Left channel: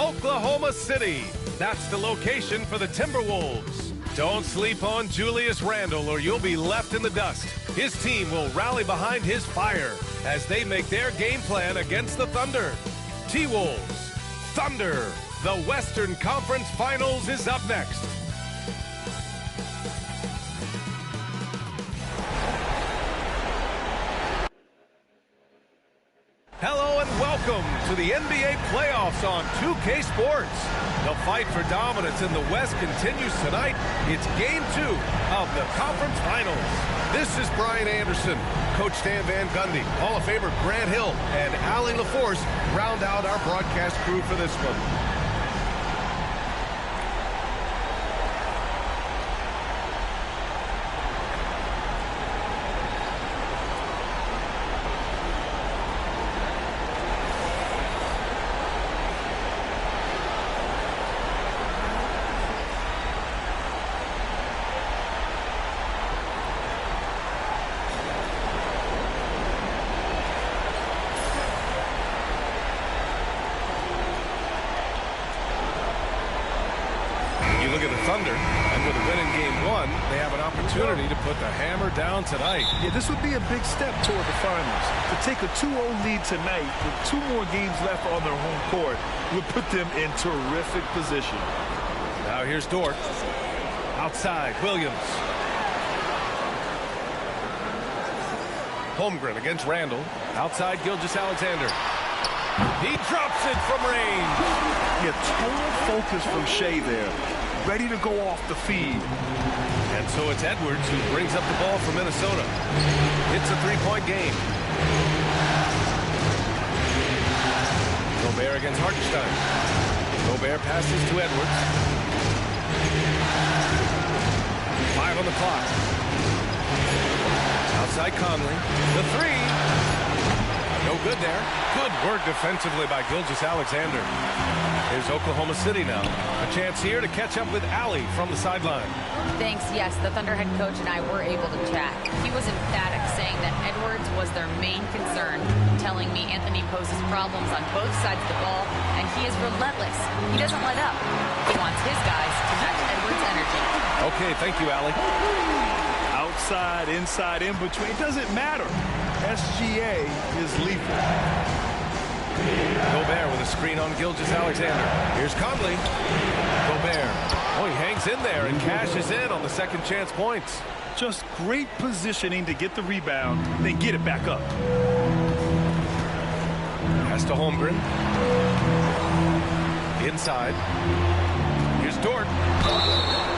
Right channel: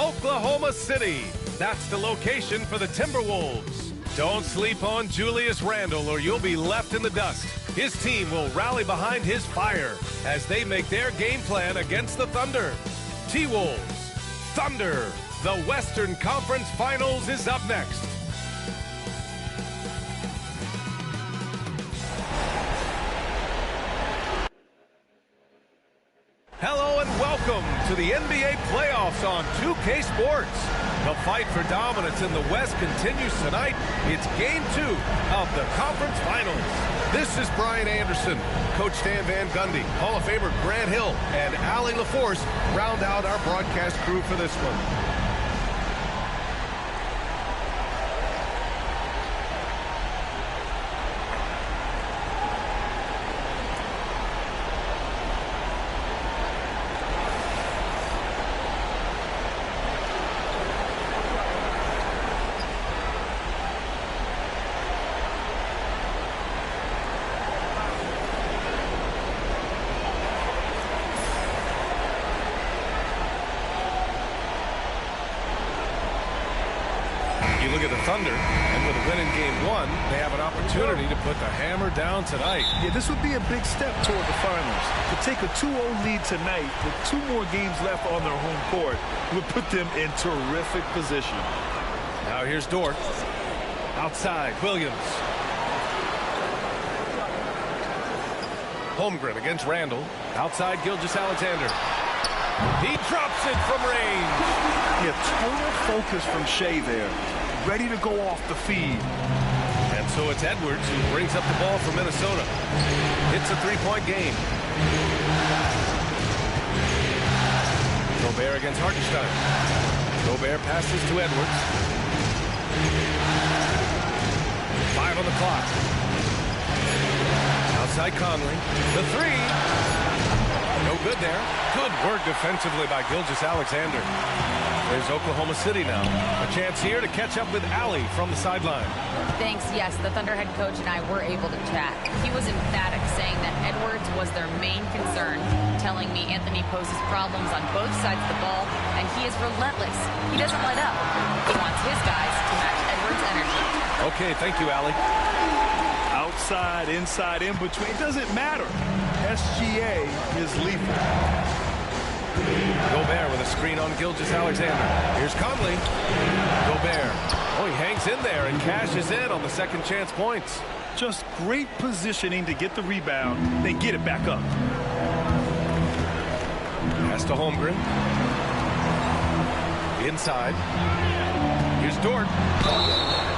Oklahoma City. That's the location for the Timberwolves. Don't sleep on Julius Randle or you'll be left in the dust. His team will rally behind his fire as they make their game plan against the Thunder. T-Wolves, Thunder. The Western Conference Finals is up next. Hello and welcome to the NBA playoffs on 2K Sports. The fight for dominance in the West continues tonight. It's Game 2 of the Conference Finals. This is Brian Anderson. Coach Stan Van Gundy, Hall of Famer Grant Hill, and Allie LaForce round out our broadcast crew for this one. You look at the Thunder, and with a win in Game 1, they have an opportunity to put the hammer down tonight. Yeah, this would be a big step toward the finals. To take a 2-0 lead tonight with 2 more games left on their home court would put them in terrific position. Now here's Dort. Outside, Williams. Holmgren against Randle. Outside, Gilgeous-Alexander. He drops it from range. Yeah, total focus from Shea there. Ready to go off the feed. And so it's Edwards who brings up the ball for Minnesota. It's a 3-point game. Gobert against Hartenstein. Gobert passes to Edwards. 5 on the clock. Outside Conley. The 3. No good there. Good work defensively by Gilgeous-Alexander. Here's Oklahoma City now. A chance here to catch up with Allie from the sideline. Thanks. Yes, the Thunder head coach and I were able to chat. He was emphatic, saying that Edwards was their main concern, telling me Anthony poses problems on both sides of the ball, and he is relentless. He doesn't let up. He wants his guys to match Edwards' energy. Okay, thank you, Allie. Outside, inside, in between, it doesn't matter. SGA is lethal. Gobert with a screen on Gilgeous-Alexander. Here's Conley. Gobert. Oh, he hangs in there and cashes in on the second chance points. Just great positioning to get the rebound, then get it back up. Pass to Holmgren. Inside. Here's Dort.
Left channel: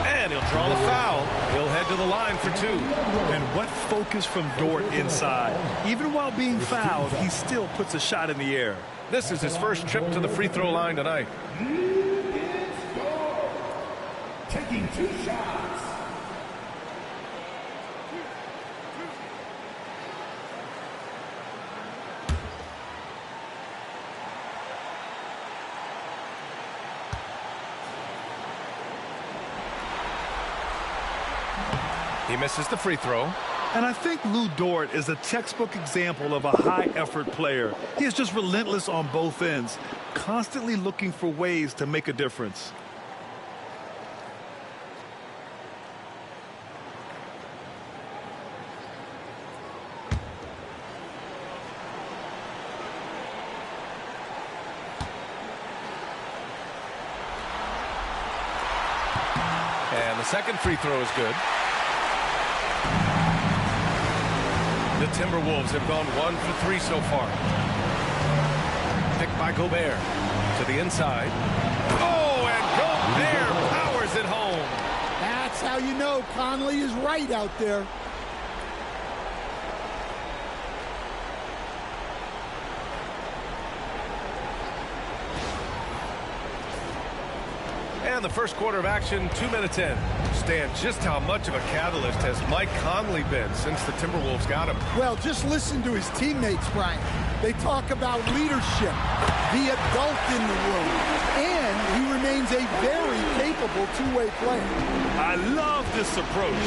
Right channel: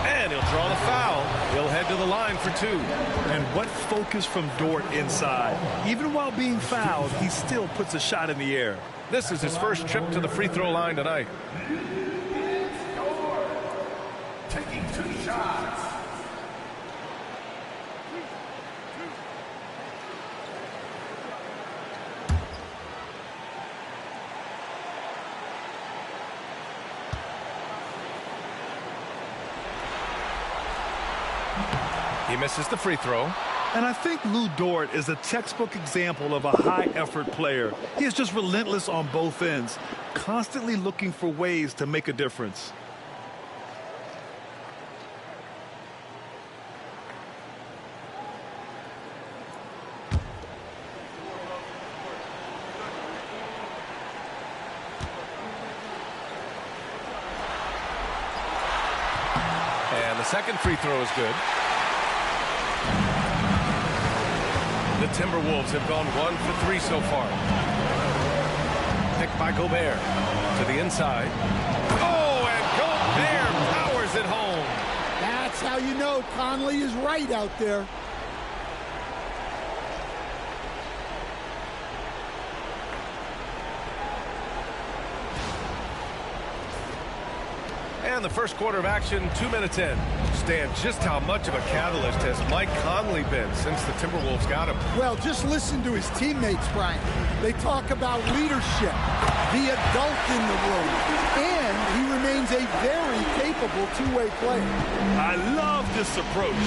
And he'll draw the foul. He'll head to the line for 2. And what focus from Dort inside. Even while being fouled, he still puts a shot in the air. This is his first trip to the free throw line tonight. Taking 2 shots. He misses the free throw. And I think Lou Dort is a textbook example of a high-effort player. He is just relentless on both ends, constantly looking for ways to make a difference. And the second free throw is good. The Timberwolves have gone 1 for 3 so far. Picked by Gobert. To the inside. Oh, and Gobert powers it home. That's how you know Conley is right out there. And the first quarter of action, 2 minutes in. Stan, just how much of a catalyst has Mike Conley been since the Timberwolves got him? Well, just listen to his teammates, Brian. They talk about leadership, the adult in the room, and he remains a very capable two-way player. I love this approach.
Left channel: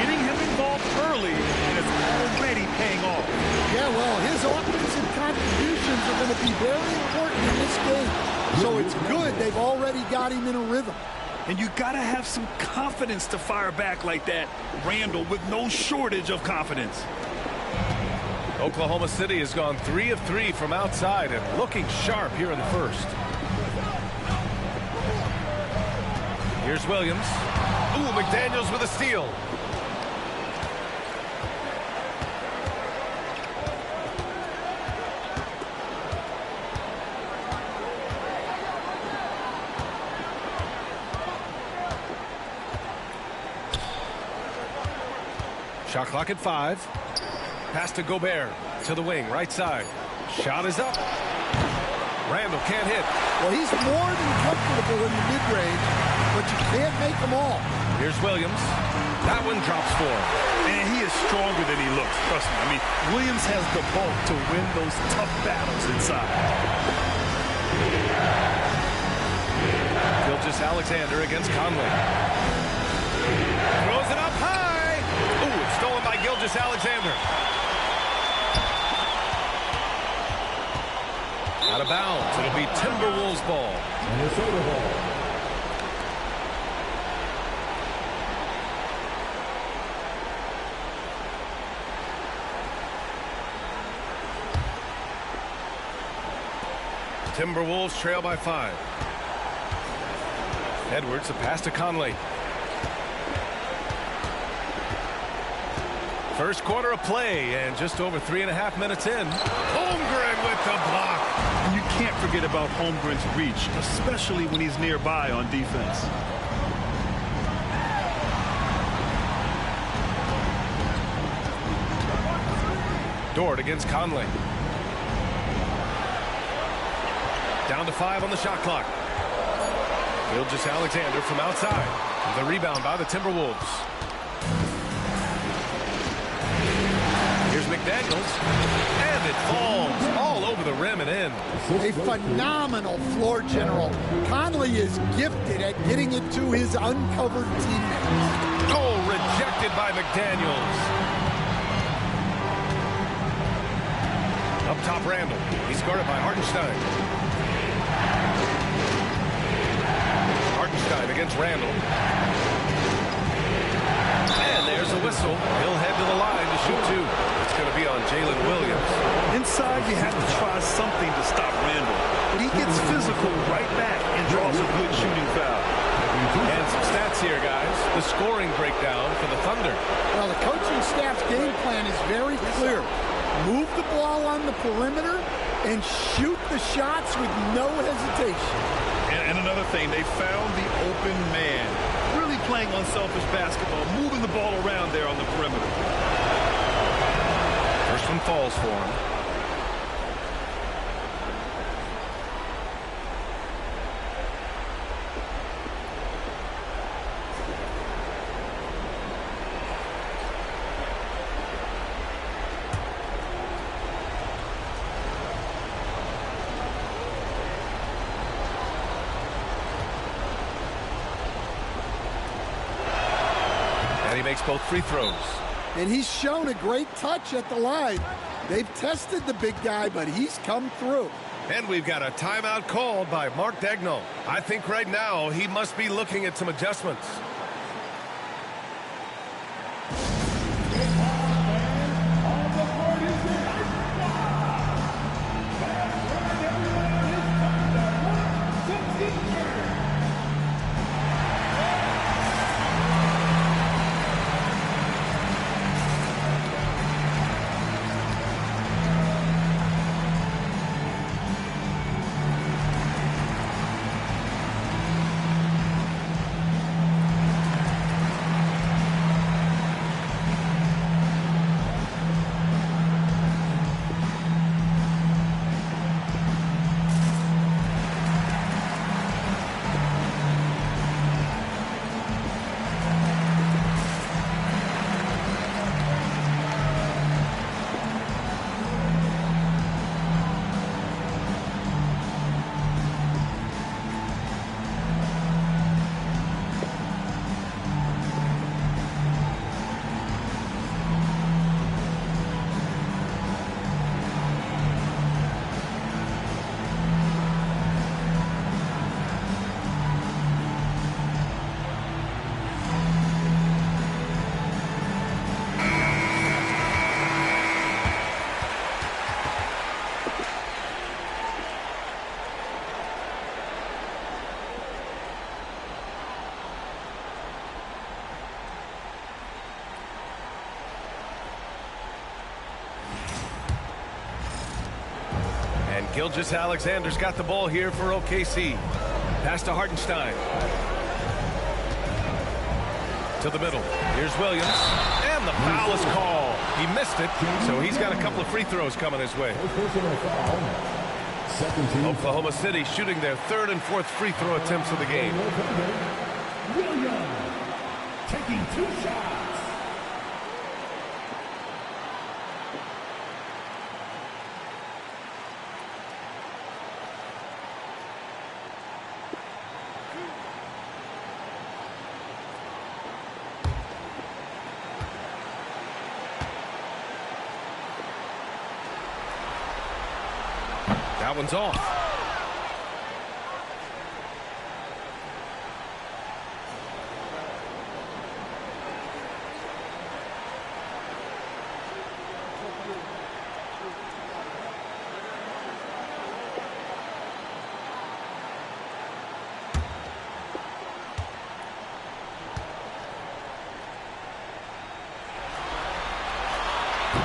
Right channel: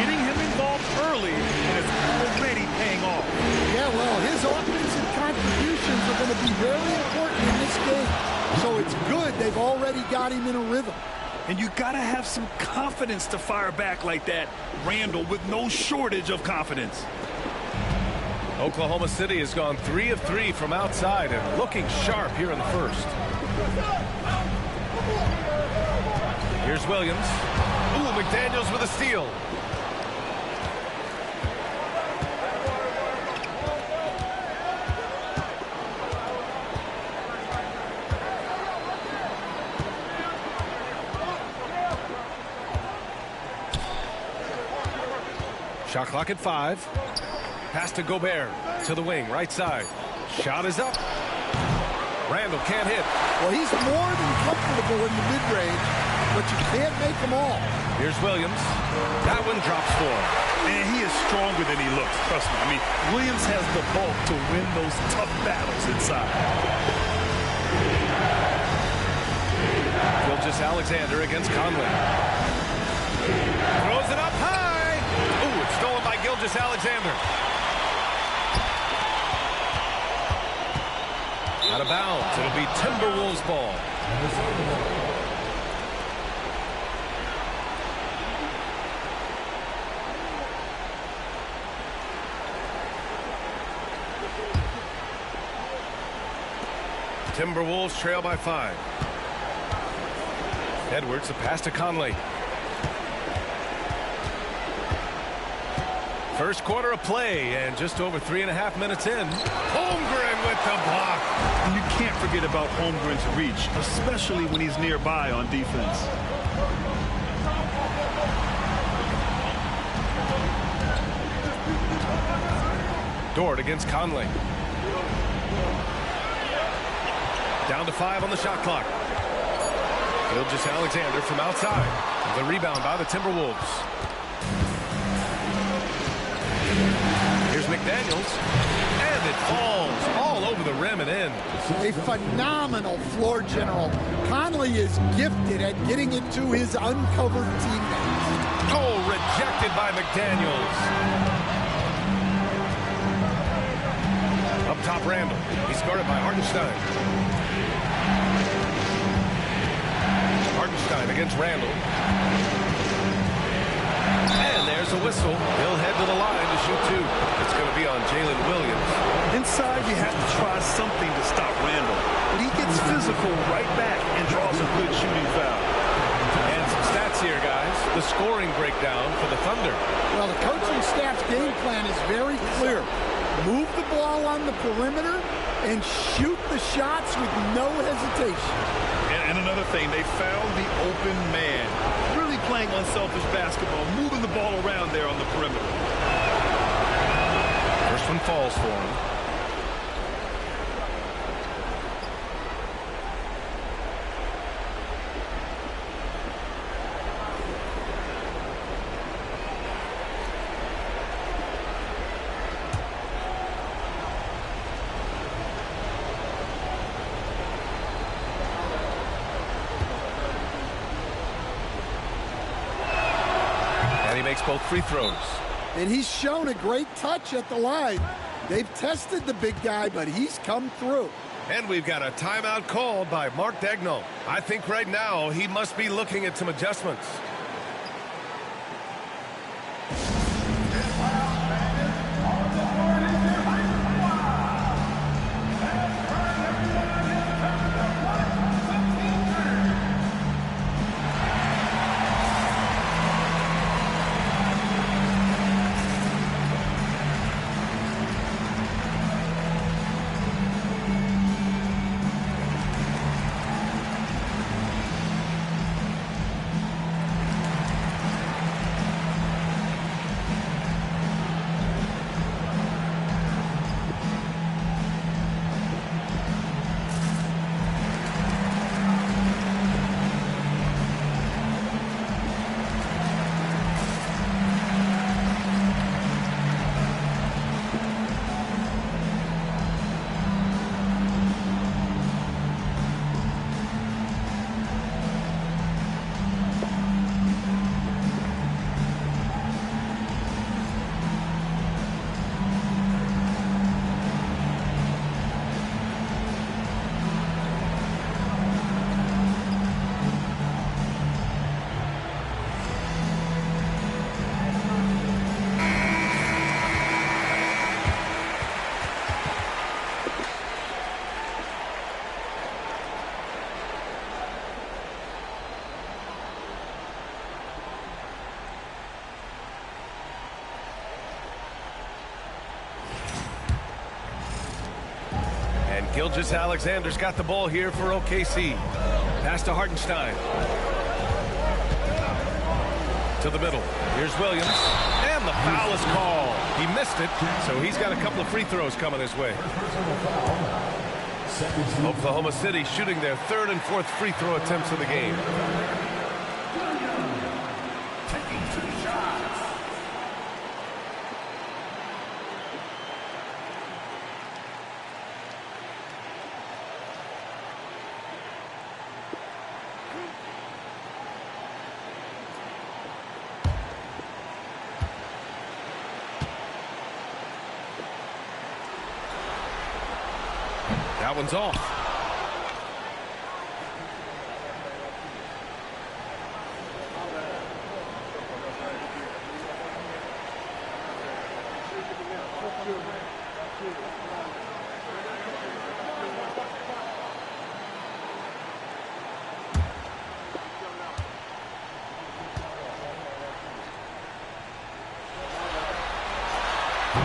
Getting him involved early, and it's already paying off. Yeah, well, his offensive contributions are going to be very important in this game. So it's good they've already got him in a rhythm. And you got to have some confidence to fire back like that, Randall, with no shortage of confidence. Oklahoma City has gone 3 of 3 from outside and looking sharp here in the first. Here's Williams. Ooh, McDaniels with a steal. Shot clock at 5. Pass to Gobert to the wing, right side. Shot is up. Randall can't hit. Well, he's more than comfortable in the mid-range, but you can't make them all. Here's Williams. That one drops for him. Man, he is stronger than he looks. Trust me. I mean, Williams has the bulk to win those tough battles inside. Gilgeous-Alexander against Conley. Throws it up high. Ooh, it's stolen by Gilgeous-Alexander. Out of bounds. It'll be Timberwolves ball. Minnesota ball. Timberwolves trail by 5. Edwards, the pass to Conley. First quarter of play, and just over 3.5 minutes in. Holmgren with the block. And you can't forget about Holmgren's reach, especially when he's nearby on defense. Dort against Conley. Down to 5 on the shot clock. Gilgeous-Alexander from outside. The rebound by the Timberwolves. Here's McDaniels, and it falls all over the rim and in. A phenomenal floor general. Conley is gifted at getting it to his uncovered teammates. Oh, rejected by McDaniels. Up top, Randall. He's guarded by Hartenstein. Hartenstein against Randall. And there's a whistle. He'll head to the line to shoot 2. It's going to be on Jalen Williams. Inside, you have to try something to stop Randall. But he gets physical right back and draws a good shooting foul. And some stats here, guys. The scoring breakdown for the Thunder. Well, the coaching staff's game plan is very clear. Move the ball on the perimeter and shoot the shots with no hesitation. And another thing, they found the open man. Really playing unselfish basketball, moving the ball around there on the perimeter. First one falls for him. And he makes both free throws. And he's shown a great touch at the line. They've tested the big guy, but he's come through. And we've got a timeout called by Mark Daigneault. I think right now he must be looking at some adjustments. Gilgeous-Alexander's got the ball here for OKC. Pass to Hartenstein. To the middle. Here's Williams. And the foul is called. He missed it, so he's got a couple of free throws coming his way. Oklahoma City shooting their third and fourth free throw attempts of the game. Williams taking 2 shots. That one's off.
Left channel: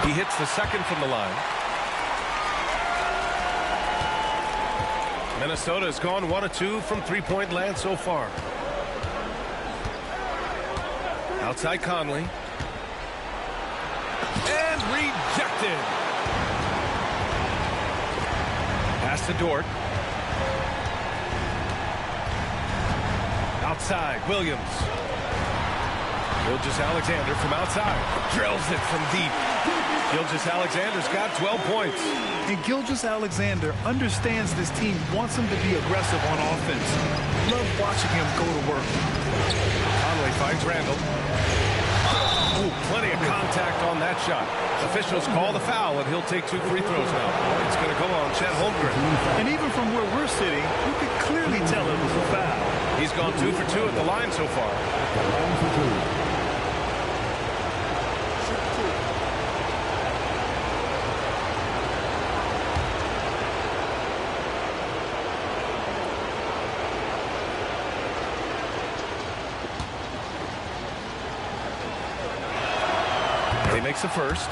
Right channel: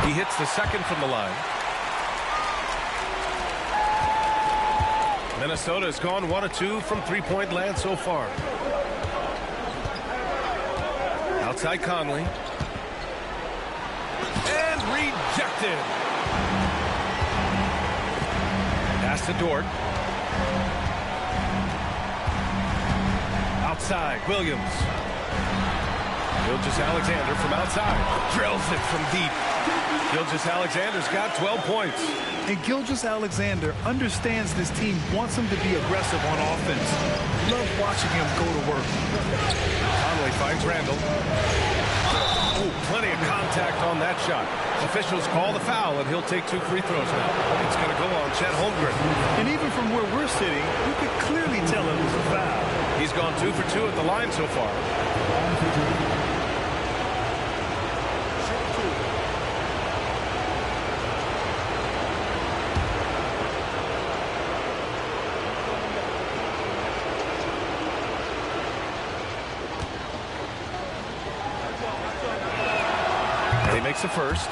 He hits the second from the line. Minnesota has gone 1 of 2 from three-point land so far. Outside Conley. And rejected. Pass to Dort. Outside, Williams. Gilgeous-Alexander from outside. Drills it from deep. Gilgeous-Alexander's got 12 points. And Gilgeous-Alexander understands this team wants him to be aggressive on offense. Love watching him go to work. Conley finds Randall. Oh, plenty of contact on that shot. Officials call the foul, and he'll take 2 free throws now. It's going to go on Chet Holmgren. And even from where we're sitting, you could clearly tell it was a foul. He's gone 2 for 2 at the line so far. He makes a first.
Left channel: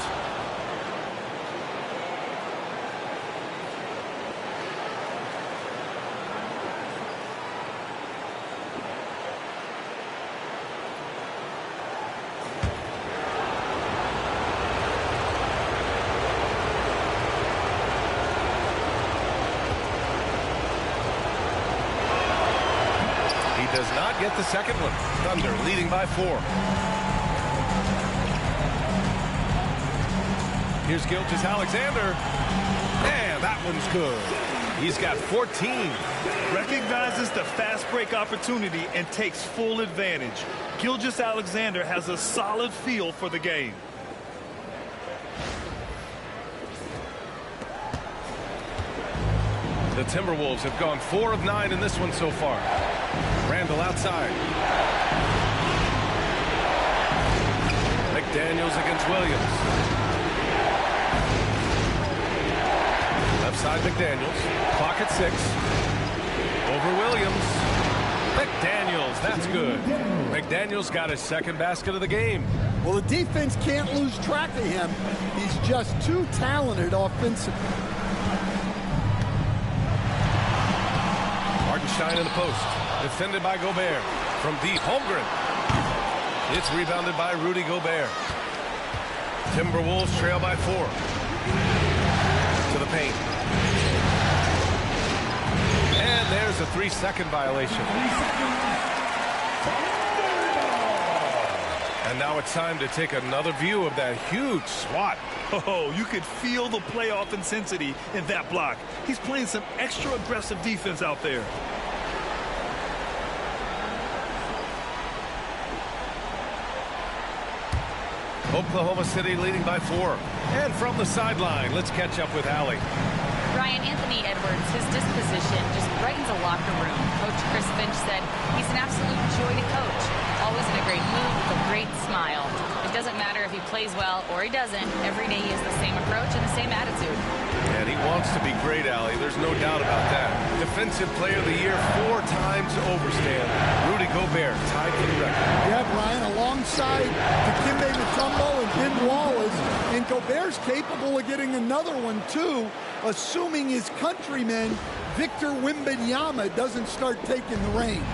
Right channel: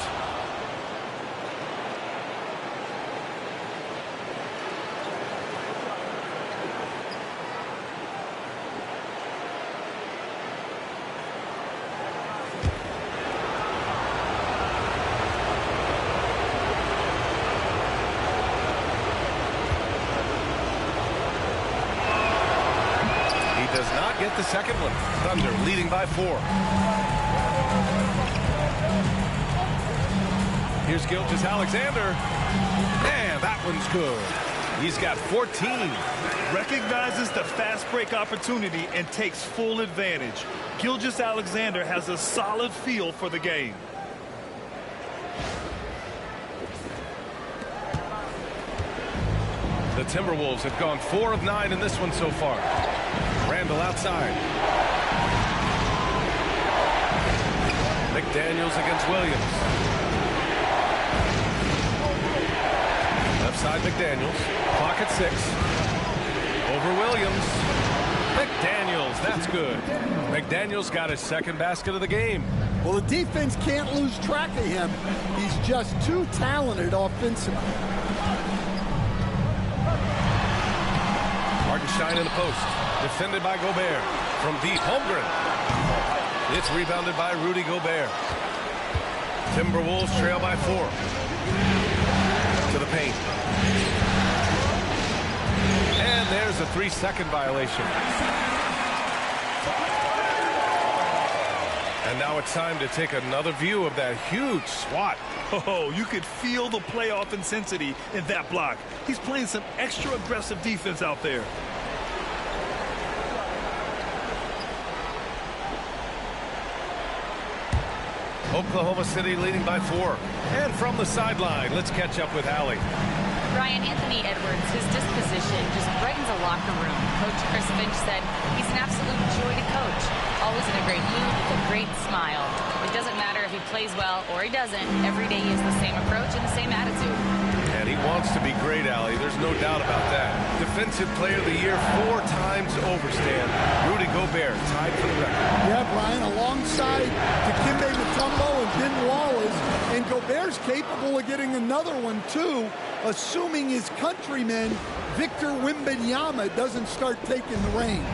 He does not get the second one. Thunder leading by 4. Here's Gilgeous-Alexander. And that one's good. He's got 14. Recognizes the fast break opportunity and takes full advantage. Gilgeous-Alexander has a solid feel for the game. The Timberwolves have gone 4 of 9 in this one so far. Randall outside. McDaniels against Williams. Left side McDaniels. Clock at 6. Over Williams. McDaniels, that's good. McDaniels got his second basket of the game. Well, the defense can't lose track of him. He's just too talented offensively. Hartenstein in the post. Defended by Gobert. From deep, Holmgren. It's rebounded by Rudy Gobert. Timberwolves trail by 4. To the paint. And there's a 3-second violation. And now it's time to take another view of that huge swat. Oh, you could feel the playoff intensity in that block. He's playing some extra aggressive defense out there. Oklahoma City leading by 4. And from the sideline, let's catch up with Allie. Ryan, Anthony Edwards, his disposition just brightens a locker room. Coach Chris Finch said he's an absolute joy to coach. Always in a great mood with a great smile. It doesn't matter if he plays well or he doesn't. Every day he has the same approach and the same attitude. And he wants to be great, Allie. There's no doubt about that. Defensive Player of the Year 4 times over, Stan. Rudy Gobert tied for the record. Yeah, Brian, alongside Dikembe Mutombo and Ben Wallace. And Gobert's capable of getting another one, too, assuming assuming his countryman, Victor Wembanyama, doesn't start taking the reins.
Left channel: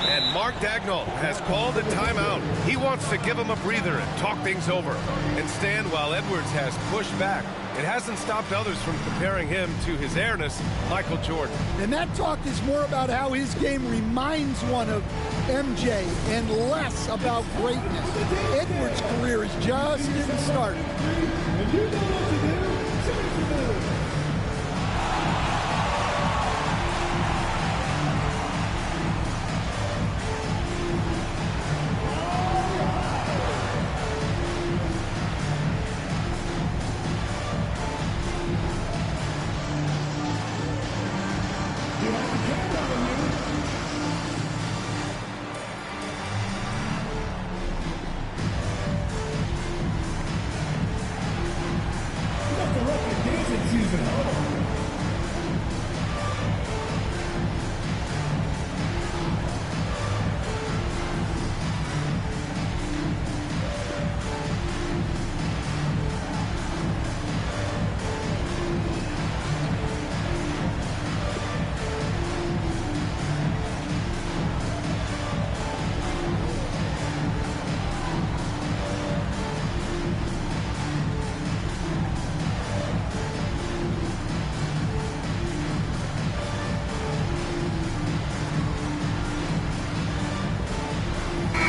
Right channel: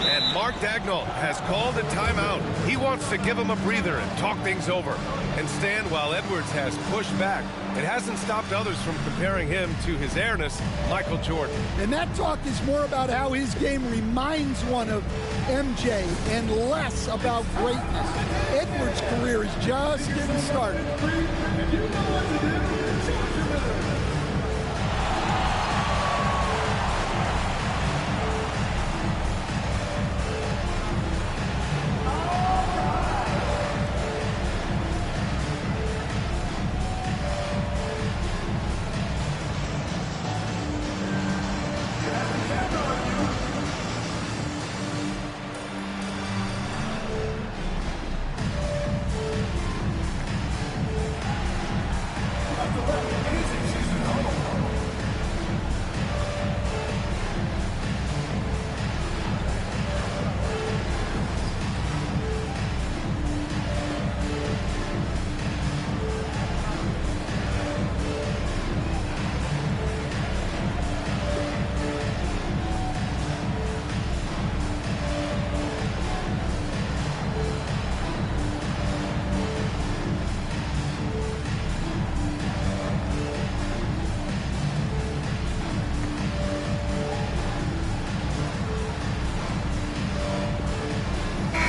And Mark Daigneault has called a timeout. He wants to give him a breather and talk things over. And stand while Edwards has pushed back. It hasn't stopped others from comparing him to his airness, Michael Jordan. And that talk is more about how his game reminds one of MJ and less about greatness. Edwards' career is just getting started. And you know what to do. Choose your move.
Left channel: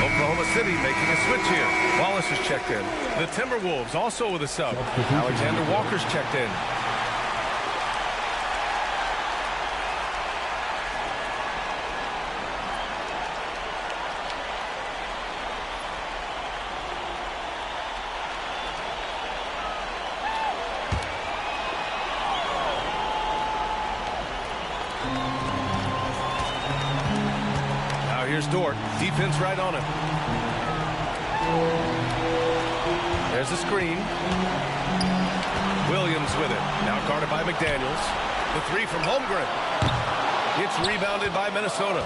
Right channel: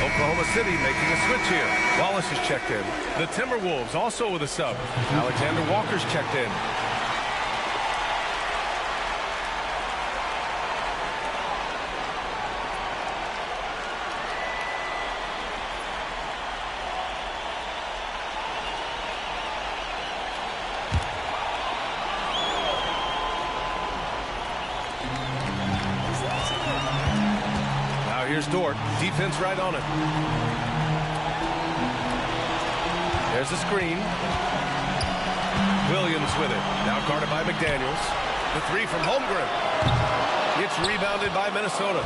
Oklahoma City making a switch here. Wallace is checked in. The Timberwolves also with a sub. Alexander Walker's checked in. Now here's Dort. Defense right on him. There's the screen. Williams with it. Now guarded by McDaniels. The three from Holmgren. It's rebounded by Minnesota.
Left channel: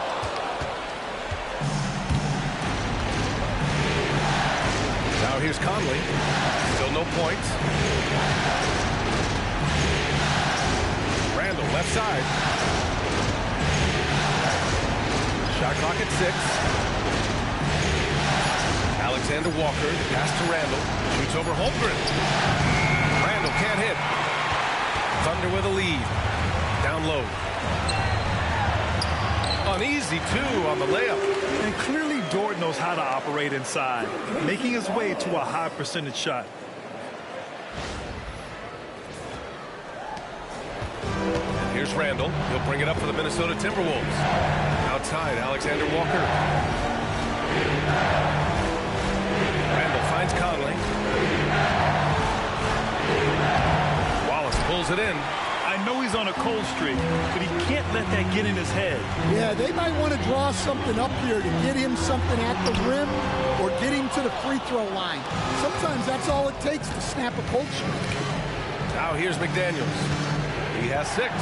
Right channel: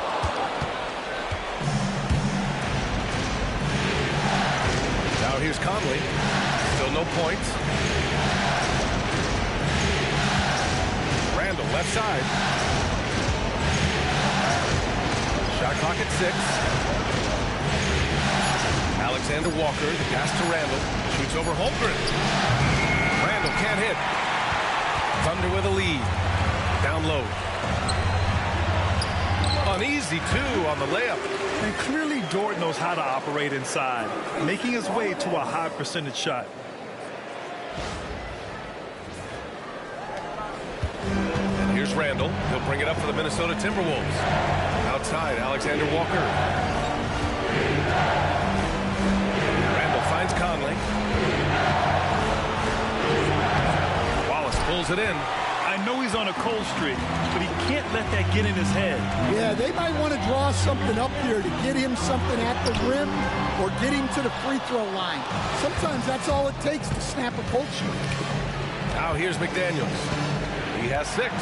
Now here's Conley. Still no points. Randall left side. Shot clock at 6. Alexander Walker, the pass to Randall. Shoots over Holmgren. Randall can't hit. Thunder with a lead. Down low. Uneasy, too, on the layup. And clearly Dort knows how to operate inside, making his way to a high percentage shot. And here's Randall. He'll bring it up for the Minnesota Timberwolves. Outside, Alexander Walker. Randall finds Conley. Wallace pulls it in. I know he's on a cold streak, but he can't let that get in his head. Yeah, they might want to draw something up here to get him something at the rim or get him to the free throw line. Sometimes that's all it takes to snap a cold streak. Now here's McDaniels. He has 6.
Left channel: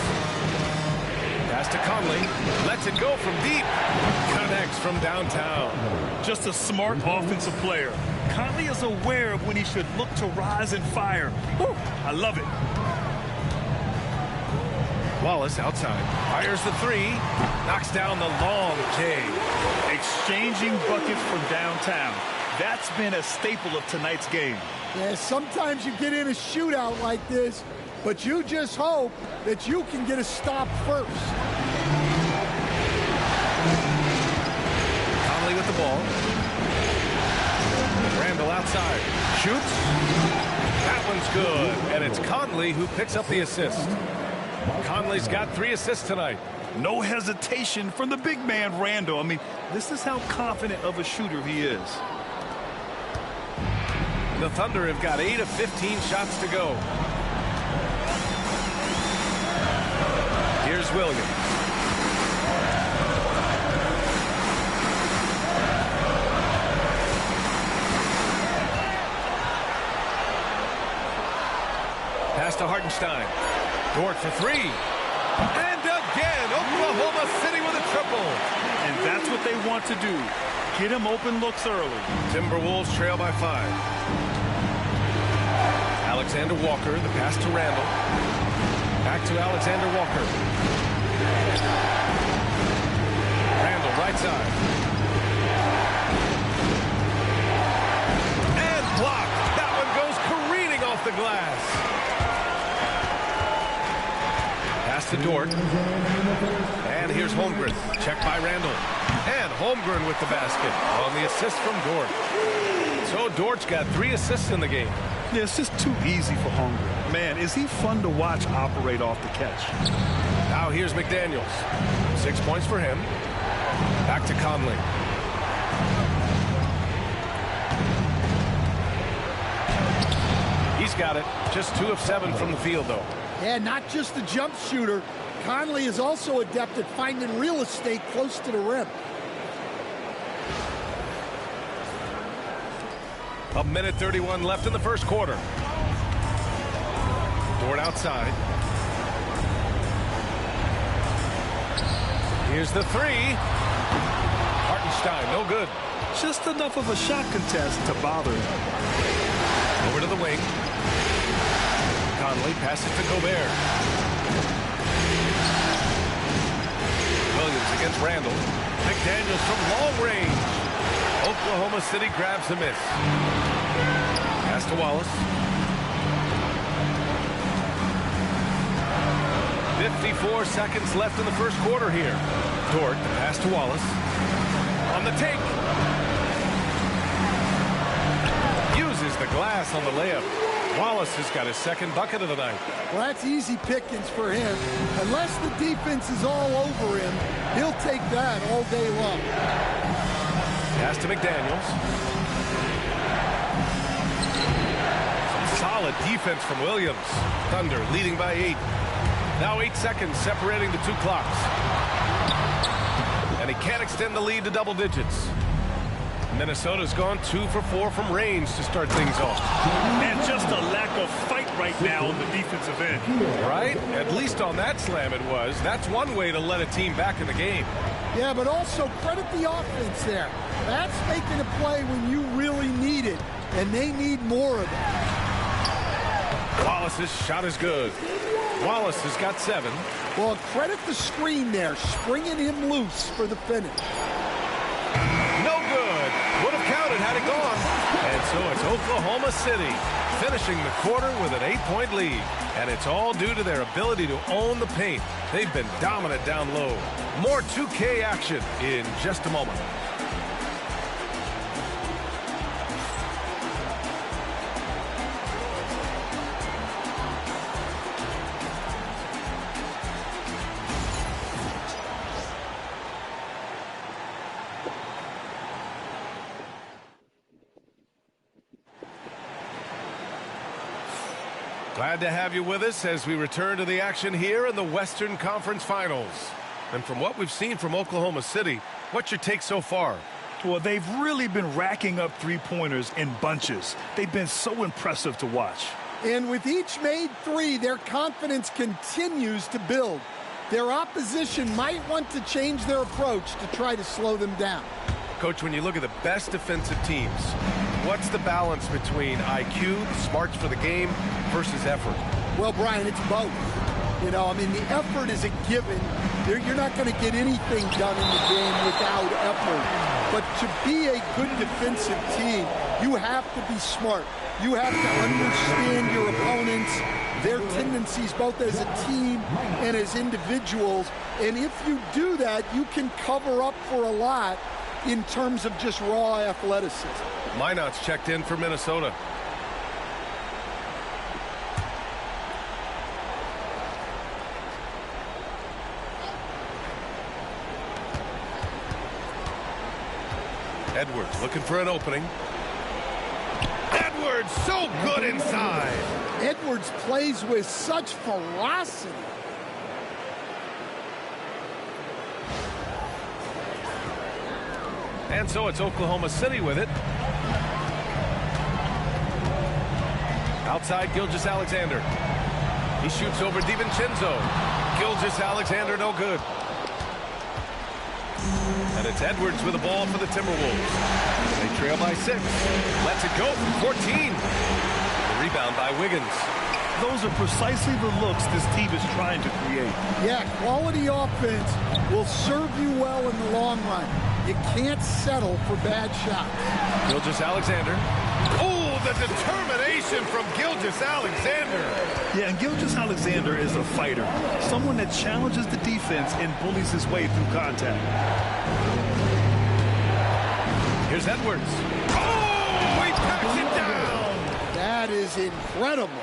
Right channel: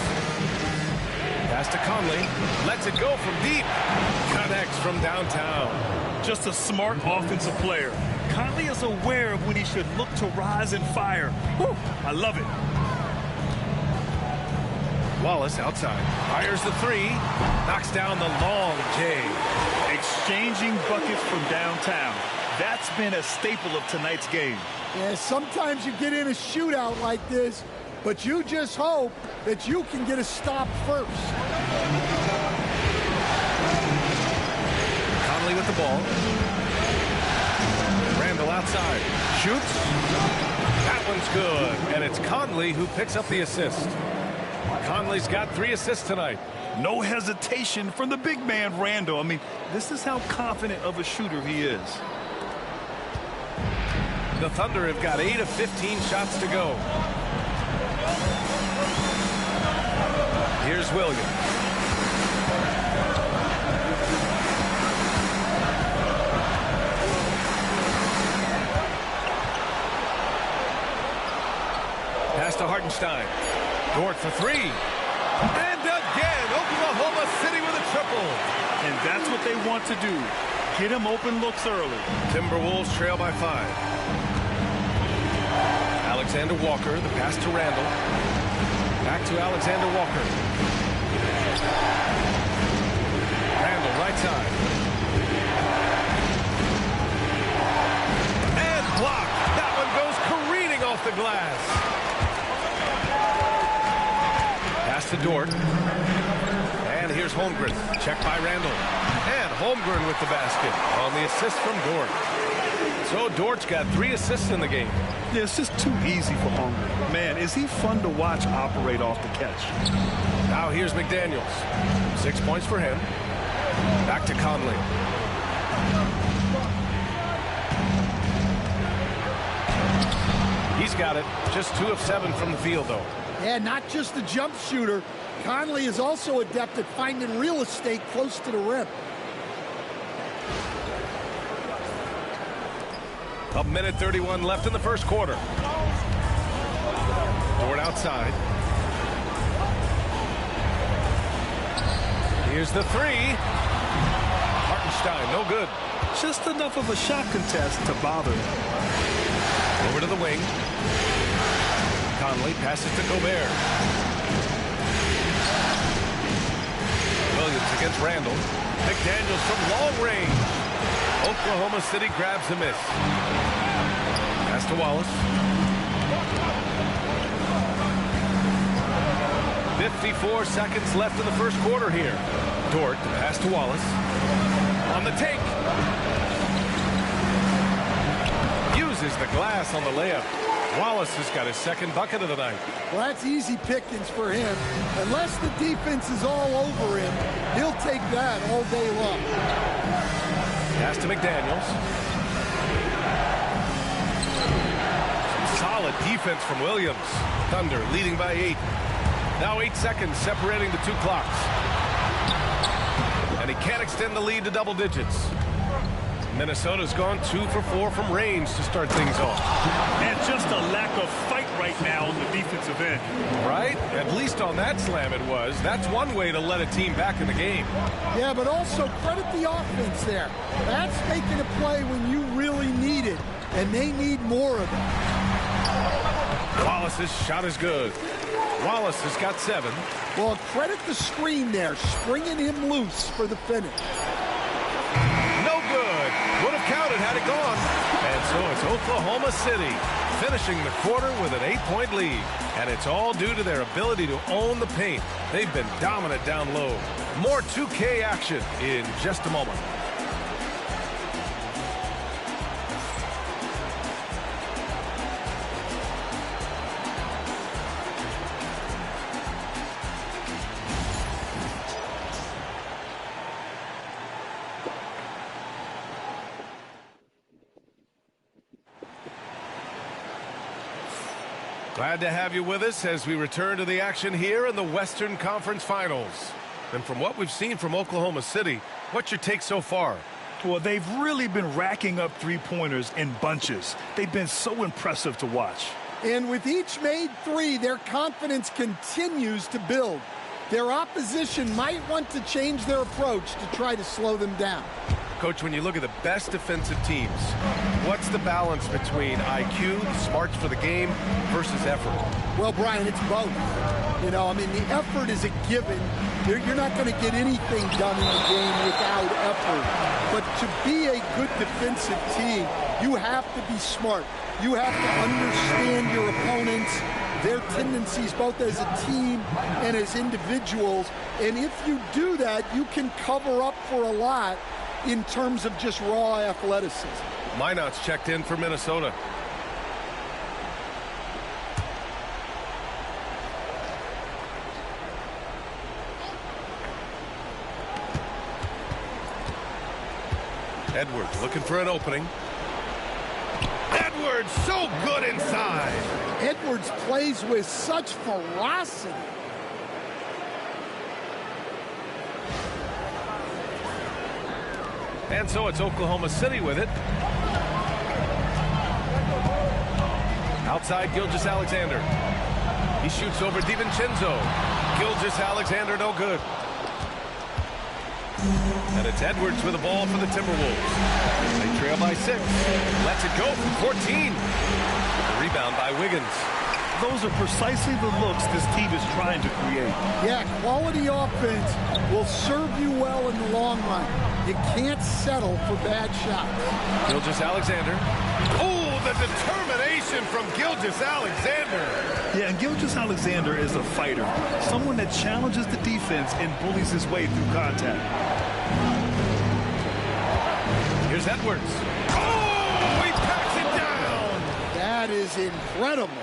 Pass to Conley. Lets it go from deep. Connects from downtown. Just a smart offensive player. Conley is aware of when he should look to rise and fire. Whew, I love it. Wallace outside. Fires the 3. Knocks down the long J. Exchanging buckets from downtown. That's been a staple of tonight's game. Yeah, sometimes you get in a shootout like this, but you just hope that you can get a stop first. Conley with the ball. Randall outside. Shoots. That one's good. And it's Conley who picks up the assist. Conley's got 3 assists tonight. No hesitation from the big man, Randall. I mean, this is how confident of a shooter he is. The Thunder have got 8 of 15 shots to go. Here's Williams. Pass to Hartenstein. Dort for 3. And again, Oklahoma City with a triple. And that's what they want to do. Get him open looks early. Timberwolves trail by 5. Alexander Walker, the pass to Randall. Back to Alexander Walker. Randall, right side. And blocked. That one goes careening off the glass. Pass to Dort. And here's Holmgren. Check by Randall. And Holmgren with the basket on the assist from Dort. So Dort's got 3 assists in the game. Yeah, it's just too easy for Holmgren. Man, is he fun to watch operate off the catch. Now here's McDaniels. 6 points for him. Back to Conley. He's got it. Just 2 of 7 from the field, though. Yeah, not just a jump shooter. Conley is also adept at finding real estate close to the rim. A minute 31 left in the first quarter. Dort outside. Here's the 3. Hartenstein, no good. Just enough of a shot contest to bother him. Over to the wing. Conley passes to Gobert. Williams against Randall. McDaniels from long range. Oklahoma City grabs a miss. Pass to Wallace. 54 seconds left in the first quarter here. Dort, the pass to Wallace. On the take. Uses the glass on the layup. Wallace has got his second bucket of the night. Well, that's easy pickings for him. Unless the defense is all over him, he'll take that all day long. Pass to McDaniels. Some solid defense from Williams. Thunder leading by 8. Now 8 seconds separating the 2 clocks. And he can't extend the lead to double digits. Minnesota's gone 2 for 4 from range to start things off. And just a lack of fight right now on the defensive end. Right? At least on that slam it was. That's one way to let a team back in the game. Yeah, but also credit the offense there. That's making a play when you really need it, and they need more of it. Wallace's shot is good. Wallace has got 7. Well, credit the screen there, springing him loose for the finish. No good. Would have counted had it gone. And so it's Oklahoma City finishing the quarter with an 8-point lead. And it's all due to their ability to own the paint. They've been dominant down low. More 2K action in just a moment. Glad to have you with us as we return to the action here in the Western Conference Finals. And from what we've seen from Oklahoma City, what's your take so far? Well, they've really been racking up 3-pointers in bunches. They've been so impressive to watch. And with each made 3, their confidence continues to build. Their opposition might want to change their approach to try to slow them down. Coach, when you look at the best defensive teams, what's the balance between IQ, the smarts for the game, versus effort? Well, Brian, it's both. You know, I mean, the effort is a given. You're not going to get anything done in the game without effort. But to be a good defensive team, you have to be smart. You have to understand your opponents, their tendencies, both as a team and as individuals. And if you do that, you can cover up for a lot in terms of just raw athleticism. Minot's checked in for Minnesota. Edwards looking for an opening. Edwards so good inside. Edwards plays with such ferocity. And so it's Oklahoma City with it. Outside Gilgeous-Alexander. He shoots over DiVincenzo. Gilgeous-Alexander no good. And it's Edwards with the ball for the Timberwolves. They trail by 6. Lets it go from 14. The Rebound by Wiggins. Those are precisely the looks this team is trying to create. Yeah, quality offense will serve you well in the long run. You can't settle for bad shots. Gilgeous-Alexander. Oh, the determination from Gilgeous-Alexander. Yeah, and Gilgeous-Alexander is a fighter, someone that challenges the defense and bullies his way through contact. Here's Edwards. Oh, he packs it down. That is incredible.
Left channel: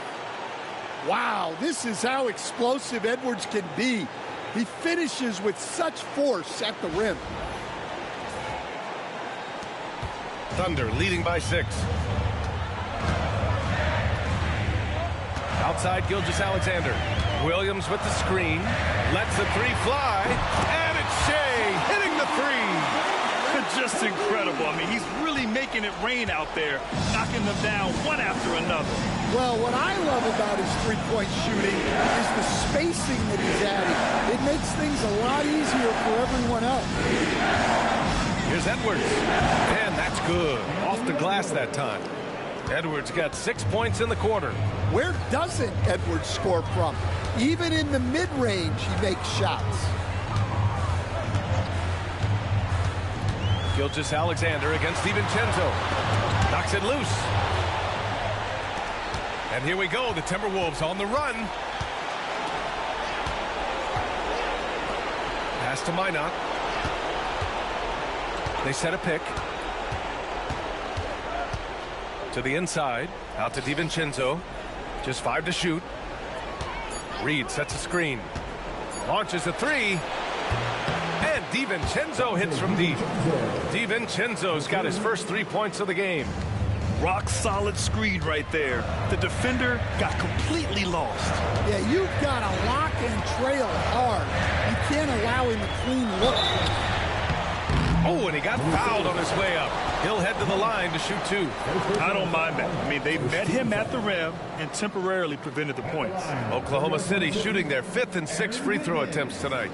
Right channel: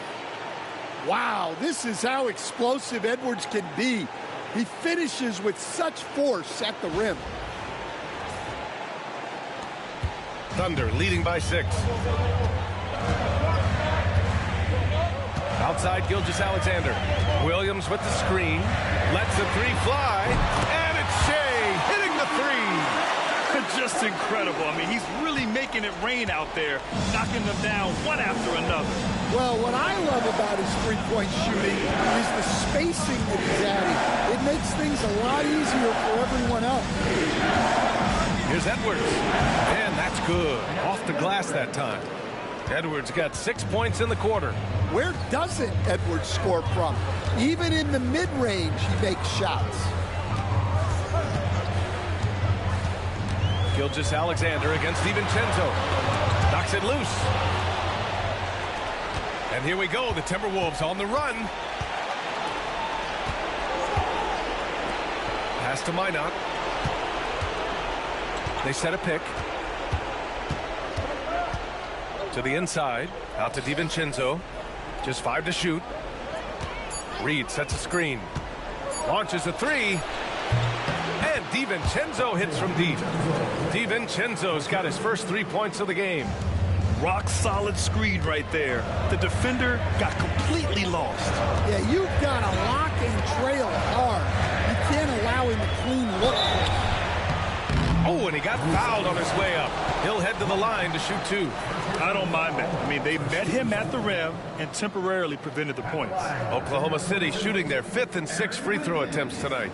Wow, this is how explosive Edwards can be. He finishes with such force at the rim. Thunder leading by 6. Outside Gilgeous-Alexander. Williams with the screen. Lets the 3 fly. And it's Shea hitting the 3. Just incredible. I mean, he's really making it rain out there, knocking them down one after another. Well, what I love about his three-point shooting is the spacing that he's adding. It makes things a lot easier for everyone else. Here's Edwards. And that's good. Off the glass that time. Edwards got 6 points in the quarter. Where doesn't Edwards score from? Even in the mid-range, he makes shots. Gilgeous-Alexander against DiVincenzo. Knocks it loose. And here we go. The Timberwolves on the run. Pass to Minot. They set a pick. To the inside. Out to DiVincenzo. Just 5 to shoot. Reed sets a screen. Launches a 3. And DiVincenzo hits from deep. DiVincenzo's got his first 3 points of the game. Rock solid screen right there. The defender got completely lost. Yeah, you've got to lock and trail hard. You can't allow him a clean look. Oh, and he got fouled on his way up. He'll head to the line to shoot 2. I don't mind that. I mean, they met him at the rim and temporarily prevented the points. Oklahoma City shooting their 5th and 6th free throw attempts tonight.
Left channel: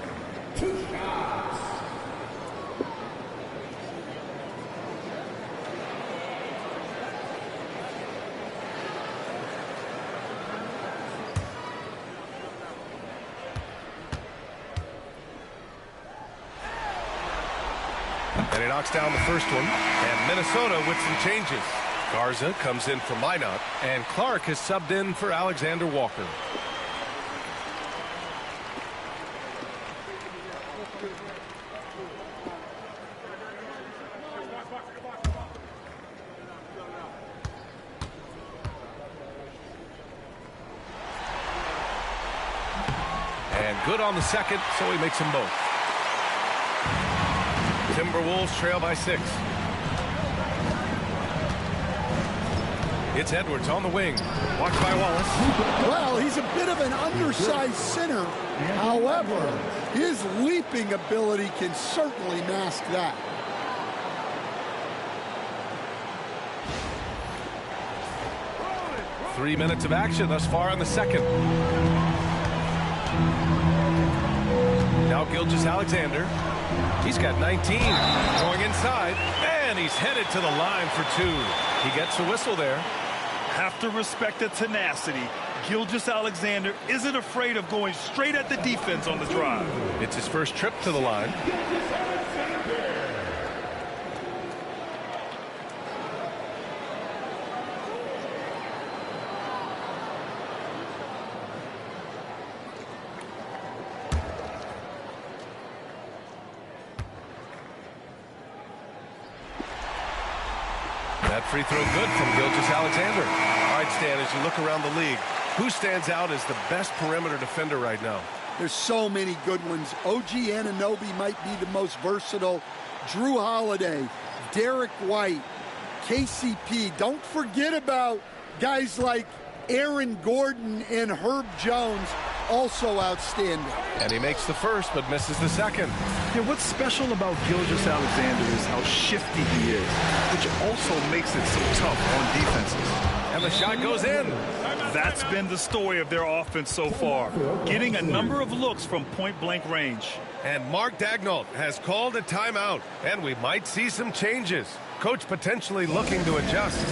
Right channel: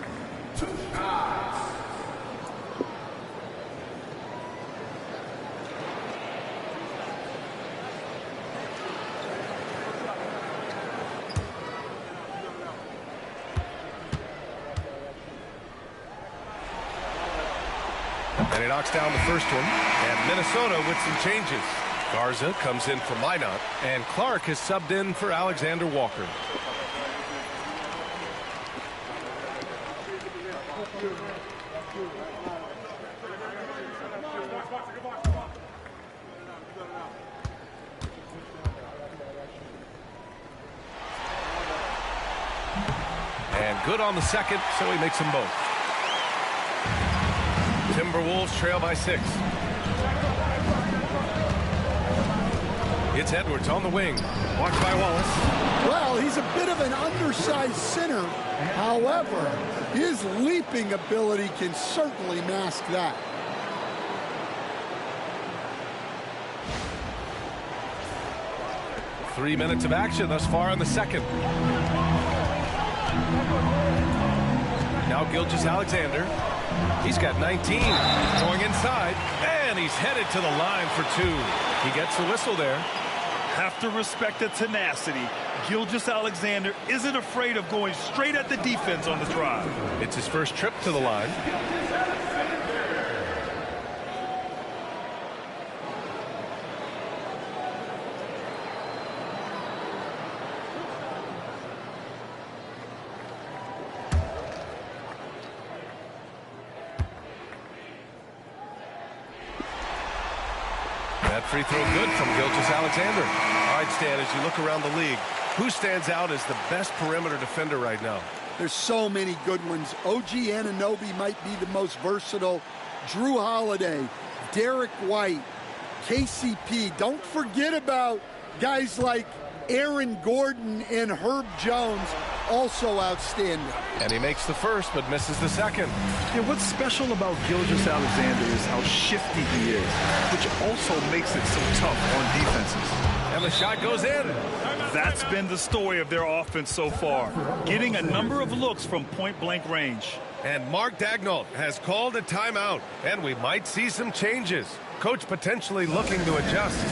And he knocks down the first one. And Minnesota with some changes. Garza comes in for Minot. And Clark is subbed in for Alexander Walker. And good on the second, so he makes them both. Timberwolves trail by 6. It's Edwards on the wing. Watched by Wallace. Well, he's a bit of an undersized center. However, his leaping ability can certainly mask that. Three minutes of action thus far in the second. Now Gilgeous-Alexander. He's got 19. Going inside. And he's headed to the line for 2. He gets the whistle there. Have to respect the tenacity. Gilgeous-Alexander isn't afraid of going straight at the defense on the drive. It's his first trip to the line. That free throw good from Gilgeous-Alexander. All right, Stan, as you look around the league, who stands out as the best perimeter defender right now? There's so many good ones. OG Anunoby might be the most versatile. Drew Holiday, Derek White, KCP. Don't forget about guys like Aaron Gordon and Herb Jones, also outstanding. And he makes the first but misses the second. Yeah, what's special about Gilgeous-Alexander is how shifty he is, which also makes it so tough on defenses. And the shot goes in. That's been the story of their offense so far, getting a number of looks from point-blank range. And Mark Daigneault has called a timeout, and we might see some changes. Coach potentially looking to adjust.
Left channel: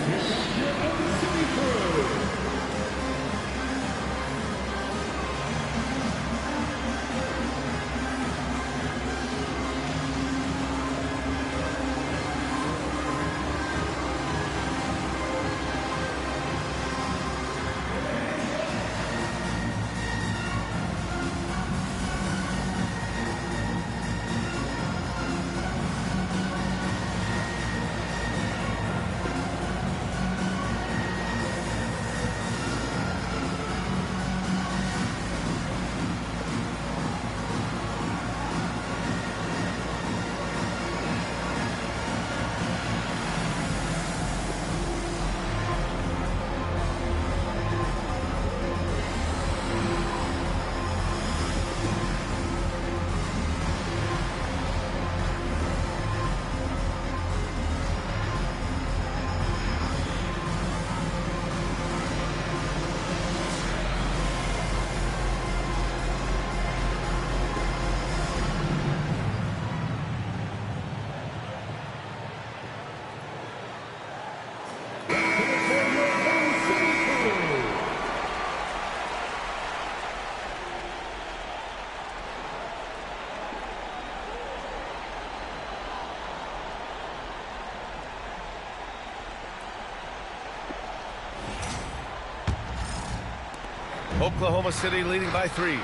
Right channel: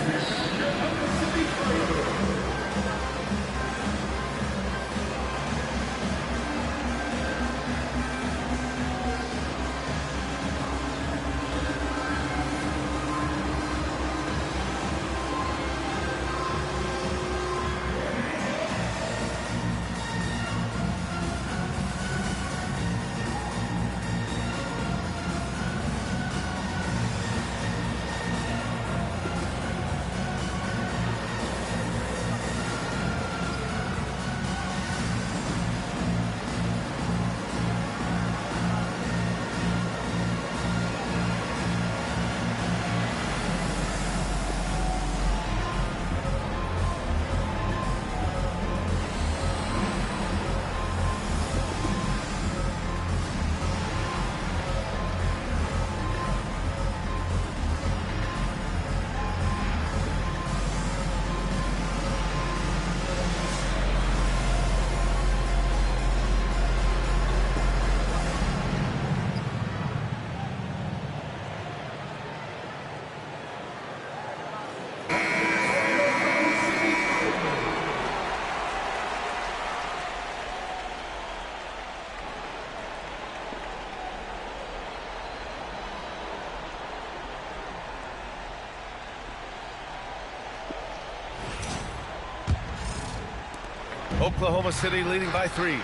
Oklahoma City leading by 3.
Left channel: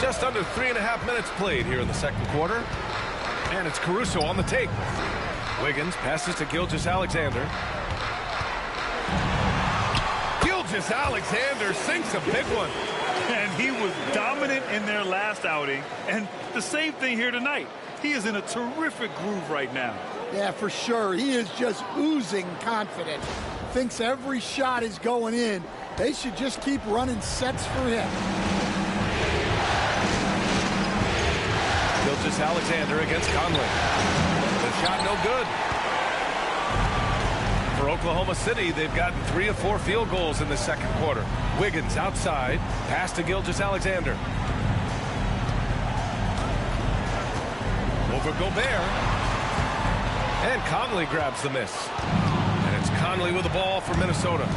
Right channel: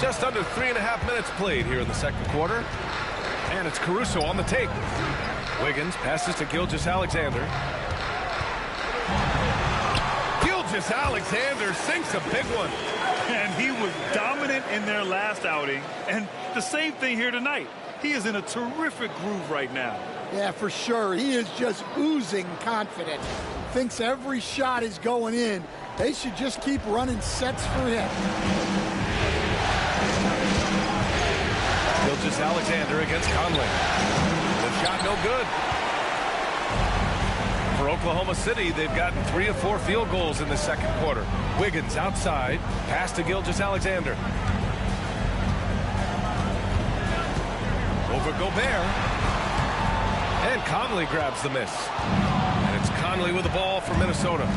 Just under 3.5 minutes played here in the second quarter. And it's Caruso on the take. Wiggins passes to Gilgeous-Alexander. Gilgeous-Alexander sinks a big one. And he was dominant in their last outing. And the same thing here tonight. He is in a terrific groove right now. Yeah, for sure. He is just oozing confidence. Thinks every shot is going in. They should just keep running sets for him. Gilgeous-Alexander against Conley. The shot no good. For Oklahoma City, they've gotten 3 of 4 field goals in the second quarter. Wiggins outside. Pass to Gilgeous-Alexander. Over Gobert. And Conley grabs the miss. And it's Conley with the ball for Minnesota.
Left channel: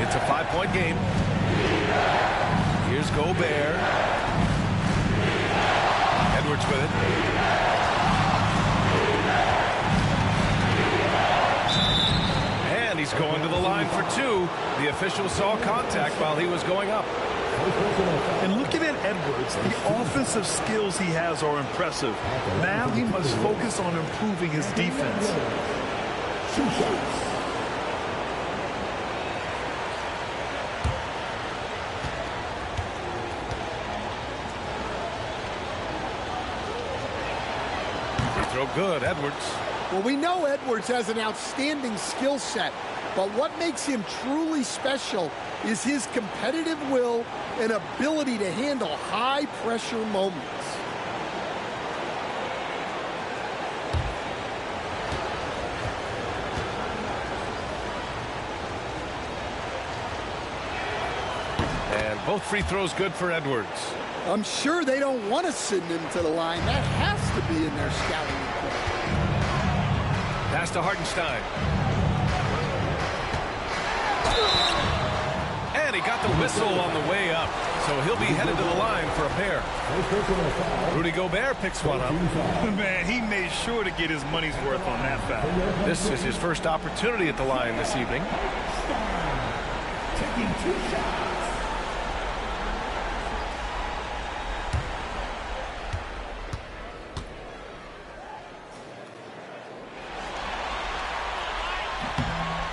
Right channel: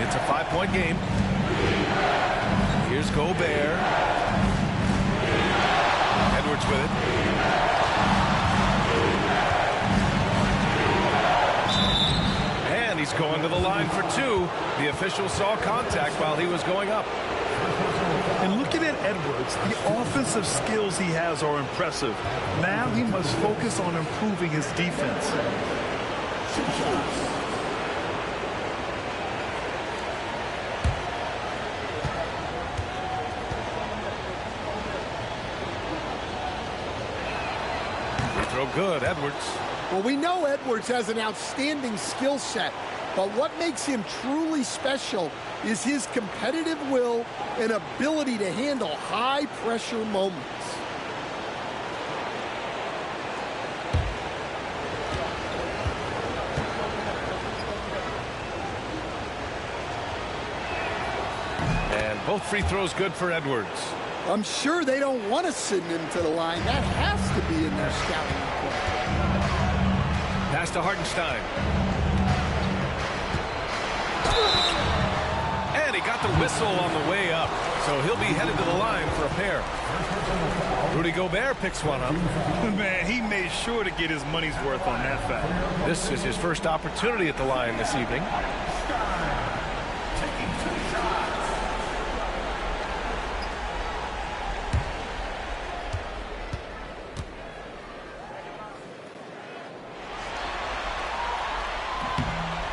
It's a 5-point game. Here's Gobert. Edwards with it. And he's going to the line for 2. The official saw contact while he was going up. And looking at Edwards, the offensive skills he has are impressive. Now he must focus on improving his defense. Free throw good, Edwards. Well, we know Edwards has an outstanding skill set, but what makes him truly special is his competitive will and ability to handle high-pressure moments. And both free throws good for Edwards. I'm sure they don't want to send him to the line. That has to be in their scouting report. Pass to Hartenstein. And he got the whistle on the way up. So he'll be headed to the line for a pair. Rudy Gobert picks one up. Man, he made sure to get his money's worth on that foul. This is his first opportunity at the line this evening. Taking 2 shots.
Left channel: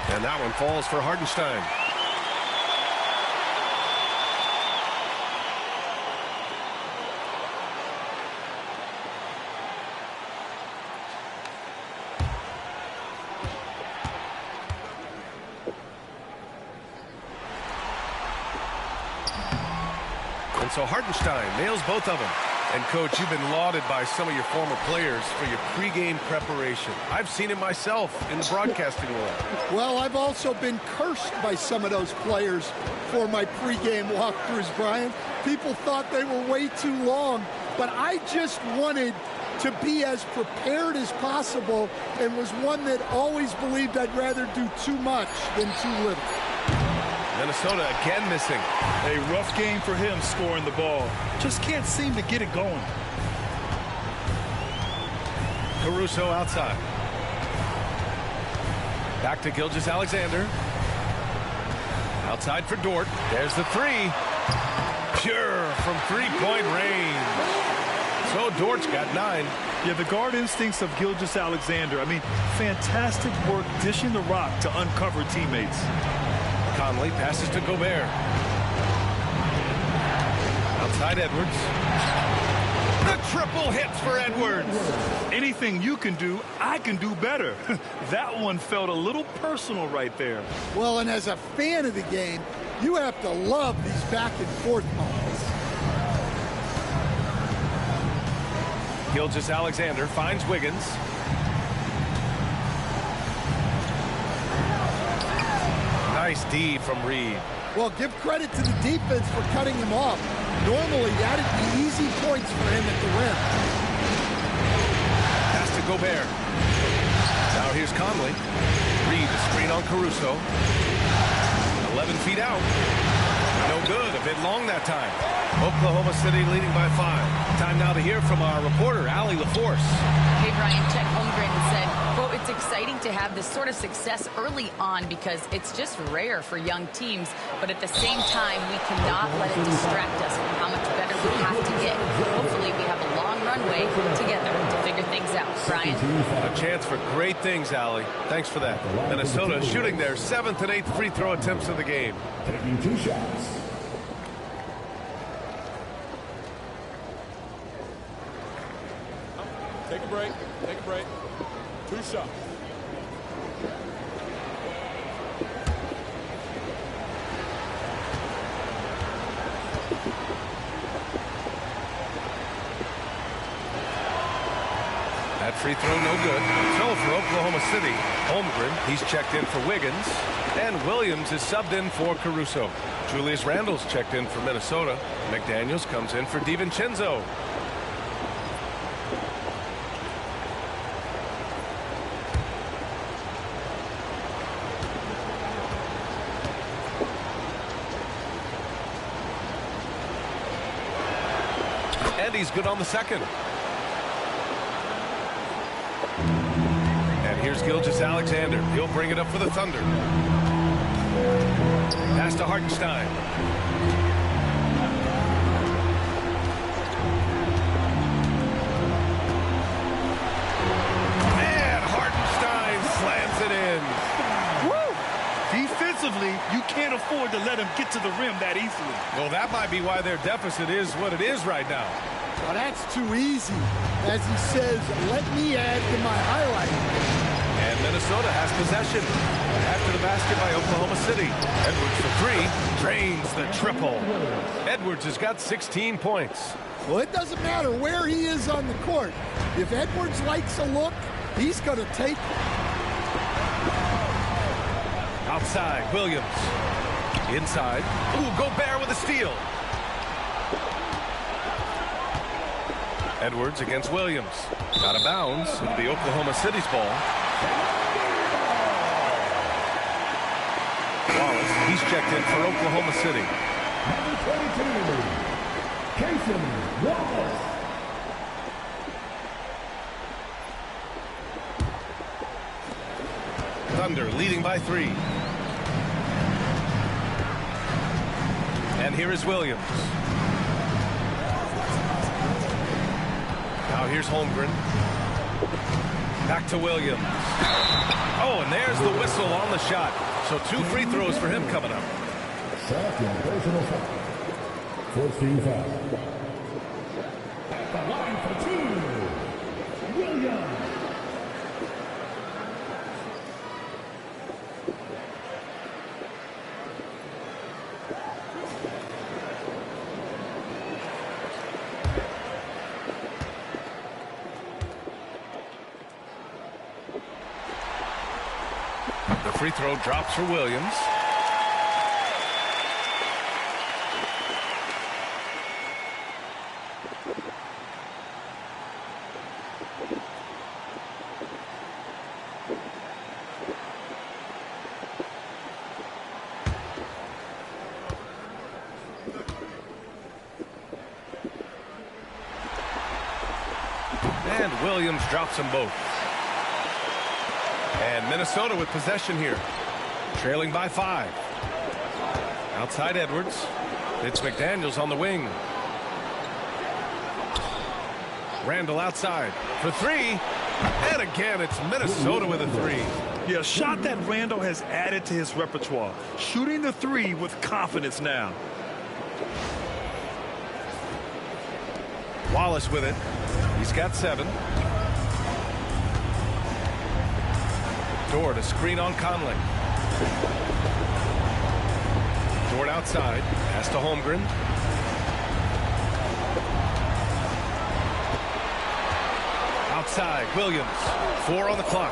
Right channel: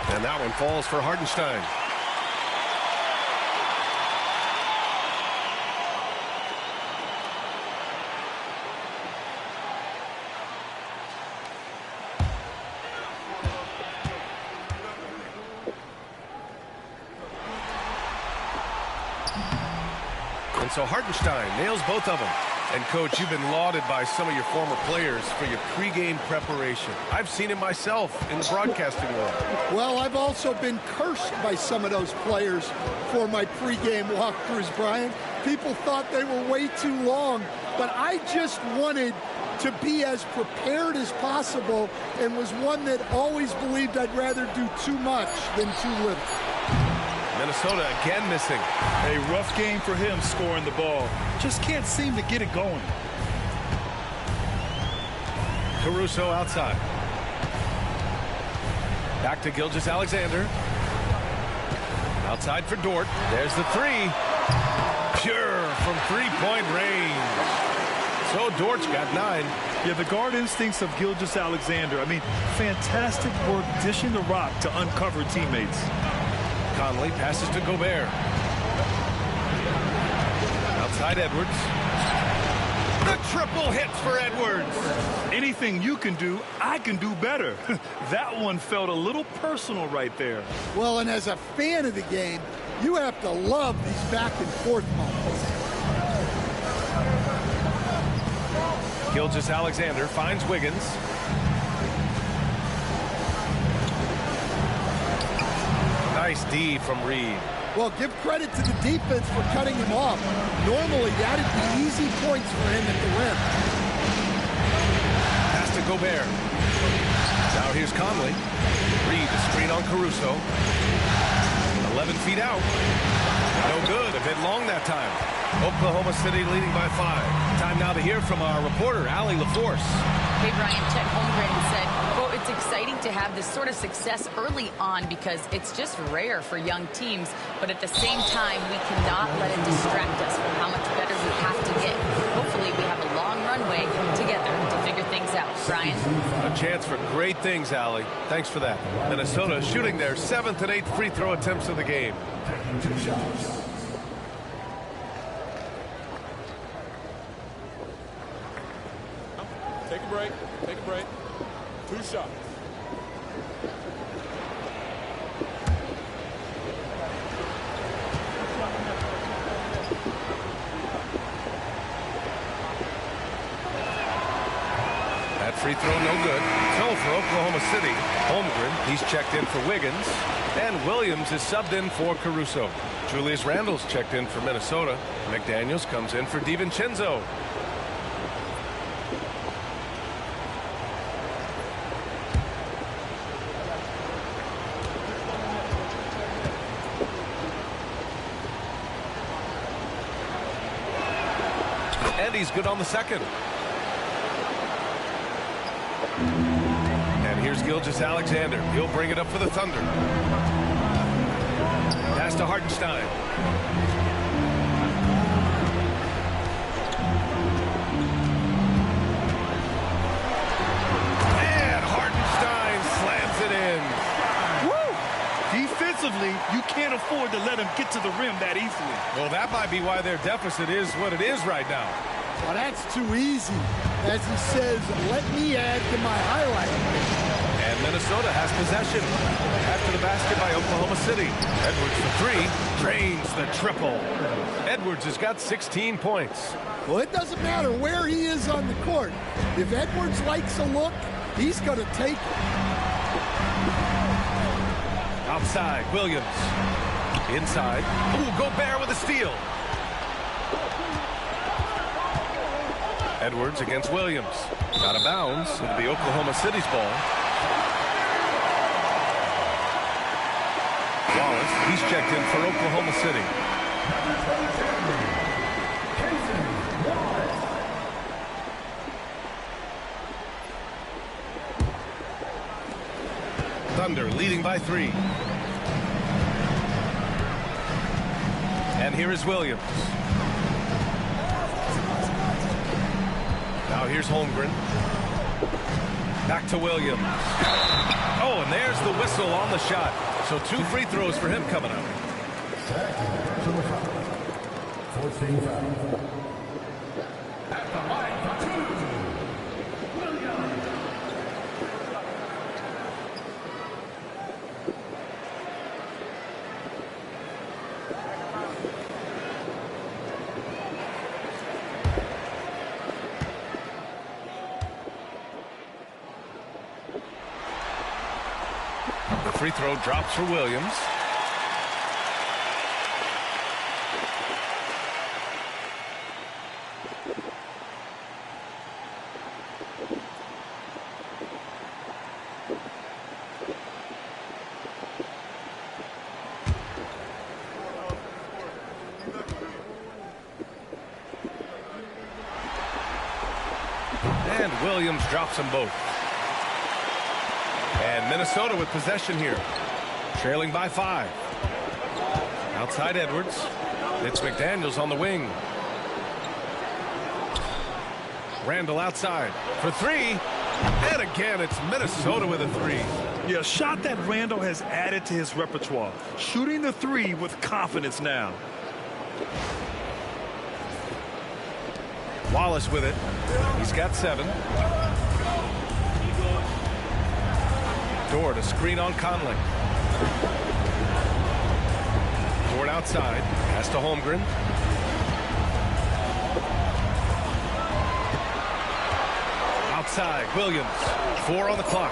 And that one falls for Hartenstein. And so Hartenstein nails both of them. And, Coach, you've been lauded by some of your former players for your pregame preparation. I've seen it myself in the broadcasting world. Well, I've also been cursed by some of those players for my pregame walkthroughs, Brian. People thought they were way too long, but I just wanted to be as prepared as possible and was one that always believed I'd rather do too much than too little. Minnesota again missing. A rough game for him scoring the ball. Just can't seem to get it going. Caruso outside. Back to Gilgeous-Alexander. Outside for Dort. There's the 3. Pure from three-point range. So Dort's got 9. Yeah, the guard instincts of Gilgeous-Alexander. I mean, fantastic work dishing the rock to uncover teammates. Conley passes to Gobert. Outside Edwards. The triple hits for Edwards. Anything you can do, I can do better. That one felt a little personal right there. Well, and as a fan of the game, you have to love these back and forth moments. Gilgeous-Alexander finds Wiggins. Nice D from Reed. Well, give credit to the defense for cutting him off. Normally, that'd be easy points for him at the rim. Pass to Gobert. Now here's Conley. Reed, the screen on Caruso. 11 feet out. No good. A bit long that time. Oklahoma City leading by 5. Time now to hear from our reporter, Allie LaForce. Hey, Brian, Chet Holmgren said, quote, "It's exciting to have this sort of success early on because it's just rare for young teams. But at the same time, we cannot let it distract us from how much better we have to get. Hopefully, we have a long runway together to figure things out." Brian? A chance for great things, Allie. Thanks for that. Minnesota shooting their 7th and 8th free throw attempts of the game. Taking 2 shots. Take a break. Take a break. 2 shots. That free throw no good. So for Oklahoma City, Holmgren, he's checked in for Wiggins. And Williams is subbed in for Caruso. Julius Randle's checked in for Minnesota. McDaniels comes in for DiVincenzo. And he's good on the second. And here's Gilgeous-Alexander. He'll bring it up for the Thunder. Pass to Hartenstein. And Hartenstein slams it in. Woo! Defensively, you can't afford to let him get to the rim that easily. Well, that might be why their deficit is what it is right now. Well, that's too easy. As he says, let me add to my highlight. And Minnesota has possession. After the basket by Oklahoma City. Edwards for 3. Drains the triple. Edwards has got 16 points. Well, it doesn't matter where he is on the court. If Edwards likes a look, he's going to take it. Outside, Williams. Inside. Ooh, Gobert with a steal. Edwards against Williams. Out of bounds. It'll be Oklahoma City's ball. Wallace, he's checked in for Oklahoma City. Number 22, Cason Wallace. Thunder leading by 3. And here is Williams. Now here's Holmgren. Back to Williams. Oh, and there's the whistle on the shot. So 2 free throws for him coming up. Second personal foul. 14 foul. At the line for 2, Williams. The free throw drops for Williams. And Williams drops them both. And Minnesota with possession here. Trailing by 5. Outside Edwards. It's McDaniels on the wing. Randle outside for 3. And again, it's Minnesota with a 3. Yeah, a shot that Randle has added to his repertoire. Shooting the 3 with confidence now. Wallace with it. He's got 7. Dort, a screen on Conley. Dort outside. Pass to Holmgren. Outside, Williams. 4 on the clock.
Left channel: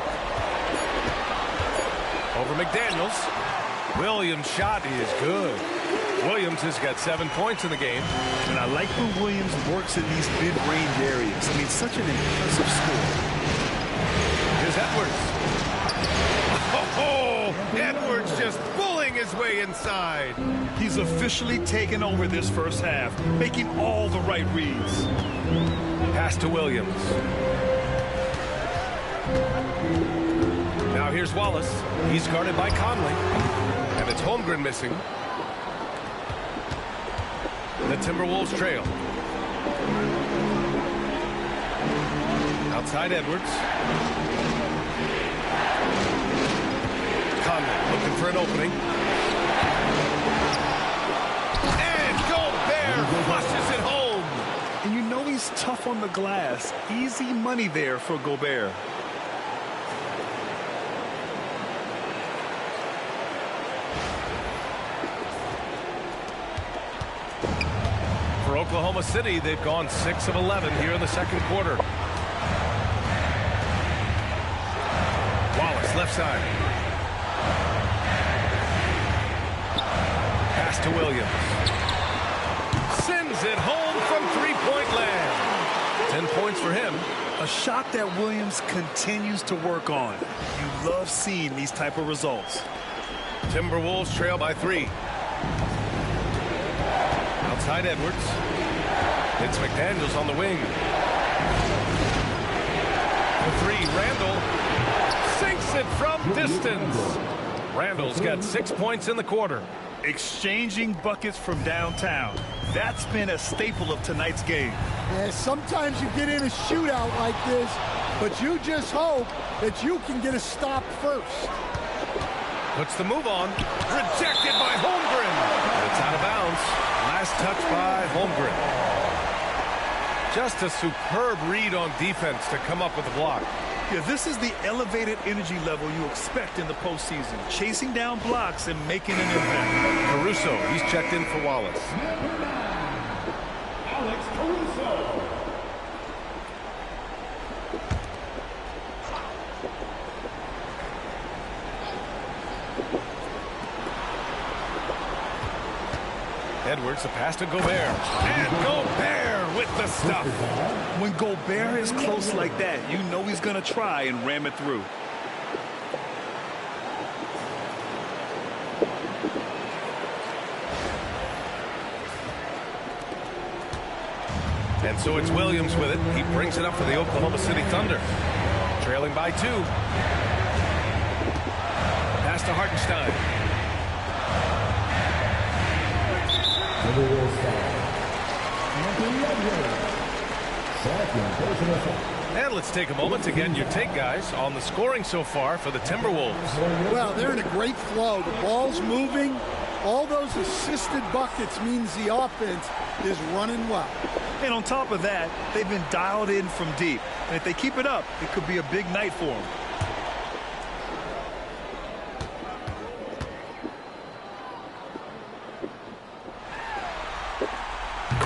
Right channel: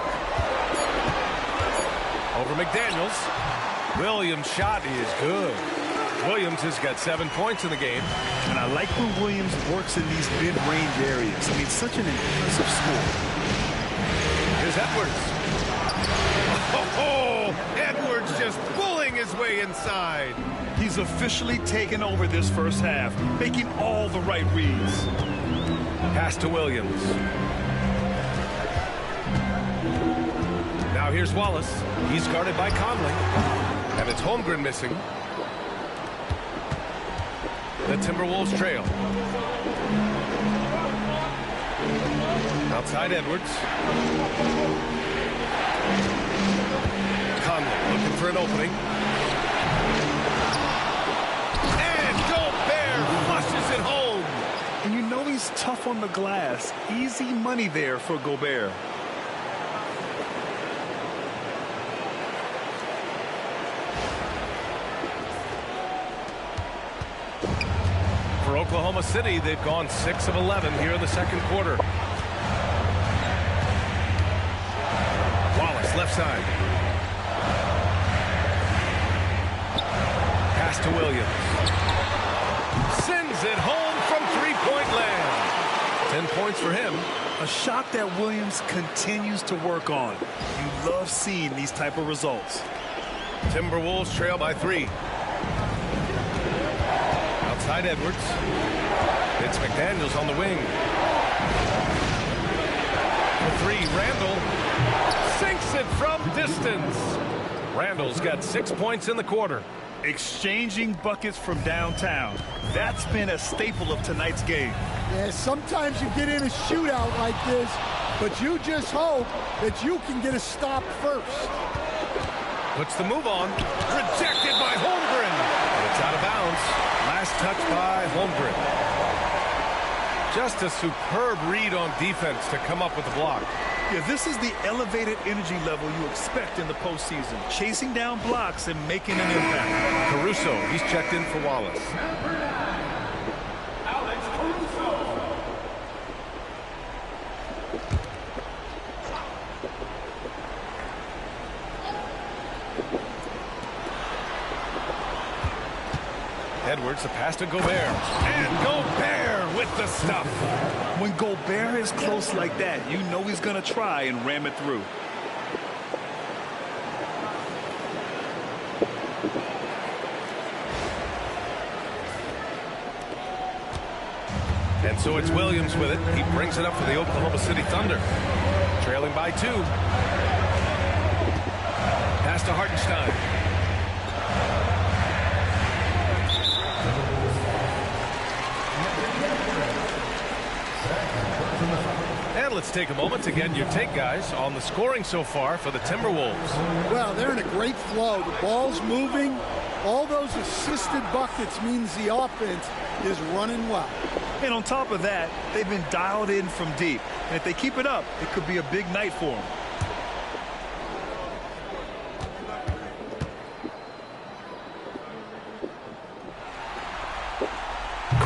Over McDaniels. Williams' shot is good. Williams has got 7 points in the game. And I like when Williams works in these mid-range areas. I mean, such an impressive score. Here's Edwards. Oh, Oh, Edwards just bullying his way inside. He's officially taken over this first half, making all the right reads. Pass to Williams. Now here's Wallace. He's guarded by Conley. And it's Holmgren missing. The Timberwolves trail. Outside Edwards. Conley looking for an opening. And Gobert flushes it home. And you know he's tough on the glass. Easy money there for Gobert. For Oklahoma City, they've gone 6 of 11 here in the second quarter. Wallace, left side. Pass to Williams. Sends it home from three-point land. 10 points for him. A shot that Williams continues to work on. You love seeing these type of results. Timberwolves trail by 3. Outside Edwards. It's McDaniels on the wing. For 3, Randall sinks it from distance. Randall's got 6 points in the quarter. Exchanging buckets from downtown. That's been a staple of tonight's game. Yeah, sometimes you get in a shootout like this, but you just hope that you can get a stop first. Puts the move on. Rejected by Holmgren. But it's out of bounds. Last touch by Holmgren. Just a superb read on defense to come up with the block. Yeah, this is the elevated energy level you expect in the postseason. Chasing down blocks and making an impact. Caruso, he's checked in for Wallace. Alex Caruso. Edwards, the pass to Gobert. And Gobert with the stuff. When Gobert is close like that, you know he's going to try and ram it through. And so it's Williams with it. He brings it up for the Oklahoma City Thunder. Trailing by 2. Pass to Hartenstein. And let's take a moment to get your take, guys, on the scoring so far for the Timberwolves. Well, they're in a great flow. The ball's moving. All those assisted buckets means the offense is running well. And on top of that, they've been dialed in from deep. And if they keep it up, it could be a big night for them.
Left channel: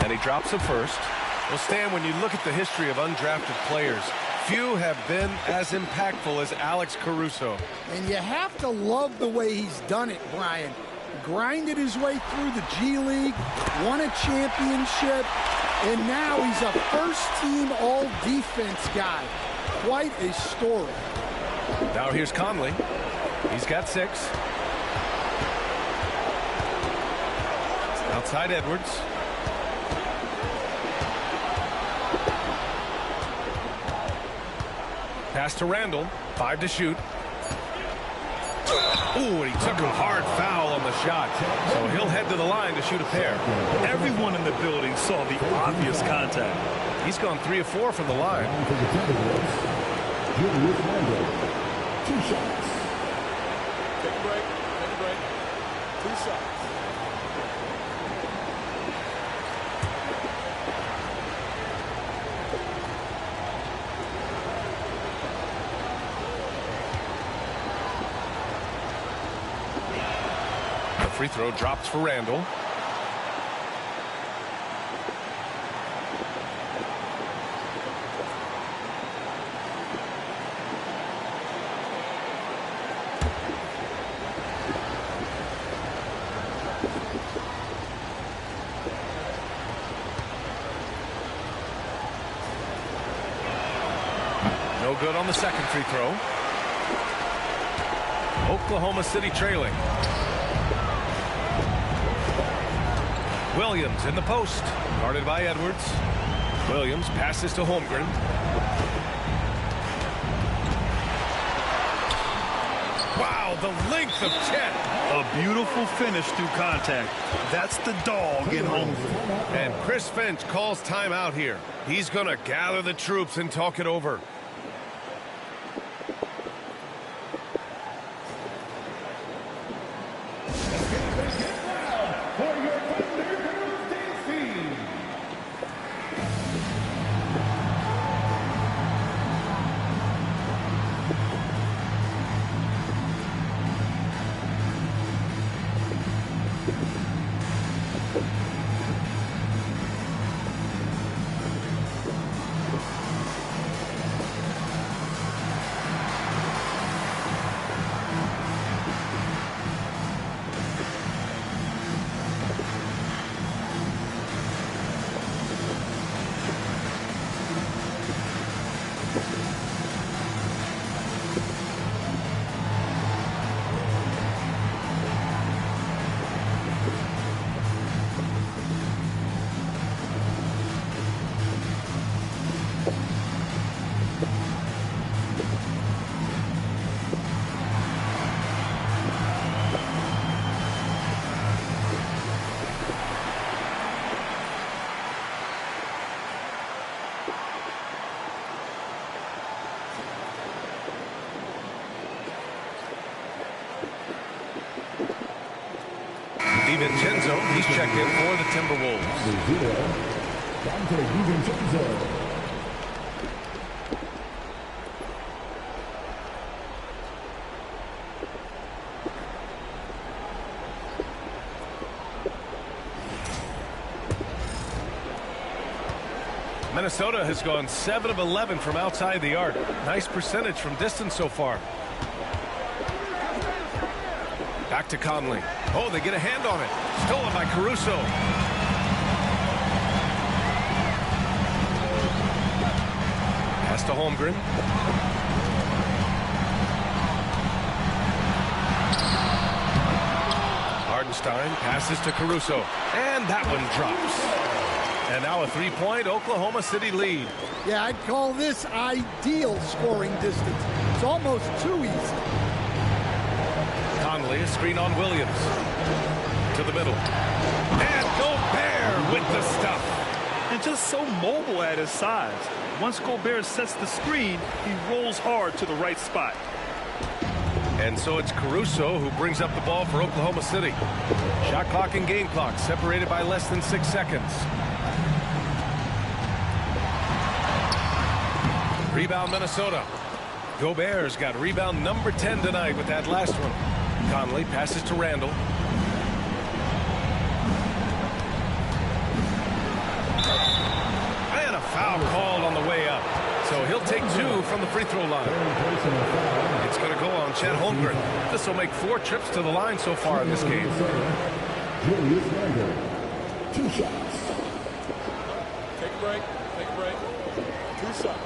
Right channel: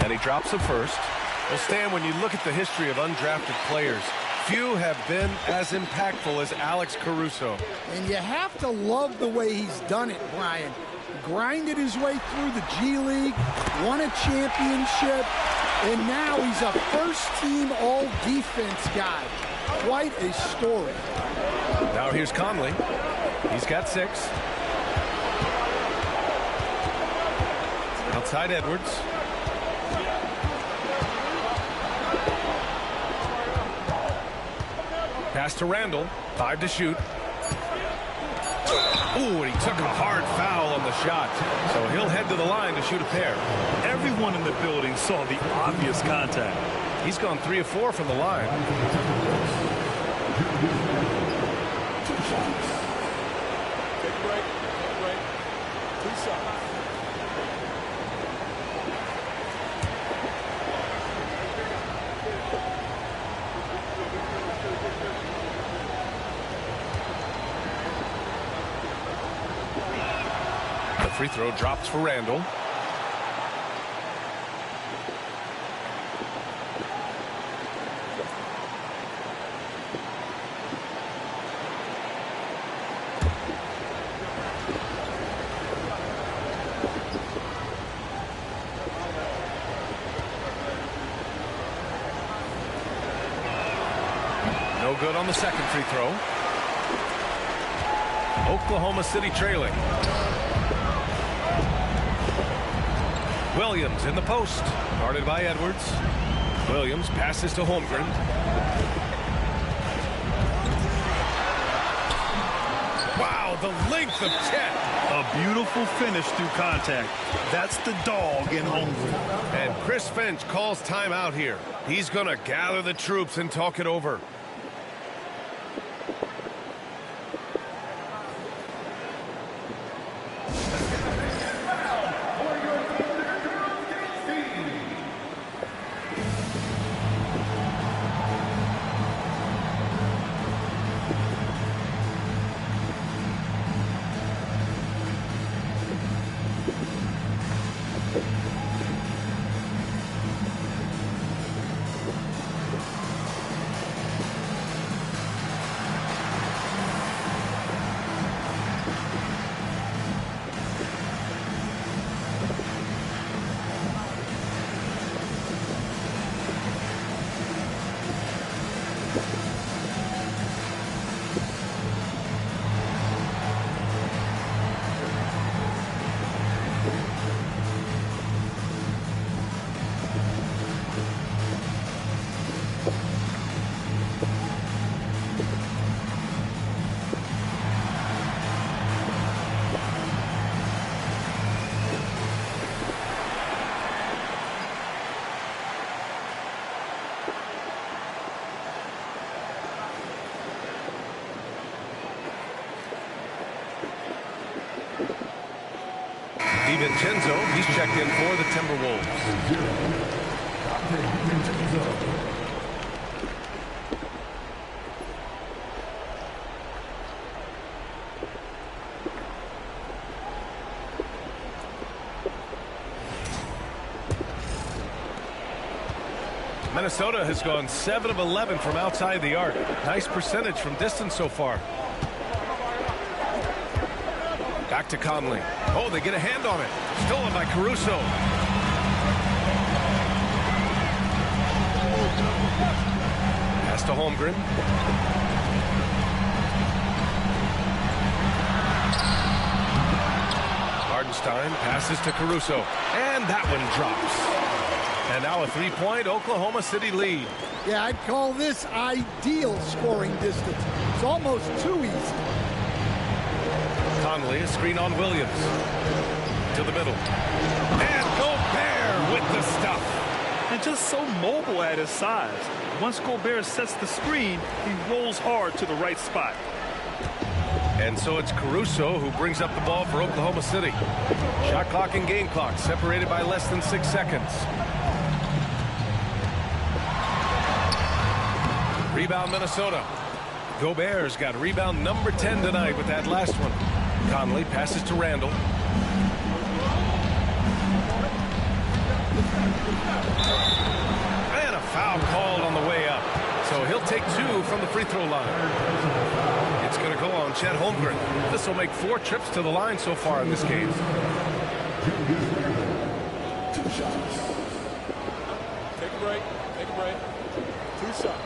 And he drops the first. Well, Stan, when you look at the history of undrafted players, few have been as impactful as Alex Caruso. And you have to love the way he's done it, Brian. Grinded his way through the G League, won a championship, and now he's a first-team all-defense guy. Quite a story. Now here's Conley. He's got 6. Outside Edwards. Pass to Randall. 5 to shoot. Ooh, and he took a hard foul on the shot. So he'll head to the line to shoot a pair. Everyone in the building saw the obvious contact. He's gone 3 of 4 from the line. 2 shots. Take a break. Take a break. 2 shots. Free throw drops for Randall. No good on the second free throw. Oklahoma City trailing. Williams in the post. Guarded by Edwards. Williams passes to Holmgren. Wow, the length of Chet. A beautiful finish through contact. That's the dog in Holmgren. And Chris Finch calls timeout here. He's going to gather the troops and talk it over. DiVincenzo, he's checked in for the Timberwolves. Minnesota has gone 7 of 11 from outside the arc. Nice percentage from distance so far. Back to Conley. Oh, they get a hand on it. Stolen by Caruso. Pass to Holmgren. Hardenstein passes to Caruso. And that one drops. And now a three-point Oklahoma City lead. Yeah, I'd call this ideal scoring distance. It's almost too easy. Conley, a screen on Williams. To the middle. And Gobert with the stuff. And just so mobile at his size. Once Gobert sets the screen, he rolls hard to the right spot. And so it's Caruso who brings up the ball for Oklahoma City. Shot clock and game clock separated by less than 6 seconds. Rebound Minnesota. Gobert's got rebound number 10 tonight with that last one. Conley passes to Randall. And a foul called on the way up. So he'll take 2 from the free throw line. It's going to go on Chet Holmgren. This will make 4 trips to the line so far in this game. 2 shots. Take a break. Take a break. 2 shots.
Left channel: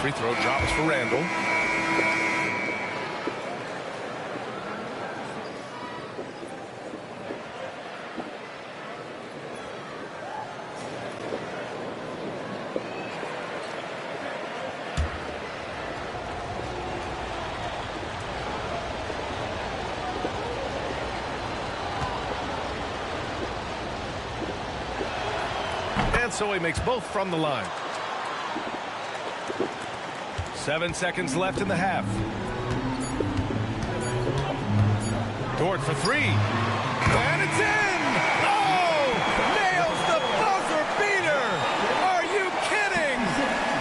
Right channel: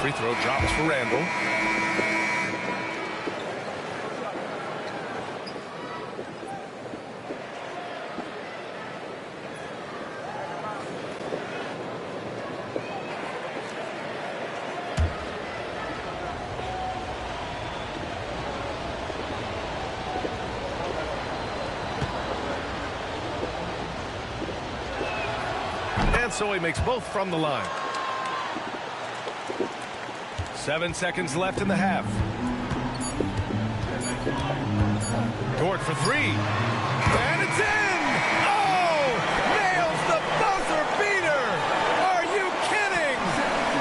Free throw drops for Randall. And so he makes both from the line. 7 seconds left in the half. Dort for 3. And it's in! Oh! Nails the buzzer beater! Are you kidding?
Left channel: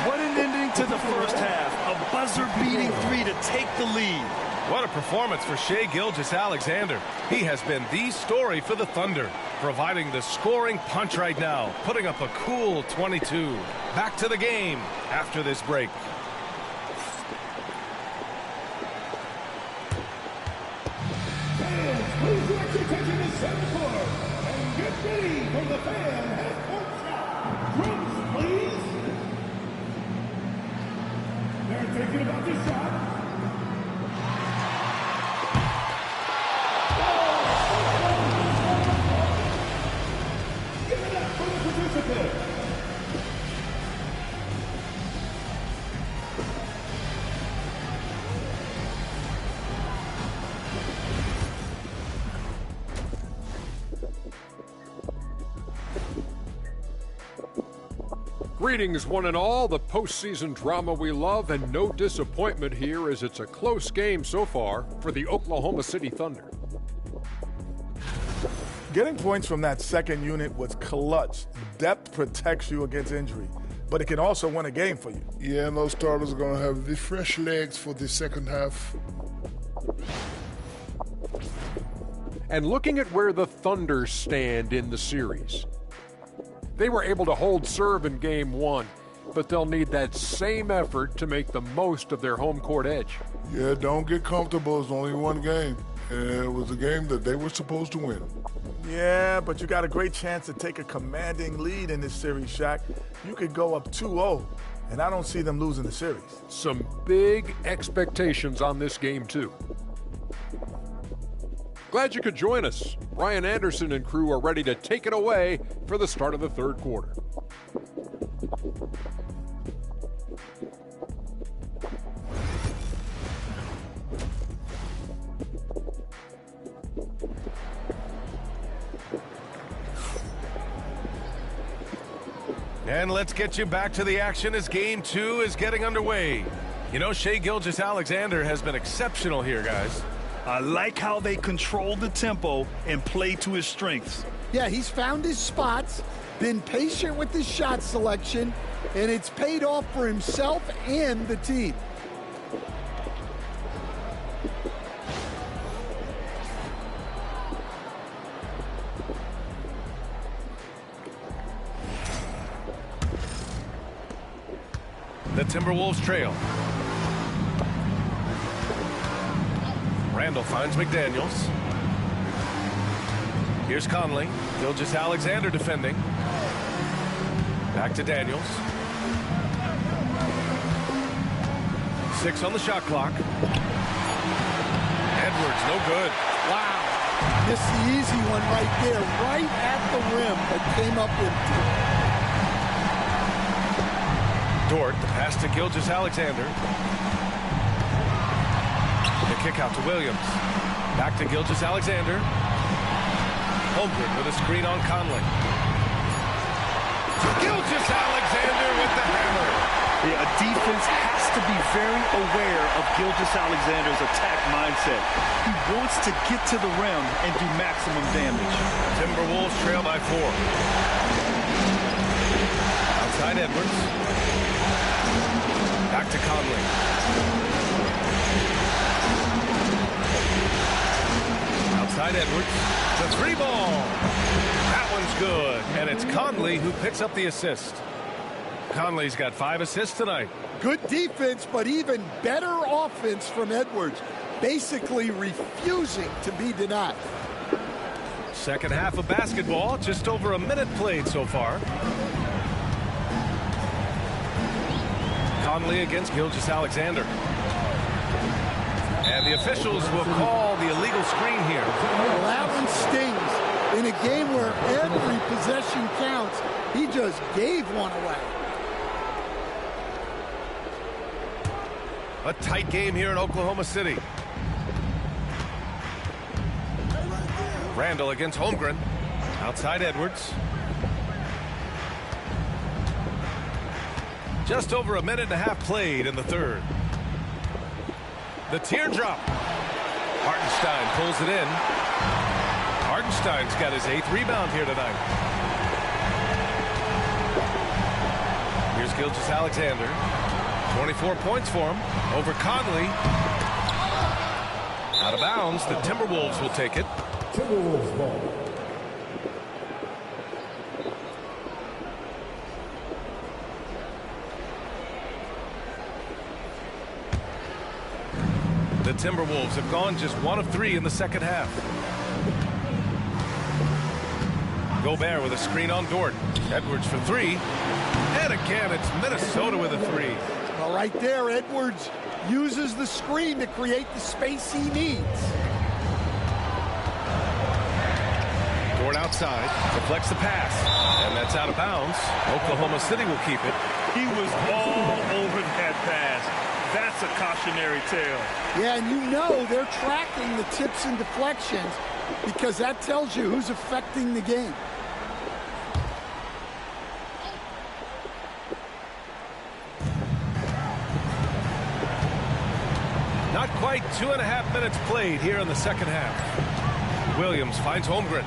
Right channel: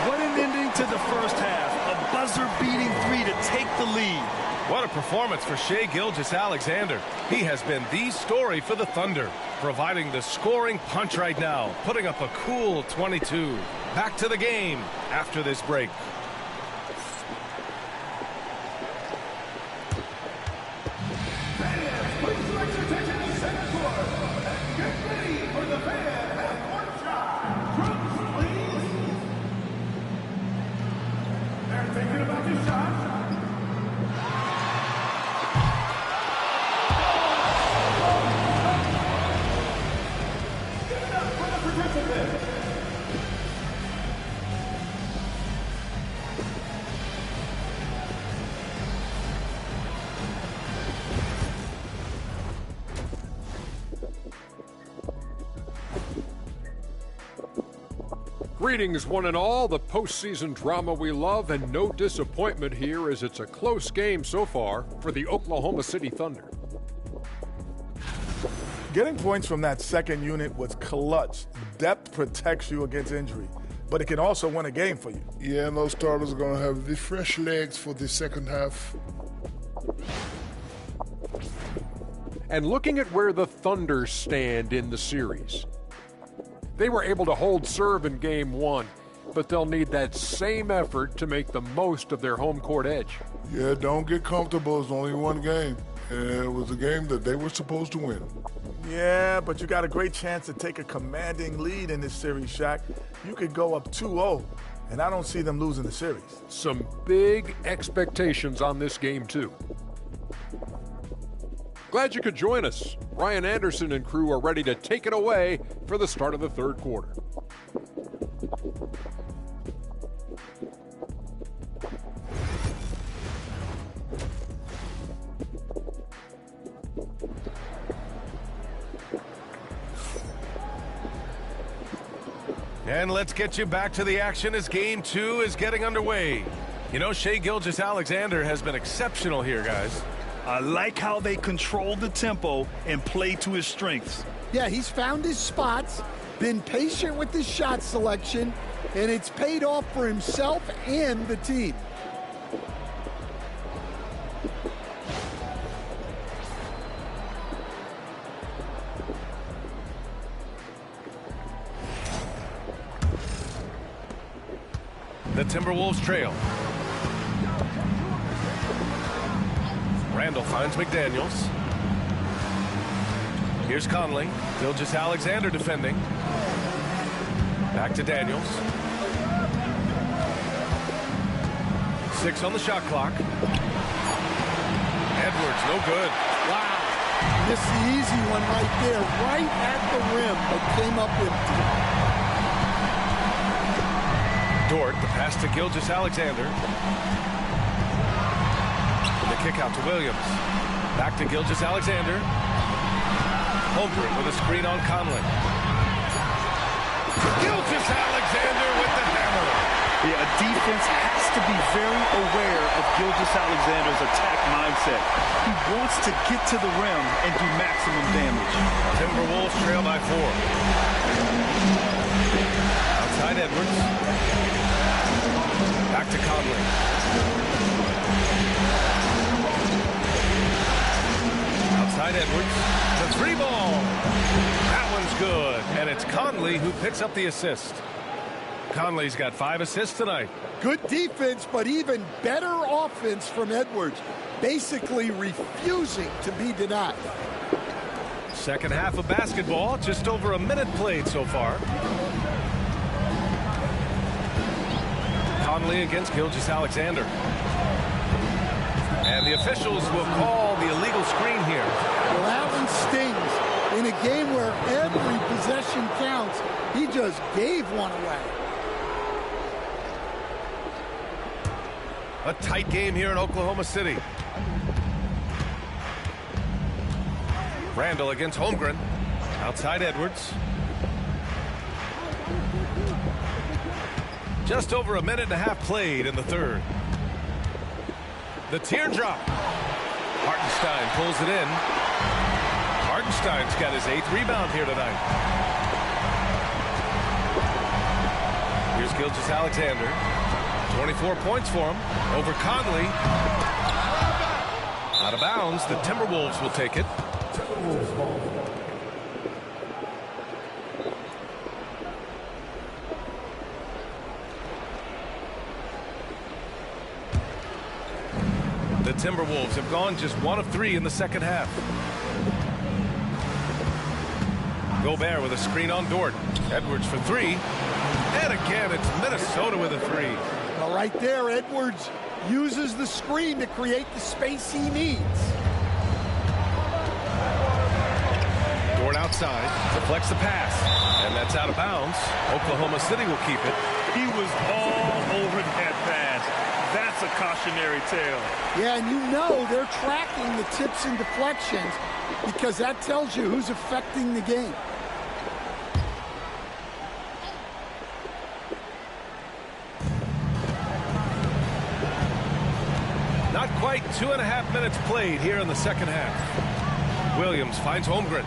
What an ending to the first half. A buzzer-beating 3 to take the lead. What a performance for Shai Gilgeous-Alexander. He has been the story for the Thunder, providing the scoring punch right now, putting up a cool 22. Back to the game after this break. Get your attention to center court and get ready for the fan half-court shot. Groups, please. They're thinking about this shot. Give it up for the participant. Greetings, one and all. The postseason drama we love, and no disappointment here as it's a close game so far for the Oklahoma City Thunder. Getting points from that second unit was clutch. Depth protects you against injury, but it can also win a game for you. Yeah, and those starters are going to have the fresh legs for the second half. And looking at where the Thunder stand in the series, they were able to hold serve in Game 1, but they'll need that same effort to make the most of their home court edge. Yeah, don't get comfortable. It's only one game. And it was a game that they were supposed to win. Yeah, but you got a great chance to take a commanding lead in this series, Shaq. You could go up 2-0, and I don't see them losing the series. Some big expectations on this game, too. Glad you could join us. Ryan Anderson and crew are ready to take it away for the start of the third quarter. And let's get you back to the action as Game 2 is getting underway. You know, Shai Gilgeous-Alexander has been exceptional here, guys. I like how they control the tempo and play to his strengths. Yeah, he's found his spots, been patient with his shot selection, and it's paid off for himself and the team. The Timberwolves trail. Randall finds McDaniels. Here's Conley. Gilgeous-Alexander defending. Back to Daniels. 6 on the shot clock. Edwards, no good. Wow. Missed the easy one right there, right at the rim, but came up empty. Dort, the pass to Gilgeous-Alexander. The kick out to Williams. Back to Gilgeous-Alexander. Holmgren with a screen on Conley. Gilgeous-Alexander with the hammer. Yeah, a defense has to be very aware of Gilgeous-Alexander's attack mindset. He wants to get to the rim and do maximum damage. Timberwolves trail by 4. Outside Edwards. Back to Conley. Outside Edwards. The 3 ball. That one's good. And it's Conley who picks up the assist. Conley's got 5 assists tonight. Good defense, but even better offense from Edwards. Basically refusing to be denied. Second half of basketball. Just over a minute played so far. Conley against Gilgeous-Alexander. And the officials will call the illegal screen here. Well, that one stings. In a game where every possession counts, he just gave one away. A tight game here in Oklahoma City. Randall against Holmgren. Outside Edwards. Just over a minute and a half played in the third. The teardrop. Hartenstein pulls it in. Hartenstein's got his 8th rebound here tonight. Here's Gilgeous-Alexander. 24 points for him over Conley. Out of bounds. The Timberwolves will take it. Timberwolves ball. The Timberwolves have gone just 1 of 3 in the second half. Gobert with a screen on Dort. Edwards for three. And again, it's Minnesota with a three. Well, right there, Edwards uses the screen to create the space he needs. Dort outside, deflects the pass, and that's out of bounds. Oklahoma City will keep it. He was all over that pass. That's a cautionary tale. Yeah, and you know they're tracking the tips and deflections because that tells you who's affecting the game. Not quite 2.5 minutes played here in the second half. Williams finds Holmgren.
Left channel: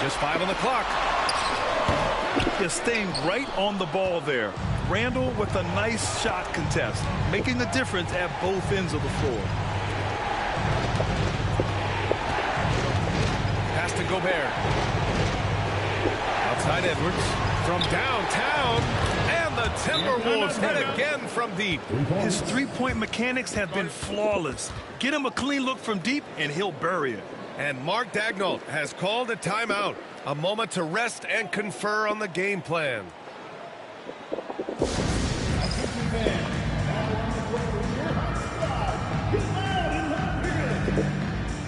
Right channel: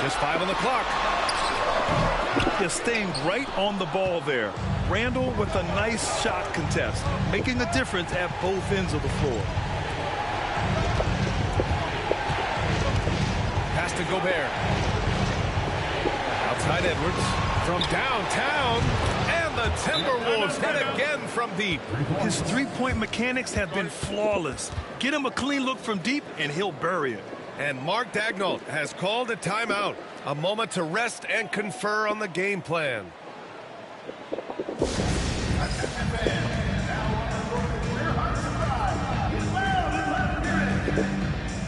Just 5 on the clock. He's staying right on the ball there. Randall with a nice shot contest, making a difference at both ends of the floor. Pass to Gobert. Outside Edwards. From downtown. And the Timberwolves hit again from deep. His three-point mechanics have been flawless. Get him a clean look from deep, and he'll bury it. And Mark Daigneault has called a timeout. A moment to rest and confer on the game plan.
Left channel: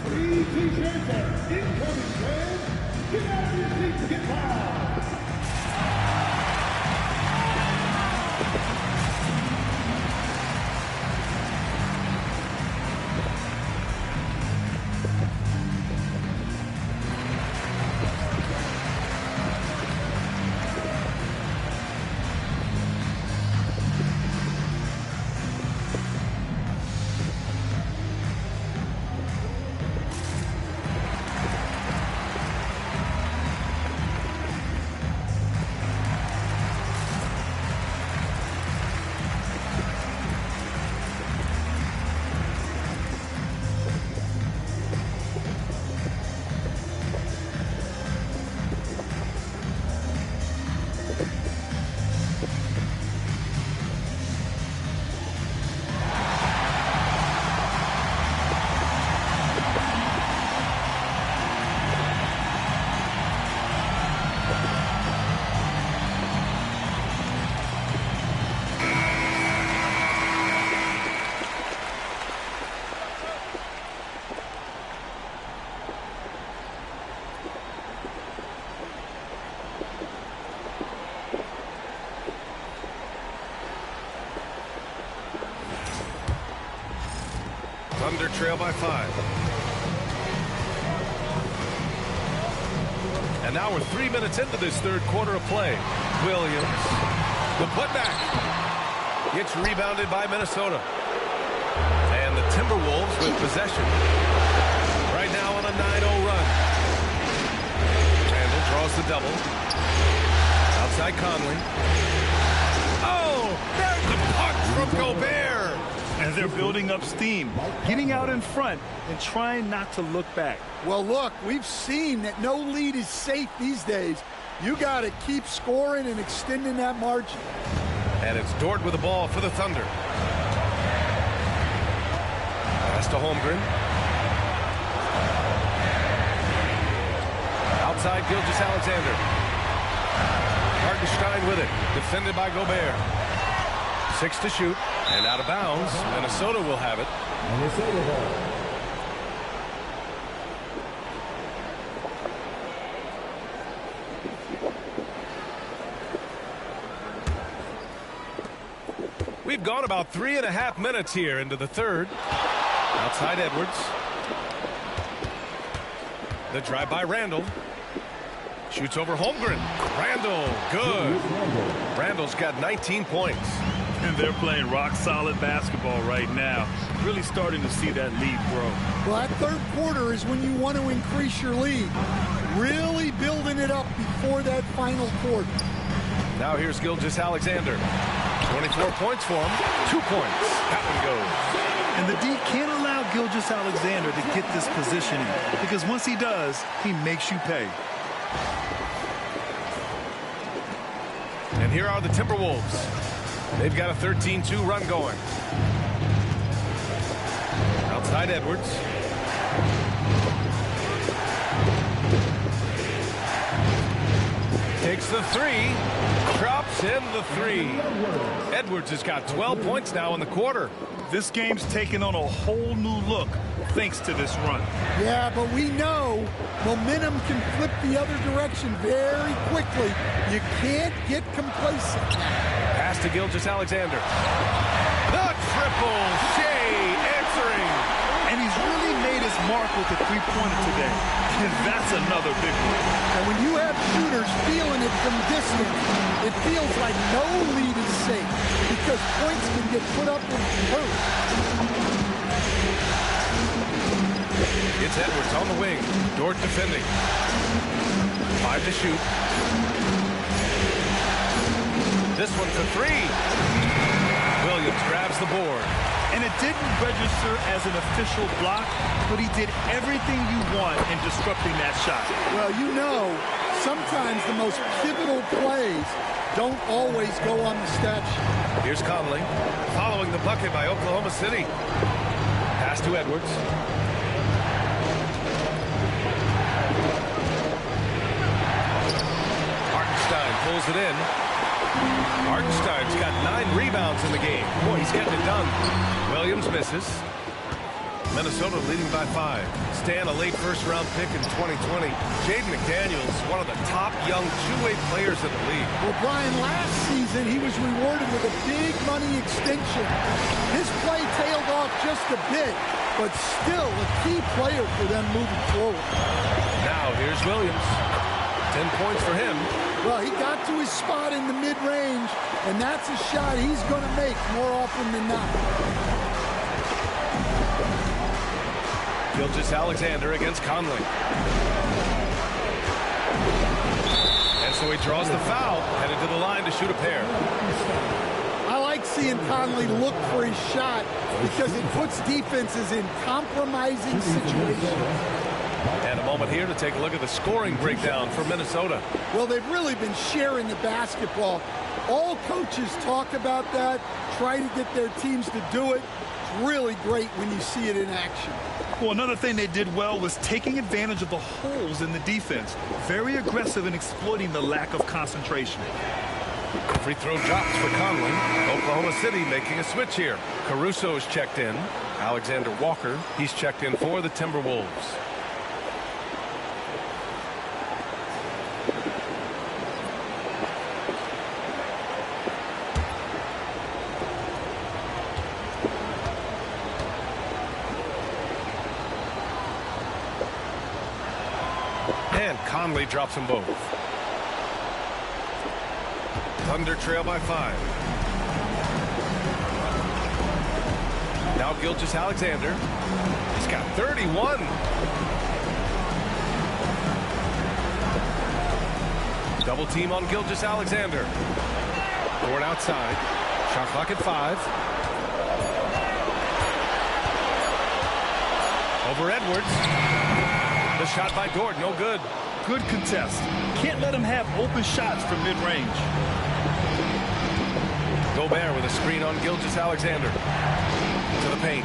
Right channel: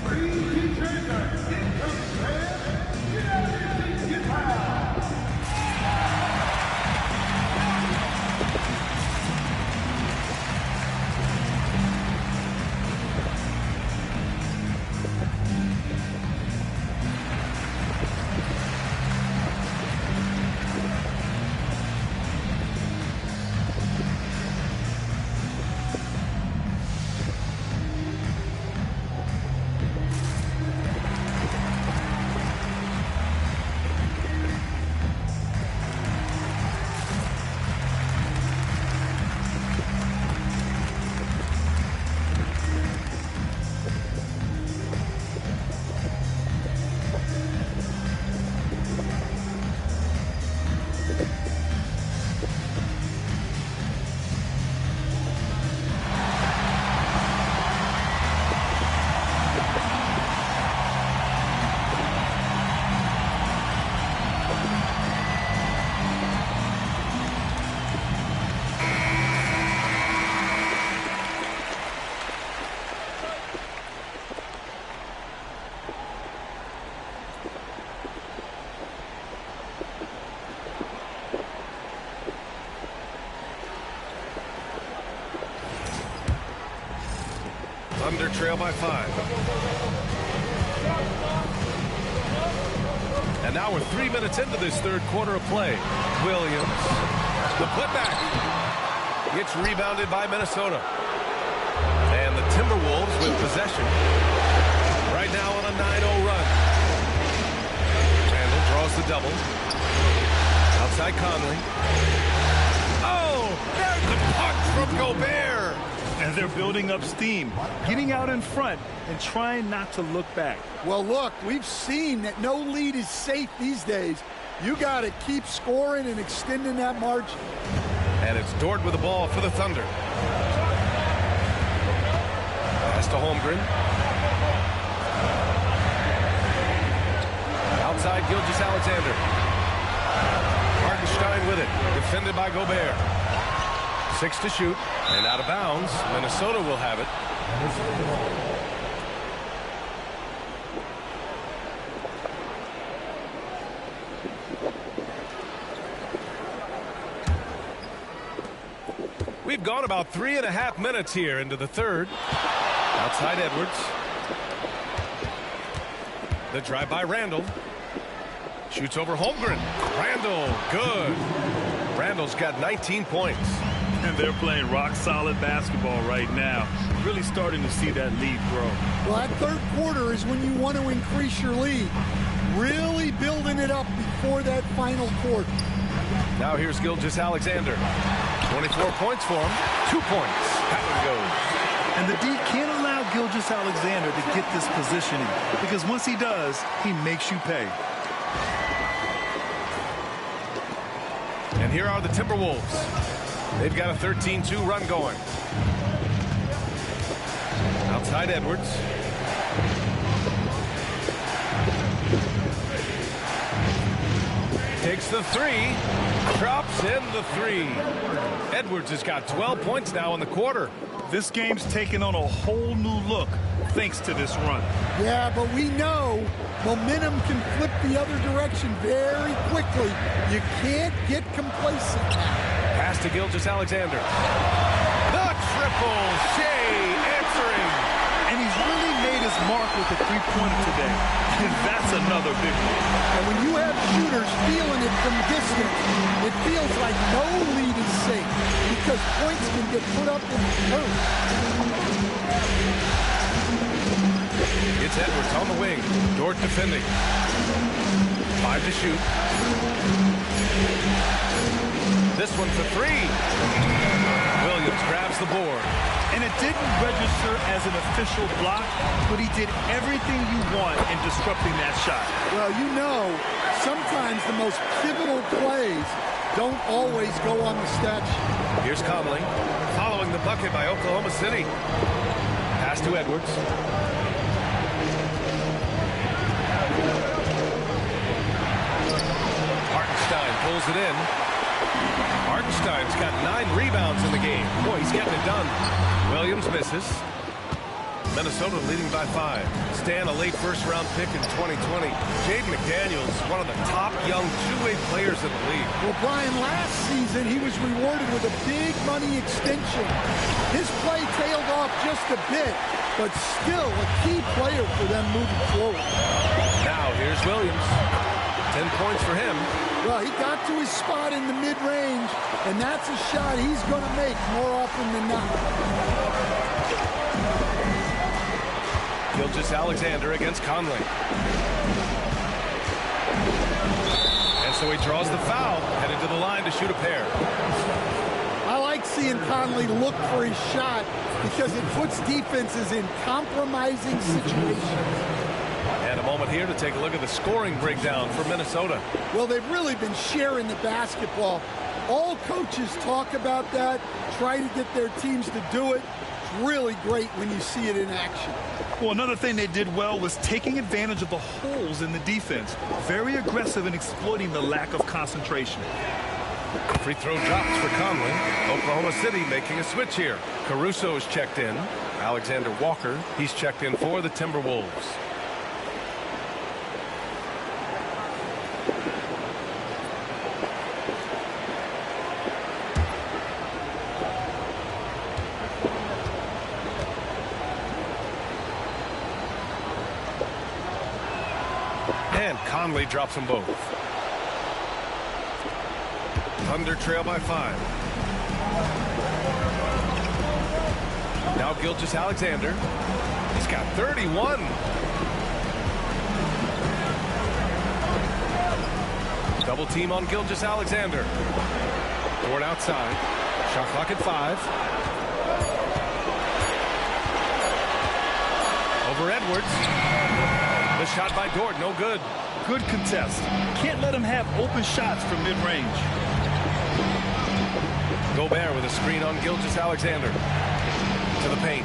Free t-shirts are incoming, fans. Get out of your seats and get loud. Thunder trail by 5. And now we're 3 minutes into this third quarter of play. Williams, the putback. It's rebounded by Minnesota. And the Timberwolves with possession. Right now on a 9-0 run. Randall draws the double. Outside Conley. Oh, there's the punch from Gobert. And they're building up steam, getting out in front and trying not to look back. Well, look, we've seen that no lead is safe these days. You got to keep scoring and extending that margin. And it's Dort with the ball for the Thunder. Pass to Holmgren. Outside Gilgeous-Alexander. Hartenstein with it. Defended by Gobert. 6 to shoot. And out of bounds. Minnesota will have it. We've gone about 3.5 minutes here into the third. Outside Edwards. The drive by Randall. Shoots over Holmgren. Randall, good. Randall's got 19 points. And they're playing rock-solid basketball right now. Really starting to see that lead grow. Well, that third quarter is when you want to increase your lead. Really building it up before that final quarter. Now here's Gilgeous-Alexander. 24 points for him. 2 points. That one goes. And the D can't allow Gilgeous-Alexander to get this positioning, because once he does, he makes you pay. And here are the Timberwolves. They've got a 13-2 run going. Outside Edwards. Takes the three. Drops in the three. Edwards has got 12 points now in the quarter. This game's taken on a whole new look thanks to this run. Yeah, but we know momentum can flip the other direction very quickly. You can't get complacent now. Pass to Gilgeous-Alexander. The triple. Shea answering. And he's really made his mark with the three-pointer today. And that's another big one. And when you have shooters feeling it from distance, it feels like no lead is safe because points can get put up in hurry. It's Edwards on the wing. Dort defending. 5 to shoot. This one for 3. Williams grabs the board. And it didn't register as an official block, but he did everything you want in disrupting that shot. Well, you know, sometimes the most pivotal plays don't always go on the stat sheet. Here's Conley, following the bucket by Oklahoma City. Pass to Edwards. Hartenstein pulls it in. Hartenstein's got 9 rebounds in the game. Boy, he's getting it done. Williams misses. Minnesota leading by 5. Stan, a late first-round pick in 2020. Jaden McDaniels, one of the top young two-way players in the league. Well, Brian, last season he was rewarded with a big money extension. His play tailed off just a bit, but still a key player for them moving forward. Now here's Williams. 10 points for him. Well, he got to his spot in the mid-range, and that's a shot he's going to make more often than not. Gilgeous-Alexander against Conley. And so he draws the foul, headed to the line to shoot a pair. I like seeing Conley look for his shot because it puts defenses in compromising situations. And a moment here to take a look at the scoring breakdown for Minnesota. Well, they've really been sharing the basketball. All coaches talk about that, try to get their teams to do it. It's really great when you see it in action. Well, another thing they did well was taking advantage of the holes in the defense. Very aggressive in exploiting the lack of concentration. Free throw drops for Conley. Oklahoma City making a switch here. Caruso is checked in. Alexander Walker, he's checked in for the Timberwolves. And Conley drops them both. Thunder trail by 5. Now Gilgeous-Alexander. He's got 31. Double team on Gilgeous-Alexander. Dort outside. Shot clock at 5. Over Edwards. The shot by Dort, no good. Good contest. Can't let him have open shots from mid-range. Gobert with a screen on Gilgeous-Alexander. To the paint.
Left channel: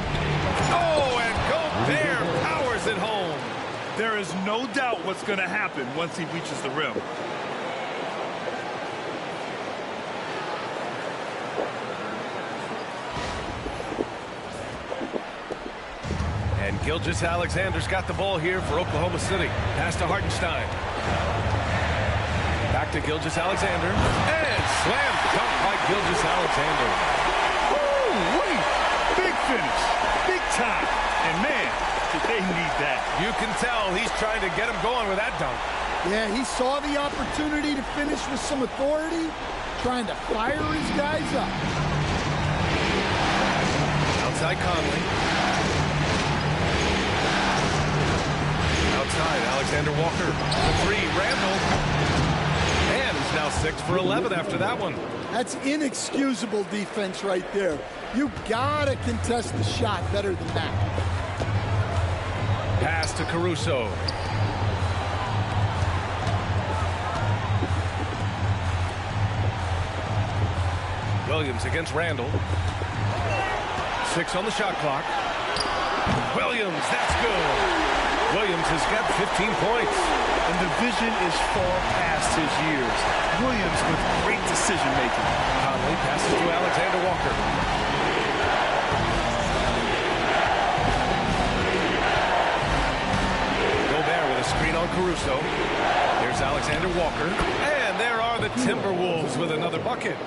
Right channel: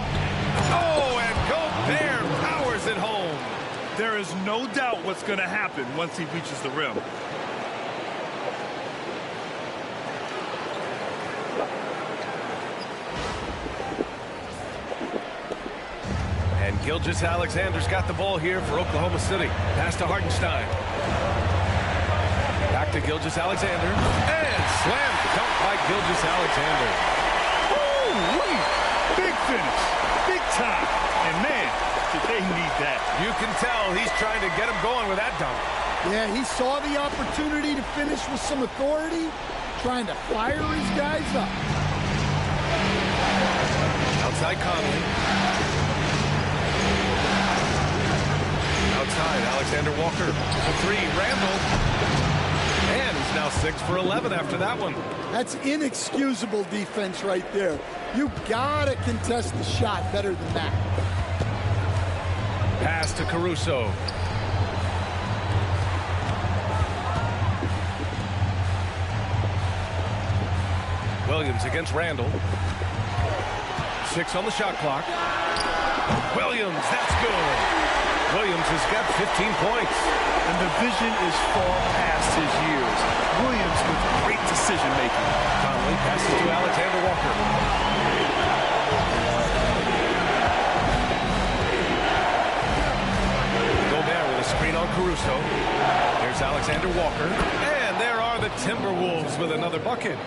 Oh, and Gobert powers it home. There is no doubt what's going to happen once he reaches the rim. And Gilgeous-Alexander's got the ball here for Oklahoma City. Pass to Hartenstein. Back to Gilgeous-Alexander. And slam dunk by Gilgeous-Alexander. Woo-wee! Big finish. Big time. And man, did they need that. You can tell he's trying to get him going with that dunk. Yeah, he saw the opportunity to finish with some authority, trying to fire his guys up. Outside Conley. Outside, Alexander Walker. The 3, Randall. And he's now 6 for 11 after that one. That's inexcusable defense right there. You gotta contest the shot better than that. Pass to Caruso. Williams against Randall. 6 on the shot clock. Williams, that's good. Williams has got 15 points. And the vision is far past his years. Williams with great decision-making. Conley passes to Alexander Walker. Gobert with a screen on Caruso. Here's Alexander Walker. And there are the Timberwolves with another bucket.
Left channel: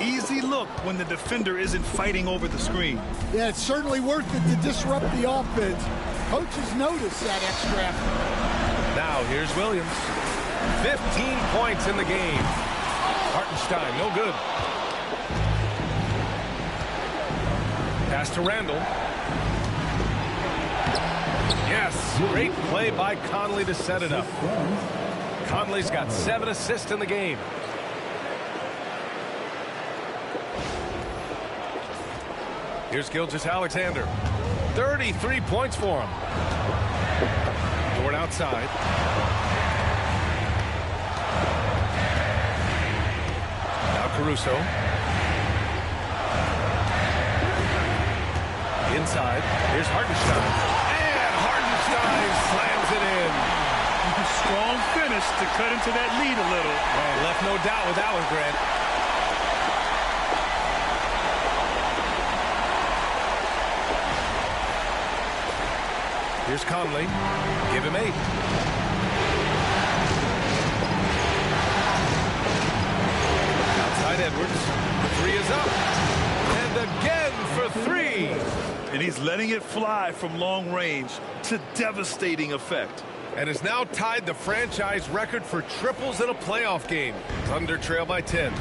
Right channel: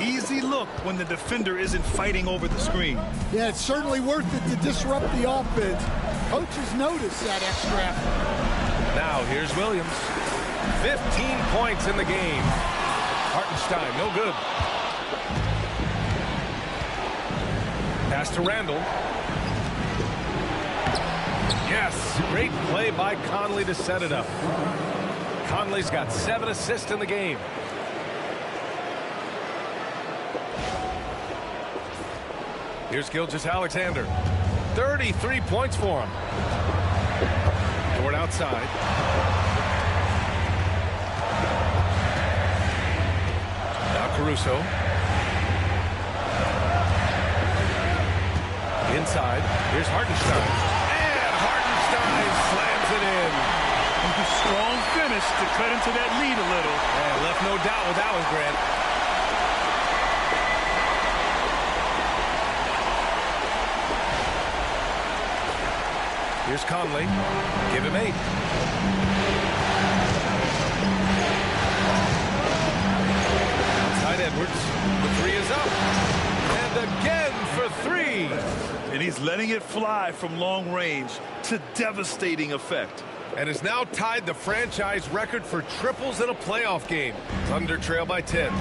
Easy look when the defender isn't fighting over the screen. Yeah, it's certainly worth it to disrupt the offense. Coaches notice that extra effort. Now here's Williams. 15 points in the game. Hartenstein, no good. Pass to Randall. Yes, great play by Conley to set it up. Conley's got 7 assists in the game. Here's Gilgeous-Alexander. 33 points for him. Dort outside. Now Caruso. Inside. Here's Hartenstein. And Hartenstein slams it in. Strong finish to cut into that lead a little. And left no doubt with that one, Grant. Here's Conley. Give him 8. Outside Edwards. The 3 is up. And again for 3. And he's letting it fly from long range to devastating effect. And has now tied the franchise record for triples in a playoff game. Thunder trail by 10.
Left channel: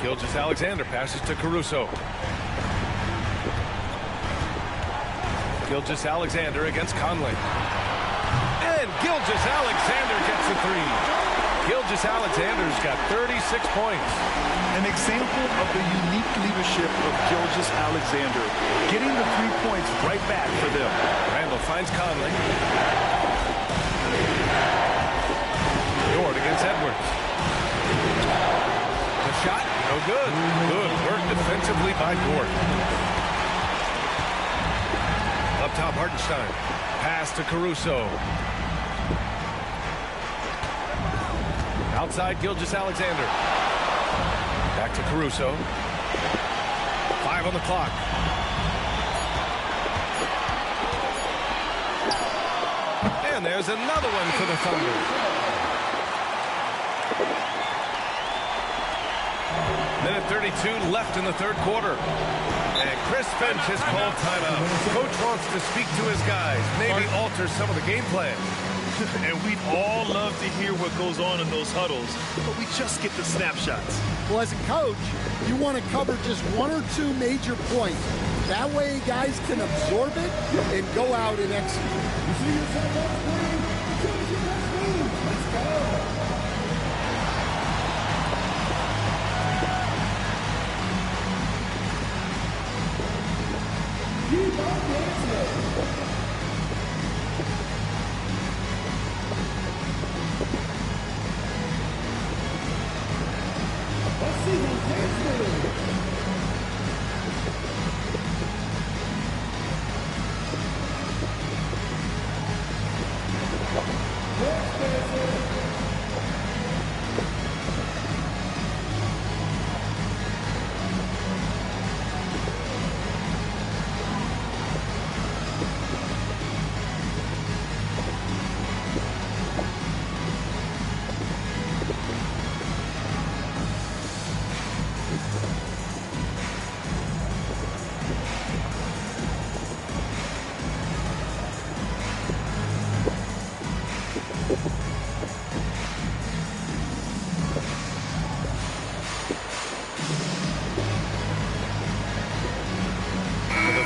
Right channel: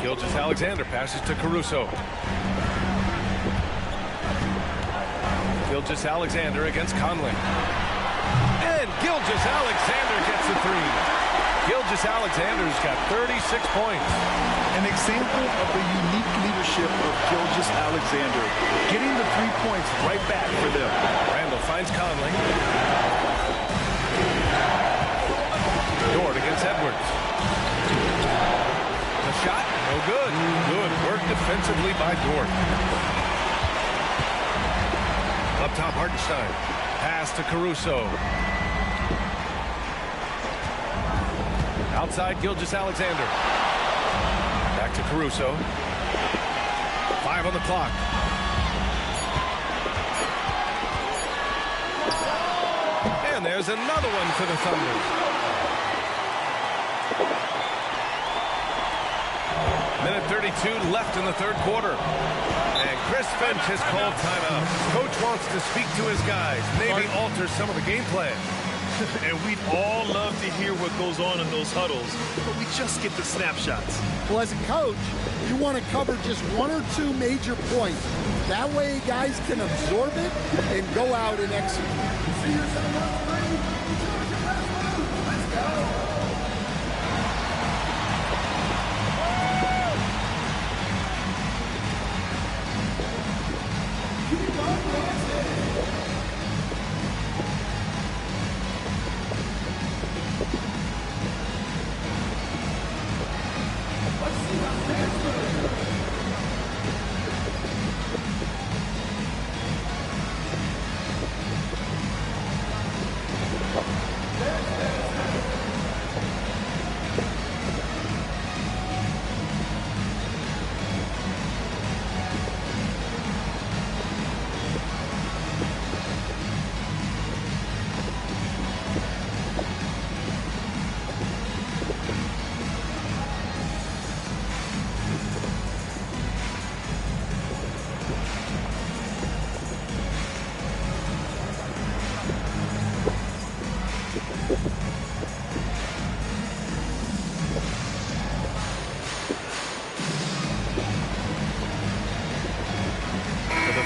Gilgeous-Alexander passes to Caruso. Gilgeous-Alexander against Conley. And Gilgeous-Alexander gets a 3. Gilgeous-Alexander's got 36 points. An example of the unique leadership of Gilgeous-Alexander, getting the 3 points right back for them. Randall finds Conley. Dort against Edwards. The shot, no good. Good work defensively by Dort. Up top, Hartenstein. Pass to Caruso. Outside, Gilgeous-Alexander. Back to Caruso. 5 on the clock. And there's another one for the Thunder. Minute 32 left in the third quarter. And Chris Finch has called timeout. Coach wants to speak to his guys, maybe alter some of the game plan. And we'd all love to hear what goes on in those huddles, but we just get the snapshots. Well, as a coach, you want to cover just 1 or 2 major points. That way guys can absorb it and go out and execute. You see yourself on 3. Choose your best move. Let's go. Keep on dancing. Let's see them dance with it.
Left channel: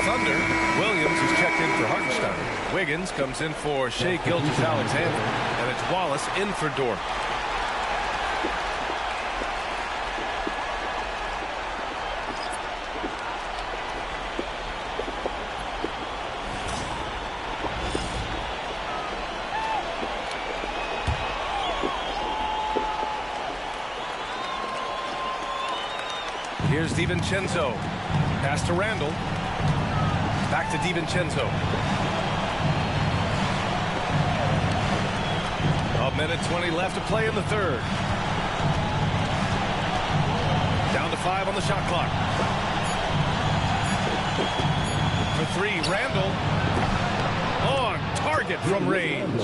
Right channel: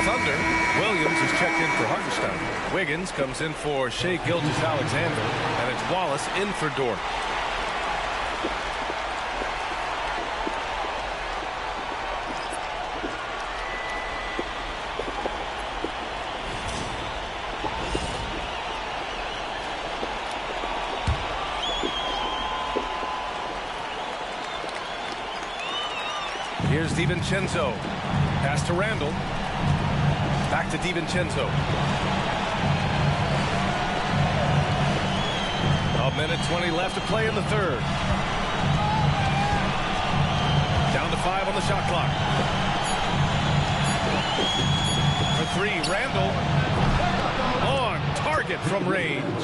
Thunder, Williams is checked in for Hartenstein. Wiggins comes in for Shai Gilgeous-Alexander, and it's Wallace in for Dort. Here's DiVincenzo. Pass to Randall. Back to DiVincenzo. 1:20 left to play in the third. Down to 5 on the shot clock. For 3, Randall. On target from range.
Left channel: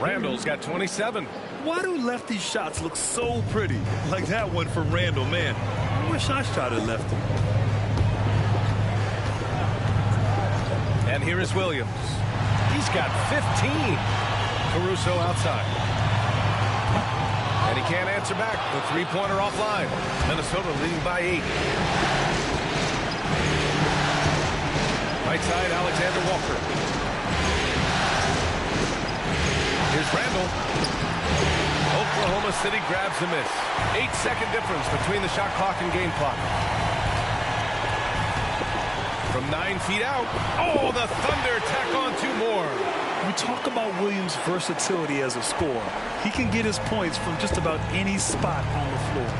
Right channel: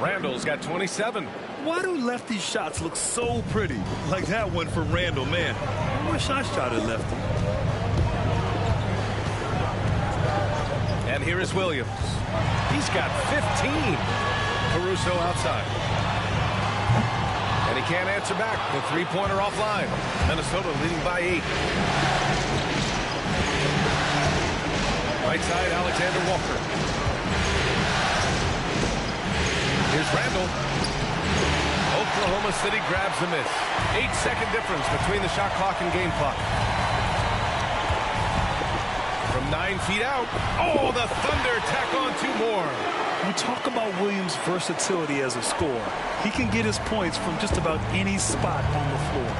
Randall's got 27. Why do lefty shots look so pretty? Like that one for Randall, man. I wish I shot at lefty. And here is Williams. He's got 15. Caruso outside. And he can't answer back. The three-pointer offline. Minnesota leading by 8. Right side, Alexander Walker. Here's Randall. Oklahoma City grabs the miss. 8-second difference between the shot clock and game clock. From 9 feet out. Oh, the Thunder tack on 2 more. We talk about Williams' versatility as a scorer. He can get his points from just about any spot on the floor.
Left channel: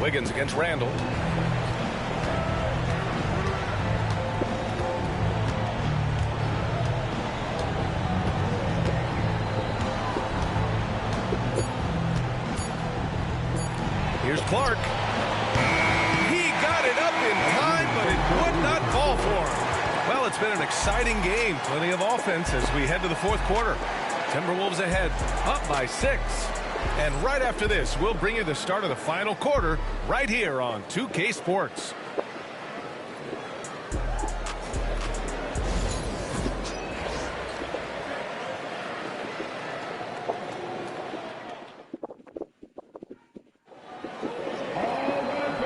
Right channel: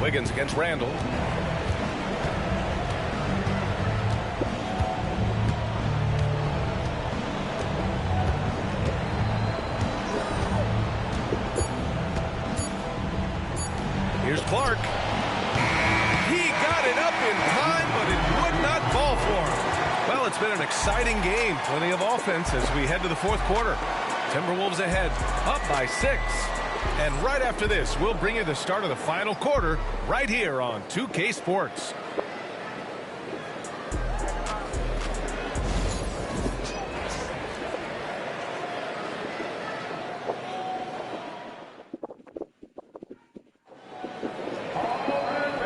Wiggins against Randall. Here's Clark. He got it up in time, but it would not fall for him. Well, it's been an exciting game. Plenty of offense as we head to the fourth quarter. Timberwolves ahead, up by 6. And right after this, we'll bring you the start of the final quarter right here on 2K Sports.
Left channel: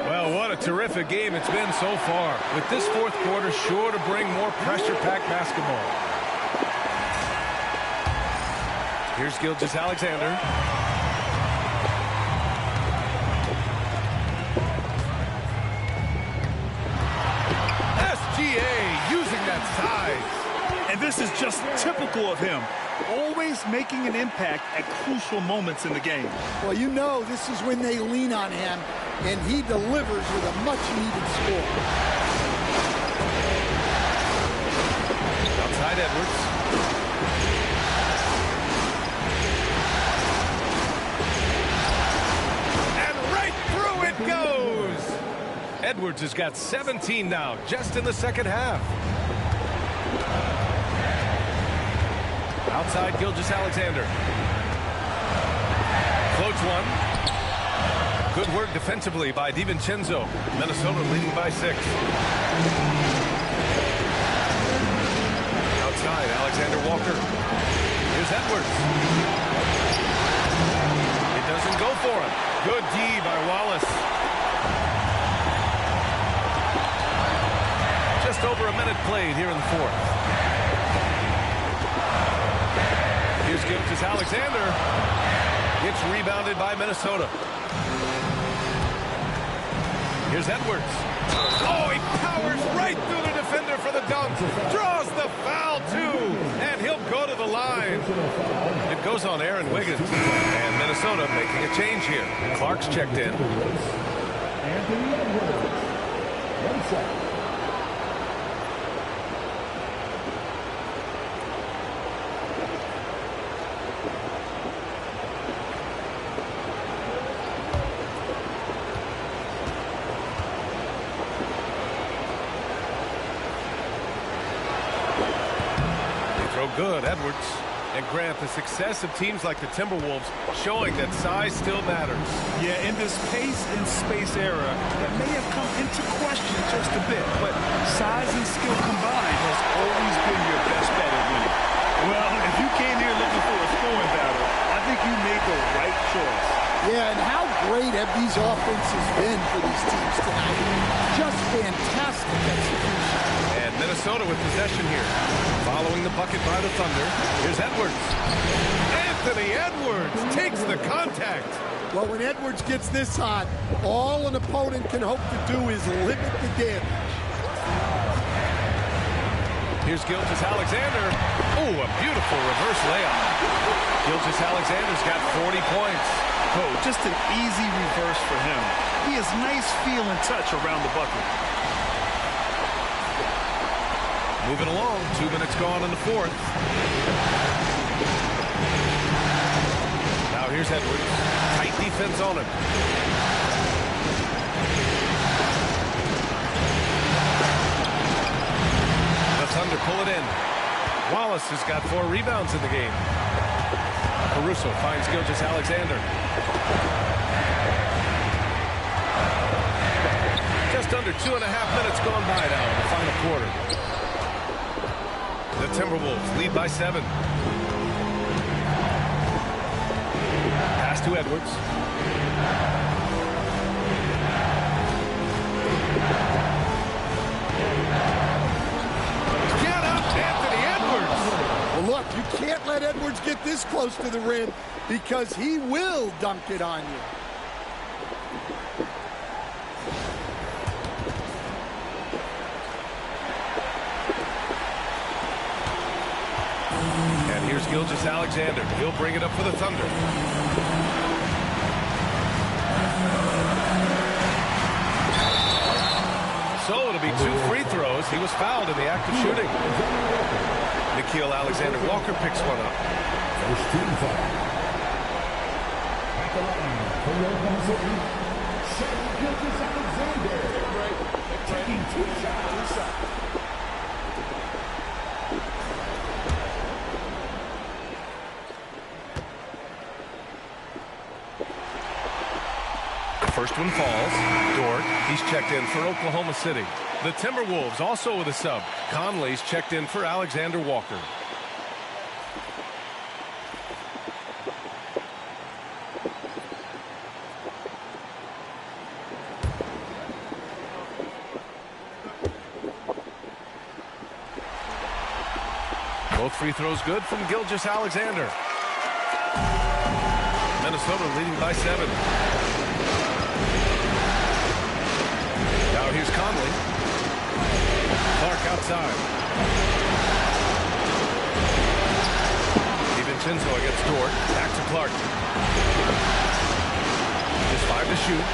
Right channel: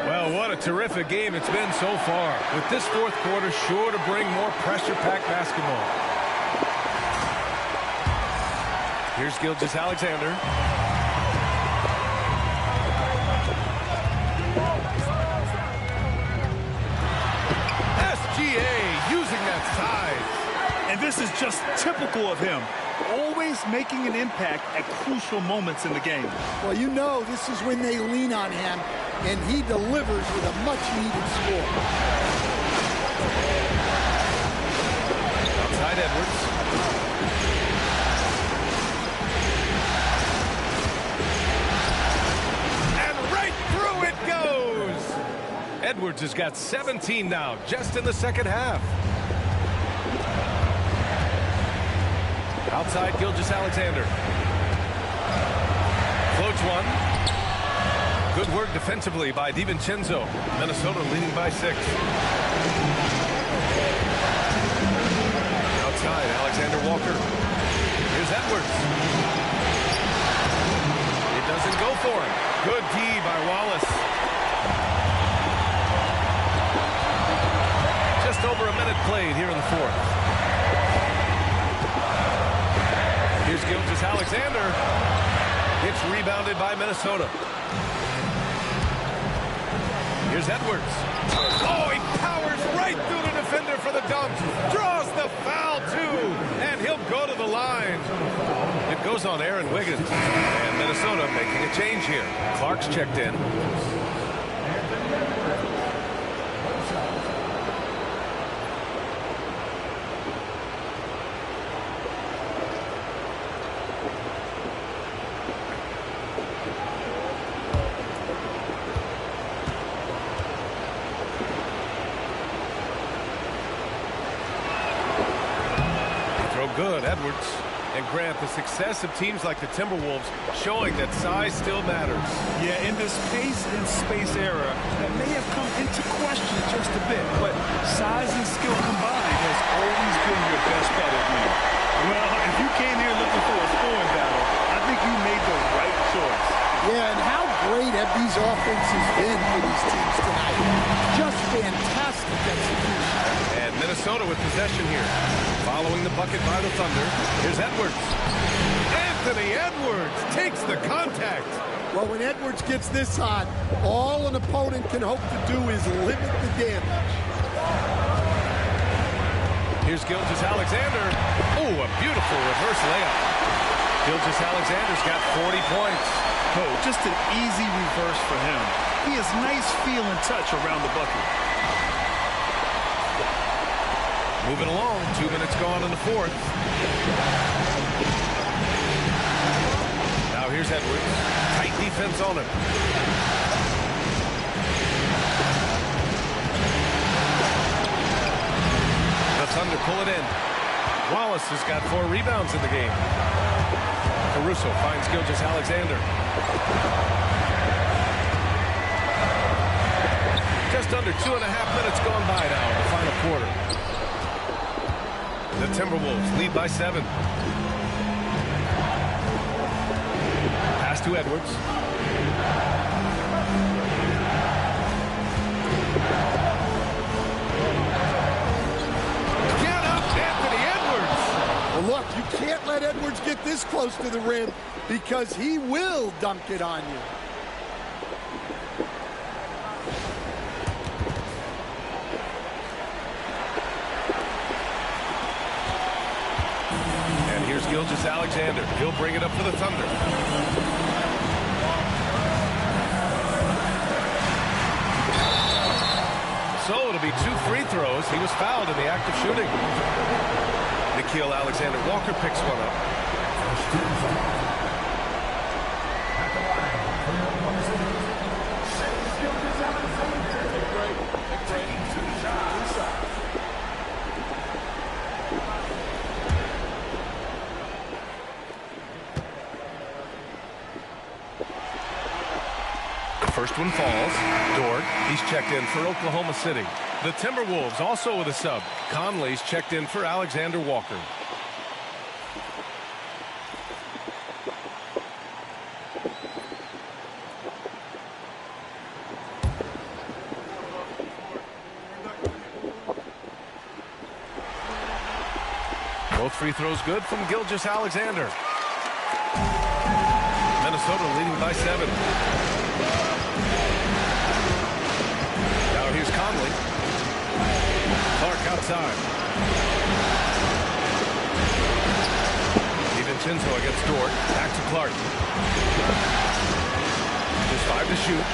Well, what a terrific game it's been so far. With this fourth quarter sure to bring more pressure-packed basketball. Here's Gilgeous-Alexander. SGA using that size. And this is just typical of him. Always making an impact at crucial moments in the game. Well, you know this is when they lean on him, and he delivers with a much-needed score. Outside Edwards. And right through it goes! Edwards has got 17 now, just in the second half. Outside Gilgeous-Alexander. Floats one. Good work defensively by DiVincenzo. Minnesota leading by 6. Outside, Alexander Walker. Here's Edwards. It doesn't go for him. Good D by Wallace. Just over a minute played here in the fourth. Here's Gilgeous-Alexander. It's rebounded by Minnesota. Here's Edwards. Oh, he powers right through the defender for the dunk. Draws the foul, too. And he'll go to the line. It goes on Aaron Wiggins. And Minnesota making a change here. Clark's checked in. Anthony Edwards. 1 second. Good, Edwards. And Grant, the success of teams like the Timberwolves showing that size still matters. Yeah, in this pace and space era, that may have come into question just a bit, but size and skill combined has always been your best bet at winning. Well, if you came here looking for a scoring battle, I think you made the right choice. Yeah, and how great have these offenses been for these teams tonight? Just fantastic execution. And Minnesota with possession here. Following the bucket by the Thunder. Here's Edwards. Anthony Edwards takes the contact. Well, when Edwards gets this hot, all an opponent can hope to do is limit the damage. Here's Gilgeous-Alexander. Oh, a beautiful reverse layup. Gilgeous-Alexander's got 40 points. Oh, just an easy reverse for him. He has nice feel and touch around the bucket. Moving along, 2 minutes gone in the fourth. Now here's Edwards. Tight defense on him. The Thunder pull it in. Wallace has got 4 rebounds in the game. Caruso finds Gilgeous-Alexander. Just under 2.5 minutes gone by now in the final quarter. The Timberwolves lead by 7. Pass to Edwards. Get up, Anthony Edwards! Well, look, you can't let Edwards get this close to the rim because he will dunk it on you. And here's Gilgeous-Alexander. He'll bring it up for the Thunder. So it'll be 2 free throws. He was fouled in the act of shooting. Nickeil Alexander-Walker picks one up. At the line for Oklahoma City, Gilgeous-Alexander. Take a break. Take a break. Taking 2 shots. 2 shots. First one falls. Dort, he's checked in for Oklahoma City. The Timberwolves also with a sub. Conley's checked in for Alexander Walker. Both free throws good from Gilgeous-Alexander. Minnesota leading by 7. Now here's Conley. Clark outside. DiVincenzo against Dort. Back to Clark. Just 5 to shoot.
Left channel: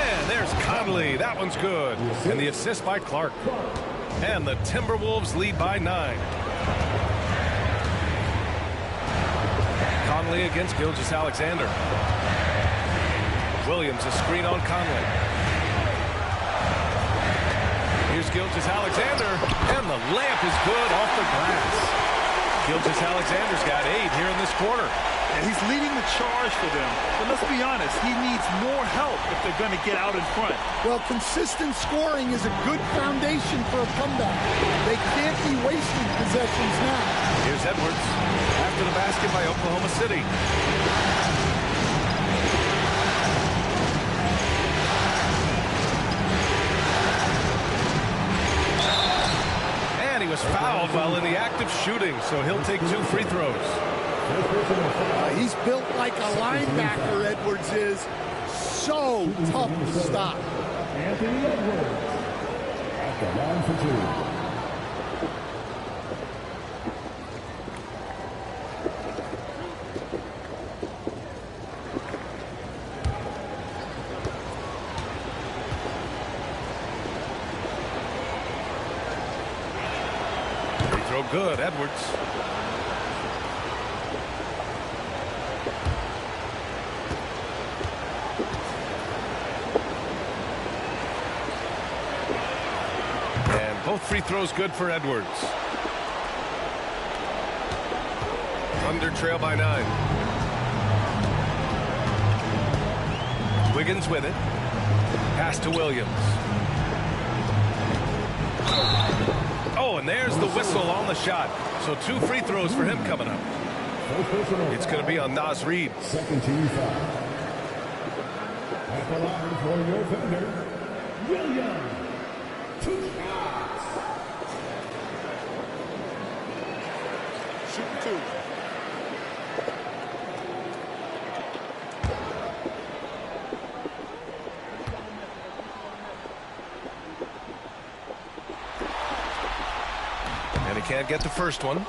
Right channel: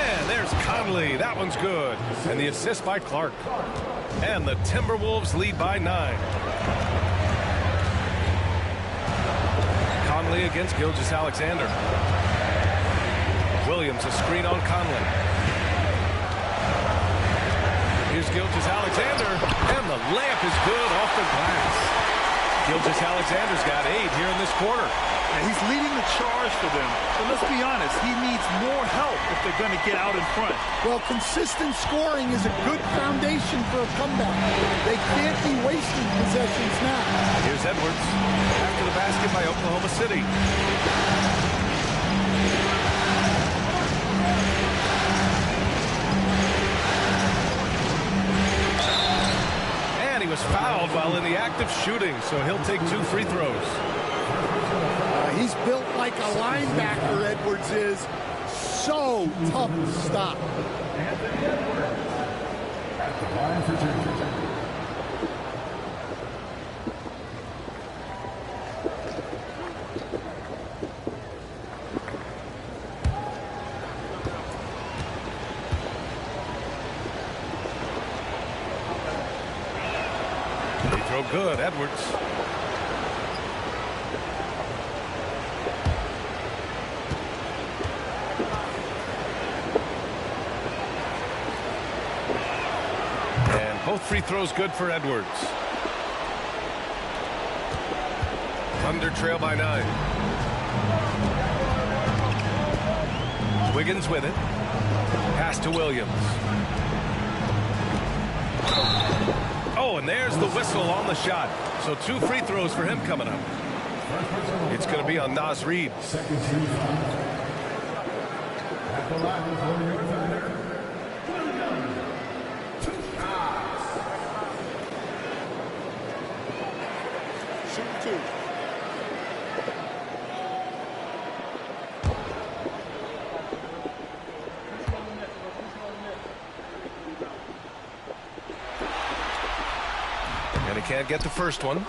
And there's Conley. That one's good. And the assist by Clark. And the Timberwolves lead by 9. Conley against Gilgeous-Alexander. Williams a screen on Conley. Here's Gilgeous-Alexander, and the layup is good off the glass. Gilgeous-Alexander's got 8 here in this quarter. Yeah, he's leading the charge for them. But let's be honest, he needs more help if they're going to get out in front. Well, consistent scoring is a good foundation for a comeback. They can't be wasting possessions now. Here's Edwards after the basket by Oklahoma City. And he was fouled while in the act of shooting, so he'll take 2 free throws. He's built like a linebacker, Edwards is. So tough to stop. Anthony Edwards at the line for 2. Free throw good, Edwards. Both free throws good for Edwards. Thunder trail by 9. Wiggins with it. Pass to Williams. Oh, and there's the whistle on the shot. So 2 free throws for him coming up. It's going to be on Naz Reid. Second team foul. At the line for your Thunder, Williams. 2 shots. Shooting 2. And he can't get the first one.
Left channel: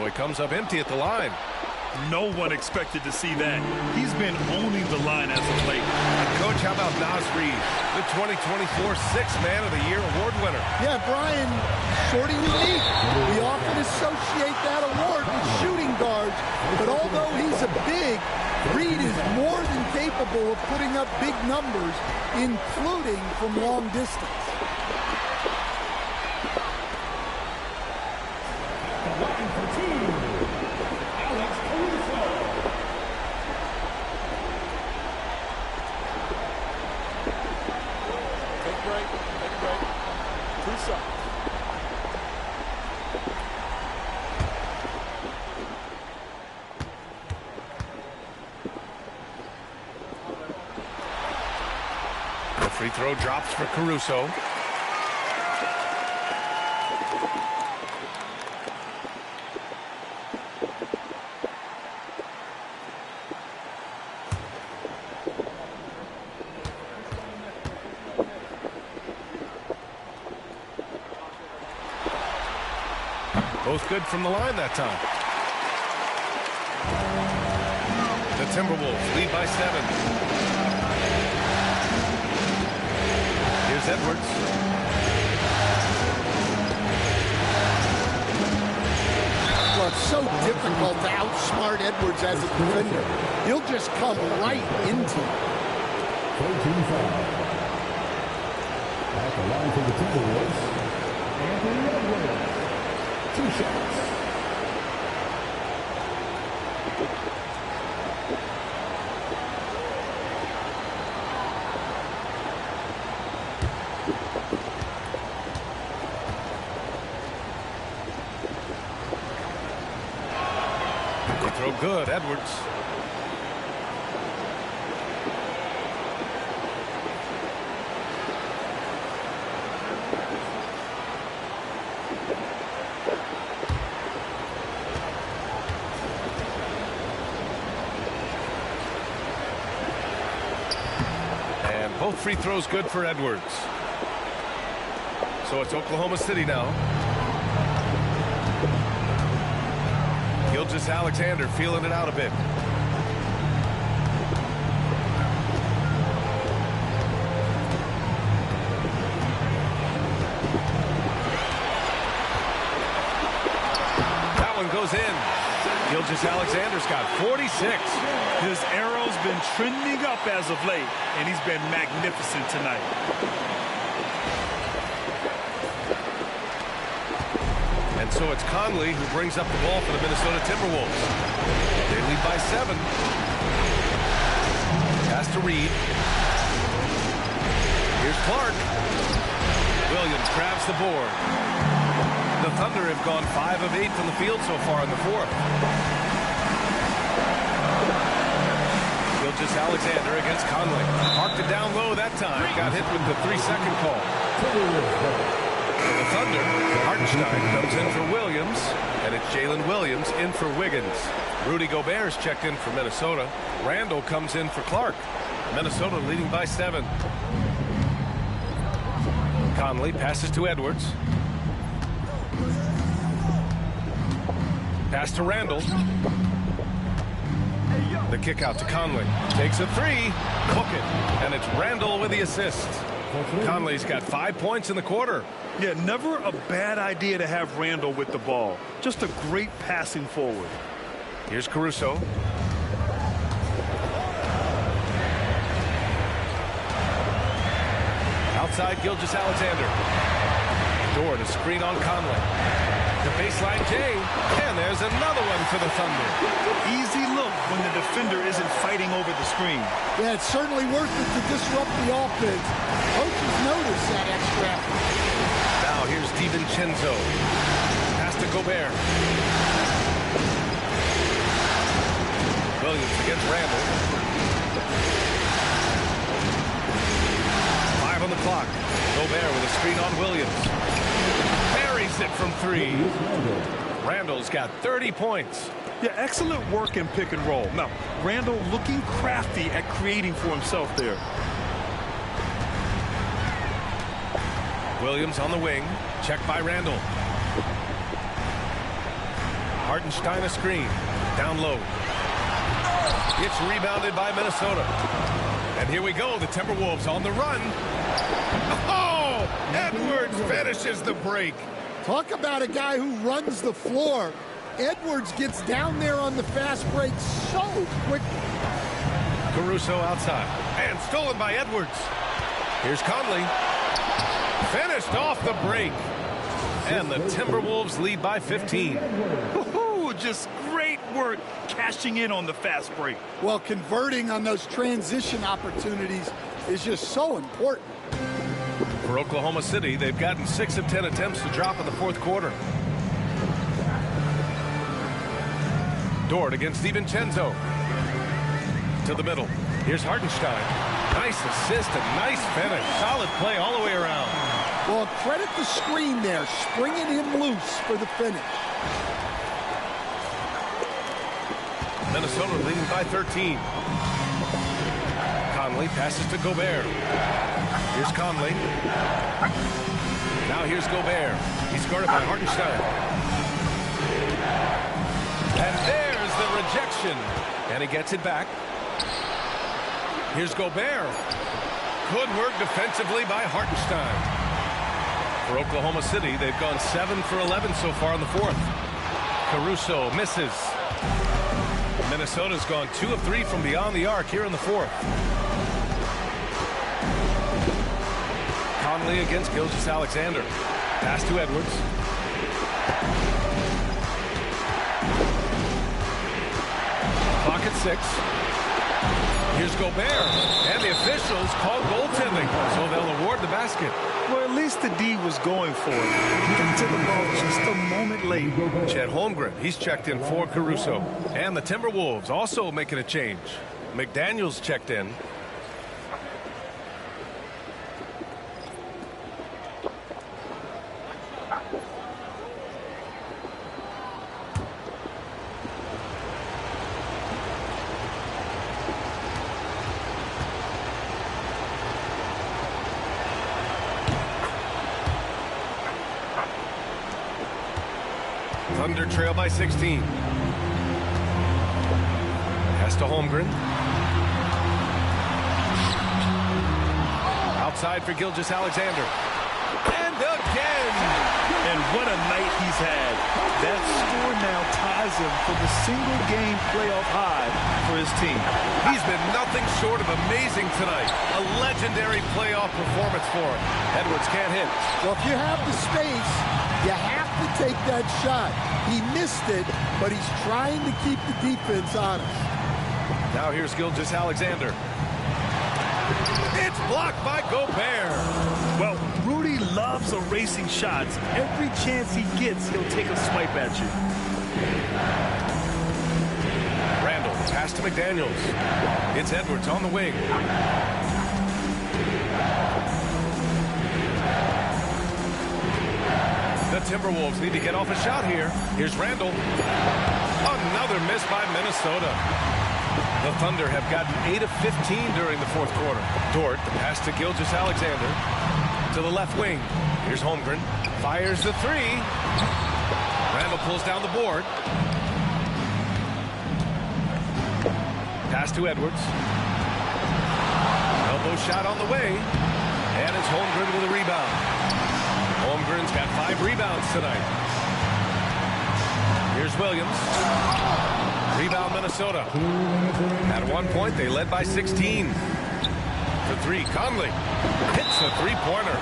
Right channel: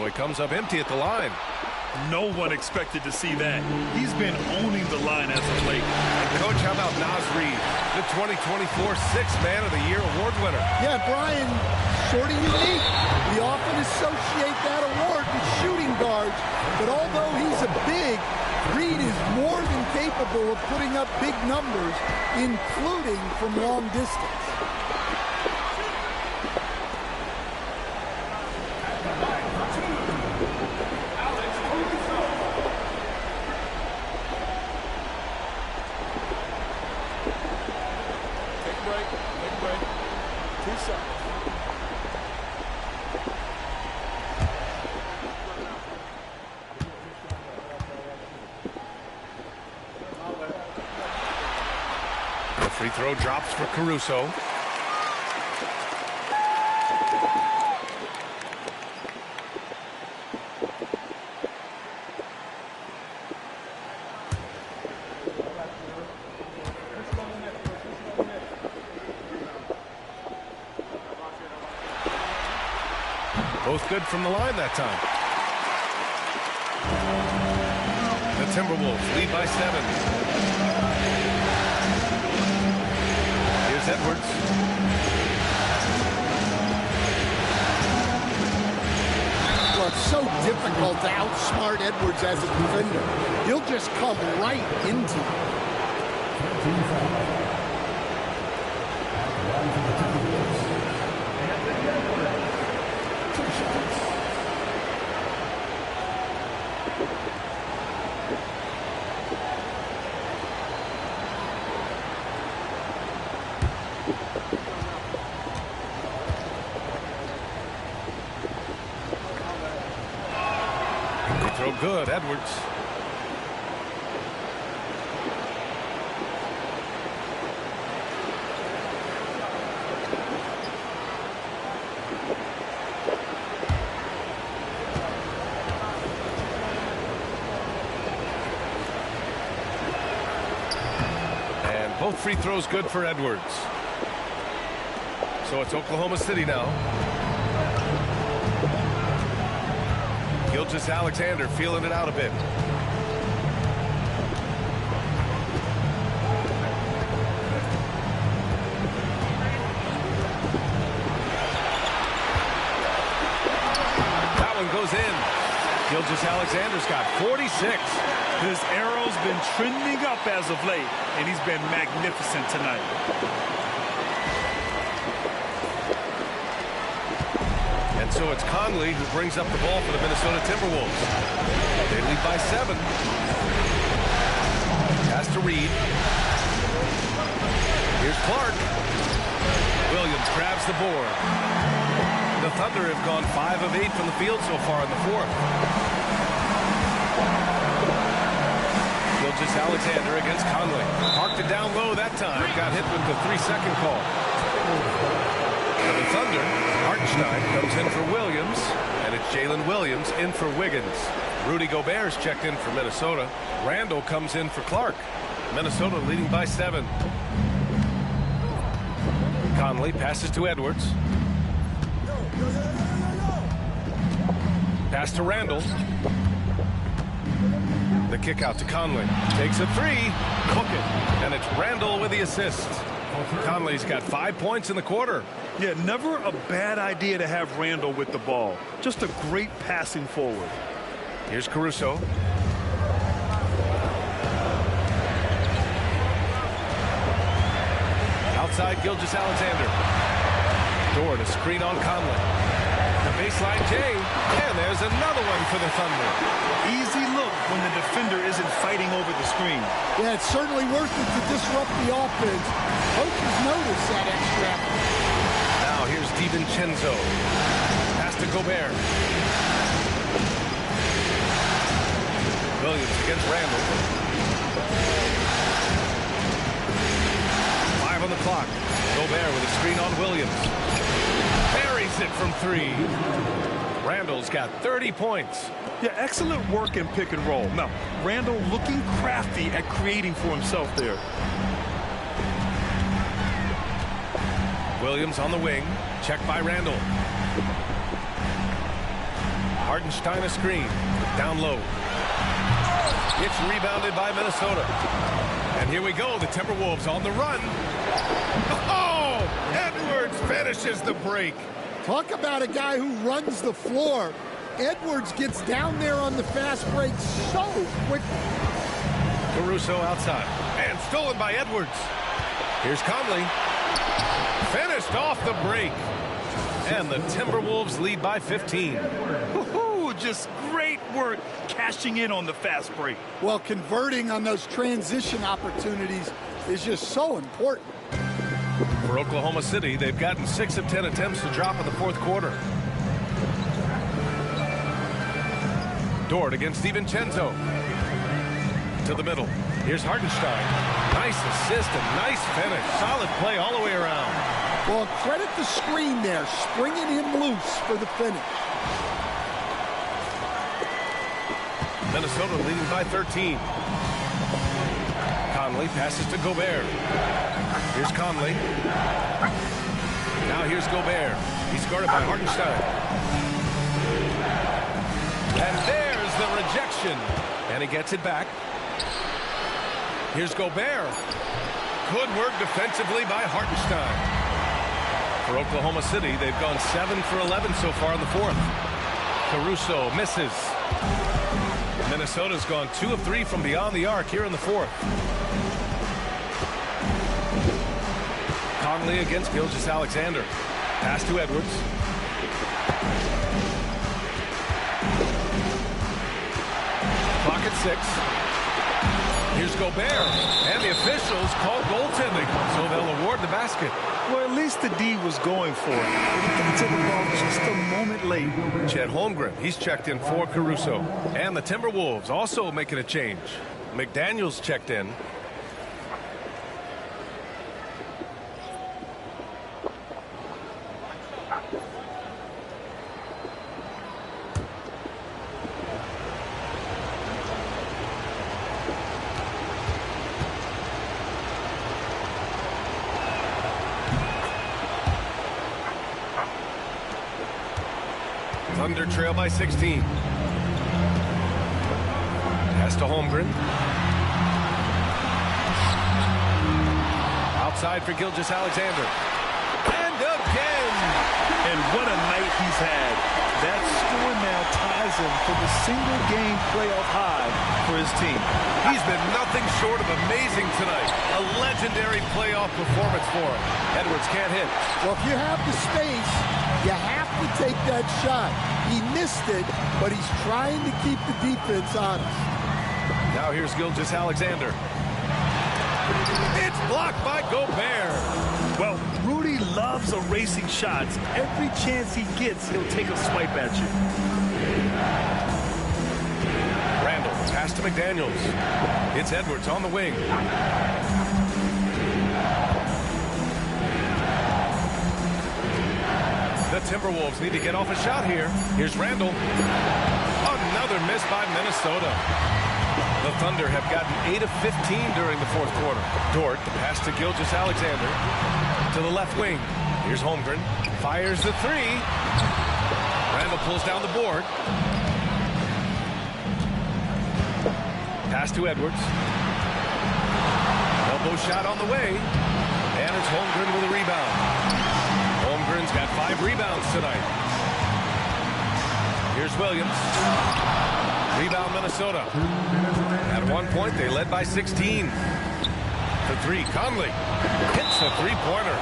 So he comes up empty at the line. No one expected to see that. He's been owning the line as of late. And Coach, how about Naz Reid, the 2024 Sixth Man of the Year award winner? Yeah, Brian, sort of unique. We often associate that award with shooting guards, but although he's a big, Reid is more than capable of putting up big numbers, including from long distance. Take a break. 2 shots. The free throw drops for Caruso. Both good from the line that time. The Timberwolves lead by 7. Here's Edwards. Well, it's so difficult to outsmart Edwards as a defender. He'll just come right into you. At the line for the Timberwolves, Anthony Edwards. 2 shots. They throw good, Edwards. Both free throws good for Edwards. So it's Oklahoma City now. Gilgeous-Alexander feeling it out a bit. That one goes in. Gilgeous-Alexander's got 46. His arrow's been trending up as of late, and he's been magnificent tonight. And so it's Conley who brings up the ball for the Minnesota Timberwolves. They lead by 7. Pass to Reid. Here's Clark. Williams grabs the board. The Thunder have gone 5 of 8 from the field so far in the 4th. Gilgeous-Alexander against Conley. Parked it down low that time. Got hit with the 3-second call. For the Thunder, Hartenstein comes in for Williams, and it's Jalen Williams in for Wiggins. Rudy Gobert's checked in for Minnesota. Randall comes in for Clark. Minnesota leading by 7. Conley passes to Edwards. Pass to Randall. The kick out to Conley. Takes a 3. Book it. And it's Randall with the assist. Conley's got 5 points in the quarter. Yeah, never a bad idea to have Randall with the ball. Just a great passing forward. Here's Caruso. Outside Gilgeous-Alexander. Dort, a screen on Conley. The baseline J, and there's another one for the Thunder. Easy look when the defender isn't fighting over the screen. Yeah, it's certainly worth it to disrupt the offense. Coaches notice that extra effort. Now here's DiVincenzo. Pass to Gobert. Williams against Randall. 5 on the clock. Gobert with a screen on Williams. Buries it from 3. Randall's got 30 points. Yeah, excellent work in pick and roll. Now, Randall looking crafty at creating for himself there. Williams on the wing. Checked by Randall. Hartenstein a screen. Down low. It's rebounded by Minnesota. And here we go. The Timberwolves on the run. Oh! Edwards finishes the break. Talk about a guy who runs the floor. Edwards gets down there on the fast break so quickly. Caruso outside. And stolen by Edwards. Here's Conley. Finished off the break. And the Timberwolves lead by 15. Just great work cashing in on the fast break. Well, converting on those transition opportunities is just so important. For Oklahoma City, they've gotten 6 of 10 attempts to drop in the fourth quarter. Dort against DiVincenzo. To the middle. Here's Hartenstein. Nice assist and nice finish. Solid play all the way around. Well, credit the screen there, springing him loose for the finish. Minnesota leading by 13. Conley passes to Gobert. Here's Conley. Now here's Gobert. He's guarded by Hartenstein. And there's the rejection. And he gets it back. Here's Gobert. Good work defensively by Hartenstein. For Oklahoma City, they've gone 7 for 11 so far in the fourth. Caruso misses. Minnesota's gone 2 of 3 from beyond the arc here in the fourth. Conley against Gilgeous-Alexander. Pass to Edwards. Clock at 6. Here's Gobert. And the officials called goaltending, so they'll award the basket. Well, at least the D was going for it. He got to the ball just a moment late. Chet Holmgren, he's checked in for Caruso. And the Timberwolves also making a change. McDaniels checked in. Thunder trail by 16. Pass to Holmgren. Outside for Gilgeous-Alexander. And again! And what a night he's had. That score now ties him for the single-game playoff high for his team. He's been nothing short of amazing tonight. A legendary playoff performance for him. Edwards can't hit. Well, if you have the space, you have to take that shot. He missed it, but he's trying to keep the defense honest. Now here's Gilgeous-Alexander. It's blocked by Gobert. Well, Rudy loves erasing shots. Every chance he gets, he'll take a swipe at you. Randall, pass to McDaniels. It's Edwards on the wing. The Timberwolves need to get off a shot here. Here's Randall. Another miss by Minnesota. The Thunder have gotten 8 of 15 during the fourth quarter. Dort, the pass to Gilgeous-Alexander. To the left wing. Here's Holmgren. Fires the 3. Randall pulls down the board. Pass to Edwards. Elbow shot on the way. And it's Holmgren with a rebound. Holmgren's got 5 rebounds tonight. Here's Williams. Rebound Minnesota. At one point, they led by 16. For 3, Conley hits a three-pointer.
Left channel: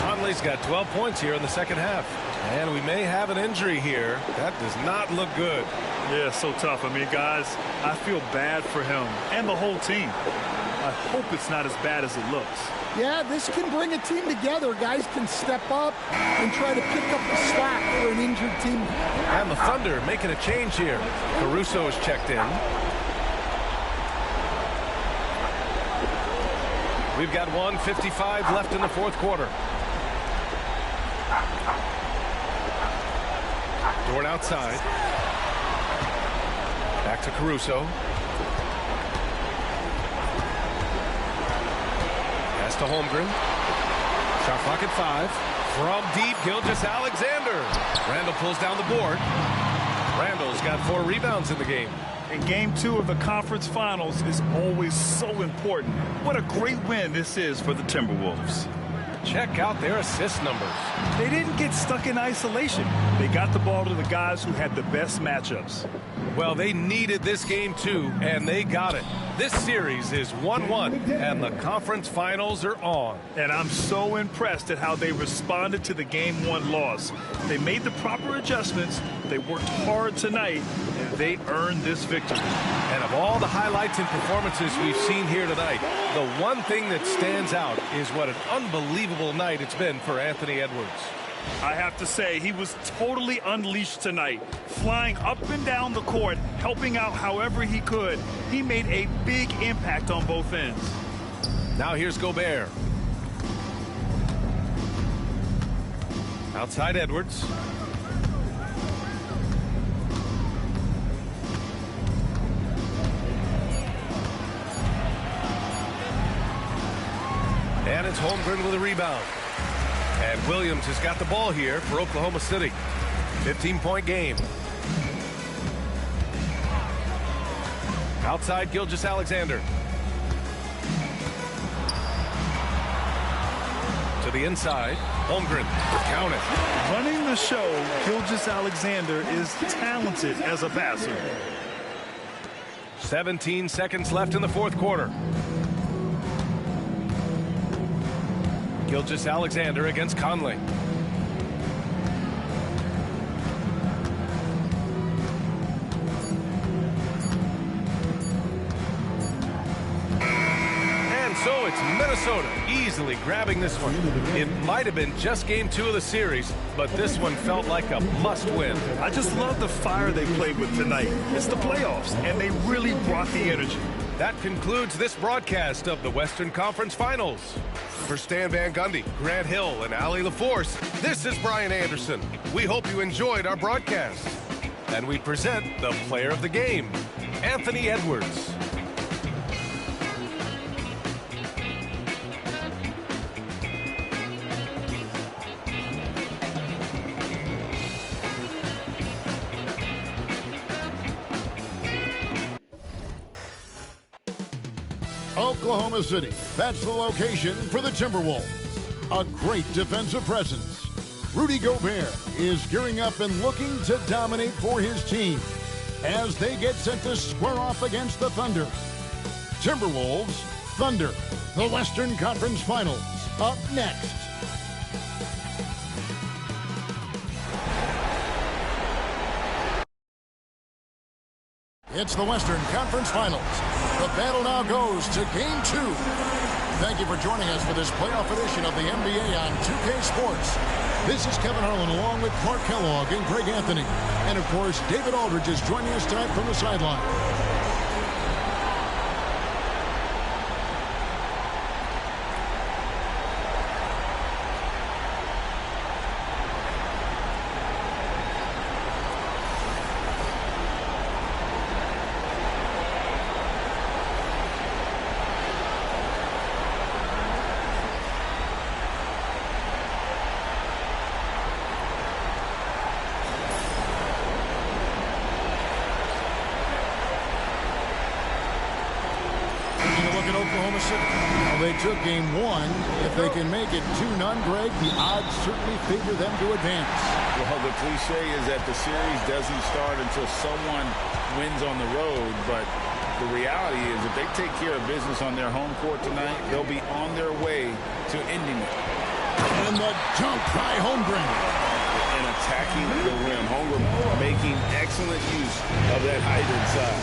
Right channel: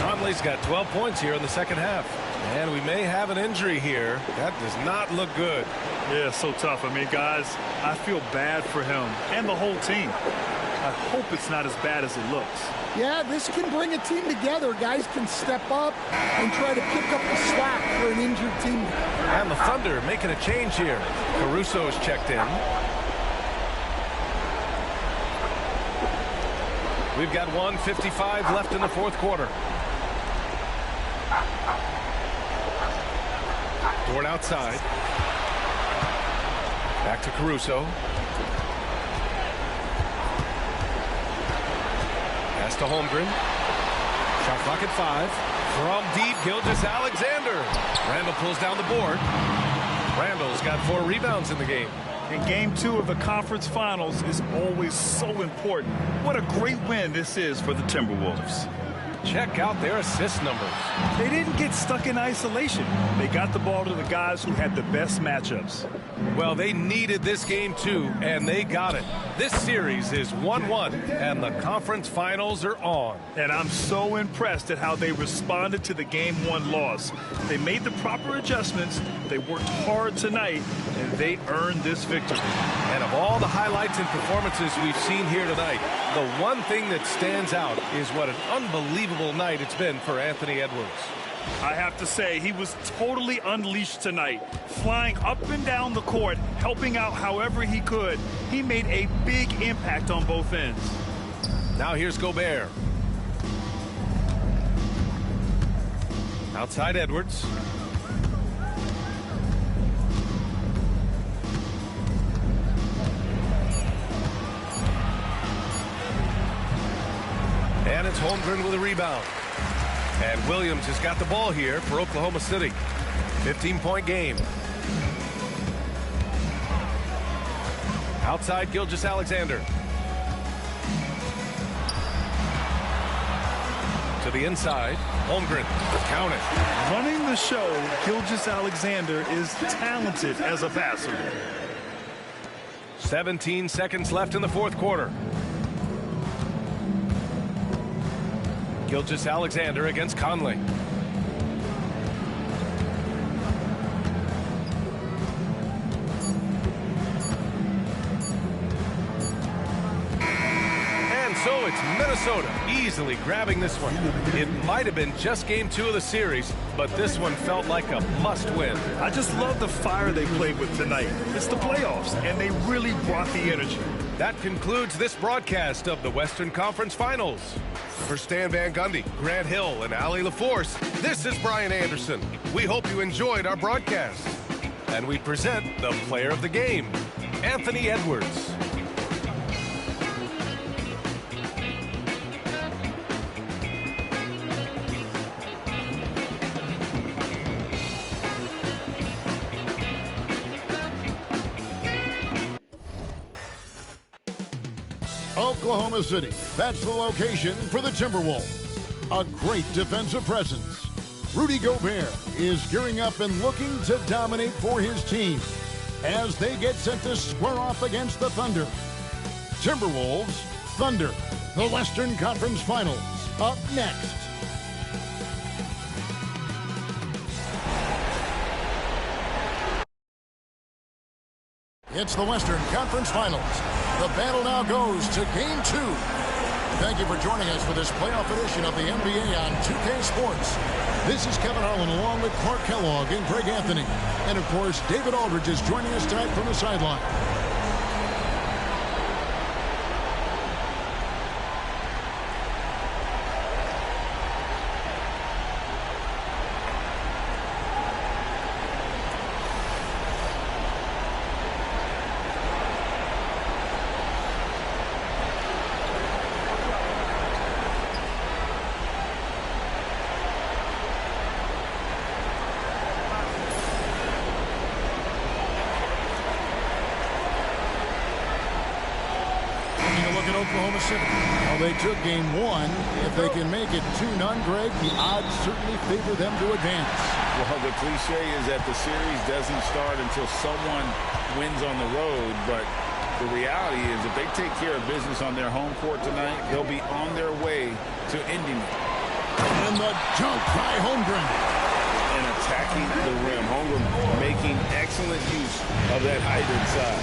Conley's got 12 points here in the second half. And we may have an injury here. That does not look good. Yeah, so tough. I mean, guys, I feel bad for him and the whole team. I hope it's not as bad as it looks. Yeah, this can bring a team together. Guys can step up and try to pick up the slack for an injured team. And the Thunder making a change here. Caruso's checked in. We've got 1:55 left in the fourth quarter. Dort outside. Back to Caruso. Pass to Holmgren. Shot clock at 5. From deep, Gilgeous-Alexander. Randall pulls down the board. Randall's got 4 rebounds in the game. And game 2 of the conference finals is always so important. What a great win this is for the Timberwolves. Check out their assist numbers. They didn't get stuck in isolation. They got the ball to the guys who had the best matchups. Well, they needed this game too, and they got it. This series is 1-1, and the conference finals are on. And I'm so impressed at how they responded to the Game 1 loss. They made the proper adjustments, they worked hard tonight, and they earned this victory. And of all the highlights and performances we've seen here tonight, the one thing that stands out is what an unbelievable night it's been for Anthony Edwards. I have to say, he was totally unleashed tonight, flying up and down the court, helping out however he could. He made a big impact on both ends. Now here's Gobert. Outside Edwards. And it's Holmgren with a rebound. And Williams has got the ball here for Oklahoma City. 15-point game. Outside Gilgeous-Alexander. To the inside. Holmgren. Count it. Running the show, Gilgeous-Alexander is talented as a passer. 17 seconds left in the fourth quarter. Gilgeous-Alexander against Conley. And so it's Minnesota easily grabbing this one. It might have been just game 2 of the series, but this one felt like a must-win. I just love the fire they played with tonight. It's the playoffs, and they really brought the energy. That concludes this broadcast of the Western Conference Finals. For Stan Van Gundy, Grant Hill, and Allie LaForce, this is Brian Anderson. We hope you enjoyed our broadcast. And we present the player of the game, Anthony Edwards. Oklahoma City. That's the location for the Timberwolves. A great defensive presence. Rudy Gobert is gearing up and looking to dominate for his team as they get set to square off against the Thunder. Timberwolves, Thunder, the Western Conference Finals, up next. It's the Western Conference Finals. The battle now goes to Game 2. Thank you for joining us for this playoff edition of the NBA on 2K Sports. This is Kevin Harlan along with Clark Kellogg and Greg Anthony. And, of course, David Aldridge is joining us tonight from the sideline. Oklahoma City. Now they took game 1. If they can make it 2-0, Greg, the odds certainly favor them to advance. Well, the cliche is that the series doesn't start until someone wins on the road, but the reality is if they take care of business on their home court tonight, they'll be on their way to ending it. And the dunk by Holmgren. And attacking the rim. Holmgren making excellent use of that height inside.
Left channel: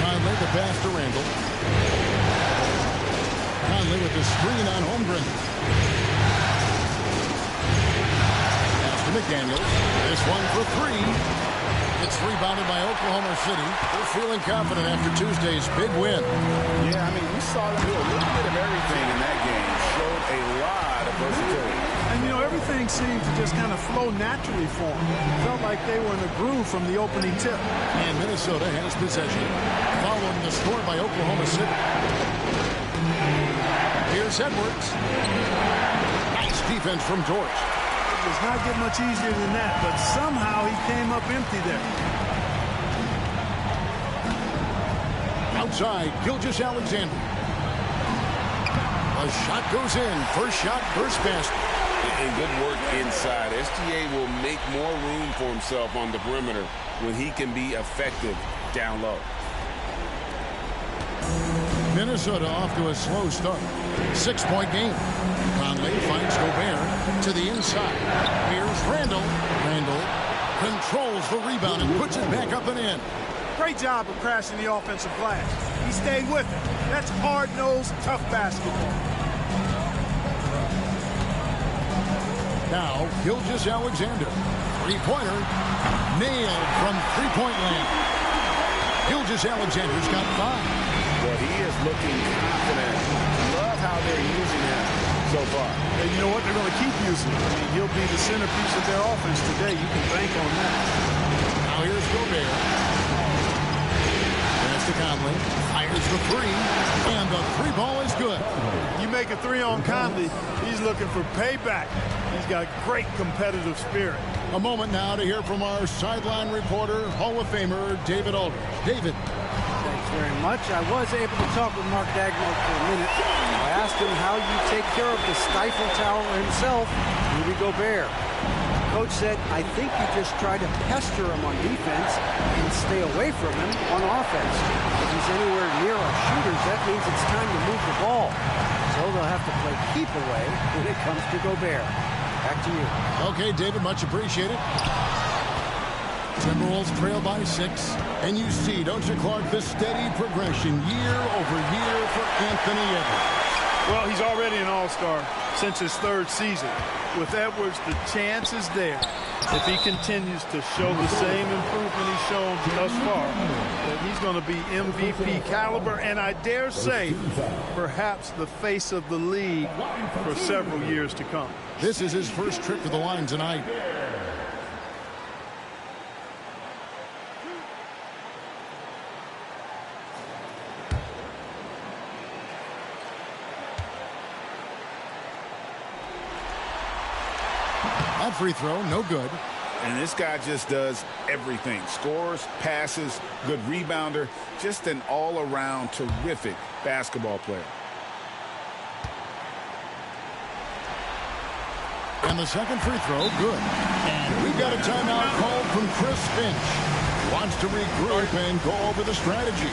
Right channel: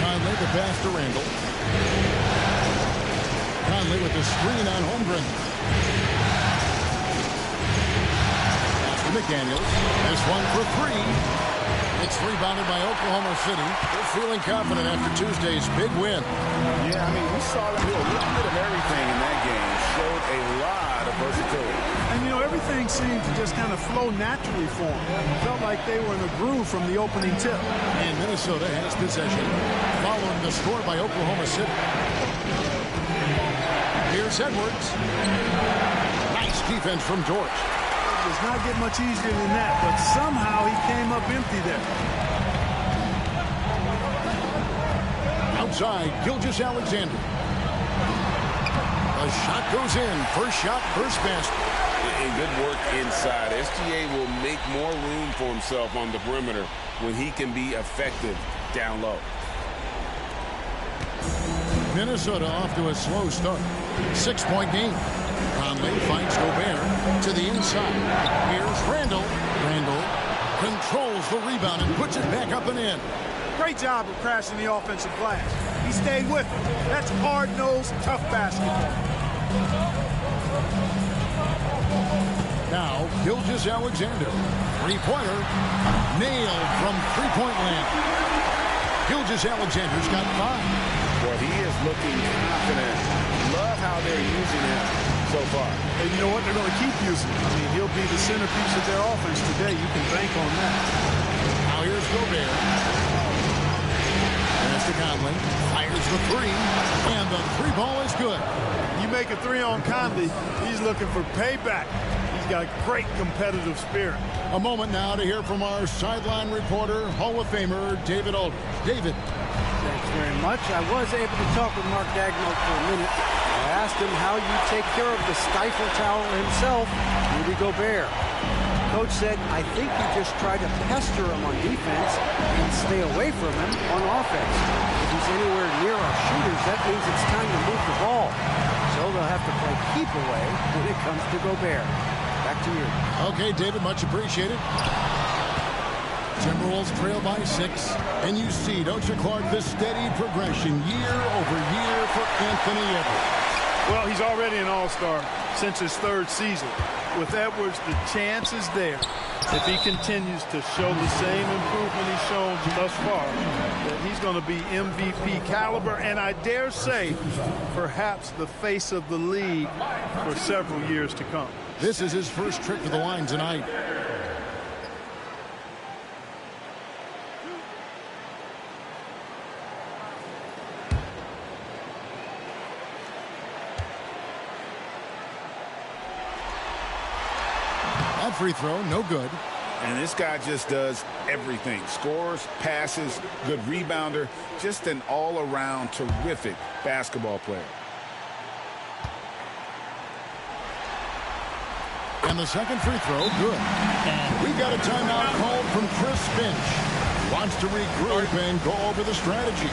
Conley the pass to Randall. Conley with the screen on Holmgren. Pass to McDaniels. This one for 3. It's rebounded by Oklahoma City. They're feeling confident after Tuesday's big win. Yeah, I mean, we saw them do a little bit of everything in that game. Showed a lot of versatility. And, you know, everything seemed to just kind of flow naturally for them. Felt like they were in a groove from the opening tip. And Minnesota has possession, following the score by Oklahoma City. Here's Edwards. Nice defense from George. does not get much easier than that, but somehow he came up empty there. Outside, Gilgeous-Alexander. A shot goes in. First shot, first basket. And good work inside. SGA will make more room for himself on the perimeter when he can be effective down low. Minnesota off to a slow start. 6-point game. Conley finds Gobert to the inside. Here's Randall. Randall controls the rebound and puts it back up and in. Great job of crashing the offensive glass. He stayed with it. That's hard-nosed, tough basketball. Now, Gilgeous-Alexander. Three-pointer. Nailed from three-point land. Gilgeous-Alexander's got 5. Boy, he is looking confident. Love how they're using him so far. And you know what? They're going to keep using him. I mean, he'll be the centerpiece of their offense today. You can bank on that. Now here's Gobert. Pass to Conley. Fires the three. And the three ball is good. You make a three on Conley, he's looking for payback. He's got great competitive spirit. A moment now to hear from our sideline reporter, Hall of Famer David Aldridge. David. Thanks very much. I was able to talk with Mark Daigneault for a minute. I asked him how you take care of the Stifle Tower himself, Rudy Gobert. Coach said, I think you just try to pester him on defense and stay away from him on offense. If he's anywhere near our shooters, that means it's time to move the ball. So they'll have to play keep away when it comes to Gobert. Back to you. Okay, David, much appreciated. Timberwolves trail by 6. And you see, don't you, Clark, the steady progression year over year for Anthony Edwards. Well, he's already an all-star since his 3rd season. With Edwards, the chance is there, if he continues to show the same improvement he's shown thus far, that he's going to be MVP caliber, and I dare say, perhaps the face of the league for several years to come. This is his first trip to the line tonight. That free throw, no good. And this guy just does everything. Scores, passes, good rebounder. Just an all-around terrific basketball player. And the second free throw, good. And we've got a timeout called from Chris Finch. Wants to regroup and go over the strategy.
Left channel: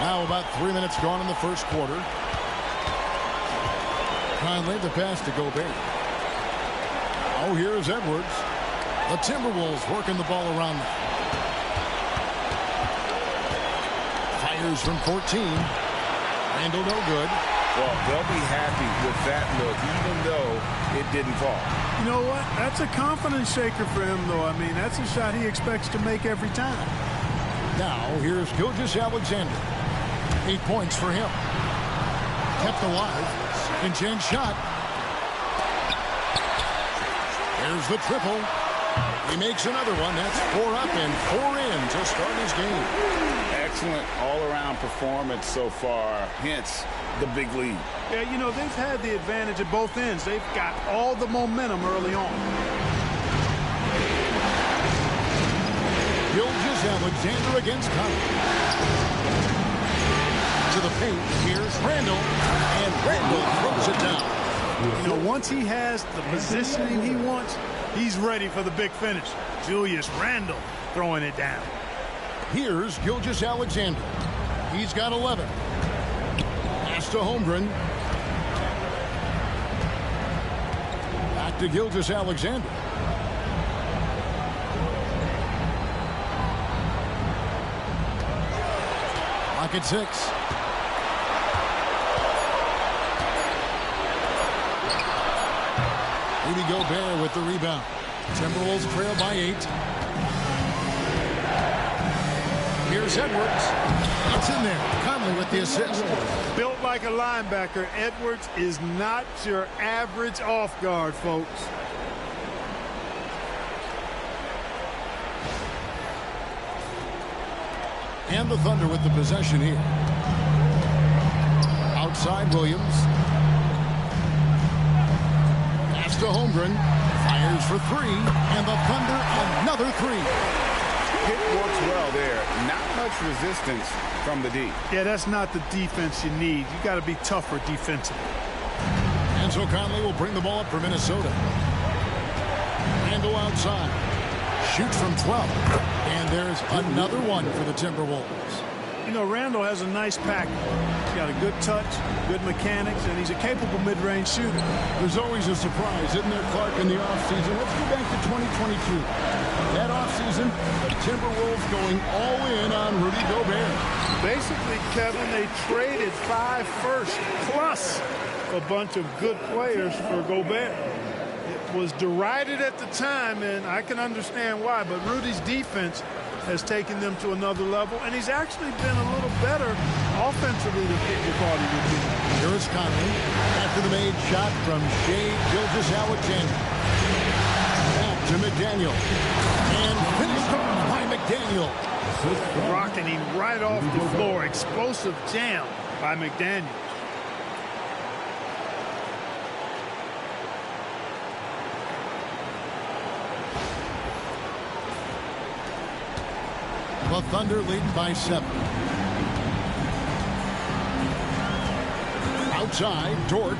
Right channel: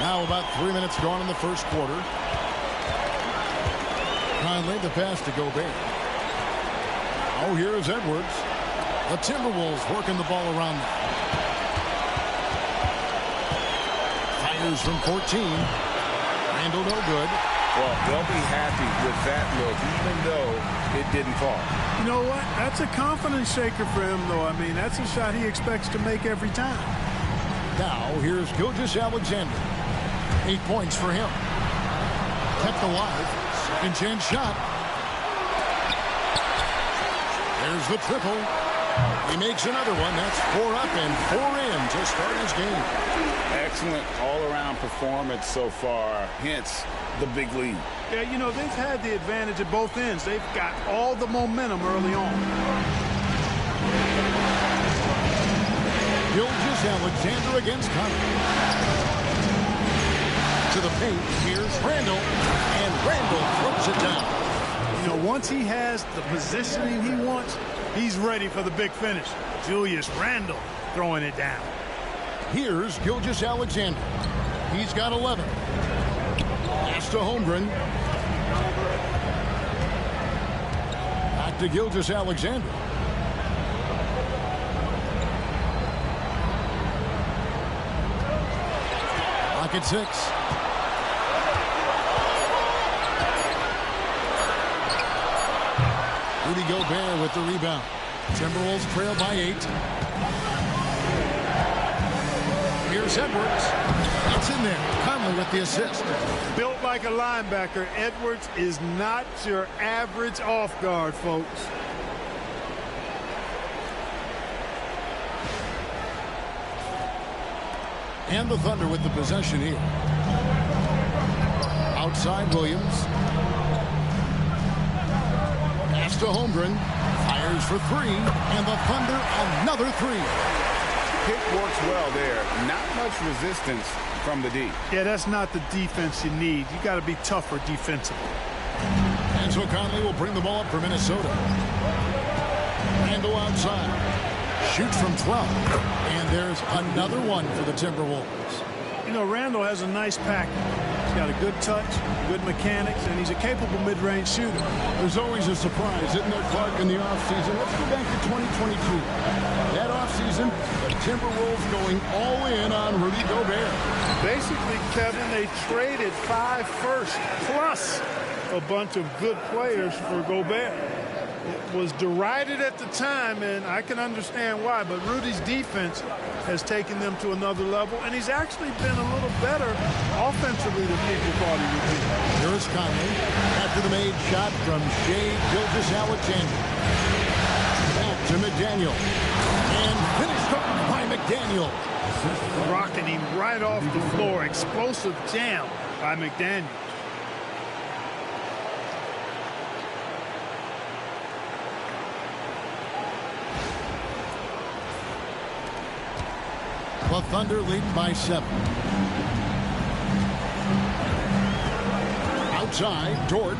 Now about 3 minutes gone in the first quarter. Conley, the pass to Gobert. Now here is Edwards. The Timberwolves working the ball around now. Fires from 14. Randall no good. Well, they'll be happy with that look, even though it didn't fall. You know what? That's a confidence shaker for him, though. I mean, that's a shot he expects to make every time. Now, here's Gilgeous-Alexander. 8 points for him. Kept alive. Second chance shot. There's the triple. He makes another one. That's 4 up and 4 in to start his game. Excellent all-around performance so far, hence the big lead. Yeah, you know, they've had the advantage at both ends. They've got all the momentum early on. Gilgeous-Alexander against Conley. To the paint, here's Randall, and Randall throws it down. You know, once he has the positioning he wants, he's ready for the big finish. Julius Randle throwing it down. Here's Gilgeous-Alexander. He's got 11. Pass to Holmgren. Back to Gilgeous-Alexander. Lock at 6. Rudy Gobert with the rebound. Timberwolves trail by 8. Here's Edwards. It's in there. Conley with the assist. Built like a linebacker, Edwards is not your average off guard, folks. And the Thunder with the possession here. Outside Williams. Pass to Holmgren. Fires for 3. And the Thunder another 3. Pick works well there. Not much resistance from the D. Yeah, that's not the defense you need. You got to be tougher defensively. And so Conley will bring the ball up for Minnesota. Randall outside. Shoots from 12. And there's another one for the Timberwolves. You know, Randall has a nice package. He's got a good touch, good mechanics, and he's a capable mid-range shooter. There's always a surprise, isn't there, Clark, in the offseason? Let's go back to 2022. That offseason, the Timberwolves going all in on Rudy Gobert. Basically, Kevin, they traded 5 firsts plus a bunch of good players for Gobert. It was derided at the time, and I can understand why, but Rudy's defense has taken them to another level, and he's actually been a little better offensively than people thought he would be. Here is Conley after the made shot from Shai Gilgeous-Alexander. Back to McDaniel. And finished off by McDaniel. Rocking him right off the floor. Explosive jam by McDaniel. The Thunder leading by 7. Outside, Dort.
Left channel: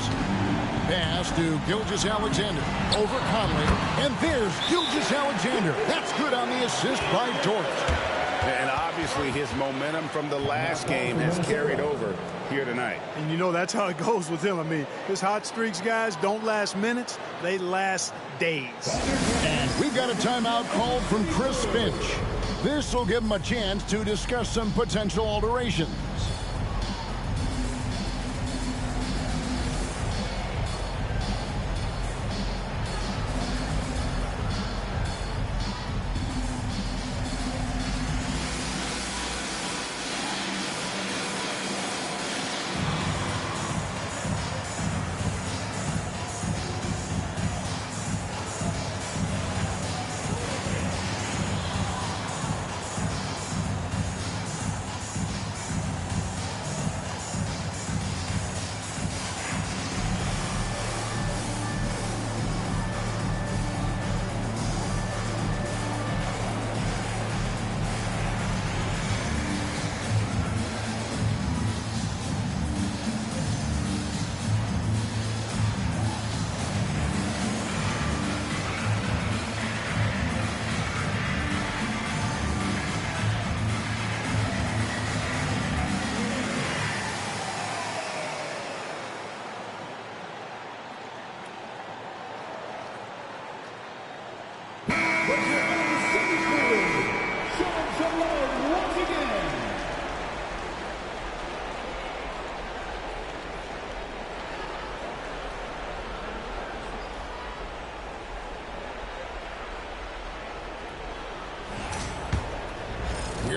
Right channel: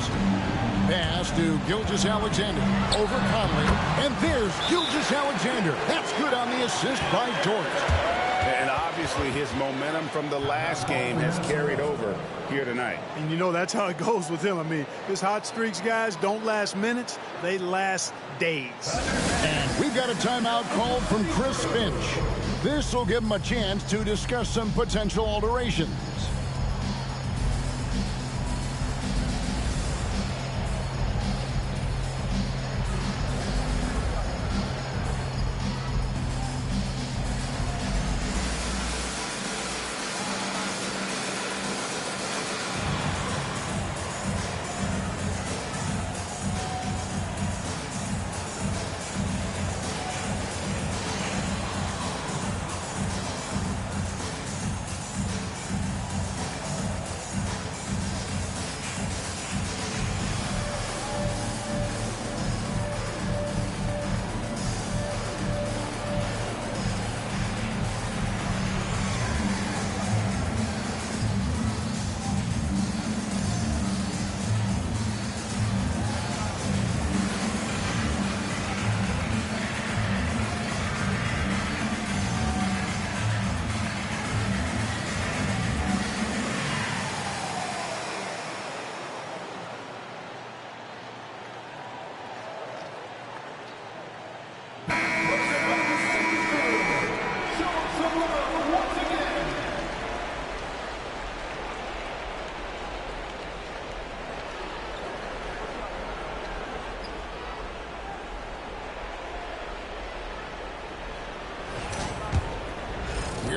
Pass to Gilgeous-Alexander. Over Conley. And there's Gilgeous-Alexander. That's good on the assist by Dort. And obviously his momentum from the last game has carried over here tonight. And you know, that's how it goes with him. I mean, his hot streaks, guys, don't last minutes. They last days. And we've got a timeout called from Chris Finch. This will give him a chance to discuss some potential alterations.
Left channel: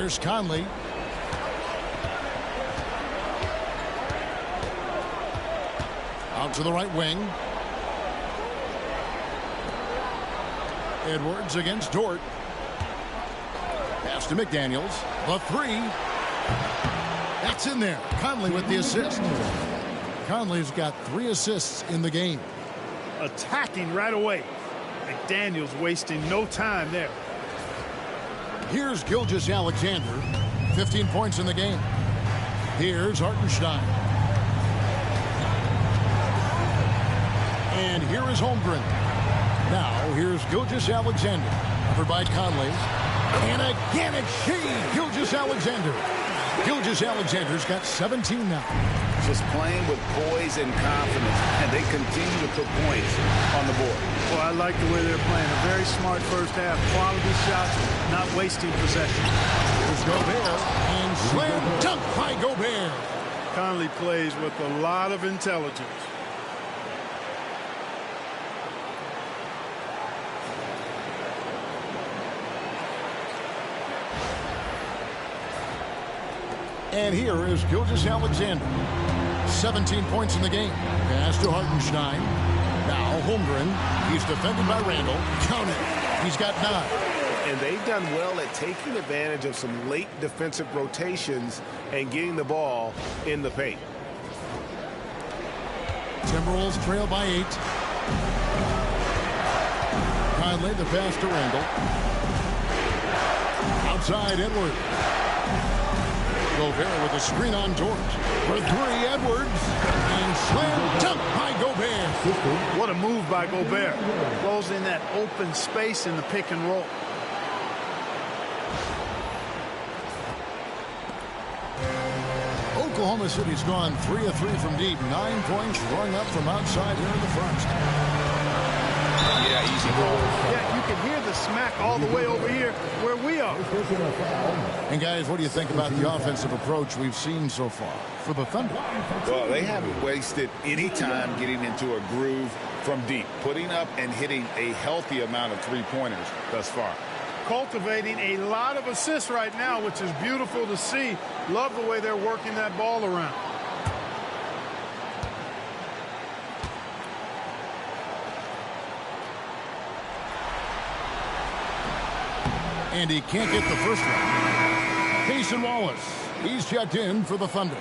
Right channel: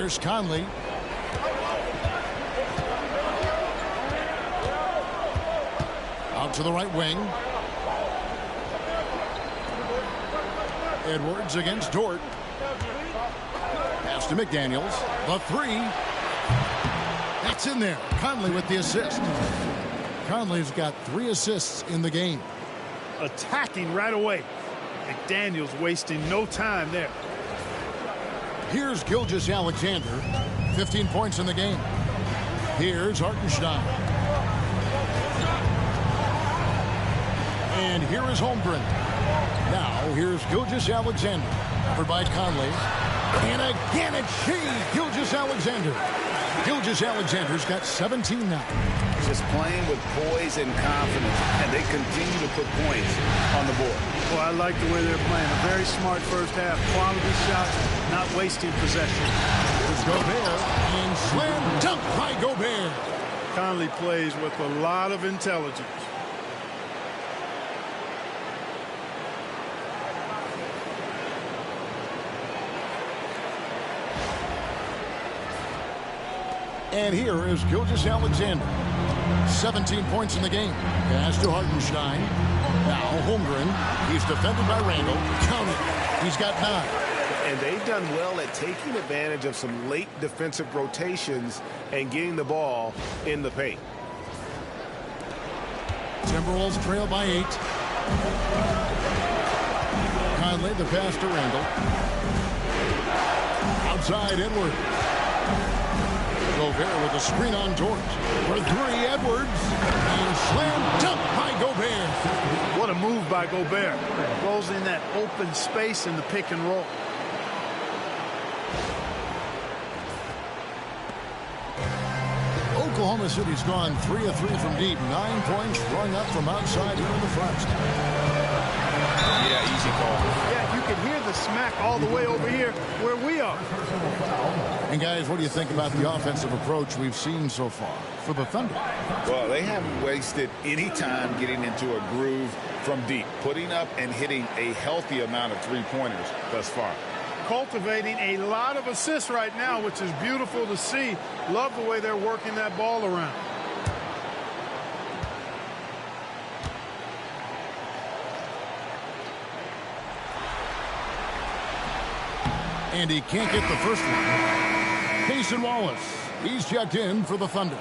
Here's Conley. Out to the right wing. Edwards against Dort. Pass to McDaniels. The three. That's in there. Conley with the assist. Conley's got 3 assists in the game. Attacking right away. McDaniels wasting no time there. Here's Gilgeous-Alexander. 15 points in the game. Here's Hartenstein. And here is Holmgren. Now here's Gilgeous-Alexander. Covered by Conley. And again it's Gilgeous-Alexander. Gilgeous-Alexander's got 17 now. Just playing with poise and confidence, and they continue to put points on the board. Well, I like the way they're playing. A very smart first half. Quality shots, not wasting possession. Here's Gobert, and slam dunk by Gobert. Conley plays with a lot of intelligence. And here is Gilgeous-Alexander. 17 points in the game. Pass to Hartenstein. Now Holmgren. He's defended by Randall. Count it. He's got 9. And they've done well at taking advantage of some late defensive rotations and getting the ball in the paint. Timberwolves trail by 8. Conley, the pass to Randall. Outside Edwards. Gobert with a screen on Dort. For 3, Edwards. And slam dunk by Gobert. What a move by Gobert. Closing that open space in the pick and roll. Oklahoma City's gone 3 of 3 from deep. 9 points rung up from outside here in the first. Yeah, easy call. Yeah, you can hear the smack all the way over here where we are. And guys, what do you think about the offensive approach we've seen so far for the Thunder? Well, they haven't wasted any time getting into a groove from deep, putting up and hitting a healthy amount of three-pointers thus far. Cultivating a lot of assists right now, which is beautiful to see. Love the way they're working that ball around. And he can't get the first one. Cason Wallace, he's checked in for the Thunder.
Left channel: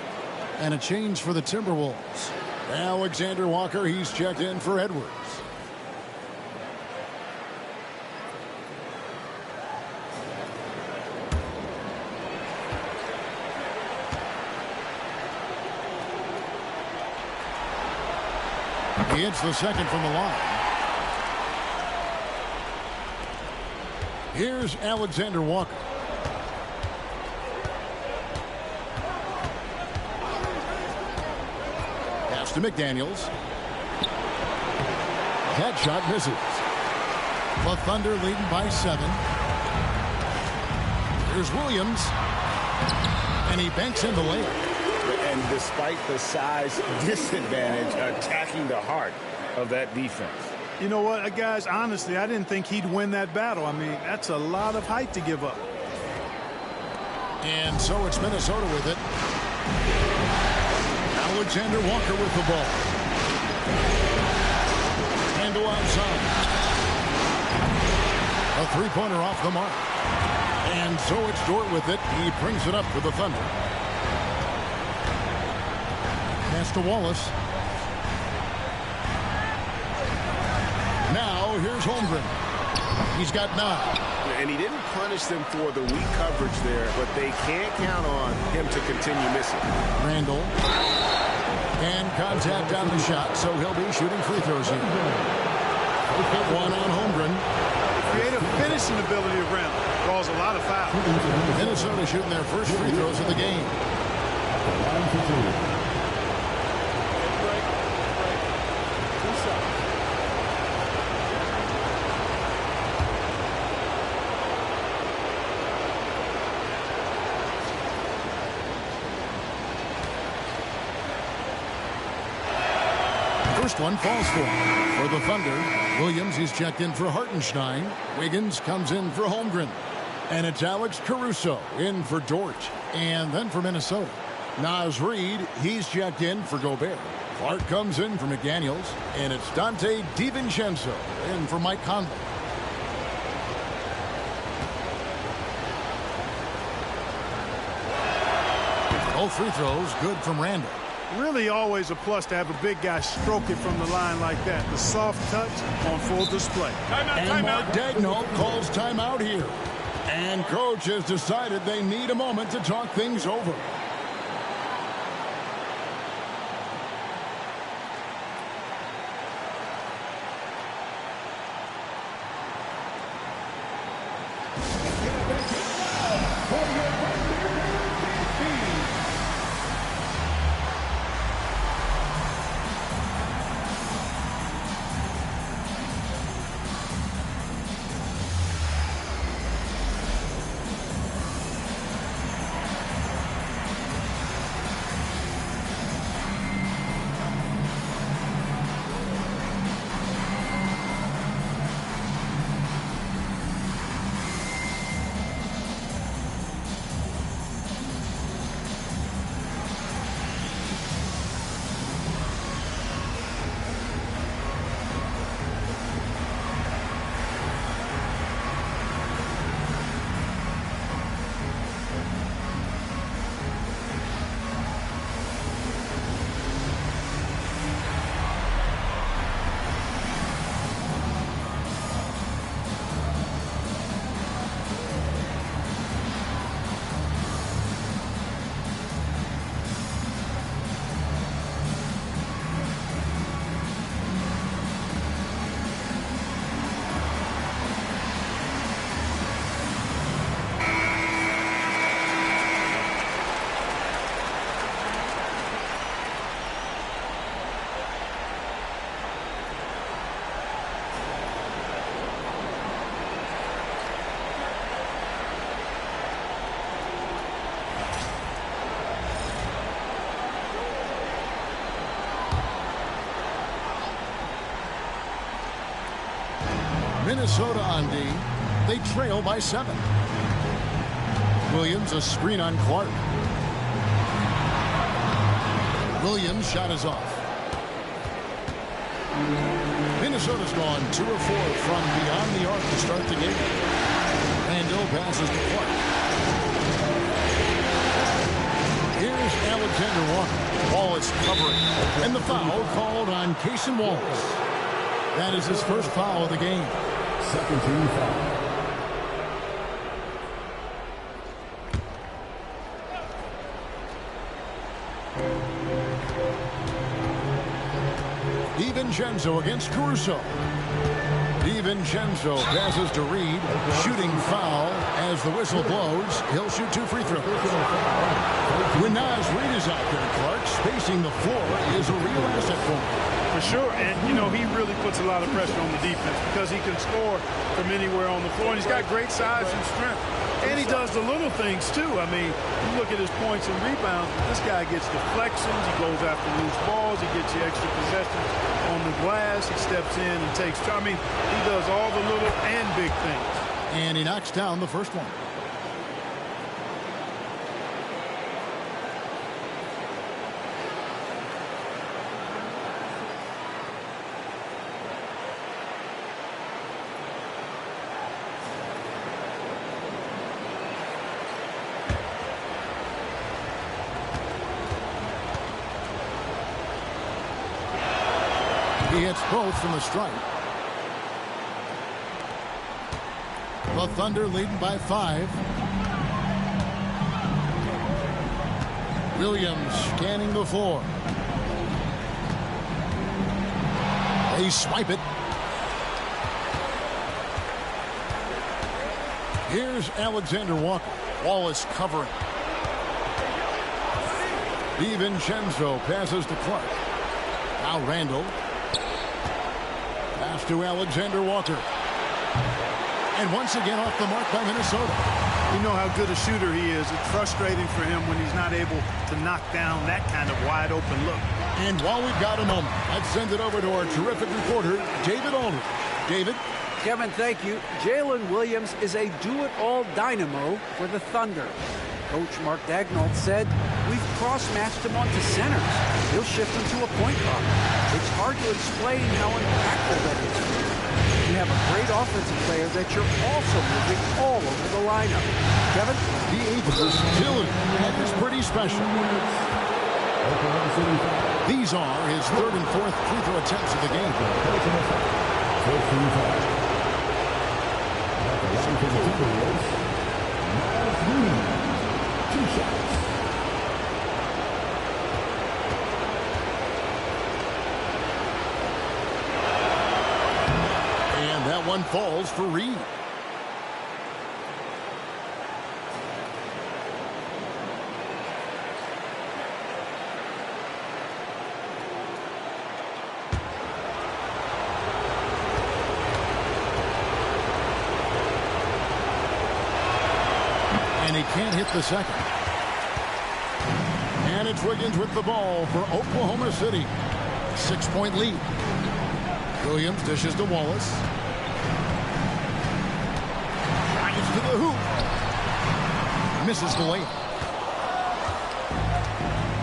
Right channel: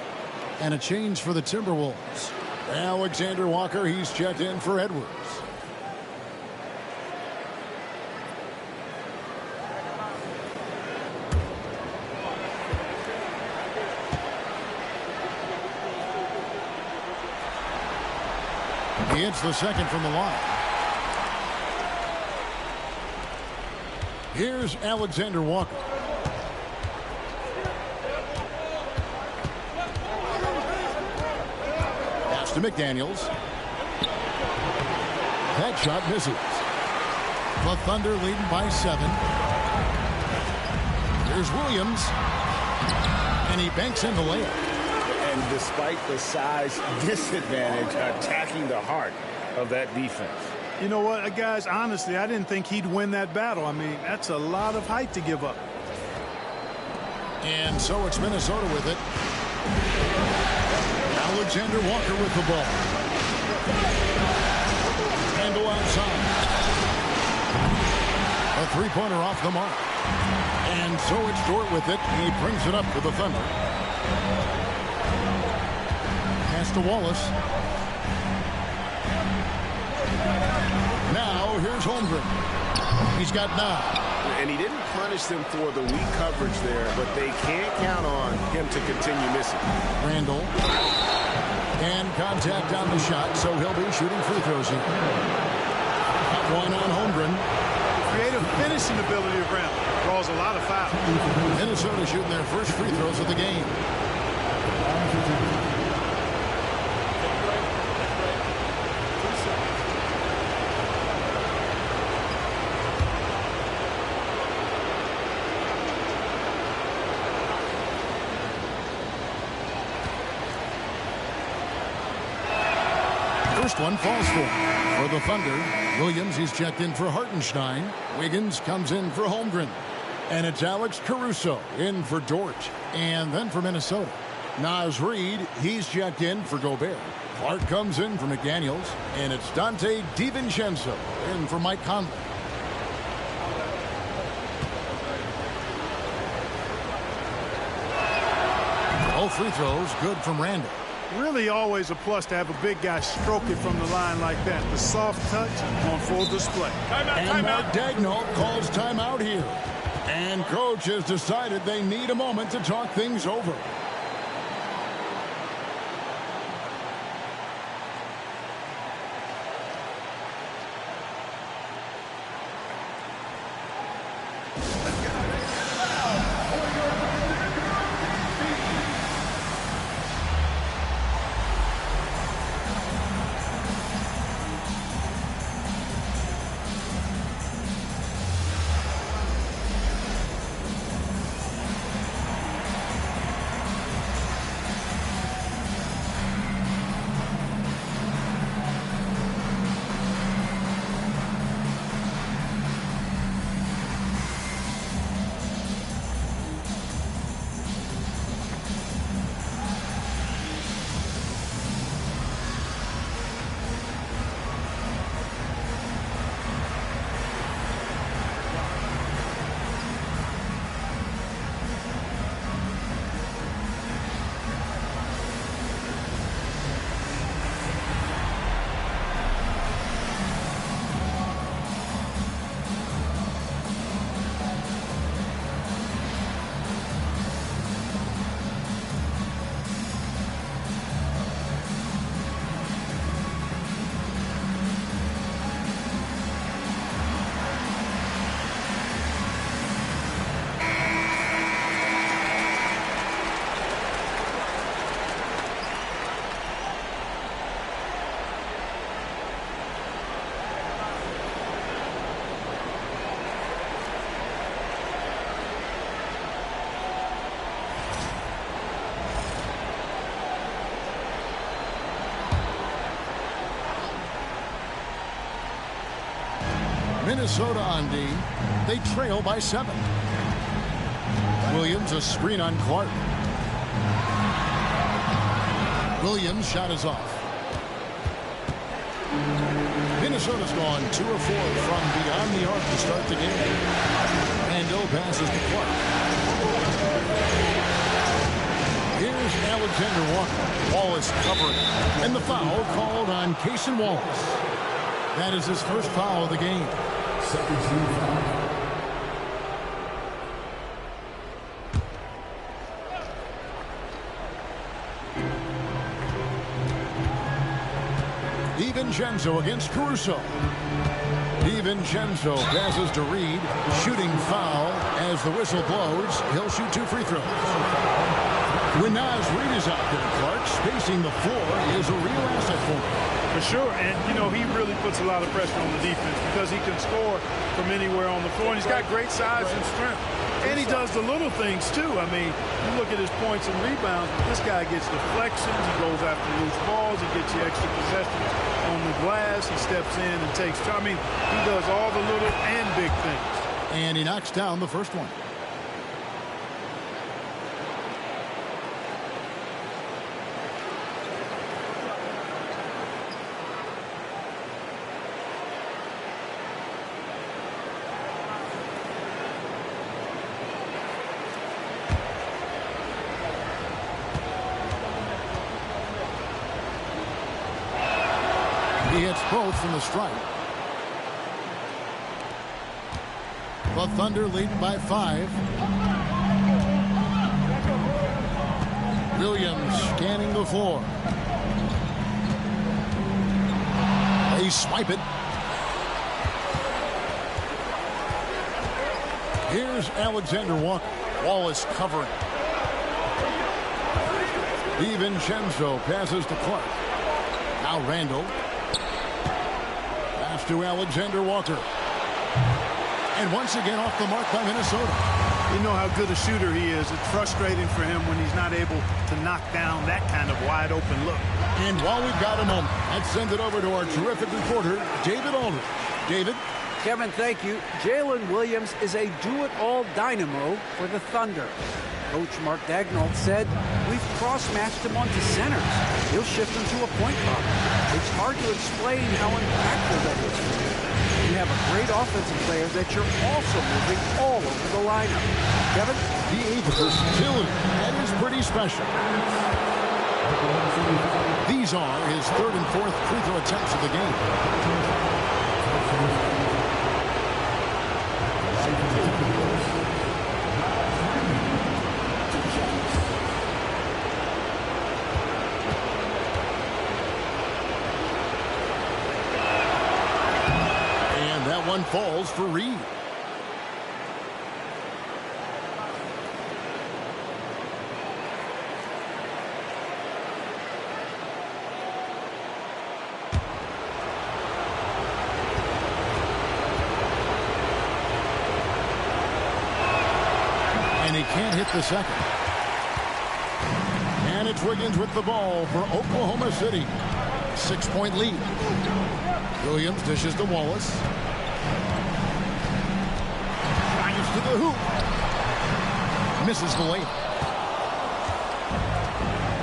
And a change for the Timberwolves. Alexander Walker, he's checked in for Edwards. He hits the second from the line. Here's Alexander Walker. Pass to McDaniels. That shot misses. The Thunder leading by 7. Here's Williams. And he banks in the layup. And despite the size disadvantage, attacking the heart of that defense. You know what, guys, honestly, I didn't think he'd win that battle. I mean, that's a lot of height to give up. And so it's Minnesota with it. Alexander Walker with the ball. Handle outside. A three-pointer off the mark. And so it's Dort with it. He brings it up for the Thunder. Pass to Wallace. Now here's Holmgren. He's got 9. And he didn't punish them for the weak coverage there, but they can't count on him to continue missing. Randall. And contact on the shot, so he'll be shooting free throws here. One on Holmgren. The creative finishing ability of Randall draws a lot of fouls. Minnesota shooting their first free throws of the game. First one falls for the Thunder. Williams, he's checked in for Hartenstein. Wiggins comes in for Holmgren. And it's Alex Caruso in for Dort. And then for Minnesota, Naz Reid, he's checked in for Gobert. Clark comes in for McDaniels. And it's Dante DiVincenzo in for Mike Conley. Both free throws good from Randall. Really always a plus to have a big guy stroke it from the line like that. The soft touch on full display. And Mark Daigneault calls timeout here. And coach has decided they need a moment to talk things over. Minnesota on D. They trail by 7. Williams a screen on Clark. Williams' shot is off. Minnesota's gone 2 of 4 from beyond the arc to start the game. Randall passes to Clark. Here's Alexander Walker. Wallace covering. And the foul called on Cason Wallace. That is his first foul of the game. Second team foul. DiVincenzo against Caruso. DiVincenzo passes to Reid. Shooting foul as the whistle blows. He'll shoot 2 free throws. When Naz Reid is out there, Clark, spacing the floor is a real asset for him. For sure, and you know, he really puts a lot of pressure on the defense because he can score from anywhere on the floor, and he's got great size and strength. And he does the little things too. I mean, you look at his points and rebounds, but this guy gets deflections, he goes after loose balls, he gets you extra possessions on the glass, he steps in and takes, I mean, he does all the little and big things. And he knocks down the first one. He hits both from the stripe. The Thunder leading by 5. Williams scanning the floor. They swipe it. Here's Alexander Walker. Wallace covering. DiVincenzo passes to Clark. Now Randall. Pass to Alexander Walker. And once again off the mark by Minnesota. You know how good a shooter he is. It's frustrating for him when he's not able to knock down that kind of wide open look. And while we've got a moment, let's send it over to our terrific reporter, David Aldridge. David? Kevin, thank you. Jalen Williams is a do-it-all dynamo for the Thunder. Coach Mark Daigneault said, we've cross-matched him onto centers. He'll shift him to a point guard. It's hard to explain how impactful that is for you. You have a great offensive player that you're also moving all over the lineup. Kevin? The 8th versatility. That is pretty special. These are his 3rd and 4th free throw attempts of the game. And that one falls for Reed. And he can't hit the second. And it's Wiggins with the ball for Oklahoma City. 6-point lead. Williams dishes to Wallace. Drives to the hoop. Misses the layup.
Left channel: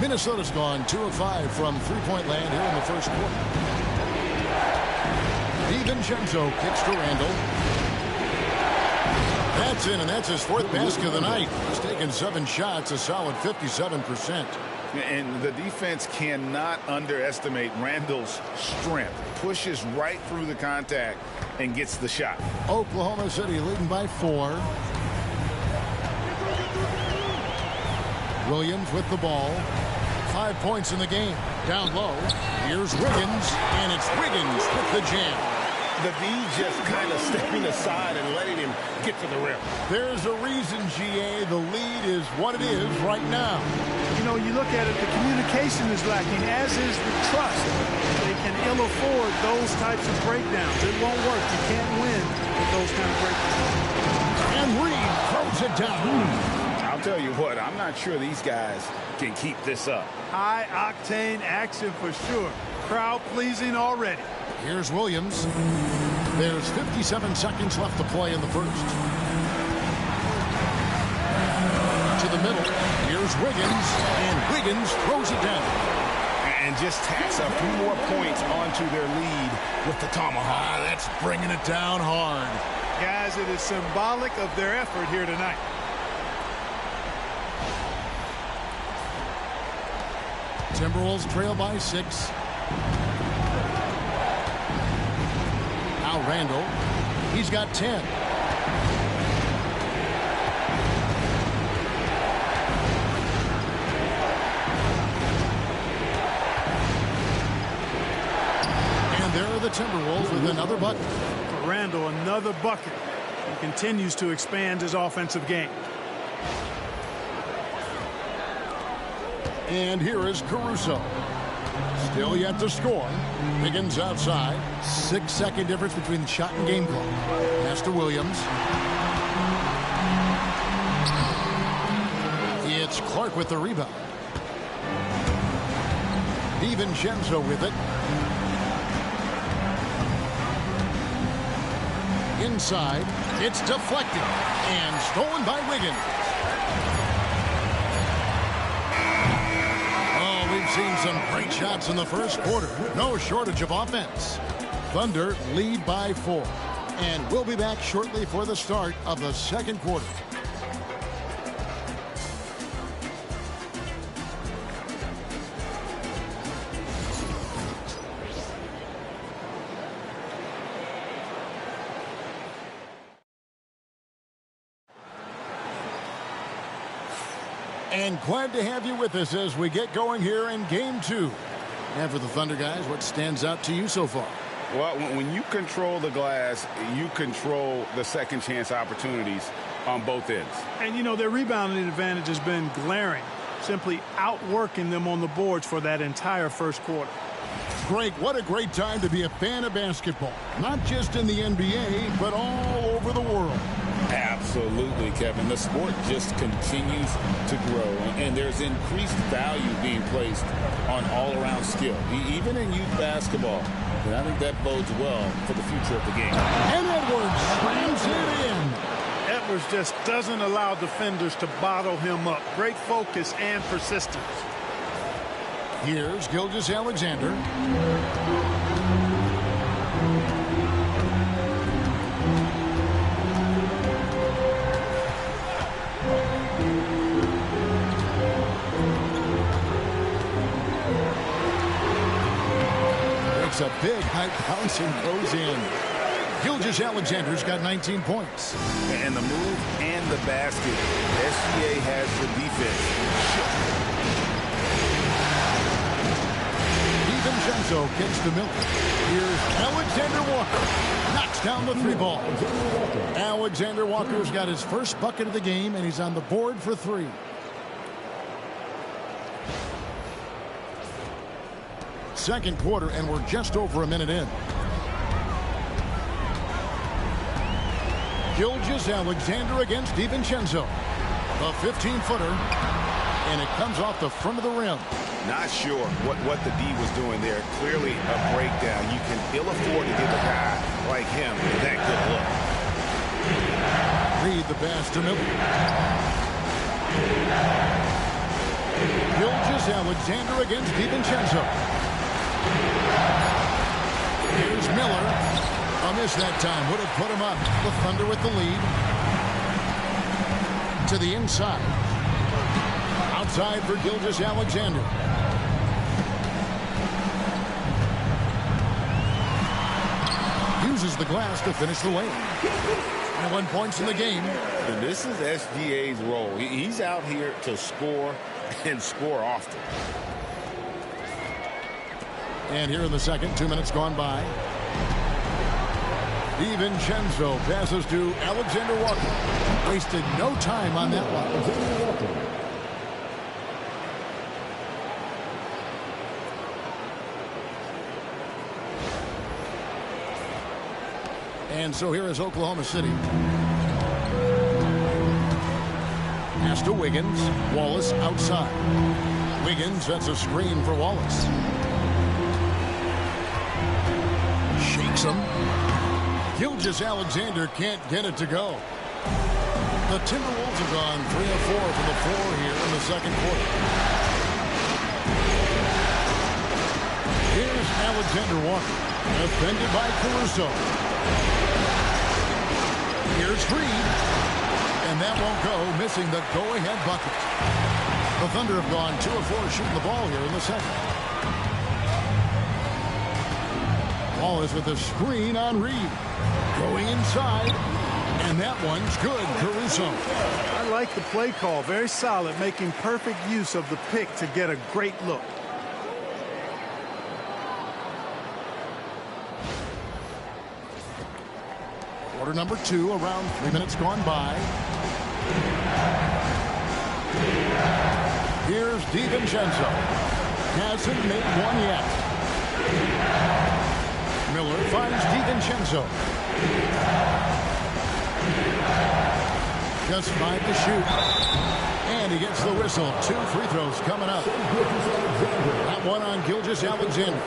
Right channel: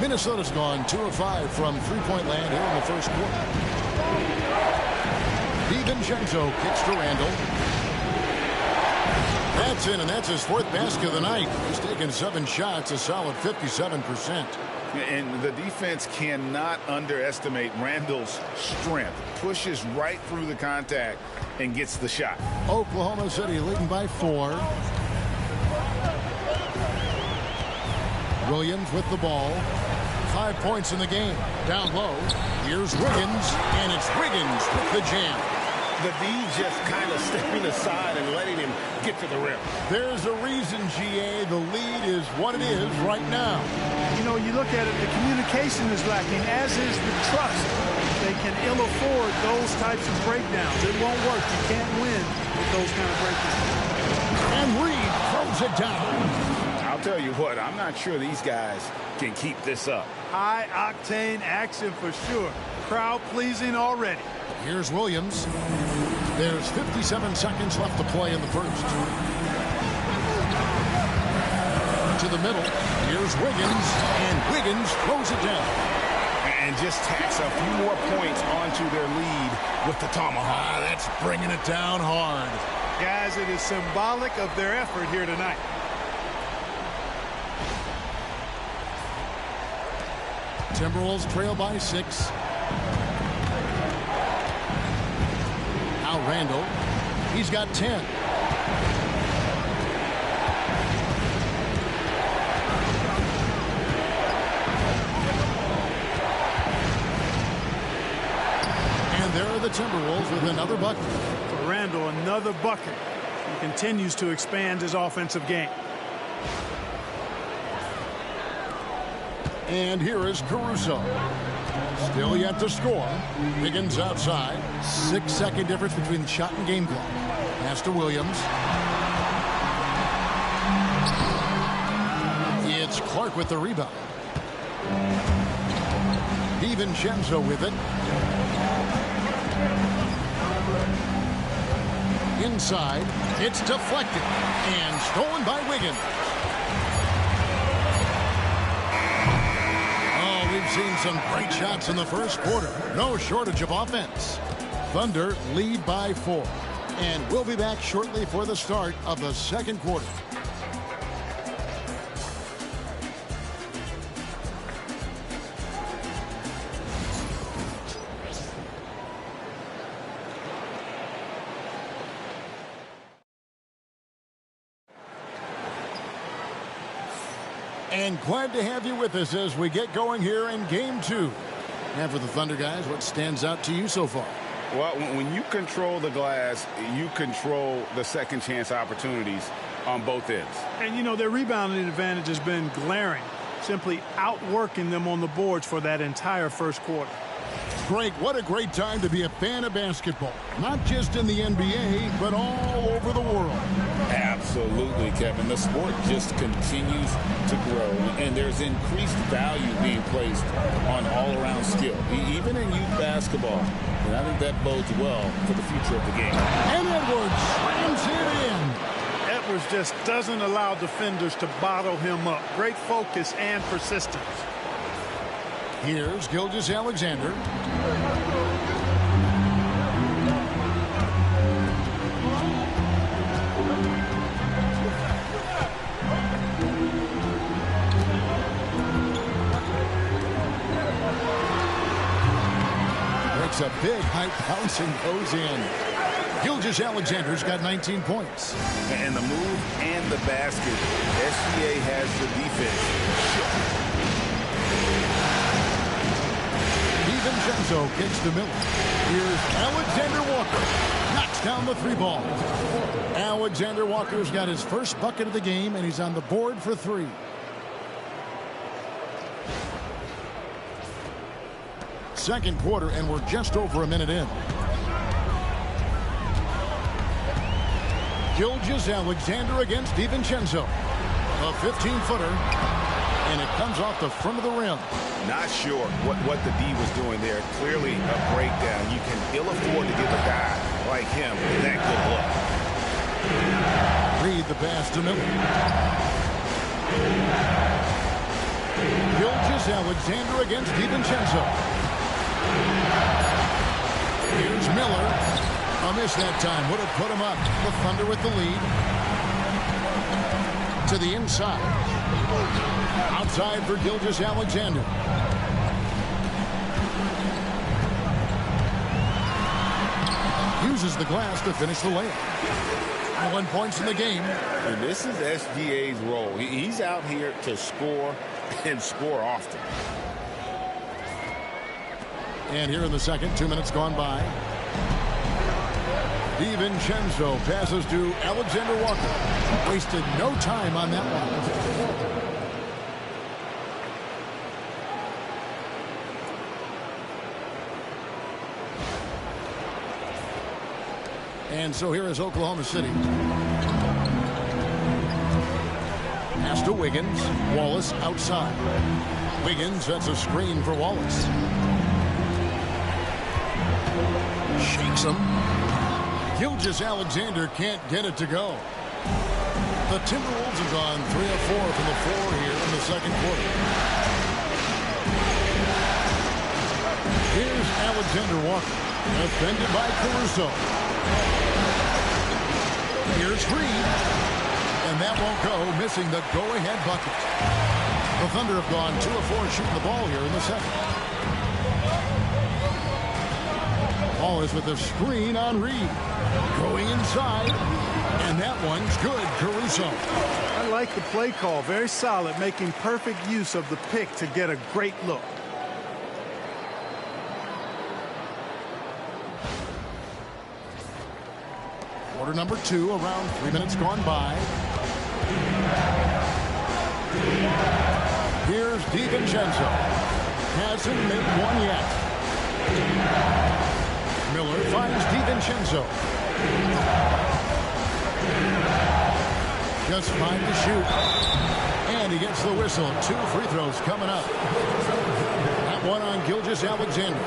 Minnesota's gone 2 of 5 from three-point land here in the first quarter. DiVincenzo kicks to Randall. That's in, and that's his 4th basket of the night. He's taken 7 shots, a solid 57%. And the defense cannot underestimate Randall's strength. Pushes right through the contact and gets the shot. Oklahoma City leading by 4. Williams with the ball. 5 points in the game. Down low. Here's Wiggins, and it's Wiggins with the jam. The D just kind of stepping aside and letting him get to the rim. There's a reason, GA, the lead is what it is right now. You know, you look at it, the communication is lacking, as is the trust. They can ill afford those types of breakdowns. It won't work. You can't win with those kind of breakdowns. And Reed throws it down. I'll tell you what, I'm not sure these guys can keep this up. High-octane action for sure. Crowd pleasing already. Here's Williams. There's 57 seconds left to play in the first. To the middle. Here's Wiggins. And Wiggins throws it down. And just tacks a few more points onto their lead with the tomahawk. That's bringing it down hard. Guys, it is symbolic of their effort here tonight. Timberwolves trail by 6. Now Randall. He's got 10. And there are the Timberwolves with another bucket. For Randall, another bucket. He continues to expand his offensive game. And here is Caruso. Still yet to score. Wiggins outside. 6-second difference between the shot and game clock. Pass to Williams. It's Clark with the rebound. DiVincenzo with it. Inside. It's deflected. And stolen by Wiggins. We've seen some great shots in the first quarter. No shortage of offense. Thunder lead by 4. And we'll be back shortly for the start of the second quarter. And glad to have you with us as we get going here in Game 2. And for the Thunder guys, what stands out to you so far? Well, when you control the glass, you control the second chance opportunities on both ends. And, you know, their rebounding advantage has been glaring, simply outworking them on the boards for that entire first quarter. Greg, what a great time to be a fan of basketball. Not just in the NBA, but all over the world. Absolutely, Kevin. The sport just continues to grow, and there's increased value being placed on all-around skill, even in youth basketball. And I think that bodes well for the future of the game. And Edwards slams it in. Edwards just doesn't allow defenders to bottle him up. Great focus and persistence. Here's Gilgeous-Alexander. Breaks a big high bounce and goes in. Gilgeous-Alexander's got 19 points. And the move and the basket. SGA has the defense. DiVincenzo kicks to Miller. Here's Alexander Walker. Knocks down the three ball. Alexander Walker's got his first bucket of the game, and he's on the board for three. Second quarter, and we're just over a minute in. Gilgeous-Alexander against DiVincenzo. A 15-footer, and it comes off the front of the rim. Not sure what the D was doing there. Clearly a breakdown. You can ill afford to give a guy like him that good look. Reed the pass to Miller. Gilgeous-Alexander against DiVincenzo. Here's Miller. A miss that time. Would have put him up. The Thunder with the lead. To the inside. Outside for Gilgeous-Alexander. Uses the glass to finish the layup. 21 points in the game. And this is SGA's role. He's out here to score and score often. And here in the second, 2 minutes gone by. DiVincenzo passes to Alexander Walker. Wasted no time on that one. And so here is Oklahoma City. Pass to Wiggins. Wallace outside. Wiggins sets a screen for Wallace. Shakes him. Gilgeous-Alexander can't get it to go. The Timberwolves have gone 3 of 4 from the floor here in the second quarter. Here's Alexander Walker, defended by Caruso. Here's Reed, and that won't go, missing the go-ahead bucket. The Thunder have gone 2 of 4 shooting the ball here in the second. Wallace with a screen on Reed. Going inside, and that one's good. Caruso. I like the play call. Very solid, making perfect use of the pick to get a great look. Quarter number 2, around 3 minutes gone by. Here's DiVincenzo. Hasn't made one yet. Miller finds DiVincenzo. Just 5 to shoot. And he gets the whistle. 2 free throws coming up. That one on Gilgeous-Alexander.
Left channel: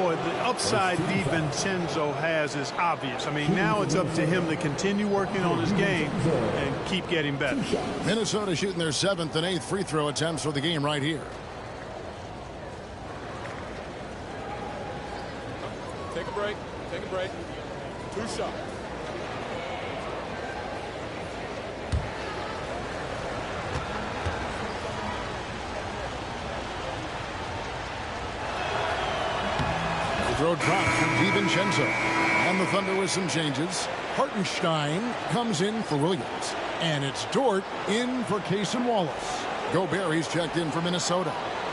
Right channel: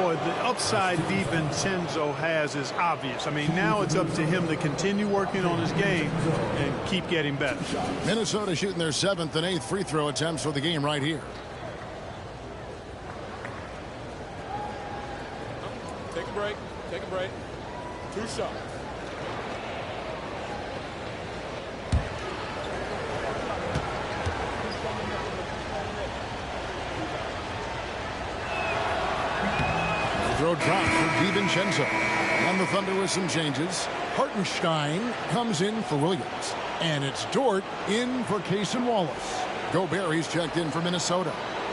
Boy, the upside DiVincenzo has is obvious. I mean, now it's up to him to continue working on his game and keep getting better. Minnesota shooting their 7th and 8th free throw attempts for the game right here. Take a break. Take a break. 2 shots. The throw drops for DiVincenzo. And the Thunder with some changes. Hartenstein comes in for Williams. And it's Dort in for Case and Wallace. Gobert, he's checked in for Minnesota.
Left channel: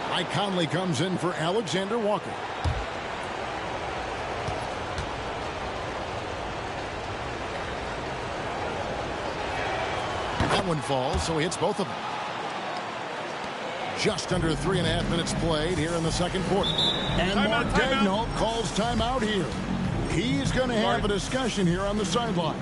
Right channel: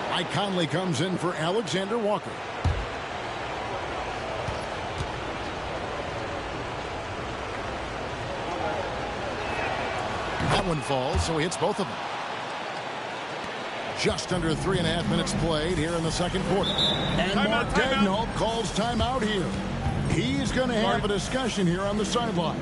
Mike Conley comes in for Alexander Walker. That one falls, so he hits both of them. Just under 3.5 minutes played here in the second quarter. And Mark Daigneault calls timeout here. He's going to have a discussion here on the sideline.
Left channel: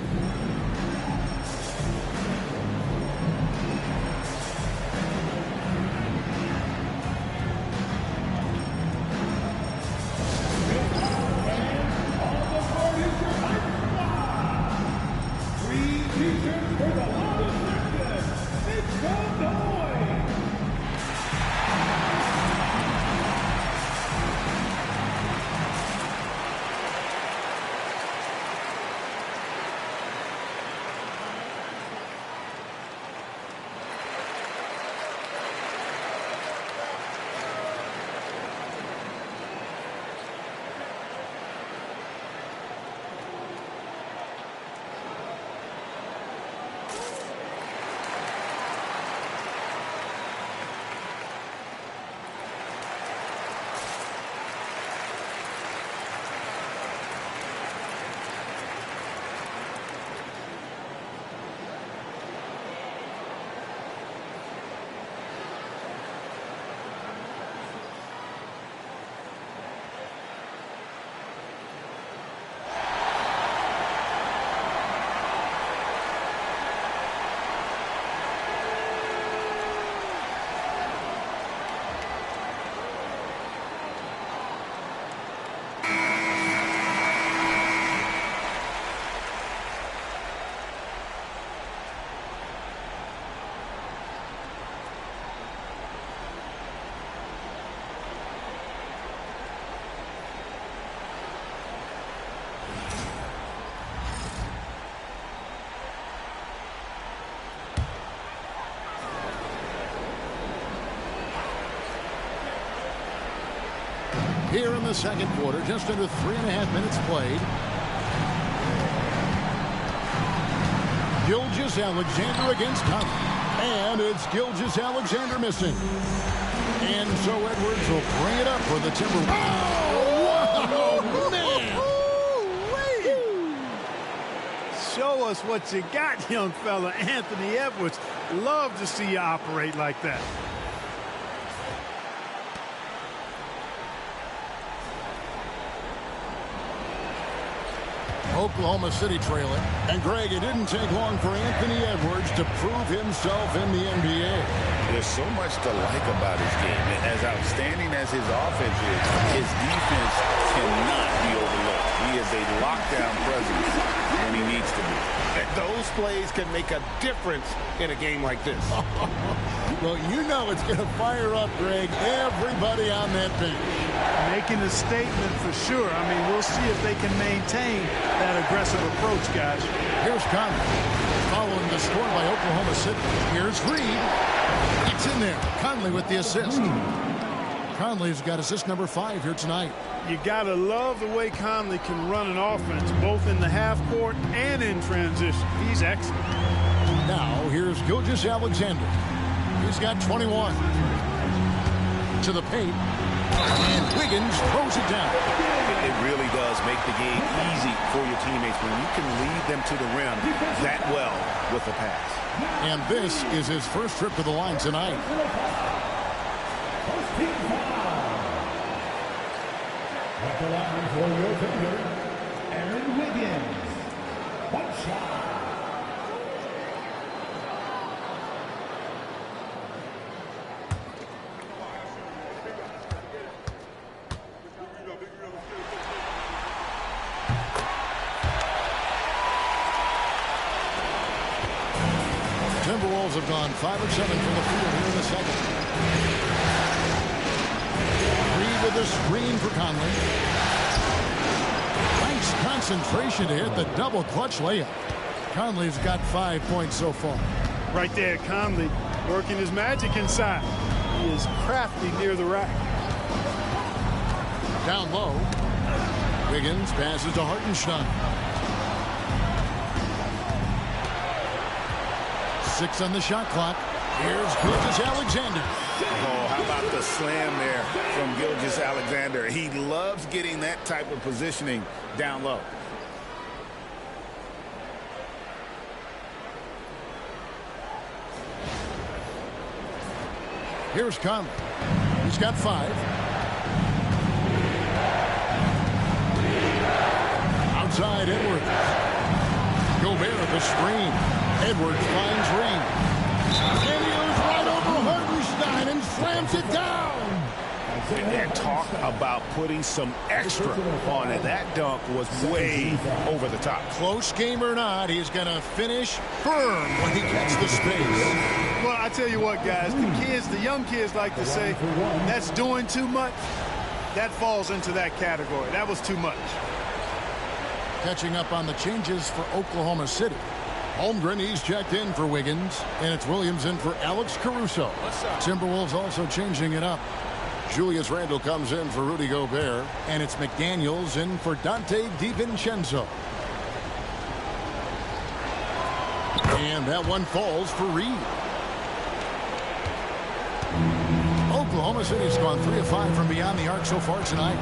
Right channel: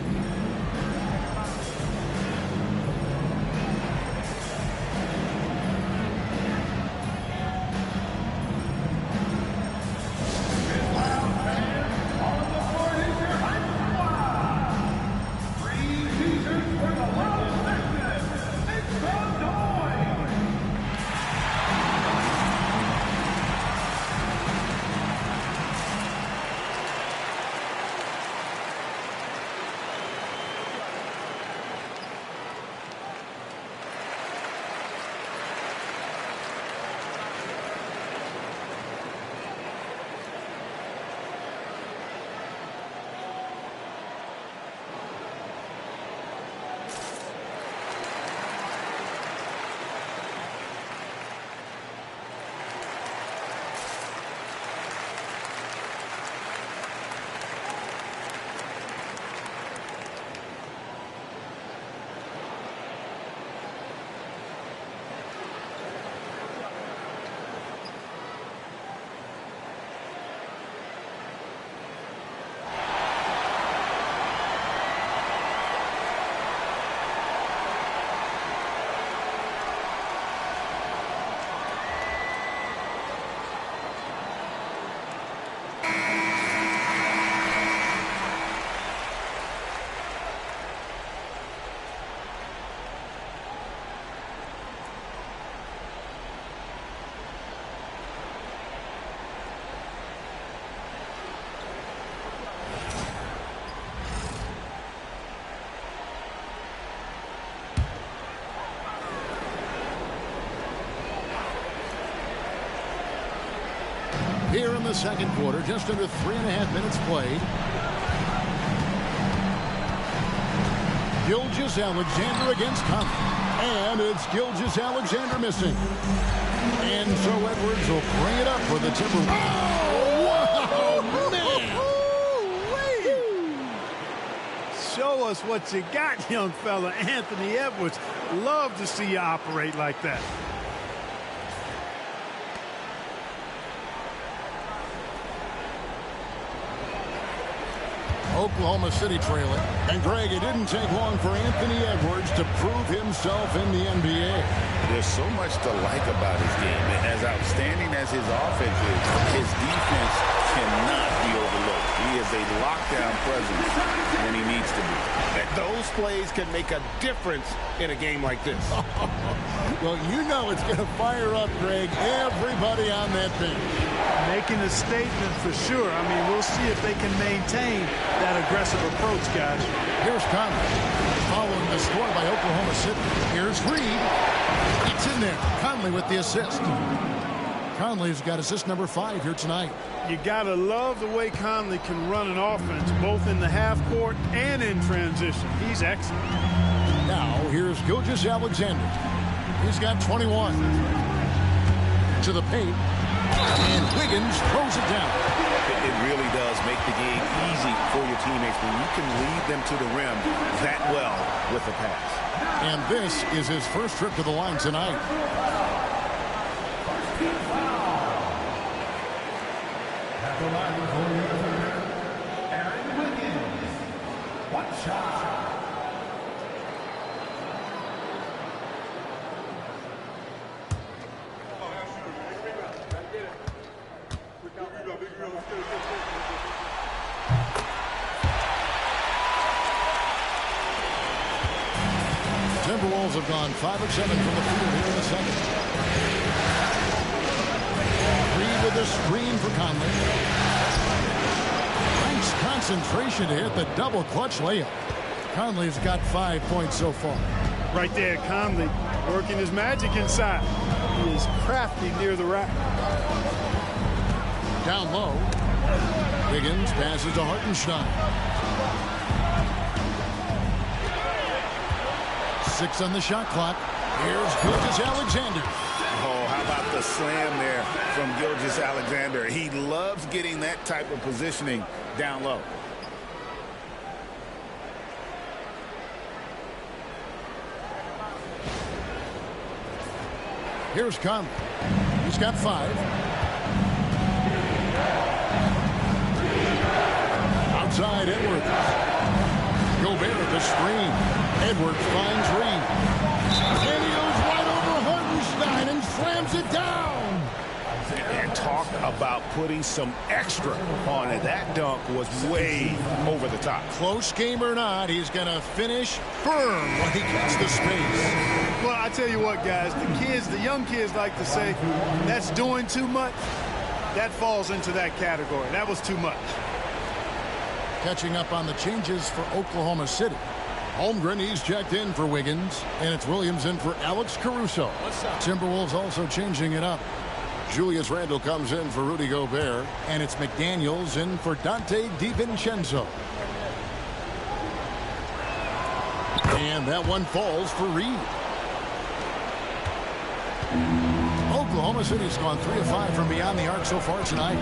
here in the second quarter. Just under 3.5 minutes played. Gilgeous-Alexander against Conley. And it's Gilgeous-Alexander missing. And so Edwards will bring it up for the Timberwolves. Oh, wow, man! Show us what you got, young fella. Anthony Edwards. Love to see you operate like that. Oklahoma City trailing. And Greg, it didn't take long for Anthony Edwards to prove himself in the NBA. There's so much to like about his game. As outstanding as his offense is, his defense cannot be overlooked. He is a lockdown presence when he needs to be. And those plays can make a difference in a game like this. Well, you know it's going to fire up, Greg, everybody on that bench. Making a statement for sure. I mean, we'll see if they can maintain that aggressive approach, guys. Here's Conley. Following the score by Oklahoma City. Here's Reed. It's in there. Conley with the assist. Conley's got assist number 5 here tonight. You got to love the way Conley can run an offense, both in the half court and in transition. He's excellent. Now, here's Gilgeous-Alexander. He's got 21. To the paint. And Wiggins throws it down. It really does make the game easy for your teammates when you can lead them to the rim that well with a pass. And this is his first trip to the line tonight. At the line for your defender, Aaron Wiggins. One shot. Timberwolves have gone 5 of 7 from the field here in the second. Reed with a screen for Conley. Nice concentration to hit the double clutch layup. Conley's got 5 points so far. Right there, Conley working his magic inside. He is crafty near the rack. Down low. Wiggins passes to Hartenstein. 6 on the shot clock. Here's Gilgeous-Alexander. Oh, how about the slam there from Gilgeous-Alexander? He loves getting that type of positioning down low. Here's Conley. He's got 5. Outside Edwards. Gobert the screen. Edwards finds Reed. And he goes right over Hartenstein and slams it down. And talk about putting some extra on it. That dunk was way over the top. Close game or not, he's going to finish firm when he gets the space. Well, I tell you what, guys, the young kids like to say, that's doing too much. That falls into that category. That was too much. Catching up on the changes for Oklahoma City. Holmgren, he's checked in for Wiggins, and it's Williams in for Alex Caruso. Timberwolves also changing it up. Julius Randle comes in for Rudy Gobert, and it's McDaniels in for Dante DiVincenzo. And that one falls for Reed. Oklahoma City's gone 3 of 5 from beyond the arc so far tonight.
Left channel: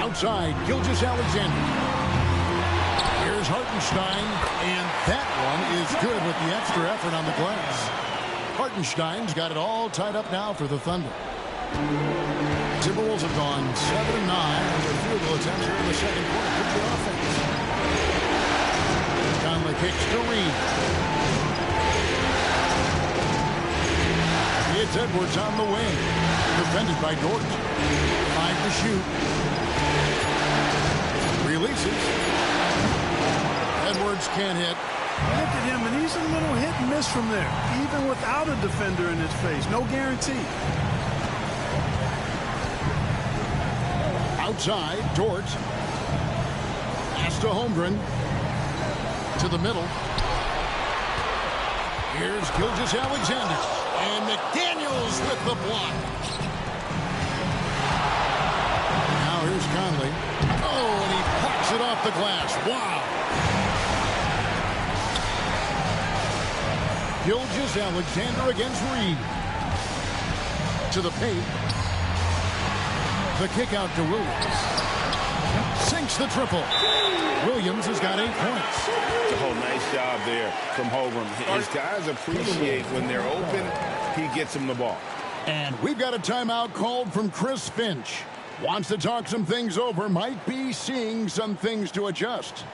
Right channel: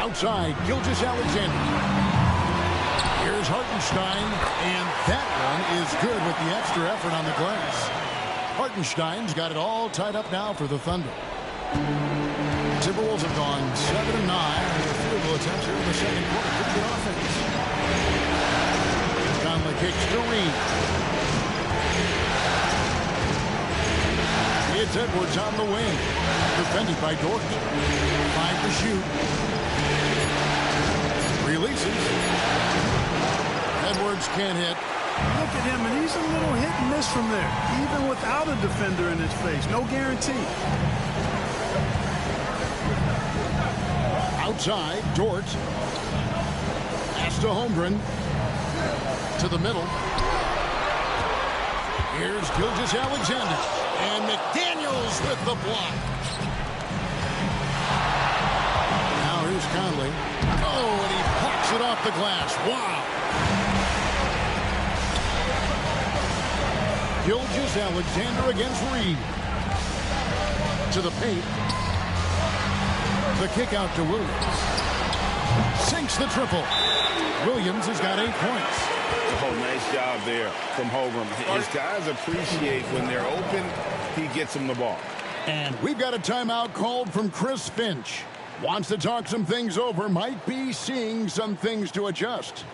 Outside, Gilgeous-Alexander. Here's Hartenstein, and that one is good with the extra effort on the glass. Hartenstein's got it all tied up now for the Thunder. Timberwolves have gone 7 of 9 on their field goal attempts here in the second quarter. Pretty good offense. Conley kicks to Reed. It's Edwards on the wing. Defended by Dort. 5 to shoot. Releases. Edwards can't hit. Look at him, and he's a little hit and miss from there, even without a defender in his face. No guarantee. Outside, Dort. Pass to Holmgren. To the middle. Here's Gilgeous-Alexander. And McDaniels with the block. Now here's Conley. Oh, and he pocks it off the glass. Wow. Gilgeous-Alexander against Reed. To the paint. The kick out to Williams. Sinks the triple. Williams has got 8 points. Oh, nice job there from Holmgren. His guys appreciate when they're open, he gets them the ball. And we've got a timeout called from Chris Finch. Wants to talk some things over, might be seeing some things to adjust.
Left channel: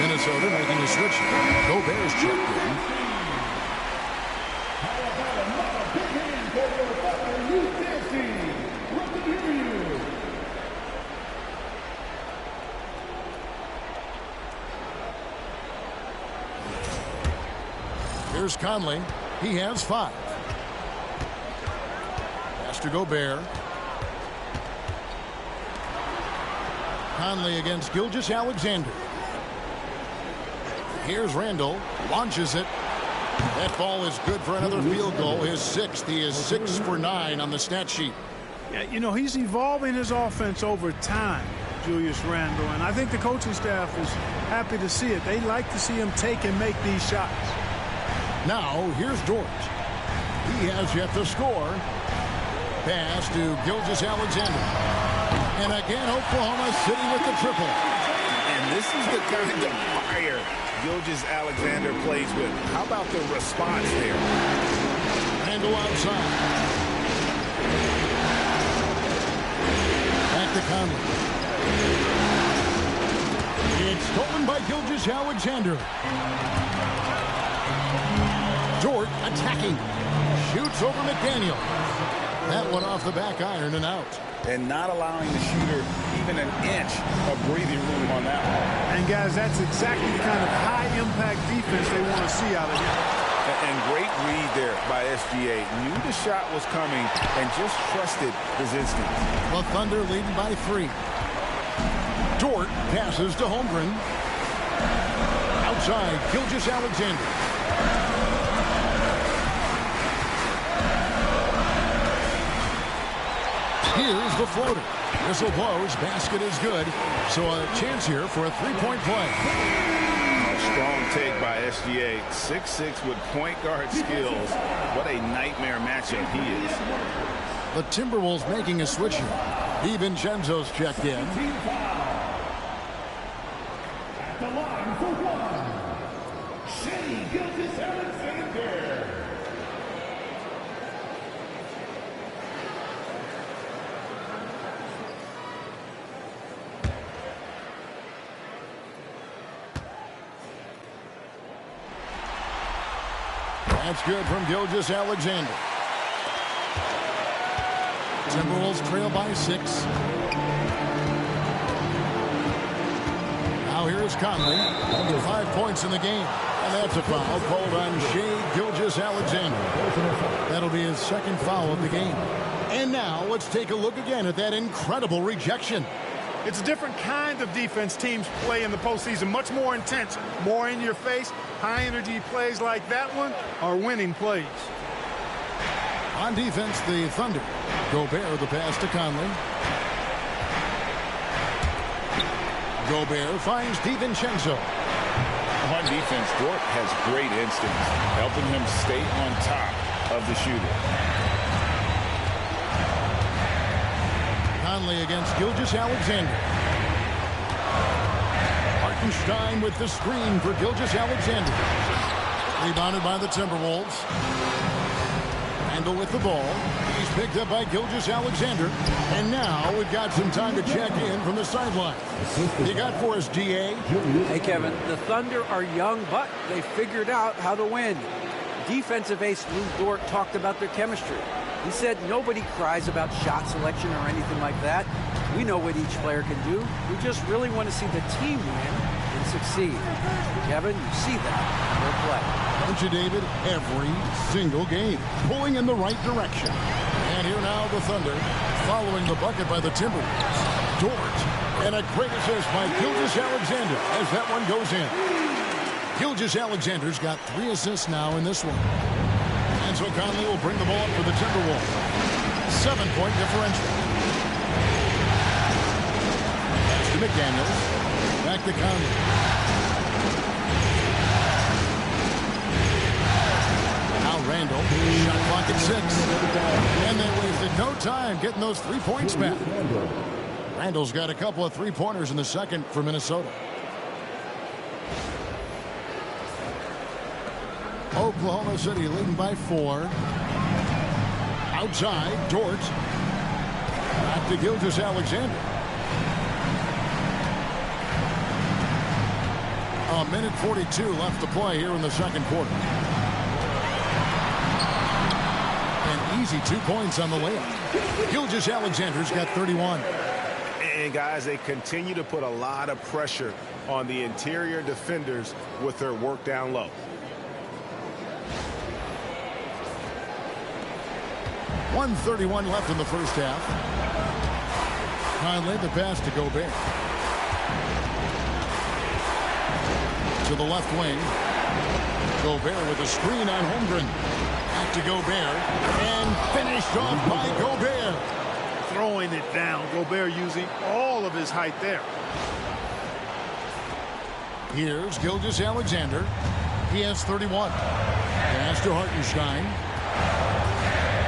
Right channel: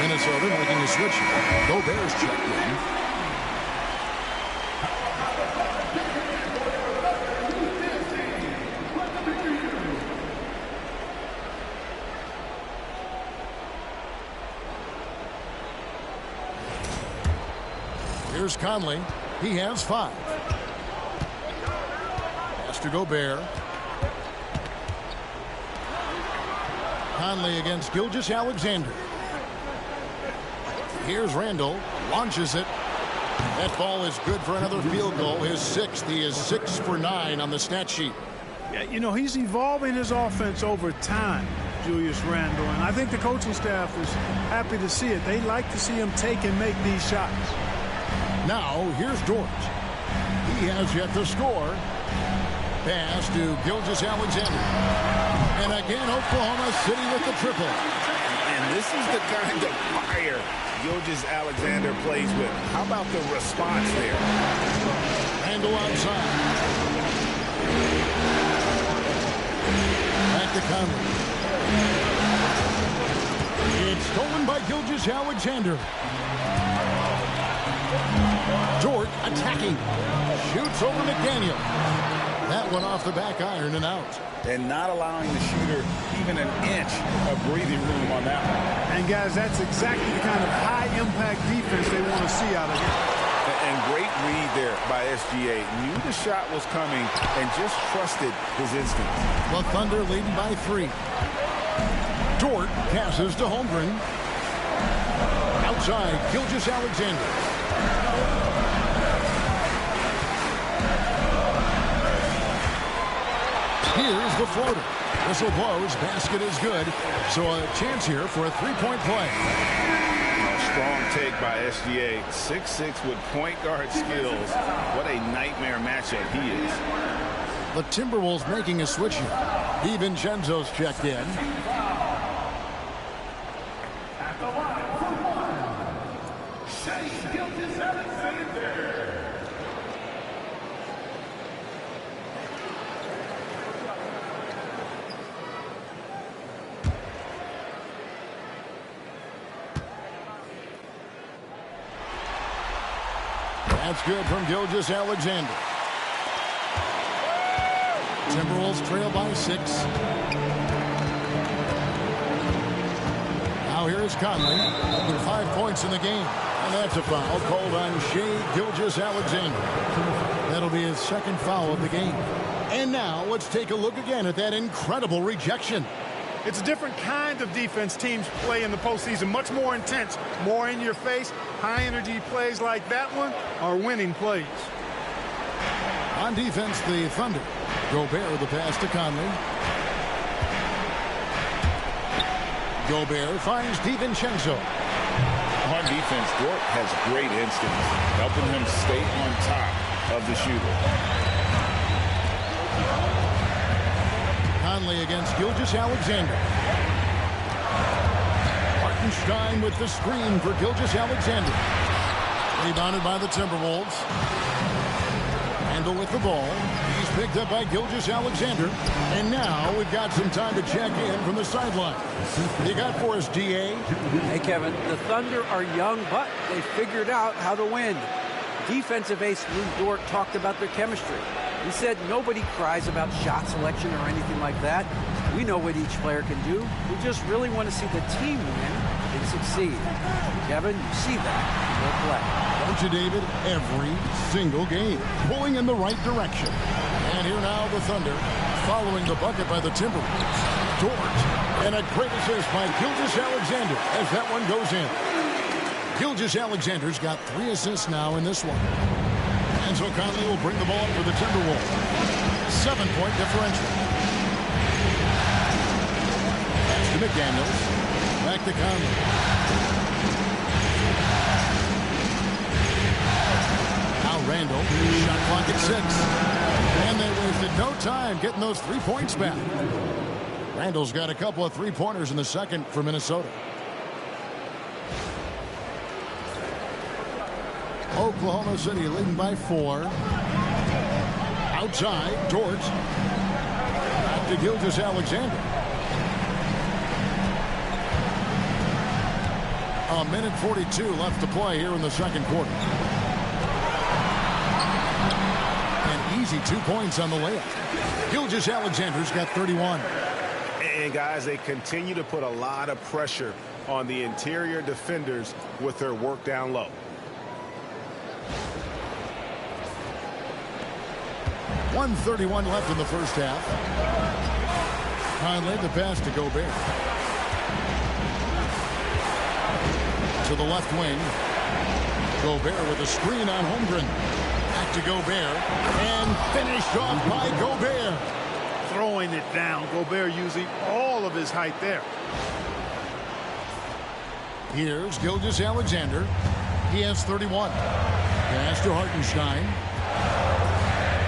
Minnesota making a switch. Gobert's checked in. Here's Conley. He has 5. Pass to Gobert. Conley against Gilgeous-Alexander. Here's Randall, launches it. That ball is good for another field goal, his 6th. He is 6 for 9 on the stat sheet. Yeah, you know, he's evolving his offense over time, Julius Randle, and I think the coaching staff is happy to see it. They like to see him take and make these shots. Now, here's Dort. He has yet to score. Pass to Gilgeous-Alexander. And again, Oklahoma City with the triple. And this is the kind of fire Gilgeous-Alexander plays with. How about the response there? Randall outside. Back to Conley. It's stolen by Gilgeous-Alexander. Dort attacking. Shoots over McDaniel. That one off the back iron and out. And not allowing the shooter even an inch of breathing room on that one. And, guys, that's exactly the kind of high-impact defense they want to see out of him. And great read there by SGA. Knew the shot was coming and just trusted his instincts. The Thunder leading by 3. Dort passes to Holmgren. Outside, Gilgeous-Alexander. Here's the floater. Whistle blows. Basket is good. So a chance here for a 3-point play. A strong take by SGA. 6'6" with point guard skills. What a nightmare matchup he is. The Timberwolves making a switch here. DiVincenzo's checked in. At the line for 1, Shai Gilgeous-Alexander. That's good from Gilgeous-Alexander. Timberwolves trail by 6. Now here's Conley. 5 points in the game. And that's a foul called on Shai Gilgeous-Alexander. That'll be his 2nd foul of the game. And now let's take a look again at that incredible rejection. It's a different kind of defense teams play in the postseason. Much more intense, more in your face. High-energy plays like that one are winning plays. On defense, the Thunder. Gobert, the pass to Conley. Gobert finds DiVincenzo. On defense, Dort has great instincts, helping him stay on top of the shooter. Conley against Gilgeous-Alexander. Hartenstein with the screen for Gilgeous-Alexander. Rebounded by the Timberwolves. Randle with the ball. He's picked up by Gilgeous-Alexander. And now we've got some time to check in from the sideline. What you got for us, GA? Hey, Kevin, the Thunder are young, but they figured out how to win. Defensive ace Lou Dort talked about their chemistry. He said nobody cries about shot selection or anything like that. We know what each player can do. We just really want to see the team win and succeed. Kevin, you see that in their play. Don't you, David? Every single game. Pulling in the right direction. And here now the Thunder following the bucket by the Timberwolves. Dort. And a great assist by Gilgeous-Alexander as that one goes in. Gilgeous-Alexander's got 3 assists now in this one. And so Conley will bring the ball up for the Timberwolves. 7-point differential. Pass to McDaniels. Back to Conley. Now Randle. Shot clock at 6. And they wasted no time getting those 3 points back. Randle's got a couple of 3-pointers in the second for Minnesota. Oklahoma City leading by 4. Outside, Dort. Back to Gilgeous-Alexander. A minute 42 left to play here in the second quarter. An easy 2 points on the layup. Gilgeous-Alexander's got 31. And guys, they continue to put a lot of pressure on the interior defenders with their work down low. .131 left in the first half. Conley, the pass to Gobert. To the left wing. Gobert with a screen on Holmgren. Back to Gobert. And finished off by Gobert. Throwing it down. Gobert using all of his height there. Here's Gilgeous-Alexander. He has 31. Pass to Hartenstein.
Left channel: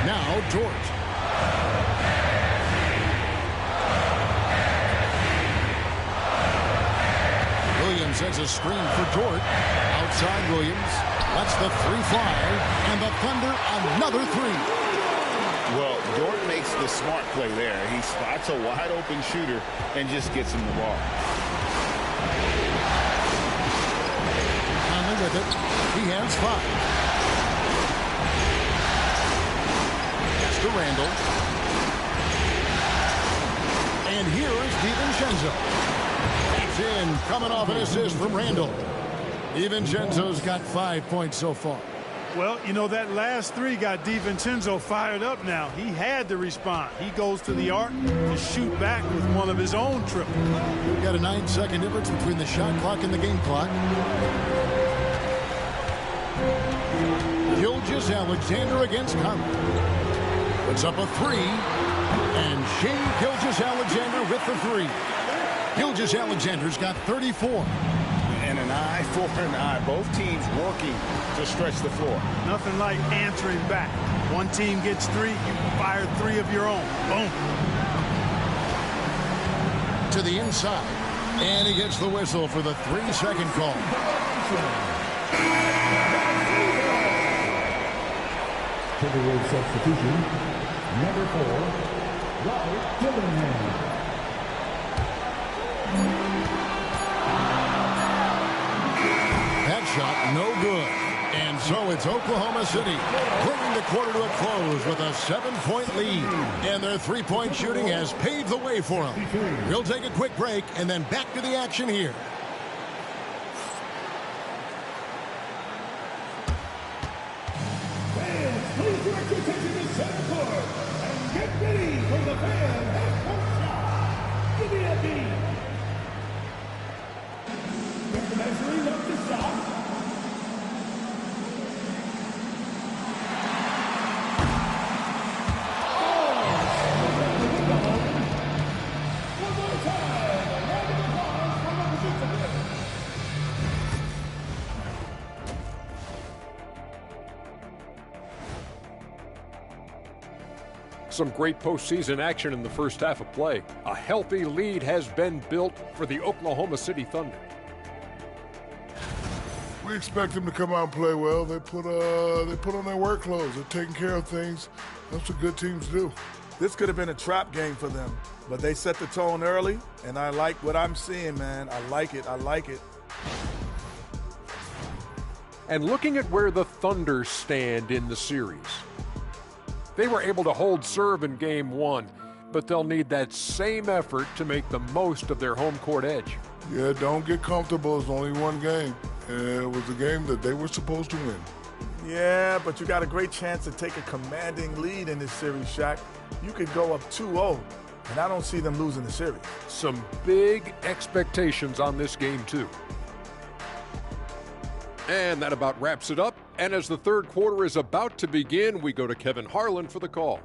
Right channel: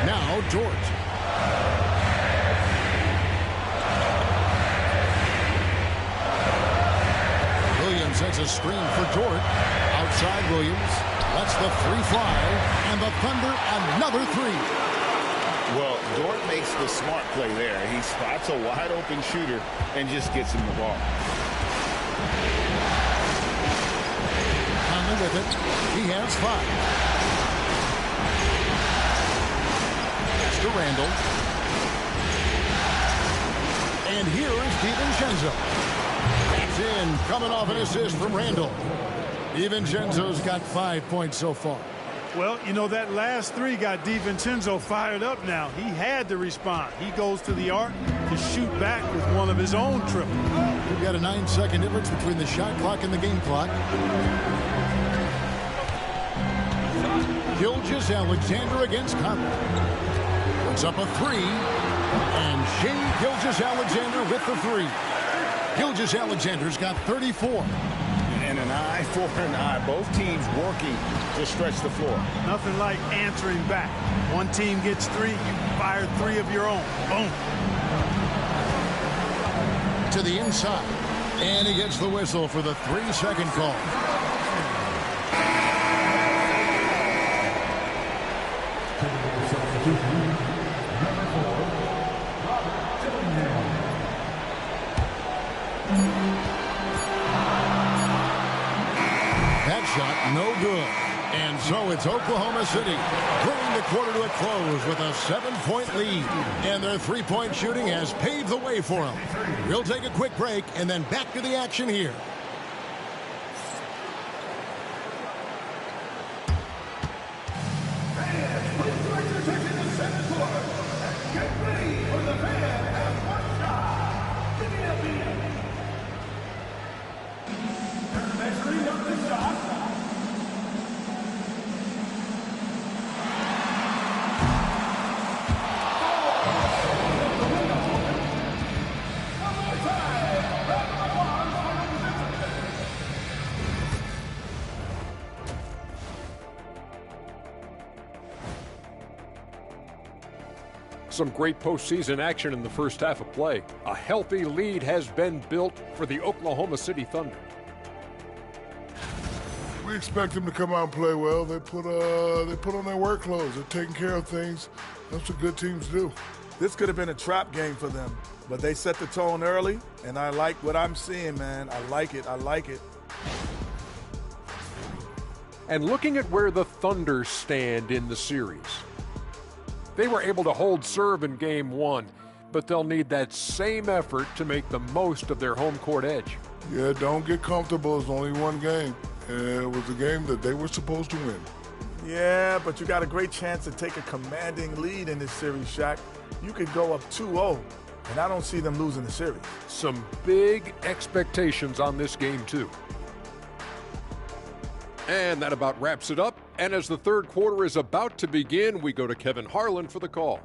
Now Dort. Williams sets a screen for Dort. Outside Williams. Lets the 3 fly. And the Thunder another 3. Well, Dort makes the smart play there. He spots a wide open shooter and just gets him the ball. Conley with it. He has 5. To Randle. And here is DiVincenzo. That's in, coming off an assist from Randle. DiVincenzo's got 5 points so far. Well, you know, that last 3 got DiVincenzo fired up now. He had to respond. He goes to the arc to shoot back with one of his own triples. We've got a 9-second difference between the shot clock and the game clock. Gilgeous-Alexander against Conley. Puts up a 3, and Shai Gilgeous-Alexander with the 3. Gilgeous-Alexander's got 34. And an eye for an eye. Both teams working to stretch the floor. Nothing like answering back. One team gets 3, you fire 3 of your own. Boom. To the inside, and he gets the whistle for the 3-second call. Timberwolves substitution, number 4, Robert Dillingham. That shot no good. And so it's Oklahoma City bringing the quarter to a close with a 7-point lead. And their 3-point shooting has paved the way for them. We'll take a quick break and then back to the action here. Please direct your attention to center court and get ready for the fan half-court shot. Give me a beat. They're measuring up the shot. Some great postseason action in the first half of play. A healthy lead has been built for the Oklahoma City Thunder. We expect them to come out and play well. They put on their work clothes. They're taking care of things. That's what good teams do. This could have been a trap game for them, but they set the tone early, and I like what I'm seeing, man. I like it. I like it. And looking at where the Thunder stand in the series, they were able to hold serve in Game 1, but they'll need that same effort to make the most of their home court edge. Yeah, don't get comfortable. It's only one game. It was a game that they were supposed to win. Yeah, but you got a great chance to take a commanding lead in this series, Shaq. You could go up 2-0, and I don't see them losing the series. Some big expectations on this game, too. And that about wraps it up. And as the third quarter is about to begin, we go to Kevin Harlan for the call.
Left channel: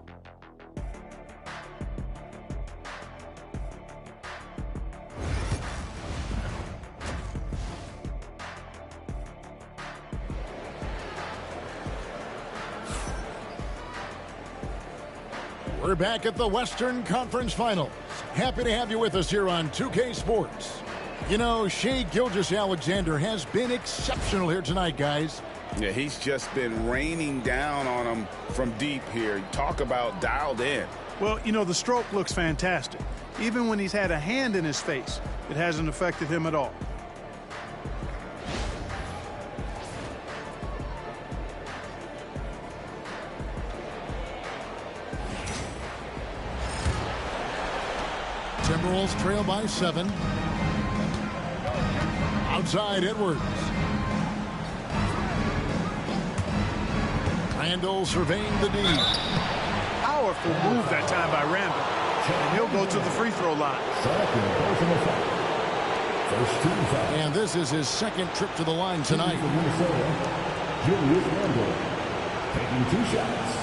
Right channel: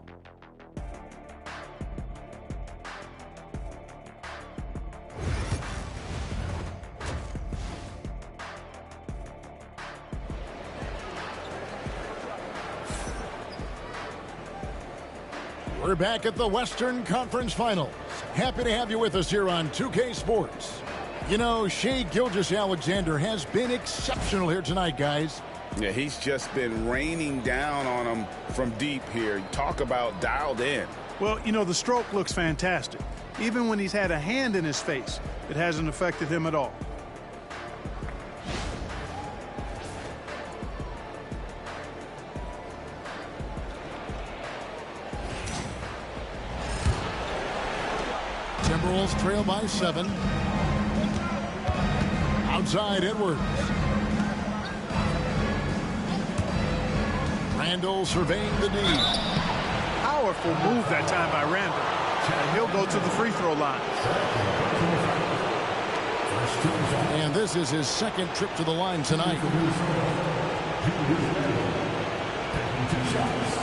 We're back at the Western Conference Finals. Happy to have you with us here on 2K Sports. You know, Shai Gilgeous-Alexander has been exceptional here tonight, guys. Yeah, he's just been raining down on them from deep here. Talk about dialed in. Well, you know, the stroke looks fantastic. Even when he's had a hand in his face, it hasn't affected him at all. Timberwolves trail by 7. Outside Edwards. Randall surveying the D. Powerful move that time by Randall. And he'll go to the free throw line. And this is his second trip to the line tonight. Taking 2 shots.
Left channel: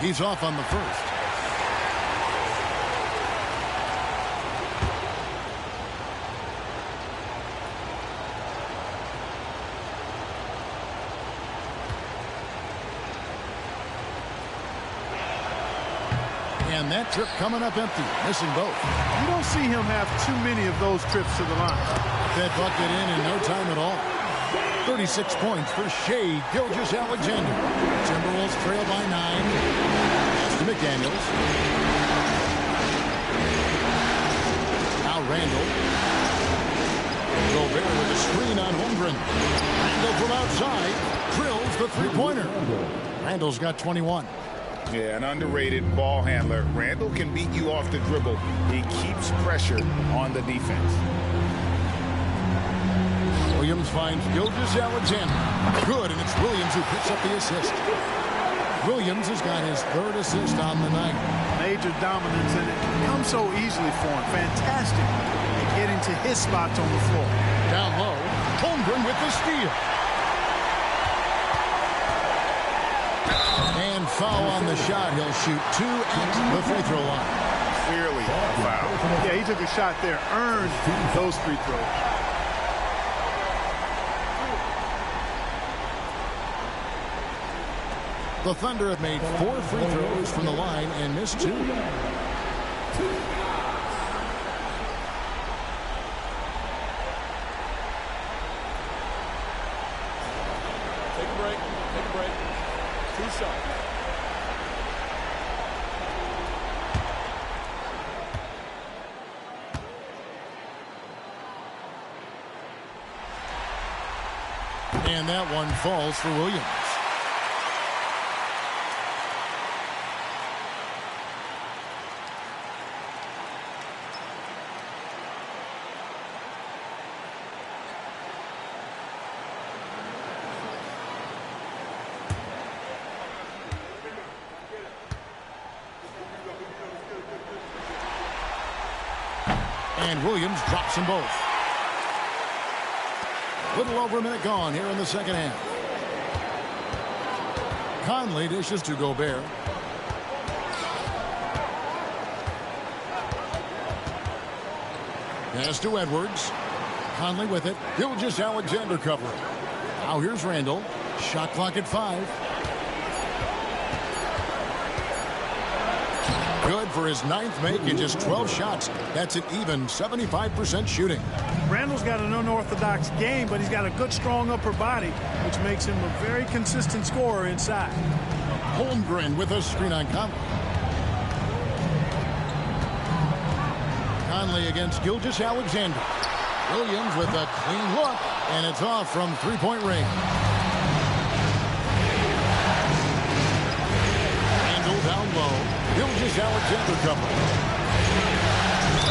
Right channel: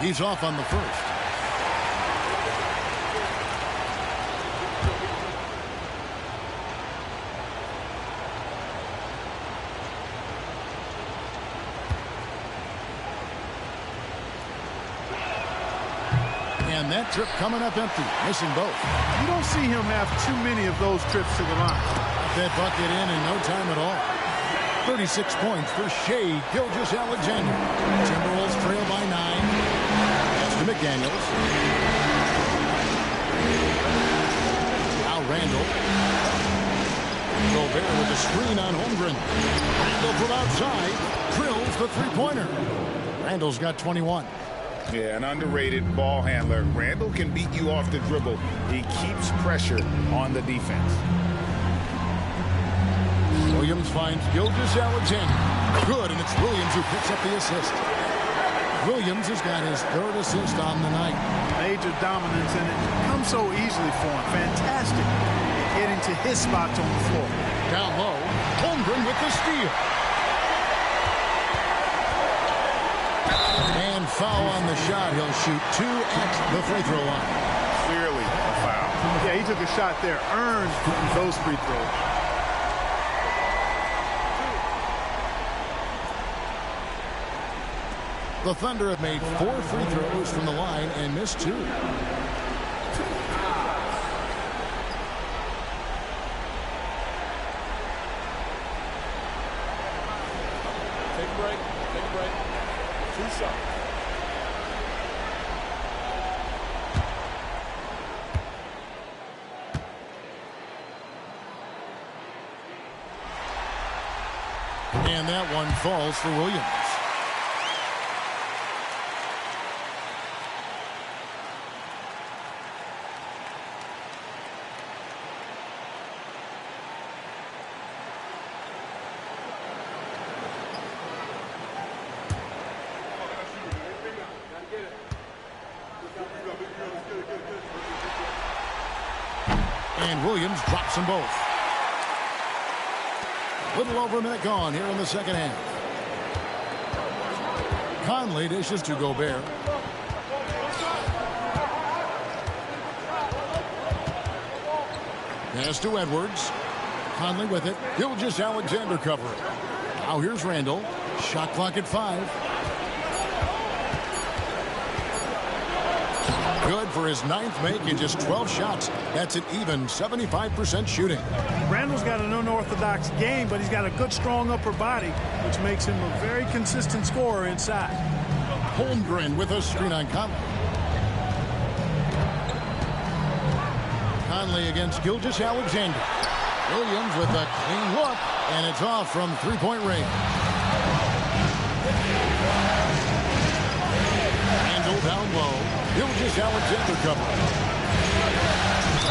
He's off on the first. And that trip coming up empty, missing both. You don't see him have too many of those trips to the line. Got that bucket in no time at all. 36 points for Shai Gilgeous-Alexander. Timberwolves trail by 9. Pass to McDaniels. Now Randall. Gobert with a screen on Holmgren. Randall from outside drills the three-pointer. Randall's got 21. Yeah, an underrated ball handler. Randall can beat you off the dribble. He keeps pressure on the defense. Williams finds Gilgeous-Alexander. Good, and it's Williams who picks up the assist. Williams has got his third assist on the night. Major dominance, and it comes so easily for him. Fantastic at getting to his spots on the floor. Down low, Holmgren with the steal. And foul on the shot. He'll shoot 2 at the free throw line. Clearly a foul. Yeah, he took a shot there, earned those free throws. The Thunder have made 4 free throws from the line and missed 2. Take a break. Take a break. 2 shots. And that one falls for Williams. And Williams drops them both. Little over a minute gone here in the second half. Conley dishes to Gobert. Pass to Edwards. Conley with it. Gilgeous-Alexander covering. Now here's Randall. Shot clock at 5. Good for his 9th make in just 12 shots. That's an even 75% shooting. Randall's got an unorthodox game, but he's got a good, strong upper body, which makes him a very consistent scorer inside. Holmgren with a screen on Conley. Conley against Gilgeous-Alexander. Williams with a clean look, and it's off from three-point range. Randall down low. Gilgeous-Alexander covering.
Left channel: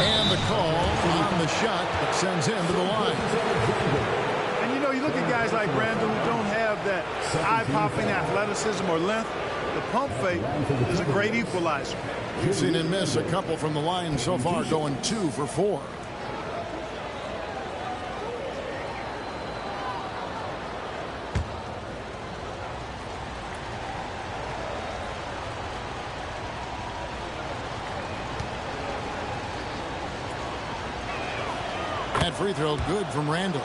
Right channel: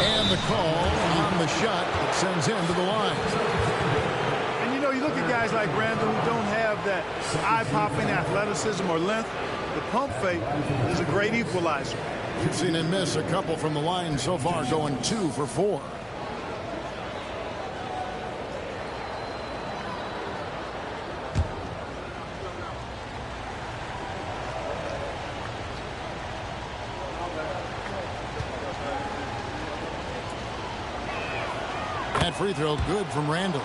And the call on the shot that sends him to the line. And, you know, you look at guys like Randall who don't have that eye-popping athleticism or length. The pump fake is a great equalizer. We've seen him miss a couple from the line so far, going 2 for 4. That free throw good from Randall.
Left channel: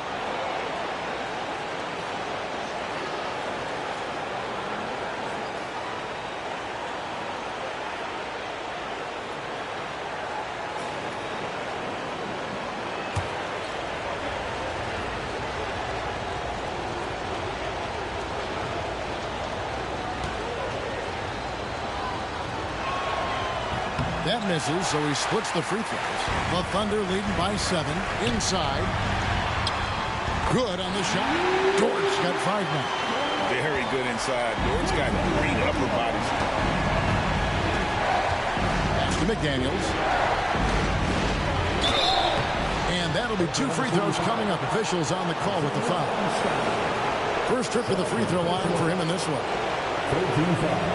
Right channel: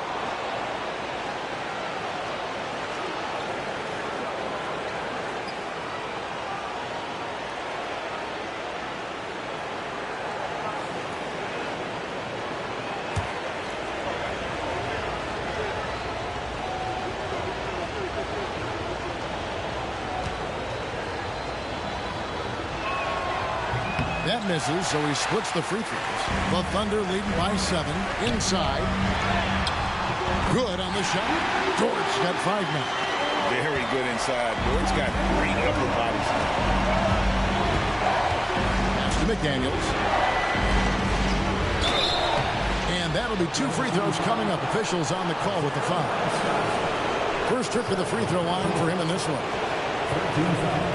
That misses, so he splits the free throws. The Thunder leading by 7. Inside. Good on the shot. Dort's got 5 now. Very good inside. Dort's got great upper body strength. Pass to McDaniels. And that'll be 2 free throws coming up. Officials on the call with the foul. First trip to the free throw line for him in this one. 13 foul.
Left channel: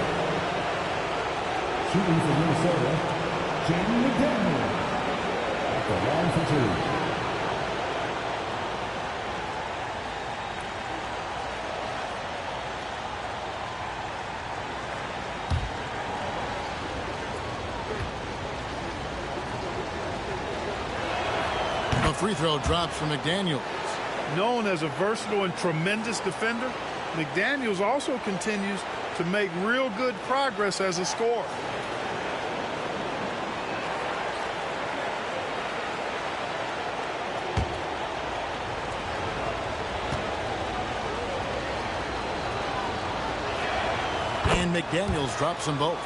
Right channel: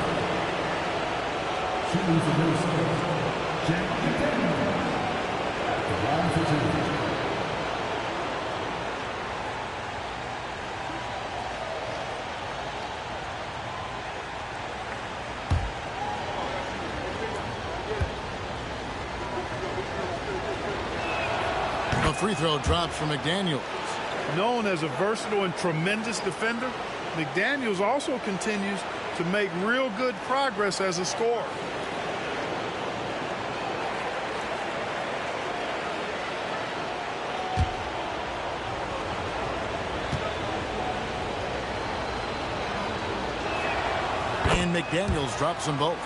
Shooting for Minnesota, Jaden McDaniel. At the line for 2. The free throw drops for McDaniels. Known as a versatile and tremendous defender, McDaniels also continues to make real good progress as a scorer. And McDaniels drops them both.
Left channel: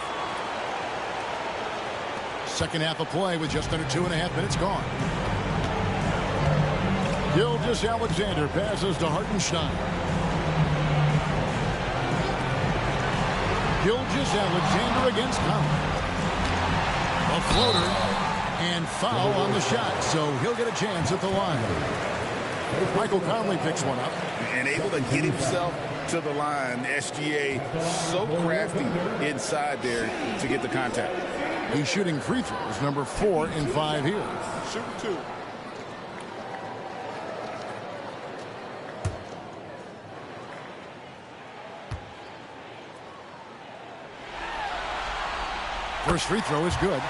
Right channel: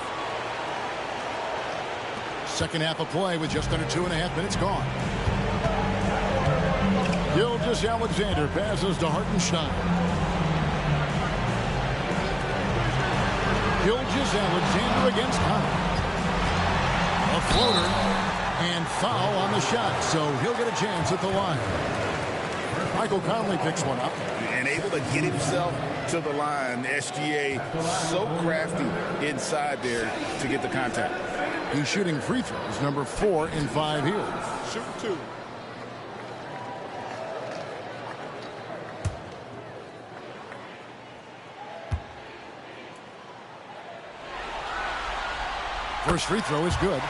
Second half of play with just under 2.5 minutes gone. Gilgeous-Alexander passes to Hartenstein. Gilgeous-Alexander against Conley. A floater and foul on the shot, so he'll get a chance at the line. Michael Conley picks one up. And able to get himself to the line. SGA so crafty inside there to get the contact. He's shooting free throws, number 4 in 5 here. Shoot 2. First free throw is good.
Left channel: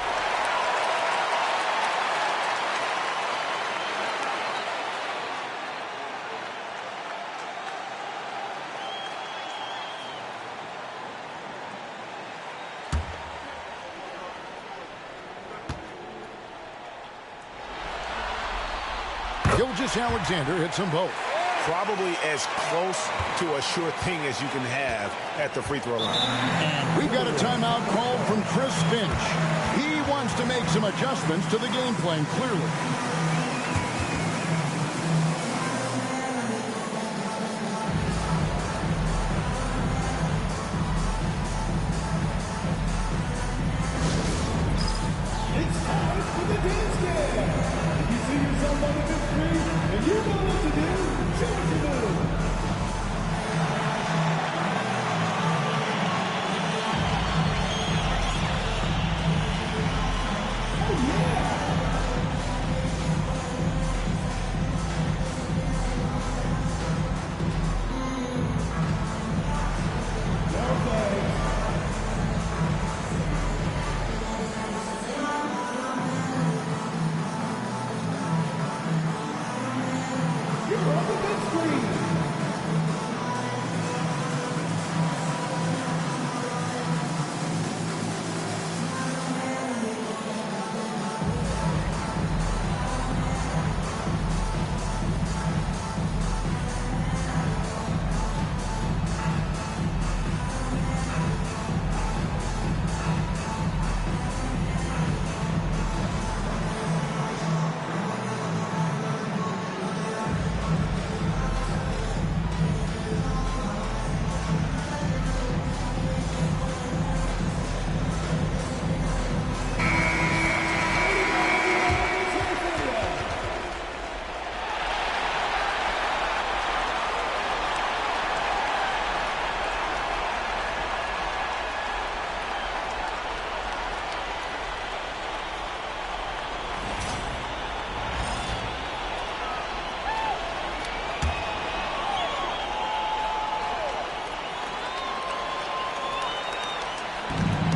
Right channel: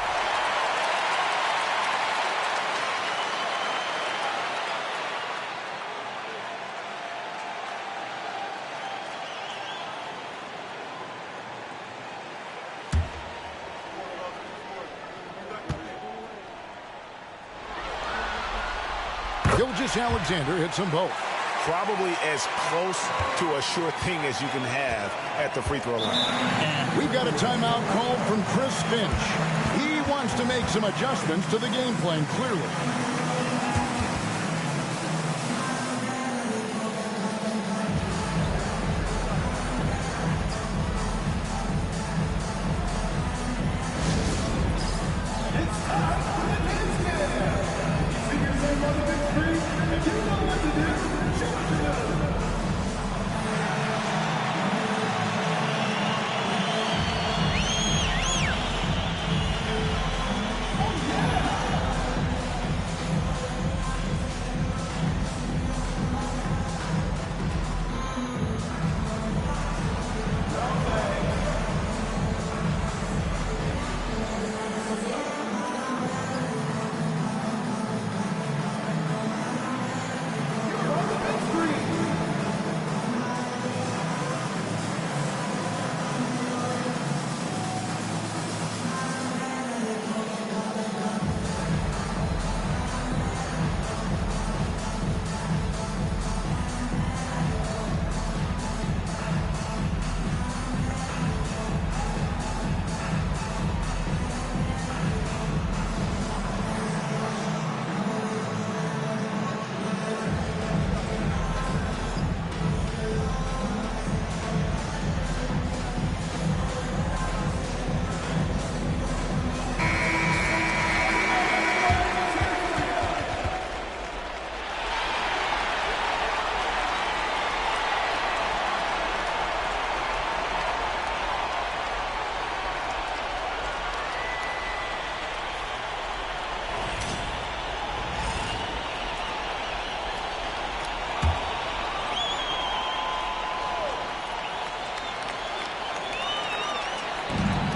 Gilgeous-Alexander hits them both. Probably as close to a sure thing as you can have at the free throw line. And we've got a timeout called from Chris Finch. He wants to make some adjustments to the game plan, clearly. It's time for the dance game. If you see yourself on the big screen and you know what to do, show what you know.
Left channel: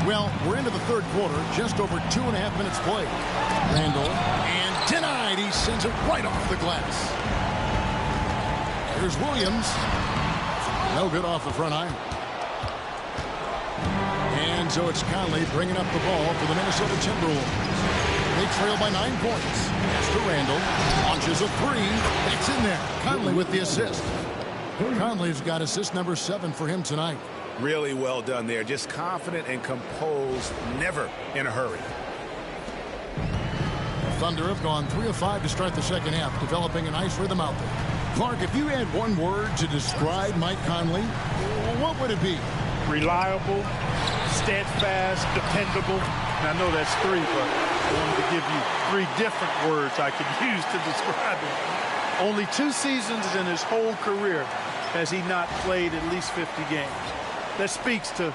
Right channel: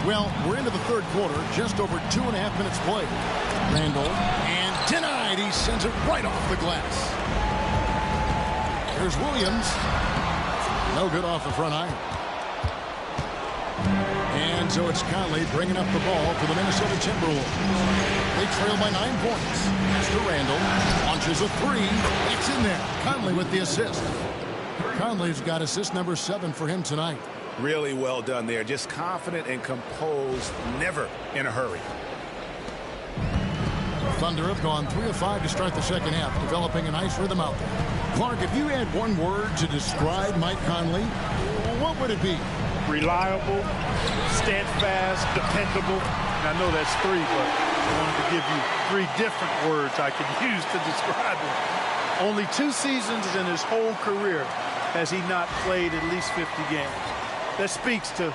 Well, we're into the third quarter, just over 2.5 minutes played. Randall, and denied. He sends it right off the glass. Here's Williams. No good off the front iron. And so it's Conley bringing up the ball for the Minnesota Timberwolves. They trail by 9 points. Pass to Randall. Launches a three. It's in there. Conley with the assist. Conley's got assist number 7 for him tonight. Really well done there. Just confident and composed. Never in a hurry. Thunder have gone 3 of 5 to start the second half, developing a nice rhythm out there. Clark, if you had one word to describe Mike Conley, what would it be? Reliable, steadfast, dependable. And I know that's 3, but I wanted to give you 3 different words I could use to describe him. Only 2 seasons in his whole career has he not played at least 50 games. That speaks to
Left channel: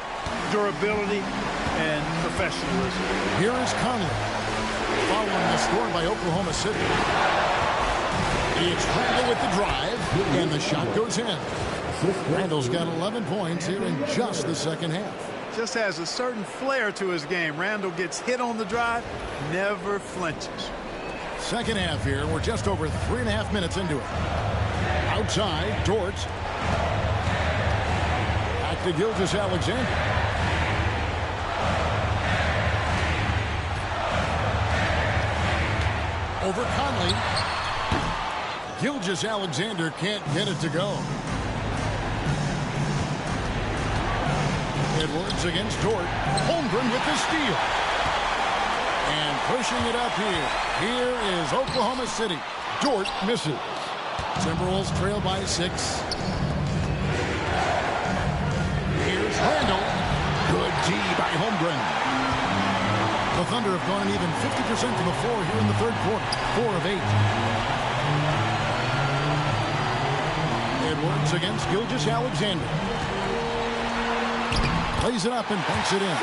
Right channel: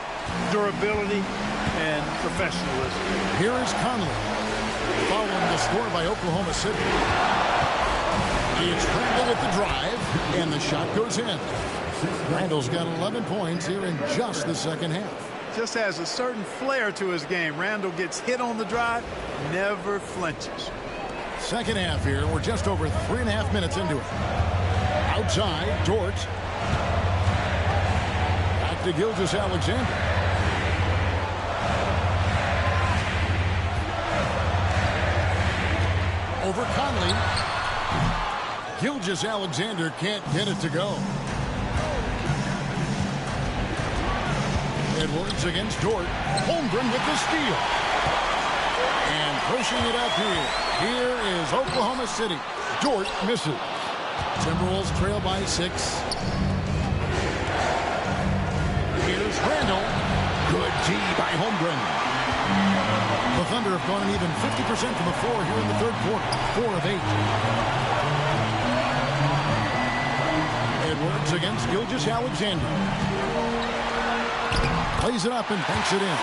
durability and professionalism. Here is Conley, following the score by Oklahoma City. It's Randall with the drive, and the shot goes in. Randall's got 11 points here in just the second half. Just has a certain flair to his game. Randall gets hit on the drive, never flinches. Second half here. We're just over 3.5 minutes into it. Outside, Dort. Back to Gilgeous-Alexander. Over Conley. Gilgeous-Alexander can't get it to go. Edwards against Dort. Holmgren with the steal. And pushing it up here. Here is Oklahoma City. Dort misses. Timberwolves trail by 6. Here's Randall. Good D by Holmgren. The Thunder have gone an even 50% from the floor here in the third quarter. 4 of 8. Edwards against Gilgeous-Alexander. Plays it up and banks it in.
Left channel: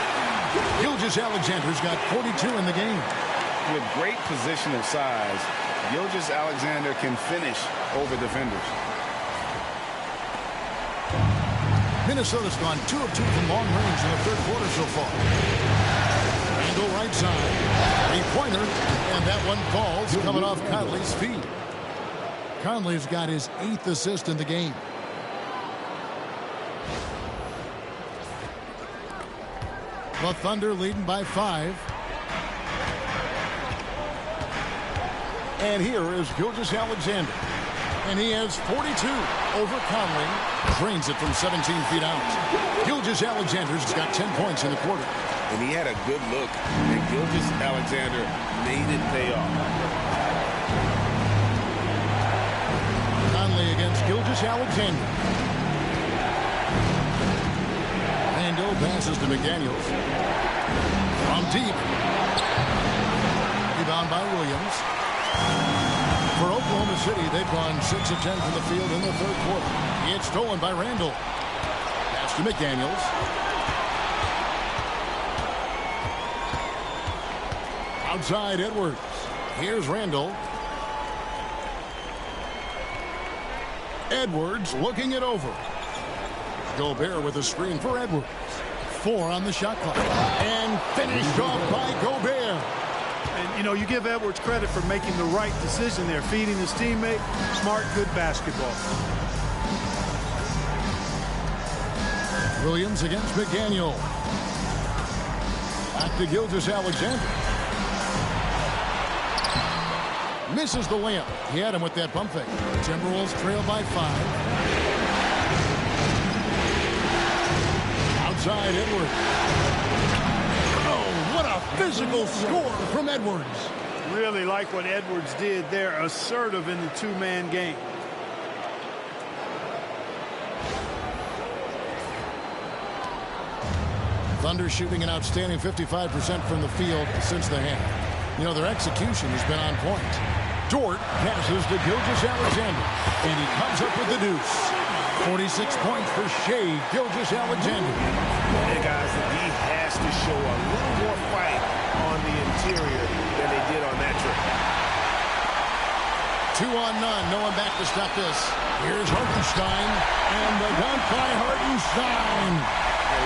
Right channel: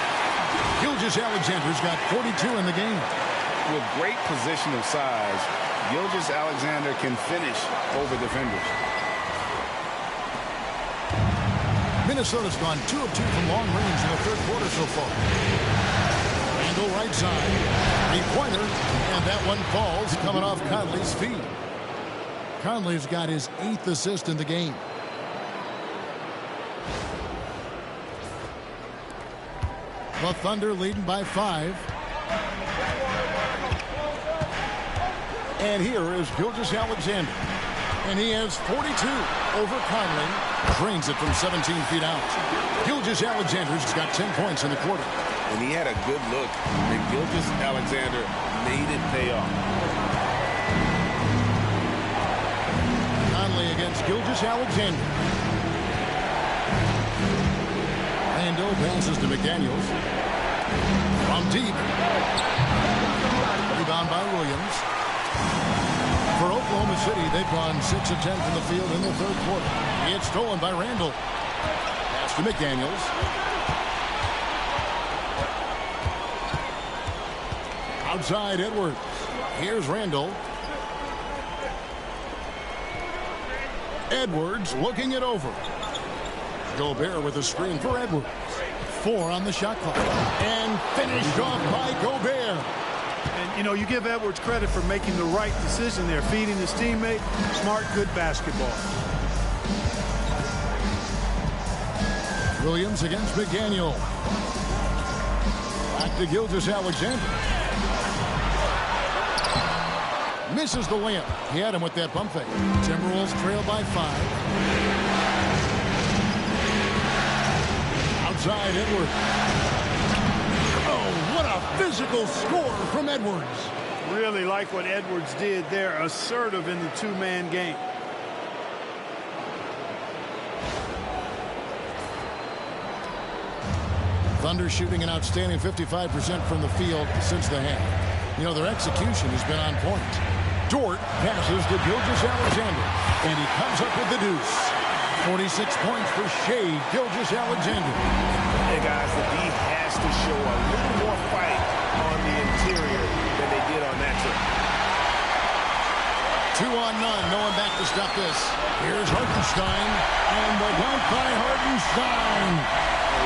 Gilgeous-Alexander's got 42 in the game. With great positional size, Gilgeous-Alexander can finish over defenders. Minnesota's gone 2 of 2 from long range in the third quarter so far. Randall right side. 3-pointer. And that one falls coming off Conley's feet. Conley's got his 8th assist in the game. The Thunder leading by 5. And here is Gilgeous-Alexander. And he has 42 over Conley. Drains it from 17 feet out. Gilgeous-Alexander's got 10 points in the quarter. And he had a good look, and Gilgeous-Alexander made it pay off. Conley against Gilgeous-Alexander. Randall passes to McDaniels. From deep. Rebound by Williams. For Oklahoma City, they've gone 6 of 10 from the field in the third quarter. It's stolen by Randall. Pass to McDaniels. Outside Edwards. Here's Randall. Edwards looking it over. Gobert with a screen for Edwards. 4 on the shot clock. And finished off by Gobert. And, you know, you give Edwards credit for making the right decision there, feeding his teammate. Smart, good basketball. Williams against McDaniel. Back to Gilgeous-Alexander. Misses the layup. He had him with that pump fake. Timberwolves trail by 5. Outside Edwards. Oh, what a physical score from Edwards. Really like what Edwards did there. Assertive in the 2-man game. Thunder shooting an outstanding 55% from the field since the half. You know, their execution has been on point. Dort passes to Gilgeous-Alexander, and he comes up with the deuce. 46 points for Shea Gilgeous-Alexander. And guys, the D has to show a little more fight on the interior than they did on that trip. 2 on none. No one back to stop this. Here's Hartenstein, and the dunk by Hartenstein.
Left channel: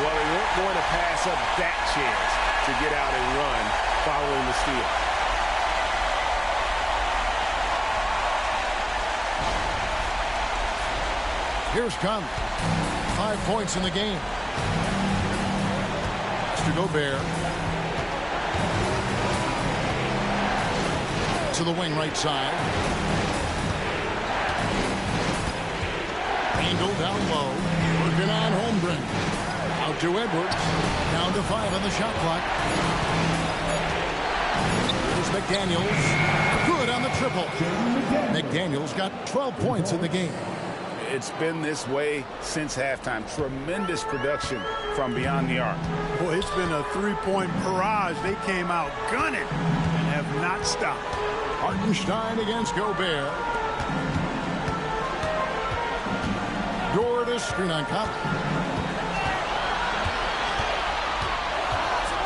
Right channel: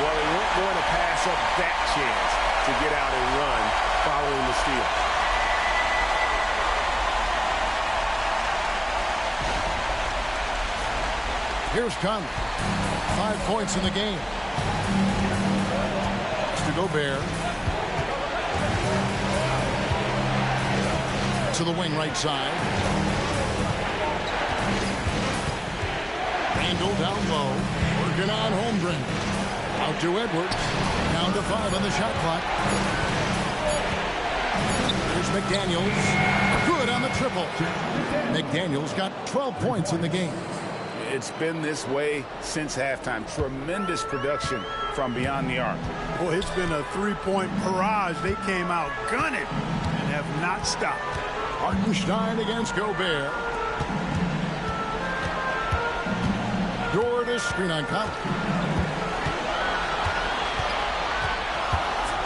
Well, they weren't going to pass up that chance to get out and run following the steal. Here's Conley. 5 points in the game. To Gobert. To the wing right side. Randall down low. Working on Holmgren. Out to Edwards. Down to 5 on the shot clock. Here's McDaniels. Good on the triple. McDaniels got 12 points in the game. It's been this way since halftime. Tremendous production from beyond the arc. Boy, it's been a three-point barrage. They came out gunning and have not stopped. Hartenstein against Gobert. Dort to screen on Conley.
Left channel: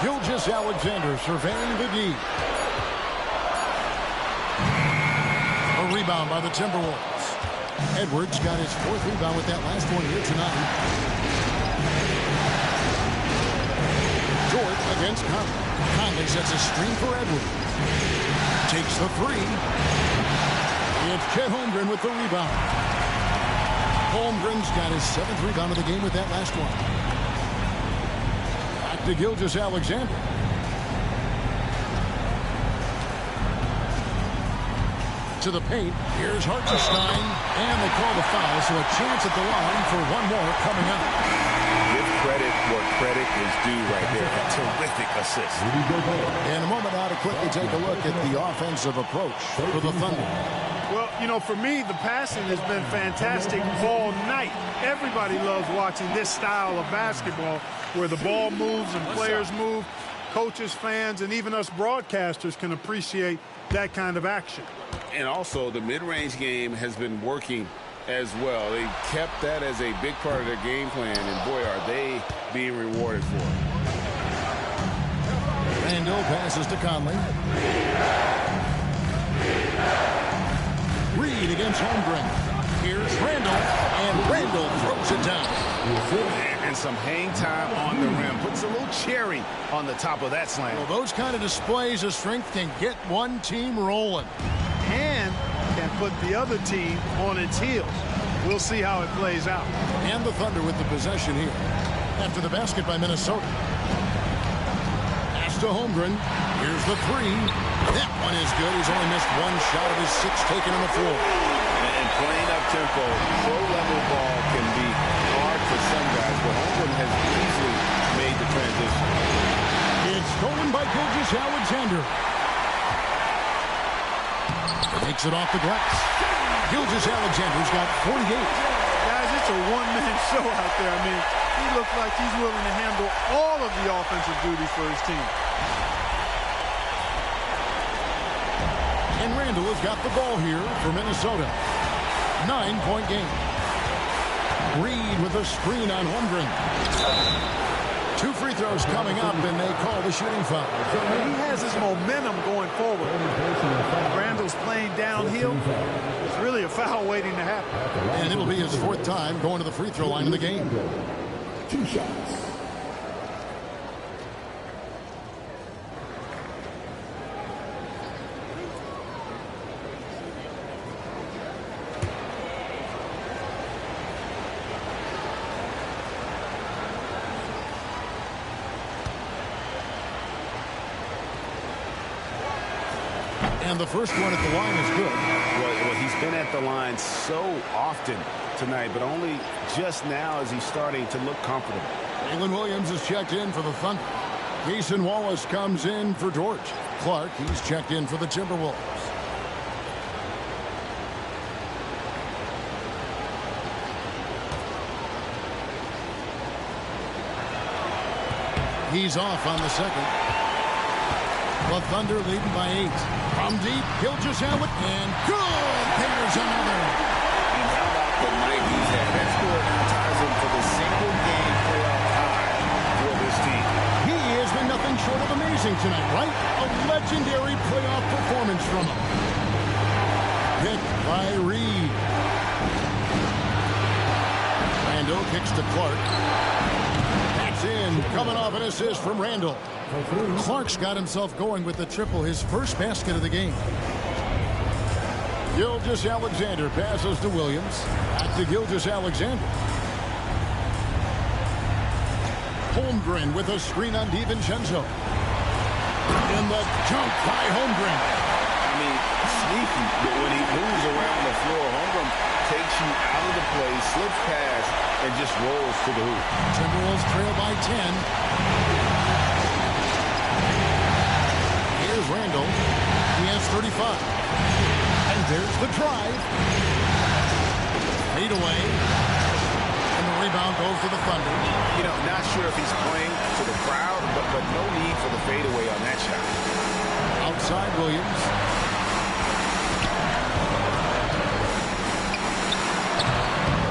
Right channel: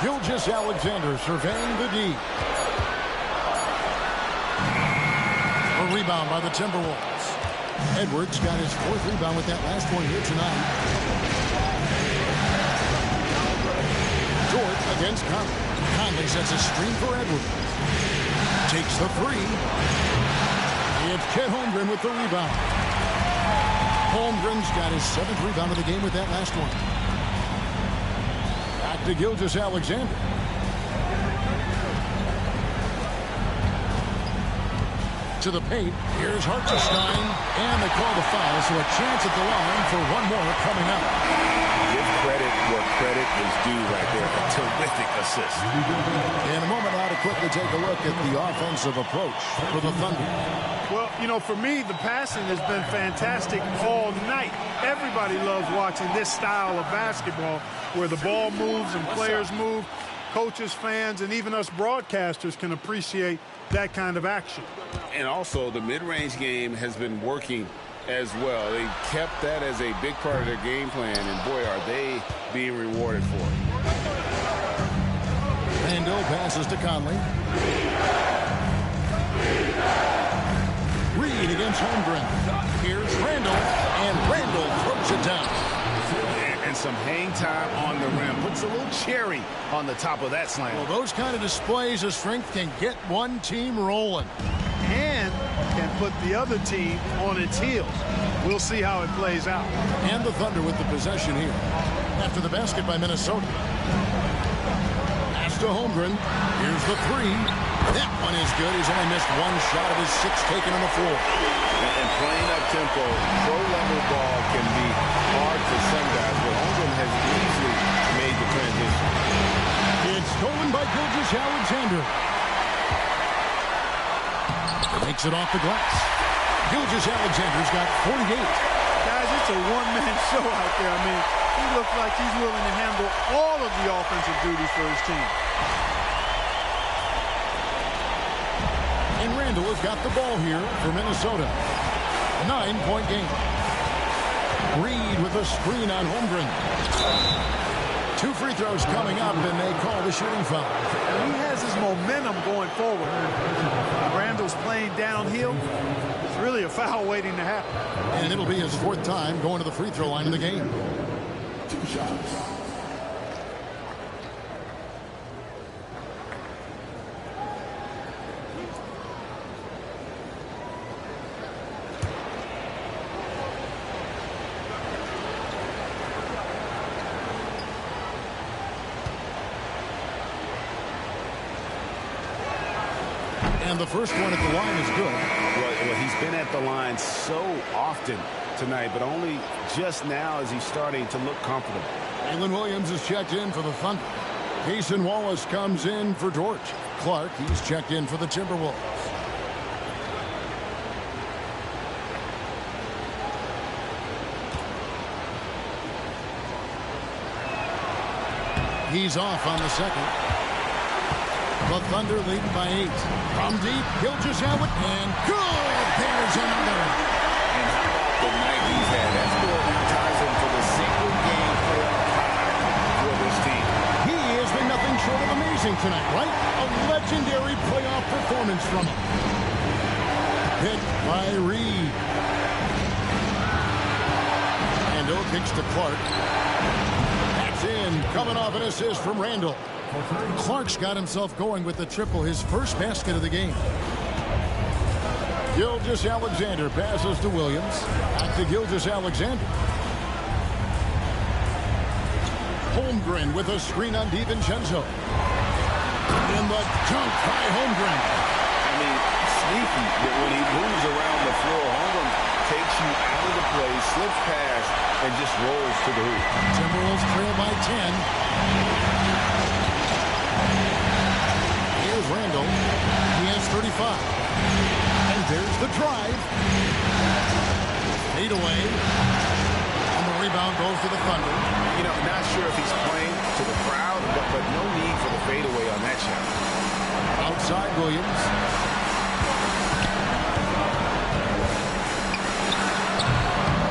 Gilgeous-Alexander surveying the D. A rebound by the Timberwolves. Edwards got his 4th rebound with that last one here tonight. Dort against Conley. Conley sets a screen for Edwards. Takes the 3. It's Chet Holmgren with the rebound. Holmgren's got his 7th rebound of the game with that last one. Back to Gilgeous-Alexander. To the paint. Here's Hartenstein. And they call the foul, so a chance at the line for one more coming up. Give credit where credit is due right there. A terrific assist. In a moment now to quickly take a look at the offensive approach for the Thunder. Well, you know, for me, the passing has been fantastic all night. Everybody loves watching this style of basketball where the ball moves and players move. Coaches, fans, and even us broadcasters can appreciate that kind of action. And also, the mid-range game has been working as well. They kept that as a big part of their game plan, and boy, are they being rewarded for it. Randall passes to Conley. Reed against Holmgren. Here's Randall, and Randall throws it down. And some hang time on the rim. Puts a little cherry on the top of that slam. Well, those kind of displays of strength can get one team rolling. And can put the other team on its heels. We'll see how it plays out. And the Thunder with the possession here. After the basket by Minnesota. Pass to Holmgren. Here's the 3. That one is good. He's only missed one shot of his 6 taken on the floor. And playing up tempo, pro-level ball can be hard for some guys, but Holmgren has easily made the transition. It's stolen by Gilgeous-Alexander. Makes it off the glass. Gilgeous-Alexander's got 48. Guys, it's a one-man show out there. I mean, he looks like he's willing to handle all of the offensive duties for his team. And Randall has got the ball here for Minnesota. 9-point game. Reed with a screen on Holmgren. 2 free throws coming up, and they call the shooting foul. He has his momentum going forward. Randall's playing downhill. It's really a foul waiting to happen. And it'll be his 4th time going to the free throw line of the game. 2 shots. And the first one at the line is good. Well, he's been at the line so often tonight, but only just now is he starting to look comfortable. Jalen Williams is checked in for the Thunder. Jason Wallace comes in for Dort. Clark, he's checked in for the Timberwolves. He's off on the second. The Thunder leading by 8. From deep, Gilgeous-Alexander, and good! There's another. And how about the night he's had? That score now ties him for the single-game playoff high for this team. He has been nothing short of amazing tonight, right? A legendary playoff performance from him. Picked by Reed. Randall kicks to Clark. That's goes in, coming off an assist from Randall. Clark's got himself going with the triple, his first basket of the game. Gilgeous-Alexander passes to Williams. Back to Gilgeous-Alexander. Holmgren with a screen on DiVincenzo. In the dunk by Holmgren. I mean, sneaky, but when he moves around the floor, Holmgren takes you out of the play, slips past, and just rolls to the hoop. Timberwolves trail by 10. Here's Randall. He has 35. And there's the drive. Fade away. And the rebound goes to the Thunder. You know, not sure if he's playing to the crowd, but no need for the fadeaway on that shot. Outside Williams.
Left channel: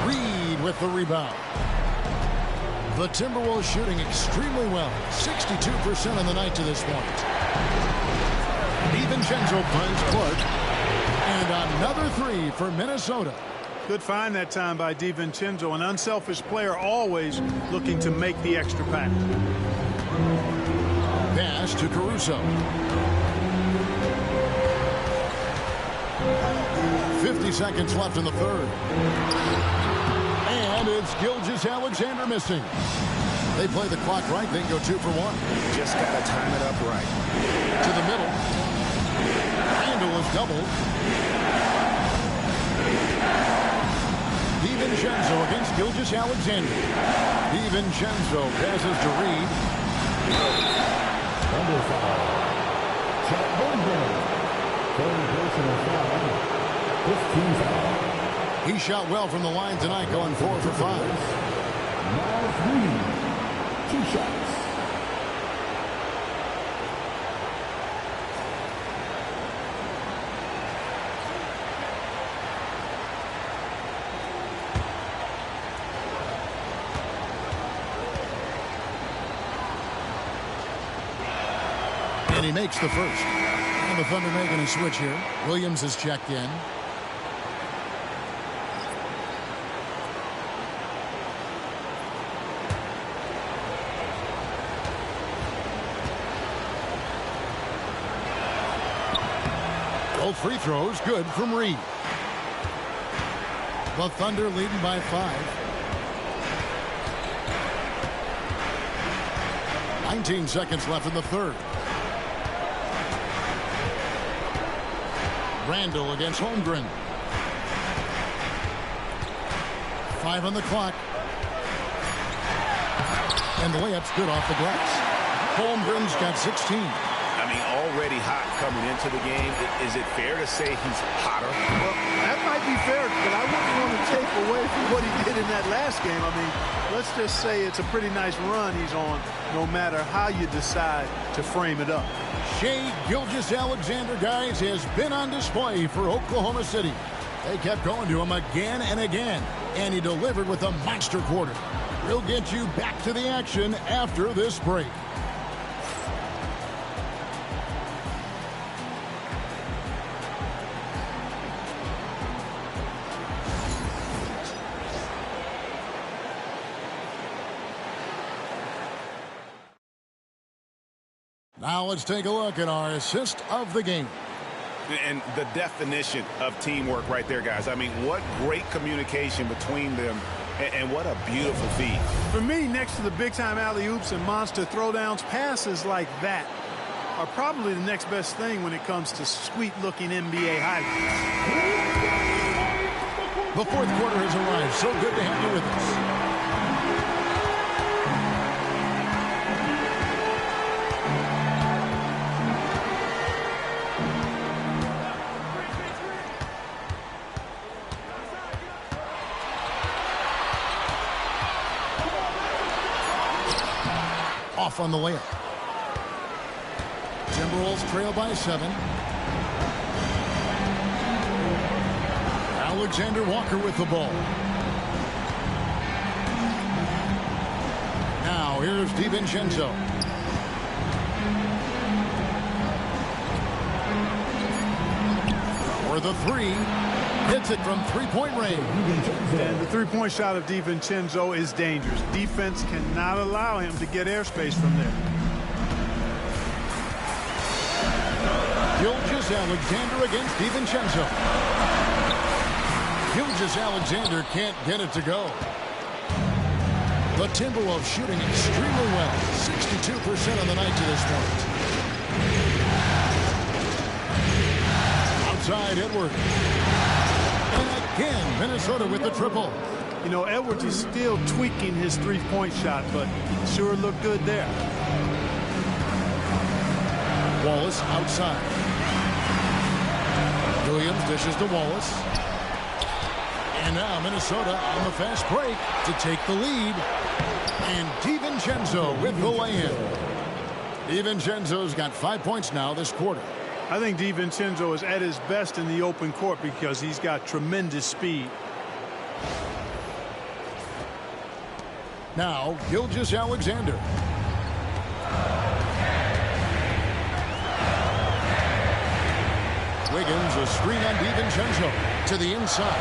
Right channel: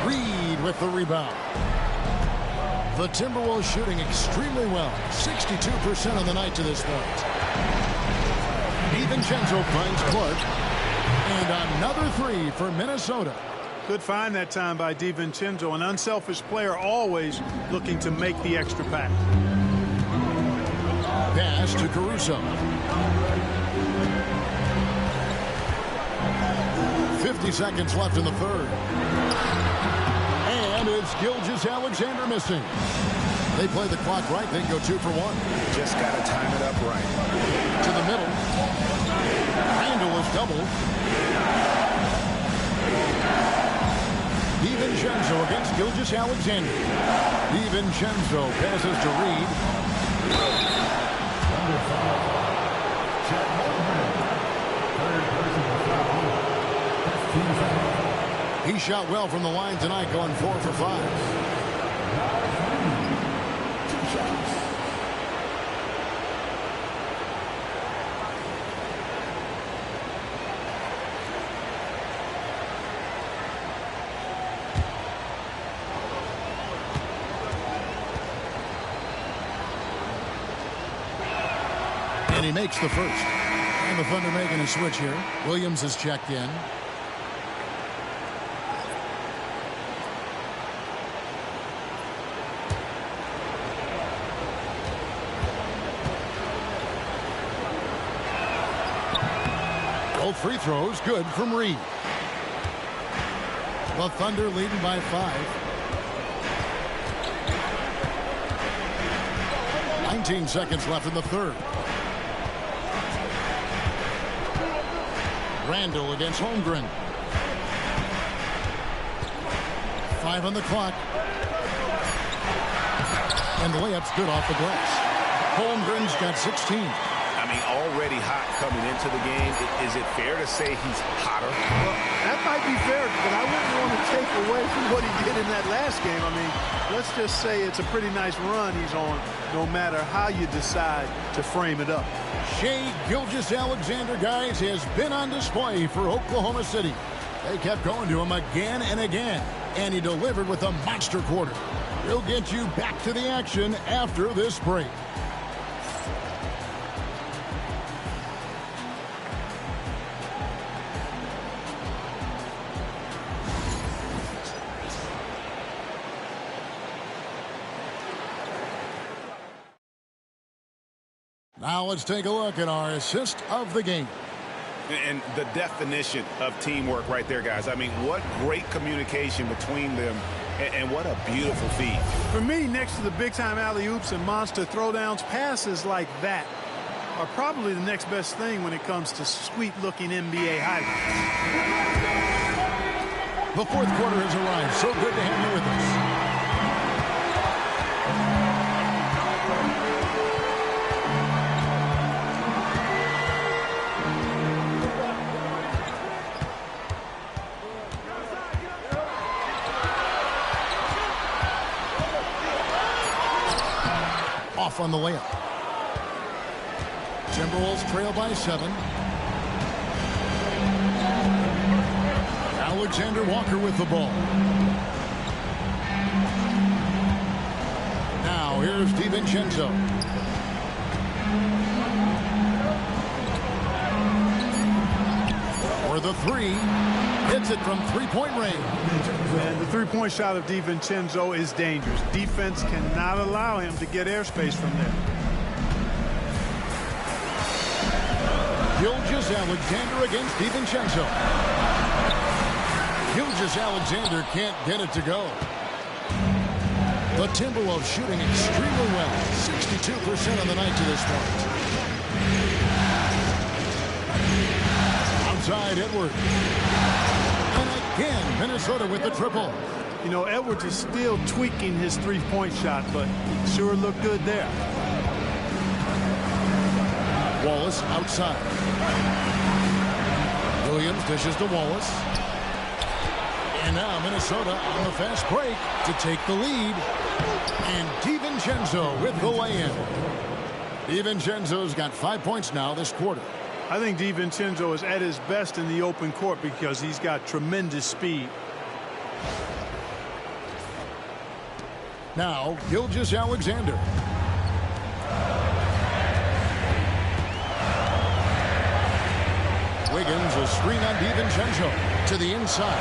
Reed with the rebound. The Timberwolves shooting extremely well. 62% on the night to this point. DiVincenzo finds Clark. And another three for Minnesota. Good find that time by DiVincenzo, an unselfish player always looking to make the extra pass. Pass to Caruso. 50 seconds left in the third. And it's Gilgeous-Alexander missing. They play the clock right, then go 2 for 1. Just got to time it up right. To the middle. Randall is doubled. DiVincenzo against Gilgeous-Alexander. DiVincenzo passes to Reed. Under foul. Chet Holmgren. Third personal foul. 15 foul. He shot well from the line tonight, going 4 for 5. Now Reed. 2 shots. And he makes the first. And the Thunder making a switch here. Williams is checked in. Both free throws good from Reed. The Thunder leading by 5. 19 seconds left in the third. Randall against Holmgren. 5 on the clock. And the layup's good off the glass. Holmgren's got 16. I mean, already hot coming into the game. Is it fair to say he's hotter? Well, that might be fair, but I wouldn't want to take away from what he did in that last game. I mean, let's just say it's a pretty nice run he's on, no matter how you decide to frame it up. Shai Gilgeous-Alexander, guys, has been on display for Oklahoma City. They kept going to him again and again, and he delivered with a monster quarter. We'll get you back to the action after this break. Now let's take a look at our assist of the game. And the definition of teamwork right there, guys. I mean, what great communication between them, and what a beautiful feed. For me, next to the big-time alley-oops and monster throwdowns, passes like that are probably the next best thing when it comes to sweet-looking NBA highlights. The fourth quarter has arrived. So good to have you with us. Off on the layup. Timberwolves trail by 7. Alexander Walker with the ball. Now here's DiVincenzo. For the 3. Hits it from three-point range. And the three-point shot of DiVincenzo is dangerous. Defense cannot allow him to get airspace from there. Gilgeous-Alexander against DiVincenzo. Gilgeous-Alexander can't get it to go. The Timberwolves shooting extremely well. 62% on the night to this point. Outside Edwards. And again, Minnesota with the triple. You know, Edwards is still tweaking his three-point shot, but he sure looked good there. Wallace outside. Williams dishes to Wallace. And now Minnesota on the fast break to take the lead. And DiVincenzo with the lay-in. DiVincenzo's got 5 points now this quarter. I think DiVincenzo is at his best in the open court because he's got tremendous speed. Now, Gilgeous-Alexander. Wiggins, a screen on DiVincenzo to the inside.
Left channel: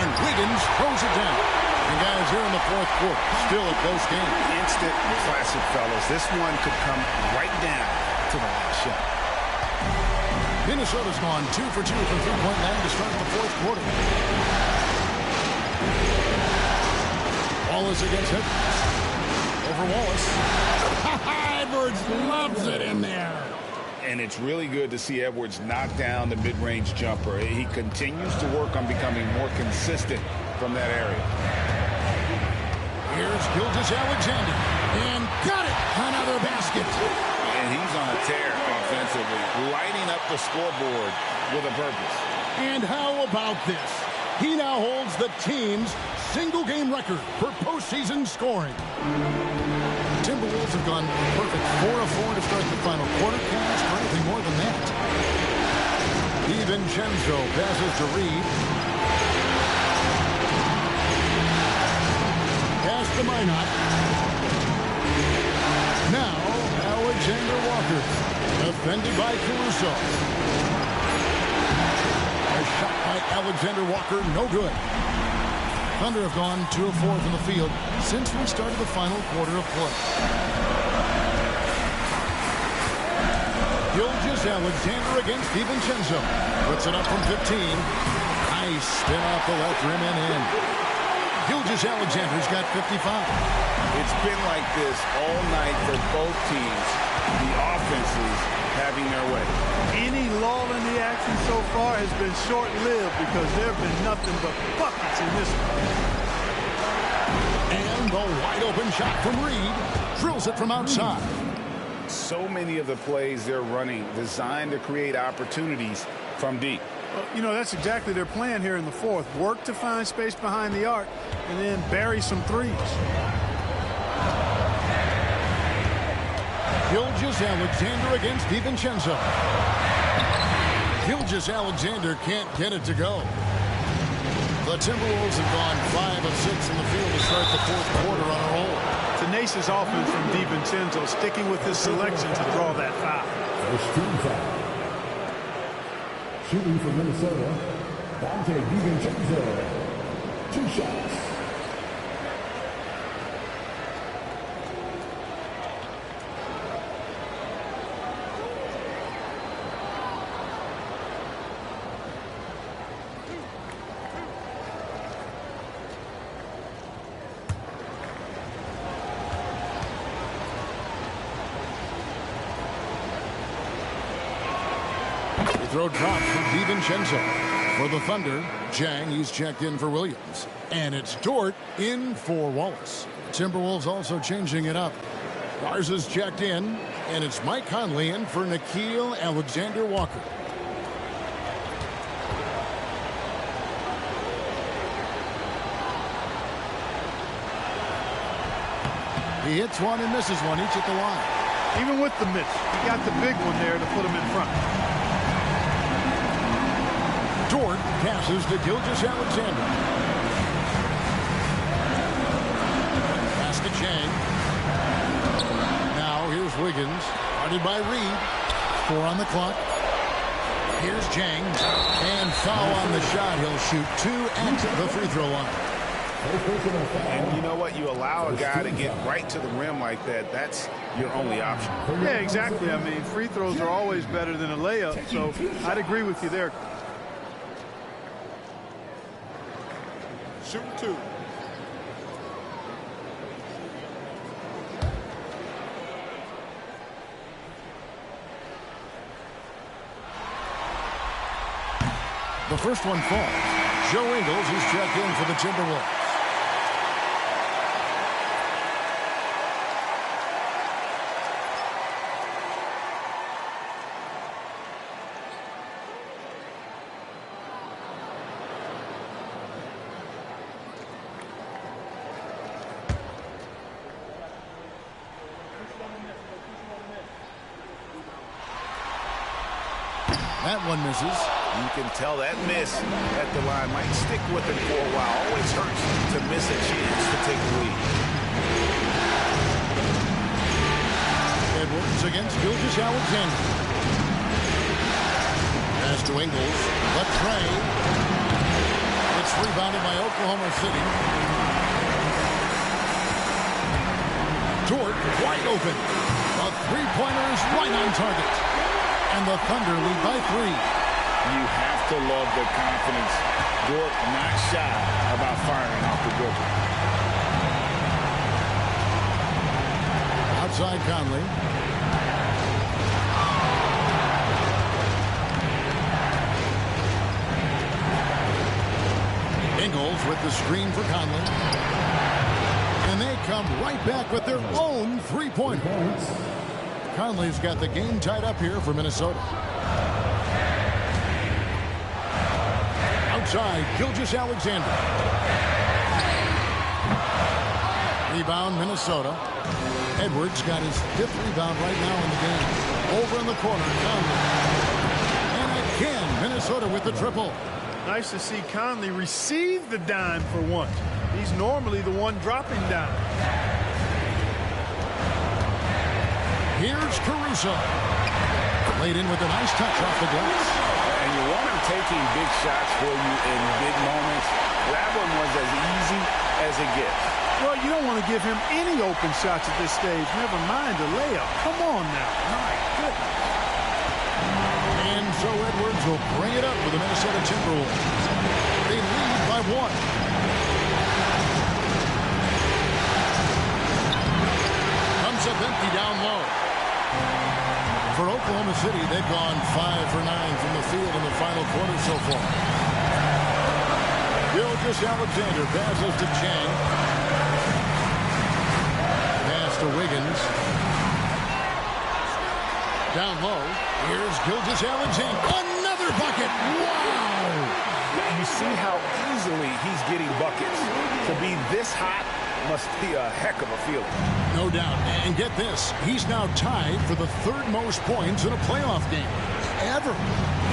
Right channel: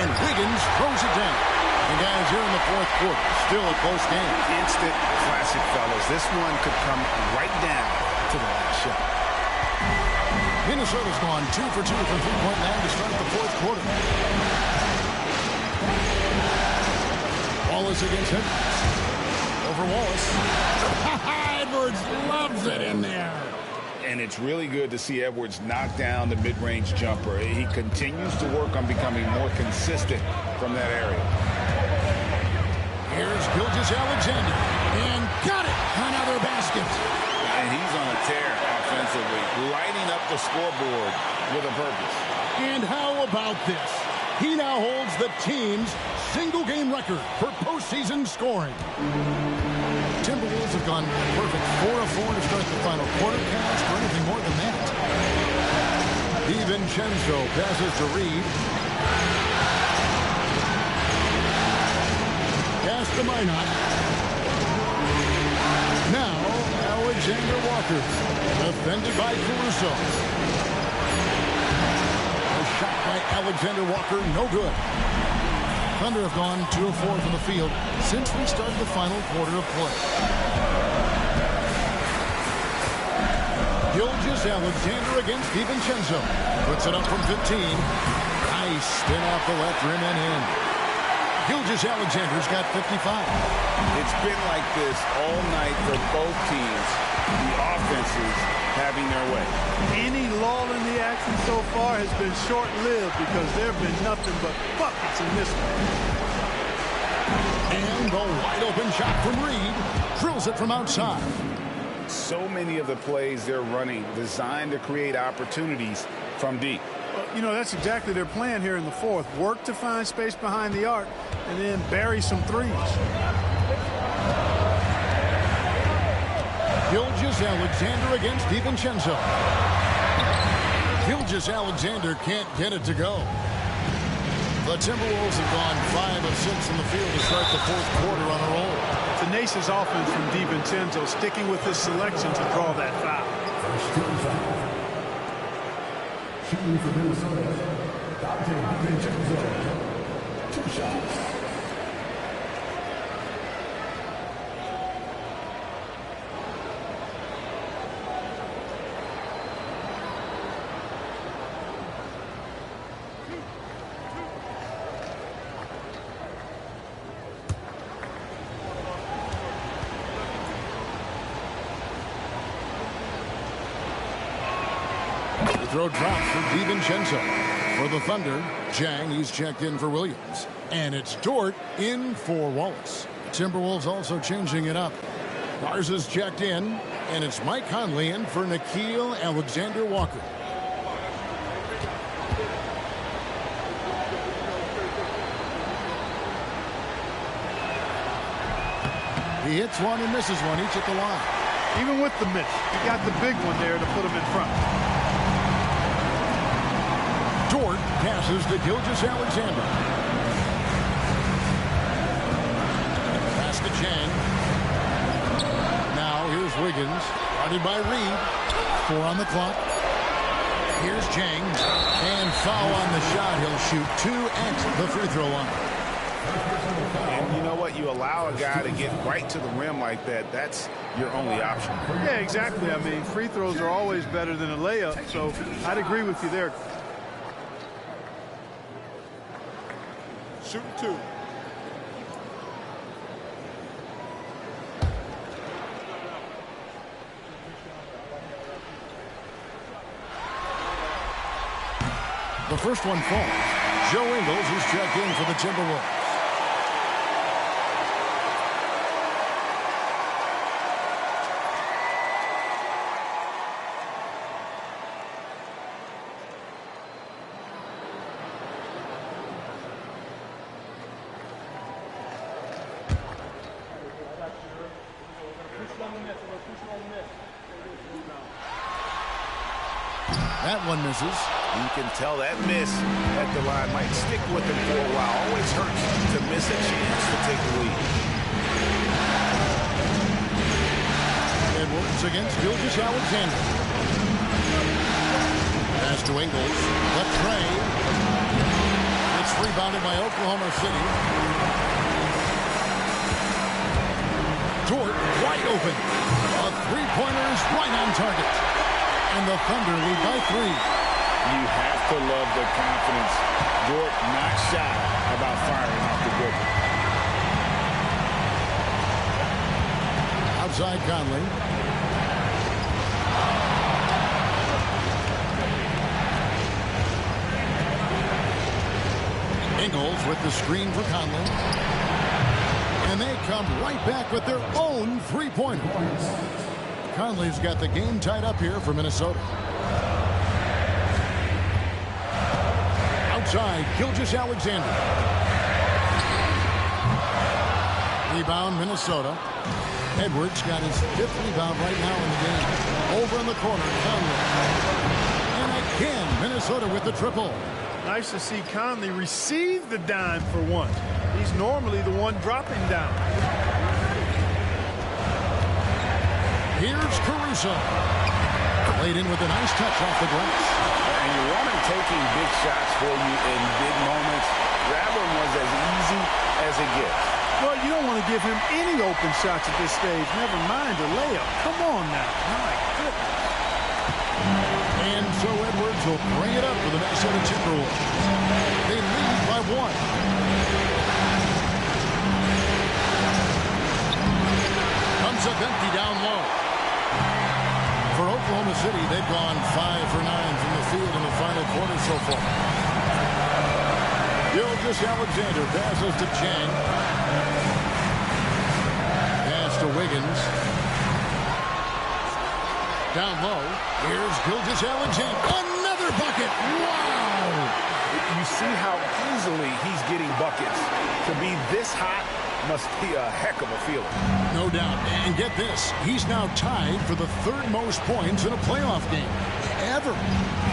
And Wiggins throws it down. And guys, here in the fourth quarter, still a close game. Instant classic, fellas. This one could come right down to the last shot. Minnesota's gone 2 for 2 from three-point land to start the fourth quarter. Wallace against Edwards. Over Wallace. Edwards loves it in there. And it's really good to see Edwards knock down the mid-range jumper. He continues to work on becoming more consistent from that area. Here's Gilgeous-Alexander. And got it. Another basket. And he's on a tear offensively, lighting up the scoreboard with a purpose. And how about this? He now holds the team's single-game record for postseason scoring. Timberwolves have gone a perfect 4 of 4 to start the final quarter. Can't ask for anything more than that. DiVincenzo passes to Reed. Pass to Minot. Now, Alexander Walker. Defended by Caruso. A shot by Alexander Walker, no good. Thunder have gone 2 of 4 from the field since we started the final quarter of play. Gilgeous-Alexander against DiVincenzo. Puts it up from 15. Nice spin off the left rim and in. Gilgeous-Alexander's got 55. It's been like this all night for both teams. The offenses having their way. Any lull in the action so far has been short-lived because there have been nothing but buckets in this one. And the wide-open shot from Reed. Drills it from outside. So many of the plays they're running designed to create opportunities from deep. Well, you know, that's exactly their plan here in the fourth. Work to find space behind the arc and then bury some threes. Gilgeous-Alexander against DiVincenzo. Gilgeous-Alexander can't get it to go. The Timberwolves have gone 5 of 6 in the field to start the fourth quarter on a roll. Tenacious offense from DiVincenzo, sticking with his selection to draw that foul. First team foul. Shooting for Minnesota, Dante DiVincenzo. 2 shots. Throw dropped for DiVincenzo. For the Thunder, Jang, he's checked in for Williams. And it's Dort in for Wallace. Timberwolves also changing it up. Garza's checked in, and it's Mike Conley in for Nickeil Alexander-Walker. He hits one and misses one, each at the line. Even with the miss, he got the big one there to put him in front. Dort passes to Gilgeous-Alexander. Pass to Chang. Now here's Wiggins. Guarded by Reed. 4 on the clock. Here's Jang. And foul on the shot. He'll shoot 2 at the free throw line. And you know what? You allow a guy to get right to the rim like that. That's your only option. Yeah, exactly. I mean, free throws are always better than a layup, so I'd agree with you there. Shooting 2. The first one falls. Joe Ingles is checked in for the Timberwolves. That one misses. You can tell that miss at the line might stick with him for a while. Always hurts to miss a chance to take the lead. Edwards against Gilgeous-Alexander. Pass to Ingles. The tray. It's rebounded by Oklahoma City. Dort wide open. A three-pointer is right on target. And the Thunder lead by 3. You have to love the confidence. Dort not shy about firing off the dribble. Outside Conley. Ingles with the screen for Conley. And they come right back with their own three-pointer. Conley's got the game tied up here for Minnesota. Outside, Gilgeous-Alexander. Rebound, Minnesota. Edwards got his 5th rebound right now in the game. Over in the corner, Conley. And again, Minnesota with the triple. Nice to see Conley receive the dime for once. He's normally the one dropping down. Here's Caruso. Laid in with a nice touch off the glass. And you want him taking big shots for you in big moments. That one was as easy as it gets. Well, you don't want to give him any open shots at this stage. Never mind a layup. Come on now. My goodness. And so Edwards will bring it up for the Minnesota Timberwolves. They lead by 1. Up empty down low. For Oklahoma City, they've gone 5 for 9 from the field in the final quarter so far. Gilgeous-Alexander passes to Chang. Pass to Wiggins. Down low. Here's Gilgeous-Alexander. Another bucket. Wow. You see how easily he's getting buckets. To be this hot must be a heck of a feeling. No doubt. And get this, he's now tied for the 3rd most points in a playoff game ever.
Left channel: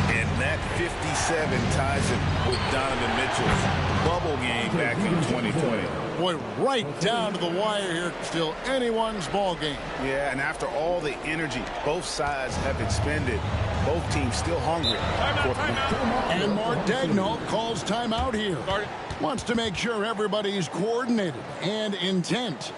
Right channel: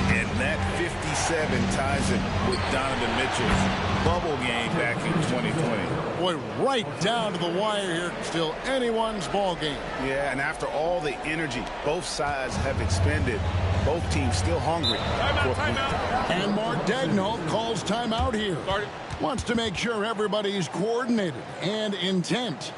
And that 57 ties him with Donovan Mitchell's bubble game back in 2020. Boy, right down to the wire here. Still anyone's ball game. Yeah, and after all the energy both sides have expended, both teams still hungry. And Mark Daigneault calls timeout here. Wants to make sure everybody's coordinated and intent.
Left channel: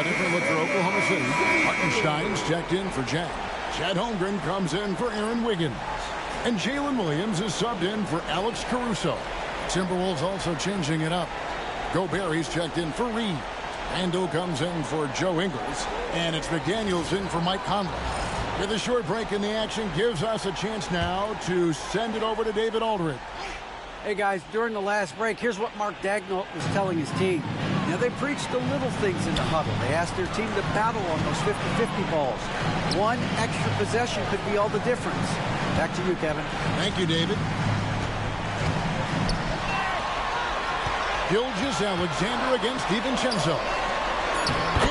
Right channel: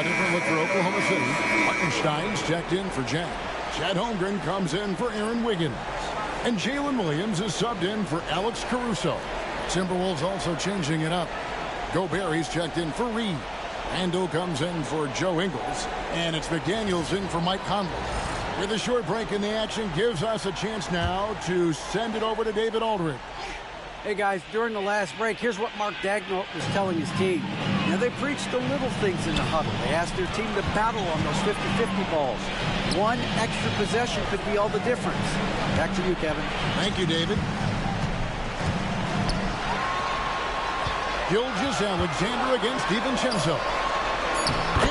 A different look for Oklahoma City. Hartenstein's checked in for Jack. Chad Holmgren comes in for Aaron Wiggins. And Jalen Williams is subbed in for Alex Caruso. Timberwolves also changing it up. Gobert's checked in for Reed. Randall comes in for Joe Ingles. And it's McDaniels in for Mike Conley. With a short break in the action, gives us a chance now to send it over to David Aldridge. Hey guys, during the last break, here's what Mark Daigneault was telling his team. Now, they preached the little things in the huddle. They asked their team to battle on those 50-50 balls. One extra possession could be all the difference. Back to you, Kevin. Thank you, David. Gilgeous-Alexander against DiVincenzo.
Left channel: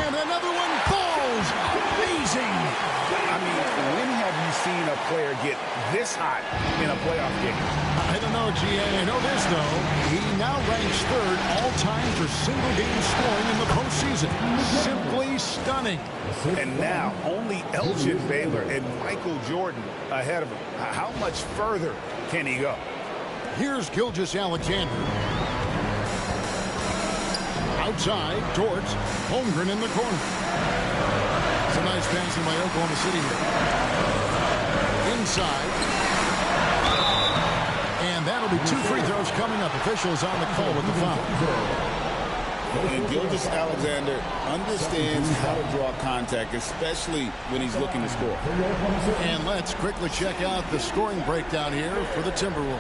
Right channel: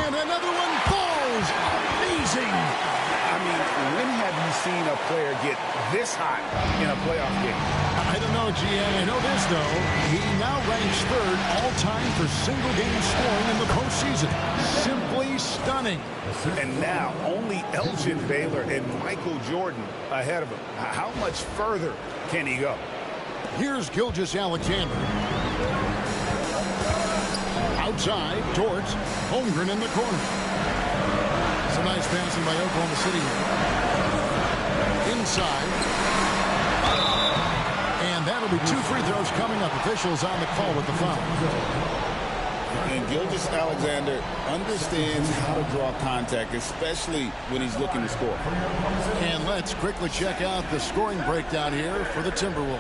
And another one falls. Amazing. I mean, when have you seen a player get this hot in a playoff game? I don't know, GN. I know this, though. He now ranks third all-time for single-game scoring in the postseason. Simply stunning. And now only Elgin Baylor and Michael Jordan ahead of him. How much further can he go? Here's Gilgeous-Alexander. Outside towards Holmgren in the corner. Some nice passing by Oklahoma City here. Inside. And that'll be 2 free throws coming up. Officials on the call with the foul. And Gilgeous-Alexander understands how to draw contact, especially when he's looking to score. And let's quickly check out the scoring breakdown here for the Timberwolves.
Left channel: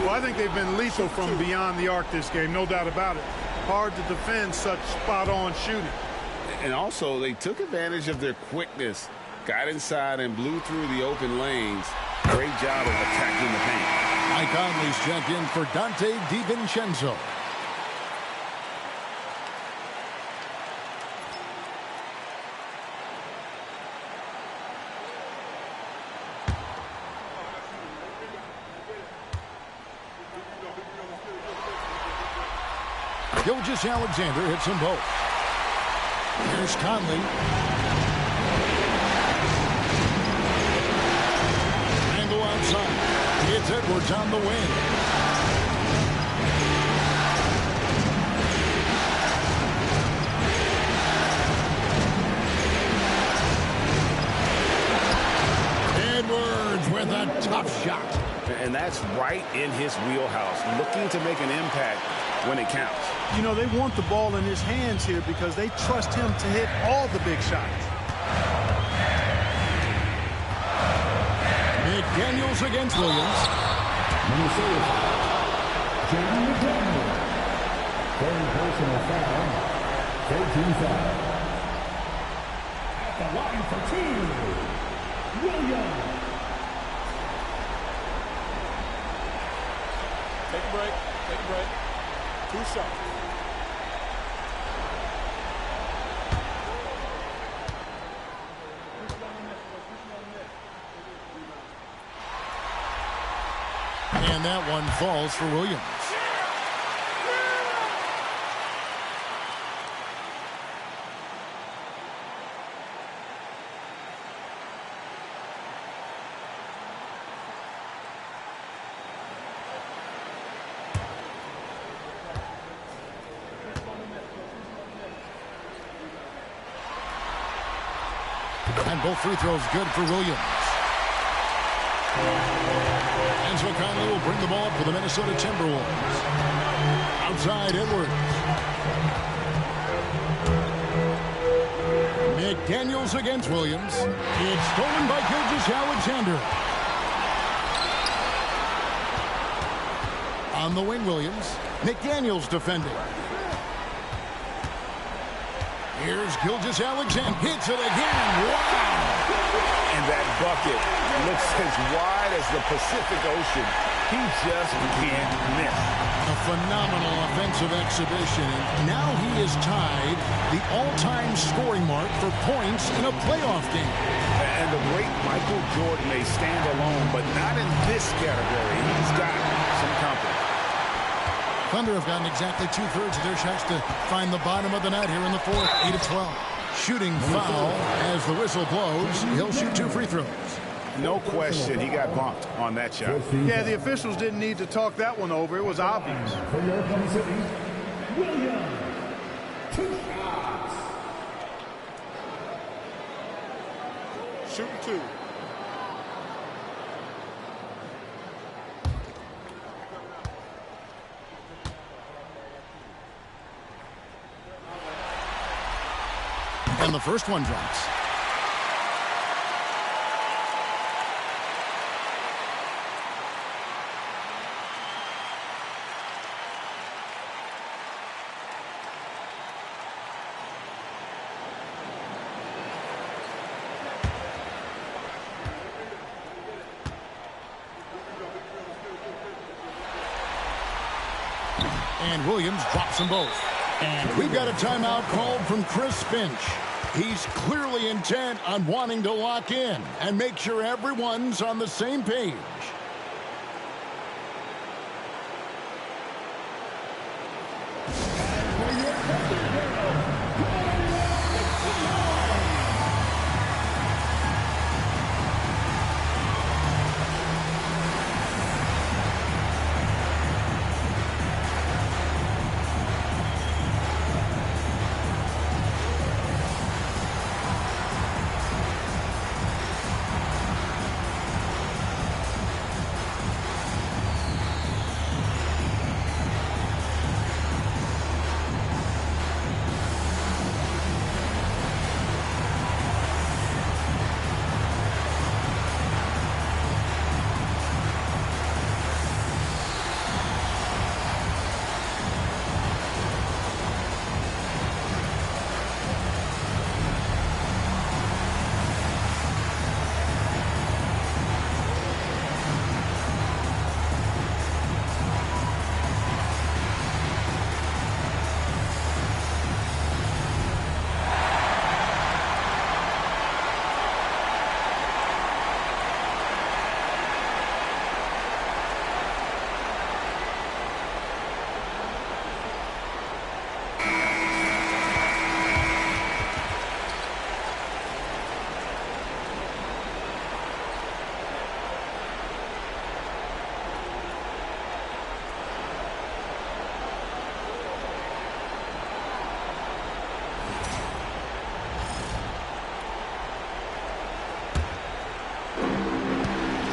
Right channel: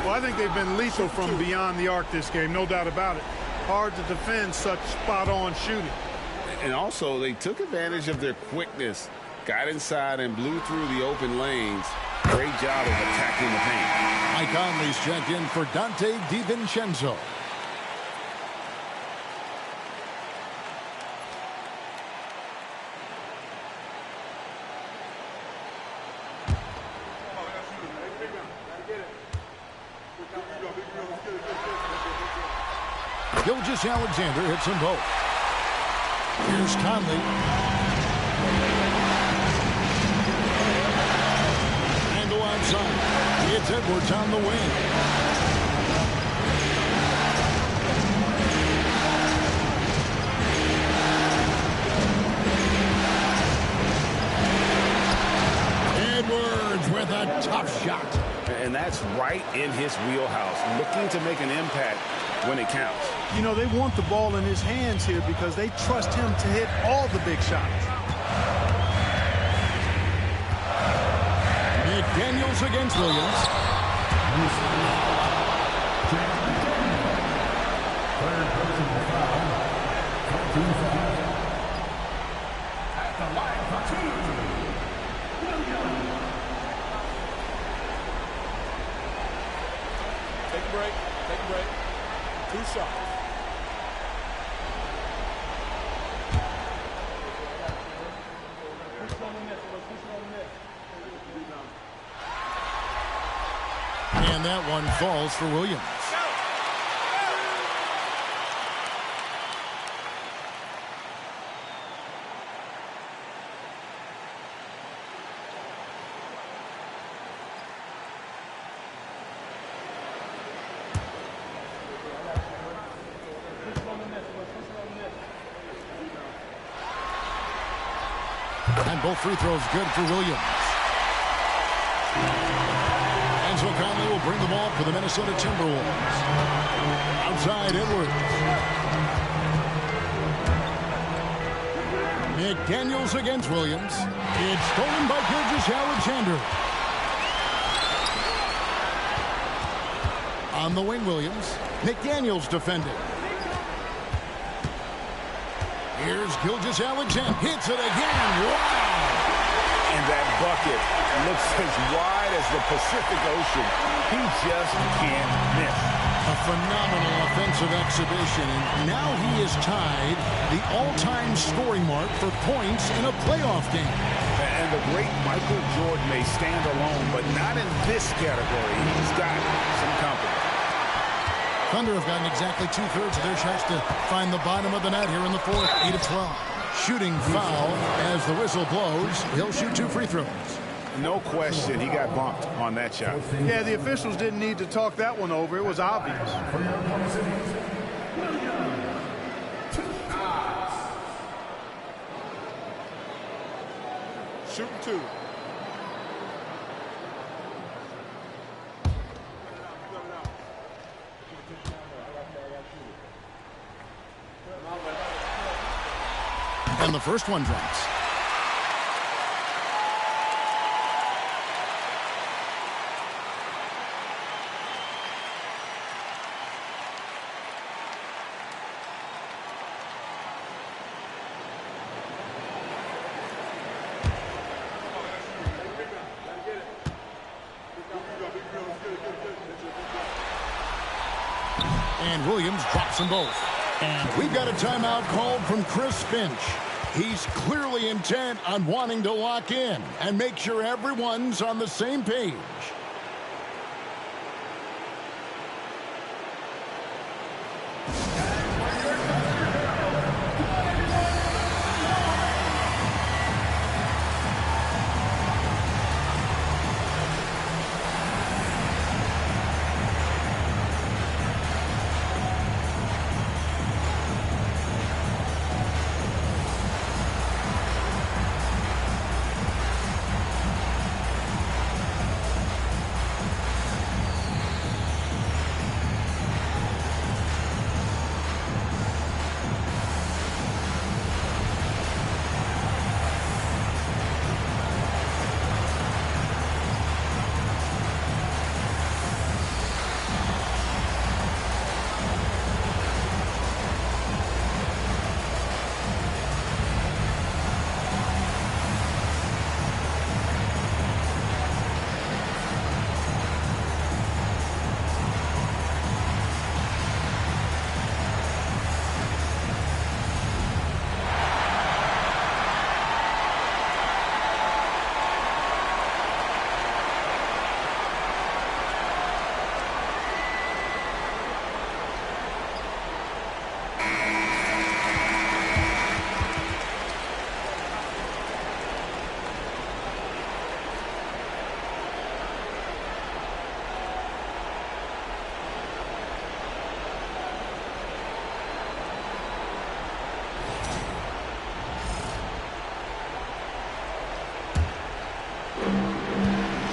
Well, I think they've been lethal from beyond the arc this game, no doubt about it. Hard to defend such spot-on shooting. And also, they took advantage of their quickness, got inside and blew through the open lanes. Great job of attacking the paint. Mike Conley's checked in for Dante DiVincenzo. Gilgeous-Alexander hits them both. Here's Conley. Randall outside. It's Edwards on the wing. Edwards with a tough shot. And that's right in his wheelhouse, looking to make an impact when it counts. You know, they want the ball in his hands here because they trust him to hit all the big shots. McDaniels against Williams. Third personal foul. 14 foul. At the line for 2, Williams. Take a break. Take a break. 2 shots. And that one falls for Williams. And both free throws good for Williams. And so Conley will bring the ball up for the Minnesota Timberwolves. Outside Edwards. McDaniels against Williams. It's stolen by Gilgeous-Alexander. On the wing, Williams. McDaniels defending. Here's Gilgeous-Alexander. Hits it again. Wow. And that bucket looks as wide as the Pacific Ocean. He just can't miss. A phenomenal offensive exhibition, and now he has tied the all-time scoring mark for points in a playoff game. And the great Michael Jordan may stand alone, but not in this category. He's got some company. Thunder have gotten exactly 2/3 of their shots to find the bottom of the net here in the fourth. 8 of 12. Shooting foul as the whistle blows. He'll shoot 2 free throws. No question, he got bumped on that shot. Yeah, the officials didn't need to talk that one over. It was obvious. For your Oklahoma City, Williams. 2 shots. Shooting 2. And the first one drops. And Williams drops them both. And we've got a timeout called from Chris Finch. He's clearly intent on wanting to lock in and make sure everyone's on the same page.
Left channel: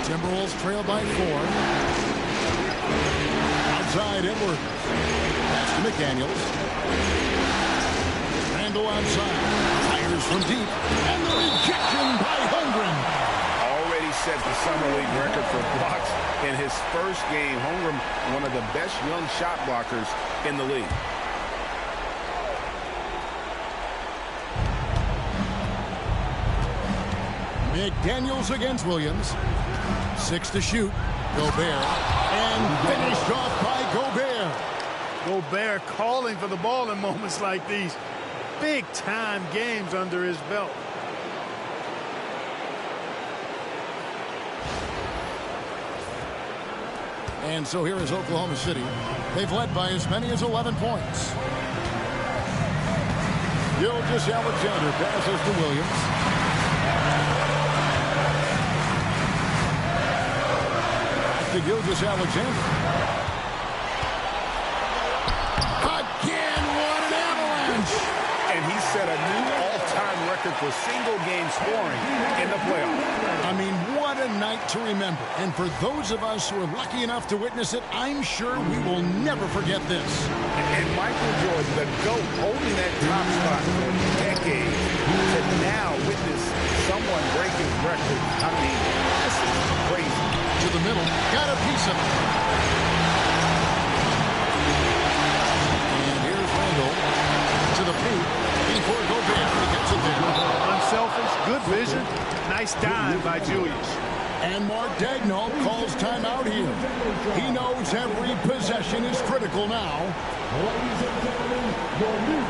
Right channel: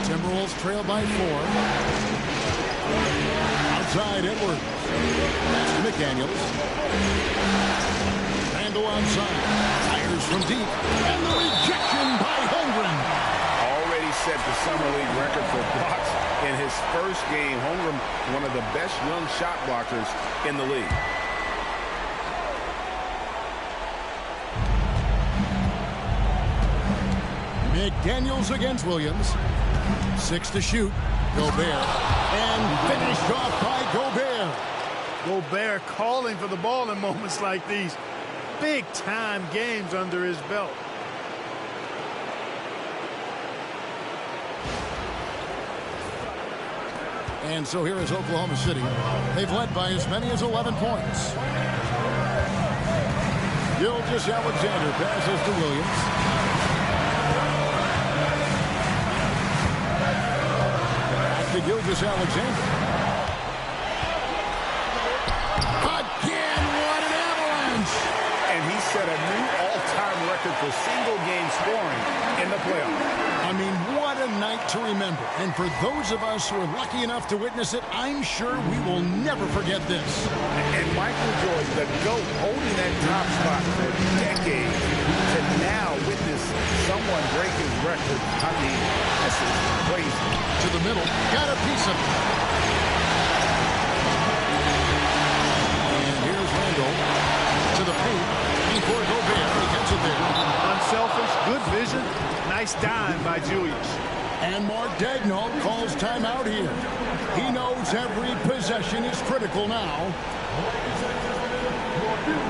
Timberwolves trail by 4. Outside Edwards. Pass to McDaniels. Randall outside. Fires from deep. And the rejection by Holmgren. Already set the Summer League record for blocks in his first game. Holmgren, one of the best young shot blockers in the league. McDaniels against Williams. 6 to shoot. Gobert. And finished off by Gobert. Gobert calling for the ball in moments like these. Big-time games under his belt. And so here is Oklahoma City. They've led by as many as 11 points. Gilgeous-Alexander passes to Williams. To Gilgeous-Alexander. Again, what an avalanche! And he set a new all-time record for single-game scoring in the playoffs. I mean, what a night to remember. And for those of us who are lucky enough to witness it, I'm sure we will never forget this. And Michael Jordan, the GOAT, holding that top spot for decades, to now witness someone break his record. I mean, this is crazy. To the middle, got a piece of it. And here's Randall to the paint before Gobert. He gets it there. Unselfish, good vision, nice dive by Julius. And Mark Daigneault calls timeout here. He knows every possession is critical now. Ladies and gentlemen, your new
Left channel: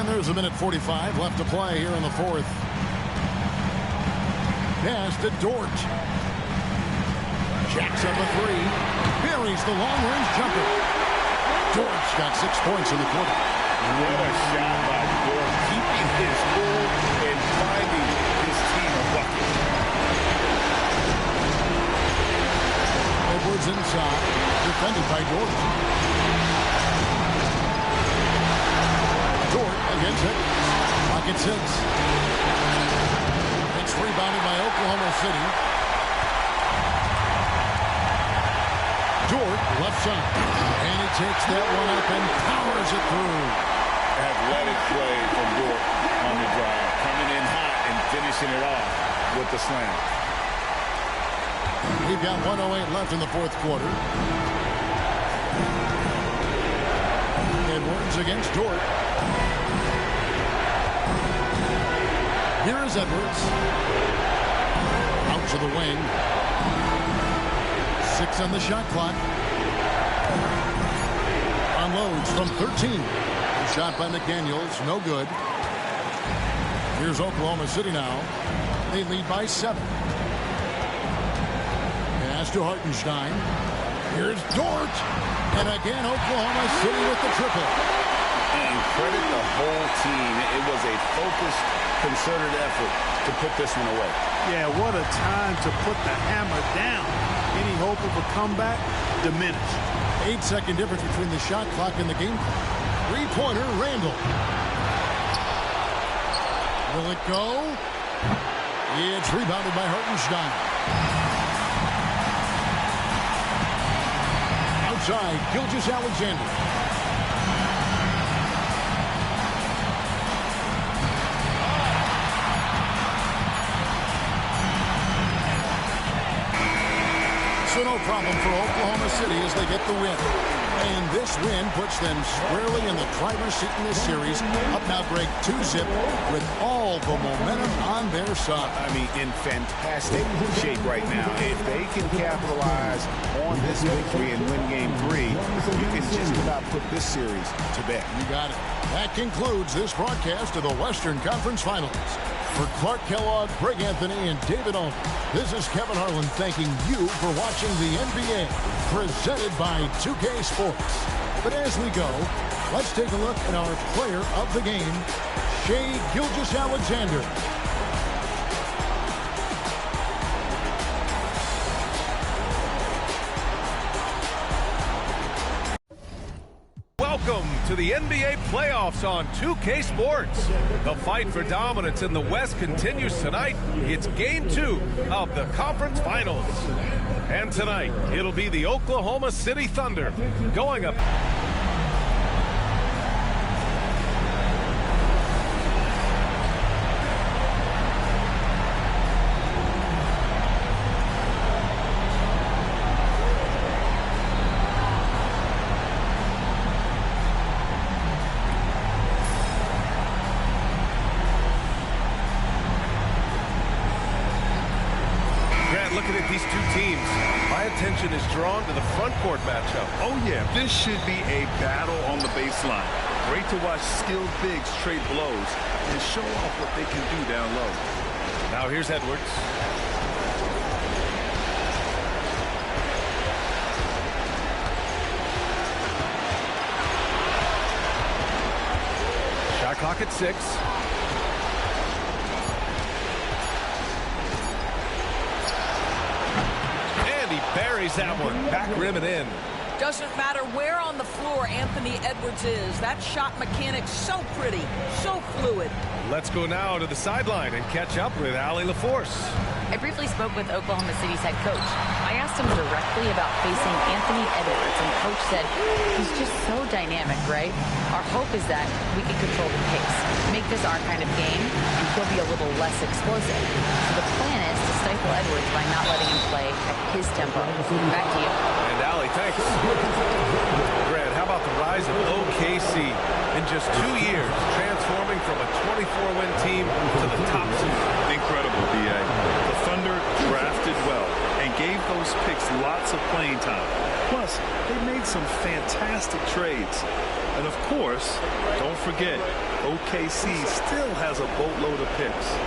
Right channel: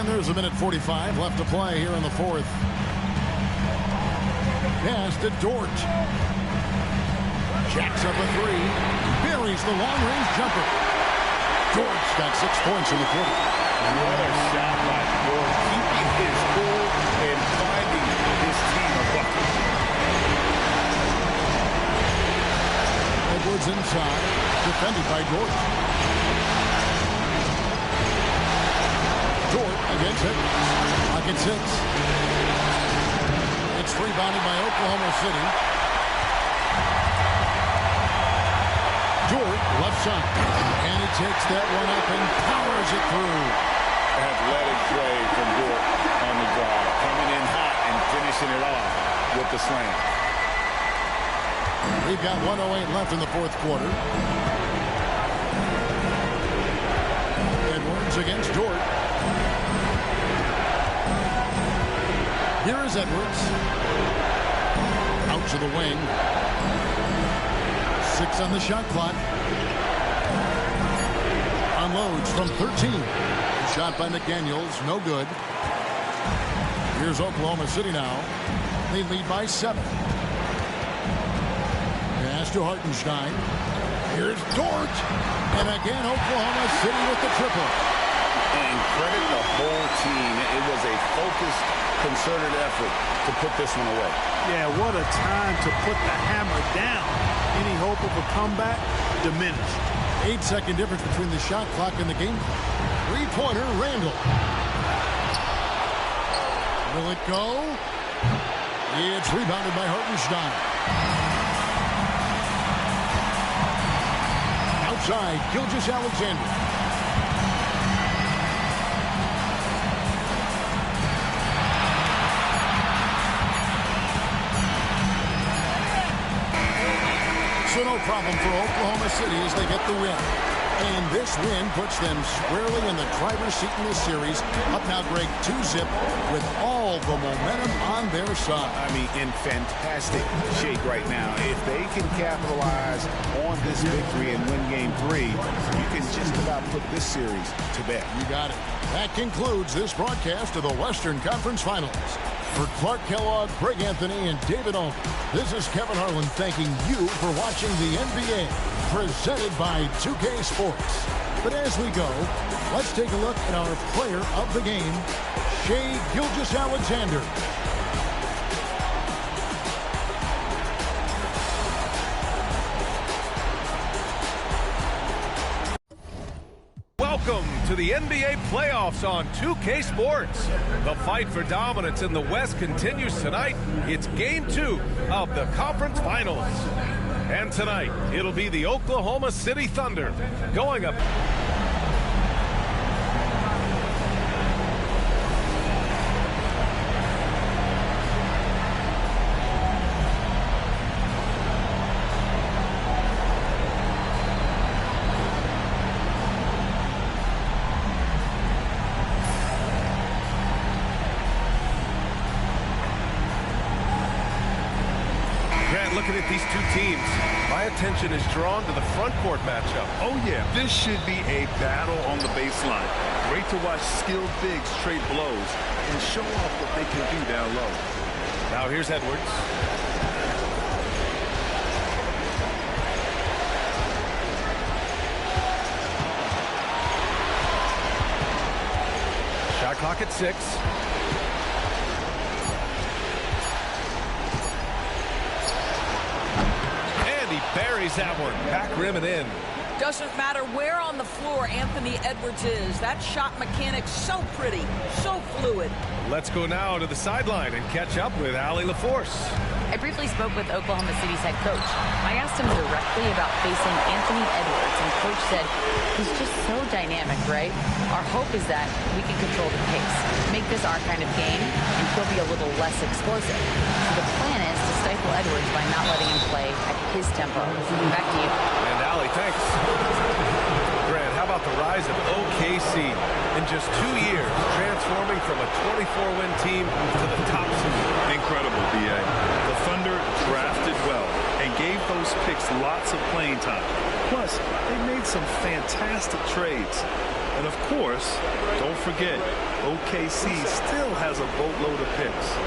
And there's a minute 45 left to play here in the fourth. Pass to Dort. Jacks up a three. Buries the long-range jumper. Dort's got 6 points in the quarter. What a shot by Dort, keeping his cool and finding his team a bucket. Edwards inside, defended by Dort. Dort against Edwards. Clock at 6. It's rebounded by Oklahoma City. Dort left side. And he takes that one up and powers it through. Athletic play from Dort on the drive. Coming in hot and finishing it off with the slam. We've got 1:08 left in the fourth quarter. Edwards against Dort. Here is Edwards. Out to the wing. 6 on the shot clock. Unloads from 13. Shot by McDaniels, no good. Here's Oklahoma City now. They lead by 7. Pass to Hartenstein. Here's Dort. And again, Oklahoma City with the triple. And credit the whole team. It was a focused, concerted effort to put this one away. Yeah, what a time to put the hammer down. Any hope of a comeback diminished. 8-second difference between the shot clock and the game clock. Three-pointer, Randall. Will it go? It's rebounded by Hartenstein. Outside, Gilgeous-Alexander. So no problem for Oklahoma City as they get the win. And this win puts them squarely in the driver's seat in this series. Up now, Greg, 2-zip with all the momentum on their side. I mean, in fantastic shape right now. If they can capitalize on this victory and win game 3, you can just about put this series to bed. You got it. That concludes this broadcast of the Western Conference Finals. For Clark Kellogg, Greg Anthony, and David Ulmer, this is Kevin Harlan thanking you for watching the NBA, presented by 2K Sports. But as we go, let's take a look at our player of the game, Shai Gilgeous-Alexander. Welcome to the NBA playoffs on 2K Sports. The fight for dominance in the West continues tonight. It's game 2 of the conference finals. And tonight, it'll be the Oklahoma City Thunder going up. Looking at these two teams, my attention is drawn to the front court matchup. Oh, yeah, this should be a battle on the baseline. Great to watch skilled bigs trade blows and show off what they can do down low. Now here's Edwards. Shot clock at 6. Buries that one. Back rim and in. Doesn't matter where on the floor Anthony Edwards is. That shot mechanic's so pretty, so fluid. Let's go now to the sideline and catch up with Allie LaForce. I briefly spoke with Oklahoma City's head coach. I asked him directly about facing Anthony Edwards, and coach said, he's just so dynamic, right? Our hope is that we can control the pace, make this our kind of game, and he'll be a little less explosive. So the plan is to stifle Edwards by not letting him play at his tempo. Back to you. And Allie, thanks. Grant, how about the rise of OKC in just 2 years, transforming from a 24-win team to the top seed? Incredible, B.A. The Thunder drafted well and gave those picks lots of playing time. Plus, they made some fantastic trades. And of course, don't forget, OKC still has a boatload of picks.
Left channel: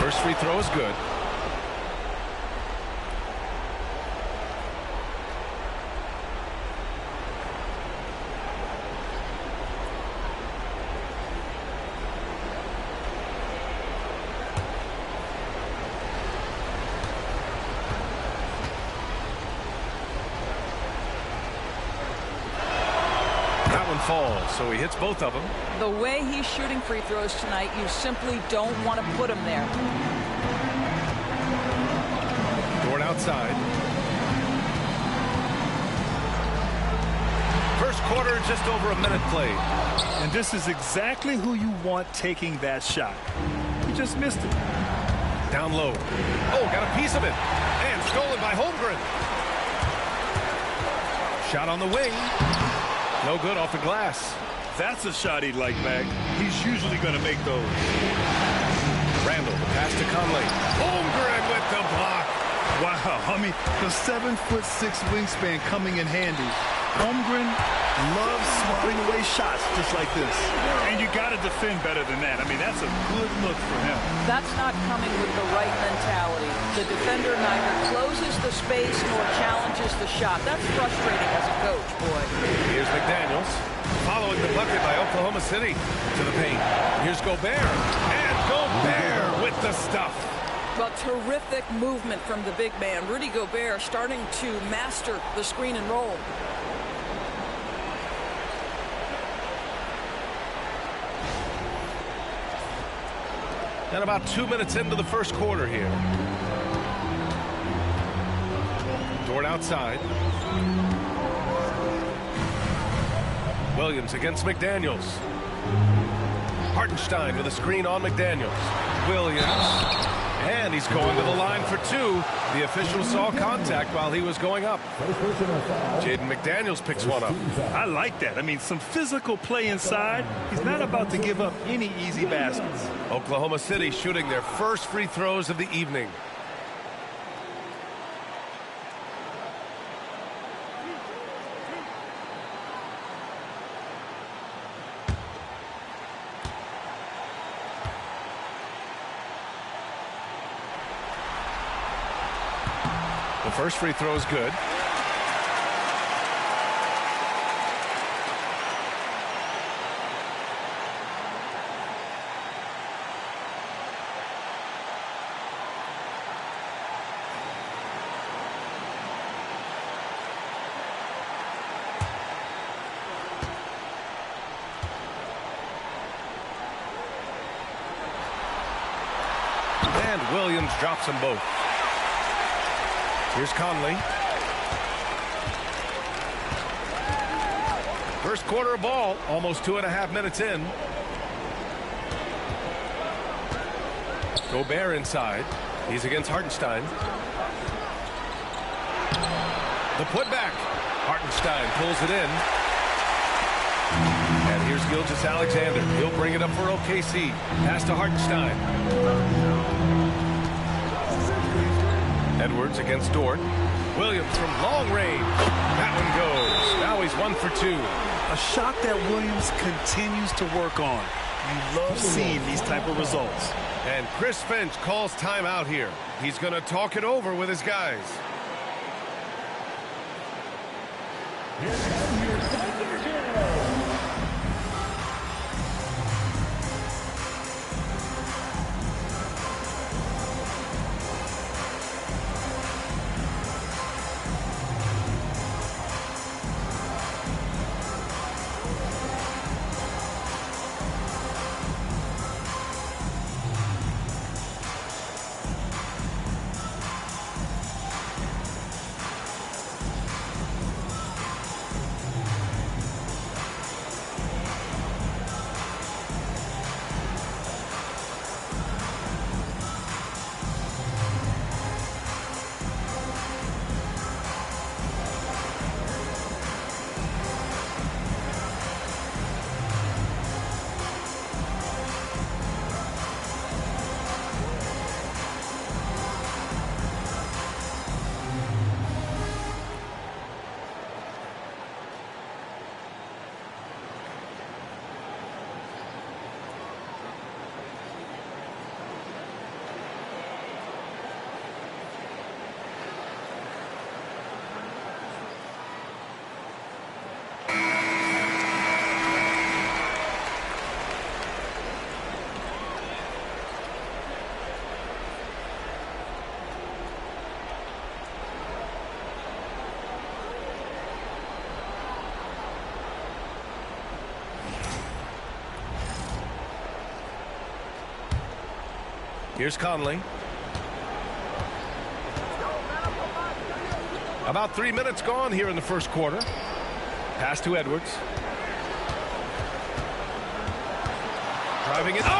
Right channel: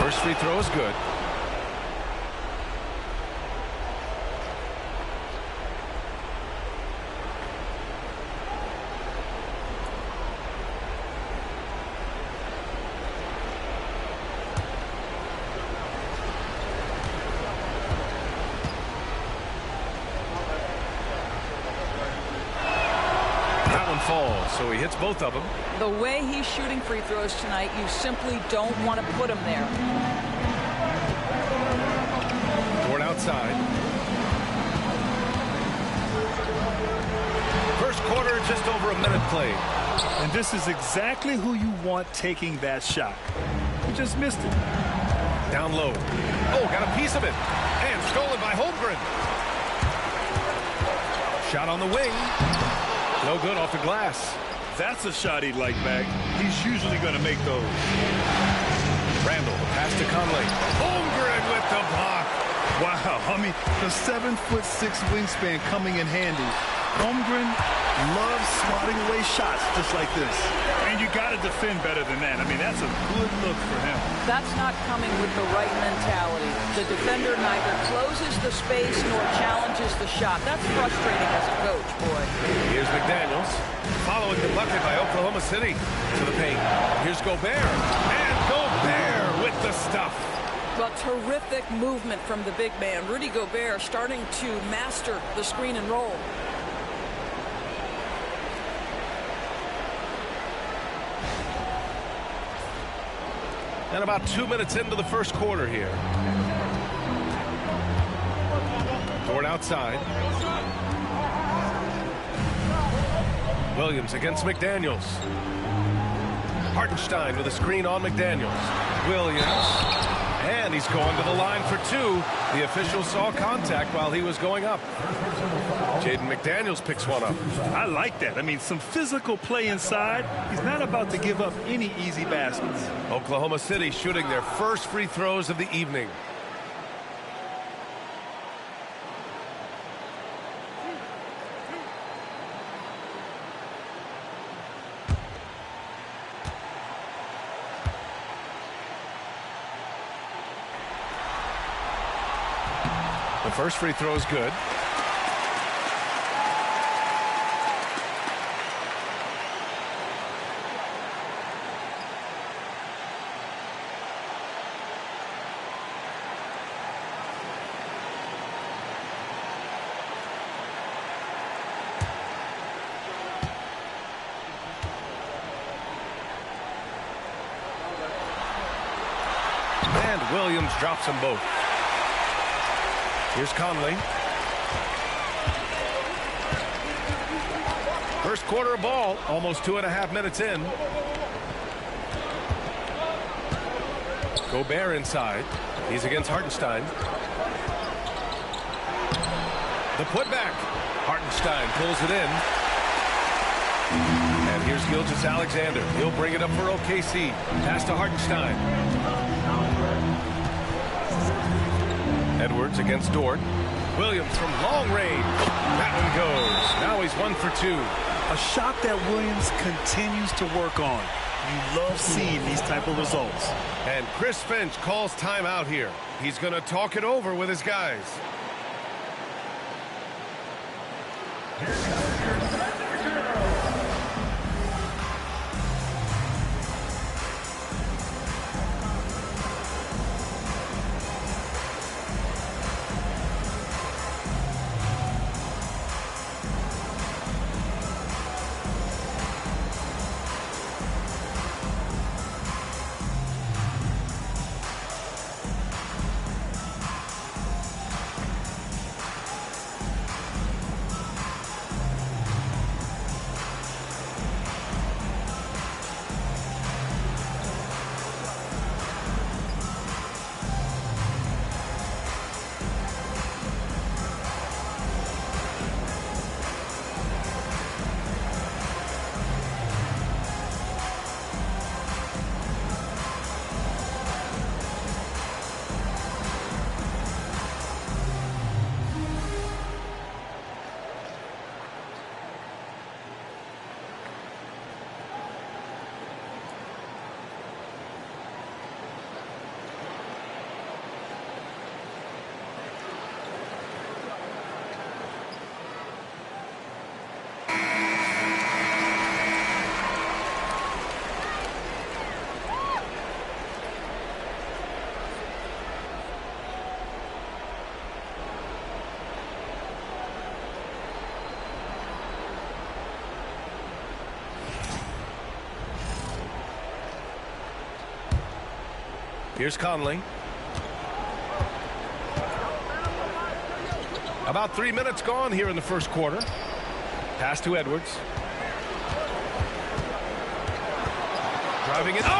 First free throw is good. That one falls, so he hits both of them. The way he's shooting free throws tonight, you simply don't want to put him there. Dort outside. First quarter, just over a minute played. And this is exactly who you want taking that shot. He just missed it. Down low. Oh, got a piece of it. And stolen by Holmgren. Shot on the wing. No good off the glass. That's a shot he'd like back. He's usually going to make those. Randall, the pass to Conley. Holmgren with the block. Wow, I mean, the 7'6" wingspan coming in handy. Holmgren loves swatting away shots just like this. And you got to defend better than that. I mean, that's a good look for him. That's not coming with the right mentality. The defender neither closes the space nor challenges the shot. That's frustrating as a coach, boy. Here's McDaniels. Following the bucket by Oklahoma City to the paint. Here's Gobert. And Gobert with the stuff. Well, terrific movement from the big man. Rudy Gobert starting to master the screen and roll. And about 2 minutes into the first quarter here. Dort outside. Williams against McDaniels. Hartenstein with a screen on McDaniels. Williams. And he's going to the line for two. The official saw contact while he was going up. Jaden McDaniels picks one up. I like that. I mean, some physical play inside. He's not about to give up any easy baskets. Oklahoma City shooting their first free throws of the evening. The first free throw is good. And Williams drops them both. Here's Conley. First quarter of ball, almost 2.5 minutes in. Gobert inside. He's against Hartenstein. The putback. Hartenstein pulls it in. And here's Gilgeous-Alexander. He'll bring it up for OKC. Pass to Hartenstein. Edwards against Dort. Williams from long range. That one goes. Now he's 1 for 2. A shot that Williams continues to work on. You love seeing these type of results. And Chris Finch calls timeout here. He's going to talk it over with his guys. Here's Conley. About 3 minutes gone here in the first quarter. Pass to Edwards. Driving it. Oh!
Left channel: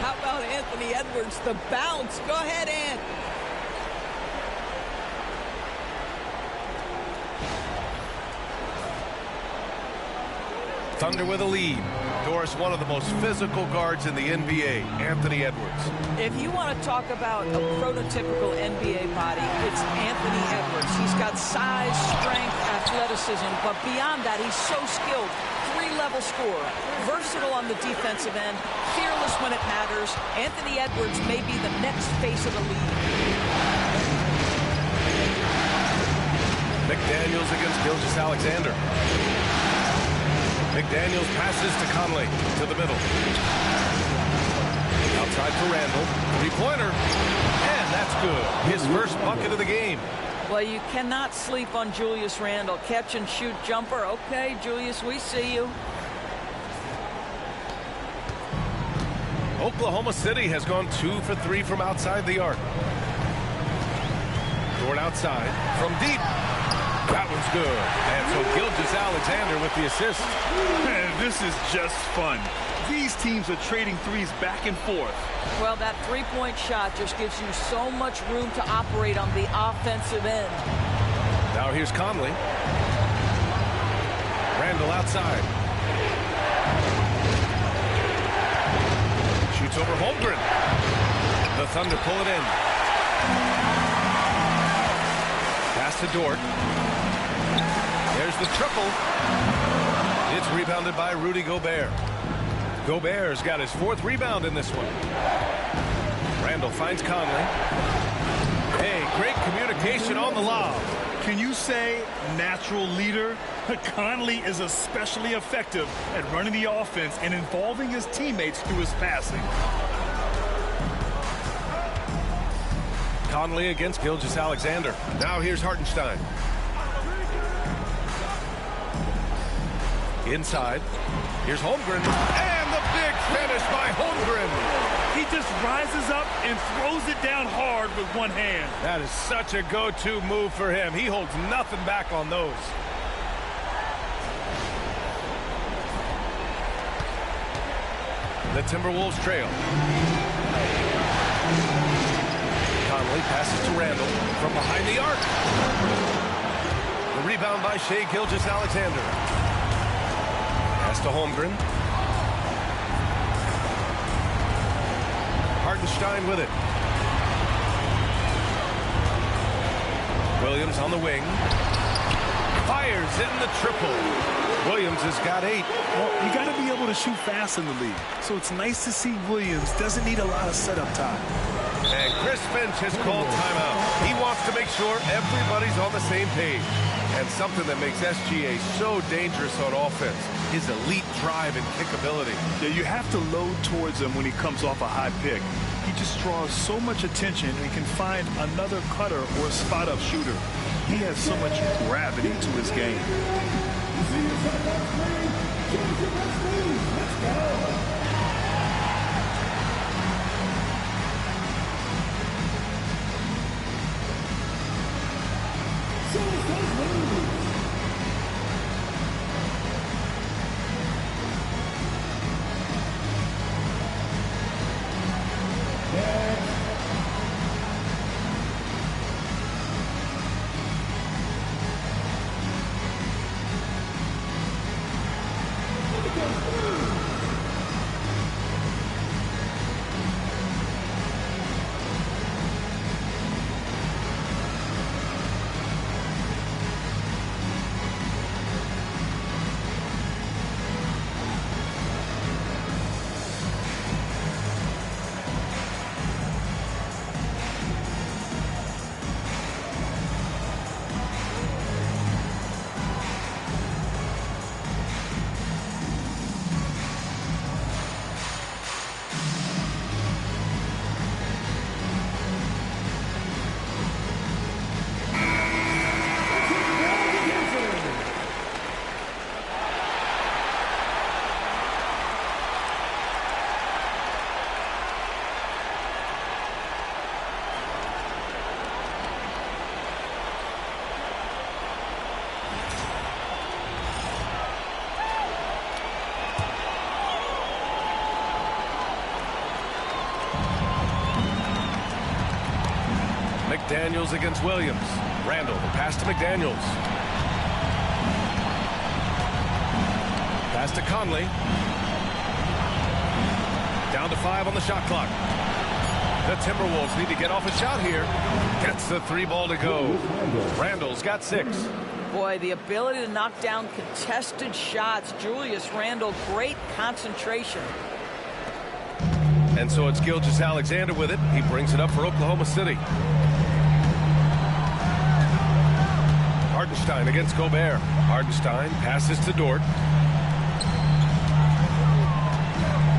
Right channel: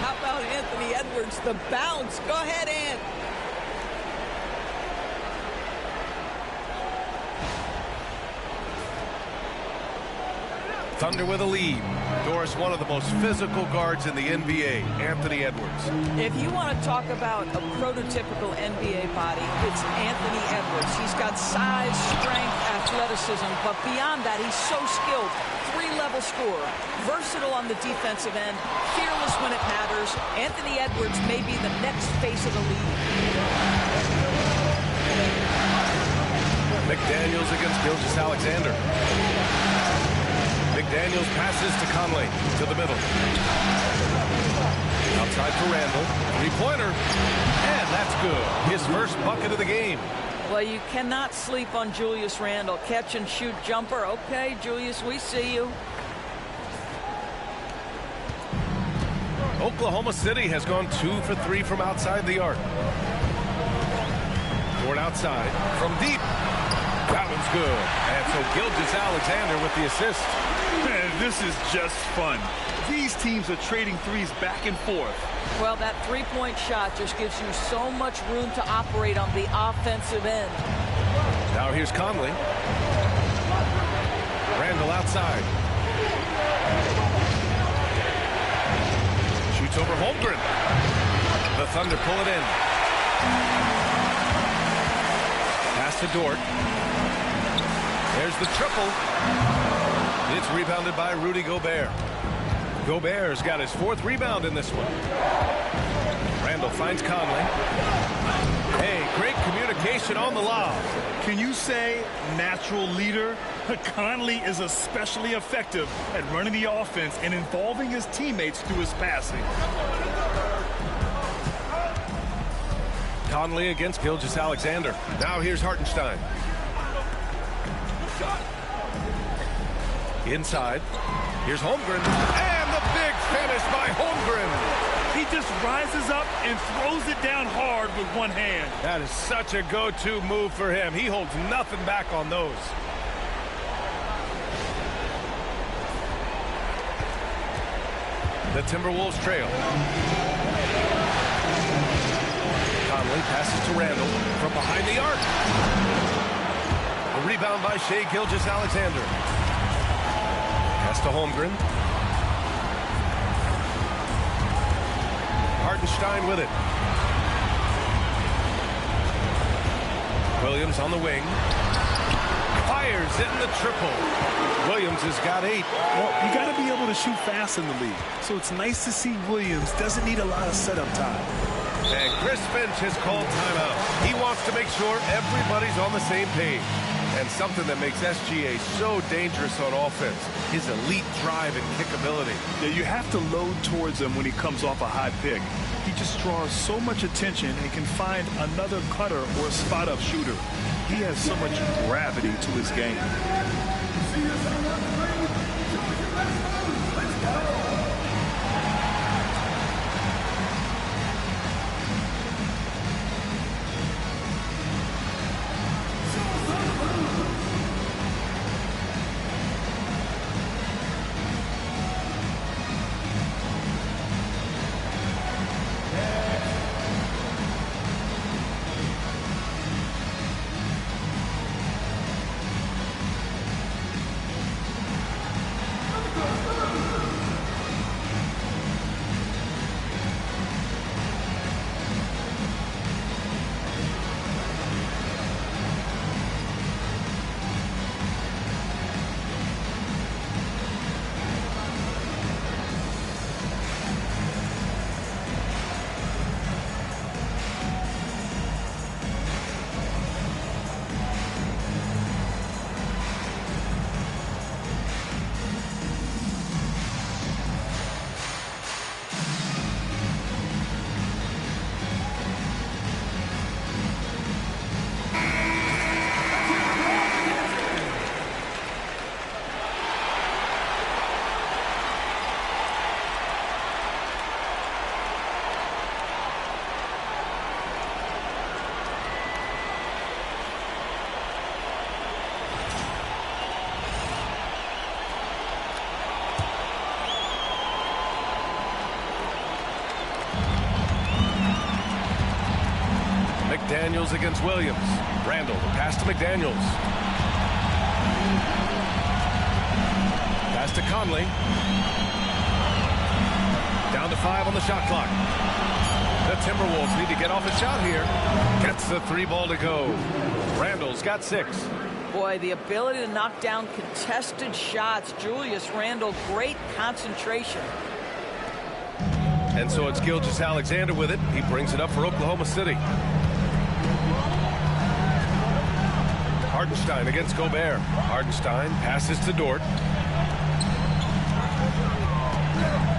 How about Anthony Edwards? The bounce. Go ahead, Ant. Thunder with a lead. Doris, one of the most physical guards in the NBA, Anthony Edwards. If you want to talk about a prototypical NBA body, it's Anthony Edwards. He's got size, strength, athleticism, but beyond that, he's so skilled. 3-level scorer, versatile on the defensive end, fearless when it matters. Anthony Edwards may be the next face of the league. McDaniels against Gilgeous-Alexander. McDaniels passes to Conley to the middle. Outside for Randall. 3-pointer. And that's good. His first bucket of the game. Well, you cannot sleep on Julius Randle. Catch and shoot jumper. Okay, Julius, we see you. Oklahoma City has gone 2 for 3 from outside the arc. Dort outside from deep. That one's good. And so Gilgeous-Alexander with the assist. Man, this is just fun. These teams are trading threes back and forth. Well, that three-point shot just gives you so much room to operate on the offensive end. Now here's Conley. Randall outside. Shoots over Holmgren. The Thunder pull it in. Pass to Dort. There's the triple. It's rebounded by Rudy Gobert. Gobert's got his 4th rebound in this one. Randall finds Conley. Hey, great communication on the lob. Can you say natural leader? Conley is especially effective at running the offense and involving his teammates through his passing. Conley against Gilgeous-Alexander. Now here's Hartenstein. Inside. Here's Holmgren. And the big finish by Holmgren. He just rises up and throws it down hard with one hand. That is such a go-to move for him. He holds nothing back on those. The Timberwolves trail. Conley passes to Randall from behind the arc. The rebound by Shai Gilgeous-Alexander. Pass to Holmgren. Hartenstein with it. Williams on the wing. Fires in the triple. Williams has got 8. Well, you got to be able to shoot fast in the league. So it's nice to see Williams doesn't need a lot of setup time. And Chris Finch has called timeout. He wants to make sure everybody's on the same page. And something that makes SGA so dangerous on offense, his elite drive and kickability. Yeah, you have to load towards him when he comes off a high pick. He just draws so much attention and can find another cutter or a spot-up shooter. He has so much gravity to his game. McDaniels against Williams. Randall, the pass to McDaniels. Pass to Conley. Down to 5 on the shot clock. The Timberwolves need to get off a shot here. Gets the 3 ball to go. Randall's got 6. Boy, the ability to knock down contested shots. Julius Randle, great concentration. And so it's Gilgeous-Alexander with it. He brings it up for Oklahoma City. Hartenstein against Gobert. Hartenstein passes to Dort.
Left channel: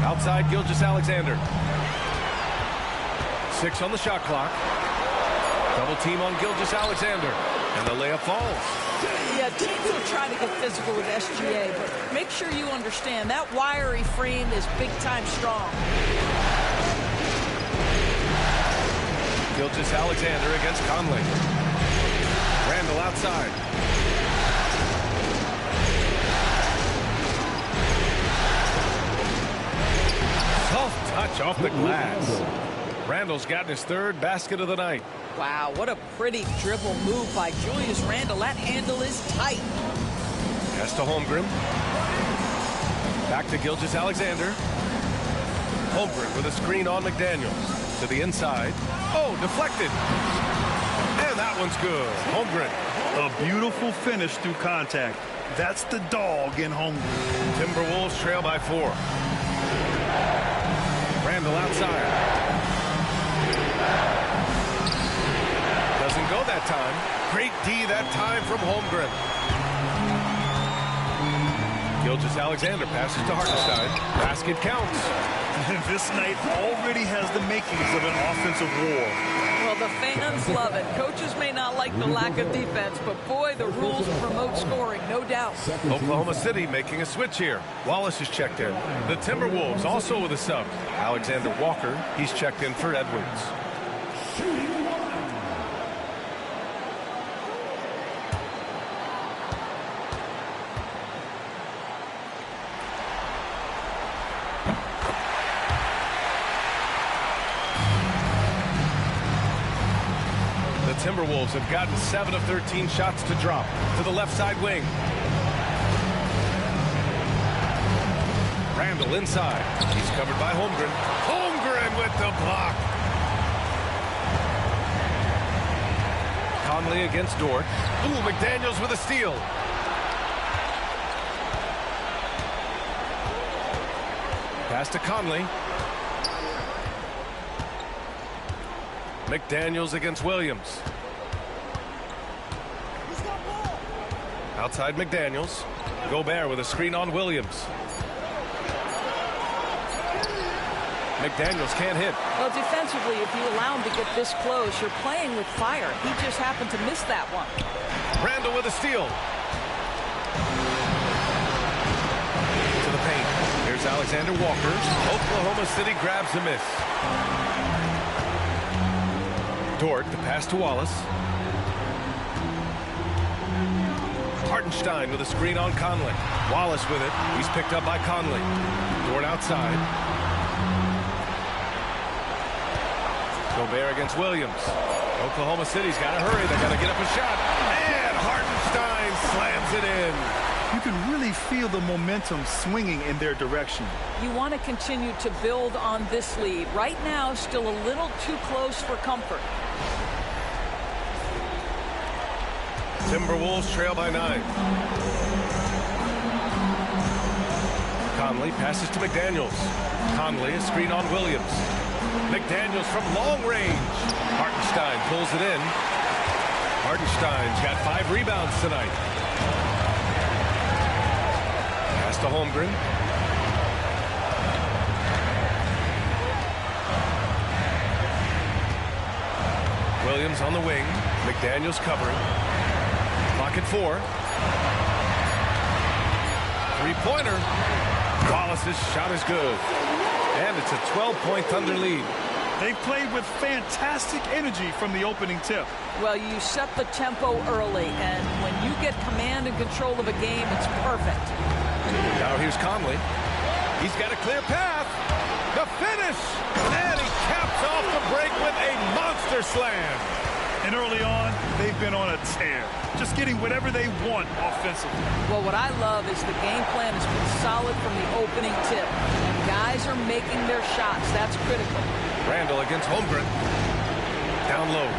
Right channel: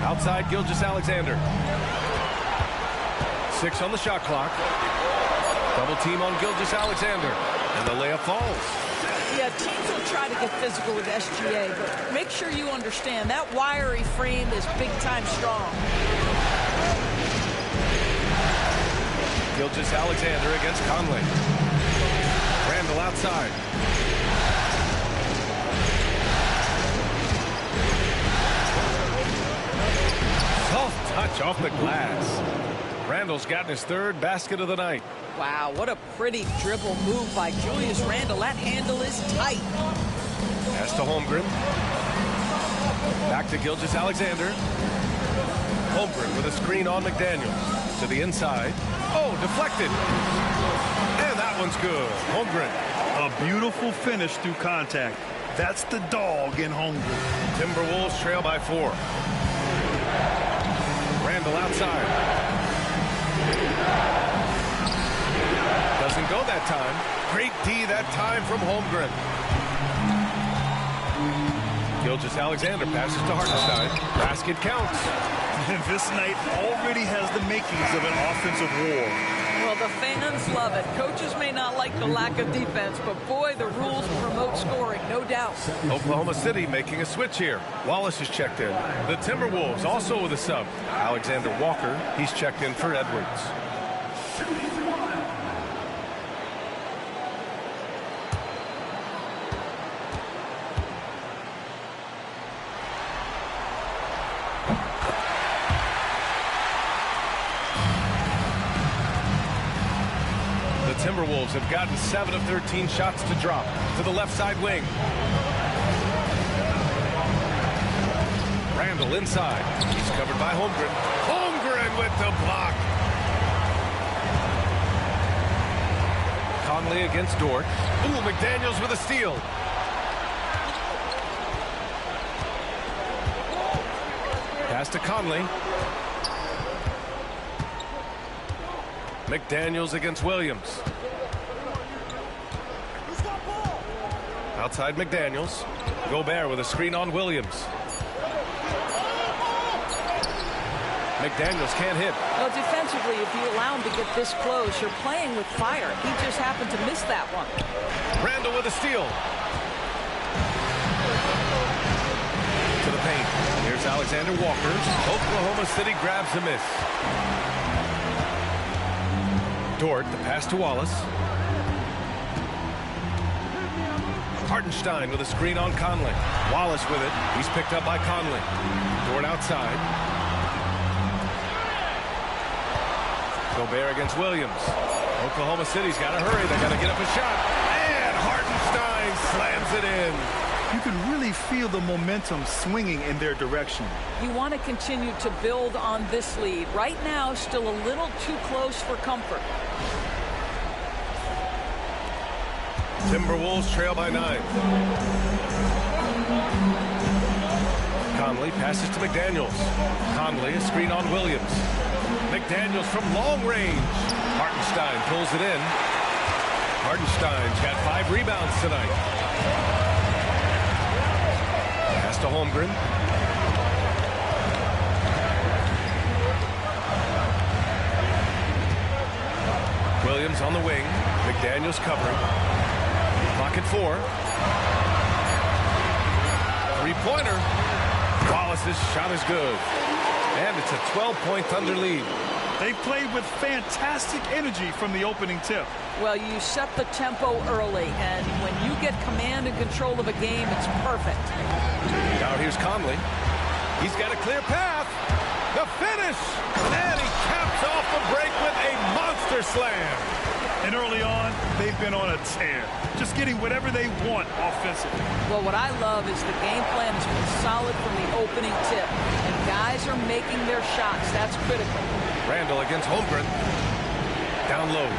Outside Gilgeous-Alexander. 6 on the shot clock. Double team on Gilgeous-Alexander. And the layup falls. Yeah, teams will try to get physical with SGA, but make sure you understand that wiry frame is big-time strong. Gilgeous-Alexander against Conley. Randall outside. Soft touch off the glass. Randall's gotten his 3rd basket of the night. Wow, what a pretty dribble move by Julius Randle. That handle is tight. Pass to Holmgren. Back to Gilgeous-Alexander. Holmgren with a screen on McDaniels. To the inside. Oh, deflected. And that one's good. Holmgren. A beautiful finish through contact. That's the dog in Holmgren. Timberwolves trail by 4. Randall outside. Doesn't go that time. Great D that time from Holmgren. Gilgeous-Alexander passes to Hartenstein. Basket counts. This night already has the makings of an offensive war. Well, the fans love it. Coaches may not like the lack of defense, but boy, the rules promote scoring, no doubt. Oklahoma City making a switch here. Wallace is checked in. The Timberwolves also with a sub. Alexander Walker, he's checked in for Edwards. Timberwolves have gotten 7 of 13 shots to drop to the left side wing. Randall inside. He's covered by Holmgren. Holmgren with the block. Conley against Dort. Ooh, McDaniels with a steal. Pass to Conley. McDaniels against Williams. Outside McDaniels. Gobert with a screen on Williams. McDaniels can't hit. Well, defensively, if you allow him to get this close, you're playing with fire. He just happened to miss that one. Randall with a steal. To the paint. Here's Alexander Walker. Oklahoma City grabs a miss. Dort, the pass to Wallace. Hartenstein with a screen on Conley. Wallace with it. He's picked up by Conley. Dort outside. Gobert against Williams. Oklahoma City's got to hurry. They got to get up a shot. And Hartenstein slams it in. You can really feel the momentum swinging in their direction. You want to continue to build on this lead. Right now, still a little too close for comfort. Timberwolves trail by 9. Conley passes to McDaniels. Conley, a screen on Williams. McDaniels from long range. Hartenstein pulls it in. Hartenstein's got 5 rebounds tonight. Pass to Holmgren. Williams on the wing. McDaniels covering. Clock at 4. 3-pointer. Wallace's shot is good. And it's a 12-point Thunder lead. They played with fantastic energy from the opening tip. Well, you set the tempo early, and when you get command and control of a game, it's perfect. Now here's Conley. He's got a clear path. The finish. And he caps off the break with a monster slam. And early on, they've been on a tear, just getting whatever they want offensively. Well, what I love is the game plan has been solid from the opening tip, and guys are making their shots. That's critical. Randall against Holmgren. Down low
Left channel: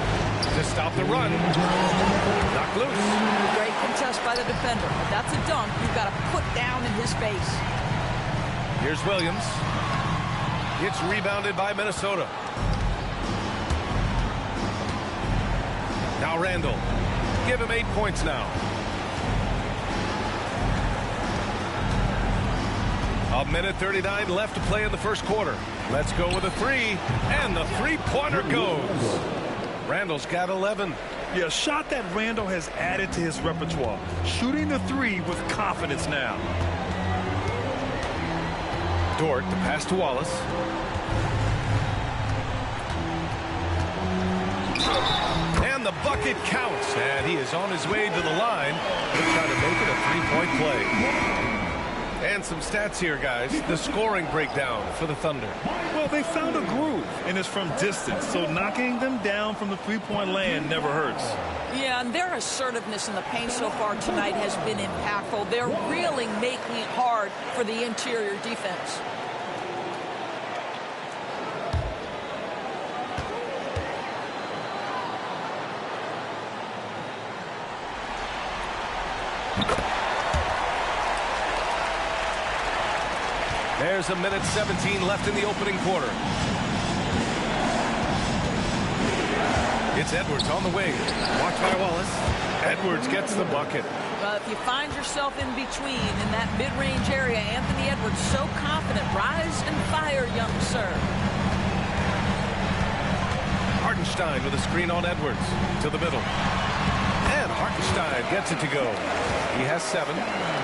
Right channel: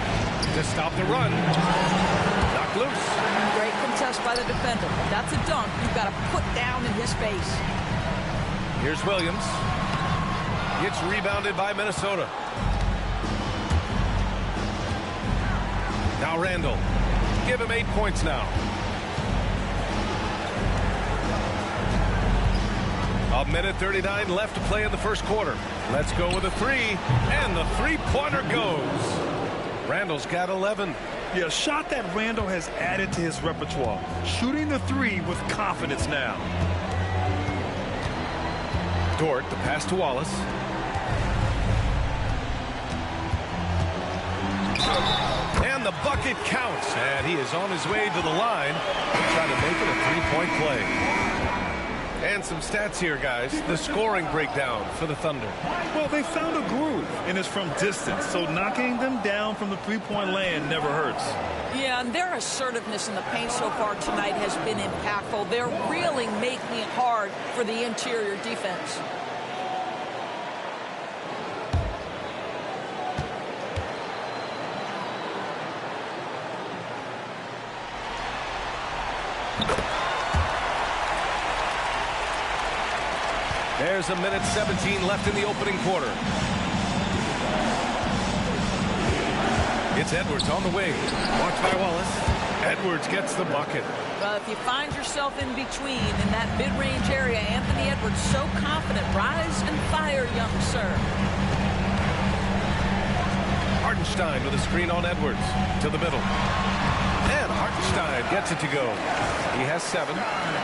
to stop the run. Knocked loose. Great contest by the defender. If that's a dunk, you've got to put down in his face. Here's Williams. Gets rebounded by Minnesota. Now Randall. Give him 8 points now. A minute 39 left to play in the first quarter. Let's go with a three. And the three-pointer goes. Randall's got 11. Yeah, a shot that Randall has added to his repertoire. Shooting the three with confidence now. Dort, the pass to Wallace. And the bucket counts. And he is on his way to the line. He'll try to make it a three-point play. And some stats here, guys. The scoring breakdown for the Thunder. Well, they found a groove, and it's from distance. So knocking them down from the three-point land never hurts. Yeah, and their assertiveness in the paint so far tonight has been impactful. They're really making it hard for the interior defense. There's a minute 17 left in the opening quarter. It's Edwards on the wing. Watched by Wallace. Edwards gets the bucket. Well, if you find yourself in between in that mid-range area, Anthony Edwards so confident. Rise and fire, young sir. Hartenstein with a screen on Edwards to the middle. And Hartenstein gets it to go. He has 7.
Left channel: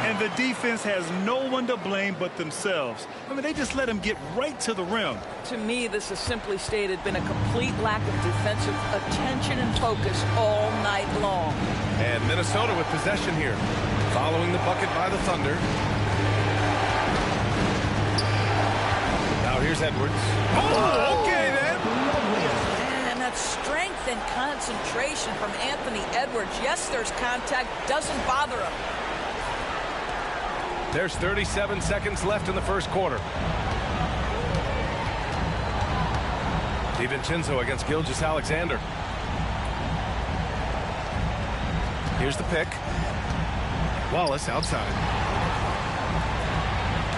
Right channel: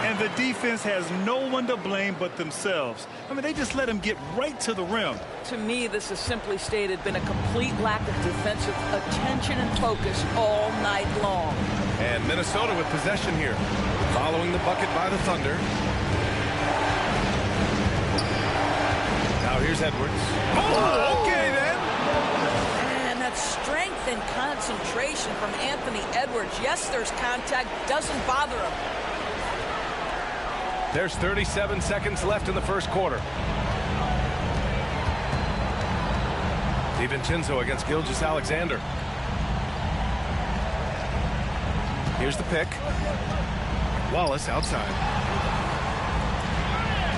And the defense has no one to blame but themselves. I mean, they just let him get right to the rim. To me, this has simply stated been a complete lack of defensive attention and focus all night long. And Minnesota with possession here. Following the bucket by the Thunder. Now here's Edwards. Oh, okay then. And that strength and concentration from Anthony Edwards. Yes, there's contact. Doesn't bother him. There's 37 seconds left in the first quarter. DiVincenzo against Gilgeous-Alexander. Here's the pick. Wallace outside.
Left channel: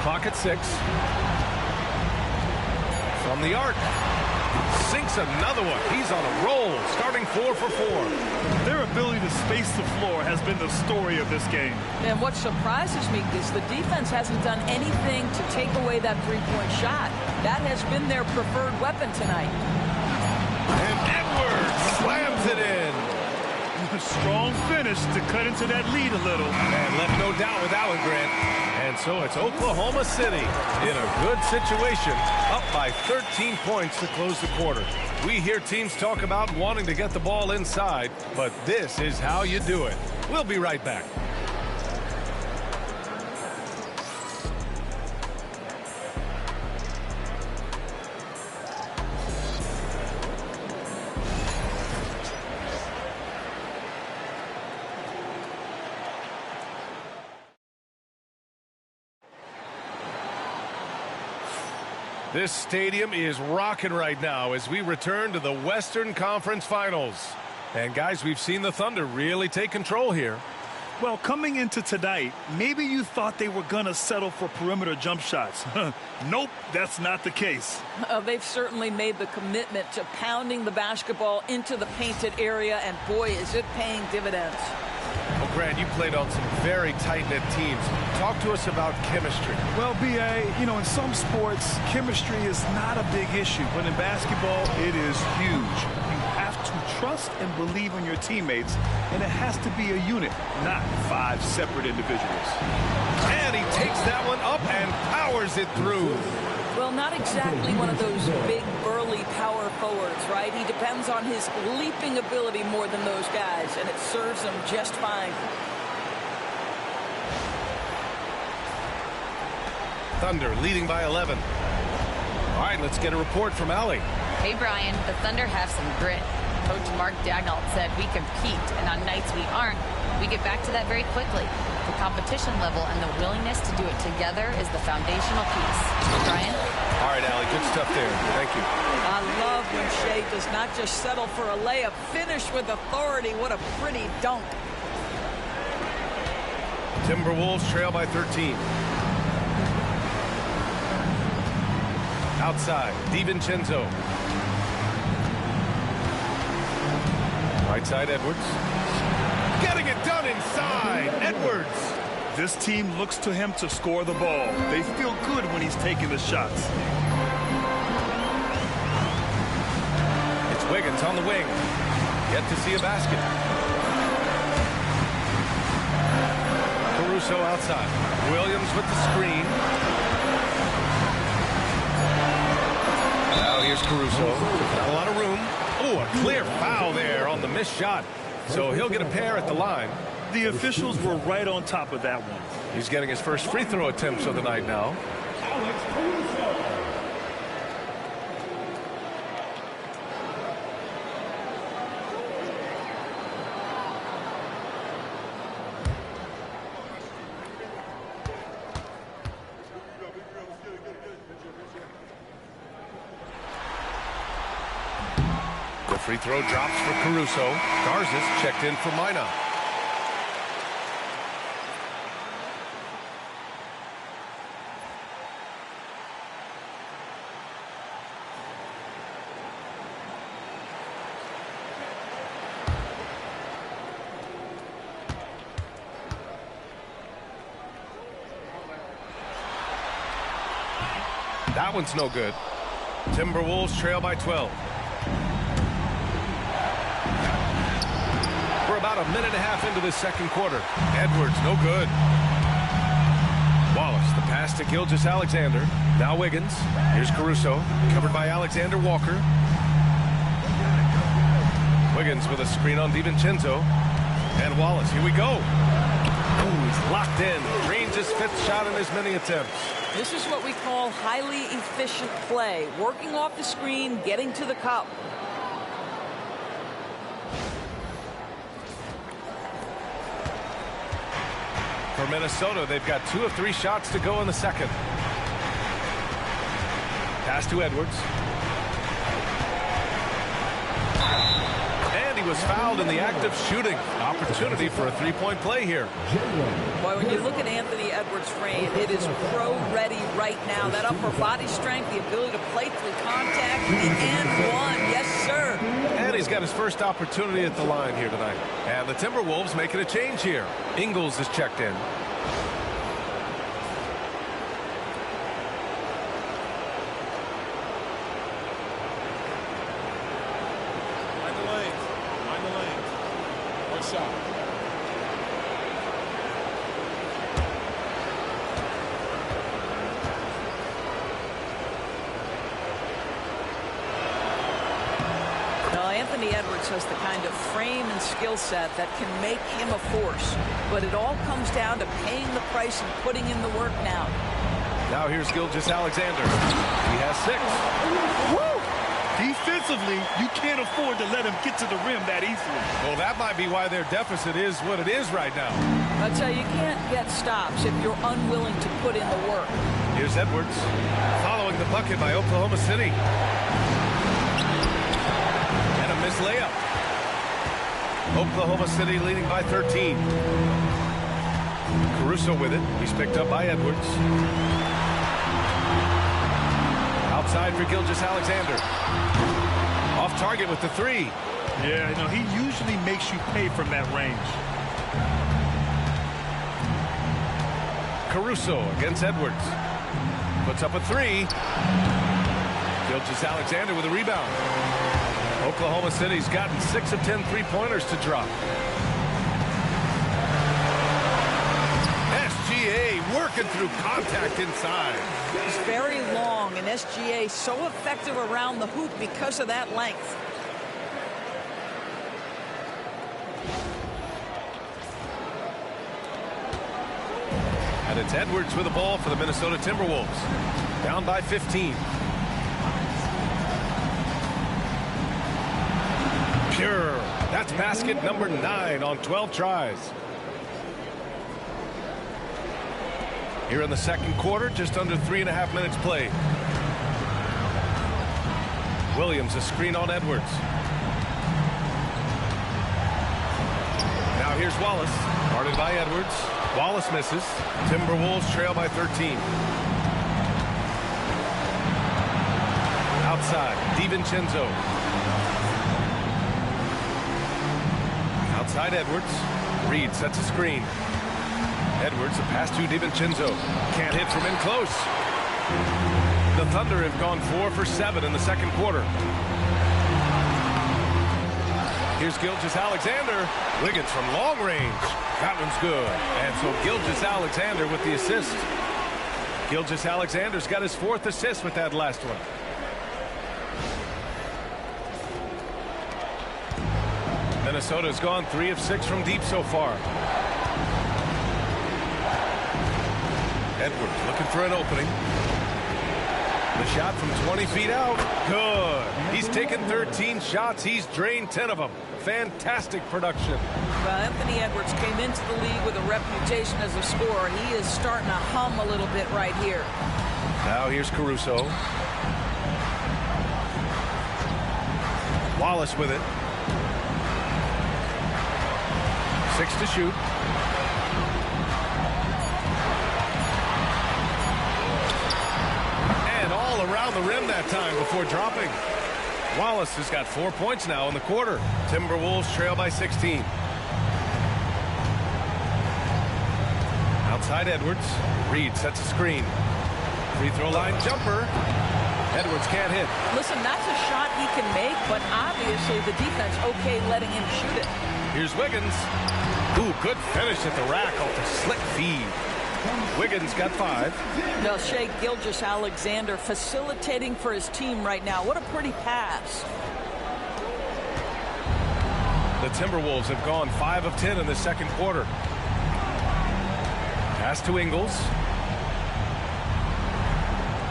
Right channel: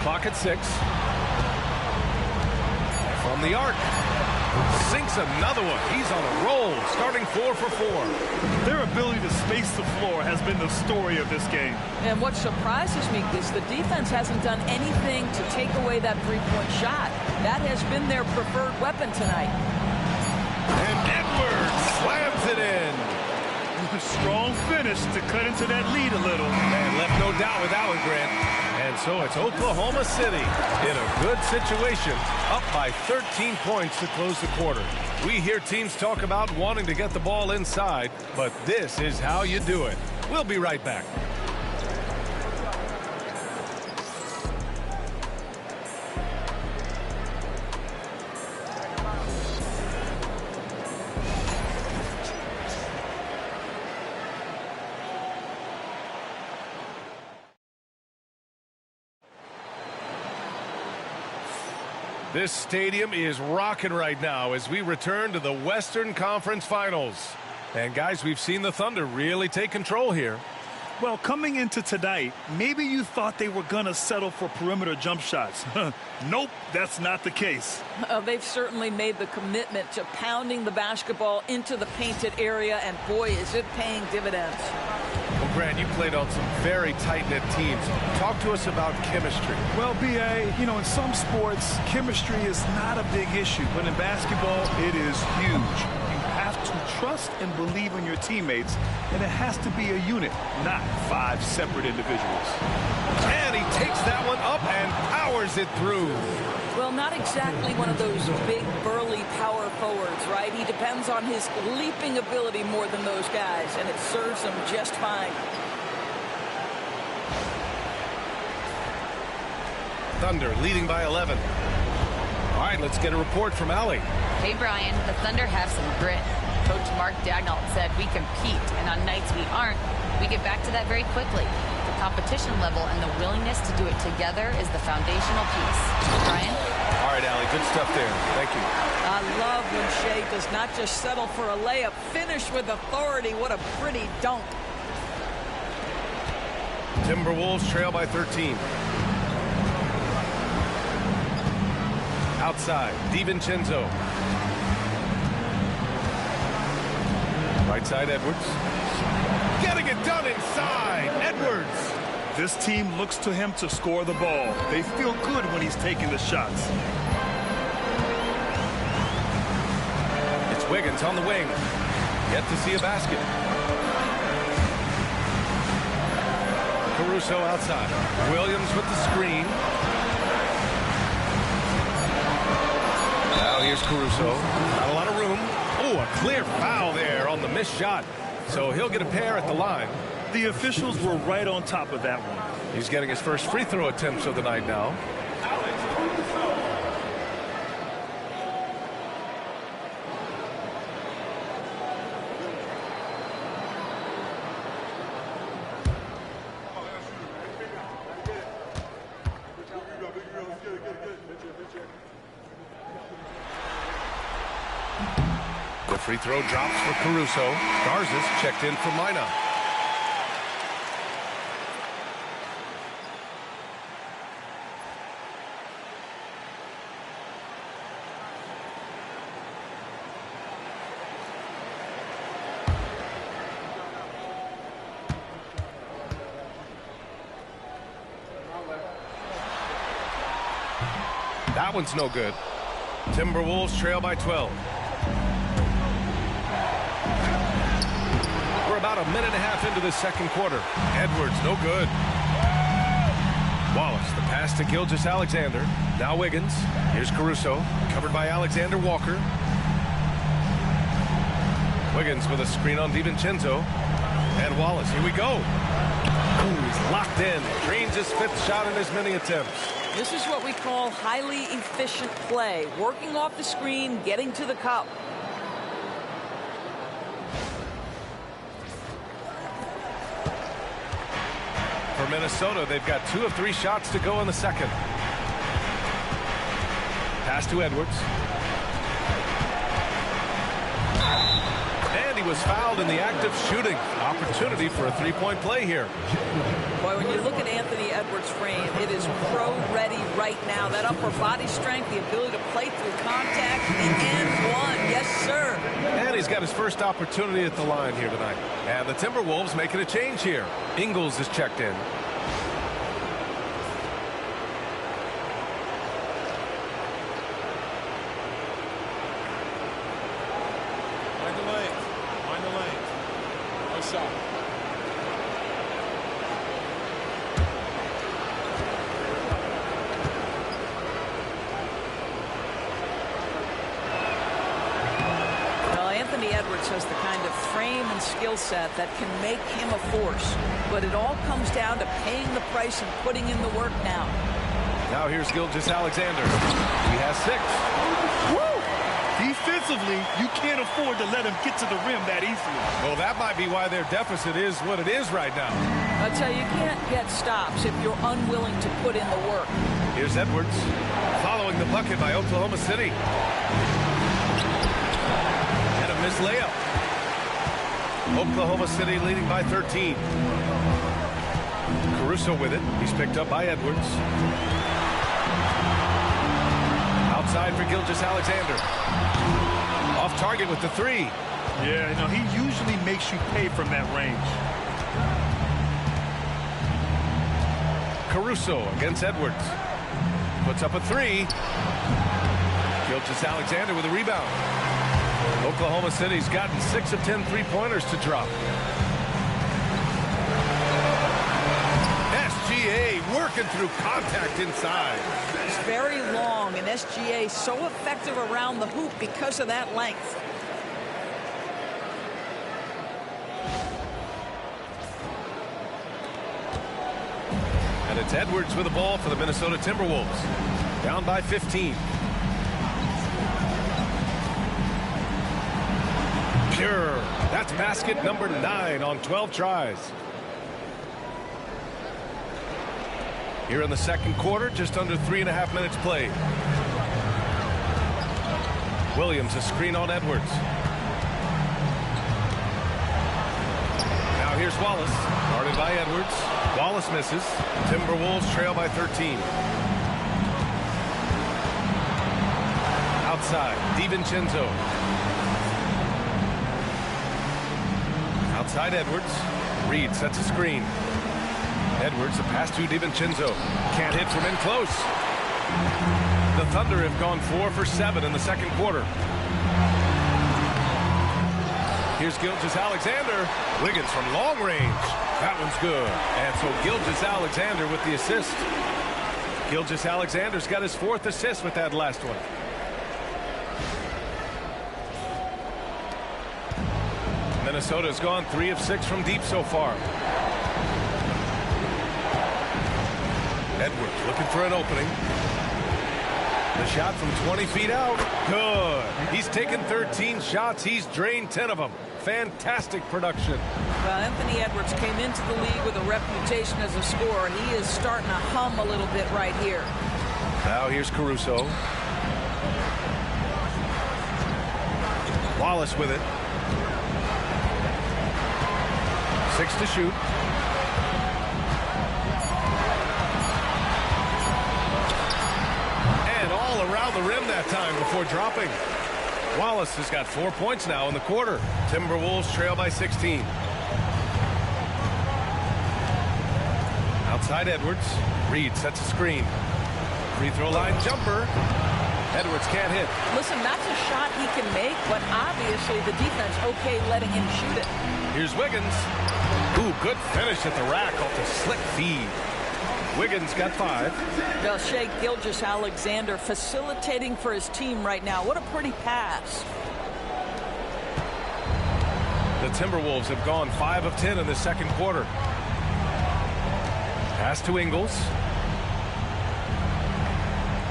Clock at 6. From the arc. Sinks another one. He's on a roll, starting 4 for 4. Their ability to space the floor has been the story of this game. And what surprises me is the defense hasn't done anything to take away that three-point shot. That has been their preferred weapon tonight. And Edwards slams it in. Strong finish to cut into that lead a little. And left no doubt with Allen Grant. And so it's Oklahoma City in a good situation, up by 13 points to close the quarter. We hear teams talk about wanting to get the ball inside, but this is how you do it. We'll be right back. This stadium is rocking right now as we return to the Western Conference Finals. And guys, we've seen the Thunder really take control here. Well, coming into tonight, maybe you thought they were going to settle for perimeter jump shots. Nope, that's not the case. They've certainly made the commitment to pounding the basketball into the painted area, and boy, is it paying dividends. Well, Grant, you played on some very tight-knit teams. Talk to us about chemistry. Well, B.A., you know, in some sports, chemistry is not a big issue. But in basketball, it is huge. You have to trust and believe in your teammates, and it has to be a unit, not 5 separate individuals. And he takes that one up and powers it through. Well, not exactly one of those big, burly power forwards, right? He depends on his leaping ability more than those guys, and it serves him just fine. Thunder leading by 11. All right, let's get a report from Allie. Hey, Brian, the Thunder have some grit. Coach Mark Daigneault said we compete, and on nights we aren't, we get back to that very quickly. The competition level and the willingness to do it together is the foundational piece. Brian? All right, Allie, good stuff there. Thank you. I love when Shea does not just settle for a layup, finish with authority. What a pretty dunk. Timberwolves trail by 13. Outside, DiVincenzo. Right side, Edwards. Getting it done inside, Edwards. This team looks to him to score the ball. They feel good when he's taking the shots. It's Wiggins on the wing. Yet to see a basket. Caruso outside. Williams with the screen. Now here's Caruso. Not a lot of room. Oh, a clear foul there on the missed shot. So he'll get a pair at the line. The officials were right on top of that one. He's getting his first free throw attempts of the night now. The free throw drops for Caruso. Garza's checked in for Mina. That one's no good. Timberwolves trail by 12. We're about a minute and a half into the second quarter. Edwards, no good. Wallace, the pass to Gilgeous-Alexander. Now Wiggins. Here's Caruso, covered by Alexander Walker. Wiggins with a screen on DiVincenzo. And Wallace, here we go. Ooh, he's locked in. Drains his fifth shot in as many attempts. This is what we call highly efficient play. Working off the screen, getting to the cup. For Minnesota, they've got 2 of 3 shots to go in the second. Pass to Edwards. And he was fouled in the act of shooting. Opportunity for a three-point play here. Boy, when you look at Anthony Edwards' frame, it is pro-ready right now. That upper body strength, the ability to play through contact, the and one. Yes, sir. And he's got his first opportunity at the line here tonight. And the Timberwolves making a change here. Ingles is checked in. Mind the lanes. Mind the lanes. One shot. Well, Anthony Edwards has the kind of frame and skill set that can make him a force. But it all comes down to paying the price and putting in the work now. Now here's Gilgeous-Alexander. He has 6. Woo! Defensively, you can't afford to let him get to the rim that easily. Well, that might be why their deficit is what it is right now. I tell you, you can't get stops if you're unwilling to put in the work. Here's Edwards following the bucket by Oklahoma City. And a missed layup. Oklahoma City leading by 13. Caruso with it. He's picked up by Edwards. Outside for Gilgeous-Alexander. Off target with the 3. Yeah, you know, he usually makes you pay from that range. Caruso against Edwards. Puts up a 3. Gilgeous-Alexander with a rebound. Oklahoma City's gotten 6 of 10 three-pointers to drop. SGA working through contact inside. He's very long, and SGA so effective around the hoop because of that length. And it's Edwards with the ball for the Minnesota Timberwolves. Down by 15. secure. That's basket number 9 on 12 tries. Here in the second quarter, just under 3.5 minutes played. Williams, a screen on Edwards. Now here's Wallace, guarded by Edwards. Wallace misses. Timberwolves trail by 13. Outside, DiVincenzo. Outside Edwards. Reed sets a screen. Edwards, a pass to DiVincenzo. Can't hit from in close. The Thunder have gone 4 for 7 in the second quarter. Here's Gilgeous-Alexander. Wiggins from long range. That one's good. And so Gilgeous-Alexander with the assist. Gilgeous-Alexander's got his 4th assist with that last one. Minnesota's gone 3 of 6 from deep so far. Edwards looking for an opening. The shot from 20 feet out. Good. He's taken 13 shots. He's drained 10 of them. Fantastic production. Well, Anthony Edwards came into the league with a reputation as a scorer. He is starting to hum a little bit right here. Now here's Caruso. Wallace with it. 6 to shoot. And all around the rim that time before dropping. Wallace has got 4 points now in the quarter. Timberwolves trail by 16. Outside Edwards. Reed sets a screen. Free throw line jumper. Edwards can't hit. Listen, that's a shot he can make, but obviously the defense okay letting him shoot it. Here's Wiggins. Ooh, good finish at the rack off the slick feed. Wiggins got 5. Now Shai Gilgeous-Alexander facilitating for his team right now. What a pretty pass. The Timberwolves have gone 5 of 10 in the second quarter. Pass to Ingles.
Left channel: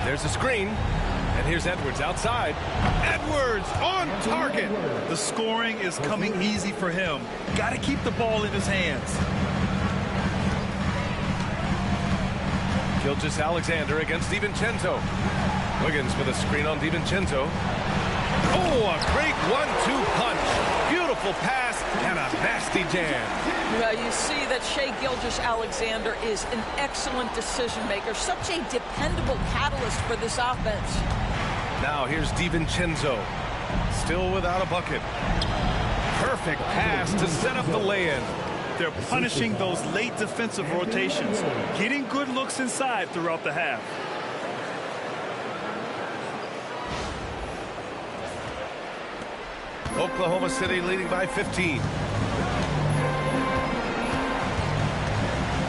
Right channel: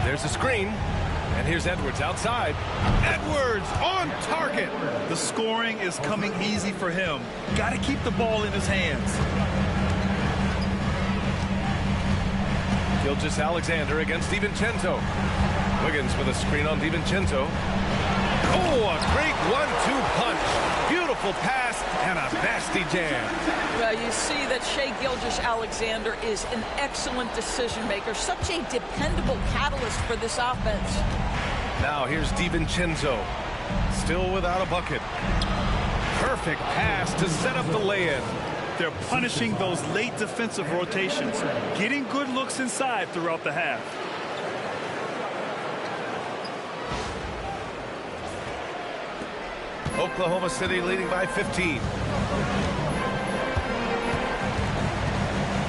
There's a screen. And here's Edwards outside. Edwards on target. The scoring is coming easy for him. Got to keep the ball in his hands. Gilgeous-Alexander against DiVincenzo. Wiggins with a screen on DiVincenzo. Oh, a great 1-2 punch. Beautiful pass and a nasty jam. Well, you see that Shai Gilgeous-Alexander is an excellent decision maker. Such a dependable catalyst for this offense. Now here's DiVincenzo. Still without a bucket. Perfect pass to set up the lay-in. They're punishing those late defensive rotations, getting good looks inside throughout the half. Oklahoma City leading by 15.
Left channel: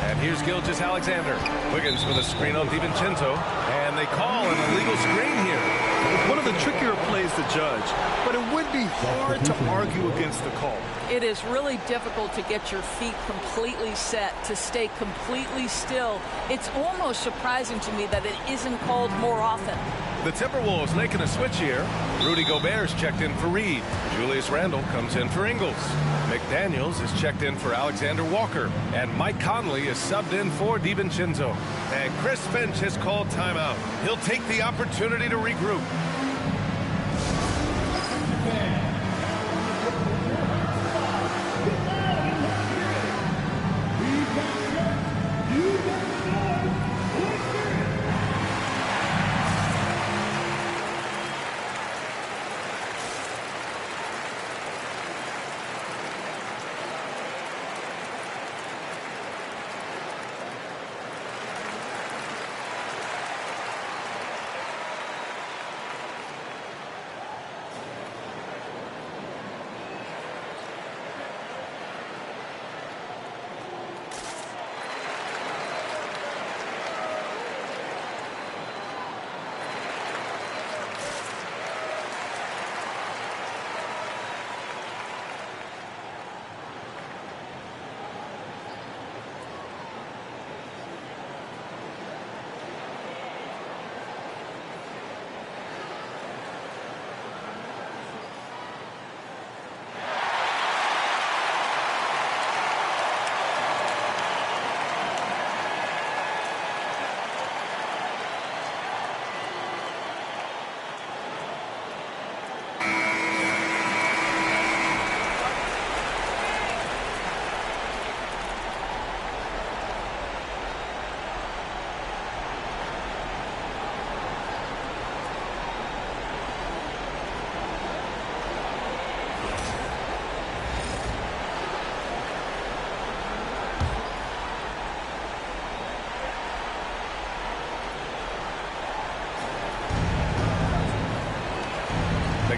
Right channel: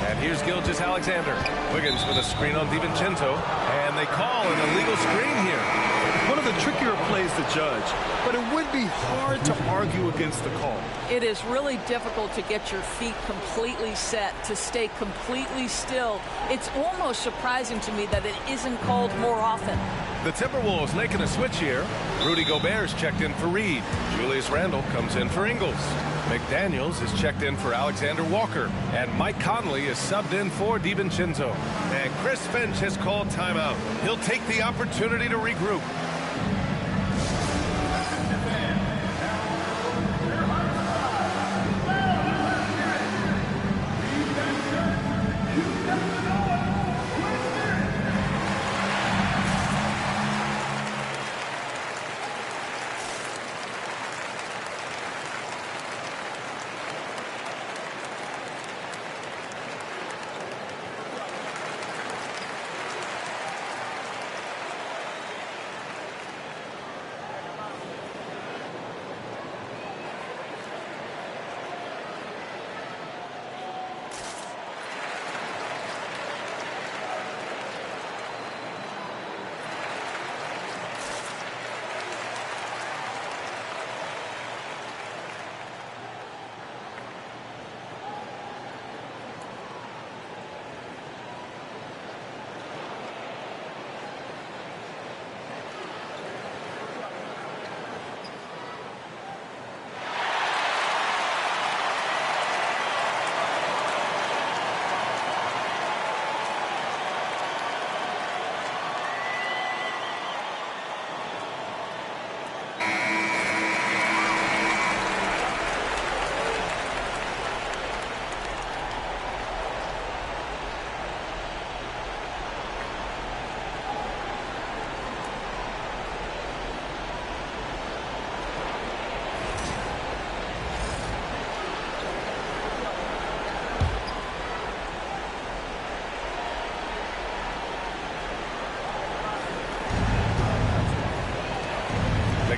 And here's Gilgeous-Alexander. Wiggins with a screen on DiVincenzo. And they call an illegal screen here. One of the trickier plays to judge, but it would be hard to argue against the call. It is really difficult to get your feet completely set, to stay completely still. It's almost surprising to me that it isn't called more often. The Timberwolves making a switch here. Rudy Gobert's checked in for Reed. Julius Randle comes in for Ingles. McDaniels is checked in for Alexander Walker. And Mike Conley is subbed in for DiVincenzo. And Chris Finch has called timeout. He'll take the opportunity to regroup.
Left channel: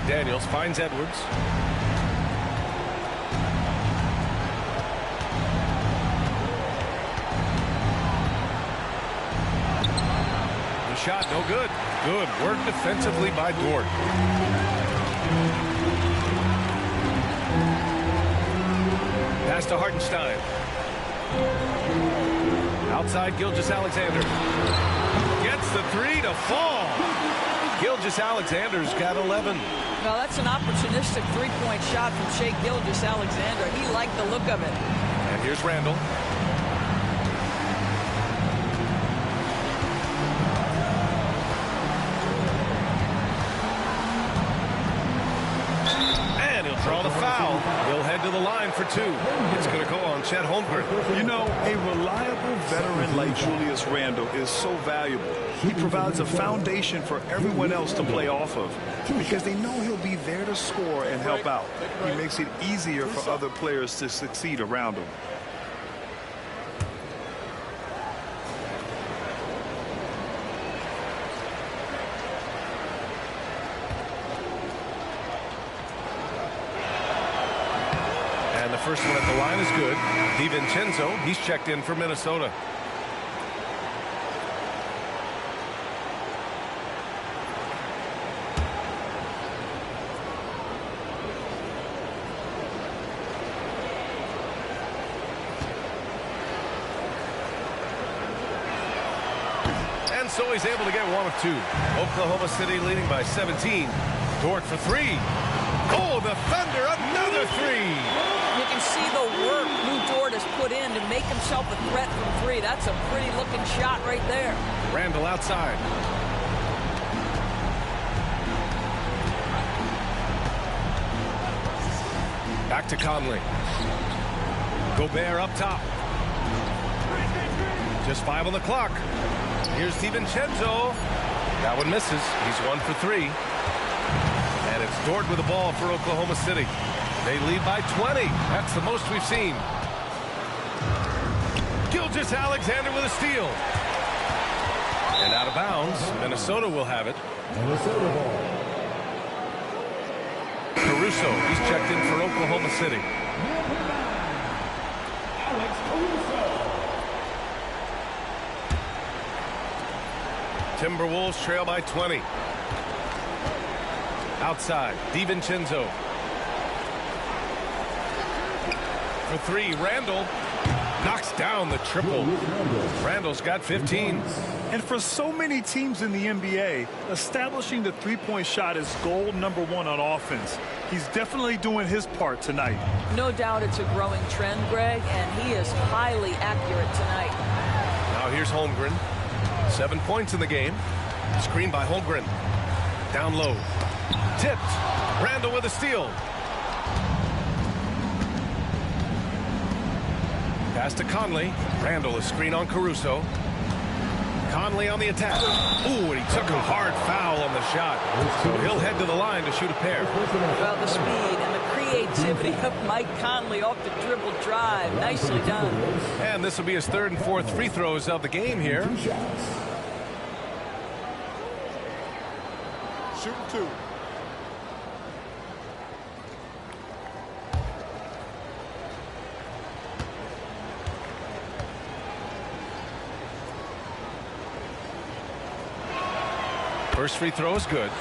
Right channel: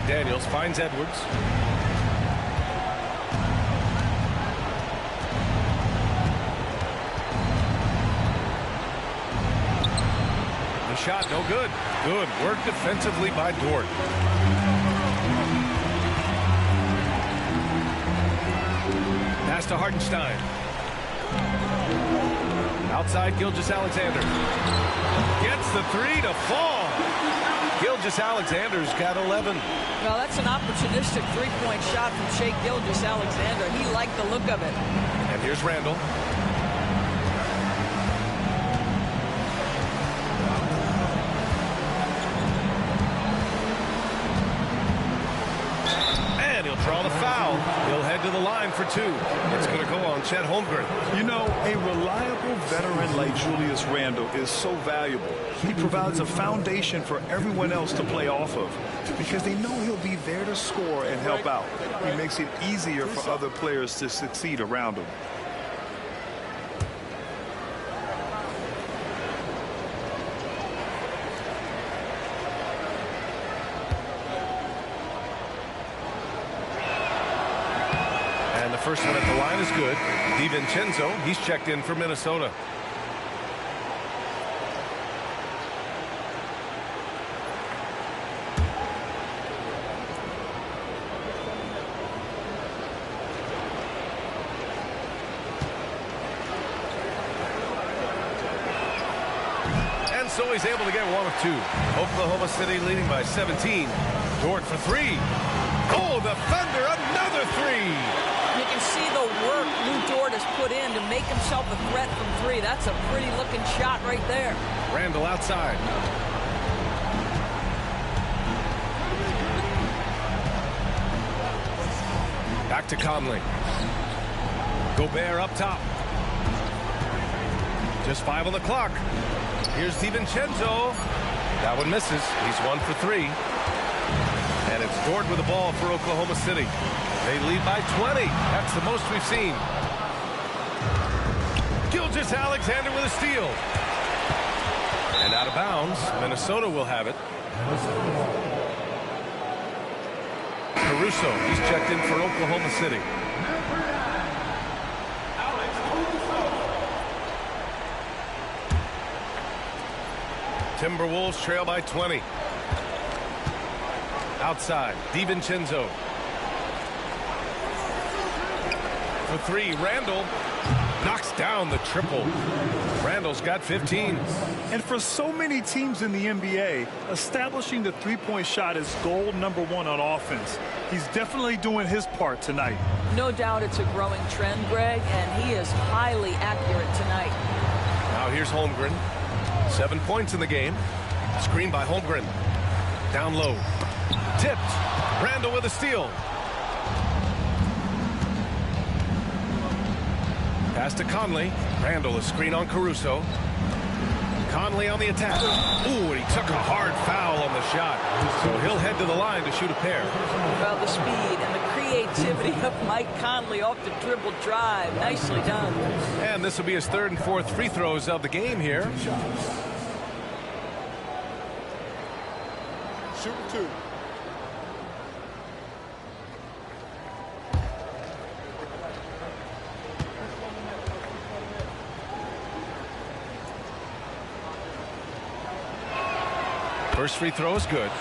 McDaniels finds Edwards. The shot, no good. Good work defensively by Dort. Pass to Hartenstein. Outside, Gilgeous-Alexander. Gets the three to fall. Gilgeous-Alexander's got 11. Well, that's an opportunistic three-point shot from Shai Gilgeous-Alexander. He liked the look of it. And here's Randall. And he'll draw the foul. He'll head to the line for two. It's going to go on Chet Holmgren. You know, a reliable veteran like Julius Randle is so valuable. He provides a foundation for everyone else to play off of because they know he'll be there to score and help out. He makes it easier for other players to succeed around him. And the first one at the line is good. DiVincenzo, he's checked in for Minnesota. And so he's able to get one of two. Oklahoma City leading by 17. Dort for three. Oh, the Thunder, another three. You can see the work Lou Dort has put in to make himself a threat from three. That's a pretty looking shot right there. Randall outside. Back to Conley. Gobert up top. Just 5 on the clock. Here's DiVincenzo. That one misses. He's 1 for 3. And it's Dort with the ball for Oklahoma City. They lead by 20. That's the most we've seen. Gilgeous-Alexander with a steal. And out of bounds. Minnesota will have it. Minnesota ball. Caruso, he's checked in for Oklahoma City. Number 9, Alex Caruso. Timberwolves trail by 20. Outside, DiVincenzo. For three, Randall knocks down the triple. Randall's got 15. And for so many teams in the NBA, establishing the three-point shot is goal number 1 on offense. He's definitely doing his part tonight. No doubt it's a growing trend, Greg, and he is highly accurate tonight. Now here's Holmgren. 7 points in the game. Screen by Holmgren. Down low. Tipped. Randall with a steal. Pass to Conley. Randall, a screen on Caruso. Conley on the attack. Ooh, and he took a hard foul on the shot. So he'll head to the line to shoot a pair. Well, the speed and the creativity of Mike Conley off the dribble drive. Nicely done. And this will be his 3rd and 4th free throws of the game here. Shooting 2. First free throw is good.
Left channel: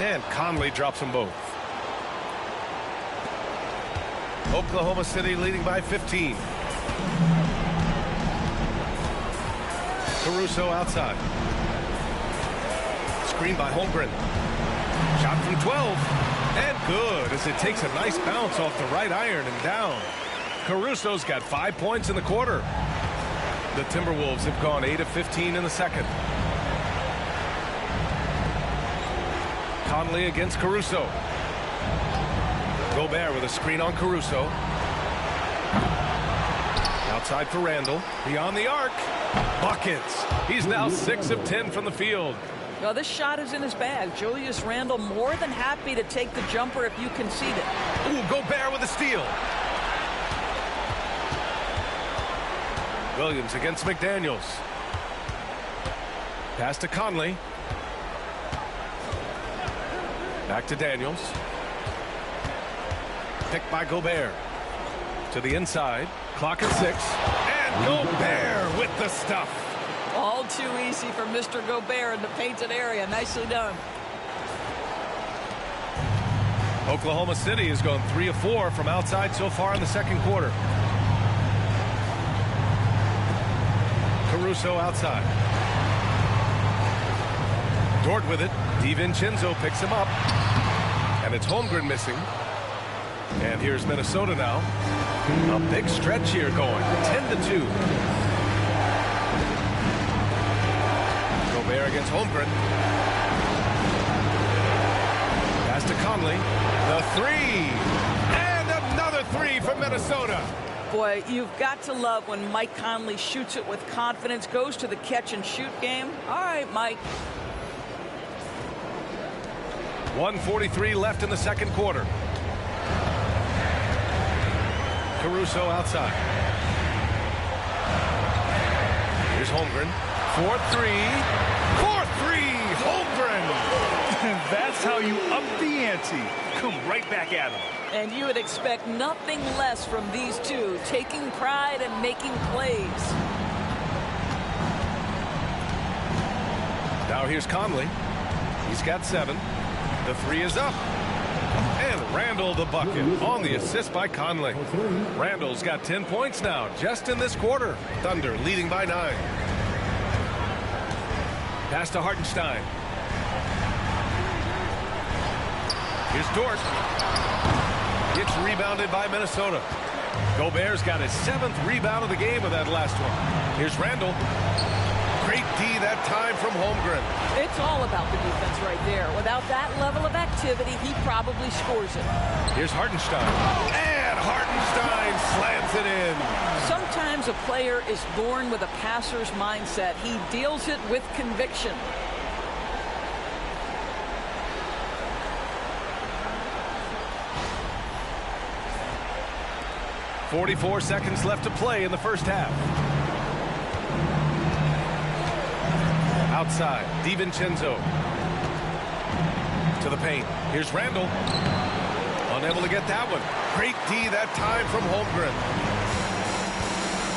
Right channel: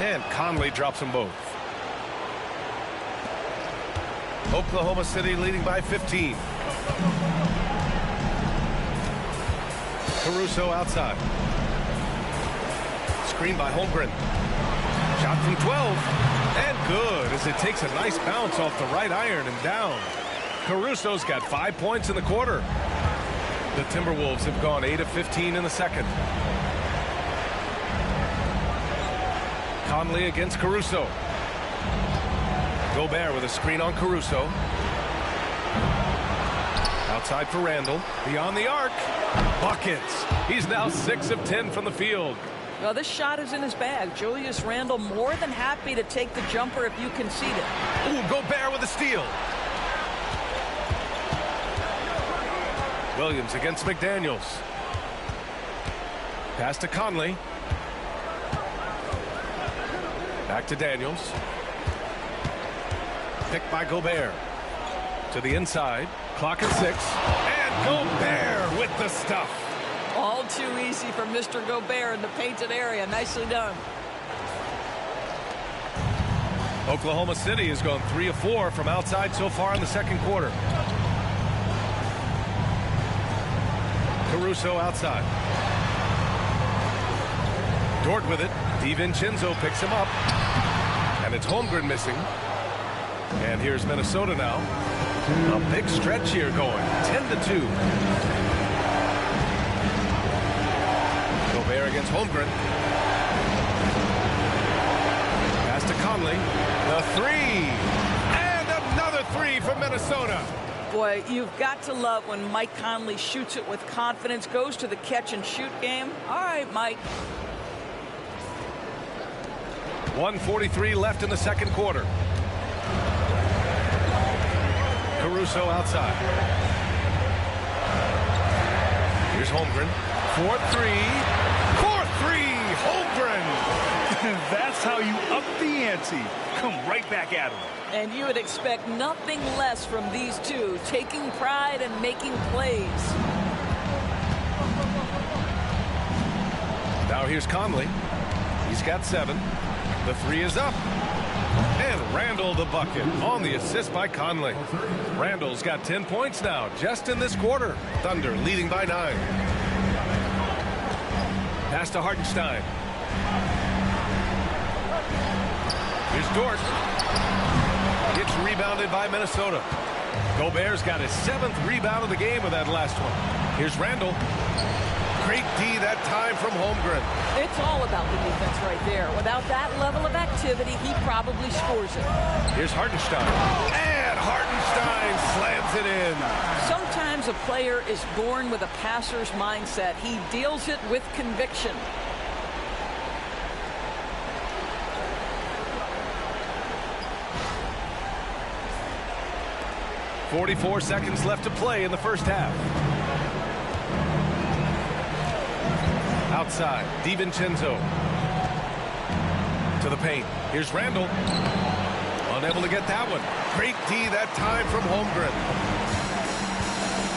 And Conley drops them both. Oklahoma City leading by 15. Caruso outside. Screen by Holmgren. Shot from 12. And good as it takes a nice bounce off the right iron and down. Caruso's got 5 points in the quarter. The Timberwolves have gone 8 of 15 in the second. Conley against Caruso. Gobert with a screen on Caruso. Outside for Randall. Beyond the arc. Buckets. He's now 6 of 10 from the field. Well, this shot is in his bag. Julius Randle more than happy to take the jumper if you concede it. Ooh, Gobert with a steal. Williams against McDaniels. Pass to Conley. Back to Daniels. Picked by Gobert. To the inside. Clock at 6. And Gobert with the stuff. All too easy for Mr. Gobert in the painted area. Nicely done. Oklahoma City has gone 3 of 4 from outside so far in the second quarter. Caruso outside. Dort with it. DiVincenzo picks him up. And it's Holmgren missing. And here's Minnesota now. A big stretch here going. 10-2. Gobert against Holmgren. Pass to Conley. The 3. And another 3 for Minnesota. Boy, you've got to love when Mike Conley shoots it with confidence, goes to the catch and shoot game. All right, Mike. 1:43 left in the second quarter. Caruso outside. Here's Holmgren. 4-3. 4-3. Holmgren. That's how you up the ante. Come right back at him. And you would expect nothing less from these two, taking pride and making plays. Now here's Conley. He's got 7. The 3 is up. And Randall the bucket on the assist by Conley. Randall's got 10 points now just in this quarter. Thunder leading by 9. Pass to Hartenstein. Here's Dort. Gets rebounded by Minnesota. Gobert's got his 7th rebound of the game with that last one. Here's Randall. Great D that time from Holmgren. It's all about the defense right there. Without that level of activity, he probably scores it. Here's Hartenstein. And Hartenstein slams it in. Sometimes a player is born with a passer's mindset. He deals it with conviction. .44 seconds left to play in the first half. Outside, DiVincenzo. To the paint. Here's Randall. Unable to get that one. Great D that time from Holmgren.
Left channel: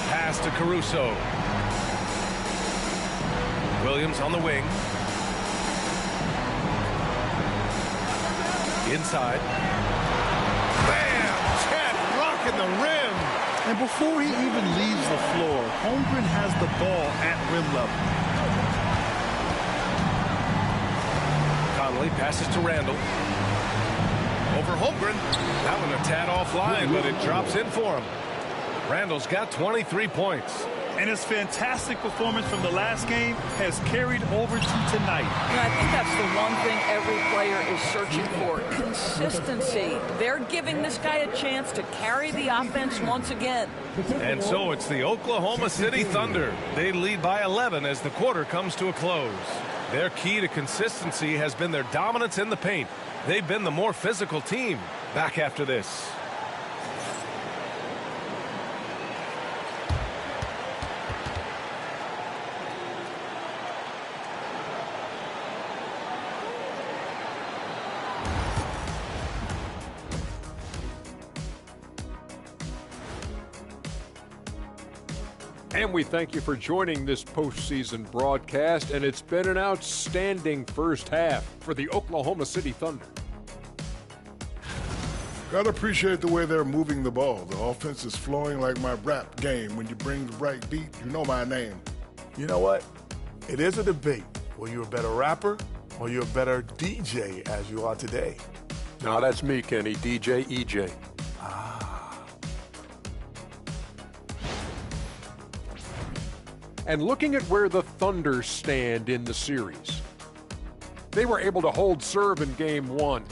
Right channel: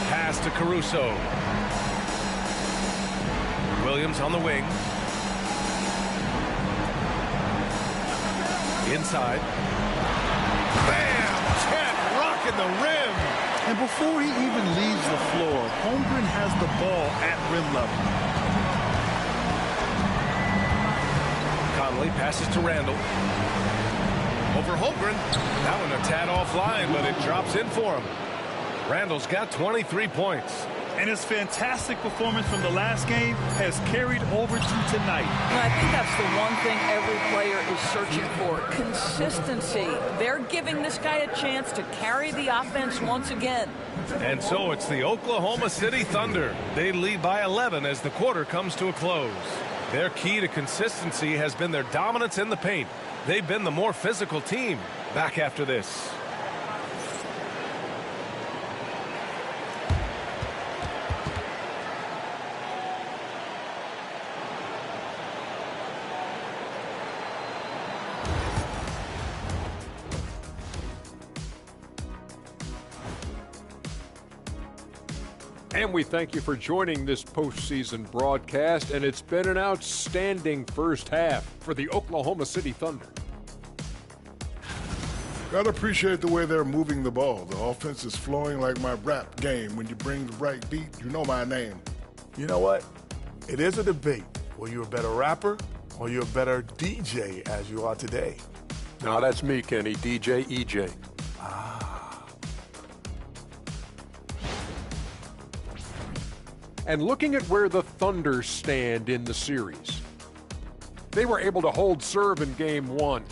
Pass to Caruso. Williams on the wing. Inside. Bam! Chet rocking the rim. And before he even leaves the floor, Holmgren has the ball at rim level. Conley passes to Randall. Over Holmgren. That one a tad offline, but it drops in for him. Randall's got 23 points. And his fantastic performance from the last game has carried over to tonight. And I think that's the one thing every player is searching for. Consistency. They're giving this guy a chance to carry the offense once again. And so it's the Oklahoma City Thunder. They lead by 11 as the quarter comes to a close. Their key to consistency has been their dominance in the paint. They've been the more physical team. Back after this. And we thank you for joining this postseason broadcast, and it's been an outstanding first half for the Oklahoma City Thunder. Gotta appreciate the way they're moving the ball. The offense is flowing like my rap game. When you bring the right beat, you know my name. You know what? It is a debate. Were you a better rapper or you're a better DJ as you are today? No, that's me, Kenny. DJ EJ. And looking at where the Thunder stand in the series, they were able to hold serve in Game 1,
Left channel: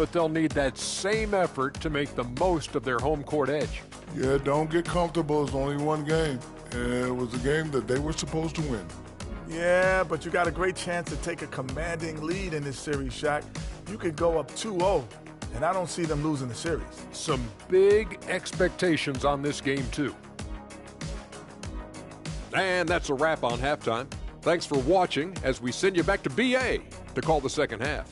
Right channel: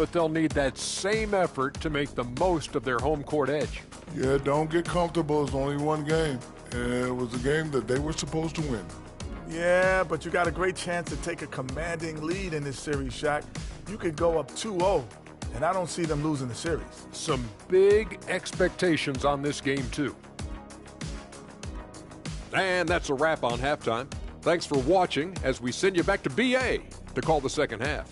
but they'll need that same effort to make the most of their home court edge. Yeah, don't get comfortable. It's only one game, and it was a game that they were supposed to win. Yeah, but you got a great chance to take a commanding lead in this series, Shaq. You could go up 2-0, and I don't see them losing the series. Some big expectations on this game, too. And that's a wrap on halftime. Thanks for watching as we send you back to BA to call the second half.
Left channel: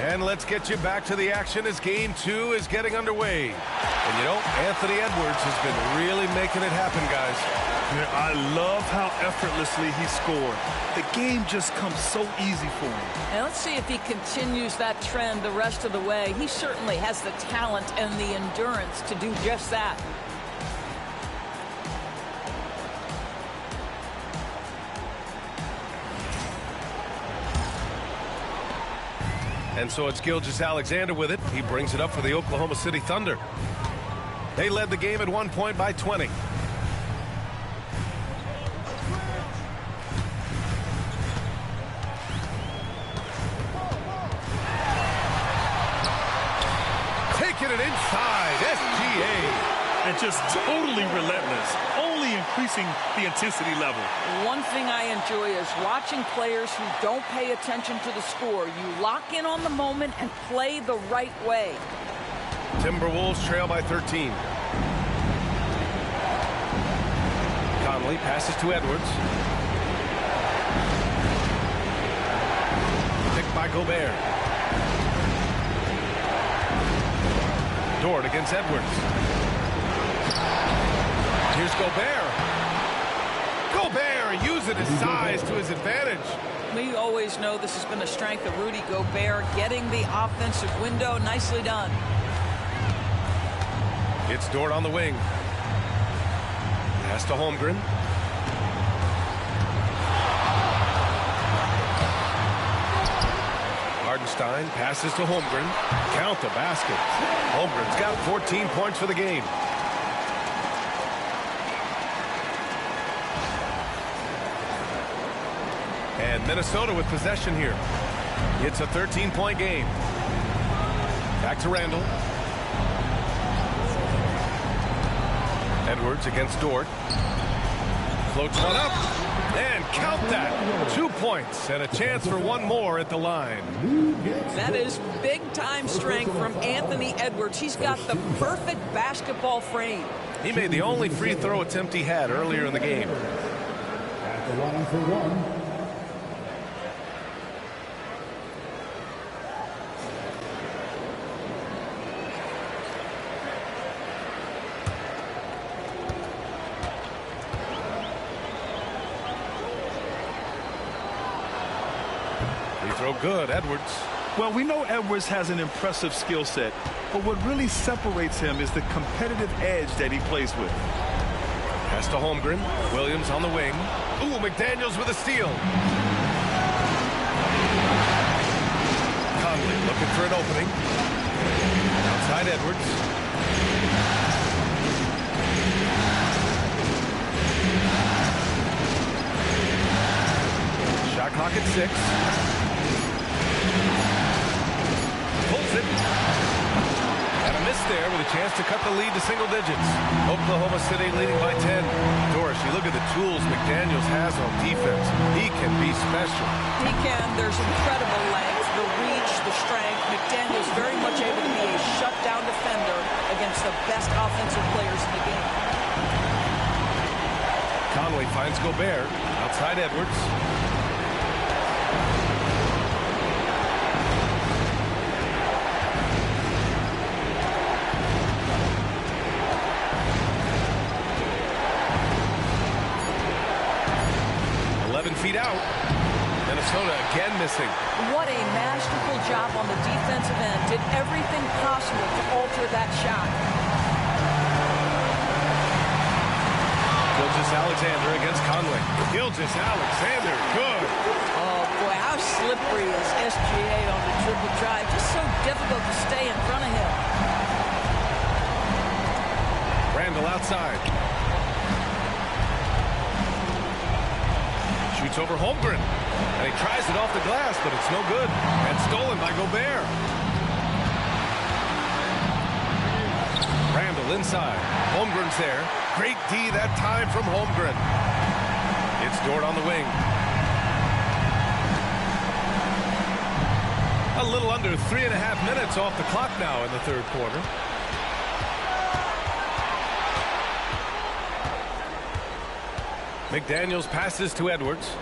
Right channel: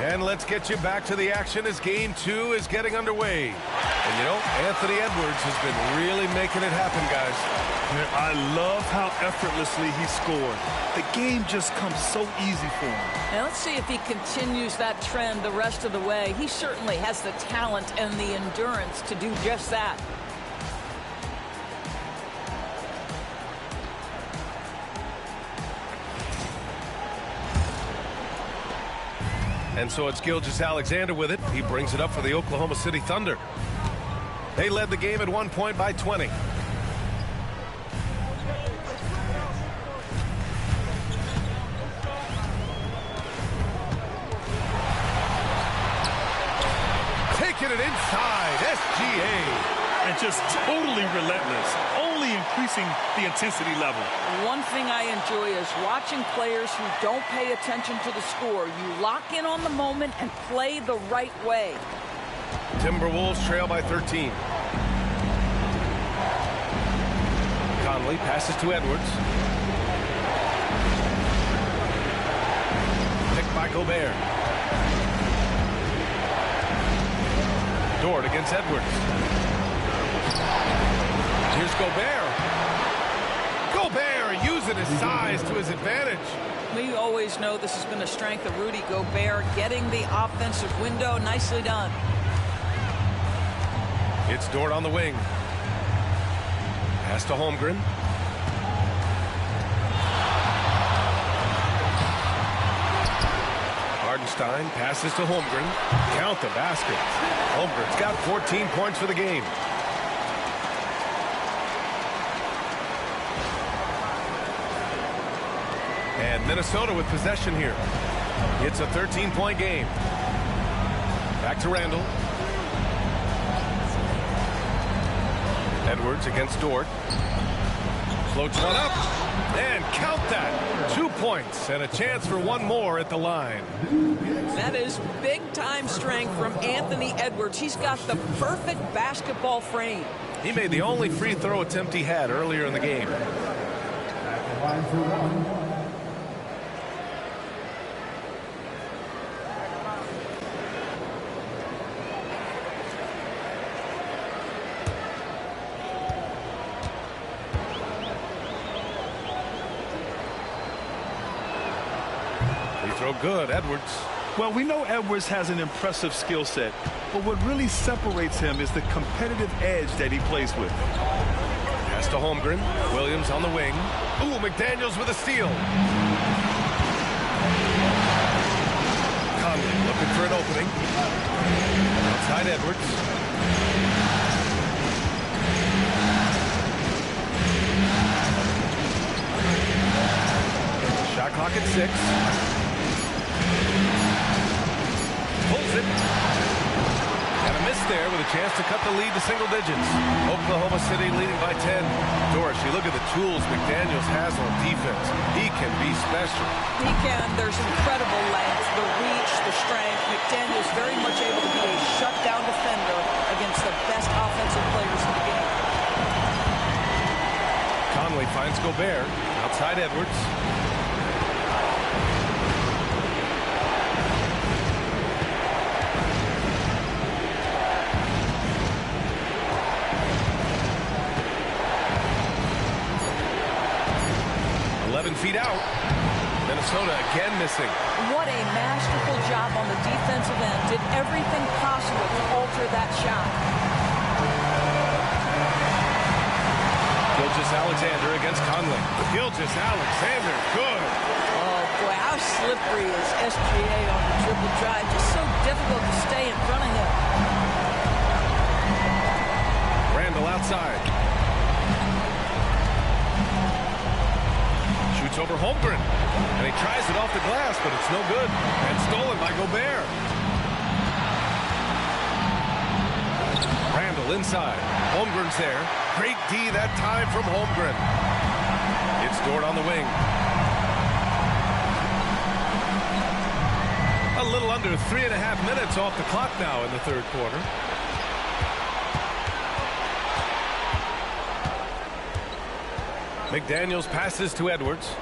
And let's get you back to the action as Game 2 is getting underway. And you know, Anthony Edwards has been really making it happen, guys. I love how effortlessly he scored. The game just comes so easy for him. Now let's see if he continues that trend the rest of the way. He certainly has the talent and the endurance to do just that. And so it's Gilgeous-Alexander with it. He brings it up for the Oklahoma City Thunder. They led the game at one point by 20. Taking it inside, SGA. And just totally relentless, only increasing the intensity level. One thing I enjoy is watching players who don't pay attention to the score. You lock in on the moment and play the right way. Timberwolves trail by 13. Conley passes to Edwards. Picked by Gobert. Dort against Edwards. Here's Gobert. Gobert using his size to his advantage. We always know this has been a strength of Rudy Gobert, getting the offensive window. Nicely done. It's Dort on the wing. Pass to Holmgren. Hardenstein passes to Holmgren. Count the basket. Holmgren's got 14 points for the game. And Minnesota with possession here. It's a 13-point game. Back to Randall. Edwards against Dort. Floats one up. And count that. 2 points and a chance for one more at the line. That is big-time strength from Anthony Edwards. He's got the perfect basketball frame. He made the only free throw attempt he had earlier in the game. At the line for one. Free throw good, Edwards. Well, we know Edwards has an impressive skill set, but what really separates him is the competitive edge that he plays with. Pass to Holmgren. Williams on the wing. Ooh, McDaniels with a steal. Conley looking for an opening. Outside Edwards. Shot clock at 6. Pulls it. And a miss there with a chance to cut the lead to single digits. Oklahoma City leading by 10. Doris, you look at the tools McDaniels has on defense. He can be special. He can. There's incredible length, the reach, the strength. McDaniels very much able to be a shutdown defender against the best offensive players in the game. Conley finds Gobert. Outside Edwards. Feet out. Minnesota again missing. What a masterful job on the defensive end. Did everything possible to alter that shot. Gilgeous-Alexander against Conley. Gilgeous-Alexander, good. Oh, boy, how slippery is SGA on the triple drive. Just so difficult to stay in front of him. Randall outside. Shoots over Holmgren. And he tries it off the glass, but it's no good. And stolen by Gobert. Randall inside. Holmgren's there. Great D that time from Holmgren. It's Dort on the wing. A little under 3.5 minutes off the clock now in the third quarter. McDaniels passes to Edwards.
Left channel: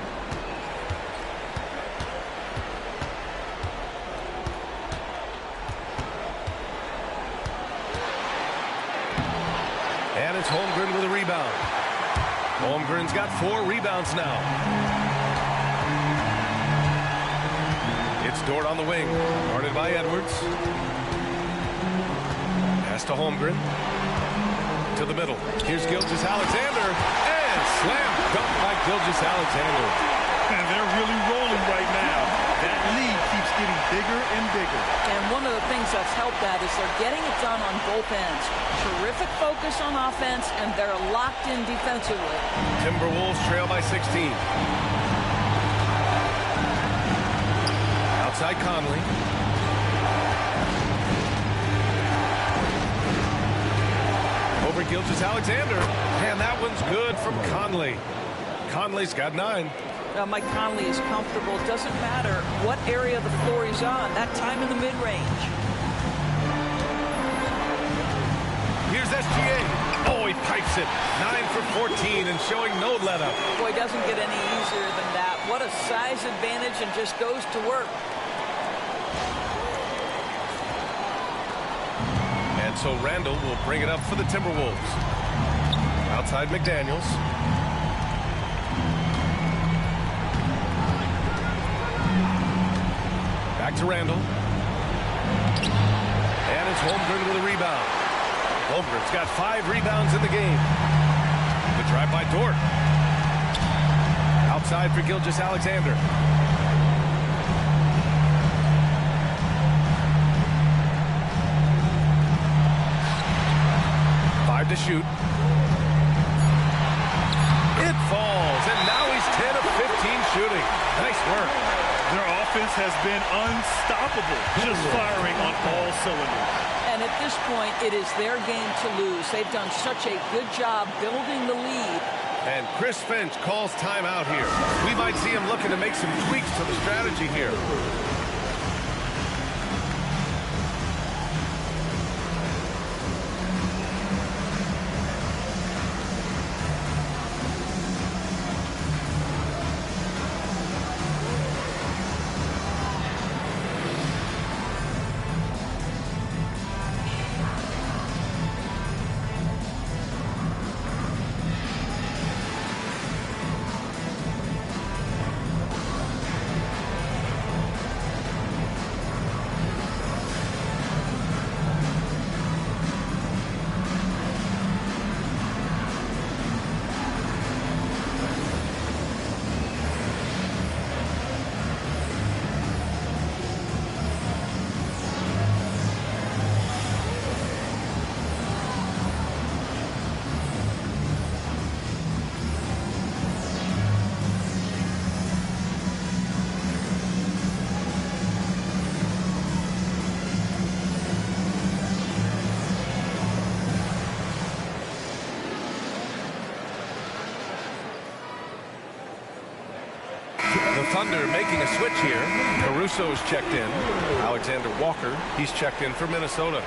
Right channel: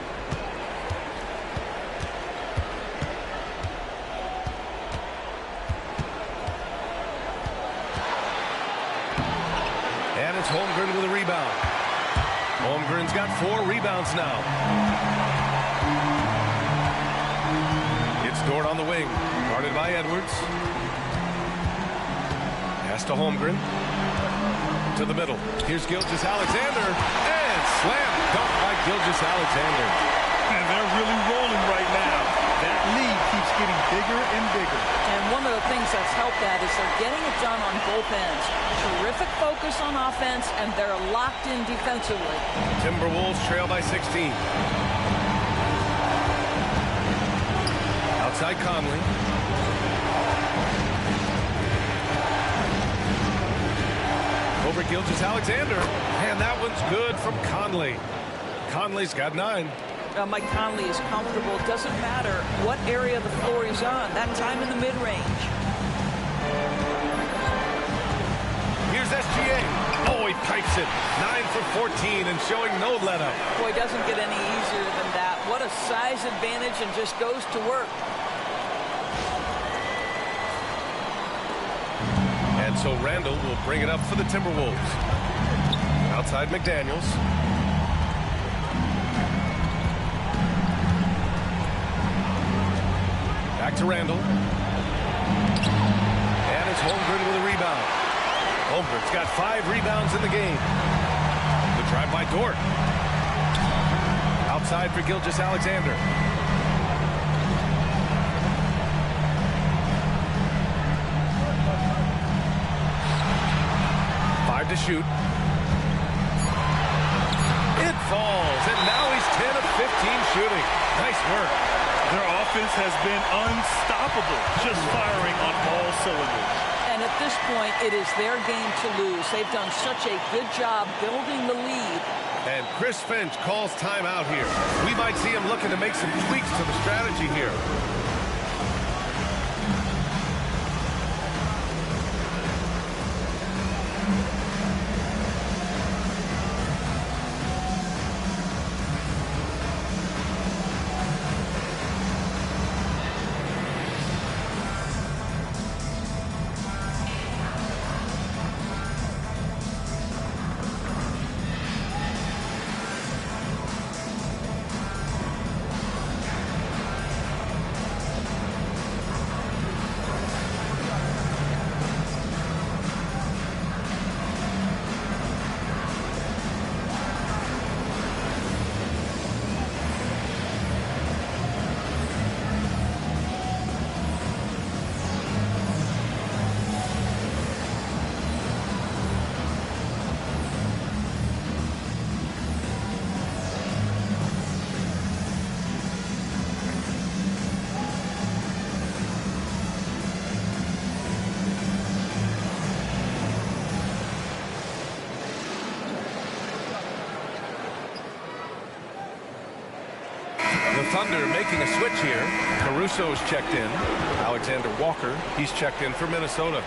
And it's Holmgren with a rebound. Holmgren's got 4 rebounds now. It's Dort on the wing, guarded by Edwards. Pass to Holmgren. To the middle. Here's Gilgeous-Alexander. And slam dunk by Gilgeous-Alexander. And they're really rolling right now. That lead keeps getting bigger and bigger. And one of the things that's helped that is they're getting it done on both ends. Terrific focus on offense, and they're locked in defensively. Timberwolves trail by 16. Outside Conley. Over Gilgeous-Alexander. And that one's good from Conley. Conley's got 9. Mike Conley is comfortable. It doesn't matter what area of the floor he's on. That time in the mid-range. Here's SGA. Oh, he pipes it. 9 for 14 and showing no let-up. Boy, it doesn't get any easier than that. What a size advantage, and just goes to work. And so Randall will bring it up for the Timberwolves. Outside McDaniels. Back to Randall. And it's Holmgren with a rebound. Holmgren's got 5 rebounds in the game. The drive by Dort. Outside for Gilgeous-Alexander. To shoot. It falls, and now he's 10 of 15 shooting. Nice work. Their offense has been unstoppable, just firing on all cylinders. And at this point, it is their game to lose. They've done such a good job building the lead. And Chris Finch calls timeout here. We might see him looking to make some tweaks to the strategy here. The Thunder making a switch here. Caruso's checked in. Alexander Walker, he's checked in for Minnesota.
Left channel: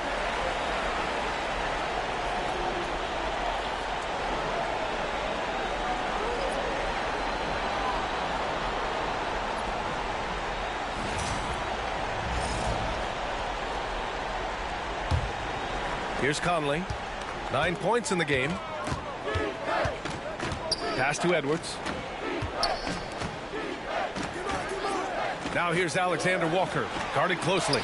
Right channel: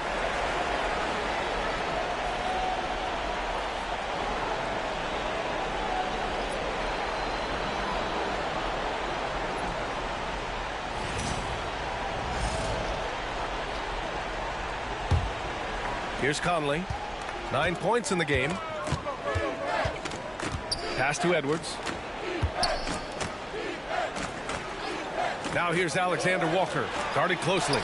Here's Conley. 9 points in the game. Pass to Edwards. Now here's Alexander Walker, guarded closely.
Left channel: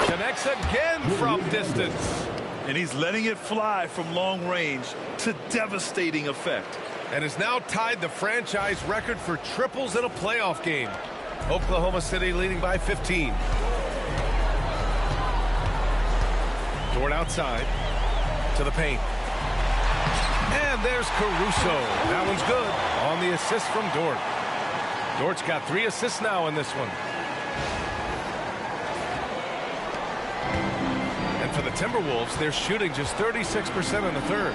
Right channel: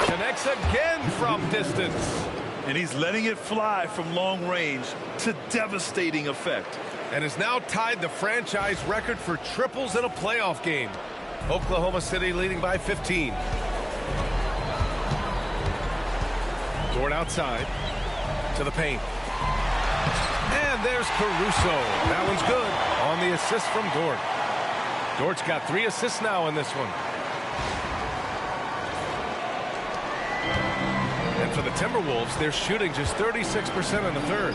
Connects again from distance. And he's letting it fly from long range to devastating effect. and has now tied the franchise record for triples in a playoff game. Oklahoma City leading by 15. Dort outside to the paint. And there's Caruso. That one's good on the assist from Dort. Dort's got 3 assists now in this one. And for the Timberwolves, they're shooting just 36% in the third.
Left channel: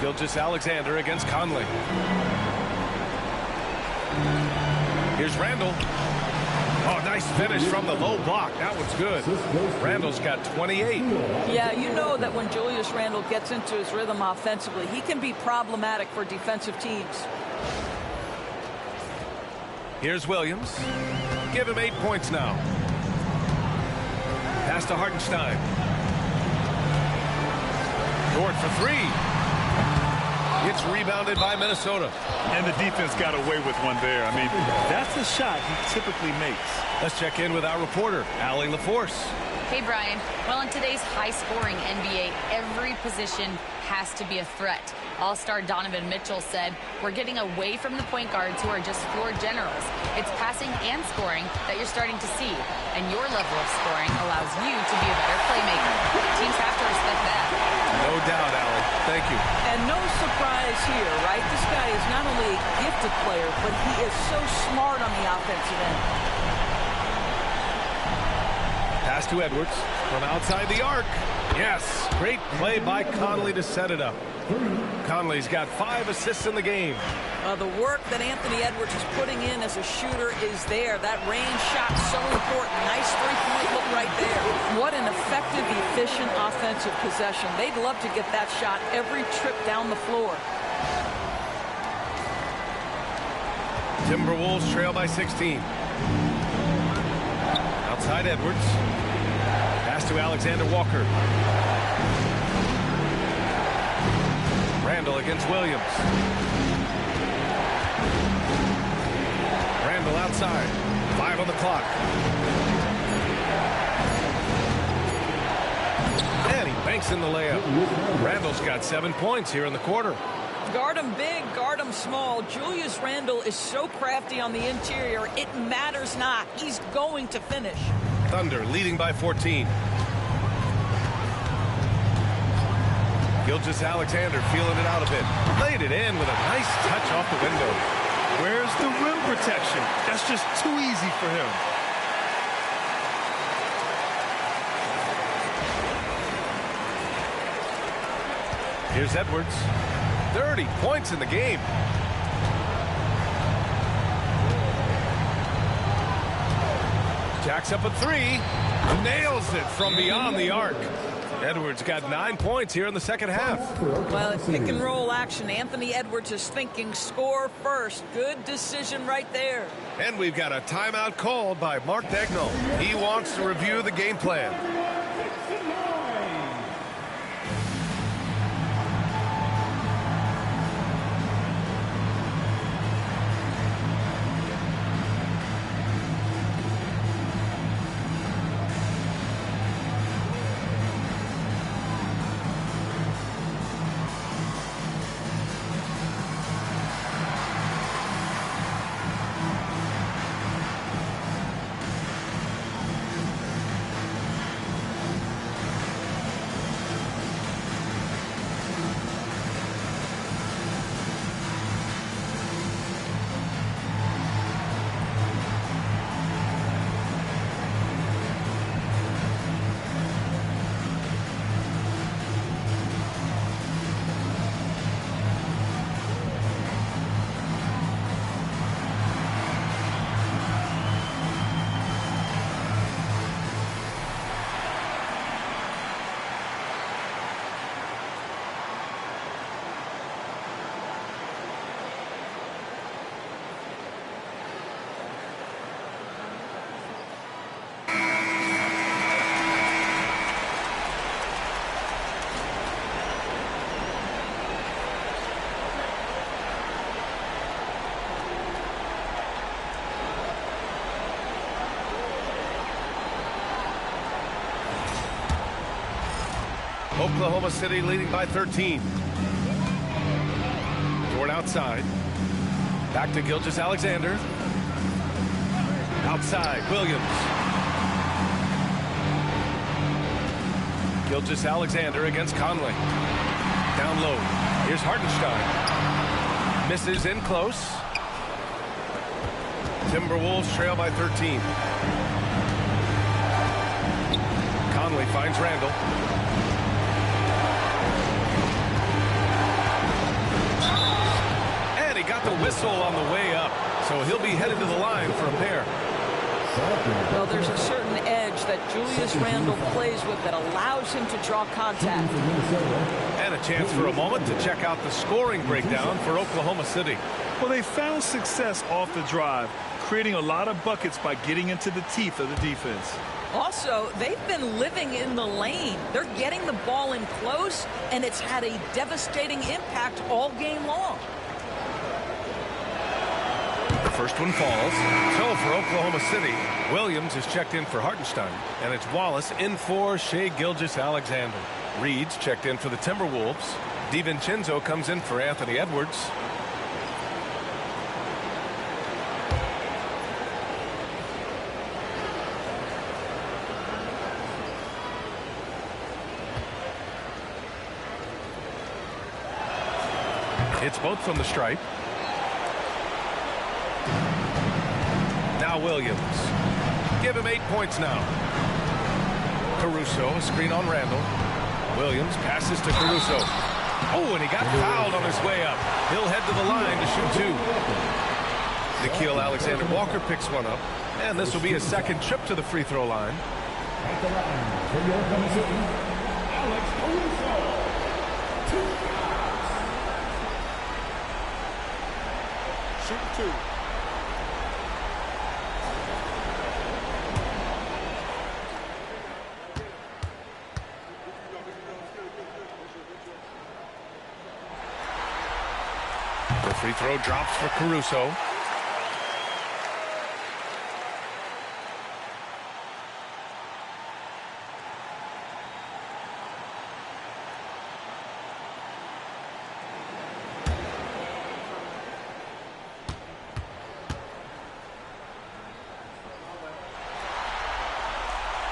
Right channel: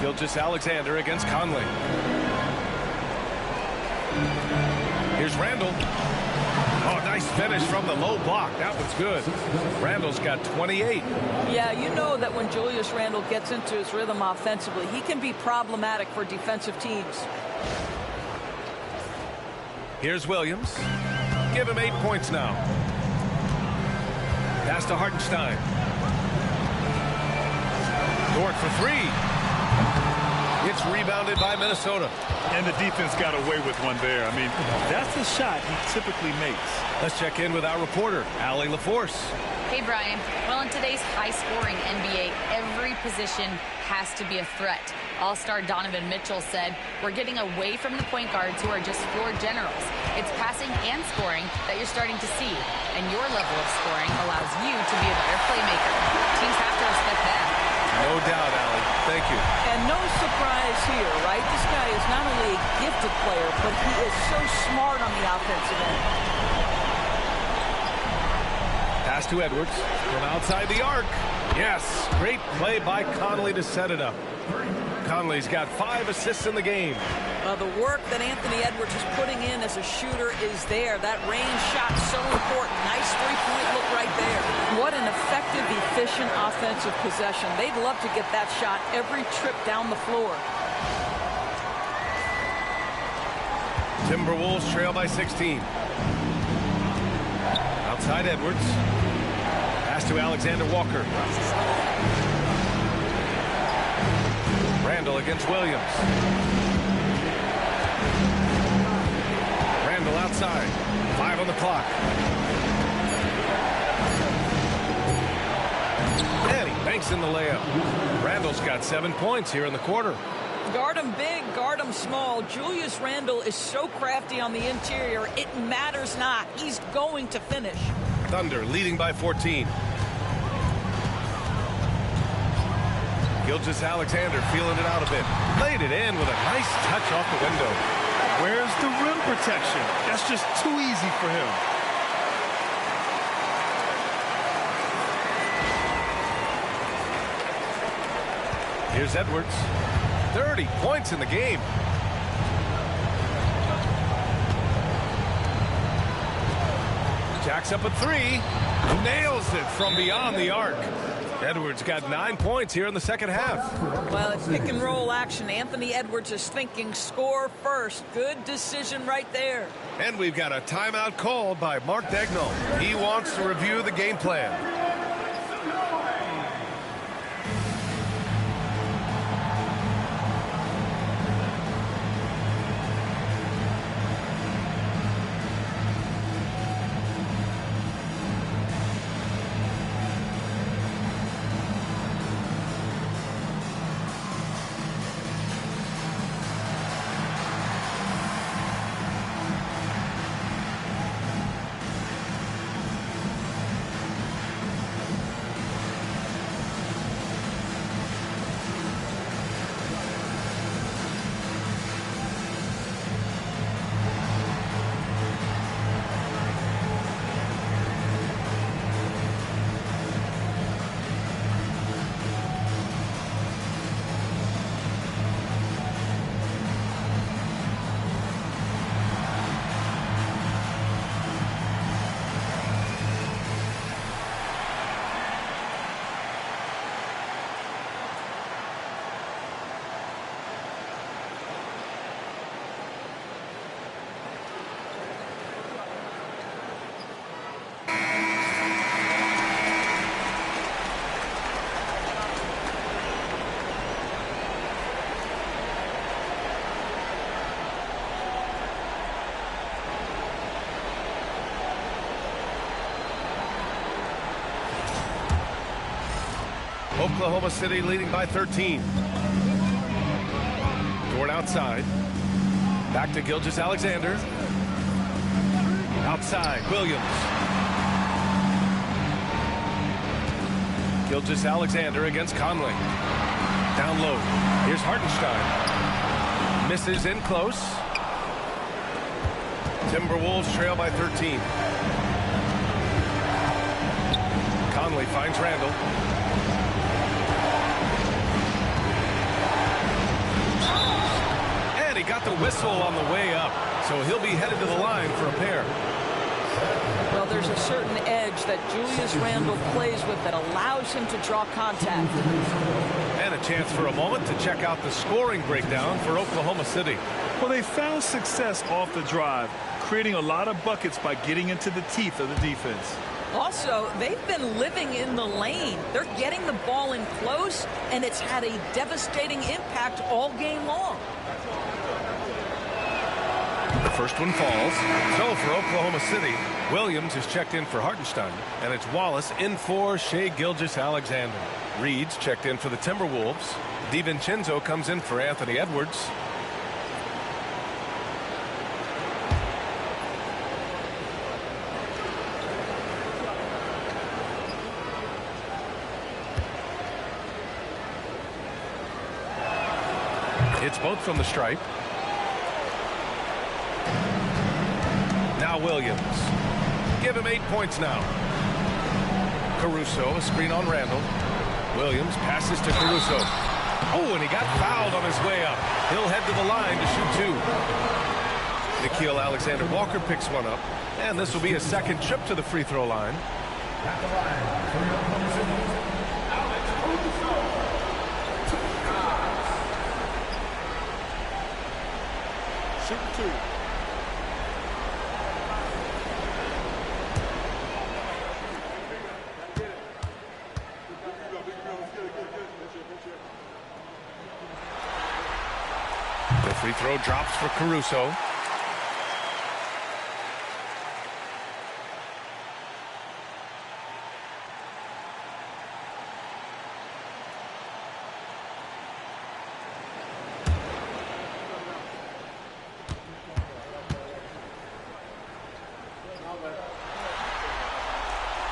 Gilgeous-Alexander against Conley. Here's Randall. Oh, nice finish from the low block. That one's good. Randall's got 28. Yeah, you know that when Julius Randle gets into his rhythm offensively, he can be problematic for defensive teams. Here's Williams. Give him 8 points now. Pass to Hartenstein. Dort for 3. It's rebounded by Minnesota. And the defense got away with one there. I mean, that's a shot he typically makes. Let's check in with our reporter, Allie LaForce. Hey, Brian. Well, in today's high-scoring NBA, every position has to be a threat. All-star Donovan Mitchell said, "We're getting away from the point guards who are just floor generals. It's passing and scoring that you're starting to see, and your level of scoring allows you to be a better playmaker." Teams have to respect that. No doubt, Allie. Thank you. And no surprise here, right? This guy is not only a gifted player, but he is so smart on the offensive end. Pass to Edwards from outside the arc. Yes, great play by Conley to set it up. Conley's got 5 assists in the game. The work that Anthony Edwards is putting in as a shooter is there. That range shot so important. Nice three-point look right there. What an effective, efficient offensive possession. They'd love to get that shot every trip down the floor. Timberwolves trail by 16. Outside Edwards. Pass to Alexander Walker. Randall against Williams. Randall outside. 5 on the clock. And he banks in the layup. Randall's got 7 points here in the quarter. Guard him big, guard him small. Julius Randle is so crafty on the interior, it matters not. He's going to finish. Thunder leading by 14. Gilgeous-Alexander feeling it out a bit. Laid it in with a nice touch off the window. Where's the rim protection? That's just too easy for him. Here's Edwards. 30 points in the game. Jacks up a 3. Nails it from beyond the arc. Edwards got 9 points here in the second half. Well, it's pick and roll action. Anthony Edwards is thinking score first. Good decision right there. And we've got a timeout called by Mark Daigneault. He wants to review the game plan. Oklahoma City leading by 13. Dort outside. Back to Gilgeous-Alexander. Outside, Williams. Gilgeous-Alexander against Conley. Down low. Here's Hartenstein. Misses in close. Timberwolves trail by 13. Conley finds Randall. And he got the whistle on the way up. So he'll be headed to the line for a pair. Well, there's a certain edge that Julius Randle plays with that allows him to draw contact. And a chance for a moment to check out the scoring breakdown for Oklahoma City. Well, they found success off the drive, creating a lot of buckets by getting into the teeth of the defense. Also, they've been living in the lane. They're getting the ball in close, and it's had a devastating impact all game long. The first one falls. So for Oklahoma City, Williams is checked in for Hartenstein, and it's Wallace in for Shai Gilgeous-Alexander. Reed's checked in for the Timberwolves. DiVincenzo comes in for Anthony Edwards. It's both from the stripe. Now Williams. Give him 8 points now. Caruso, a screen on Randall. Williams passes to Caruso. Oh, and he got fouled on his way up. He'll head to the line to shoot 2. Nickeil Alexander-Walker picks one up. And this will be his second trip to the free throw line. At the line for Oklahoma City, Alex Caruso. 2 shots. Shooting 2. The free throw drops for Caruso.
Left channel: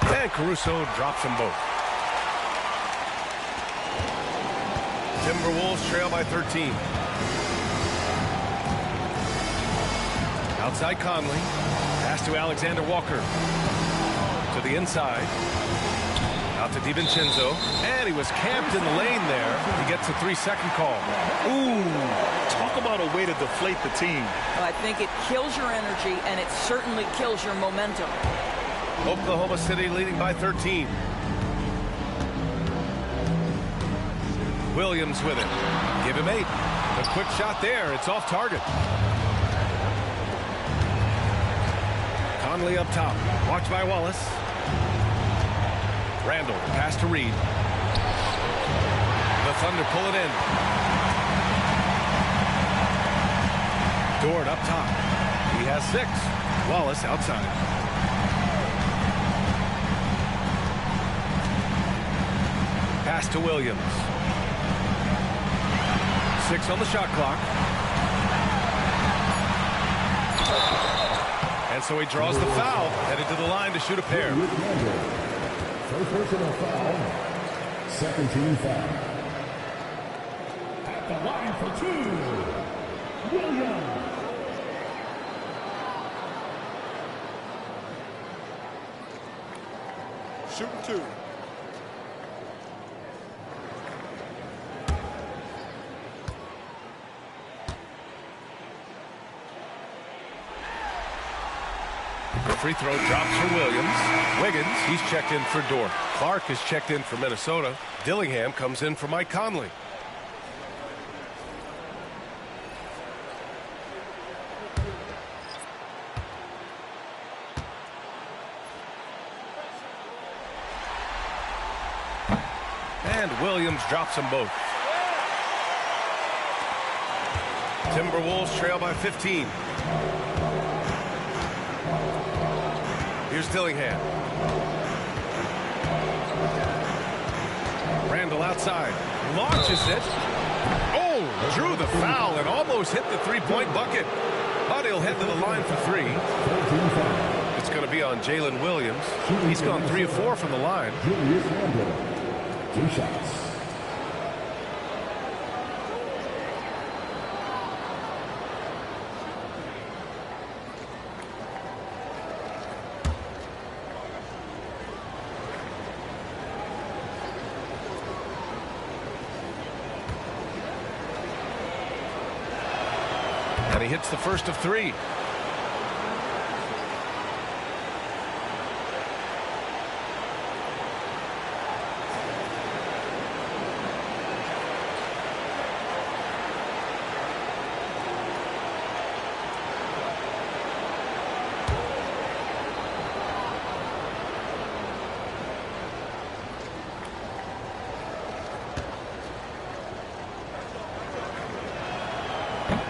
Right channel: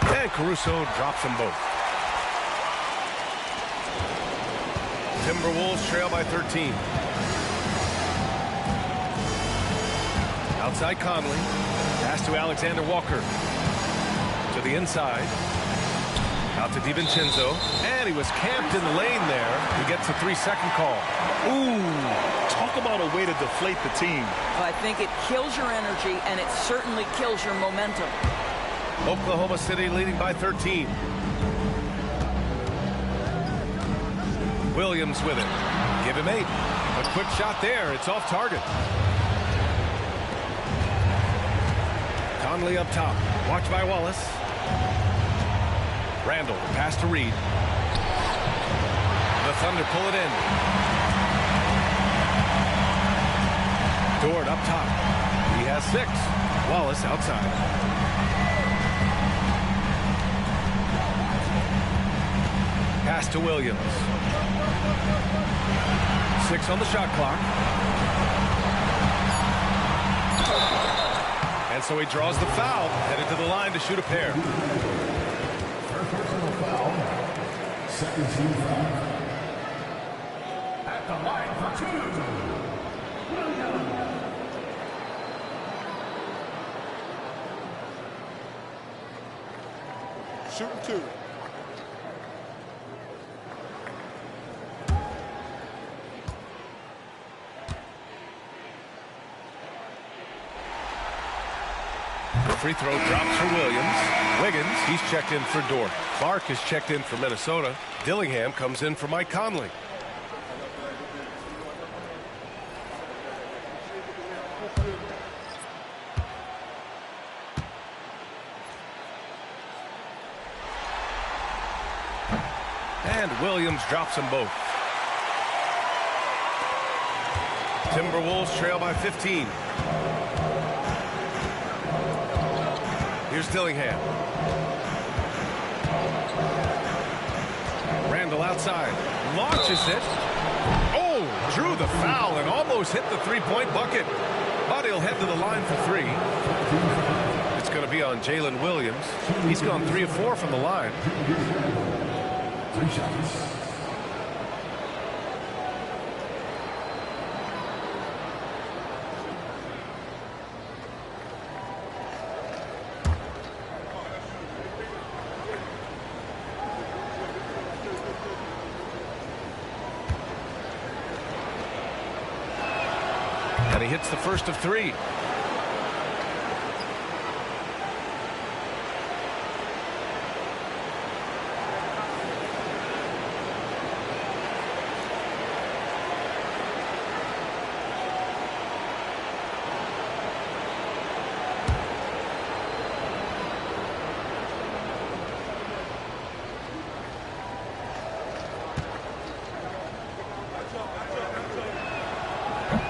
And Caruso drops them both. Timberwolves trail by 13. Outside Conley. Pass to Alexander Walker. To the inside. Out to DiVincenzo. And he was camped in the lane there. He gets a 3-second call. Ooh, talk about a way to deflate the team. Well, I think it kills your energy, and it certainly kills your momentum. Oklahoma City leading by 13. Williams with it. Give him 8. A quick shot there. It's off target. Conley up top. Watched by Wallace. Randall, the pass to Reed. The Thunder pull it in. Dort up top. He has 6. Wallace outside. Pass to Williams. 6 on the shot clock. And so he draws the foul, headed to the line to shoot a pair. First personal foul. Second team foul. At the line for 2, Williams. Shooting 2. Free throw drops for Williams. Wiggins, he's checked in for Dort. Clark is checked in for Minnesota. Dillingham comes in for Mike Conley. And Williams drops them both. Timberwolves trail by 15. Here's Dillingham. Randall outside. Launches it. Oh, drew the foul and almost hit the three-point bucket. But he'll head to the line for three. It's going to be on Jalen Williams. He's gone 3 of 4 from the line. 3 shots. And he hits the first of 3.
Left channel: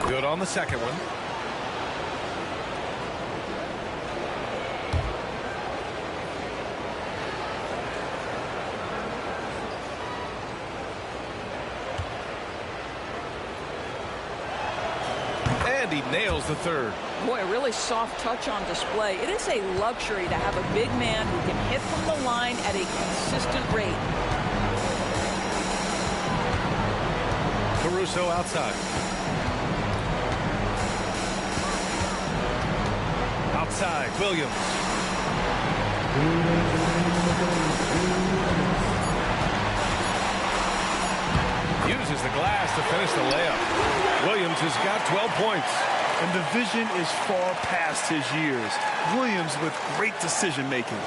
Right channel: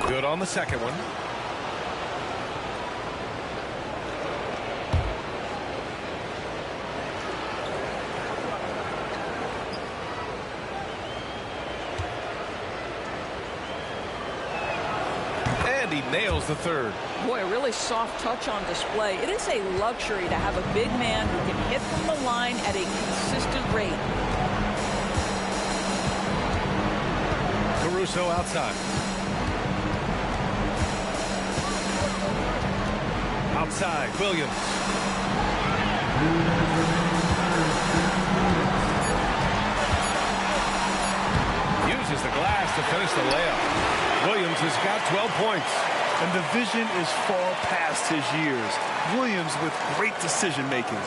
Good on the second one. And he nails the third. Boy, a really soft touch on display. It is a luxury to have a big man who can hit from the line at a consistent rate. Caruso outside. Outside, Williams. Uses the glass to finish the layup. Williams has got 12 points. And the vision is far past his years. Williams with great decision making.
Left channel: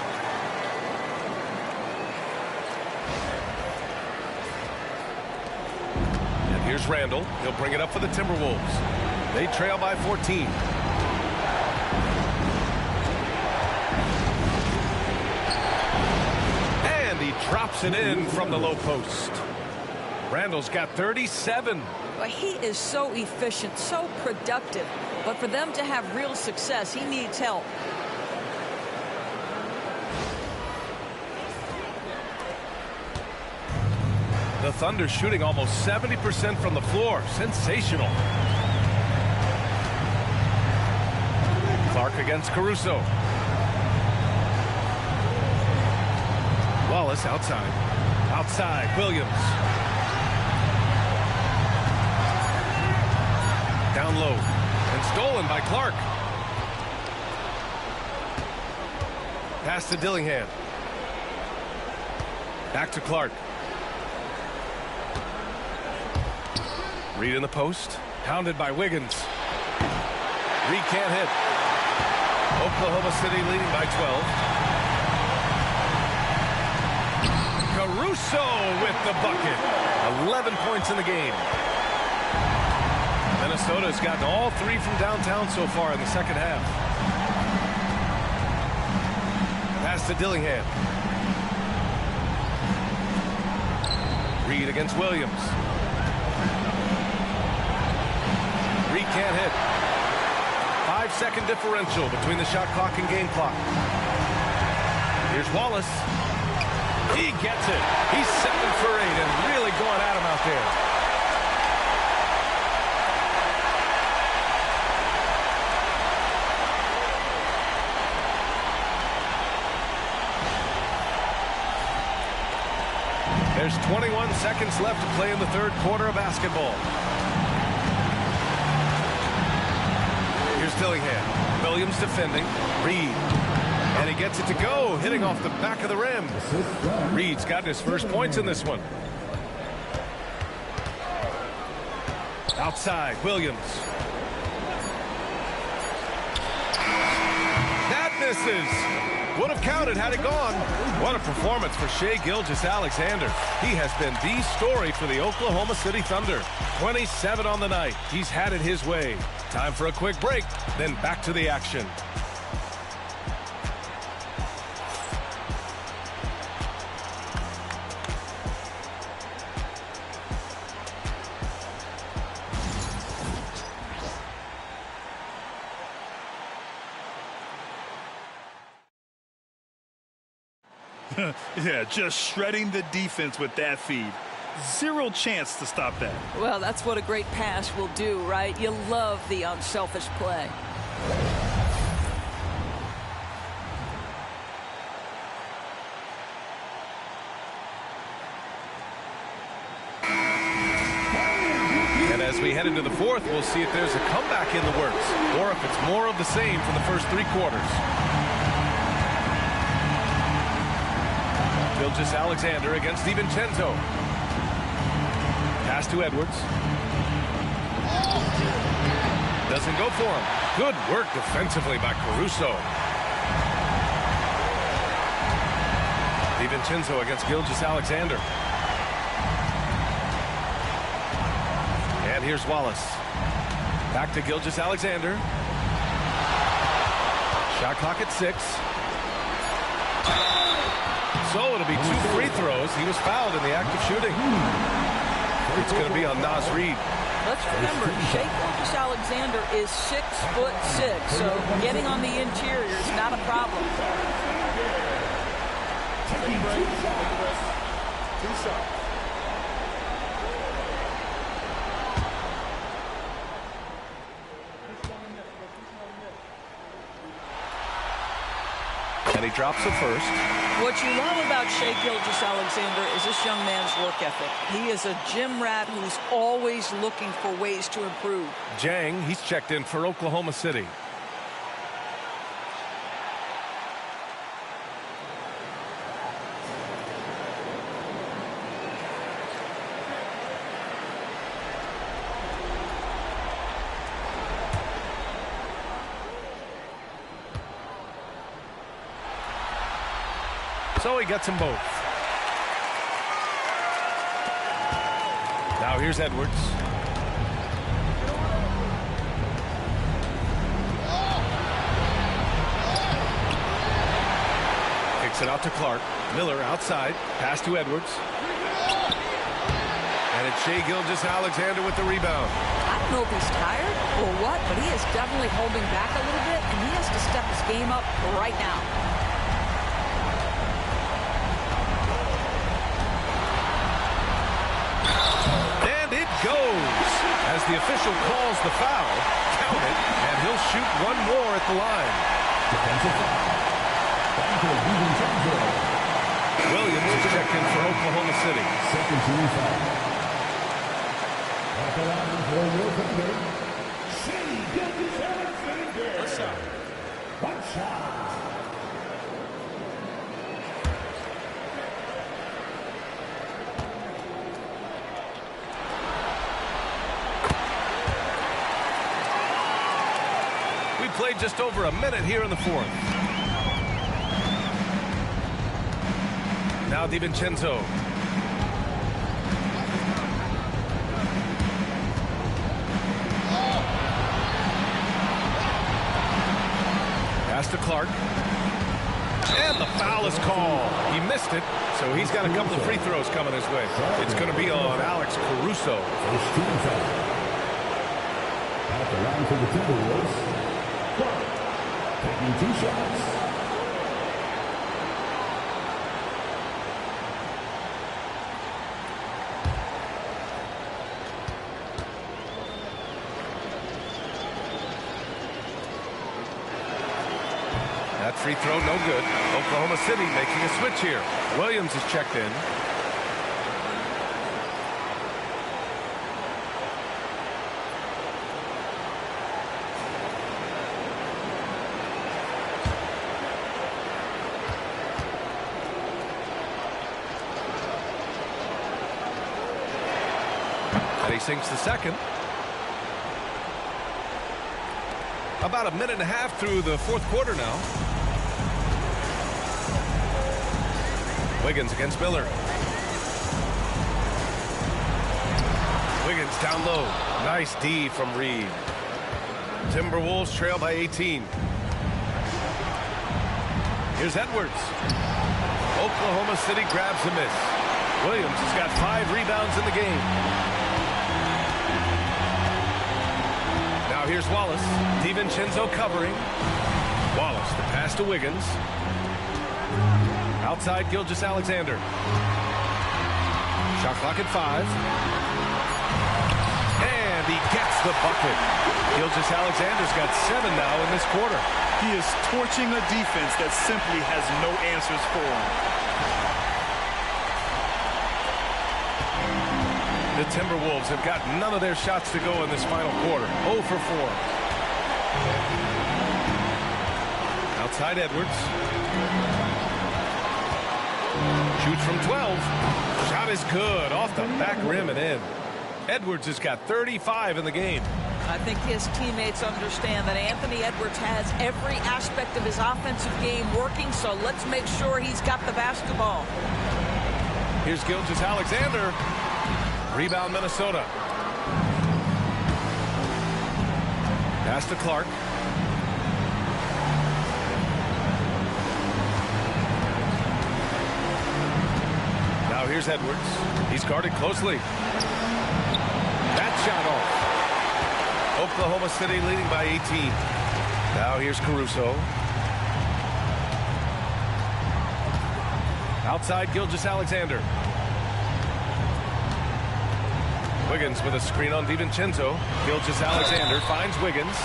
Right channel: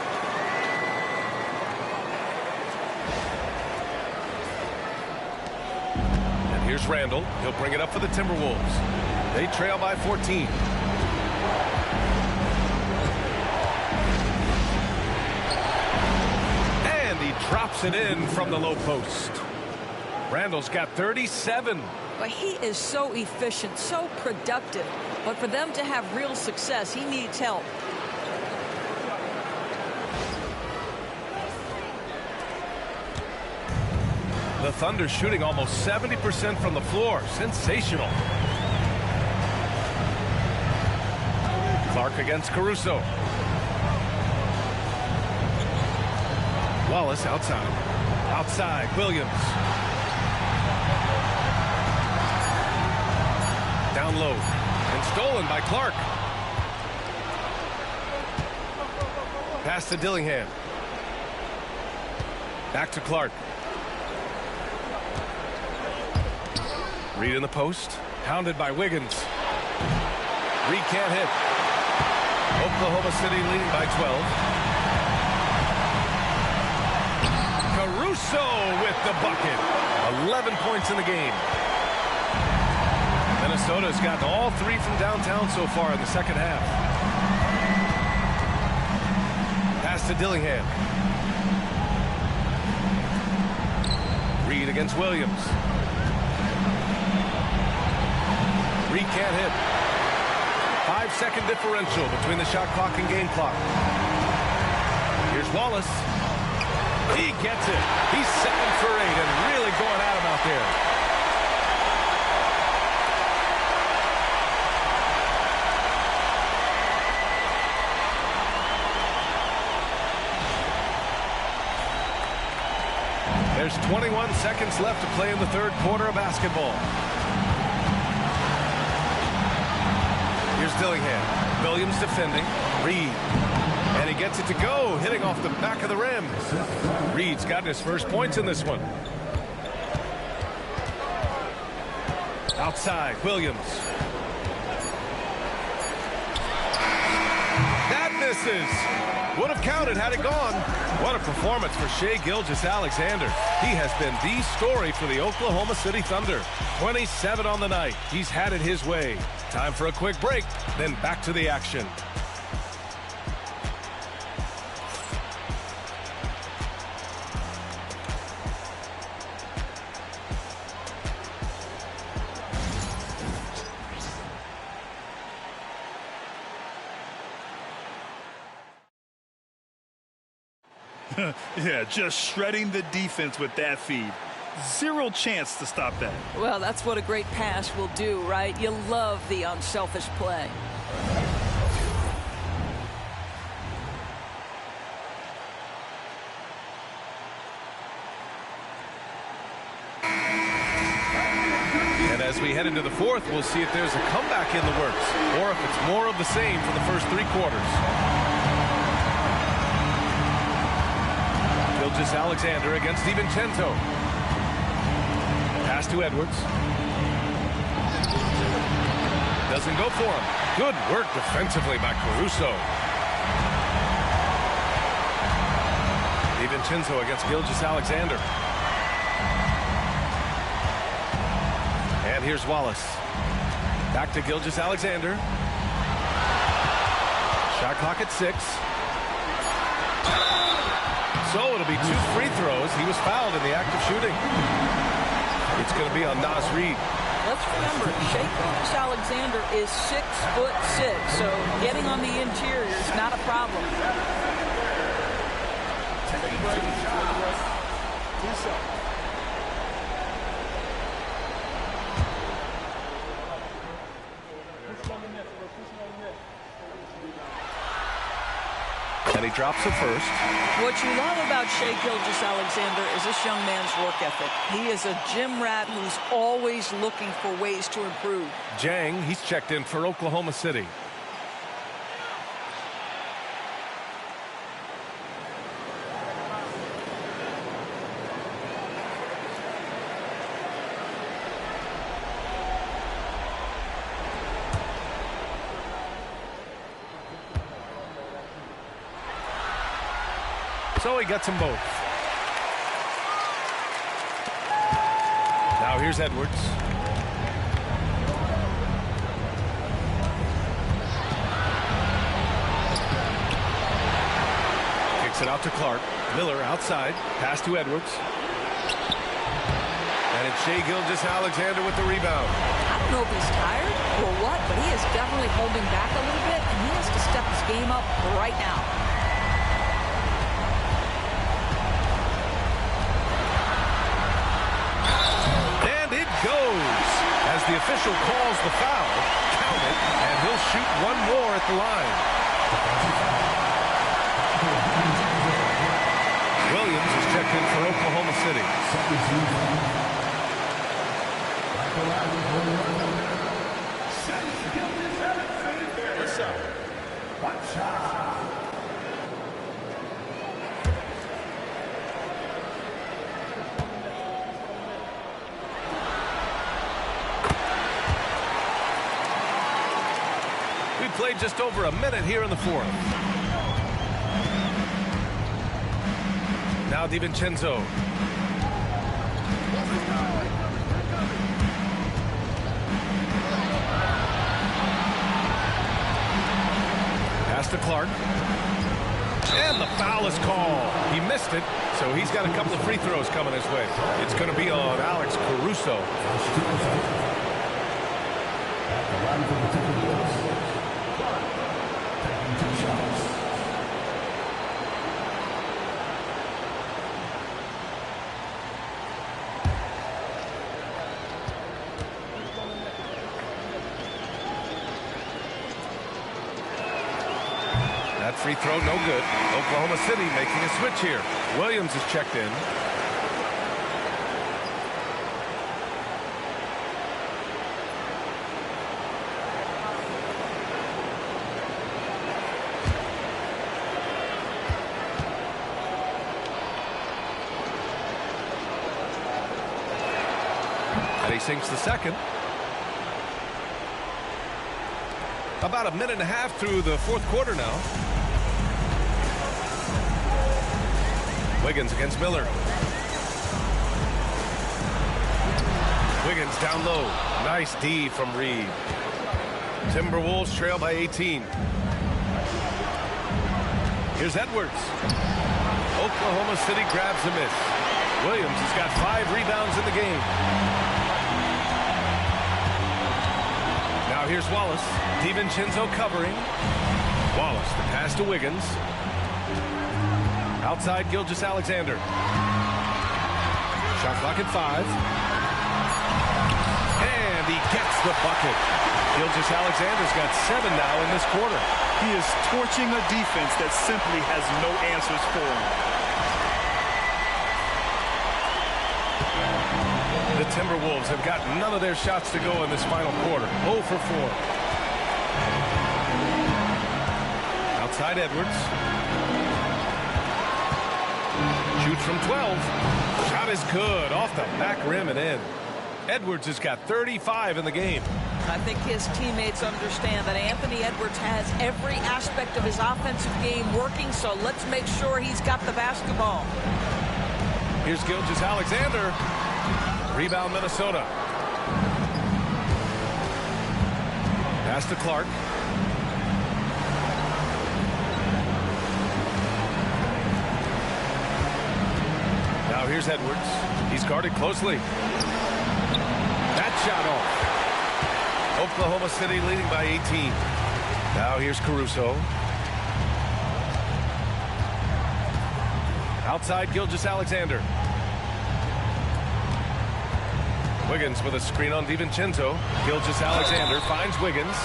And here's Randall. He'll bring it up for the Timberwolves. They trail by 14. He drops it in from the low post. Randall's got 37. Well, he is so efficient, so productive. But for them to have real success, he needs help. The Thunder shooting almost 70% from the floor. Sensational. Clark against Caruso. Wallace outside. Outside, Williams. Down low. And stolen by Clark. Pass to Dillingham. Back to Clark. Reed in the post. Hounded by Wiggins. Reed can't hit. Oklahoma City leading by 12. Caruso with the bucket. 11 points in the game. Minnesota has gotten all 3 from downtown so far in the second half. Pass to Dillingham. Reed against Williams. Reed can't hit. 5-second differential between the shot clock and game clock. Here's Wallace. He gets it. He's 7 for 8 and really going at him out there. There's 21 seconds left to play in the third quarter of basketball. Here's Dillingham. Williams defending. Reed. And he gets it to go, hitting off the back of the rim. Reed's gotten his first points in this one. Outside, Williams. That misses. Would have counted had it gone. What a performance for Shai Gilgeous-Alexander. He has been the story for the Oklahoma City Thunder. 27 on the night. He's had it his way. Time for a quick break, then back to the action. Yeah, just shredding the defense with that feed. Zero chance to stop that. Well, that's what a great pass will do, right? You love the unselfish play. And as we head into the fourth, we'll see if there's a comeback in the works or if it's more of the same from the first 3 quarters. Gilgeous-Alexander against DiVincenzo. Pass to Edwards. Doesn't go for him. Good work defensively by Caruso. DiVincenzo against Gilgeous-Alexander. And here's Wallace. Back to Gilgeous-Alexander. Shot clock at 6. So it'll be 2 free throws. He was fouled in the act of shooting. It's going to be on Naz Reid. Let's remember, Shai Gilgeous-Alexaber is 6'6", so getting on the interior is not a problem. Take a break. 2 shots. And he drops the first. What you love about Shai Gilgeous-Alexander is this young man's work ethic. He is a gym rat who's always looking for ways to improve. Jang, he's checked in for Oklahoma City. So he gets them both. Now here's Edwards. Kicks it out to Clark. Miller outside. Pass to Edwards. And it's Shai Gilgeous-Alexander with the rebound. I don't know if he's tired or what, but he is definitely holding back a little bit, and he has to step his game up right now. Goes as the official calls the foul. Count it, and he'll shoot one more at the line. Williams is checked in for Oklahoma City. One shot. We played just over a minute here in the fourth. Now DiVincenzo. Pass to Clark. And the foul is called. He missed it, so he's got a couple of free throws coming his way. It's going to be on Alex Caruso. At the line for the Timberwolves. Taking 2 shots. That free throw no good. Oklahoma City making a switch here. Williams is checked in. And he sinks the second. About a minute and a half through the fourth quarter now. Wiggins against Miller. Wiggins down low. Nice D from Reid. Timberwolves trail by 18. Here's Edwards. Oklahoma City grabs a miss. Williams has got 5 rebounds in the game. Now here's Wallace. DiVincenzo covering. Wallace, the pass to Wiggins. Outside, Gilgeous-Alexander. Shot clock at 5. And he gets the bucket. Gilgeous-Alexander's got 7 now in this quarter. He is torching a defense that simply has no answers for him. The Timberwolves have got none of their shots to go in this final quarter. 0 for 4. Outside Edwards. Shoots from 12. Shot is good. Off the back rim and in. Edwards has got 35 in the game. I think his teammates understand that Anthony Edwards has every aspect of his offensive game working, so let's make sure he's got the basketball. Here's Gilgeous-Alexander. Rebound, Minnesota. Pass to Clark. Now here's Edwards. He's guarded closely. That shot off. Oklahoma City leading by 18. Now here's Caruso. Outside, Gilgeous-Alexander. Wiggins with a screen on DiVincenzo. Gilgeous-Alexander finds Wiggins.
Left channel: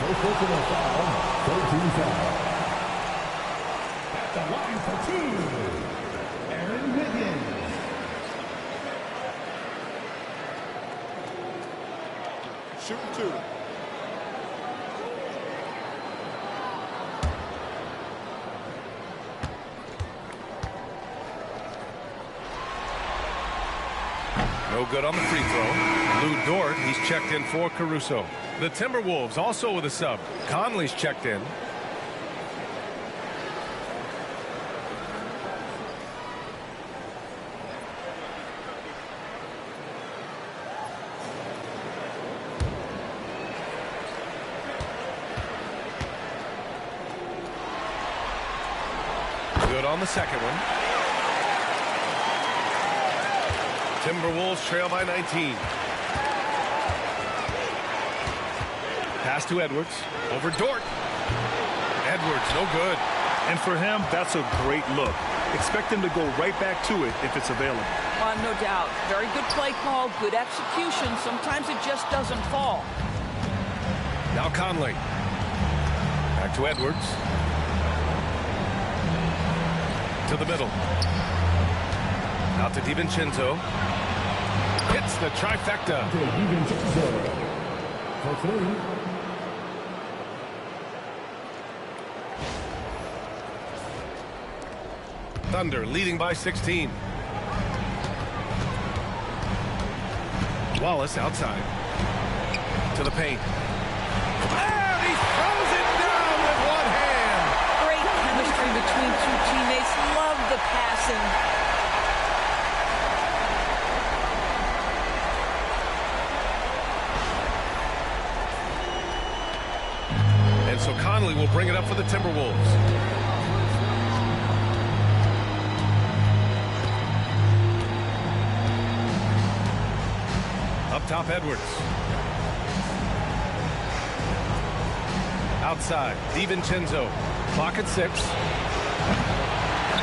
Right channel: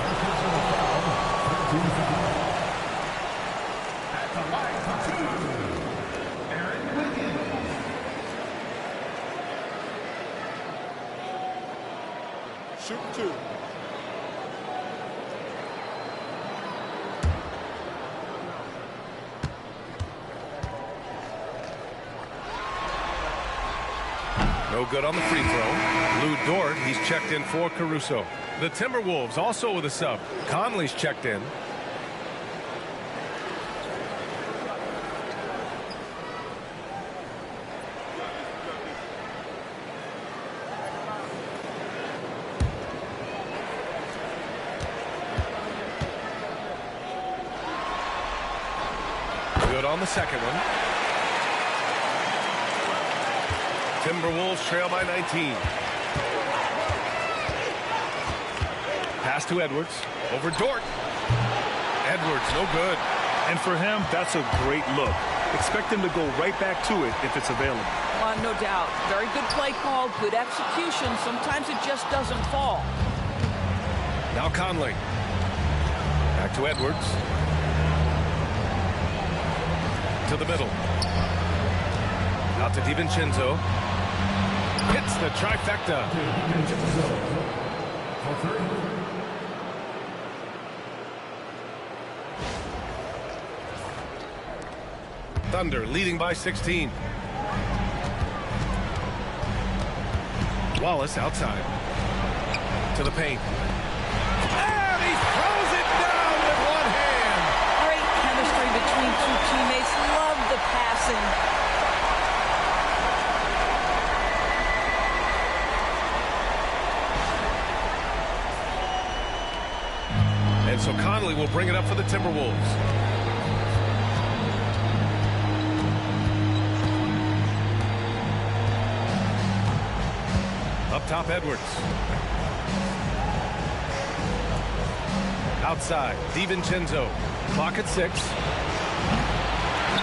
First personal foul, 13 foul. At the line for 2, Aaron Wiggins. Shooting 2. No good on the free throw. Lou Dort, he's checked in for Caruso. The Timberwolves also with a sub. Conley's checked in. Good on the second one. Timberwolves trail by 19. Pass to Edwards. Over Dort. Edwards, no good. And for him, that's a great look. Expect him to go right back to it if it's available. No doubt. Very good play call, good execution. Sometimes it just doesn't fall. Now Conley. Back to Edwards. To the middle. Out to DiVincenzo. Hits the trifecta. Thunder leading by 16. Wallace outside. To the paint. And he throws it down with one hand. Great chemistry between two teammates. Love the passing. And so Conley will bring it up for the Timberwolves. Up top, Edwards. Outside, DiVincenzo. Clock at 6.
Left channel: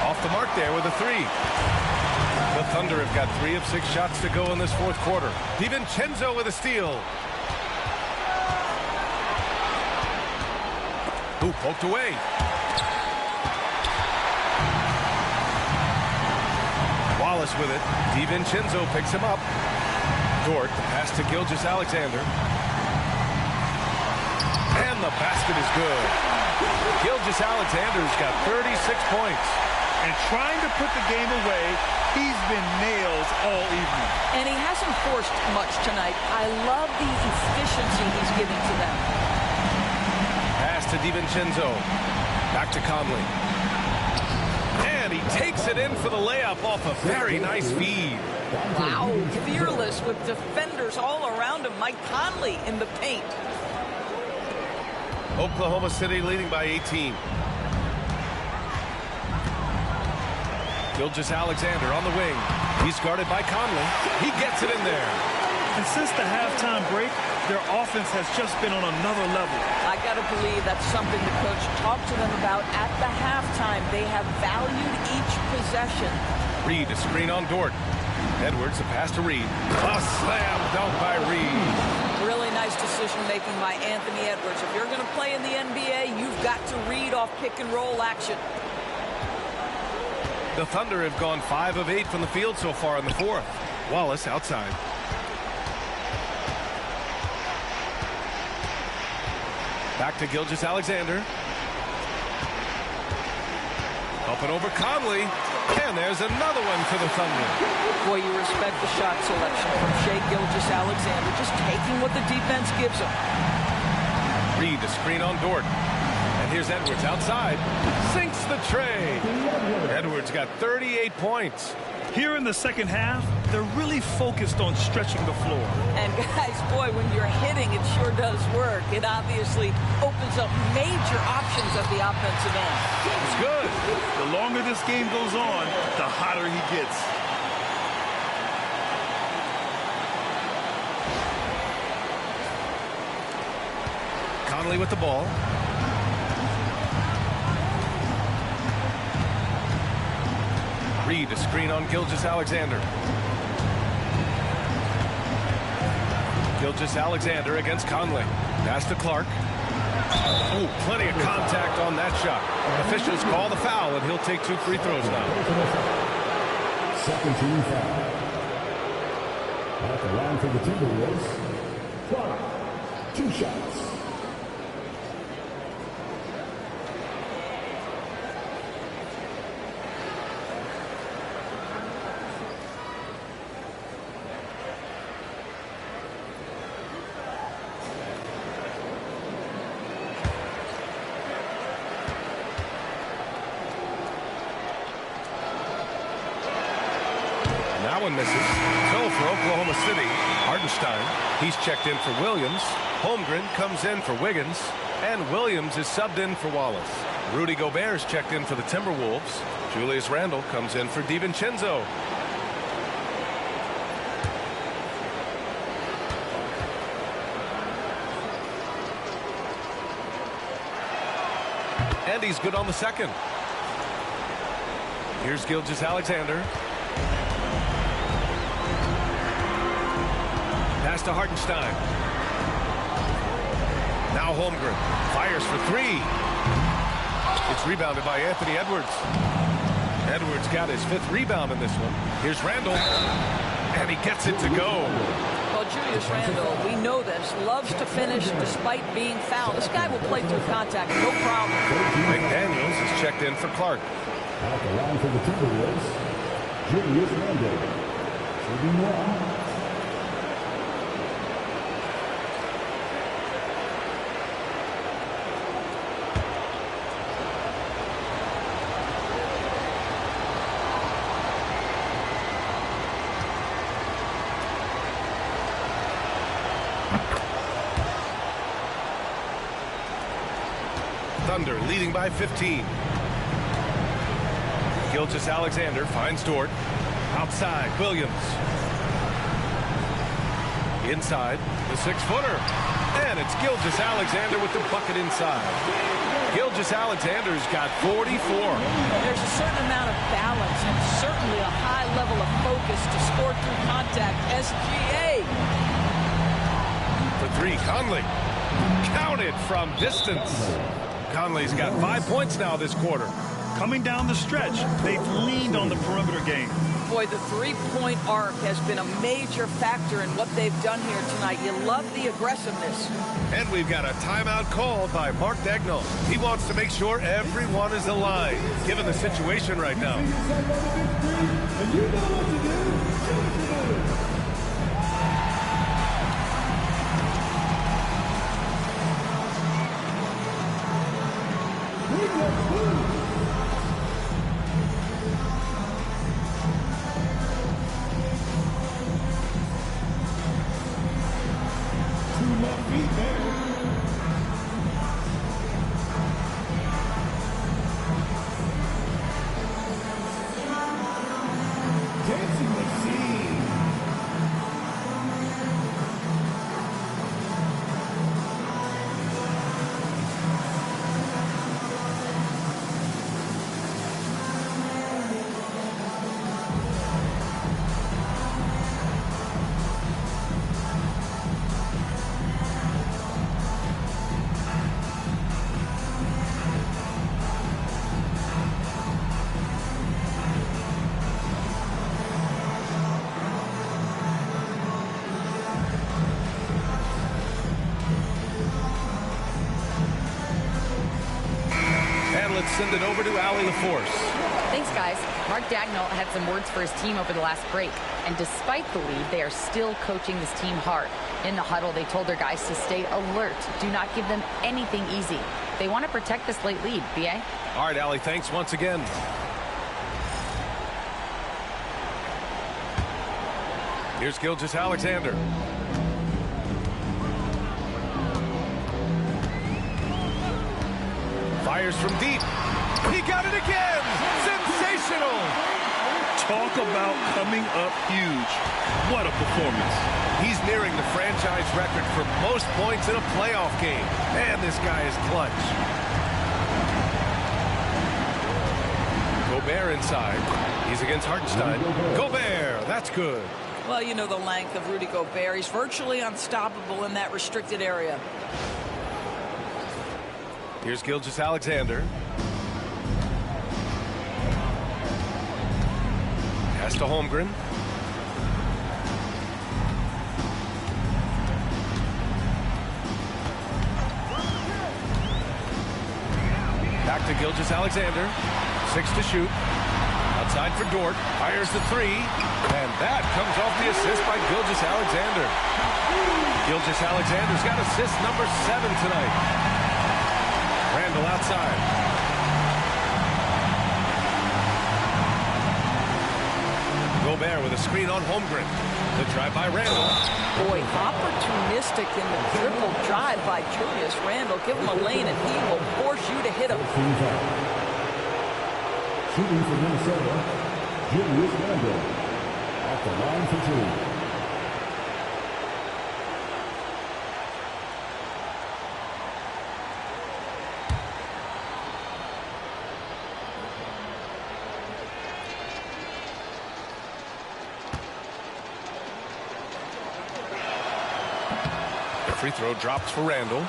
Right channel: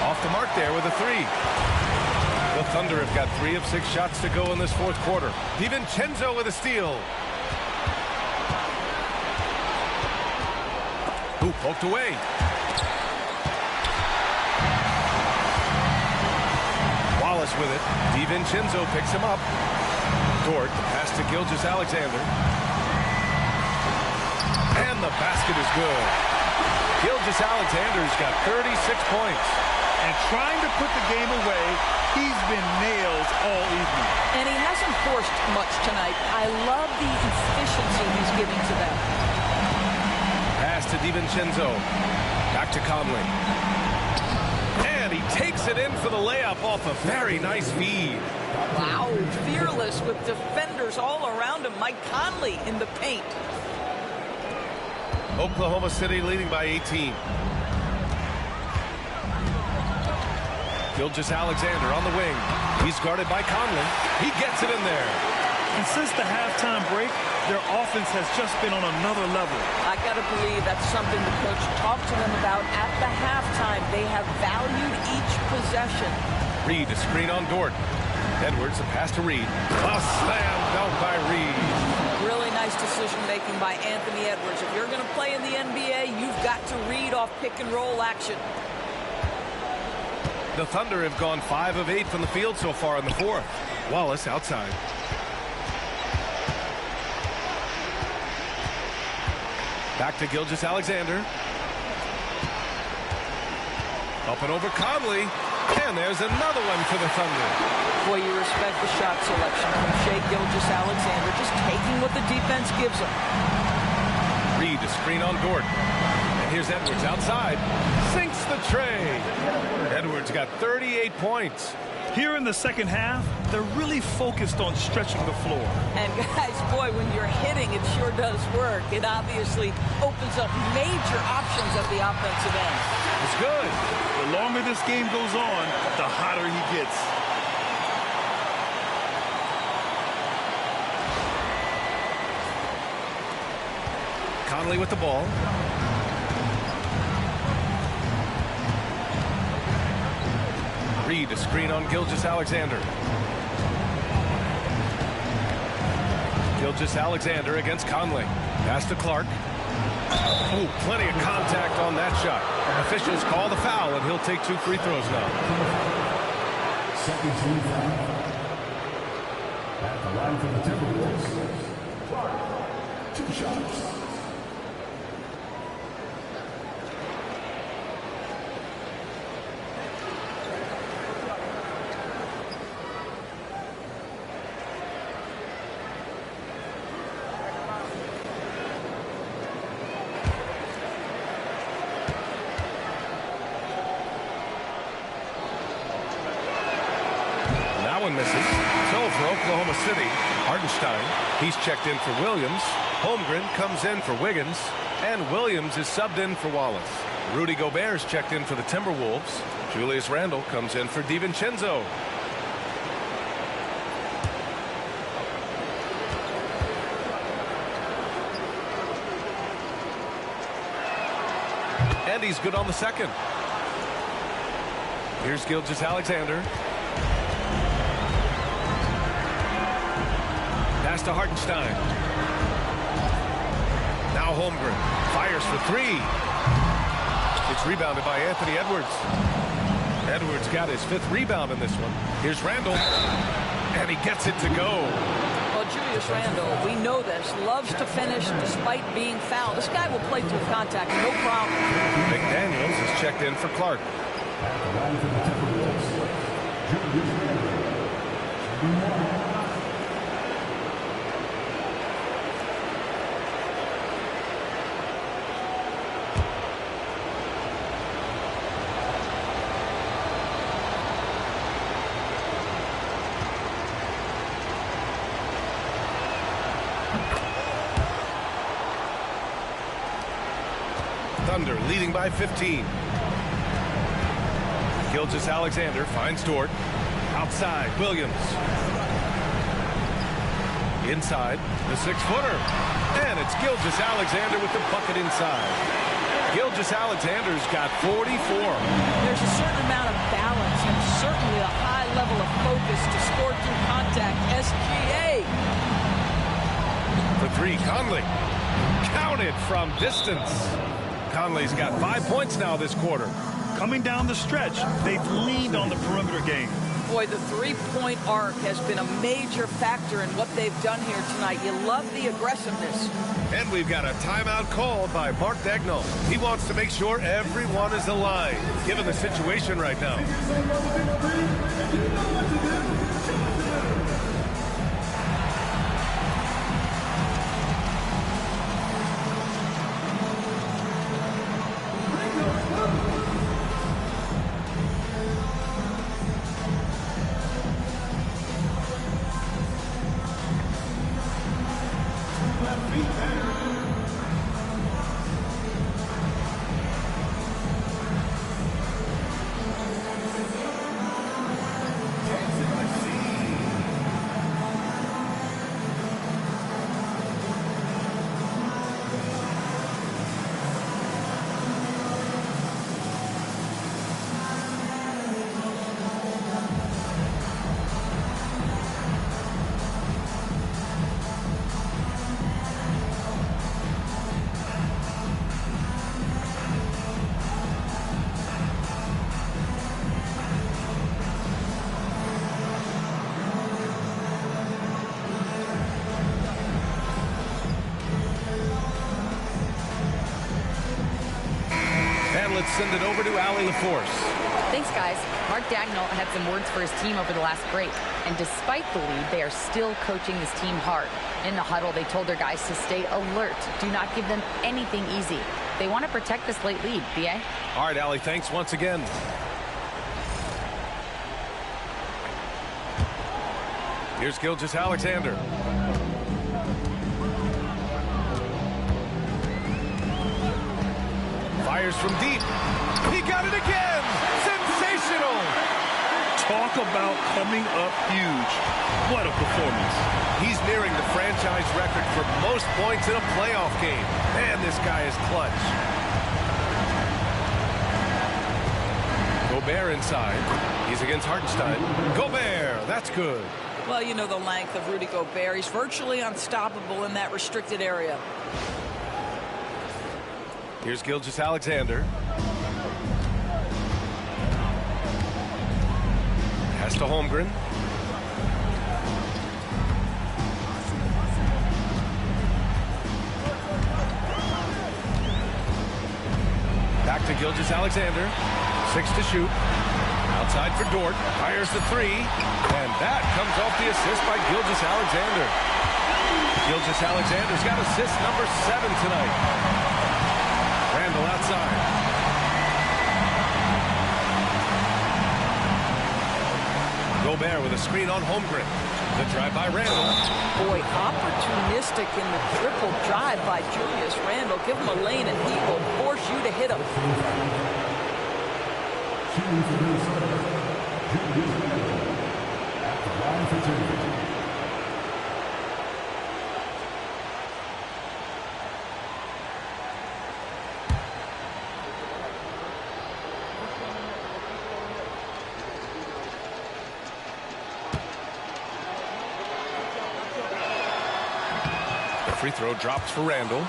Off the mark there with a 3. The Thunder have got 3 of 6 shots to go in this fourth quarter. DiVincenzo with a steal. Who poked away. Wallace with it. DiVincenzo picks him up. Dort, the pass to Gilgeous-Alexander. And the basket is good. Gilgeous-Alexander's got 36 points. And trying to put the game away, he's been nails all evening. And he hasn't forced much tonight. I love the efficiency he's giving to them. Pass to DiVincenzo. Back to Conley. And he takes it in for the layup off a very nice feed. Wow, fearless with defenders all around him. Mike Conley in the paint. Oklahoma City leading by 18. Gilgeous-Alexander on the wing. He's guarded by Conley. He gets it in there. And since the halftime break, their offense has just been on another level. I got to believe that's something the coach talked to them about at the halftime. They have valued each possession. Reed, a screen on Dort. Edwards, a pass to Reed. A slam dunk by Reed. Really nice decision-making by Anthony Edwards. If you're going to play in the NBA, you've got to read off pick-and-roll action. The Thunder have gone 5 of 8 from the field so far in the fourth. Wallace outside. Back to Gilgeous-Alexander. Up and over Conley. And there's another one for the Thunder. Boy, you respect the shot selection from Shai Gilgeous-Alexander, just taking what the defense gives him. Reed, a screen on Dort. And here's Edwards outside. Sinks the tray. Edwards got 38 points. Here in the second half, they're really focused on stretching the floor. And guys, boy, when you're hitting, it sure does work. It obviously opens up major options at the offensive end. It's good. The longer this game goes on, the hotter he gets. Conley with the ball. Reed, a screen on Gilgeous-Alexander. Gilgeous-Alexander against Conley. Pass to Clark. Oh, plenty of contact on that shot. Officials call the foul, and he'll take 2 free throws now. Second team foul. At the line for the Timberwolves, Clark, 2 shots. That one misses. So for Oklahoma City, Hartenstein, he's checked in for Williams. Holmgren comes in for Wiggins. And Williams is subbed in for Wallace. Rudy Gobert's checked in for the Timberwolves. Julius Randle comes in for DiVincenzo. And he's good on the second. Here's Gilgeous-Alexander. Pass to Hartenstein. Now Holmgren fires for 3. It's rebounded by Anthony Edwards. Edwards got his 5th rebound in this one. Here's Randle. And he gets it to go. Well, Julius Randle, we know this, loves to finish despite being fouled. This guy will play through contact, no problem. McDaniels is checked in for Clark. At the line for the Timberwolves, Julius Randle. Shooting 1. Thunder leading by 15. Gilgeous-Alexander finds Dort. Outside, Williams. Inside, the 6-footer. And it's Gilgeous-Alexander with the bucket inside. Gilgeous-Alexander's got 44. There's a certain amount of balance and certainly a high level of focus to score through contact. SGA. For 3, Conley. Counted from distance. Conley's got 5 points now this quarter. Coming down the stretch, they've leaned on the perimeter game. Boy, the three-point arc has been a major factor in what they've done here tonight. You love the aggressiveness. And we've got a timeout called by Mark Daigneault. He wants to make sure everyone is aligned, given the situation right now. And let's send it over to Allie LaForce. Thanks, guys. Mark Dagnall had some words for his team over the last break. And despite the lead, they are still coaching this team hard. In the huddle, they told their guys to stay alert. Do not give them anything easy. They want to protect this late lead, B.A. All right, Allie, thanks once again. Here's Gilgeous-Alexander. Fires from deep. He got it again! Sensational! Talk about coming up huge. What a performance. He's nearing the franchise record for most points in a playoff game. Man, this guy is clutch. Gobert inside. He's against Hartenstein. Gobert, that's good. Well, you know the length of Rudy Gobert. He's virtually unstoppable in that restricted area. Here's Gilgeous-Alexander. Pass to Holmgren. Back to Gilgeous-Alexander. 6 to shoot. Outside for Dort. Fires the 3. And that comes off the assist by Gilgeous-Alexander. Gilgeous-Alexander's got assist number 7 tonight. Randall outside. Gobert with a screen on Holmgren. The drive by Randall. Boy, opportunistic in the triple drive by Julius Randall. Give him a lane and he will force you to hit him. Shooting for Minnesota, Julius Randall at the line for 2. Free throw drops for Randall.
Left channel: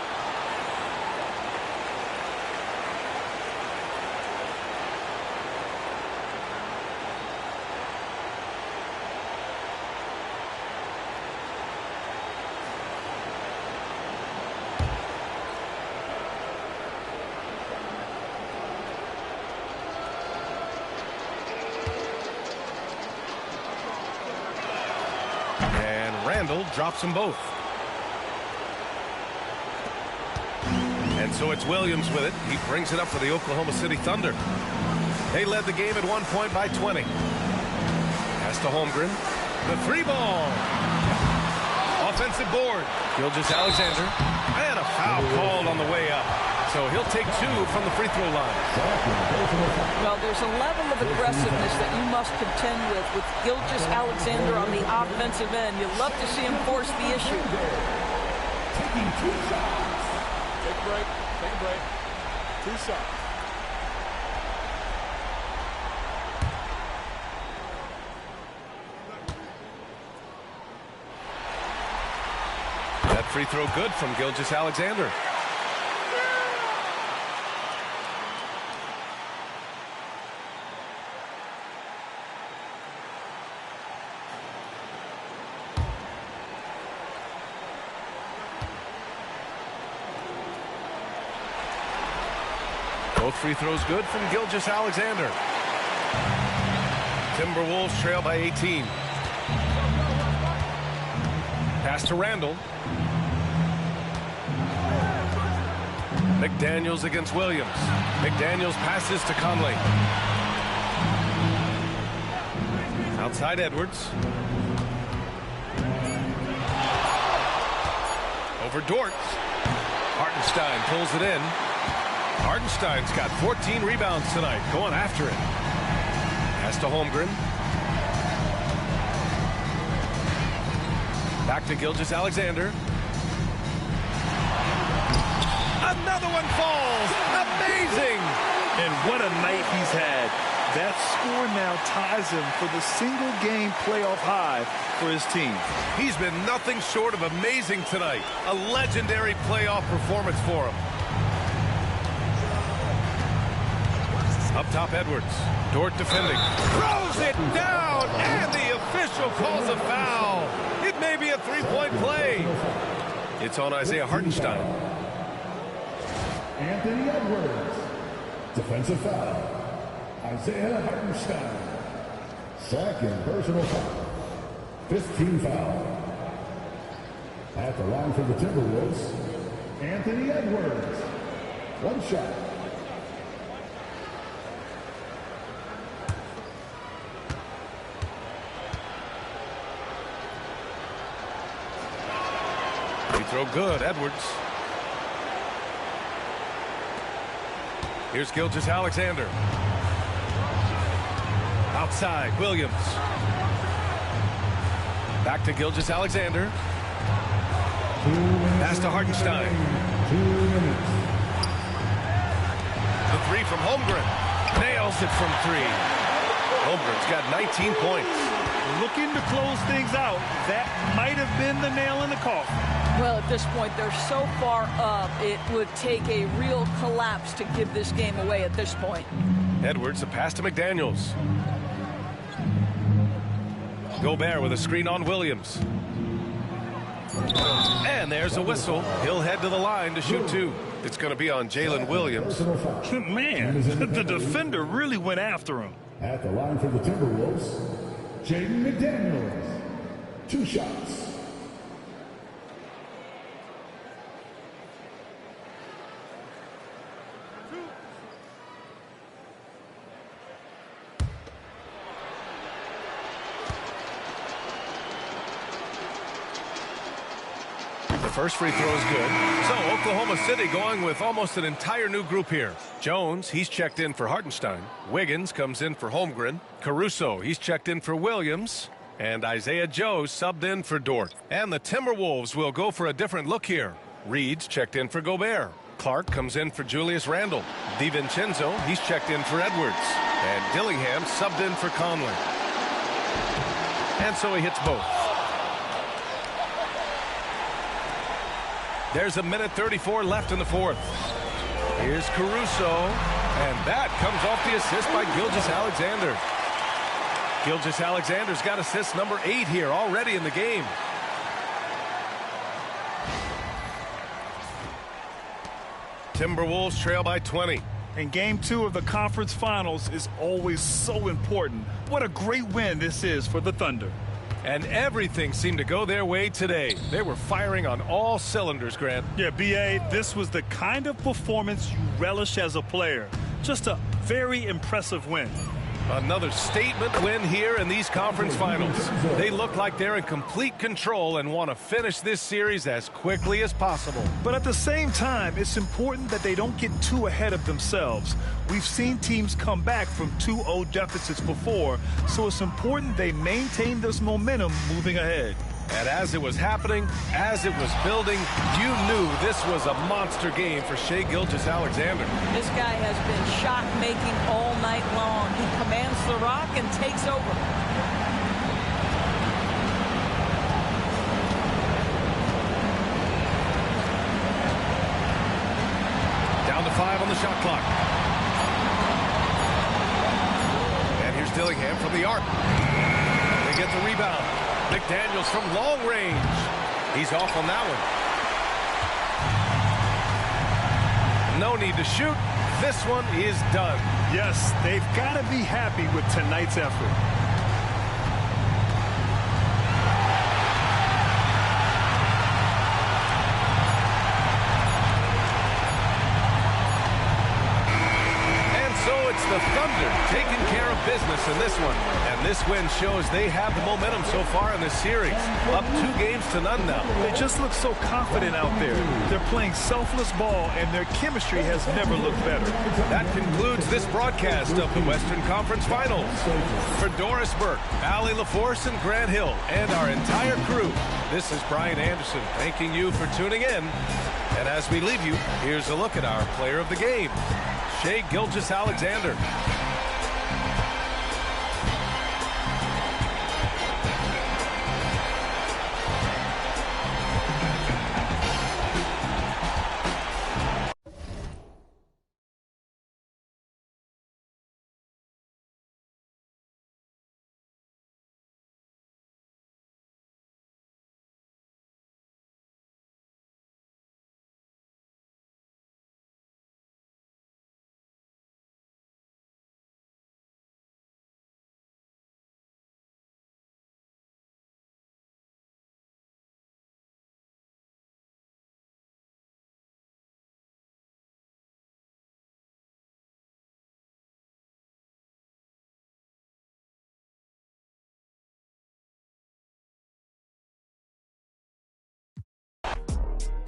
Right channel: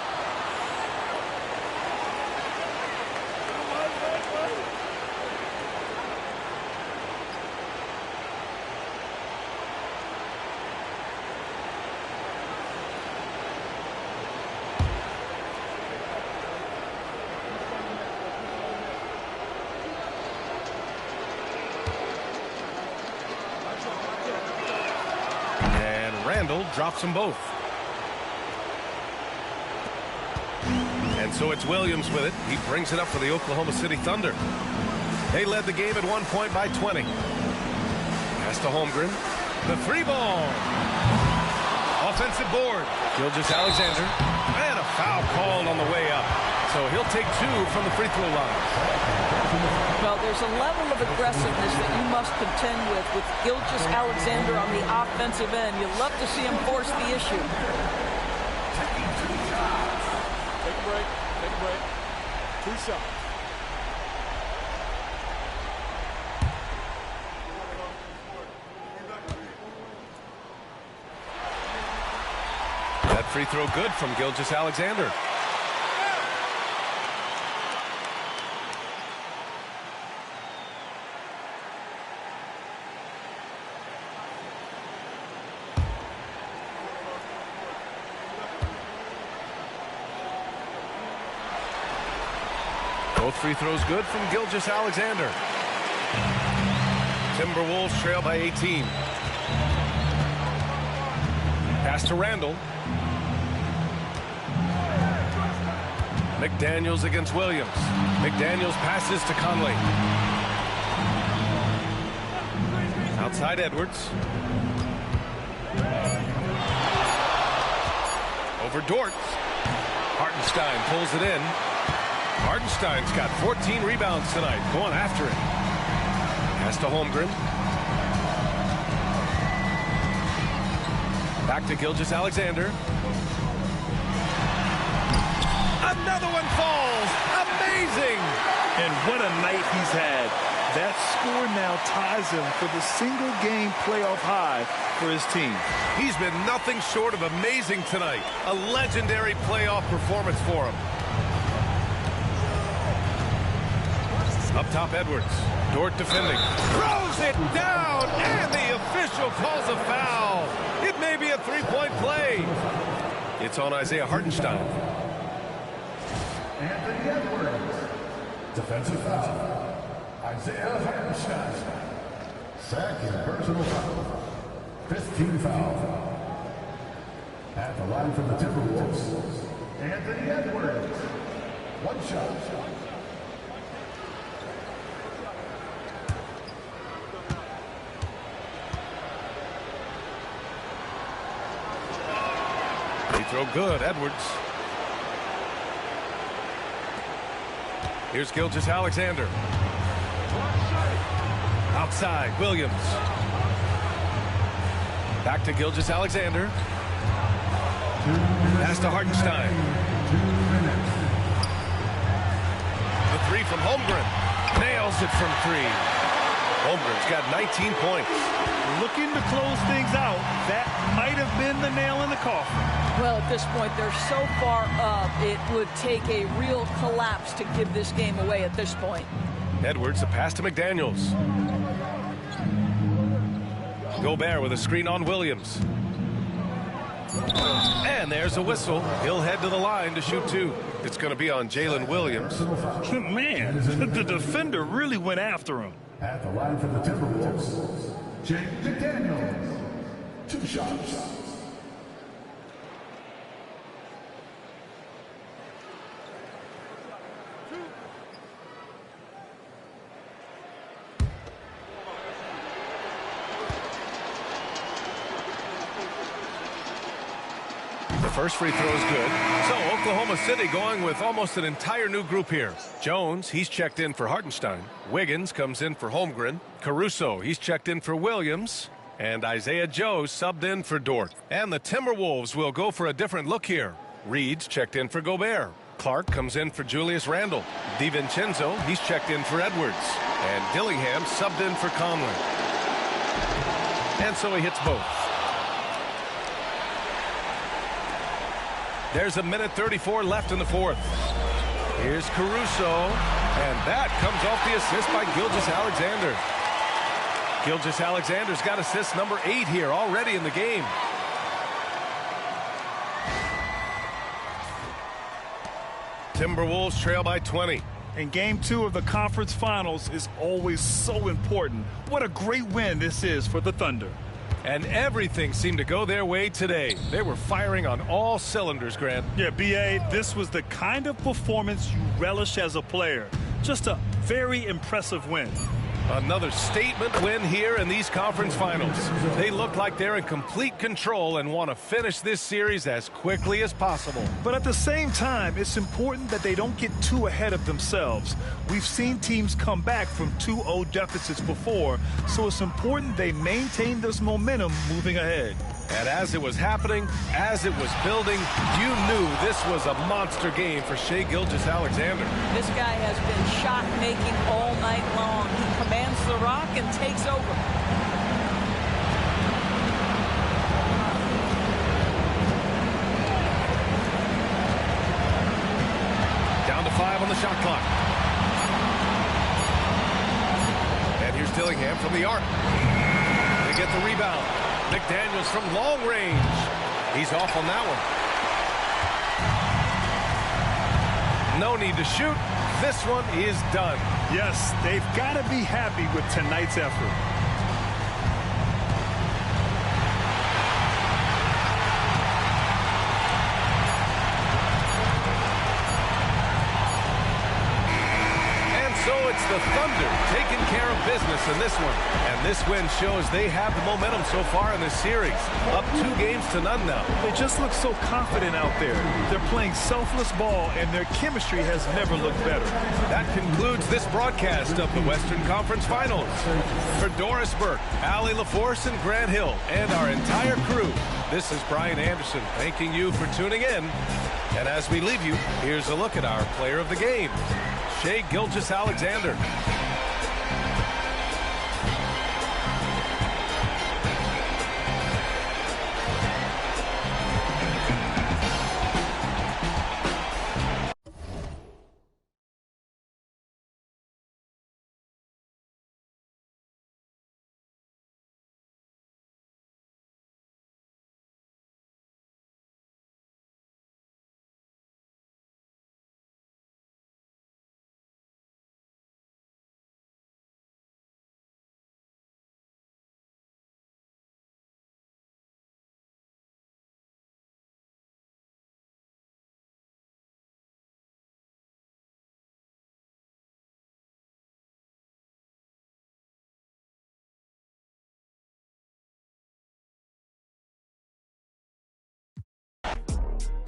And Randall drops them both. And so it's Williams with it. He brings it up for the Oklahoma City Thunder. They led the game at 1 point by 20. Pass to Holmgren. The 3-ball. Offensive board. Gilgeous-Alexander. And a foul called on the way up. So he'll take 2 from the free throw line. Well, there's a level of aggressiveness that you must contend with Gilgeous-Alexander on the offensive end. You love to see him force the issue. Taking 2 shots. Take a break. Take a break. 2 shots. That free throw good from Gilgeous-Alexander. Both free throws good from Gilgeous-Alexander. Timberwolves trail by 18. Pass to Randall. McDaniels against Williams. McDaniels passes to Conley. Outside Edwards. Over Dort. Hartenstein pulls it in. Hartenstein's got 14 rebounds tonight, going after it. Pass to Holmgren. Back to Gilgeous-Alexander. Another one falls. Amazing. And what a night he's had. That score now ties him for the single-game playoff high for his team. He's been nothing short of amazing tonight. A legendary playoff performance for him. Up top, Edwards. Dort defending. Throws it down, and the official calls a foul. It may be a three-point play. It's on Isaiah Hartenstein. Anthony Edwards. Defensive foul. Isaiah Hartenstein. Second personal foul. 15 foul. At the line for the Timberwolves, Anthony Edwards. One shot. Free throw good, Edwards. Here's Gilgeous-Alexander. Outside, Williams. Back to Gilgeous-Alexander. Pass to Hartenstein. 2 minutes. The three from Holmgren. Nails it from three. Holmgren's got 19 points. Looking to close things out. That might have been the nail in the coffin. Well, at this point, they're so far up, it would take a real collapse to give this game away at this point. Edwards, a pass to McDaniels. Gobert with a screen on Williams. And there's a whistle. He'll head to the line to shoot two. It's going to be on Jalen Williams. Man, the defender really went after him. At the line for the Timberwolves, Jaden McDaniels. 2 shots. First free throw is good. So Oklahoma City going with almost an entire new group here. Jones, he's checked in for Hartenstein. Wiggins comes in for Holmgren. Caruso, he's checked in for Williams. And Isaiah Joe subbed in for Dort. And the Timberwolves will go for a different look here. Reed's checked in for Gobert. Clark comes in for Julius Randle. DiVincenzo, he's checked in for Edwards. And Dillingham subbed in for Conley. And so he hits both. There's 1:34 left in the fourth. Here's Caruso, and that comes off the assist by Gilgeous-Alexander. Gilgeous-Alexander's got assist number 8 here already in the game. Timberwolves trail by 20. And game 2 of the conference finals is always so important. What a great win this is for the Thunder. And everything seemed to go their way today. They were firing on all cylinders, Grant. Yeah, B.A., this was the kind of performance you relish as a player. Just a very impressive win. Another statement win here in these conference finals. They look like they're in complete control and want to finish this series as quickly as possible. But at the same time, it's important that they don't get too ahead of themselves. We've seen teams come back from 2-0 deficits before, so it's important they maintain this momentum moving ahead. And as it was happening, as it was building, you knew this was a monster game for Shai Gilgeous-Alexander. This guy has been shot-making all night long. He commands the rock and takes over. Down to 5 on the shot clock. And here's Dillingham from the arc. They get the rebound. McDaniels from long range. He's off on that one. No need to shoot. This one is done. Yes, they've got to be happy with tonight's effort. So it's the Thunder taking care of business in this one. And this win shows they have the momentum so far in this series. Up 2-0 now. They just look so confident out there. They're playing selfless ball, and their chemistry has never looked better. That concludes this broadcast of the Western Conference Finals. For Doris Burke, Allie LaForce, and Grant Hill, and our entire crew, this is Brian Anderson thanking you for tuning in. And as we leave you, here's a look at our player of the game, Shai Gilgeous-Alexander.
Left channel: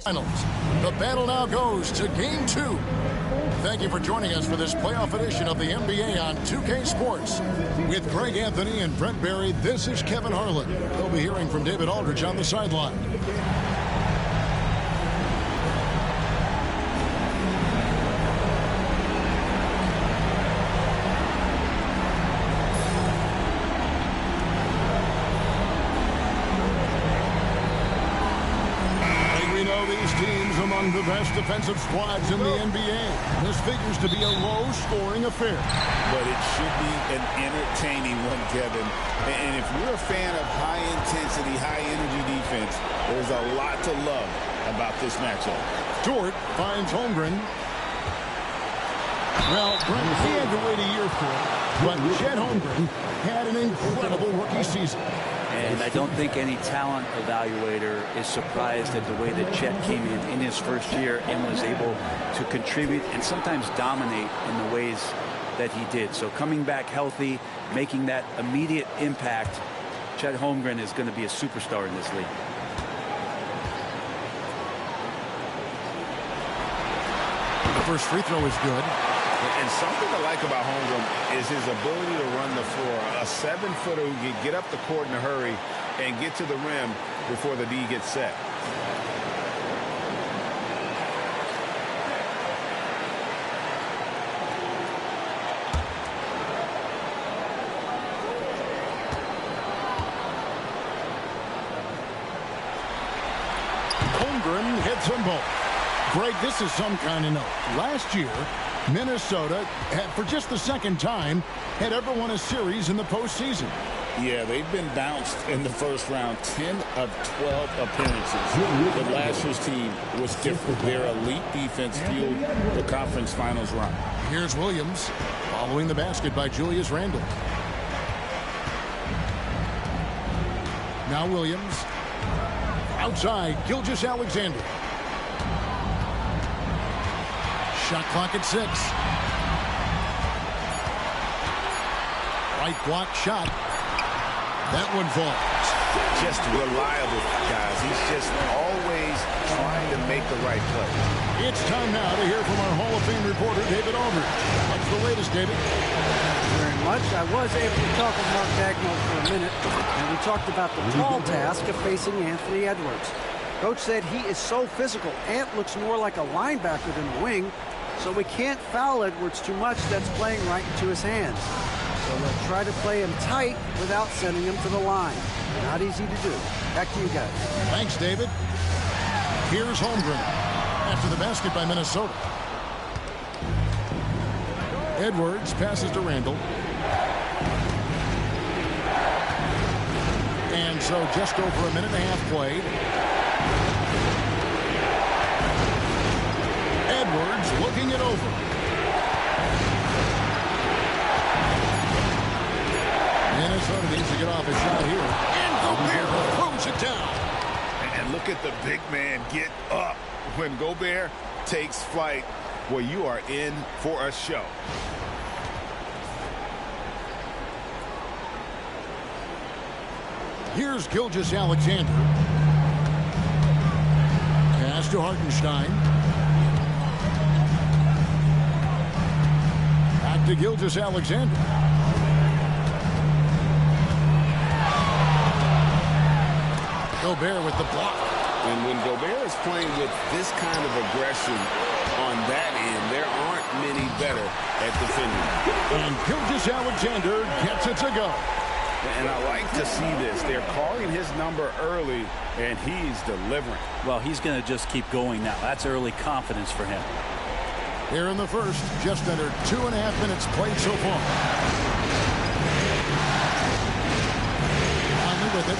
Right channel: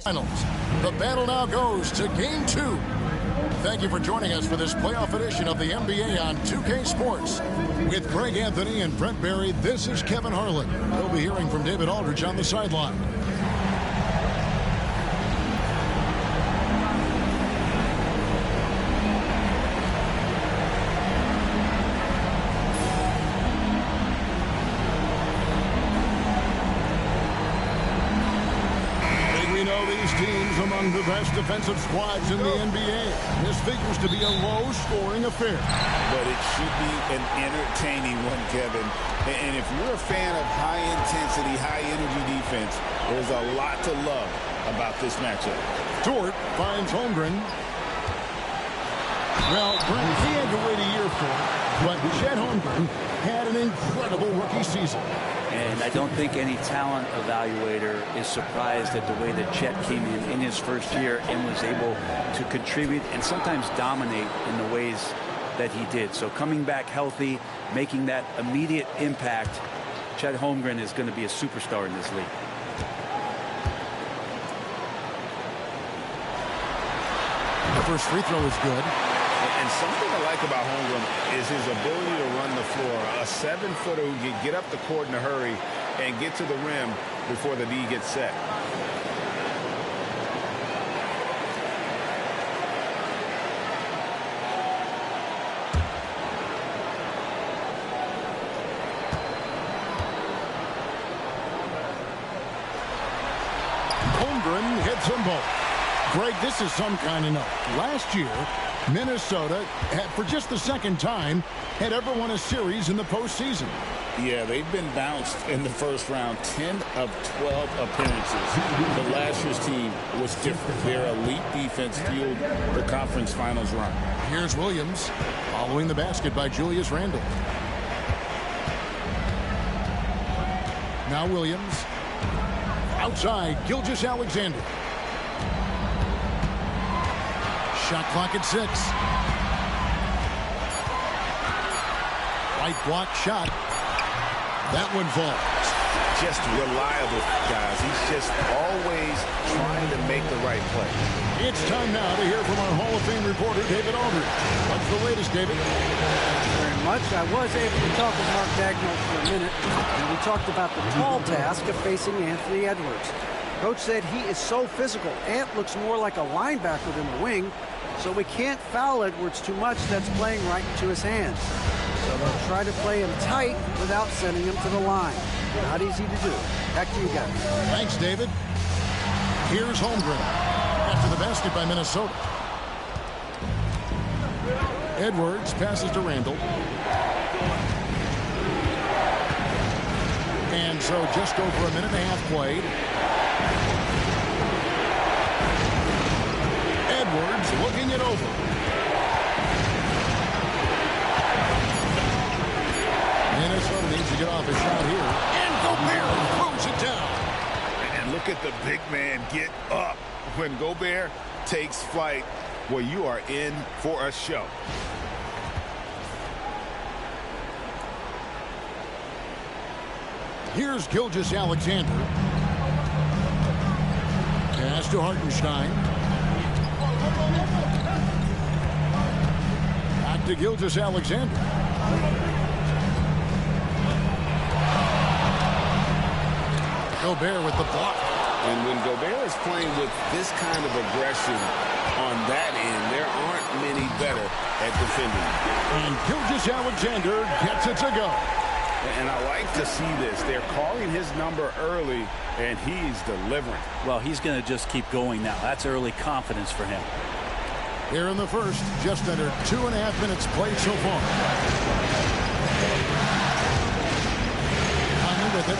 Finals. The battle now goes to Game 2. Thank you for joining us for this playoff edition of the NBA on 2K Sports. With Greg Anthony and Brent Barry, this is Kevin Harlan. We'll be hearing from David Aldridge on the sideline. We know these teams among the best defensive squads in the NBA. This figures to be a low-scoring affair. But it should be an entertaining one, Kevin. And if you're a fan of high-intensity, high-energy defense, there's a lot to love about this matchup. Dort finds Holmgren. Well, Brent, he had to wait a year for it, but Chet Holmgren had an incredible rookie season. And I don't think any talent evaluator is surprised at the way that Chet came in his first year and was able to contribute and sometimes dominate in the ways that he did. So coming back healthy, making that immediate impact, Chet Holmgren is going to be a superstar in this league. The first free throw is good. And something I like about Holmgren is his ability to run the floor. A 7-footer who can get up the court in a hurry and get to the rim before the D gets set. Holmgren hits them both. Greg, this is some kind of note. Last year, Minnesota had, for just the second time, had ever won a series in the postseason. Yeah, they've been bounced in the first round, 10 of 12 appearances. But last year's team was different. Their elite defense fueled the conference finals run. Here's Williams following the basket by Julius Randle. Now Williams. Outside, Gilgeous-Alexander. Shot clock at 6. Right block shot. That one falls. Just reliable, guys. He's just always trying to make the right play. It's time now to hear from our Hall of Fame reporter, David Aldridge. What's the latest, David? Thank you very much. I was able to talk with Mark Dagnall for a minute, and we talked about the tall task of facing Anthony Edwards. Coach said he is so physical. Ant looks more like a linebacker than a wing, so we can't foul Edwards too much. That's playing right into his hands. So they'll try to play him tight without sending him to the line. Not easy to do. Back to you guys. Thanks, David. Here's Holmgren after the basket by Minnesota. Edwards passes to Randle. And so just over a minute and a half played. Edwards looking it over. Minnesota needs to get off a shot here. And Gobert throws it down. And look at the big man get up. When Gobert takes flight, well, you are in for a show. Here's Gilgeous-Alexander. Pass to Hartenstein. Back to Gilgeous-Alexander. Gobert with the block. And when Gobert is playing with this kind of aggression on that end, there aren't many better at defending. And Gilgeous-Alexander gets it to go. And I like to see this. They're calling his number early, and he's delivering. Well, he's going to just keep going now. That's early confidence for him. Here in the first, just under 2.5 minutes played so far. Conley with it.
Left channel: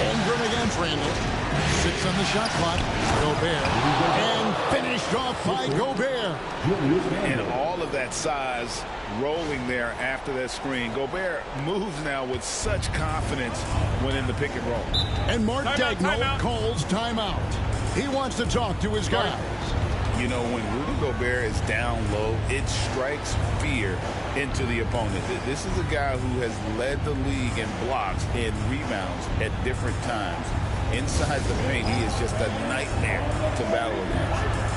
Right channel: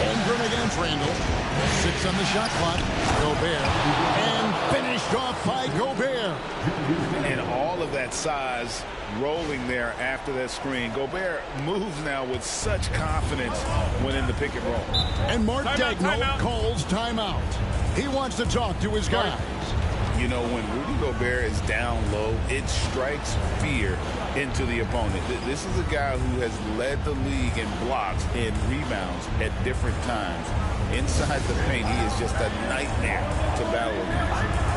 Holmgren against Randle. 6 on the shot clock. Gobert. And finished off by Gobert. And all of that size rolling there after that screen. Gobert moves now with such confidence when in the pick and roll. And Mark Dagnall calls timeout. He wants to talk to his guys. You know, when Rudy Gobert is down low, it strikes fear into the opponent. This is a guy who has led the league in blocks and rebounds at different times. Inside the paint, he is just a nightmare to battle against.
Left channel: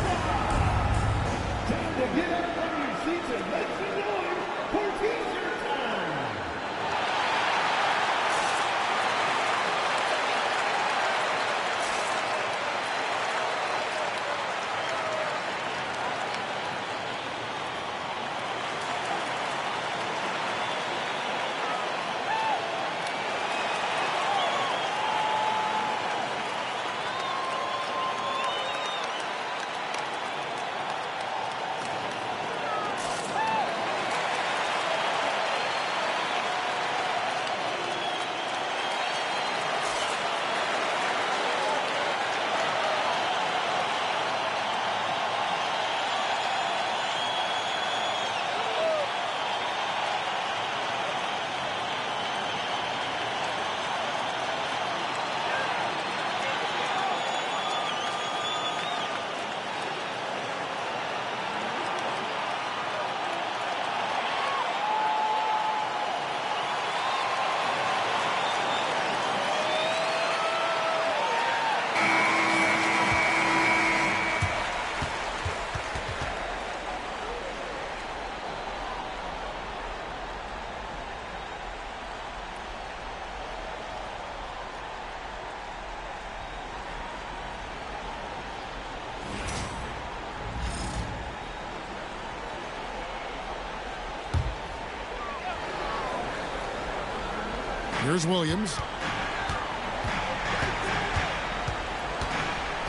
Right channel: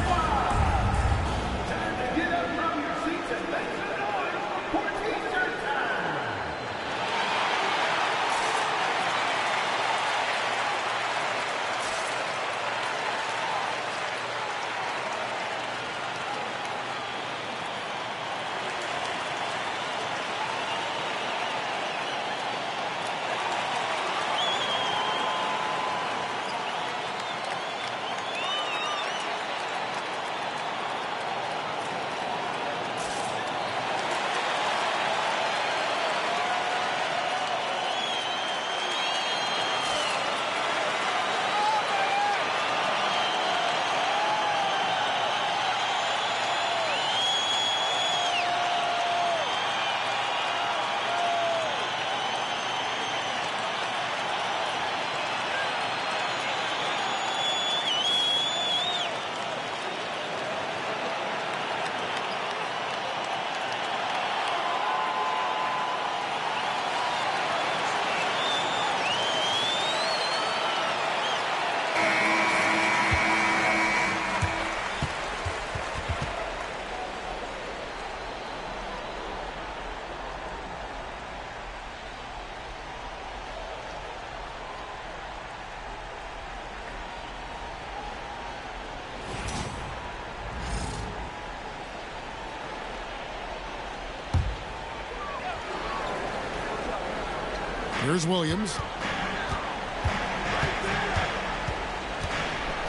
Here's Williams.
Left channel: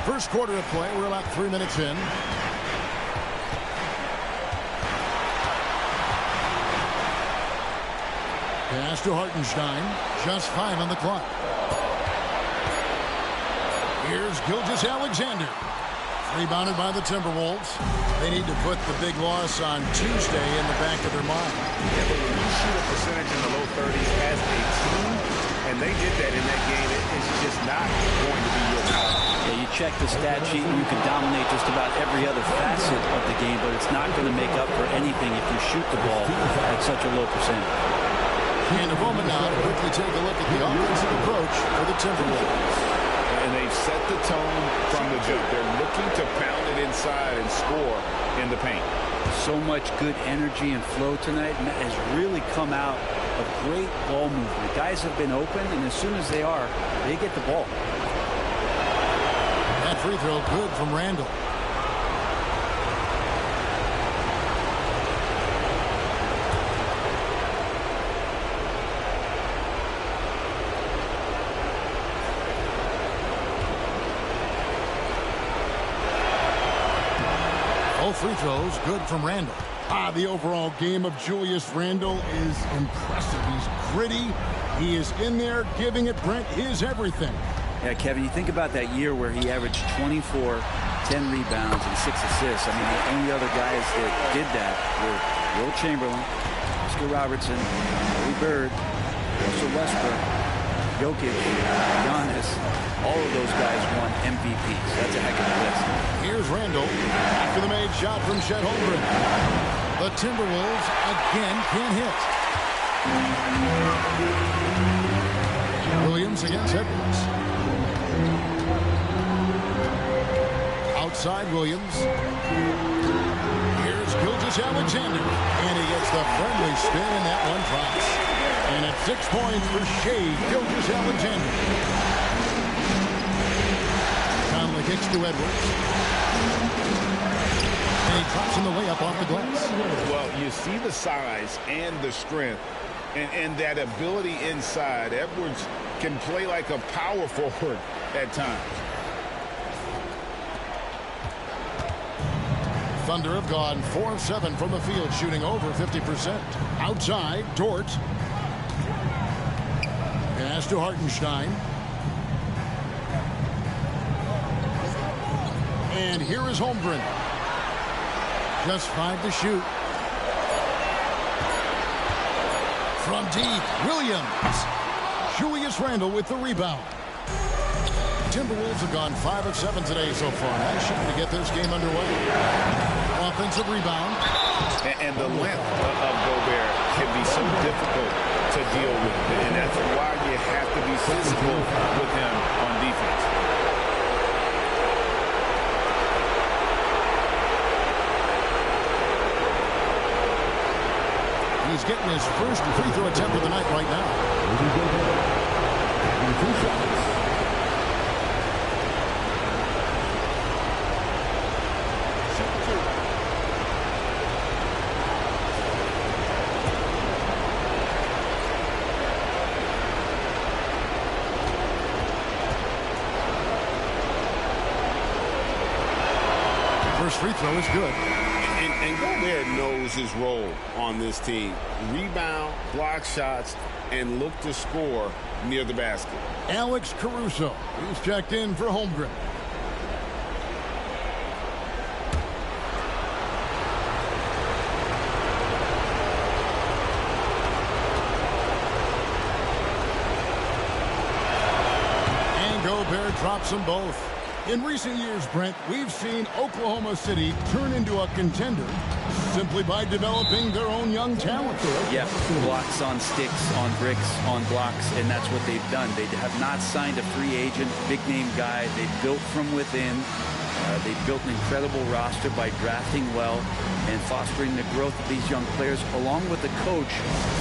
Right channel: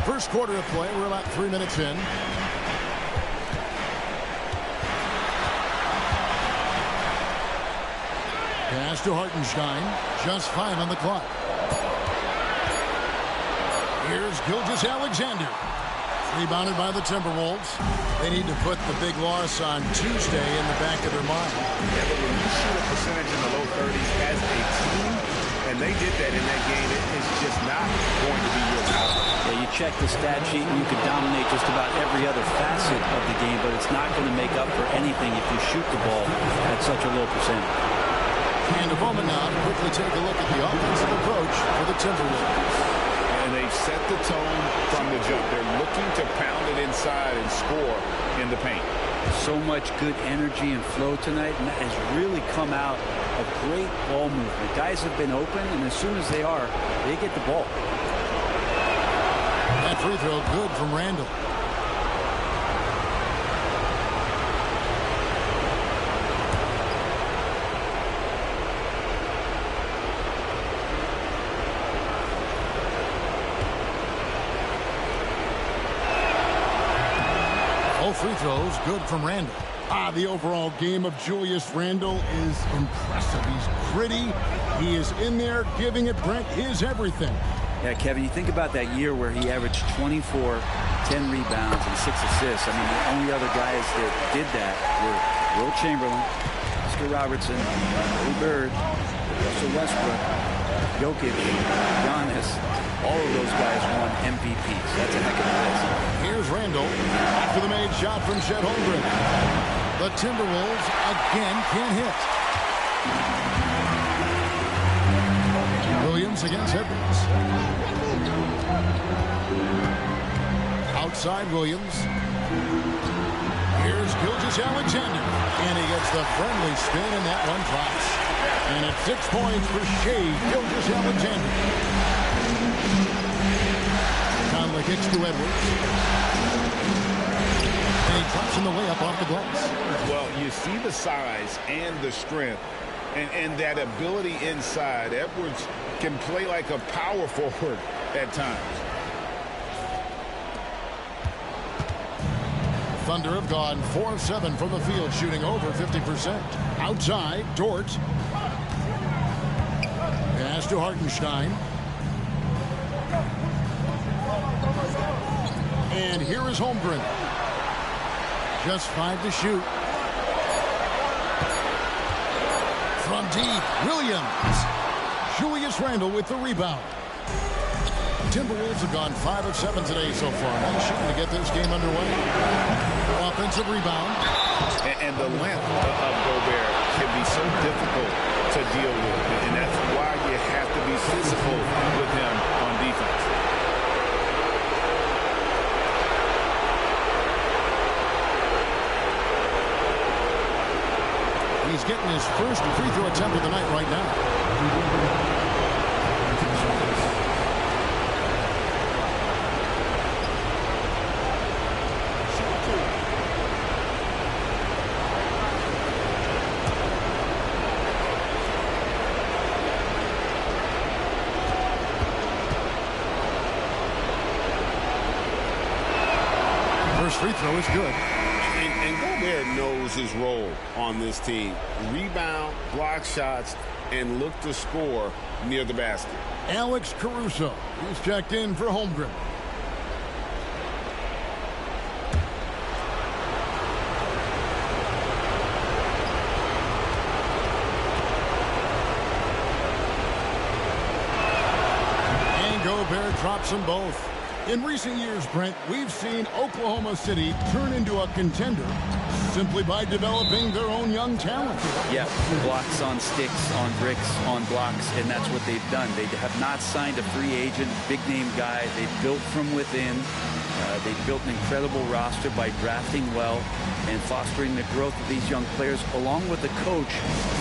First quarter of play. We're about 3 minutes in. Pass to Hartenstein. Just 5 on the clock. Here's Gilgeous-Alexander. Rebounded by the Timberwolves. They need to put the big loss on Tuesday in the back of their mind. Yeah, but when you shoot a percentage in the low 30s as a team, and they did that in that game, it's just not going to be your problem. Yeah, you check the stat sheet and you can dominate just about every other facet of the game, but it's not going to make up for anything if you shoot the ball at such a low percentage. And a moment now to quickly take a look at the offensive approach for the Timberwolves. And they've set the tone from the jump. They're looking to pound it inside and score in the paint. So much good energy and flow tonight, and that has really come out of great ball movement. Guys have been open, and as soon as they are, they get the ball. That free throw good from Randall. All free throws good from Randall. The overall game of Julius Randle is impressive. He's gritty. He is in there giving it, Brent, his everything. Yeah, Kevin, you think about that year where he averaged 24, 10 rebounds, and 6 assists. I mean, the only other guys that did that were Will Chamberlain, Oscar Robertson, Larry Bird, Russell Westbrook, Jokic, Giannis. All of those guys won MVPs. That's a heck of a list. Here's Randall after the made shot from Chet Holmgren. The Timberwolves again can't hit. Williams against Edwards. Outside Williams. Here's Gilgeous-Alexander. And he gets the friendly spin, and that one drops. And it's 6 points for Shai Gilgeous-Alexander. Conley kicks to Edwards. And he drops in the way up off the glass. Well, you see the size and the strength and that ability inside. Edwards can play like a power forward at times. Thunder have gone 4 of 7 from the field, shooting over 50%. Outside, Dort. Pass to Hartenstein. And here is Holmgren. Just 5 to shoot. From deep, Williams. Julius Randle with the rebound. Timberwolves have gone 5 of 7 today so far. Nice shooting to get this game underway. Offensive rebound. And the length of Gobert can be so difficult to deal with. And that's why you have to be physical with him on defense. He's getting his first free throw attempt of the night right now. First free throw is good. And Gobert knows his role on this team. Rebound, block shots, and look to score near the basket. Alex Caruso. He's checked in for Holmgren. And Gobert drops them both. In recent years, Brent, we've seen Oklahoma City turn into a contender simply by developing their own young talent. Yeah, blocks on sticks, on bricks, on blocks, and that's what they've done. They have not signed a free agent, big-name guy. They built from within. They built an incredible roster by drafting well and fostering the growth of these young players, along with a coach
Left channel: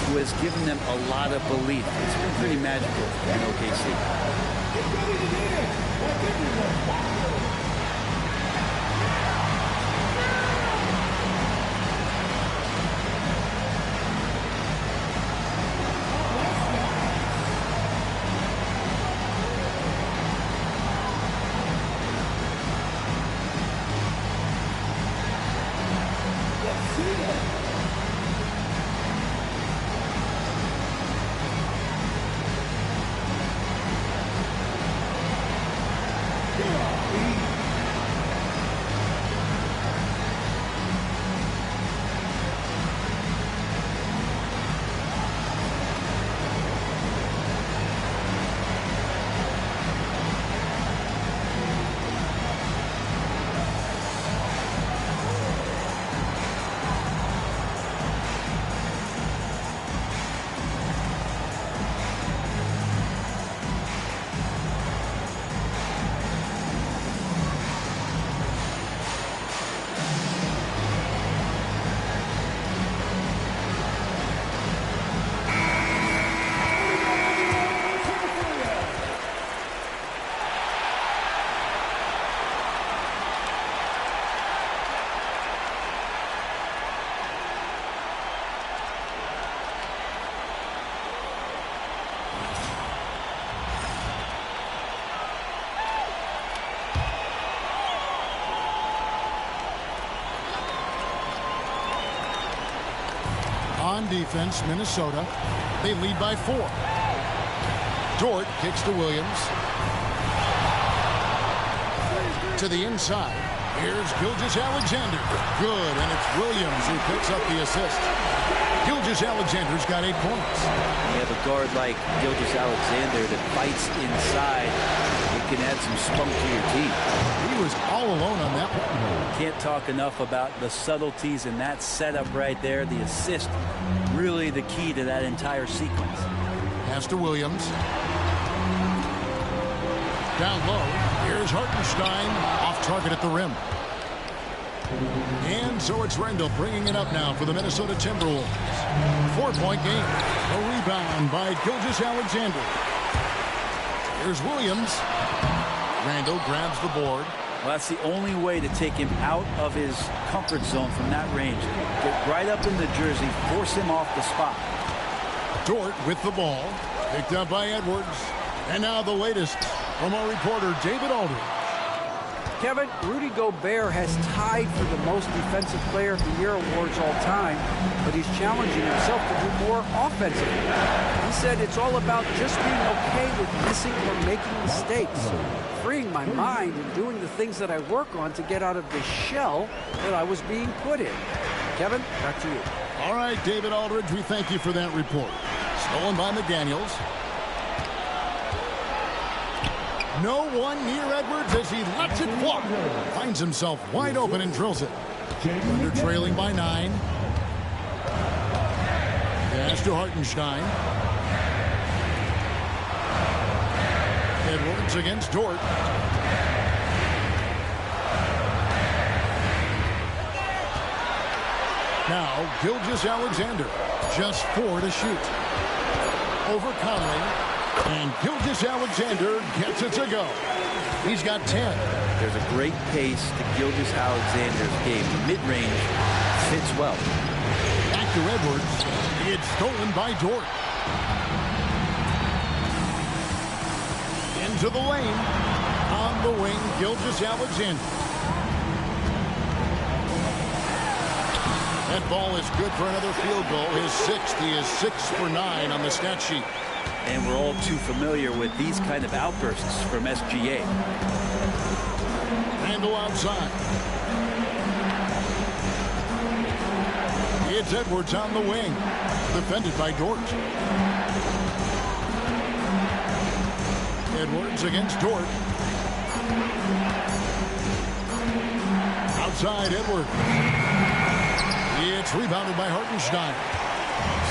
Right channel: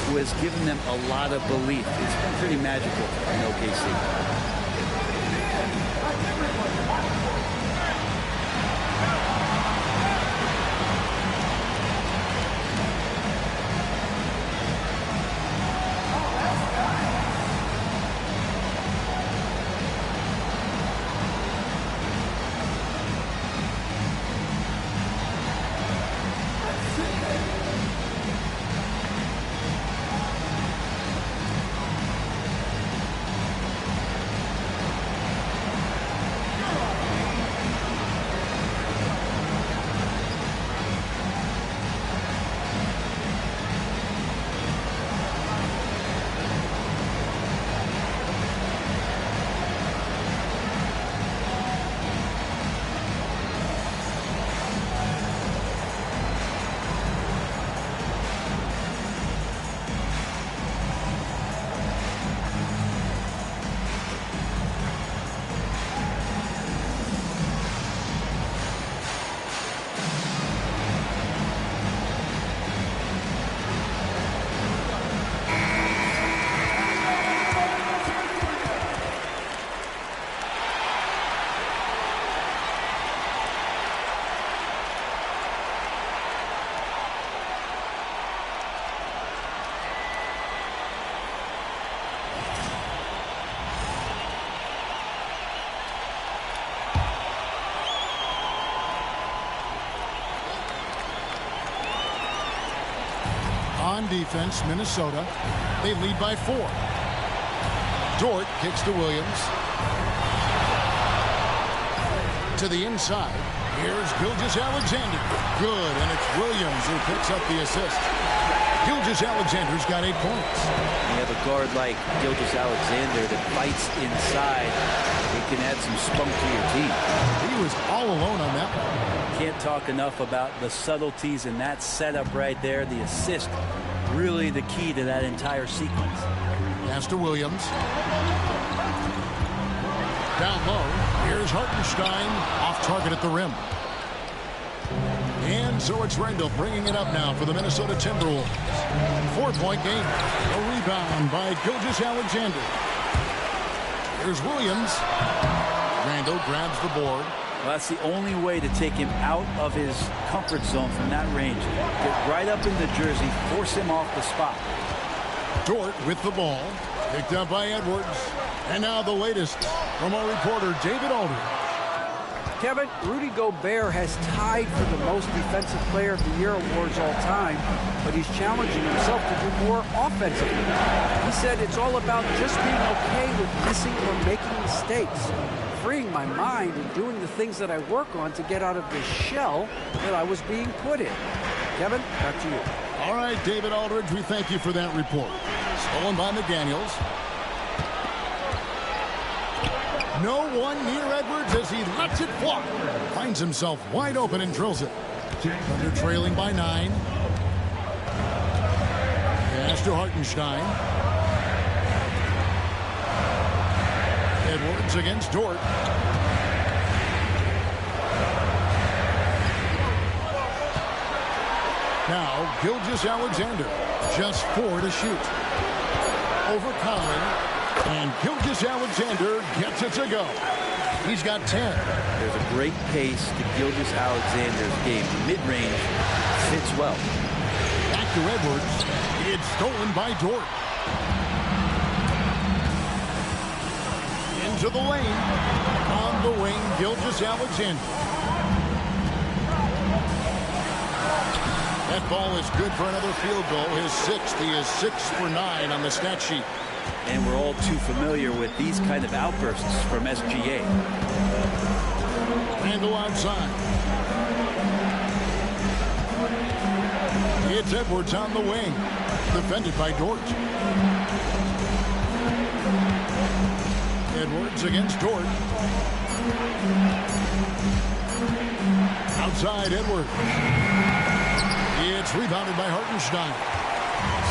who has given them a lot of belief. It's been pretty magical in OKC. On defense, Minnesota. They lead by 4. Dort kicks to Williams. To the inside. Here's Gilgeous-Alexander. Good, and it's Williams who picks up the assist. Gilgeous-Alexander's got 8 points. You have a guard like Gilgeous-Alexander that fights inside. It can add some spunk to your team. He was all alone on that one. Can't talk enough about the subtleties in that setup right there. The assist, really the key to that entire sequence. Pass to Williams. Down low. Here's Hartenstein. Off target at the rim. And so it's Randall bringing it up now for the Minnesota Timberwolves. 4-point game. A rebound by Gilgeous-Alexander. Here's Williams. Randall grabs the board. Well, that's the only way to take him out of his comfort zone from that range. Get right up in the jersey, force him off the spot. Dort with the ball. Picked up by Edwards. And now the latest from our reporter, David Aldridge. Kevin, Rudy Gobert has tied for the most Defensive Player of the Year awards all time, but he's challenging himself to do more offensively. He said it's all about just being okay with missing or making mistakes, freeing my mind and doing the things that I work on to get out of the shell that I was being put in. Kevin, back to you. All right, David Aldridge, we thank you for that report. Stolen by McDaniels. No one near Edwards as he lets it fly. Finds himself wide open and drills it. Thunder trailing by 9. Pass to Hartenstein. Edwards against Dort. Now, Gilgeous-Alexander. Just 4 to shoot. Over Conley. And Gilgeous-Alexander gets it to go. He's got 10. There's a great pace to Gilgeous-Alexander's game. The mid-range fits well. Back to Edwards. It's stolen by Dort. Into the lane. On the wing, Gilgeous-Alexander. That ball is good for another field goal. His 6th. He is 6 for 9 on the stat sheet. And we're all too familiar with these kind of outbursts from SGA. Randall outside. It's Edwards on the wing. Defended by Dort. Edwards against Dort. Outside Edwards. It's rebounded by Hartenstein.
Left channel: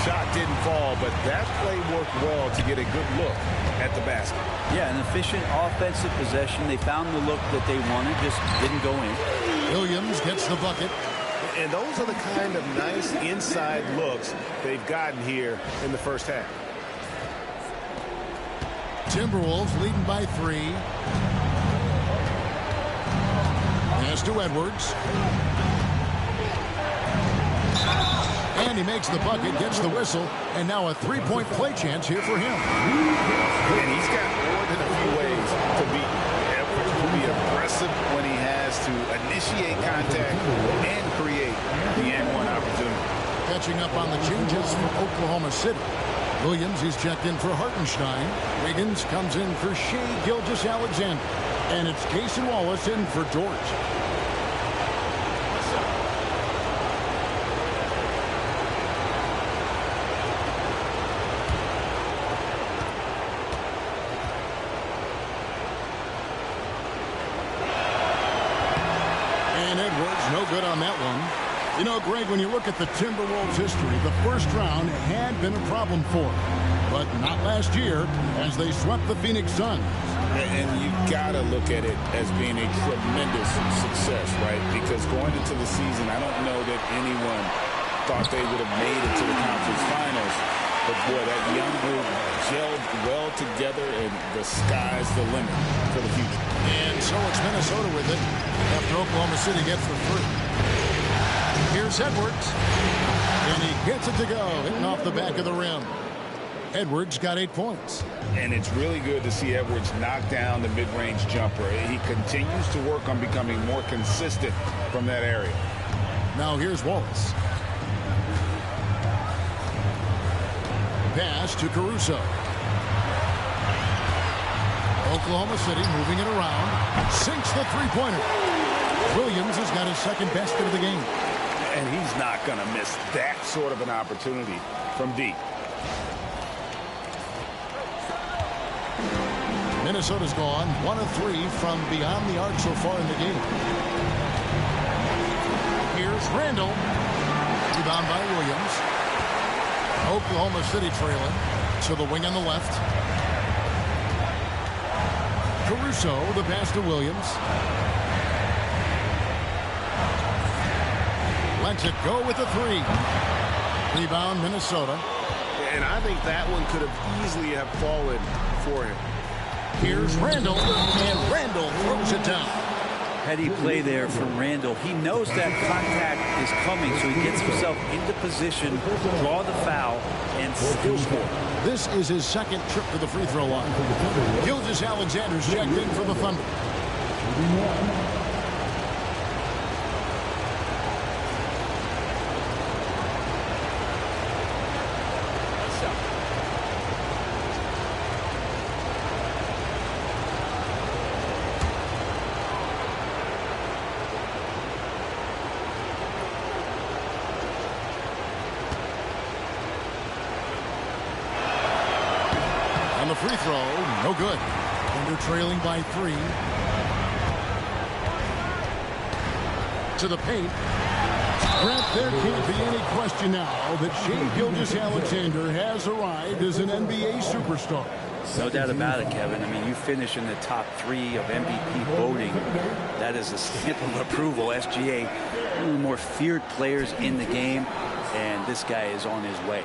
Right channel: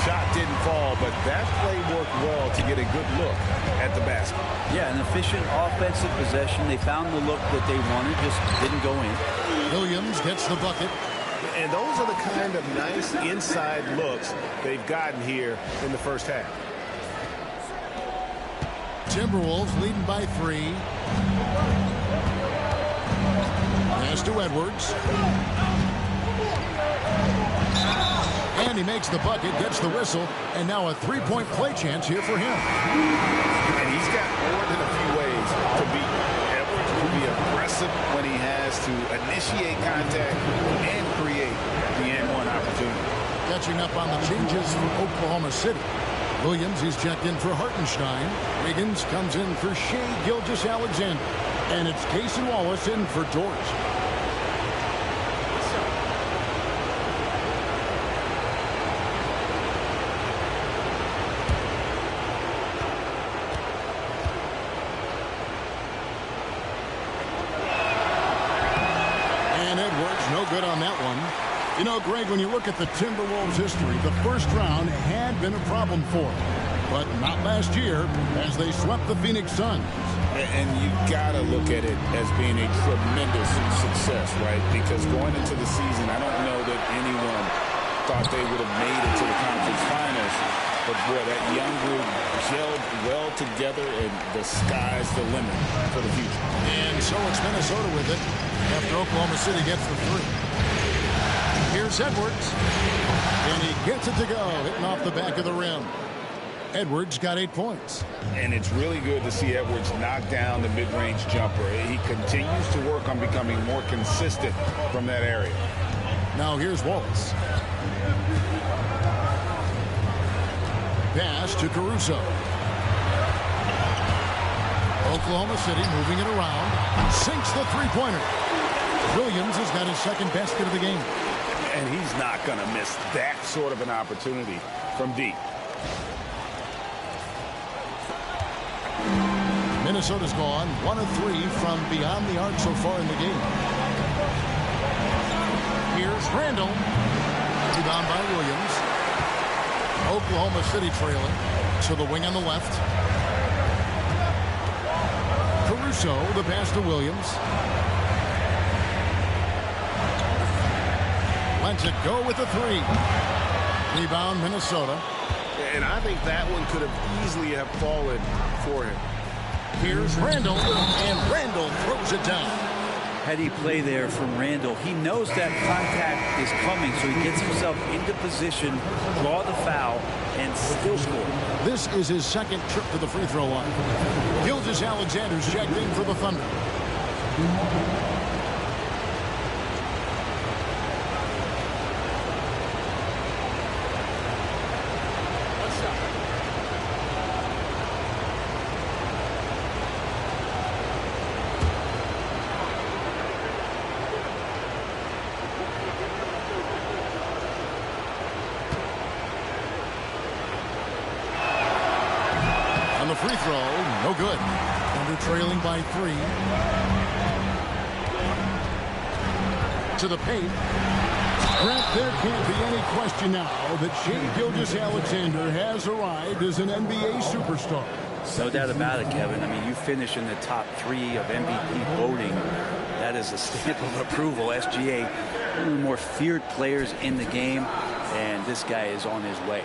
Shot didn't fall, but that play worked well to get a good look at the basket. Yeah, an efficient offensive possession. They found the look that they wanted, just didn't go in. Williams gets the bucket. And those are the kind of nice inside looks they've gotten here in the first half. Timberwolves leading by 3. Pass to Edwards. And he makes the bucket, gets the whistle, and now a 3-point play chance here for him. And he's got more than a few ways to beat. Edwards will be aggressive when he has to initiate contact and create the and-one opportunity. Catching up on the changes for Oklahoma City. Williams is checked in for Hartenstein. Wiggins comes in for Shai Gilgeous-Alexander. And it's Cason Wallace in for Dort. And Edwards, no good on that one. You know, Greg, when you look at the Timberwolves' history, the first round had been a problem for them. But not last year, as they swept the Phoenix Suns. And you got to look at it as being a tremendous success, right? Because going into the season, I don't know that anyone thought they would have made it to the conference finals. But, boy, that young group gelled well together, and the sky's the limit for the future. And so it's Minnesota with it after Oklahoma City gets the 3. Here's Edwards. And he gets it to go, hitting off the back of the rim. Edwards got 8 points. And it's really good to see Edwards knock down the mid-range jumper. He continues to work on becoming more consistent from that area. Now here's Wallace. Pass to Caruso. Oklahoma City moving it around. Sinks the three-pointer. Williams has got his second basket of the game. And he's not going to miss that sort of an opportunity from deep. Minnesota's gone 1 of 3 from beyond the arc so far in the game. Here's Randall. Rebound by Williams. Oklahoma City trailing to the wing on the left. Caruso, the pass to Williams. Lets it go with the 3. Rebound Minnesota. And I think that one could have easily have fallen for him. Here's Randall, and Randall throws it down. Heady play there from Randall. He knows that contact is coming, so he gets himself into position, draw the foul, and still score. This is his second trip to the free throw line. Gilgeous-Alexander's checked in for the Thunder. On the free throw, no good. Thunder trailing by 3. To the paint. Brett, there can't be any question now that Shai Gilgeous-Alexander has arrived as an NBA superstar. No doubt about it, Kevin. I mean, you finish in the top 3 of MVP voting. That is a stamp of approval. SGA, one of the more feared players in the game, and this guy is on his way.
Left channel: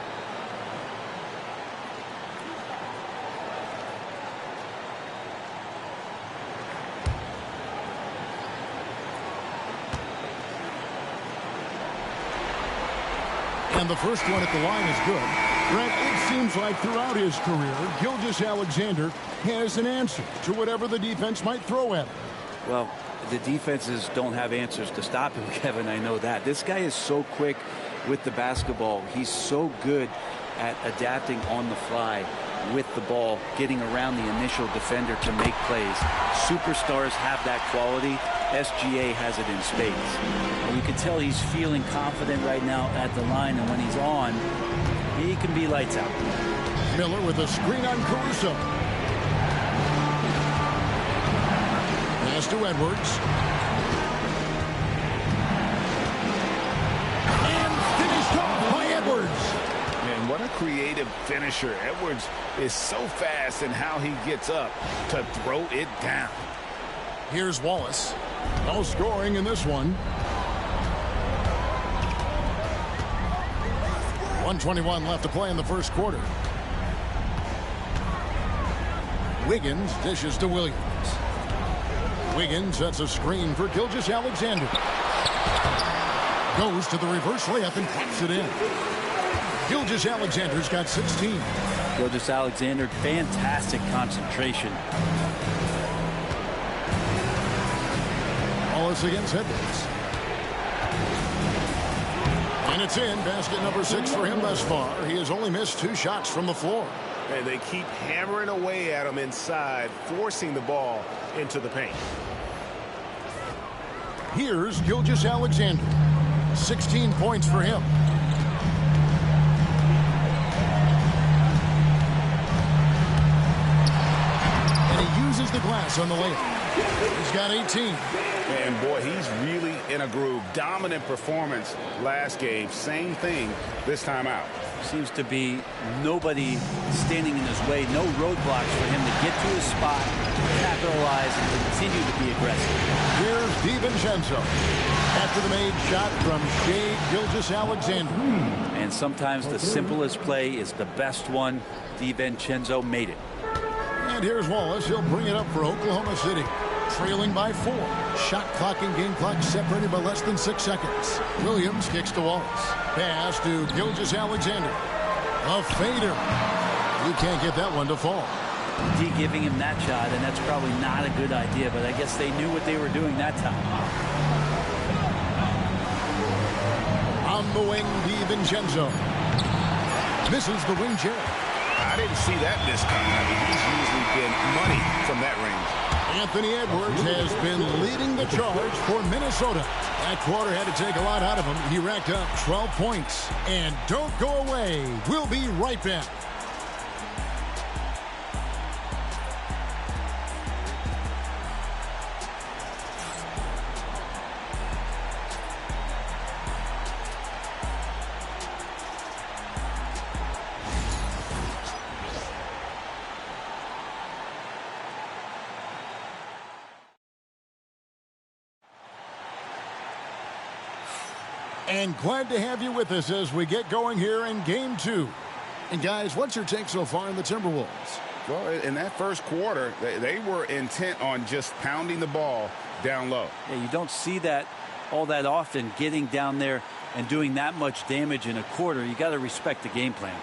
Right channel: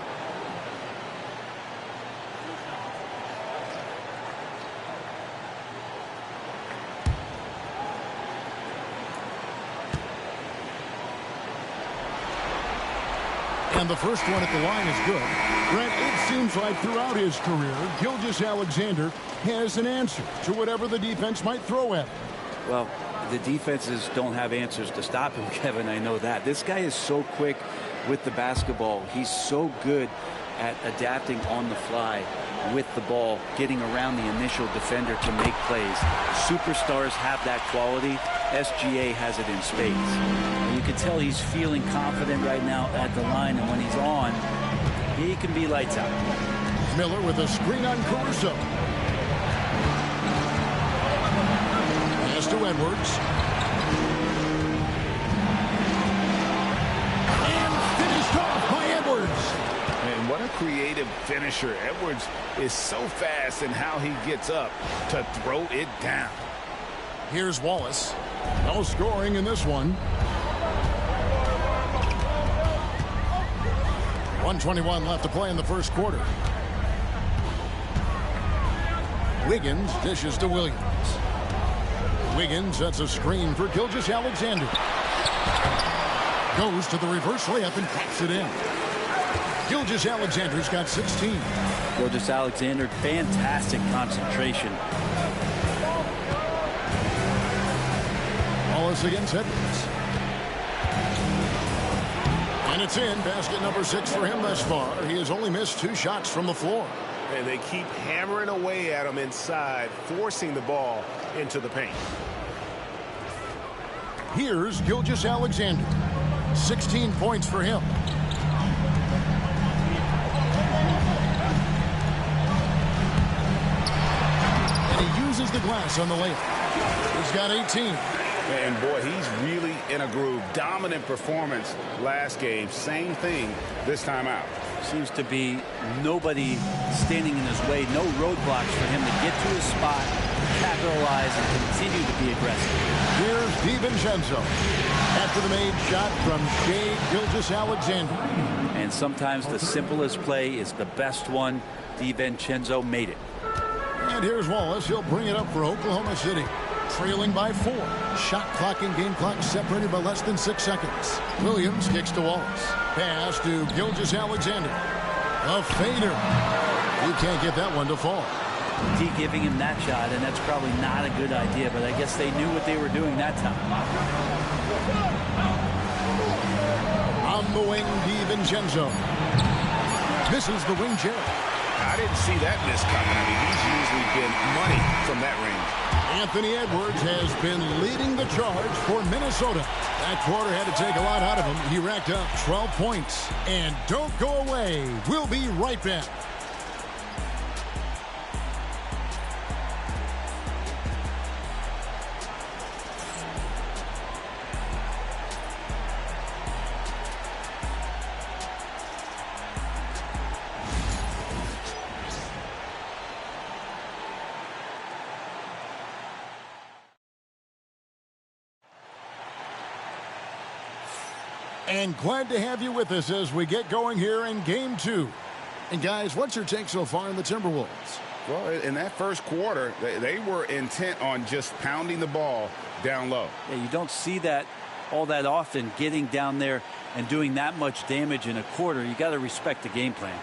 And the first one at the line is good. Brent, it seems like throughout his career, Gilgeous-Alexander has an answer to whatever the defense might throw at him. Well, the defenses don't have answers to stop him, Kevin. I know that. This guy is so quick with the basketball. He's so good at adapting on the fly with the ball, getting around the initial defender to make plays. Superstars have that quality. SGA has it in spades. And you can tell he's feeling confident right now at the line, and when he's on, he can be lights out. Miller with a screen on Caruso. Pass to Edwards. And finished off by Edwards. Man, what a creative finisher. Edwards is so fast in how he gets up to throw it down. Here's Wallace. No scoring in this one. 1:21 left to play in the first quarter. Wiggins dishes to Williams. Wiggins sets a screen for Gilgeous-Alexander. Goes to the reverse layup and claps it in. Gilgeous-Alexander's got 16. Gilgeous-Alexander, fantastic concentration. Wallace against Edwards. And it's in. Basket number 6 for him thus far. He has only missed 2 shots from the floor. And they keep hammering away at him inside, forcing the ball into the paint. Here's Gilgeous-Alexander. 16 points for him. And he uses the glass on the layup. He's got 18. And boy, he's really in a groove. Dominant performance last game. Same thing this time out. Seems to be nobody standing in his way. No roadblocks for him to get to his spot, capitalize, and continue to be aggressive. Here's DiVincenzo. After the made shot from Shai Gilgeous-Alexander. And sometimes the simplest play is the best one. DiVincenzo made it. And here's Wallace. He'll bring it up for Oklahoma City. Trailing by 4. Shot clock and game clock separated by less than 6 seconds. Williams kicks to Wallace. Pass to Gilgeous-Alexander. A fader. You can't get that one to fall. D giving him that shot, and that's probably not a good idea, but I guess they knew what they were doing that time. On the wing, DiVincenzo. Misses the wing chair. I didn't see that miss coming. I mean, he's usually been money from that range. Anthony Edwards has been leading the charge for Minnesota. That quarter had to take a lot out of him. He racked up 12 points. And don't go away. We'll be right back. And glad to have you with us as we get going here in Game 2. And guys, what's your take so far on the Timberwolves? Well, in that first quarter, they were intent on just pounding the ball down low. Yeah, you don't see that all that often, getting down there and doing that much damage in a quarter. You got to respect the game plan.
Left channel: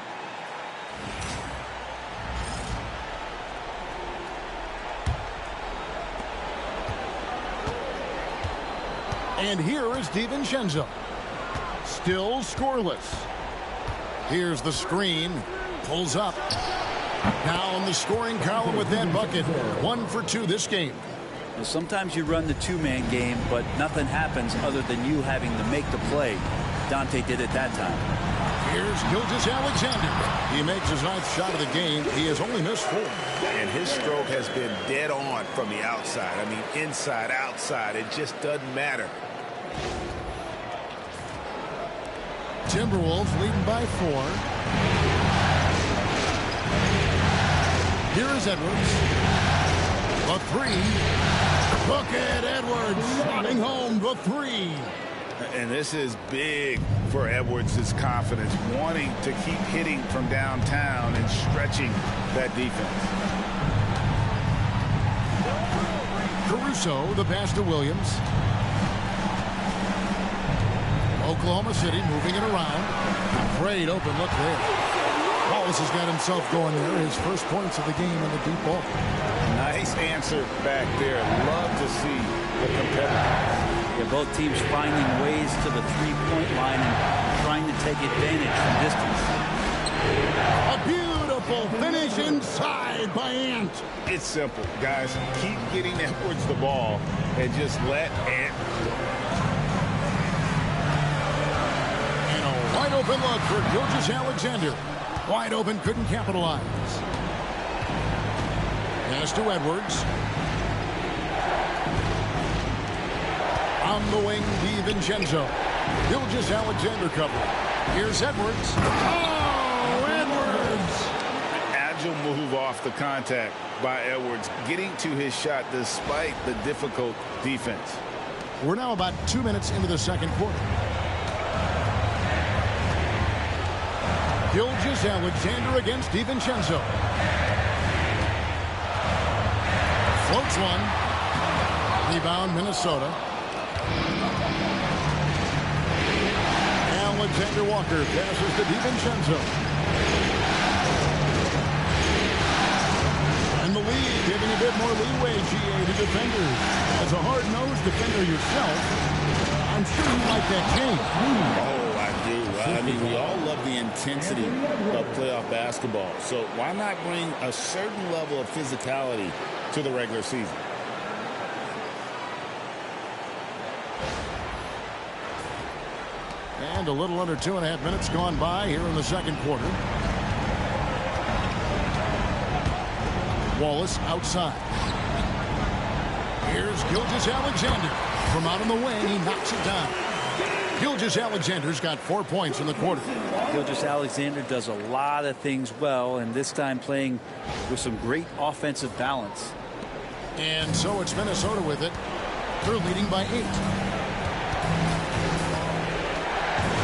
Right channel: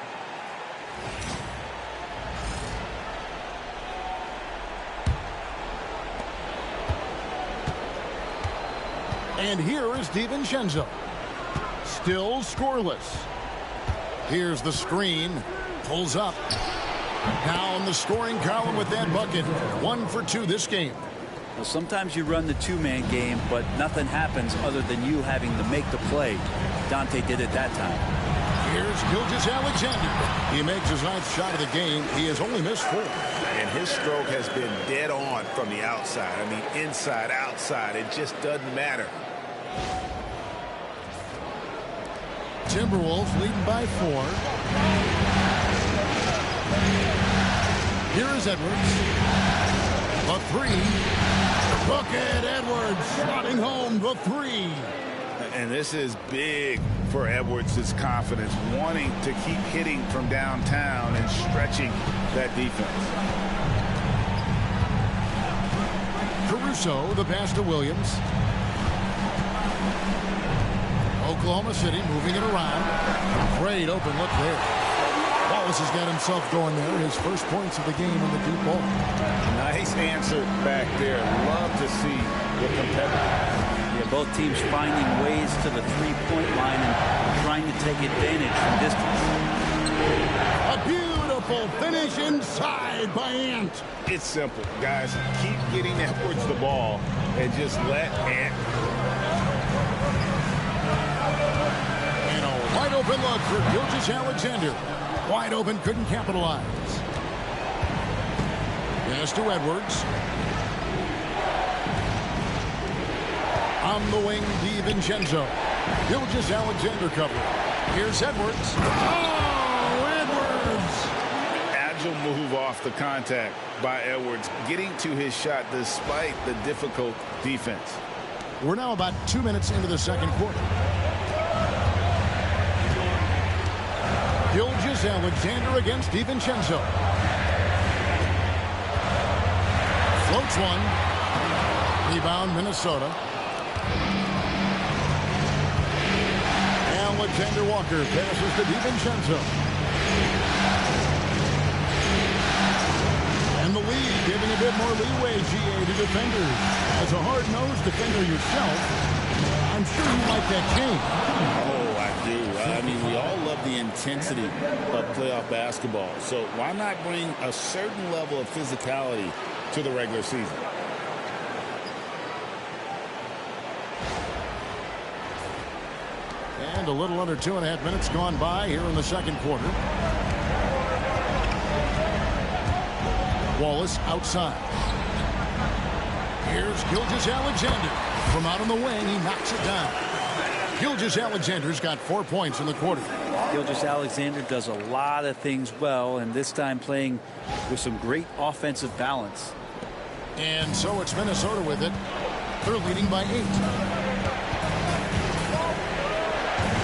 And here is DiVincenzo. Still scoreless. Here's the screen. Pulls up. Down the scoring column with that bucket. 1 for 2 this game. Well, sometimes you run the two-man game, but nothing happens other than you having to make the play. Dante did it that time. Here's Gilgeous Alexander. He makes his 9th shot of the game. He has only missed 4. And his stroke has been dead on from the outside. I mean, inside, outside. It just doesn't matter. Timberwolves leading by 4. Here is Edwards. The 3. Look at Edwards slotting home the 3. And this is big for Edwards' confidence, wanting to keep hitting from downtown and stretching that defense. Caruso, the pass to Williams. Oklahoma City moving it around. Great open look there. Wallace has got himself going there. His first points of the game on the deep ball. Nice answer back there. Love to see the competitiveness. Yeah, both teams finding ways to the three-point line and trying to take advantage from distance. A beautiful finish inside by Ant. It's simple, guys. Keep getting Edwards the ball and just let Ant. And a wide open look for Gilgeous Alexander. Wide open, couldn't capitalize. Pass to Edwards. On the wing, DiVincenzo. Gilgeous Alexander covering. Here's Edwards. Oh, Edwards! Agile move off the contact by Edwards, getting to his shot despite the difficult defense. We're now about 2 minutes into the second quarter. Gilgeous Alexander against DiVincenzo. Floats one. Rebound, Minnesota. Alexander Walker passes to DiVincenzo. And the lead giving a bit more leeway, GA, to defenders. As a hard-nosed defender yourself, I'm sure you like that change. Oh, I do. I mean, we all love the intensity of playoff basketball. So why not bring a certain level of physicality to the regular season? And a little under 2.5 minutes gone by here in the second quarter. Wallace outside. Here's Gilgeous Alexander. From out on the wing, he knocks it down. Gilgeous Alexander's got 4 points in the quarter. Gilgeous Alexander does a lot of things well, and this time playing with some great offensive balance. And so it's Minnesota with it. They're leading by 8.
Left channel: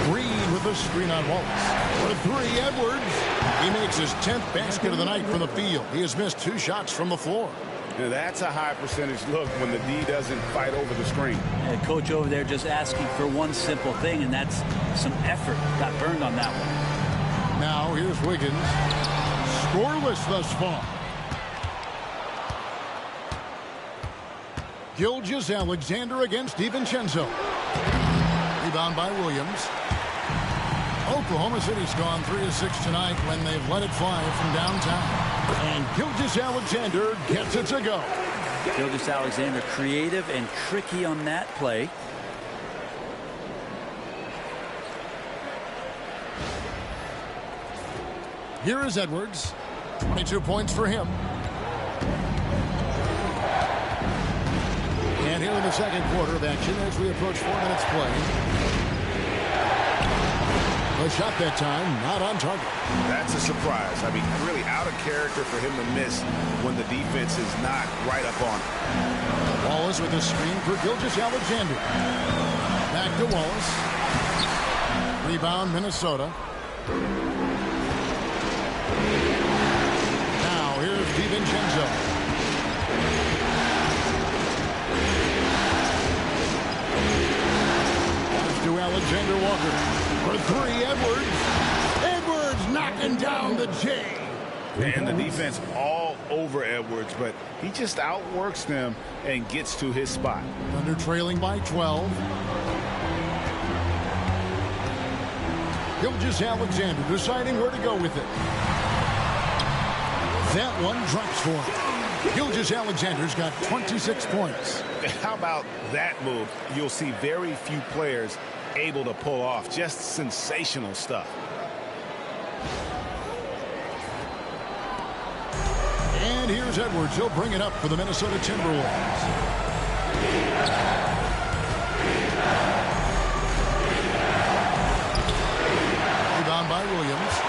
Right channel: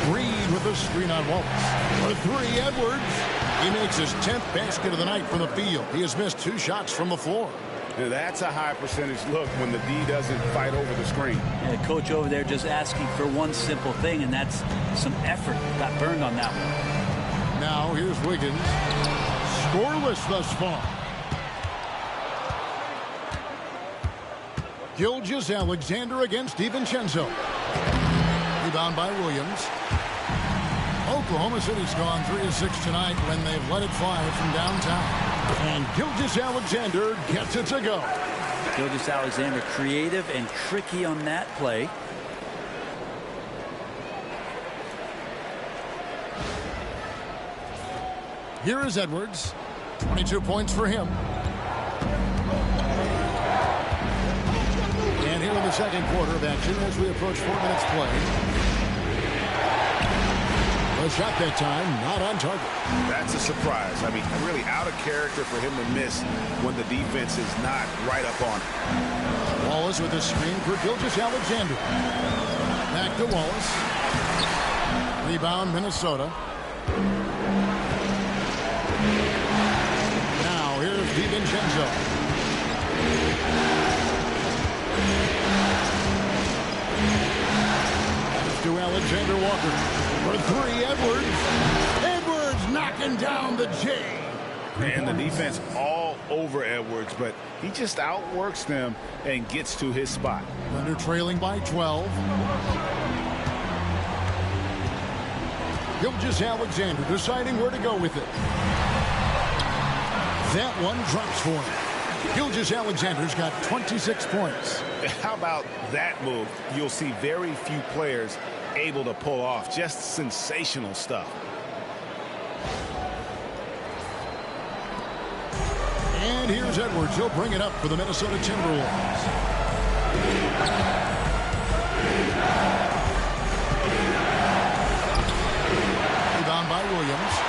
Reed with the screen on Wallace. For 3, Edwards. He makes his 10th basket of the night from the field. He has missed 2 shots from the floor. Now that's a high percentage look when the D doesn't fight over the screen. Yeah, coach over there just asking for one simple thing, and that's some effort. Got burned on that one. Now here's Wiggins. Scoreless thus far. Gilgeous Alexander against DiVincenzo. Rebound by Williams. Oklahoma City's gone 3 of 6 tonight when they've let it fly from downtown. And Gilgeous Alexander gets it to go. Gilgeous Alexander creative and tricky on that play. Here is Edwards. 22 points for him. And here in the second quarter of action as we approach 4 minutes play. A shot that time, not on target. That's a surprise. I mean, really out of character for him to miss when the defense is not right up on him. Wallace with a screen for Gilgeous Alexander. Back to Wallace. Rebound, Minnesota. Now here's DiVincenzo. To Alexander Walker. For 3, Edwards. Edwards knocking down the J. And the defense all over Edwards, but he just outworks them and gets to his spot. Thunder trailing by 12. Gilgeous Alexander deciding where to go with it. That one drops for him. Gilgeous Alexander's got 26 points. How about that move? You'll see very few players able to pull off. Just sensational stuff. And here's Edwards. He'll bring it up for the Minnesota Timberwolves. Rebound by Williams.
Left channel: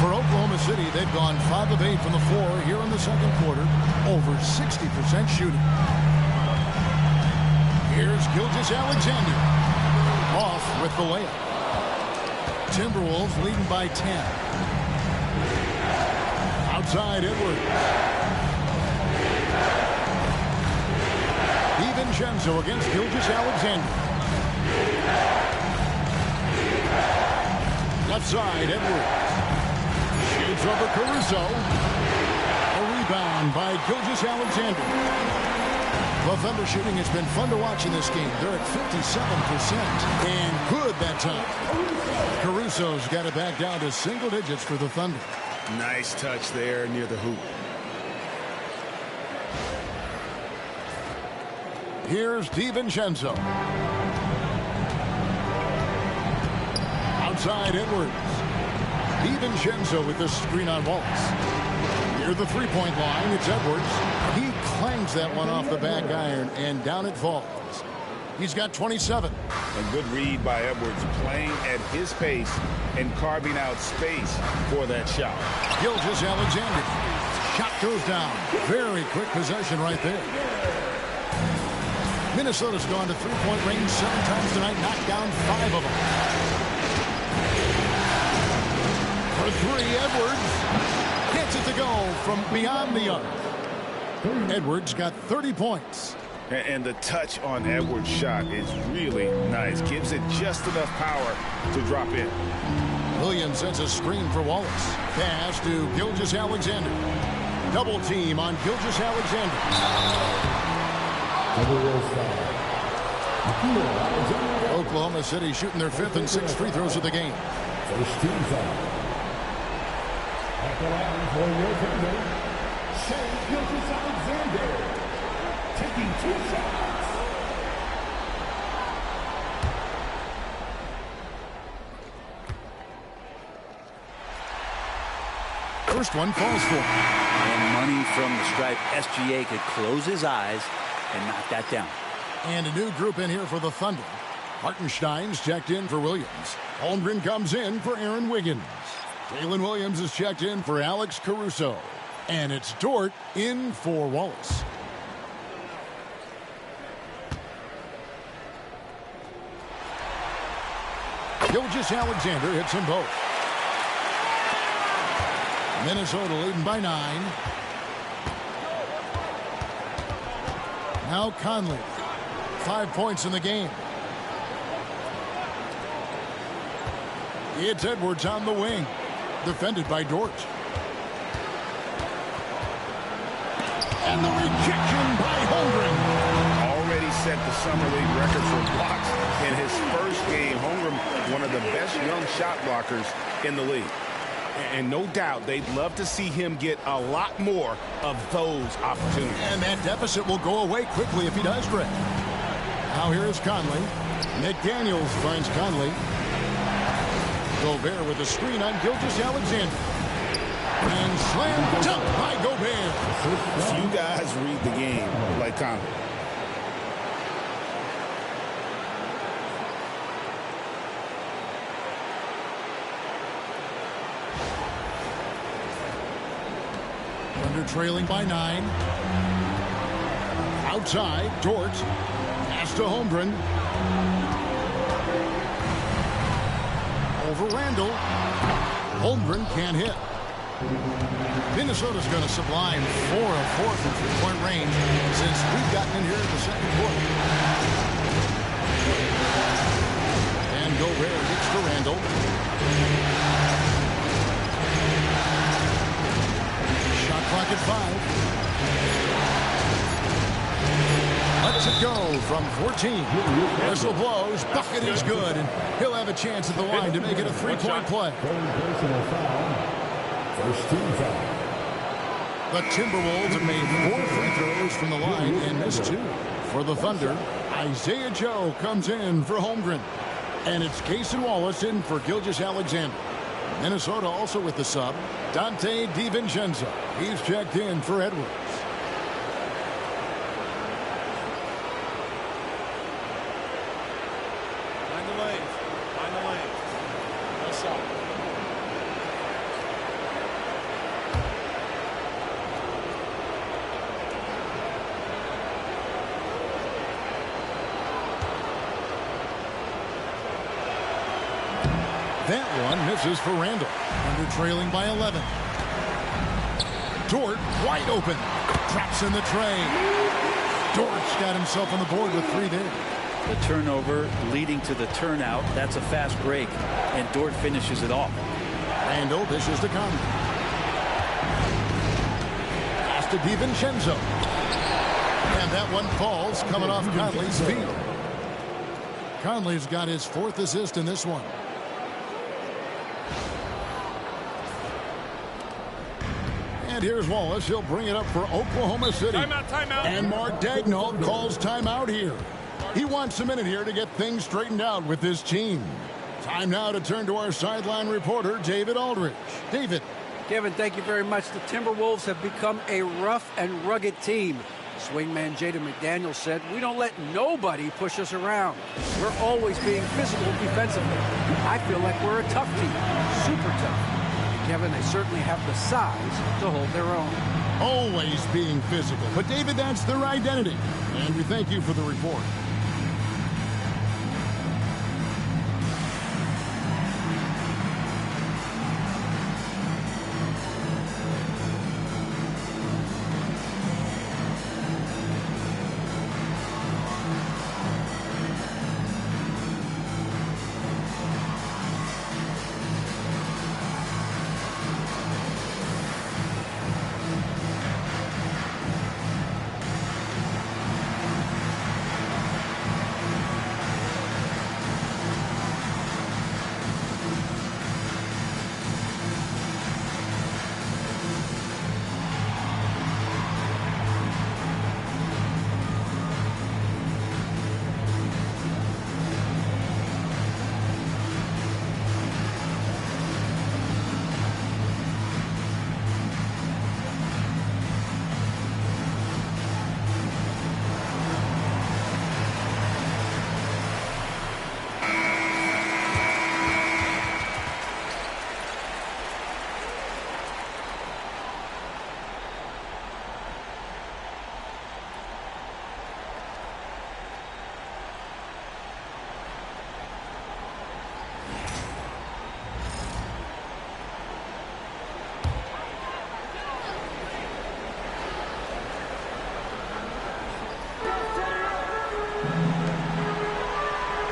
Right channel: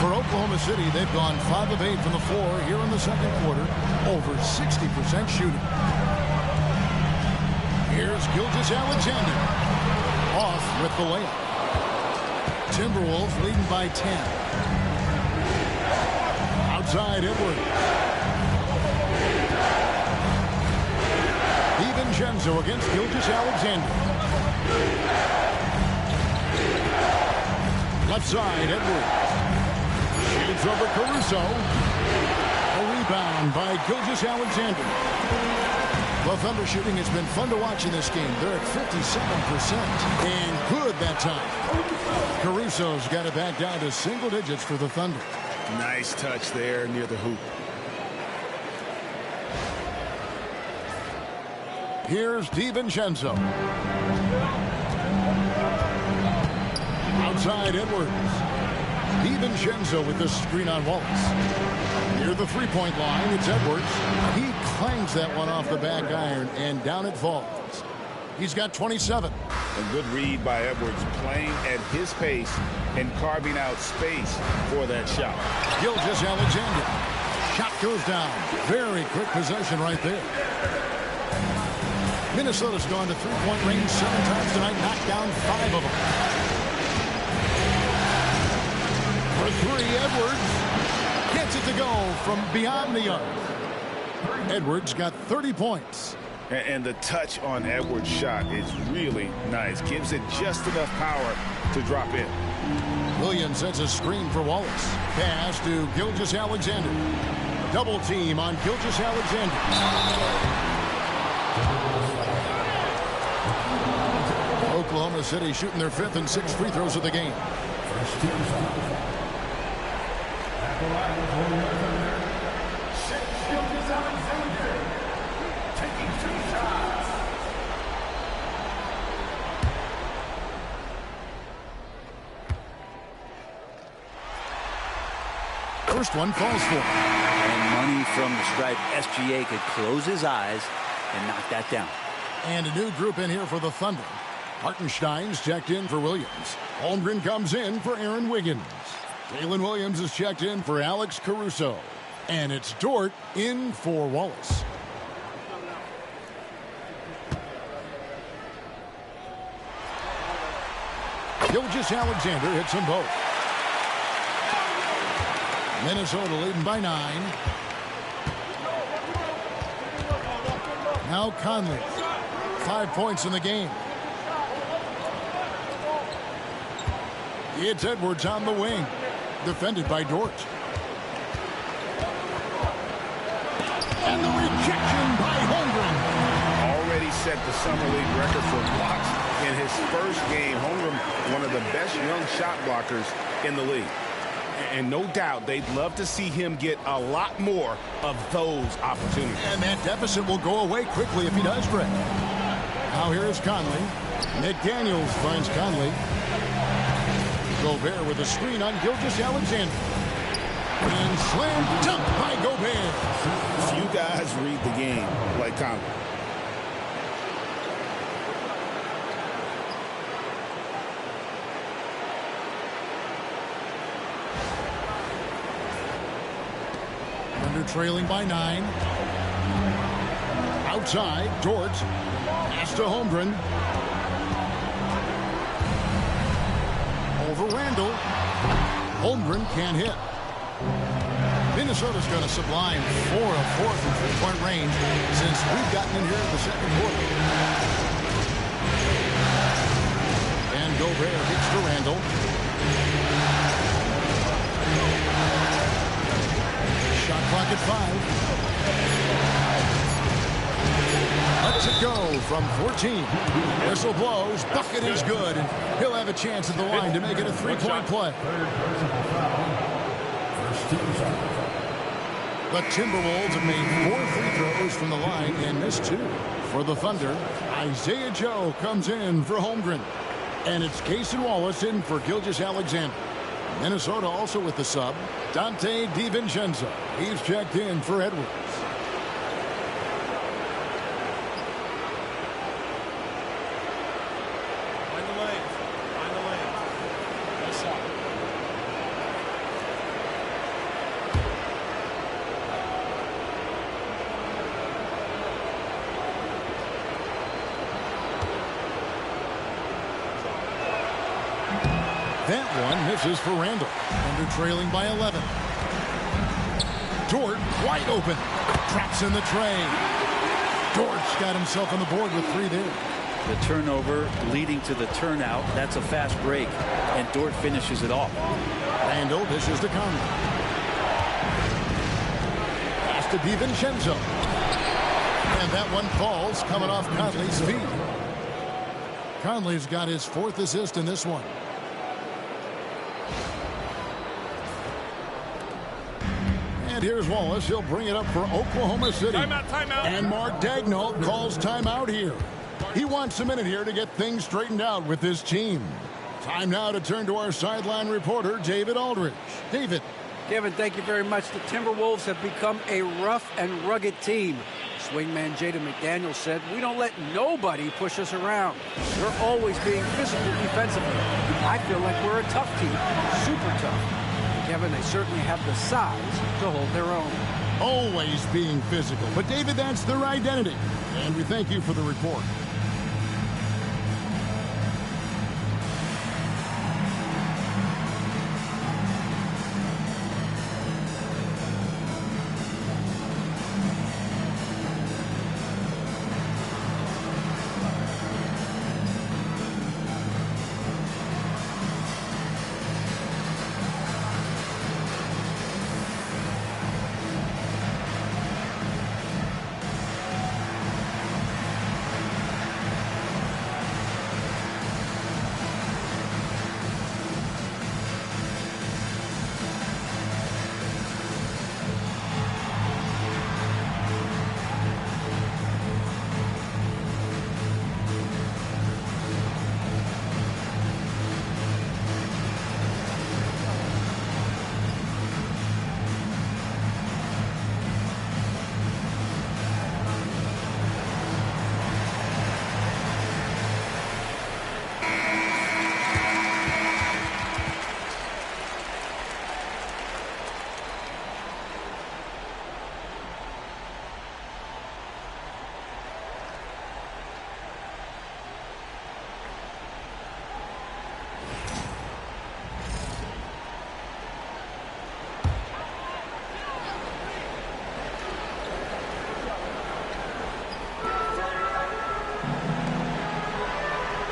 For Oklahoma City, they've gone 5 of 8 from the floor here in the second quarter. Over 60% shooting. Here's Gilgeous-Alexander. Off with the layup. Timberwolves leading by 10. Outside Edwards. DiVincenzo against Gilgeous-Alexander. Left side Edwards. Shoots over Caruso. A rebound by Gilgeous-Alexander. The Thunder shooting has been fun to watch in this game. They're at 57% and good that time. Caruso's got it back down to single digits for the Thunder. Nice touch there near the hoop. Here's DiVincenzo. Outside Edwards. DiVincenzo with the screen on Wallace. Near the three-point line, it's Edwards. He clangs that one off the back iron, and down it falls. He's got 27. A good read by Edwards, playing at his pace and carving out space for that shot. Gilgeous-Alexander. Shot goes down. Very quick possession right there. Minnesota's gone to three-point range 7 times tonight, knocked down 5 of them. For 3, Edwards gets it to go from beyond the arc. Edwards got 30 points. And the touch on Edwards' shot is really nice. Gives it just enough power to drop in. Williams sends a screen for Wallace. Pass to Gilgeous-Alexander. Double team on Gilgeous-Alexander. Oklahoma City shooting their 5th and 6th free throws of the game. First team foul. At the line for your Thunder, Gilgeous-Alexander taking 2 shots. First one falls for him. And money from the stripe. SGA could close his eyes and knock that down. And a new group in here for the Thunder. Hartenstein's checked in for Williams. Holmgren comes in for Aaron Wiggins. Jalen Williams is checked in for Alex Caruso. And it's Dort in for Wallace. Gilgeous-Alexander hits them both. Minnesota leading by 9. Now Conley. 5 points in the game. It's Edwards on the wing. Defended by Dort. And the rejection by Holmgren. Already set the Summer League record for blocks in his first game. Holmgren, one of the best young shot blockers in the league. And no doubt they'd love to see him get a lot more of those opportunities. And that deficit will go away quickly if he does, Greg. Now here is Conley. McDaniels finds Conley. Gobert with a screen on Gilgeous-Alexander. And slam dunk by Gobert. Few guys read the game like Conley. Thunder trailing by 9. Outside, Dort. Pass to Holmgren. Over Randall. Holmgren can't hit. Minnesota's going to sublime 4 of 4 from three-point range since we've gotten in here in the second quarter. And Gobert gets to Randall. Shot clock at 5. Lets it go from 14. Whistle blows. Bucket is good. And he'll have a chance at the line to make it a three-point play. First team foul. The Timberwolves have made 4 free throws from the line and missed 2. For the Thunder, Isaiah Joe comes in for Holmgren. And it's Cason Wallace in for Gilgeous-Alexander. Minnesota also with the sub, Dante DiVincenzo. He's checked in for Edwards. Find the lanes. Find the lanes. Nice shot. That one misses for Randall. Thunder trailing by 11. Dort wide open. Traps in the tray. Dort's got himself on the board with 3 there. The turnover leading to the turnout. That's a fast break. And Dort finishes it off. Randall dishes to Conley. Pass to DiVincenzo. And that one falls coming off Conley's feet. Conley's got his 4th assist in this one. And here's Wallace. He'll bring it up for Oklahoma City. Timeout, timeout. And Mark Daigneault calls timeout here. He wants a minute here to get things straightened out with his team. Time now to turn to our sideline reporter, David Aldridge. David. Kevin, thank you very much. The Timberwolves have become a rough and rugged team. Swingman Jaden McDaniels said, "We don't let nobody push us around. We're always being physical defensively. I feel like we're a tough team, super tough." Kevin, they certainly have the size to hold their own. Always being physical. But, David, that's their identity. And we thank you for the report.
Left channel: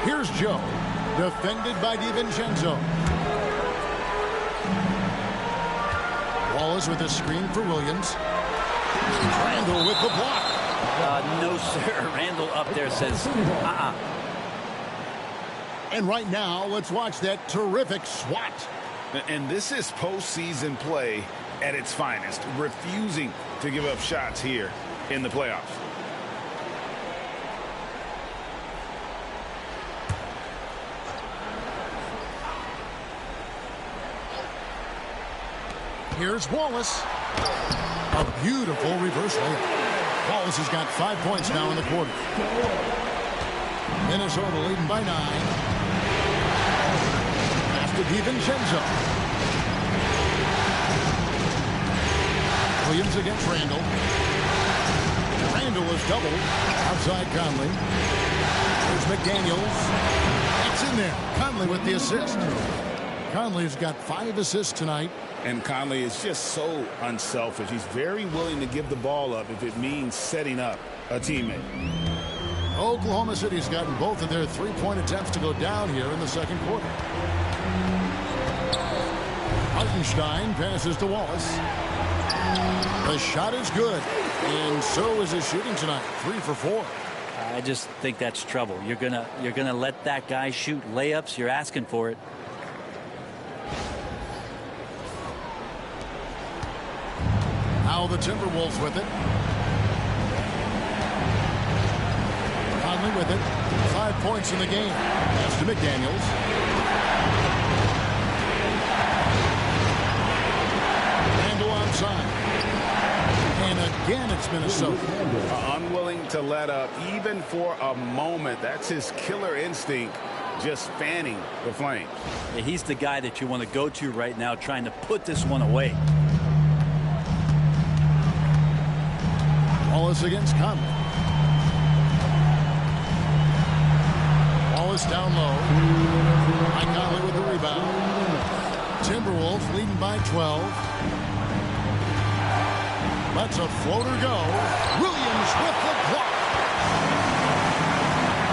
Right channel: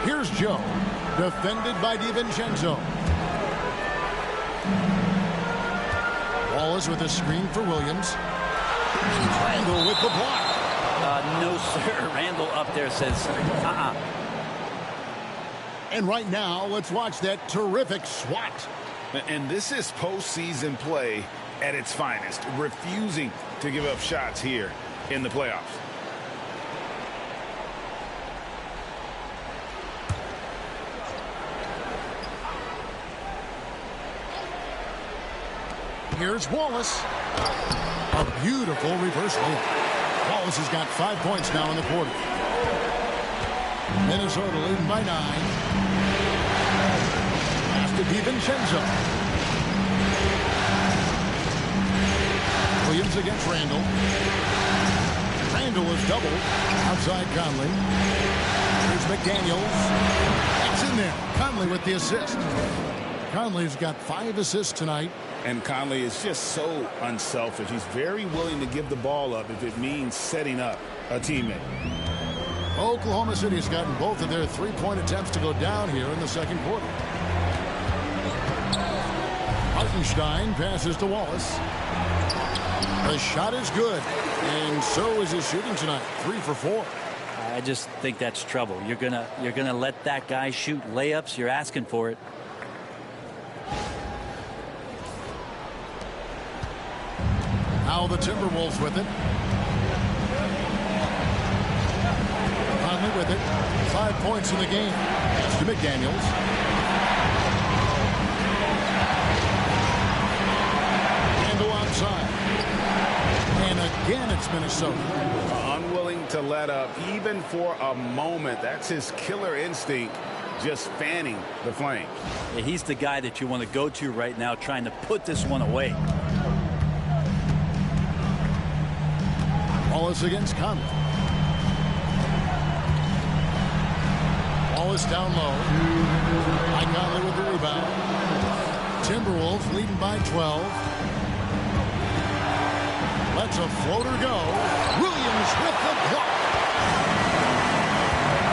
Here's Joe, defended by DiVincenzo. Wallace with a screen for Williams. Randall with the block. No, sir. Randall up there says, And right now, let's watch that terrific swat. And this is postseason play at its finest, refusing to give up shots here in the playoffs. Here's Wallace. A beautiful reverse layup. Wallace has got 5 points now in the quarter. Minnesota leading by 9. Pass to DiVincenzo. Williams against Randall. Randall is doubled. Outside Conley. There's McDaniels. That's in there. Conley with the assist. Conley's got 5 assists tonight. And Conley is just so unselfish. He's very willing to give the ball up if it means setting up a teammate. Oklahoma City's gotten both of their 3-point attempts to go down here in the second quarter. Hartenstein passes to Wallace. The shot is good, and so is his shooting tonight. 3 for 4. I just think that's trouble. You're gonna let that guy shoot layups. You're asking for it. Now the Timberwolves with it. Conley with it. 5 points in the game. Pass to McDaniels. Randall onside. And again, it's Minnesota. Unwilling to let up even for a moment. That's his killer instinct, just fanning the flames. Yeah, he's the guy that you want to go to right now, trying to put this one away. Wallace against Conley. Wallace down low. Mike Conley with the rebound. Timberwolves leading by 12. Lets a floater go. Williams with the block.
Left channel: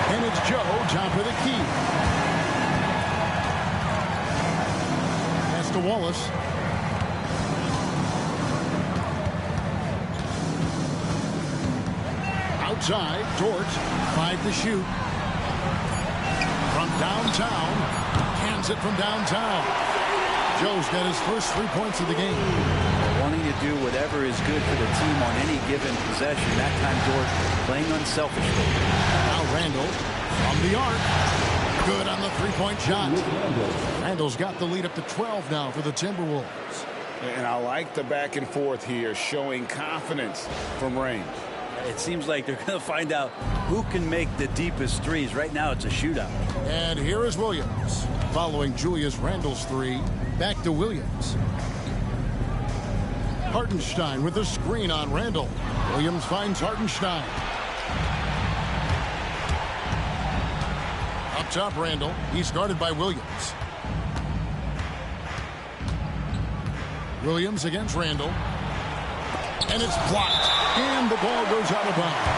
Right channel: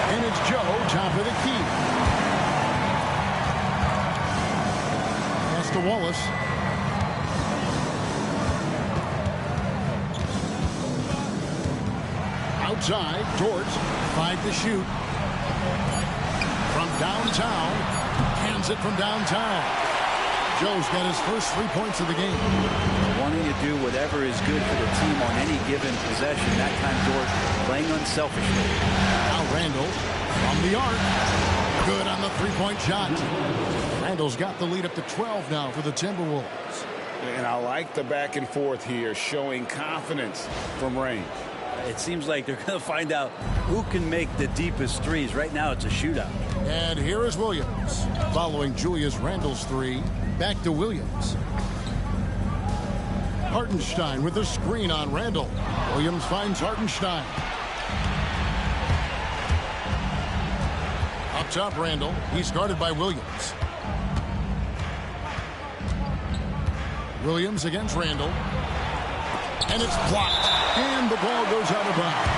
And it's Joe, top of the key. Pass to Wallace. Outside, Dort, 5 to shoot. From downtown, cans it from downtown. Joe's got his first 3 points of the game. Wanting to do whatever is good for the team on any given possession. That time, Dort playing unselfishly. Now Randall from the arc. Good on the three-point shot. Randall's got the lead up to 12 now for the Timberwolves. And I like the back and forth here, showing confidence from range. It seems like they're going to find out who can make the deepest threes. Right now, it's a shootout. And here is Williams. Following Julius Randle's three, back to Williams. Hartenstein with the screen on Randle. Williams finds Hartenstein. Up top, Randle. He's guarded by Williams. Williams against Randle. And it's blocked. And the ball goes out of bounds.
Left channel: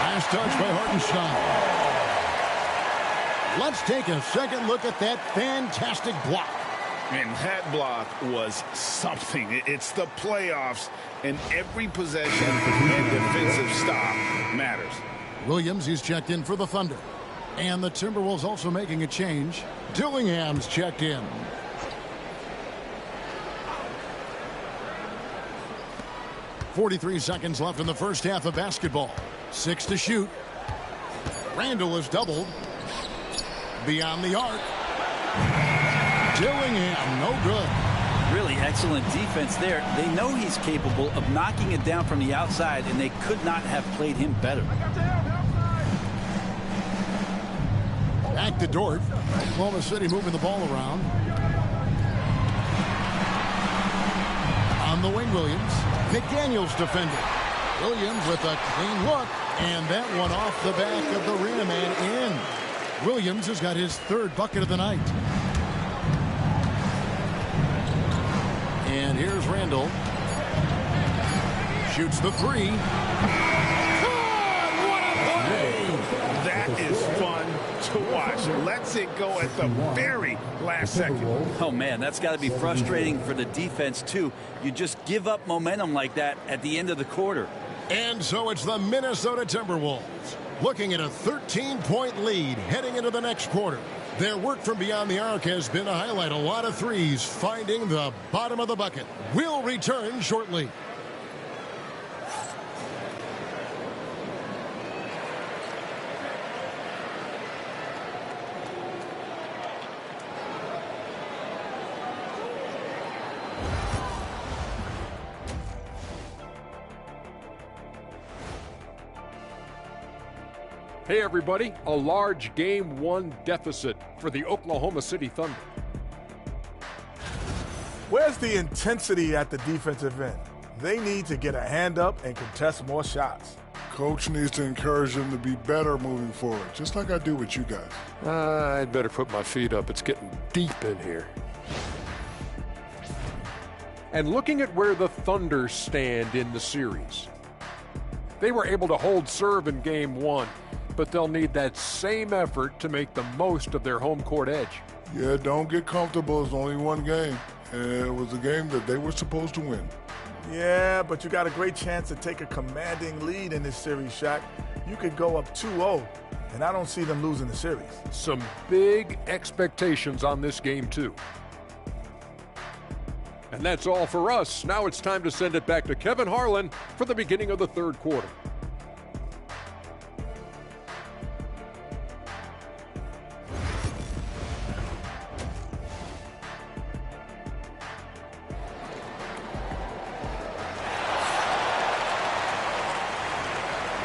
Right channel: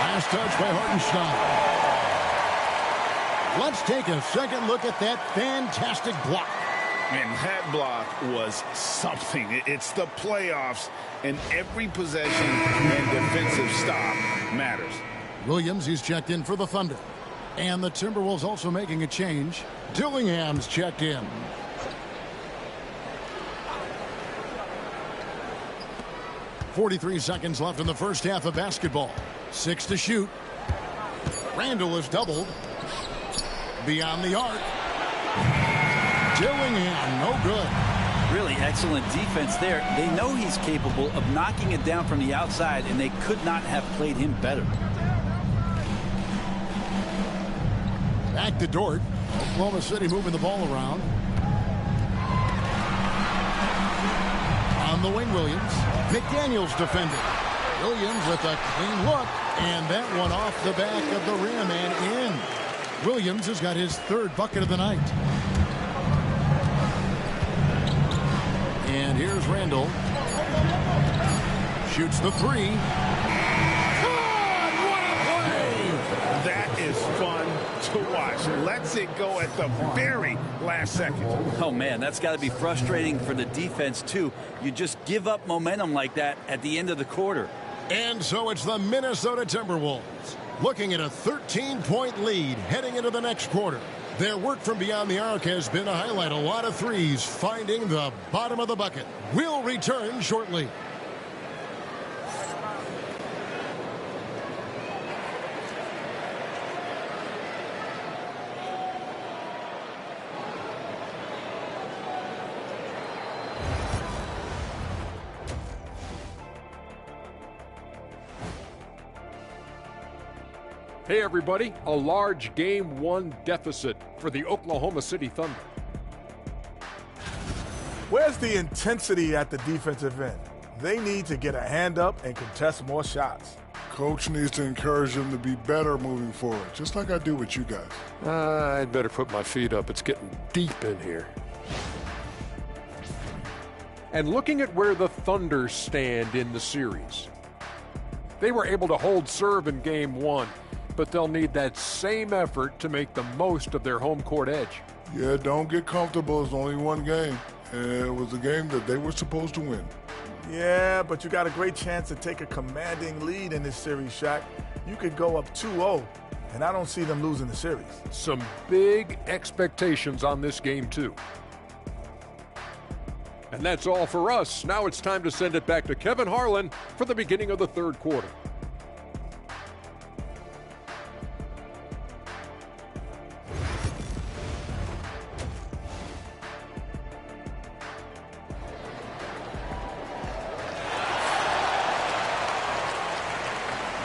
Last touch by Hartenstein. Let's take a second look at that fantastic block. And that block was something. It's the playoffs, and every possession and defensive stop matters. Williams is checked in for the Thunder. And the Timberwolves also making a change. Dillingham's checked in. .43 seconds left in the first half of basketball. 6 to shoot. Randle is doubled. Beyond the arc. Dillingham, no good. Really excellent defense there. They know he's capable of knocking it down from the outside, and they could not have played him better. Back to Dort. Oklahoma City moving the ball around. On the wing, Williams. McDaniels defending. Williams with a clean look, and that one off the back of the rim and in. Williams has got his third bucket of the night. And here's Randle. Shoots the three. God, what a play! That is fun to watch. Lets it go at the very last second. Oh, man, that's got to be frustrating for the defense, too. You just give up momentum like that at the end of the quarter. And so it's the Minnesota Timberwolves looking at a 13-point lead heading into the next quarter. Their work from beyond the arc has been to highlight a lot of threes, finding the bottom of the bucket. We'll return shortly. Hey everybody, a large Game 1 deficit for the Oklahoma City Thunder. Where's the intensity at the defensive end? They need to get a hand up and contest more shots. Coach needs to encourage them to be better moving forward, just like I do with you guys. I'd better put my feet up. It's getting deep in here. And looking at where the Thunder stand in the series. They were able to hold serve in Game 1. But they'll need that same effort to make the most of their home court edge. Yeah, don't get comfortable. It's only one game. And it was a game that they were supposed to win. Yeah, but you got a great chance to take a commanding lead in this series, Shaq. You could go up 2-0, and I don't see them losing the series. Some big expectations on this game, too. And that's all for us. Now it's time to send it back to Kevin Harlan for the beginning of the third quarter.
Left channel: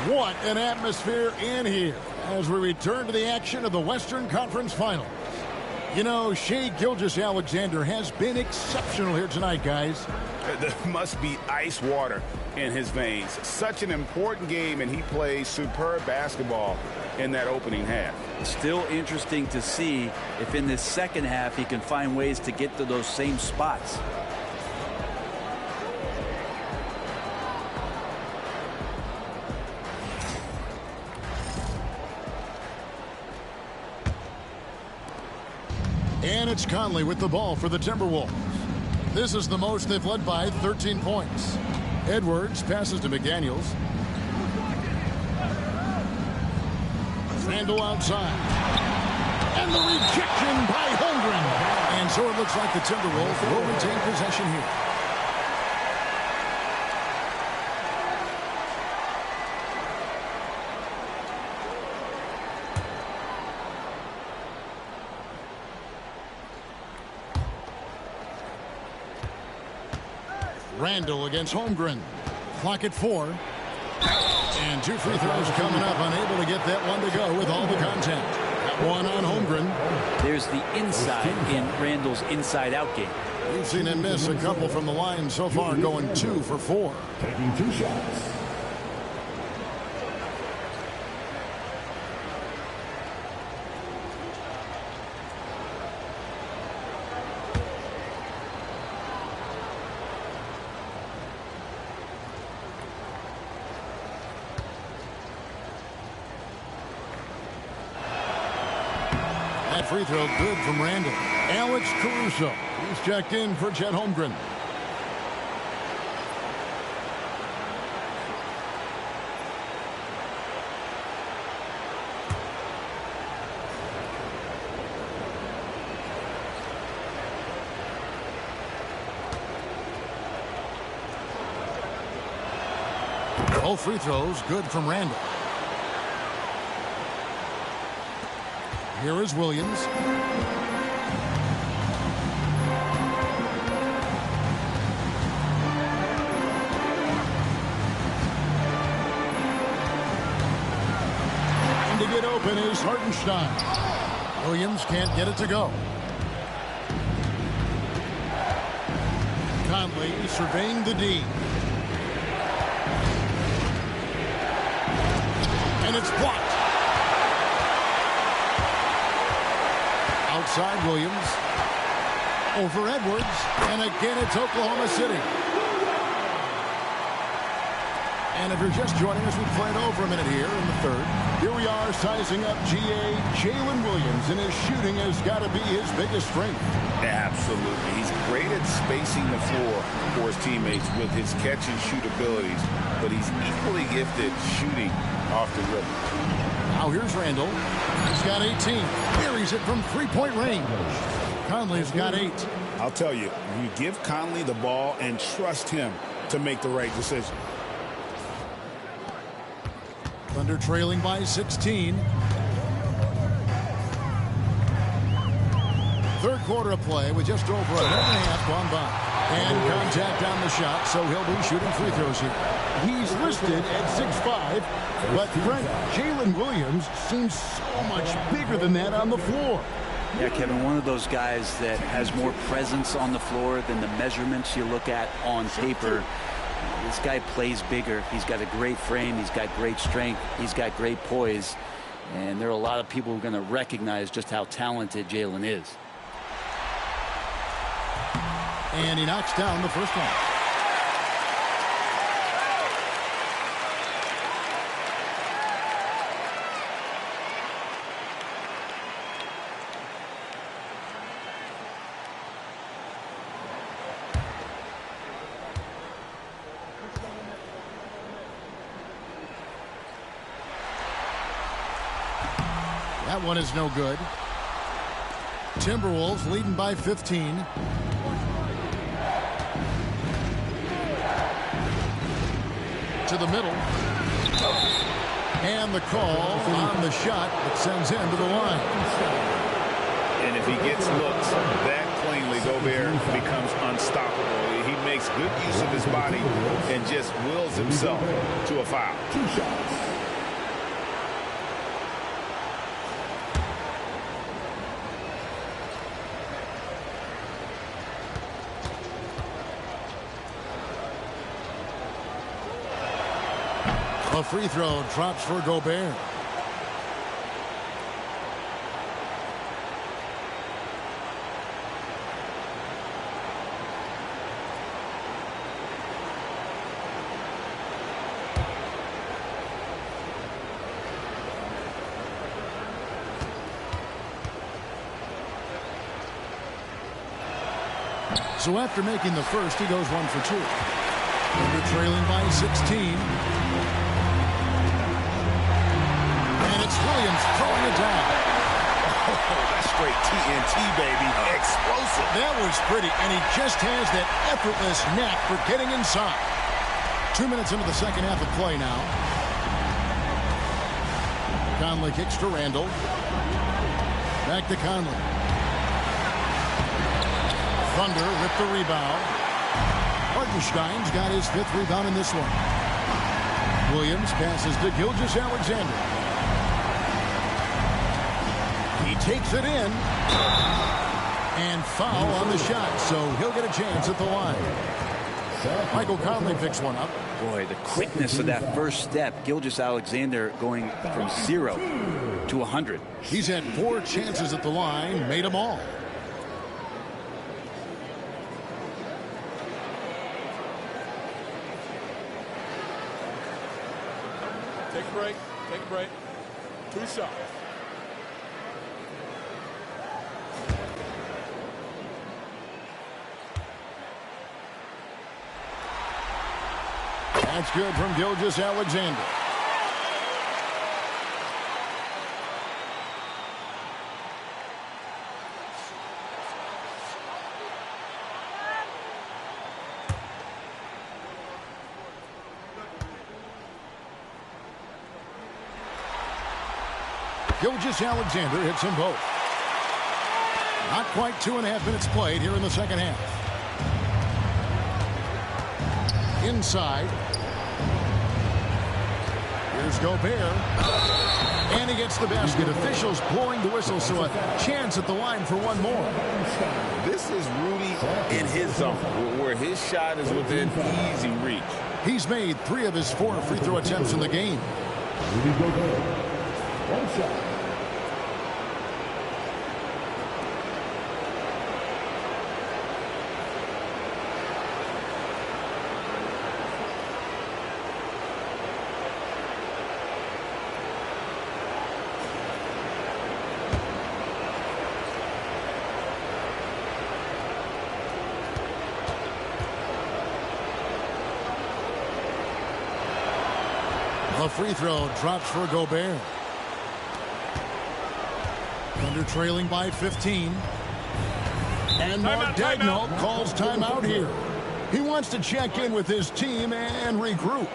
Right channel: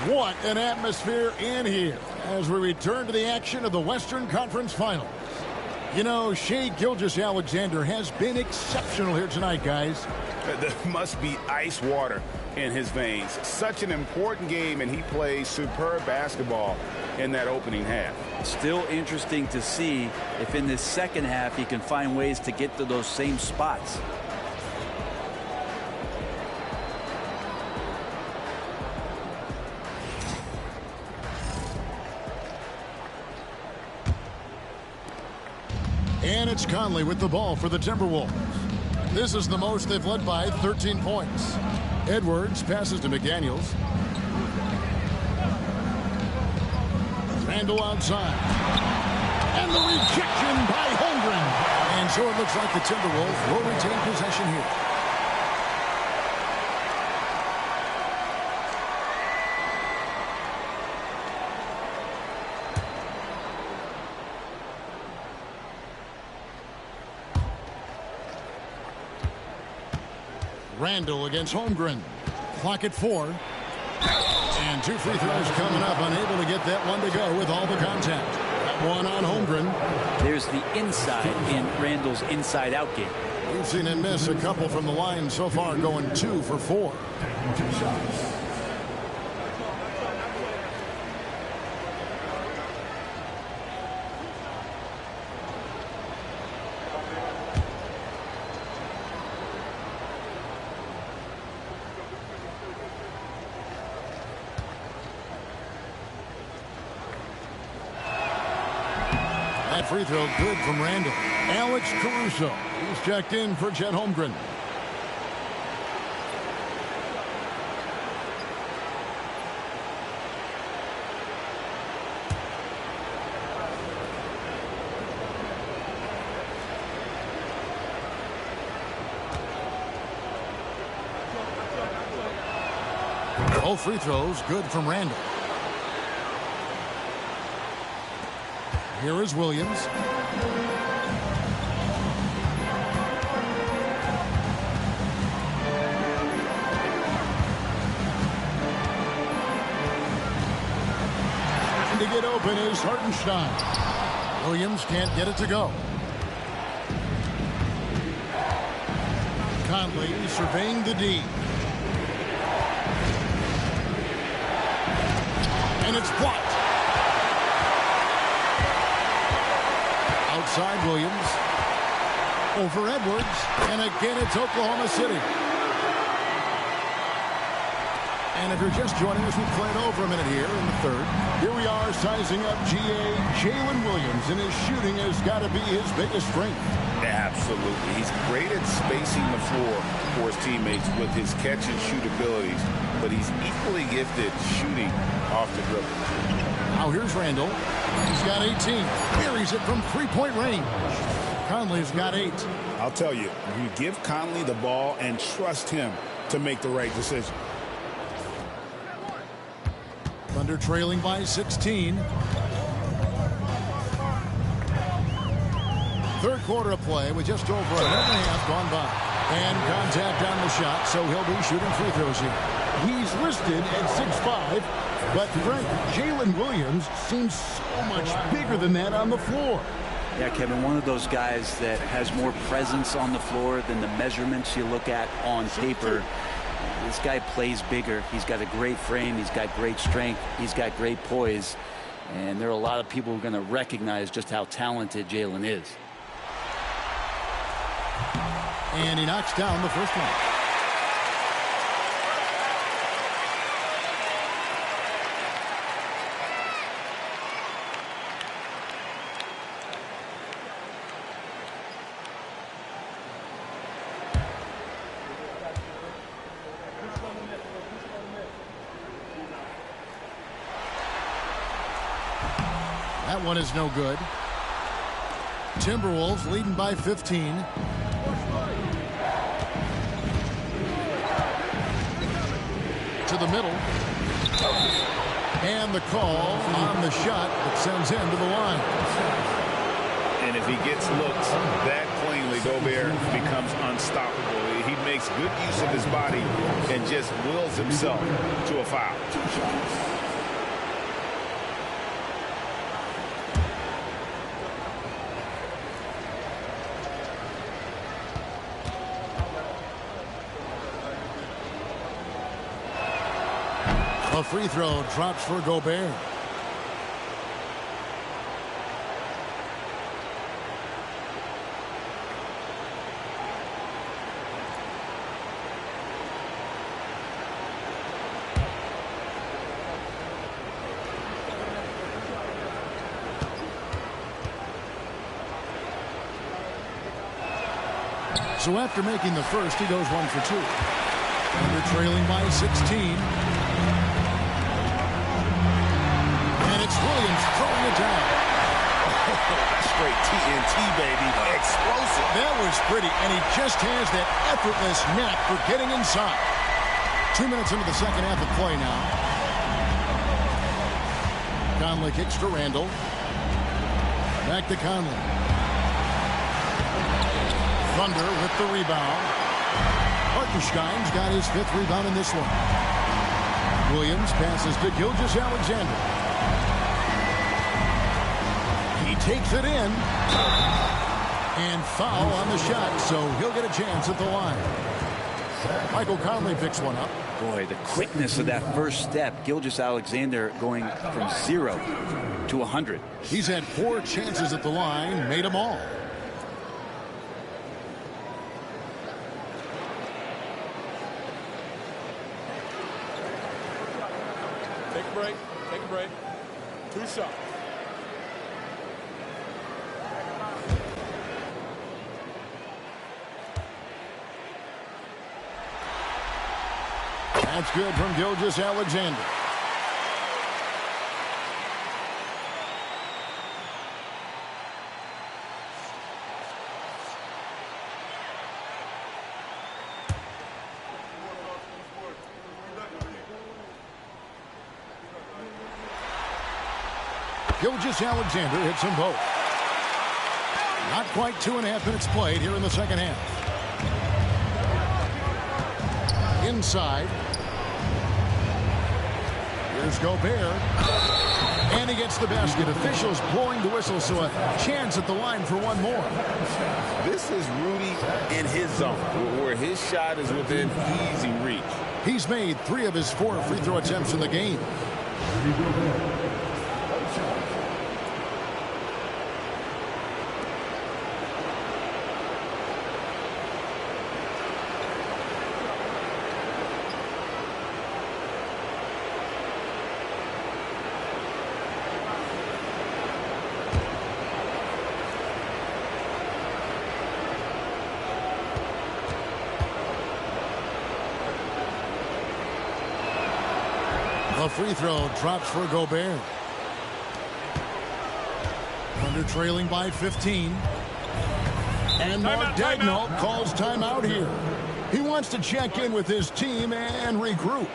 What an atmosphere in here as we return to the action of the Western Conference Finals. You know, Shai Gilgeous-Alexander has been exceptional here tonight, guys. There must be ice water in his veins. Such an important game, and he plays superb basketball in that opening half. Still interesting to see if in this second half he can find ways to get to those same spots. And it's Conley with the ball for the Timberwolves. This is the most they've led by 13 points. Edwards passes to McDaniels. Randle outside. And the rejection by Holmgren. And so it looks like the Timberwolves will retain possession here. Randle against Holmgren. Clock at 4. And 2 free throws coming up. Unable to get that one to go with all the contact. That one on Holmgren. There's the inside in Randle's inside-out game. We've seen him miss a couple from the line so far, going 2 for 4. Taking 2 shots. That free throw good from Randle. Alex Caruso. He's checked in for Chet Holmgren. Both free throws good from Randle. Here is Williams. Trying to get open is Hartenstein. Williams can't get it to go. Conley surveying the D. And it's blocked. Outside Williams. Over Edwards. And again, it's Oklahoma City. And if you're just joining us, we've played over a minute here in the third. Here we are sizing up GA Jalen Williams, and his shooting has got to be his biggest strength. Absolutely. He's great at spacing the floor for his teammates with his catch and shoot abilities, but he's equally gifted shooting off the dribble. Now here's Randle. He's got 18. Buries it from three-point range. Conley's got 8. I'll tell you, you give Conley the ball and trust him to make the right decision. Thunder trailing by 16. Third quarter of play with just over a minute and a half gone by. And contact on the shot, so he'll be shooting free throws here. He's listed at 6'5", but Frank, Jalen Williams seems so much bigger than that on the floor. Yeah, Kevin, one of those guys that has more presence on the floor than the measurements you look at on paper. This guy plays bigger. He's got a great frame. He's got great strength. He's got great poise. And there are a lot of people who are going to recognize just how talented Jalen is. And he knocks down the first one. That one is no good. Timberwolves leading by 15. To the middle. And the call on the shot that sends him to the line. And if he gets looks that cleanly, Gobert becomes unstoppable. He makes good use of his body and just wills himself to a foul. 2 shots. The free throw drops for Gobert. So after making the first, he goes 1 for 2. Thunder trailing by 16. And it's Williams throwing it down. Oh, that's straight TNT, baby. Explosive. That was pretty, and he just has that effortless knack for getting inside. 2 minutes into the second half of play now. Conley kicks to Randall. Back to Conley. Thunder with the rebound. Hartenstein's got his 5th rebound in this one. Williams passes to Gilgeous-Alexander. He takes it in. And foul on the shot, so he'll get a chance at the line. Michael Conley picks one up. Boy, the quickness of that first step. Gilgeous-Alexander going from 0 to 100. He's had 4 chances at the line, made them all. Take a break. Take a break. 2 shots. That's good from Gilgeous-Alexander. Gilgeous-Alexander hits them both. Not quite 2.5 minutes played here in the second half. Inside. Here's Gobert. And he gets the basket. Officials blowing the whistle, so a chance at the line for one more. This is Rudy in his zone, where his shot is within easy reach. He's made 3 of his 4 free throw attempts in the game. The free throw drops for Gobert. Thunder trailing by 15. And Mark Daigneault calls timeout here. He wants to check in with his team and regroup.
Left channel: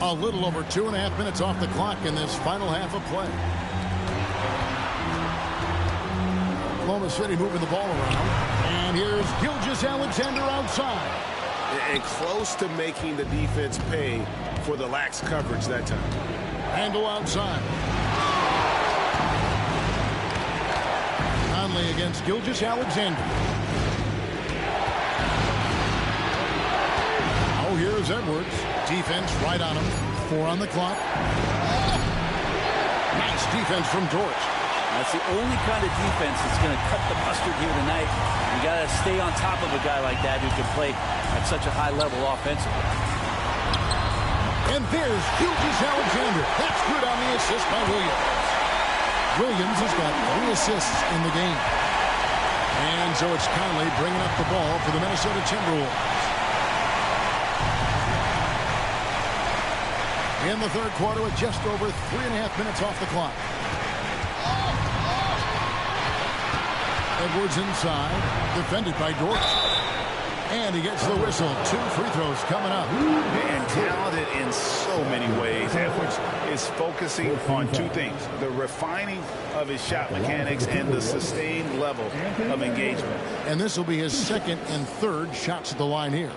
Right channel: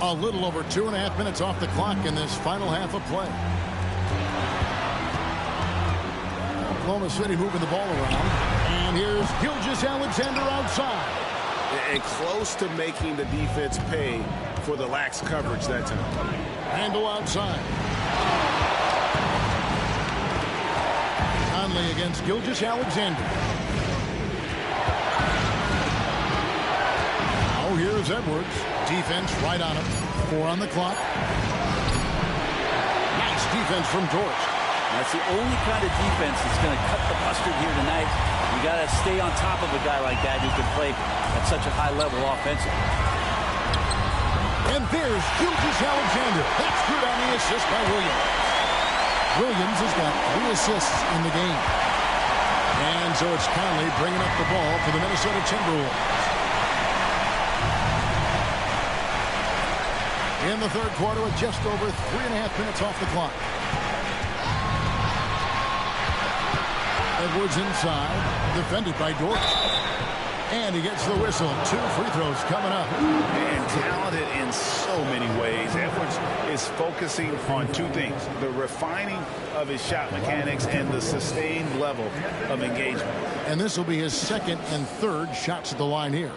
A little over 2.5 minutes off the clock in this final half of play. Oklahoma City moving the ball around. And here's Gilgeous-Alexander outside. And close to making the defense pay for the lax coverage that time. Randall outside. Conley against Gilgeous-Alexander. Oh, here's Edwards. Defense right on him. 4 on the clock. Nice defense from Dort. That's the only kind of defense that's going to cut the mustard here tonight. You got to stay on top of a guy like that who can play at such a high level offensively. And there's Gilgeous-Alexander. That's good on the assist by Williams. Williams has got 3 assists in the game. And so it's Conley bringing up the ball for the Minnesota Timberwolves. In the third quarter with just over 3.5 minutes off the clock. Edwards inside, defended by Dort. And he gets the whistle. 2 free throws coming up. And talented in so many ways. Edwards is focusing on 2 things. The refining of his shot mechanics and the sustained level of engagement. And this will be his 2nd and 3rd shots at the line here.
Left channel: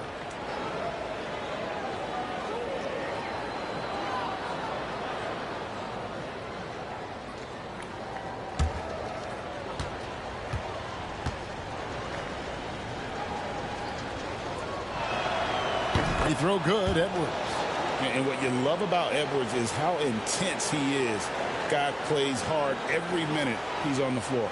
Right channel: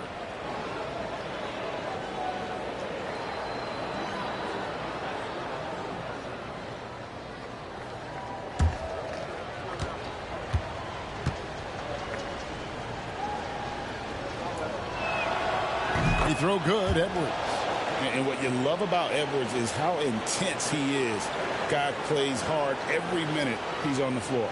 He throw good, Edwards. And what you love about Edwards is how intense he is. Guy plays hard every minute he's on the floor.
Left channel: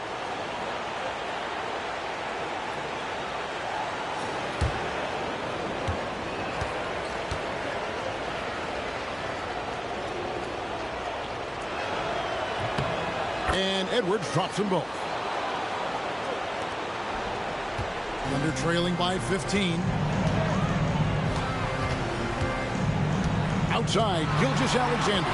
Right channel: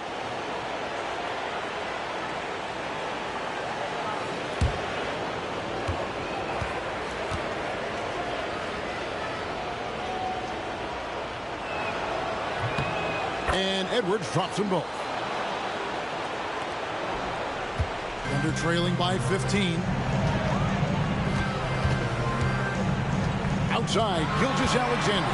And Edwards drops them both. Thunder trailing by 15. Outside, Gilgeous-Alexander.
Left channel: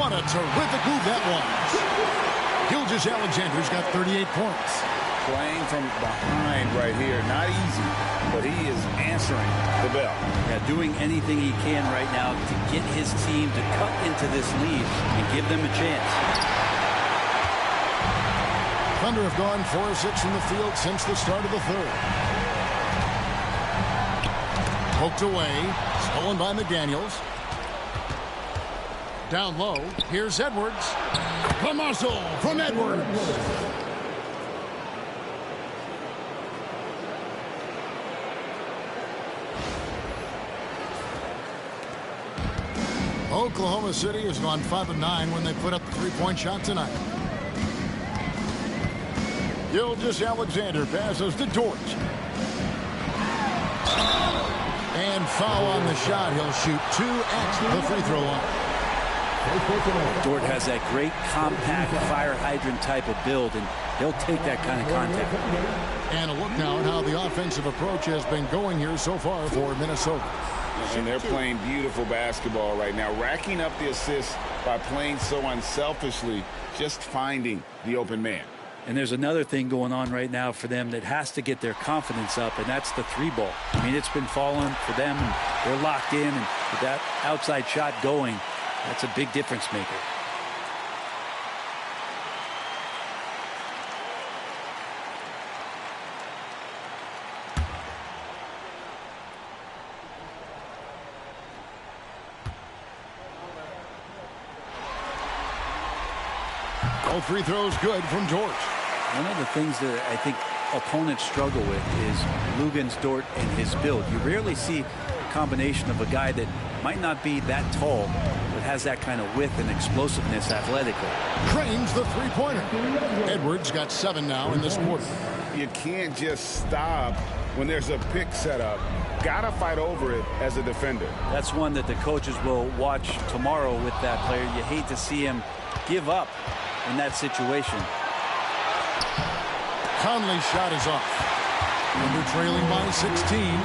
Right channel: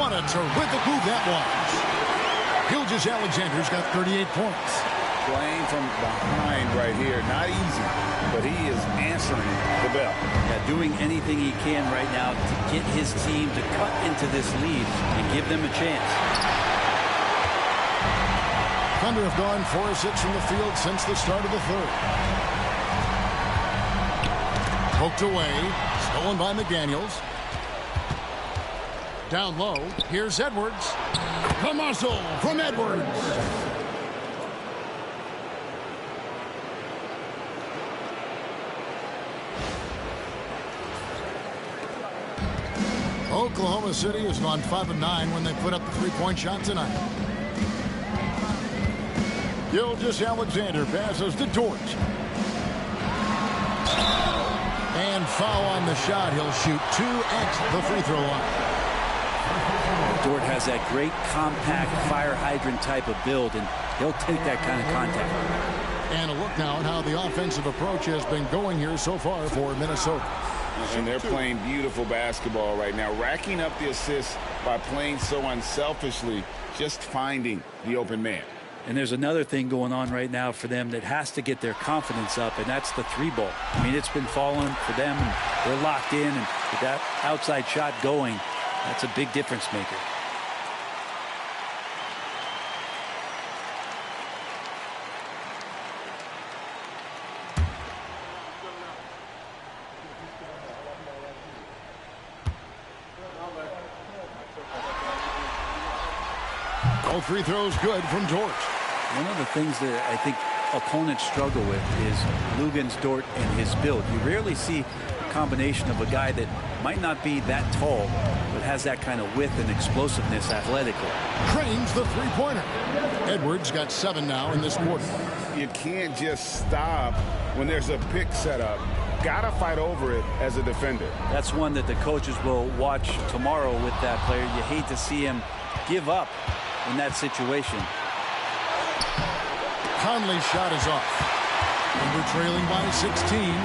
What a terrific move that was. Gilgeous-Alexander's got 38 points. Playing from behind right here. Not easy, but he is answering the bell. Yeah, doing anything he can right now to get his team to cut into this lead and give them a chance. Thunder have gone 4 of 6 from the field since the start of the third. Poked away. Stolen by McDaniels. Down low. Here's Edwards. The muscle from Edwards. Oklahoma City has gone 5 of 9 when they put up the 3-point shot tonight. Gilgeous-Alexander passes to Dort. And foul on the shot. He'll shoot 2 at the free throw line. Dort has that great compact fire hydrant type of build, and he'll take that kind of contact. And a look now at how the offensive approach has been going here so far for Minnesota. And they're playing beautiful basketball right now, racking up the assists by playing so unselfishly, just finding the open man. And there's another thing going on right now for them that has to get their confidence up, and that's the 3-ball. I mean, it's been falling for them, and they're locked in, and with that outside shot going, that's a big difference maker. All free throws good from Dort. One of the things that I think opponents struggle with is Luguentz Dort and his build. You rarely see a combination of a guy that might not be that tall, but has that kind of width and explosiveness athletically. Cranes the 3-pointer. Edwards got 7 now in this quarter. You can't just stop when there's a pick set up. Gotta fight over it as a defender. That's one that the coaches will watch tomorrow with that player. You hate to see him give up in that situation. Conley's shot is off. Thunder trailing by 16.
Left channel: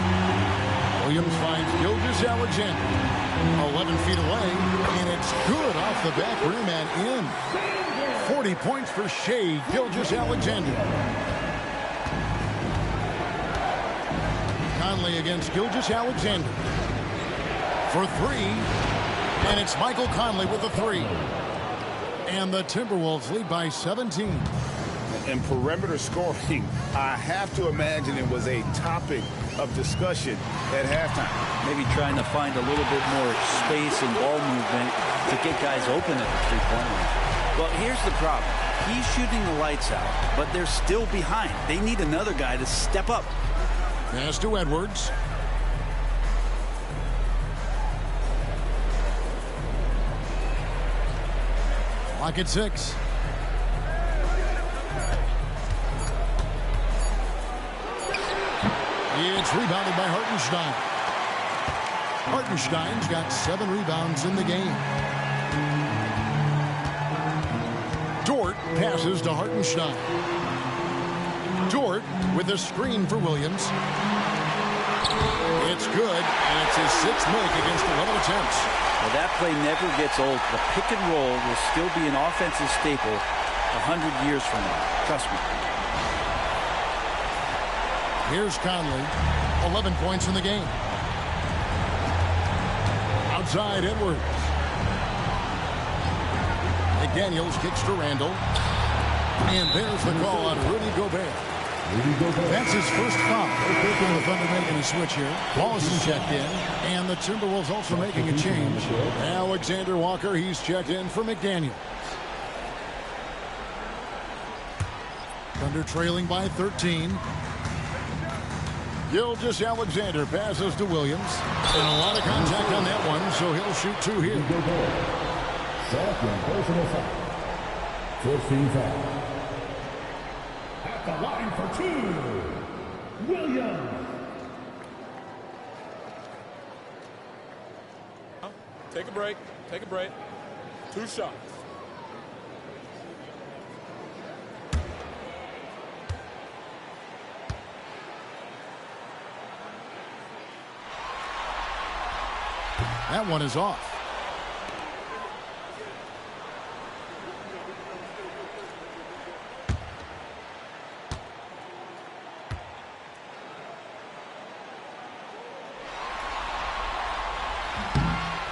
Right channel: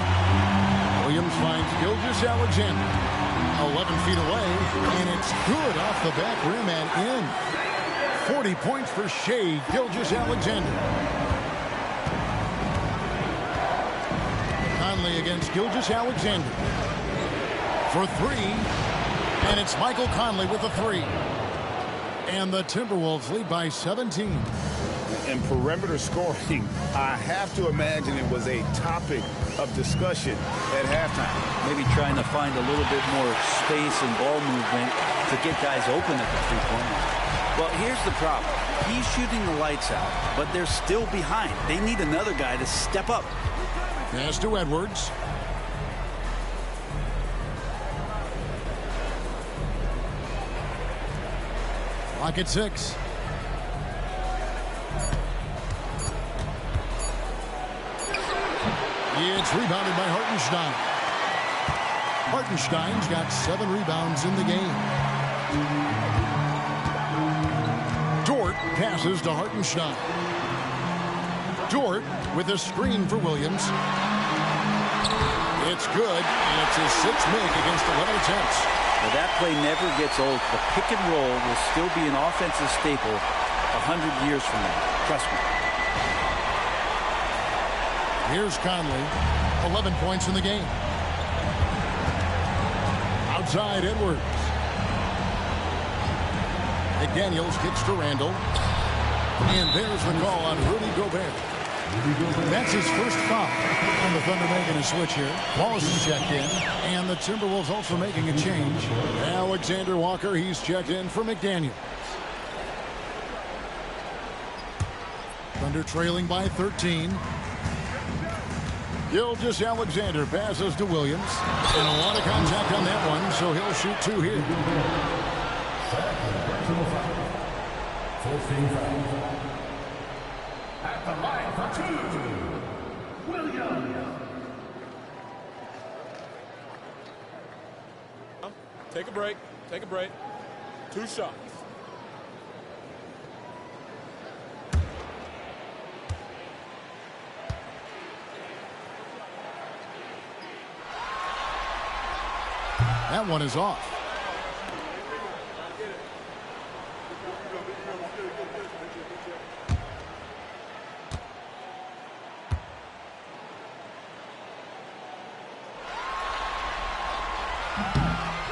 Williams finds Gilgeous-Alexander 11 feet away, and it's good off the back rim and in. 40 points for Shai Gilgeous-Alexander. Conley against Gilgeous-Alexander. for three. And it's Michael Conley with the three. And the Timberwolves lead by 17. And perimeter scoring, I have to imagine it was a topic of discussion at halftime. Maybe trying to find a little bit more space and ball movement to get guys open at the three-point line. Well, here's the problem. He's shooting the lights out, but they're still behind. They need another guy to step up. Pass to Edwards. Clock at 6. It's rebounded by Hartenstein. Hartenstein's got 7 rebounds in the game. Dort passes to Hartenstein. Dort with a screen for Williams. It's good, and it's his 6th make against 11 attempts. Well, that play never gets old. The pick and roll will still be an offensive staple 100 years from now. Trust me. Here's Conley. 11 points in the game. Outside Edwards. McDaniels kicks to Randall. And there's the call on Rudy Gobert. That's his first foul. And the Thunder making a switch here. Wallace is checked in. And the Timberwolves also making a change. Alexander Walker, he's checked in for McDaniels. Thunder trailing by 13. Gilgeous-Alexander passes to Williams. And a lot of contact on that one, so he'll shoot 2 here. Second personal foul. 14 fouls. At the line for 2, Williams. Take a break. Take a break. 2 shots. That one is off.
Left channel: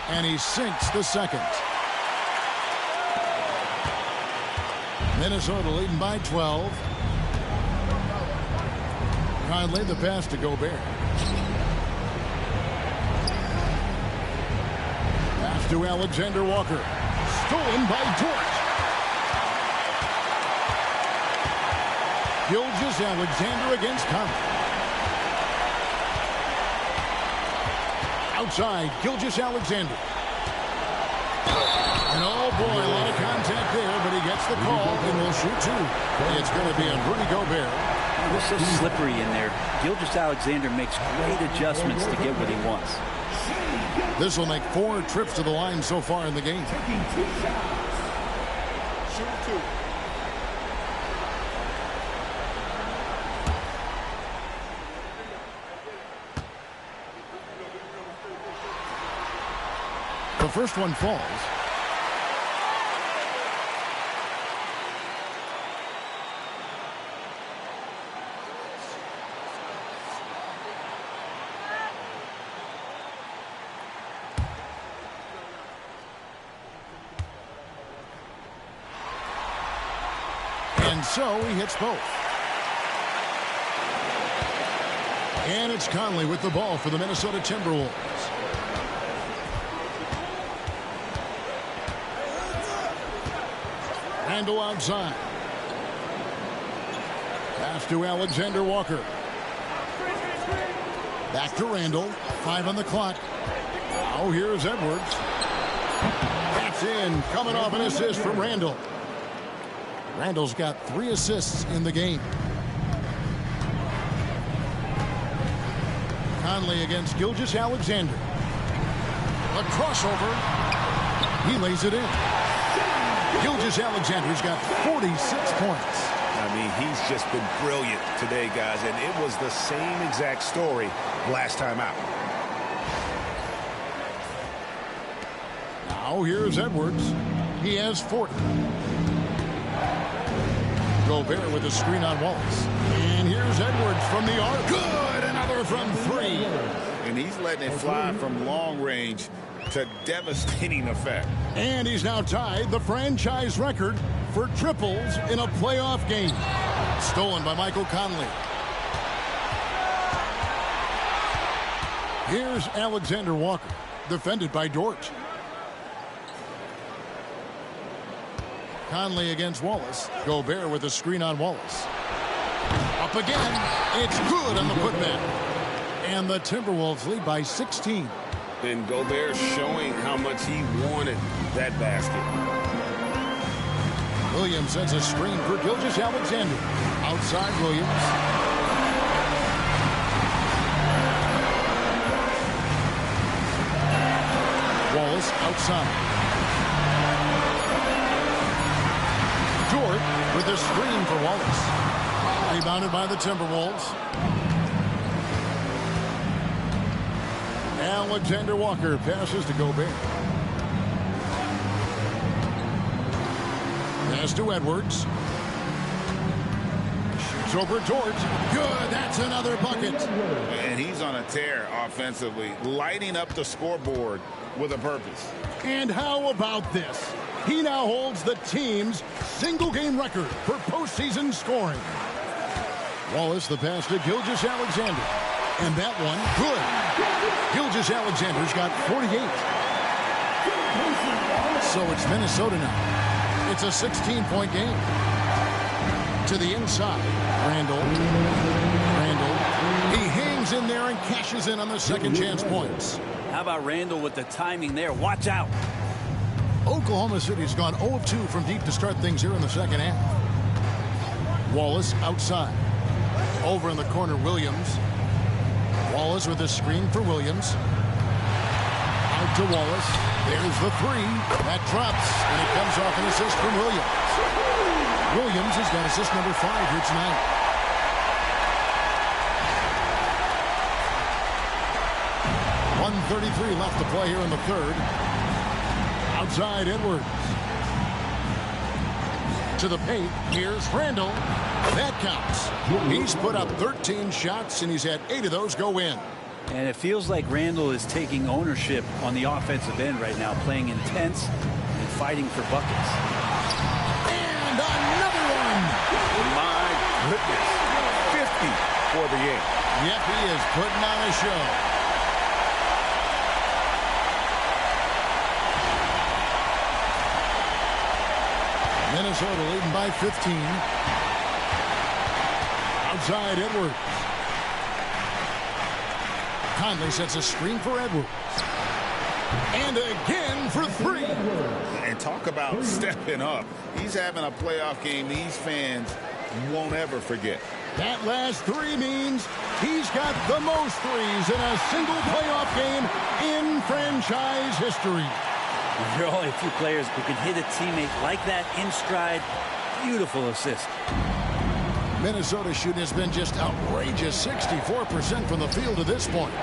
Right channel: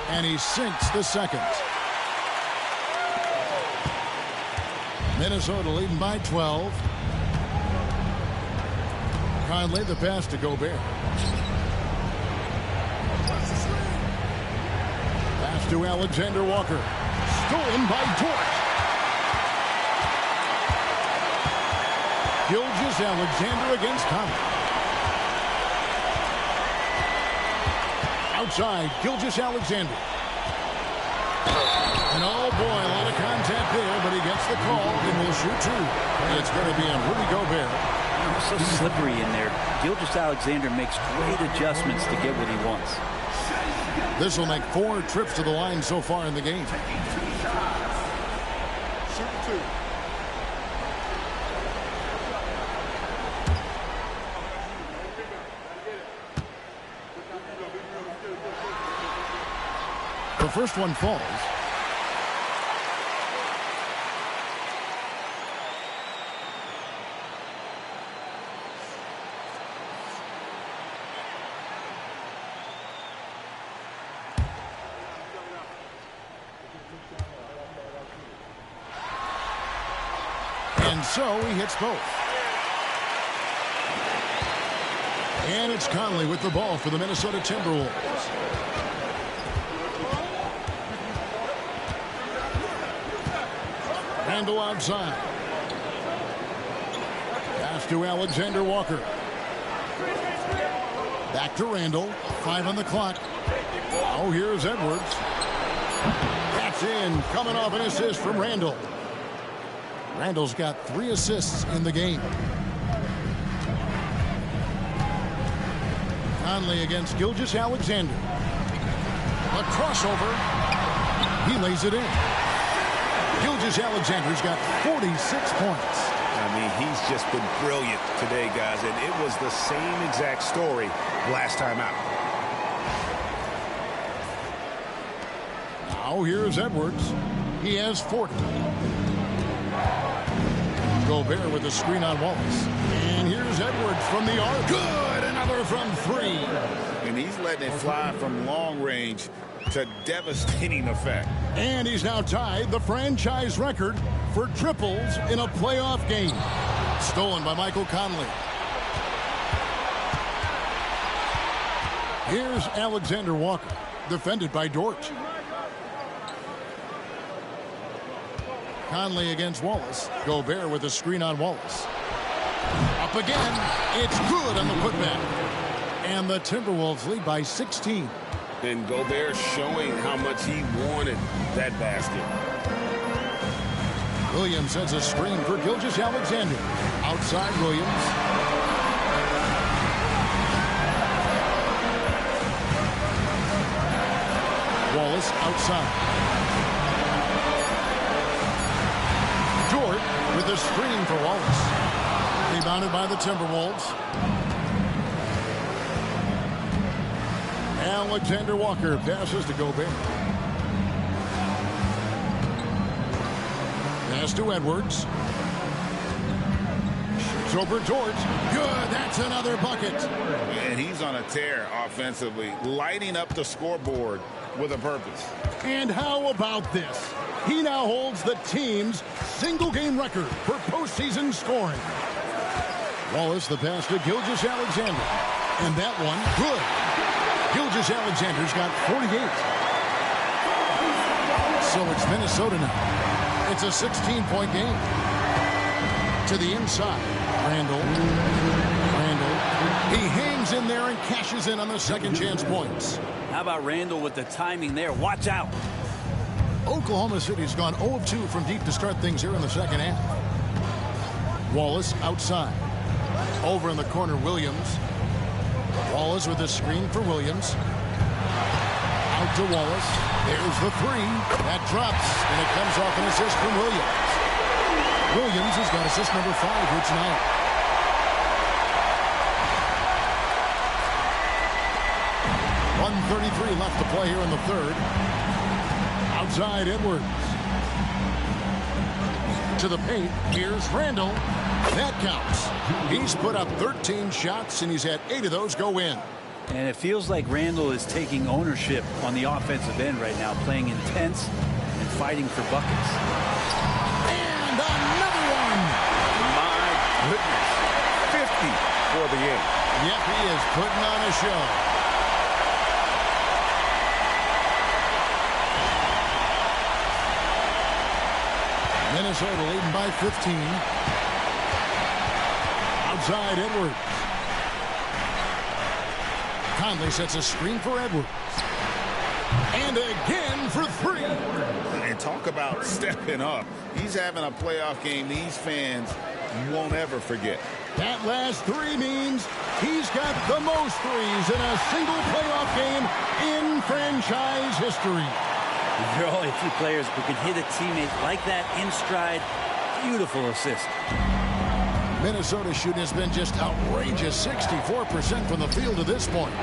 And he sinks the second. Minnesota leading by 12. Conley the pass to Gobert. Pass to Alexander Walker. Stolen by Dort. Gilgeous-Alexander against Conley. Outside, Gilgeous-Alexander. And oh boy, a lot of contact there, but he gets the call and will shoot 2. It's going to be on Rudy Gobert. Oh, it's so slippery in there. Gilgeous-Alexander makes great adjustments to get what he wants. This will make 4 trips to the line so far in the game. Shooting 2. The first one falls. And so he hits both. And it's Conley with the ball for the Minnesota Timberwolves. Randall outside. Pass to Alexander Walker. Back to Randall. 5 on the clock. Now here's Edwards. That's in. Coming off an assist from Randall. Randall's got 3 assists in the game. Conley against Gilgeous-Alexander. A crossover. He lays it in. Gilgeous-Alexander's got 46 points. I mean, he's just been brilliant today, guys, and it was the same exact story last time out. Now here's Edwards. He has 40. Gobert with a screen on Wallace. And here's Edwards from the arc. Good! Another from 3. And he's letting it fly from long range to devastating effect. And he's now tied the franchise record for triples in a playoff game. Stolen by Michael Conley. Here's Alexander Walker, defended by Dort. Conley against Wallace. Gobert with a screen on Wallace. Up again. It's good on the putback. And the Timberwolves lead by 16. And Gobert showing how much he wanted that basket. Williams sets a screen for Gilgeous-Alexander. Outside Williams. Wallace outside. Dort with a screen for Wallace. Rebounded by the Timberwolves. Alexander Walker passes to Gobert. Pass to Edwards. Shoots over Dort. Good. That's another bucket. And he's on a tear offensively, lighting up the scoreboard with a purpose. And how about this? He now holds the team's single-game record for postseason scoring. Wallace the pass to Gilgeous-Alexander. And that one, good. Gilgeous-Alexander's got 48. So it's Minnesota now. It's a 16-point game. To the inside, Randall. He hangs in there and cashes in on the second chance points. How about Randall with the timing there? Watch out. Oklahoma City's gone 0 of 2 from deep to start things here in the second half. Wallace outside. Over in the corner, Williams. Wallace with a screen for Williams. Out to Wallace. There's the three. That drops, and it comes off an assist from Williams. Williams has got assist number 5 here tonight. .133 left to play here in the third. Outside Edwards. To the paint. Here's Randall. That counts. He's put up 13 shots, and he's had 8 of those go in. And it feels like Randall is taking ownership on the offensive end right now, playing intense and fighting for buckets. And another one. My goodness. 50 for the game. Yep, he is putting on a show. Minnesota leading by 15. Outside Edwards. Conley sets a screen for Edwards. And again for 3. And talk about stepping up. He's having a playoff game these fans won't ever forget. That last 3 means he's got the most threes in a single playoff game in franchise history. There are only a few players who can hit a teammate like that in stride. Beautiful assist. Minnesota shooting has been just outrageous. 64% from the field to this point.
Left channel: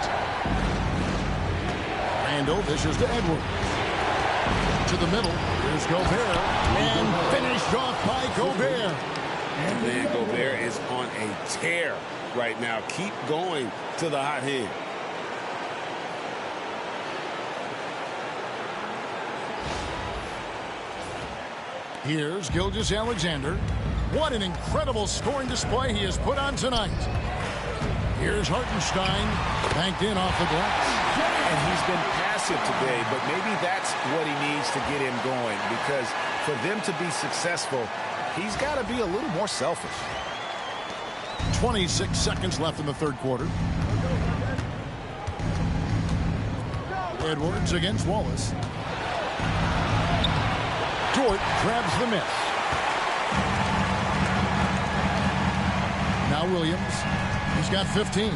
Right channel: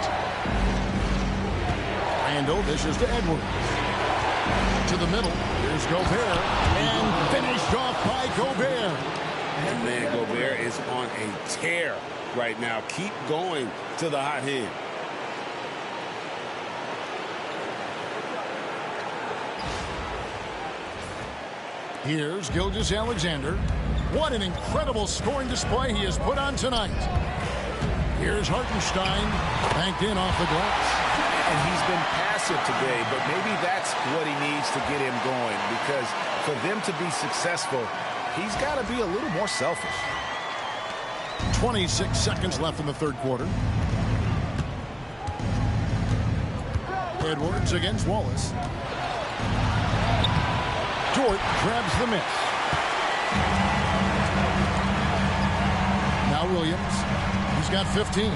Randall dishes to Edwards. To the middle. Here's Gobert. And finished off by Gobert. And man, Gobert is on a tear right now. Keep going to the hot hand. Here's Gilgeous-Alexander. What an incredible scoring display he has put on tonight. Here's Hartenstein, banked in off the glass. And he's been passive today, but maybe that's what he needs to get him going, because for them to be successful, he's got to be a little more selfish. 26 seconds left in the third quarter. Edwards against Wallace. Dort grabs the miss. Now Williams. He's got 15.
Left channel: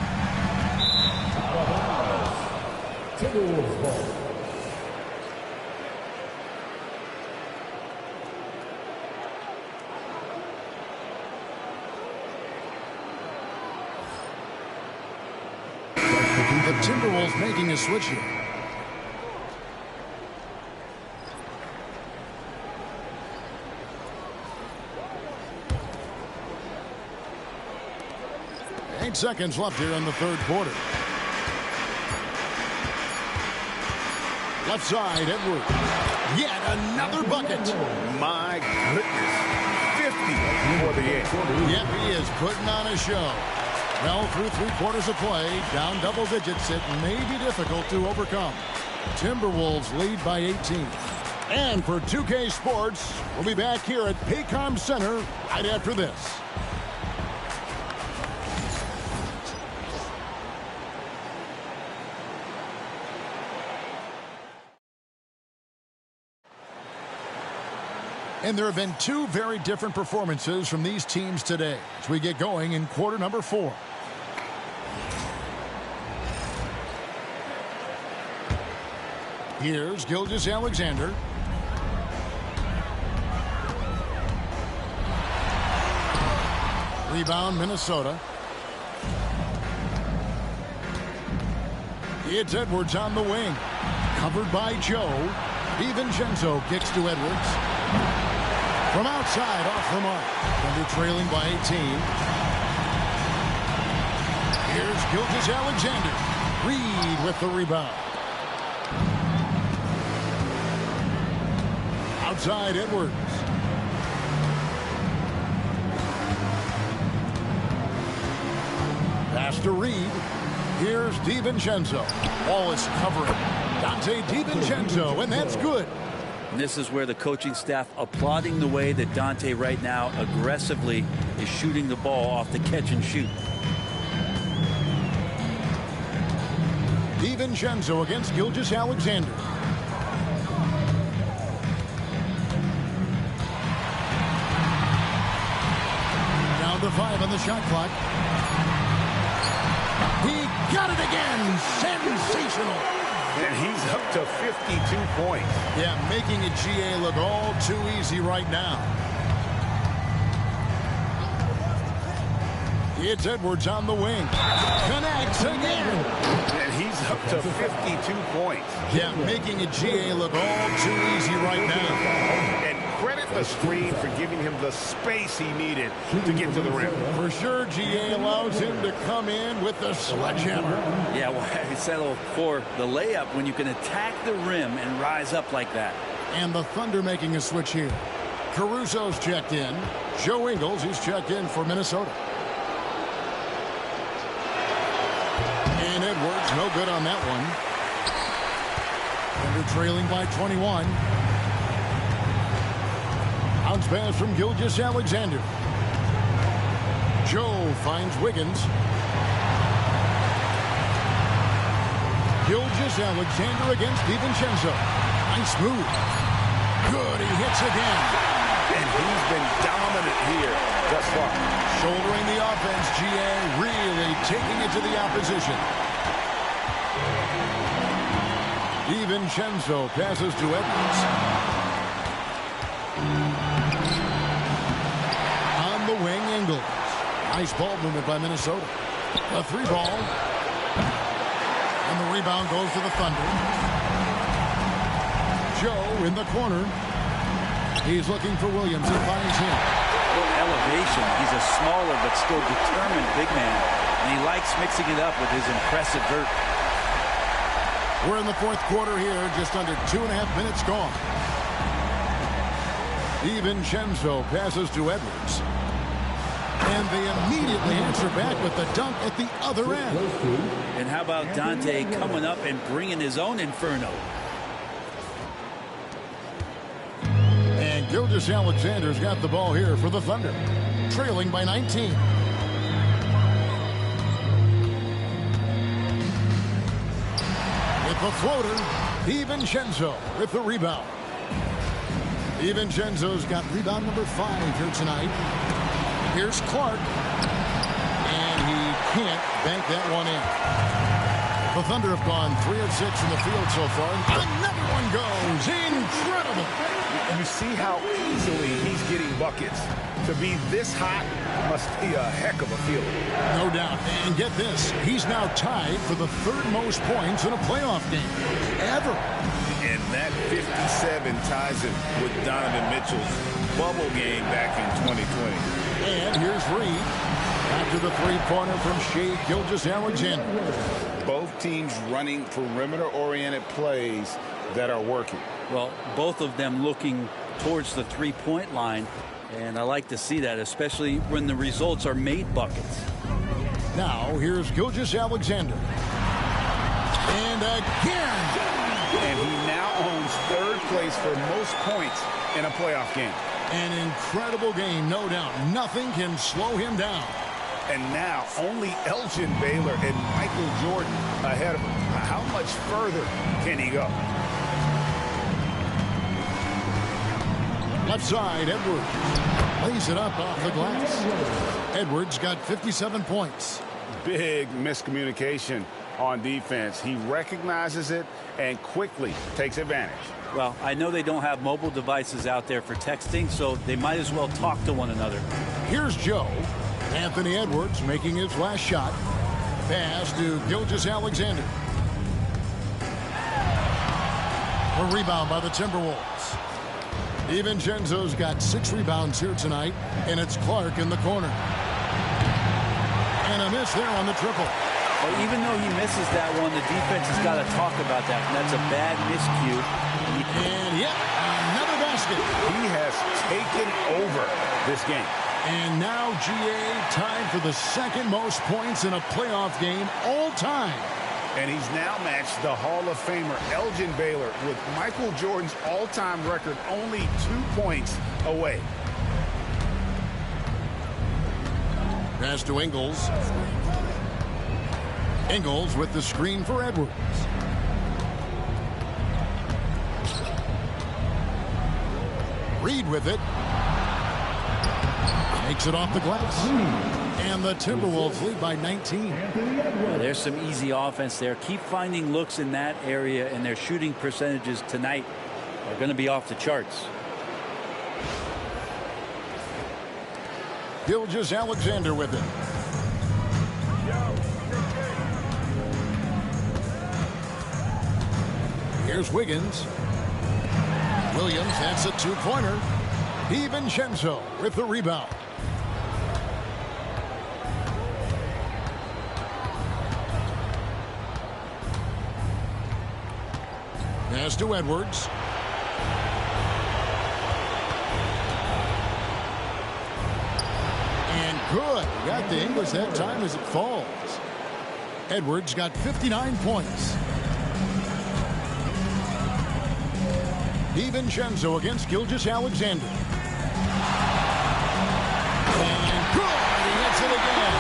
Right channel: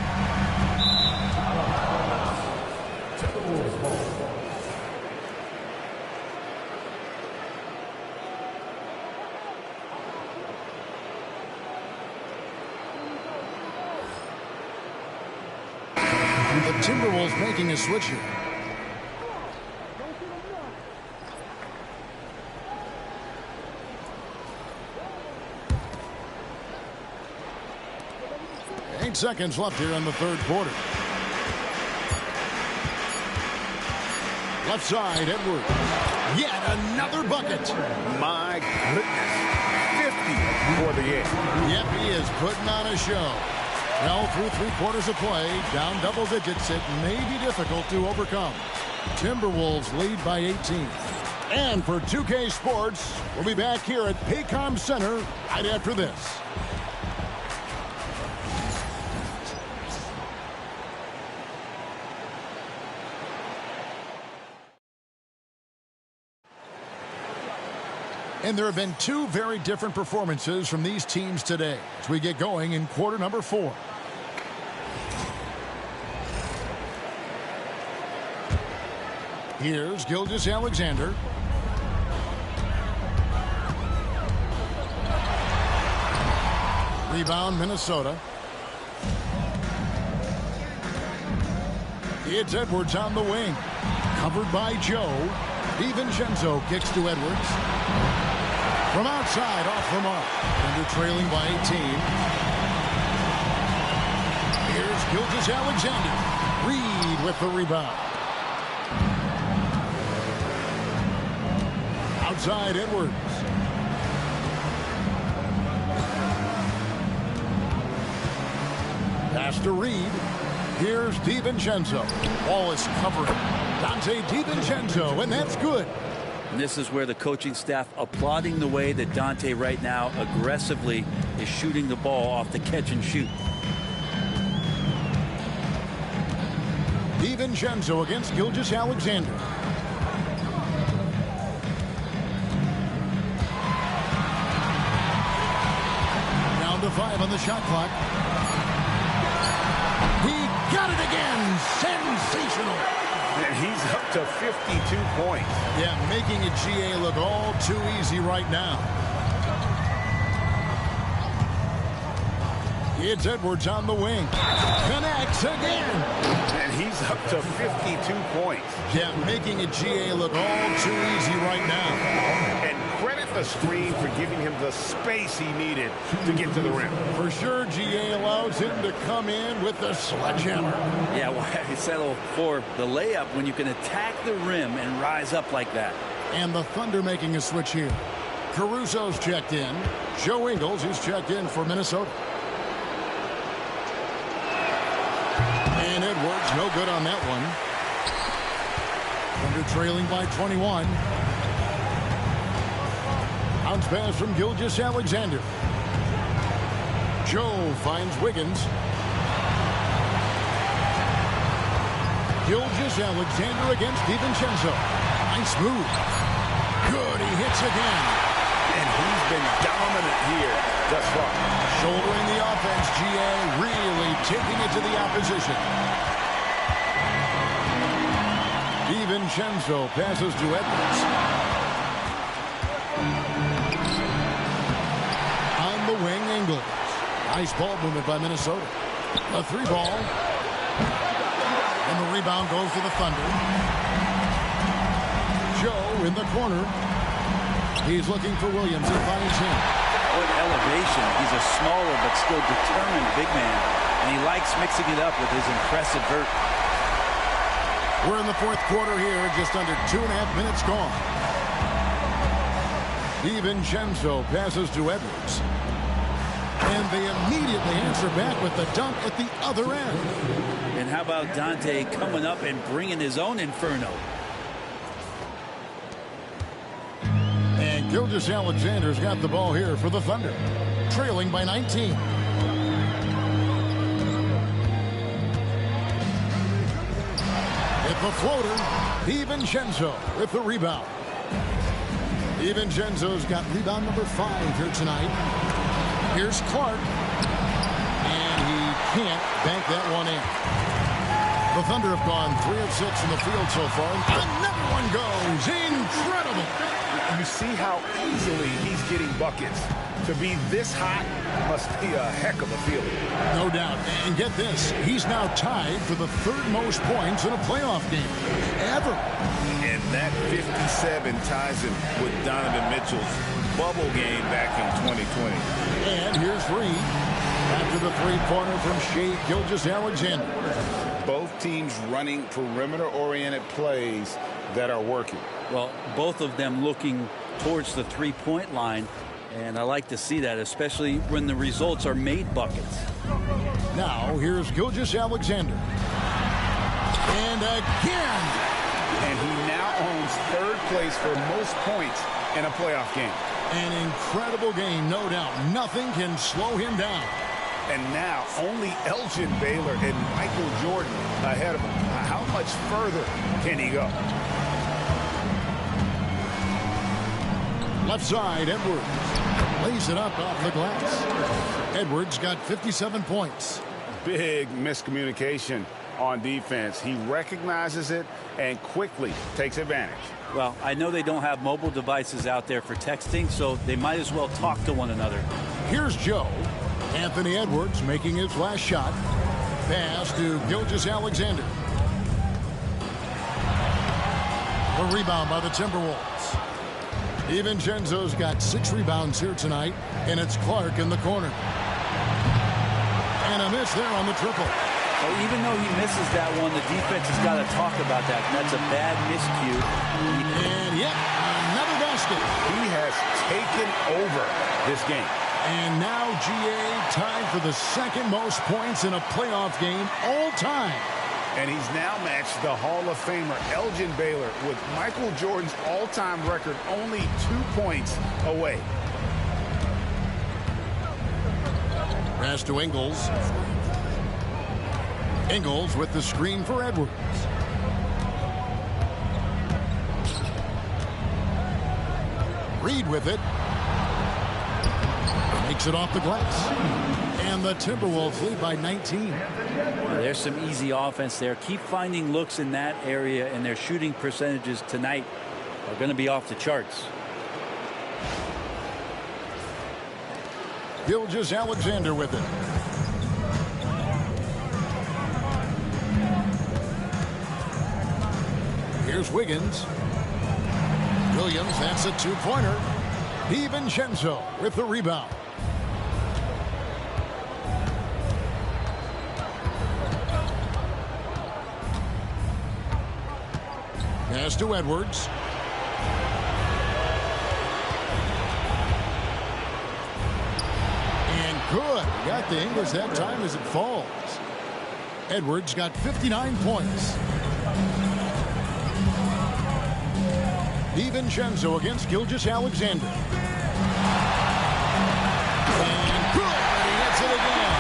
The Timberwolves making a switch here. Seconds left here in the third quarter. Left side, Edwards. Yet another bucket. My goodness. 50 for the game. Yep, he is putting on a show. Well, through 3 quarters of play, down double digits, it may be difficult to overcome. Timberwolves lead by 18. And for 2K Sports, we'll be back here at Paycom Center right after this. And there have been 2 very different performances from these teams today as we get going in quarter number 4. Here's Gilgeous-Alexander. Rebound, Minnesota. It's Edwards on the wing. Covered by Joe. DiVincenzo kicks to Edwards. From outside, off the mark. Thunder trailing by 18. Here's Gilgeous-Alexander. Reed with the rebound. Outside, Edwards. Pass to Reed. Here's DiVincenzo. Wallace covering. Dante DiVincenzo, and that's good. And this is where the coaching staff applauding the way that Dante right now aggressively is shooting the ball off the catch and shoot. DiVincenzo against Gilgeous-Alexander. Down to 5 on the shot clock. He got it again. Sensational. And he's up to 52 points. Yeah, making a GA look all too easy right now. It's Edwards on the wing. Connects again. And he's up to 52 points. Yeah, making a GA look all too easy right now. And credit the screen for giving him the space he needed to get to the rim. For sure, GA allows him to come in with the sledgehammer. Yeah, well, I settle for the layup when you can attack the rim and rise up like that. And the Thunder making a switch here. Caruso's checked in. Joe Ingles, he's checked in for Minnesota. And Edwards, no good on that one. Thunder trailing by 21. Bounce pass from Gilgeous-Alexander. Joe finds Wiggins. Gilgeous-Alexander against DiVincenzo. Nice move. Good, he hits again. And he's been dominant here thus far. Shouldering the offense, GA really taking it to the opposition. DiVincenzo passes to Edwards. On the wing, Ingles. Nice ball movement by Minnesota. A 3-ball. And the rebound goes to the Thunder. Joe in the corner. He's looking for Williams. He finds him. What elevation. He's a smaller but still determined big man. And he likes mixing it up with his impressive vert. We're in the 4th quarter here. Just under 2.5 minutes gone. DiVincenzo passes to Edwards. And they immediately answer back with the dunk at the other end. And how about Dante coming up and bringing his own inferno? And Gilgeous-Alexander's got the ball here for the Thunder. Trailing by 19. With the floater, DiVincenzo with the rebound. DiVincenzo's got rebound number 5 here tonight. Here's Clark. And he can't bank that one in. The Thunder have gone 3 of 6 from the field so far. Another one goes. Incredible. You see how easily he's getting buckets. To be this hot must be a heck of a feeling. No doubt. And get this, he's now tied for the 3rd most points in a playoff game ever. And that 57 ties him with Donovan Mitchell's bubble game back in 2020. And here's Reed after the 3-pointer from Shai Gilgeous-Alexander. both teams running perimeter-oriented plays that are working. Well, both of them looking towards the three-point line, and I like to see that, especially when the results are made buckets. Now, here's Gilgeous-Alexander. And again. And he now owns third place for most points in a playoff game. An incredible game, no doubt. Nothing can slow him down. And now only Elgin Baylor and Michael Jordan ahead of him. How much further can he go? Left side, Edwards lays it up off the glass. Edwards got 57 points. Big miscommunication on defense. He recognizes it and quickly takes advantage. Well, I know they don't have mobile devices out there for texting, so they might as well talk to one another. Here's Joe. Anthony Edwards making his last shot. Pass to Gilgeous-Alexander. A rebound by the Timberwolves. DiVincenzo's got 6 rebounds here tonight, and it's Clark in the corner. And a miss there on the triple. Well, even though he misses that one, the defense has got to talk about that. And that's a bad miscue. And yep, another basket. He has taken over this game. And now GA tied for the second most points in a playoff game all time. And he's now matched the Hall of Famer Elgin Baylor with Michael Jordan's all-time record only 2 points away. Pass to Ingles. Ingles with the screen for Edwards. Reed with it. Makes it off the glass. And the Timberwolves lead by 19. Well, there's some easy offense there. Keep finding looks in that area, and their shooting percentages tonight are going to be off the charts. Gilgeous-Alexander with it. Here's Wiggins. Williams, that's a two-pointer. DiVincenzo with the rebound. Pass to Edwards. And good. He got the English that time as it falls. Edwards got 59 points. DiVincenzo against Gilgeous-Alexander. And good. He hits it again.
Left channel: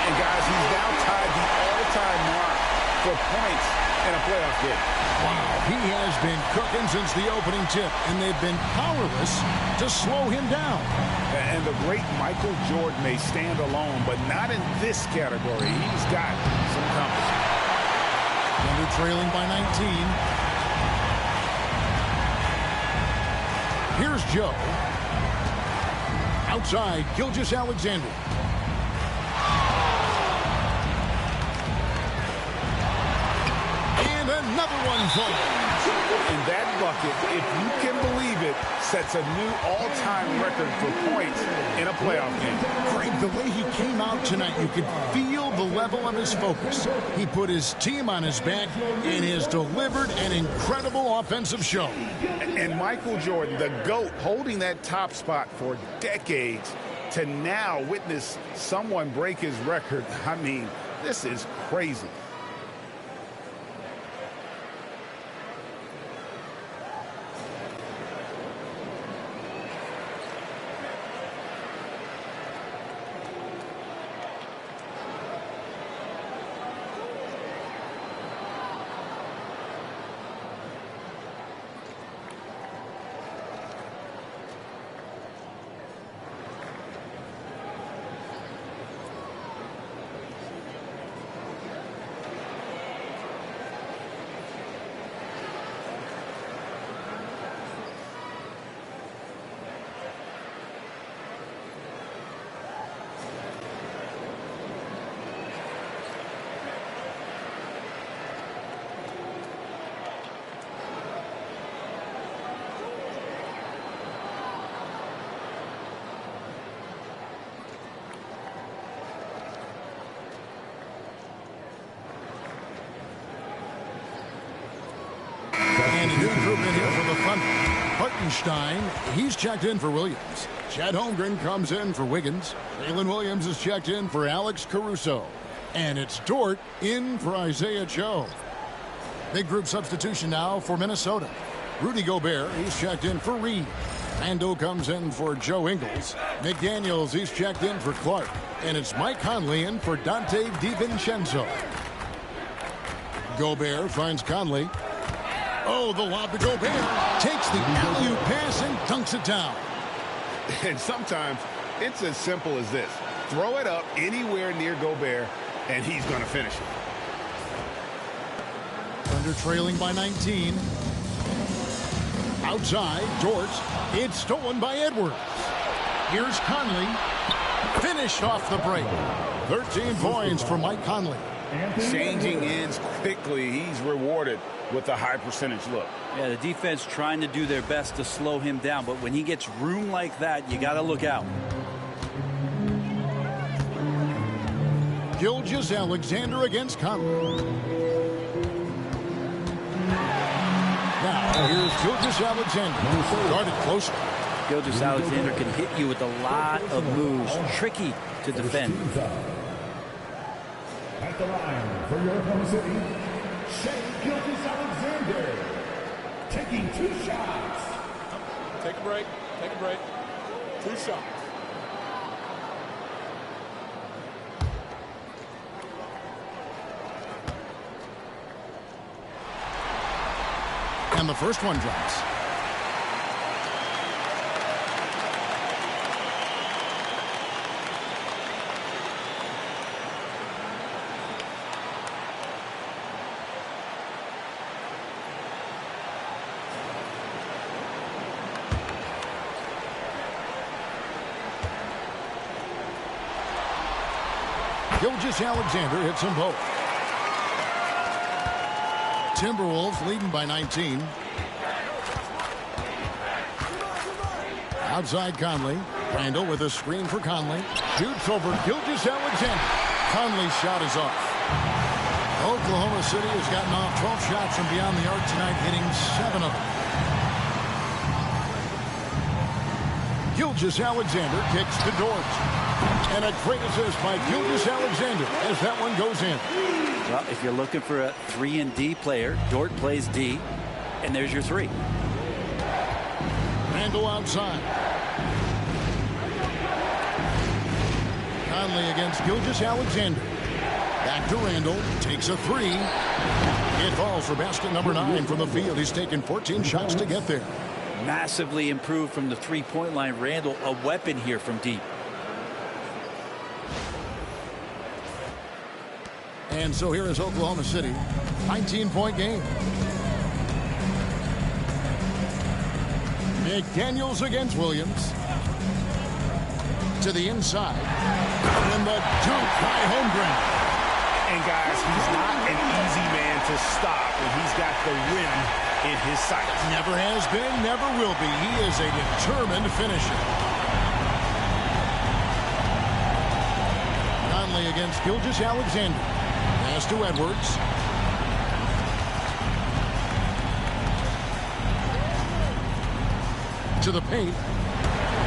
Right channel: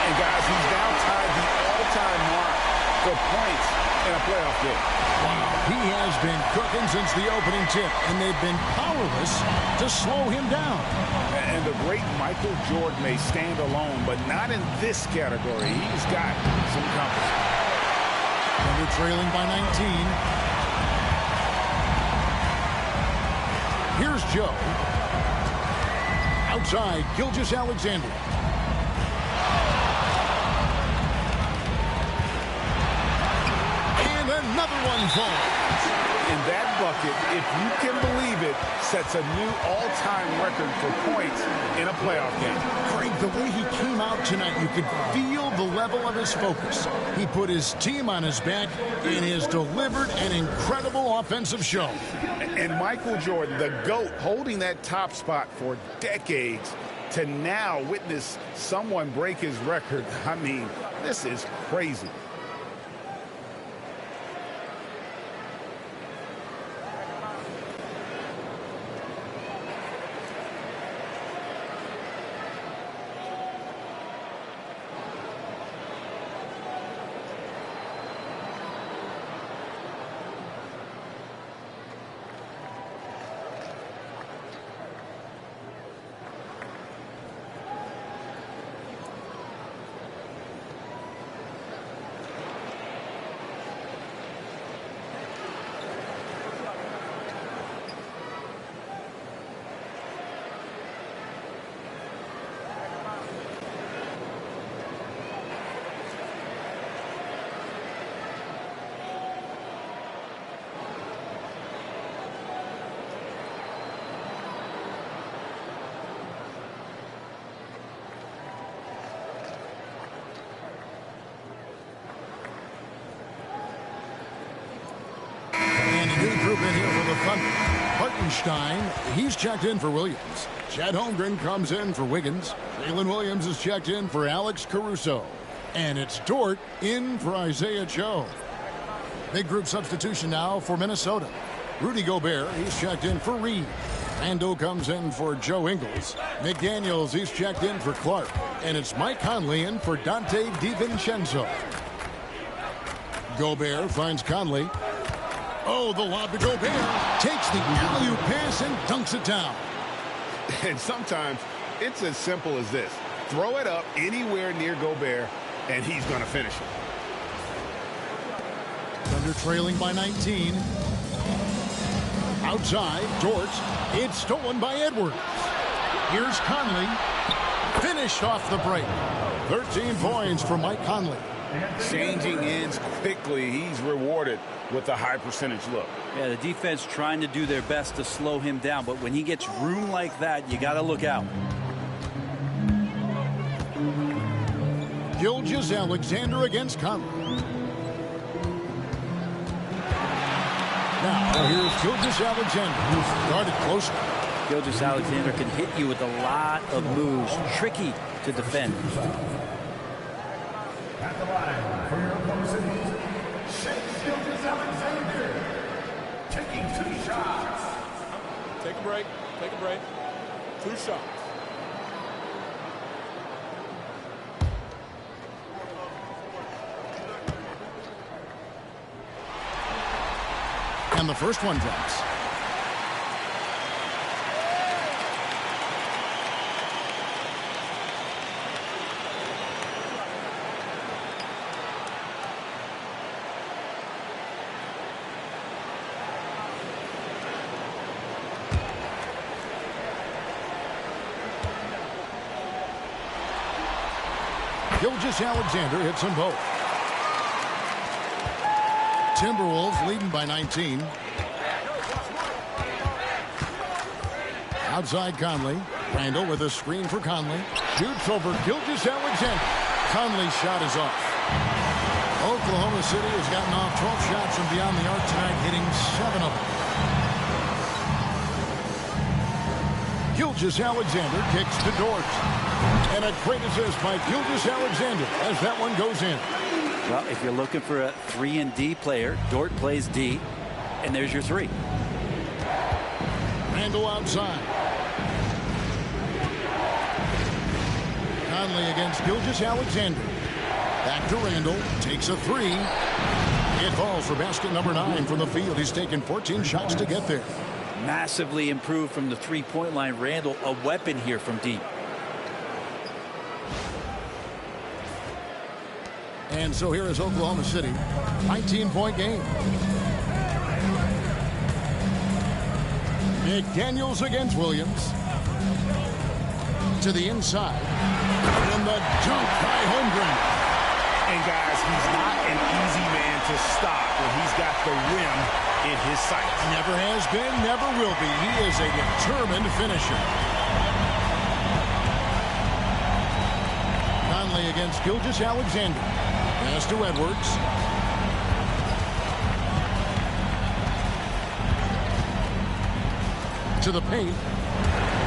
And guys, he's now tied the all-time mark for points in a playoff game. Wow, he has been cooking since the opening tip, and they've been powerless to slow him down. And the great Michael Jordan may stand alone, but not in this category. He's got some company. Thunder trailing by 19. Here's Joe. Outside, Gilgeous-Alexander. And another one falls. And that bucket, if you can believe it, sets a new all-time record for points in a playoff game. Greg, the way he came out tonight, you could feel the level of his focus. He put his team on his back and has delivered an incredible offensive show. And Michael Jordan, the GOAT, holding that top spot for decades, to now witness someone break his record. I mean, this is crazy. group in here for the Thunder. Hartenstein, he's checked in for Williams. Chet Holmgren comes in for Wiggins. Jalen Williams is checked in for Alex Caruso. And it's Dort in for Isaiah Joe. Big group substitution now for Minnesota. Rudy Gobert, he's checked in for Reed. Randall comes in for Joe Ingles. McDaniels, he's checked in for Clark. And it's Mike Conley in for Dante DiVincenzo. Gobert finds Conley. Oh, the lob to Gobert. Takes the alley-oop pass and dunks it down. And sometimes it's as simple as this. Throw it up anywhere near Gobert, and he's going to finish it. Thunder trailing by 19. Outside, Dort. It's stolen by Edwards. Here's Conley. Finished off the break. 13 points for Mike Conley. Changing ends quickly. He's rewarded with a high percentage look. Yeah, the defense trying to do their best to slow him down, but when he gets room like that, you got to look out. Gilgeous-Alexander against Conley. Now, here's Gilgeous-Alexander. Guarded closely. Gilgeous-Alexander can hit you with a lot of moves. Tricky to defend. At the line for your Oklahoma City, Shai Gilgeous-Alexander, taking 2 shots. Take a break. Take a break. 2 shots. And the first one drops. Gilgeous-Alexander hits them both. Timberwolves leading by 19. Outside Conley. Randall with a screen for Conley. Shoots over Gilgeous-Alexander. Conley's shot is off. Oklahoma City has gotten off 12 shots from beyond the arc tonight, hitting 7 of them. Gilgeous-Alexander kicks to Dort. And a great assist by Gilgeous-Alexander as that one goes in. Well, if you're looking for a 3-and-D player, Dort plays D, and there's your 3. Randall outside. Conley against Gilgeous-Alexander. Back to Randall. Takes a 3. It falls for basket number 9 from the field. He's taken 14 shots to get there. Massively improved from the 3-point line. Randall, a weapon here from deep. And so here is Oklahoma City. 19-point game. McDaniels against Williams. To the inside. And the dunk by Holmgren. And guys, he's not an easy man to stop when he's got the rim in his sights. Never has been, never will be. He is a determined finisher. Conley against Gilgeous-Alexander. Pass to Edwards. To the paint.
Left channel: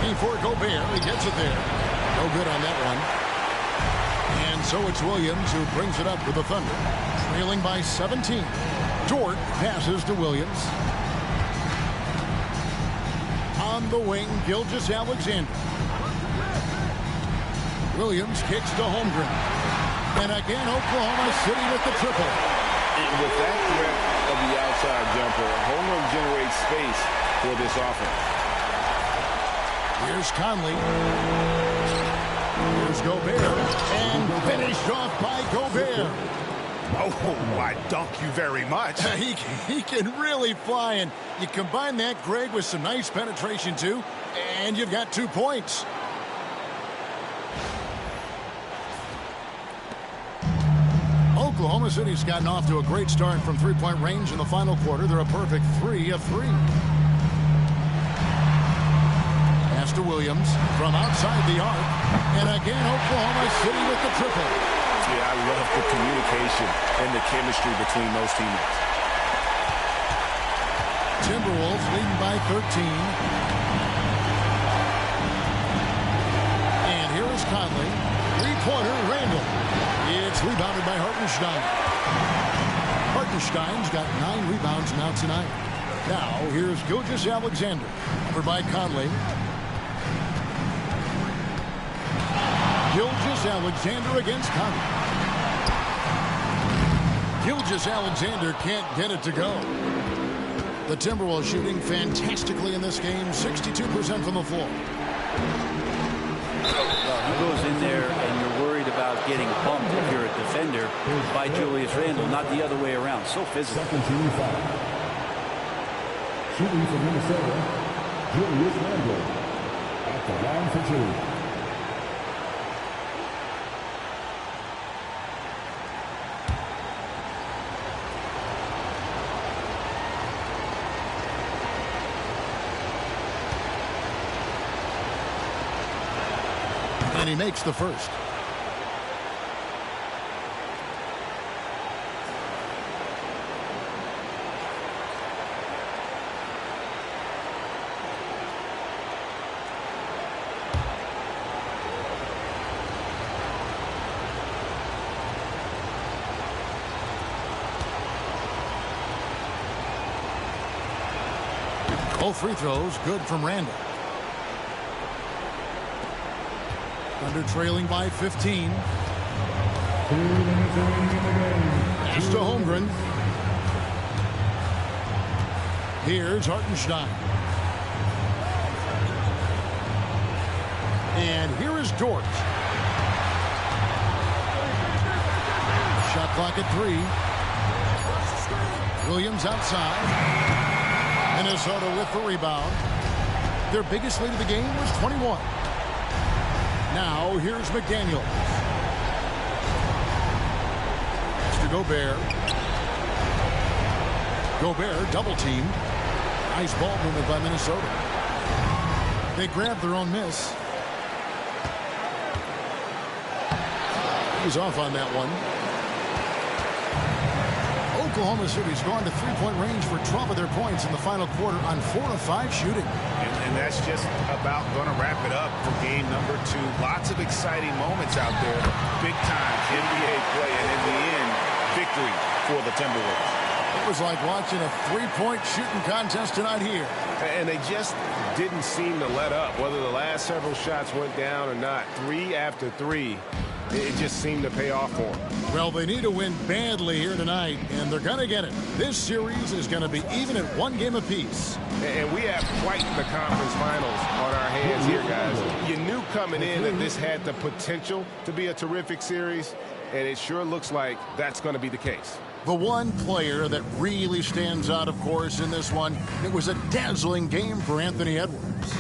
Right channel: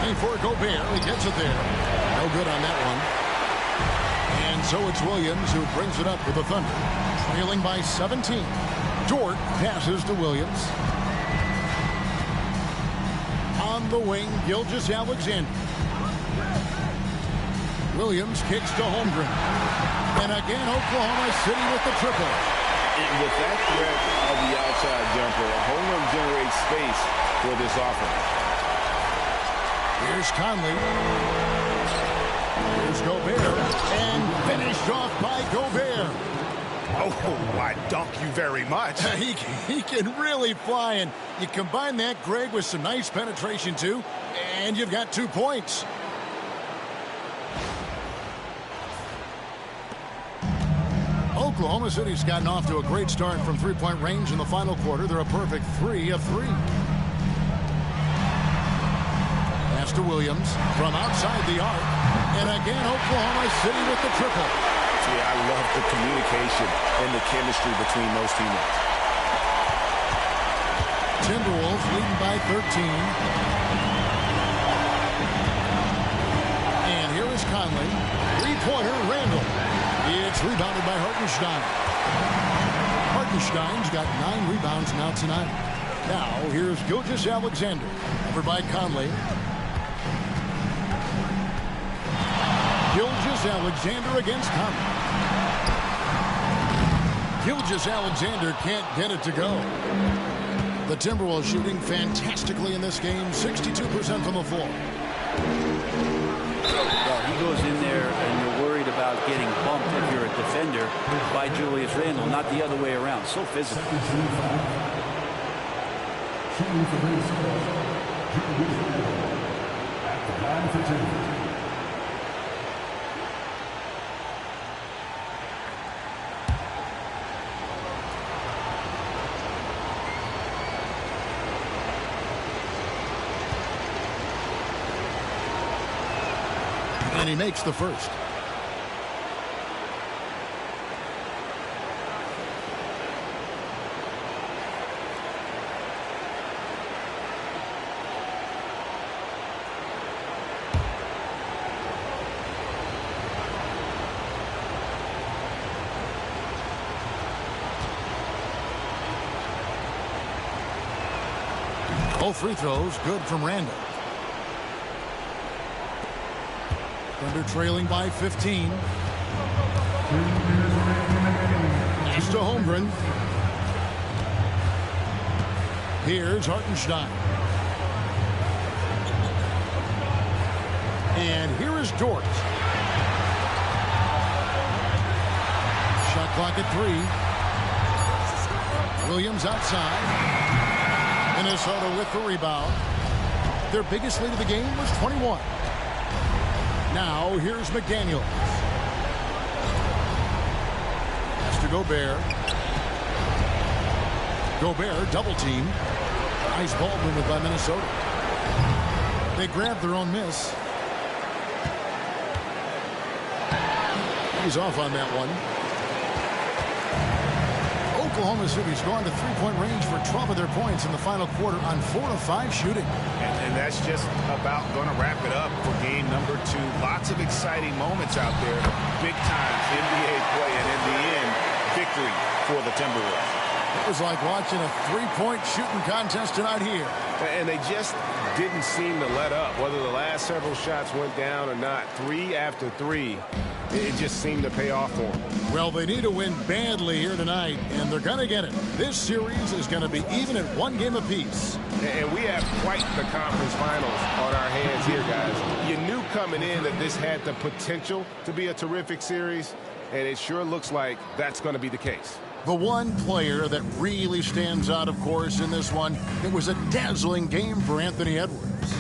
Before Gobert, he gets it there. No good on that one. And so it's Williams who brings it up for the Thunder. Trailing by 17. Dort passes to Williams. On the wing, Gilgeous-Alexander. Williams kicks to Holmgren. And again, Oklahoma City with the triple. And with that threat of the outside jumper, Holmgren generates space for this offense. Here's Conley. Here's Gobert. And finished off by Gobert. Oh, I dunk you very much. He can really fly, and you combine that, Greg, with some nice penetration, too, and you've got 2 points. Oklahoma City's gotten off to a great start from three-point range in the final quarter. They're a perfect 3 of 3. Pass to Williams from outside the arc. And again, Oklahoma City with the triple. Yeah, I love the communication and the chemistry between those teammates. Timberwolves leading by 13. And here is Conley. Three-pointer, Randall. It's rebounded by Hartenstein. Hartenstein's got 9 rebounds now tonight. Now, here's Gilgeous-Alexander. Over by Conley. Gilgeous-Alexander against Conley. Gilgeous-Alexander can't get it to go. The Timberwolves shooting fantastically in this game, 62% from the floor. Well, he goes in there and you're worried about getting bumped if you're a defender by Julius Randle, not the other way around. So physical. Shooting for Minnesota, Julius Randle at the line for 2. And he makes the first. Both free throws good from Randall. Thunder trailing by 15. Pass to Holmgren. Here's Hartenstein. And here is Dort. Shot clock at 3. Williams outside. Minnesota with the rebound. Their biggest lead of the game was 21. Now, here's McDaniels. Pass to Gobert. Gobert double-teamed. Nice ball movement by Minnesota. They grabbed their own miss. He's off on that one. Oklahoma City's gone to three-point range for 12 of their points in the final quarter on 4 of 5 shooting. And that's just about going to wrap it up for game number 2. Lots of exciting moments out there. Big-time NBA play, and in the end, victory for the Timberwolves. It was like watching a three-point shooting contest tonight here. And they just didn't seem to let up. Whether the last several shots went down or not, 3 after 3, it just seemed to pay off for them. Well, they need to win badly here tonight, and they're going to get it. This series is going to be even at 1 game apiece. And we have quite the conference finals on our hands here, guys. You knew coming in that this had the potential to be a terrific series, and it sure looks like that's going to be the case. The one player that really stands out, of course, in this one, it was a dazzling game for Anthony Edwards.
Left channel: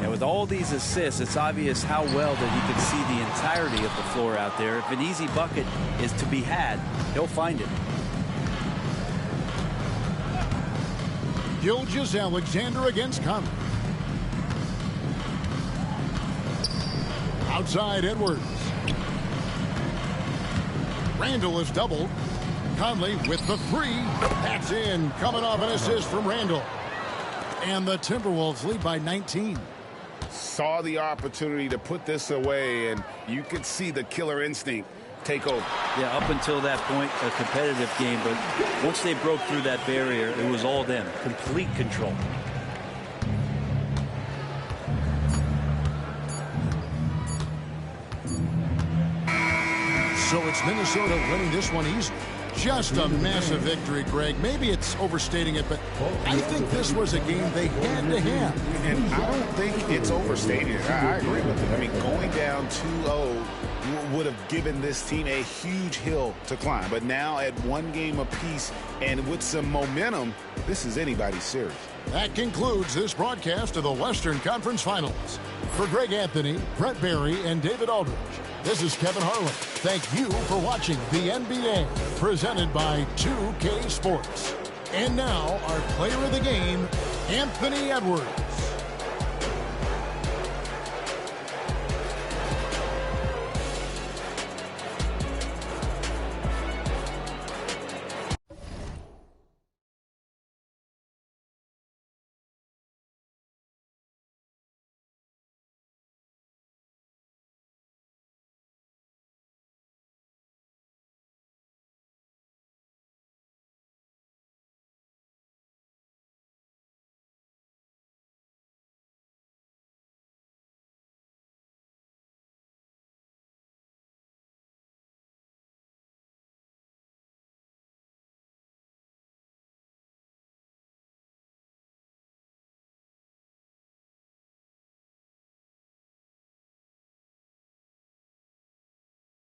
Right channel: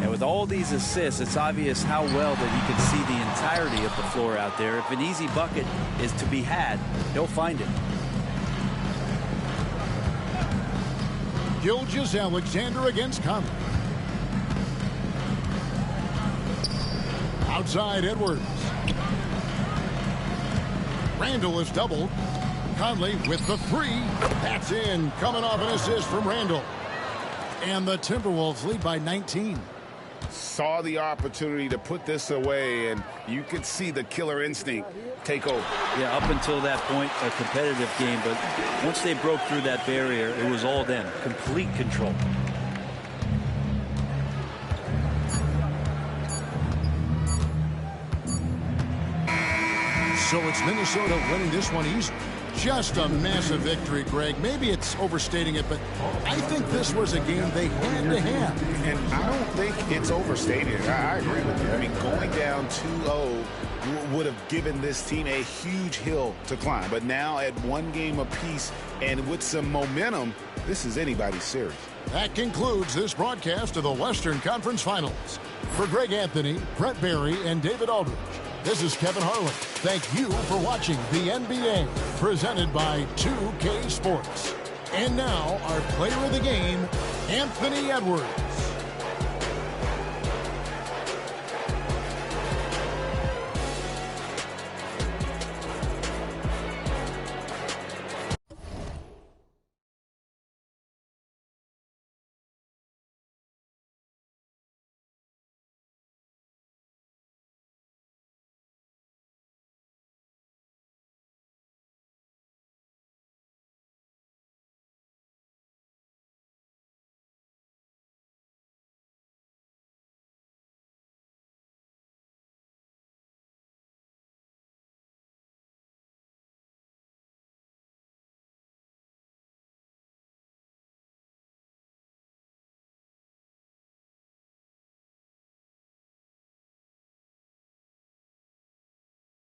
And with all these assists, it's obvious how well that he could see the entirety of the floor out there. If an easy bucket is to be had, he'll find it. Gilgeous-Alexander against Conley. Outside Edwards. Randall is doubled. Conley with the 3. That's in. Coming off an assist from Randall. And the Timberwolves lead by 19. Saw the opportunity to put this away, and you could see the killer instinct take over. Yeah, up until that point, a competitive game, but once they broke through that barrier, it was all them. Complete control. So it's Minnesota winning this one easy. Just a massive victory, Greg. Maybe it's overstating it, but I think this was a game they had to have. And I don't think it's overstating it. I agree with you. I mean, going down 2-0 would have given this team a huge hill to climb. But now at 1 game apiece and with some momentum, this is anybody's series. That concludes this broadcast of the Western Conference Finals. For Greg Anthony, Brett Barry, and David Aldridge, this is Kevin Harlan. Thank you for watching the NBA, presented by 2K Sports. And now, our player of the game, Anthony Edwards.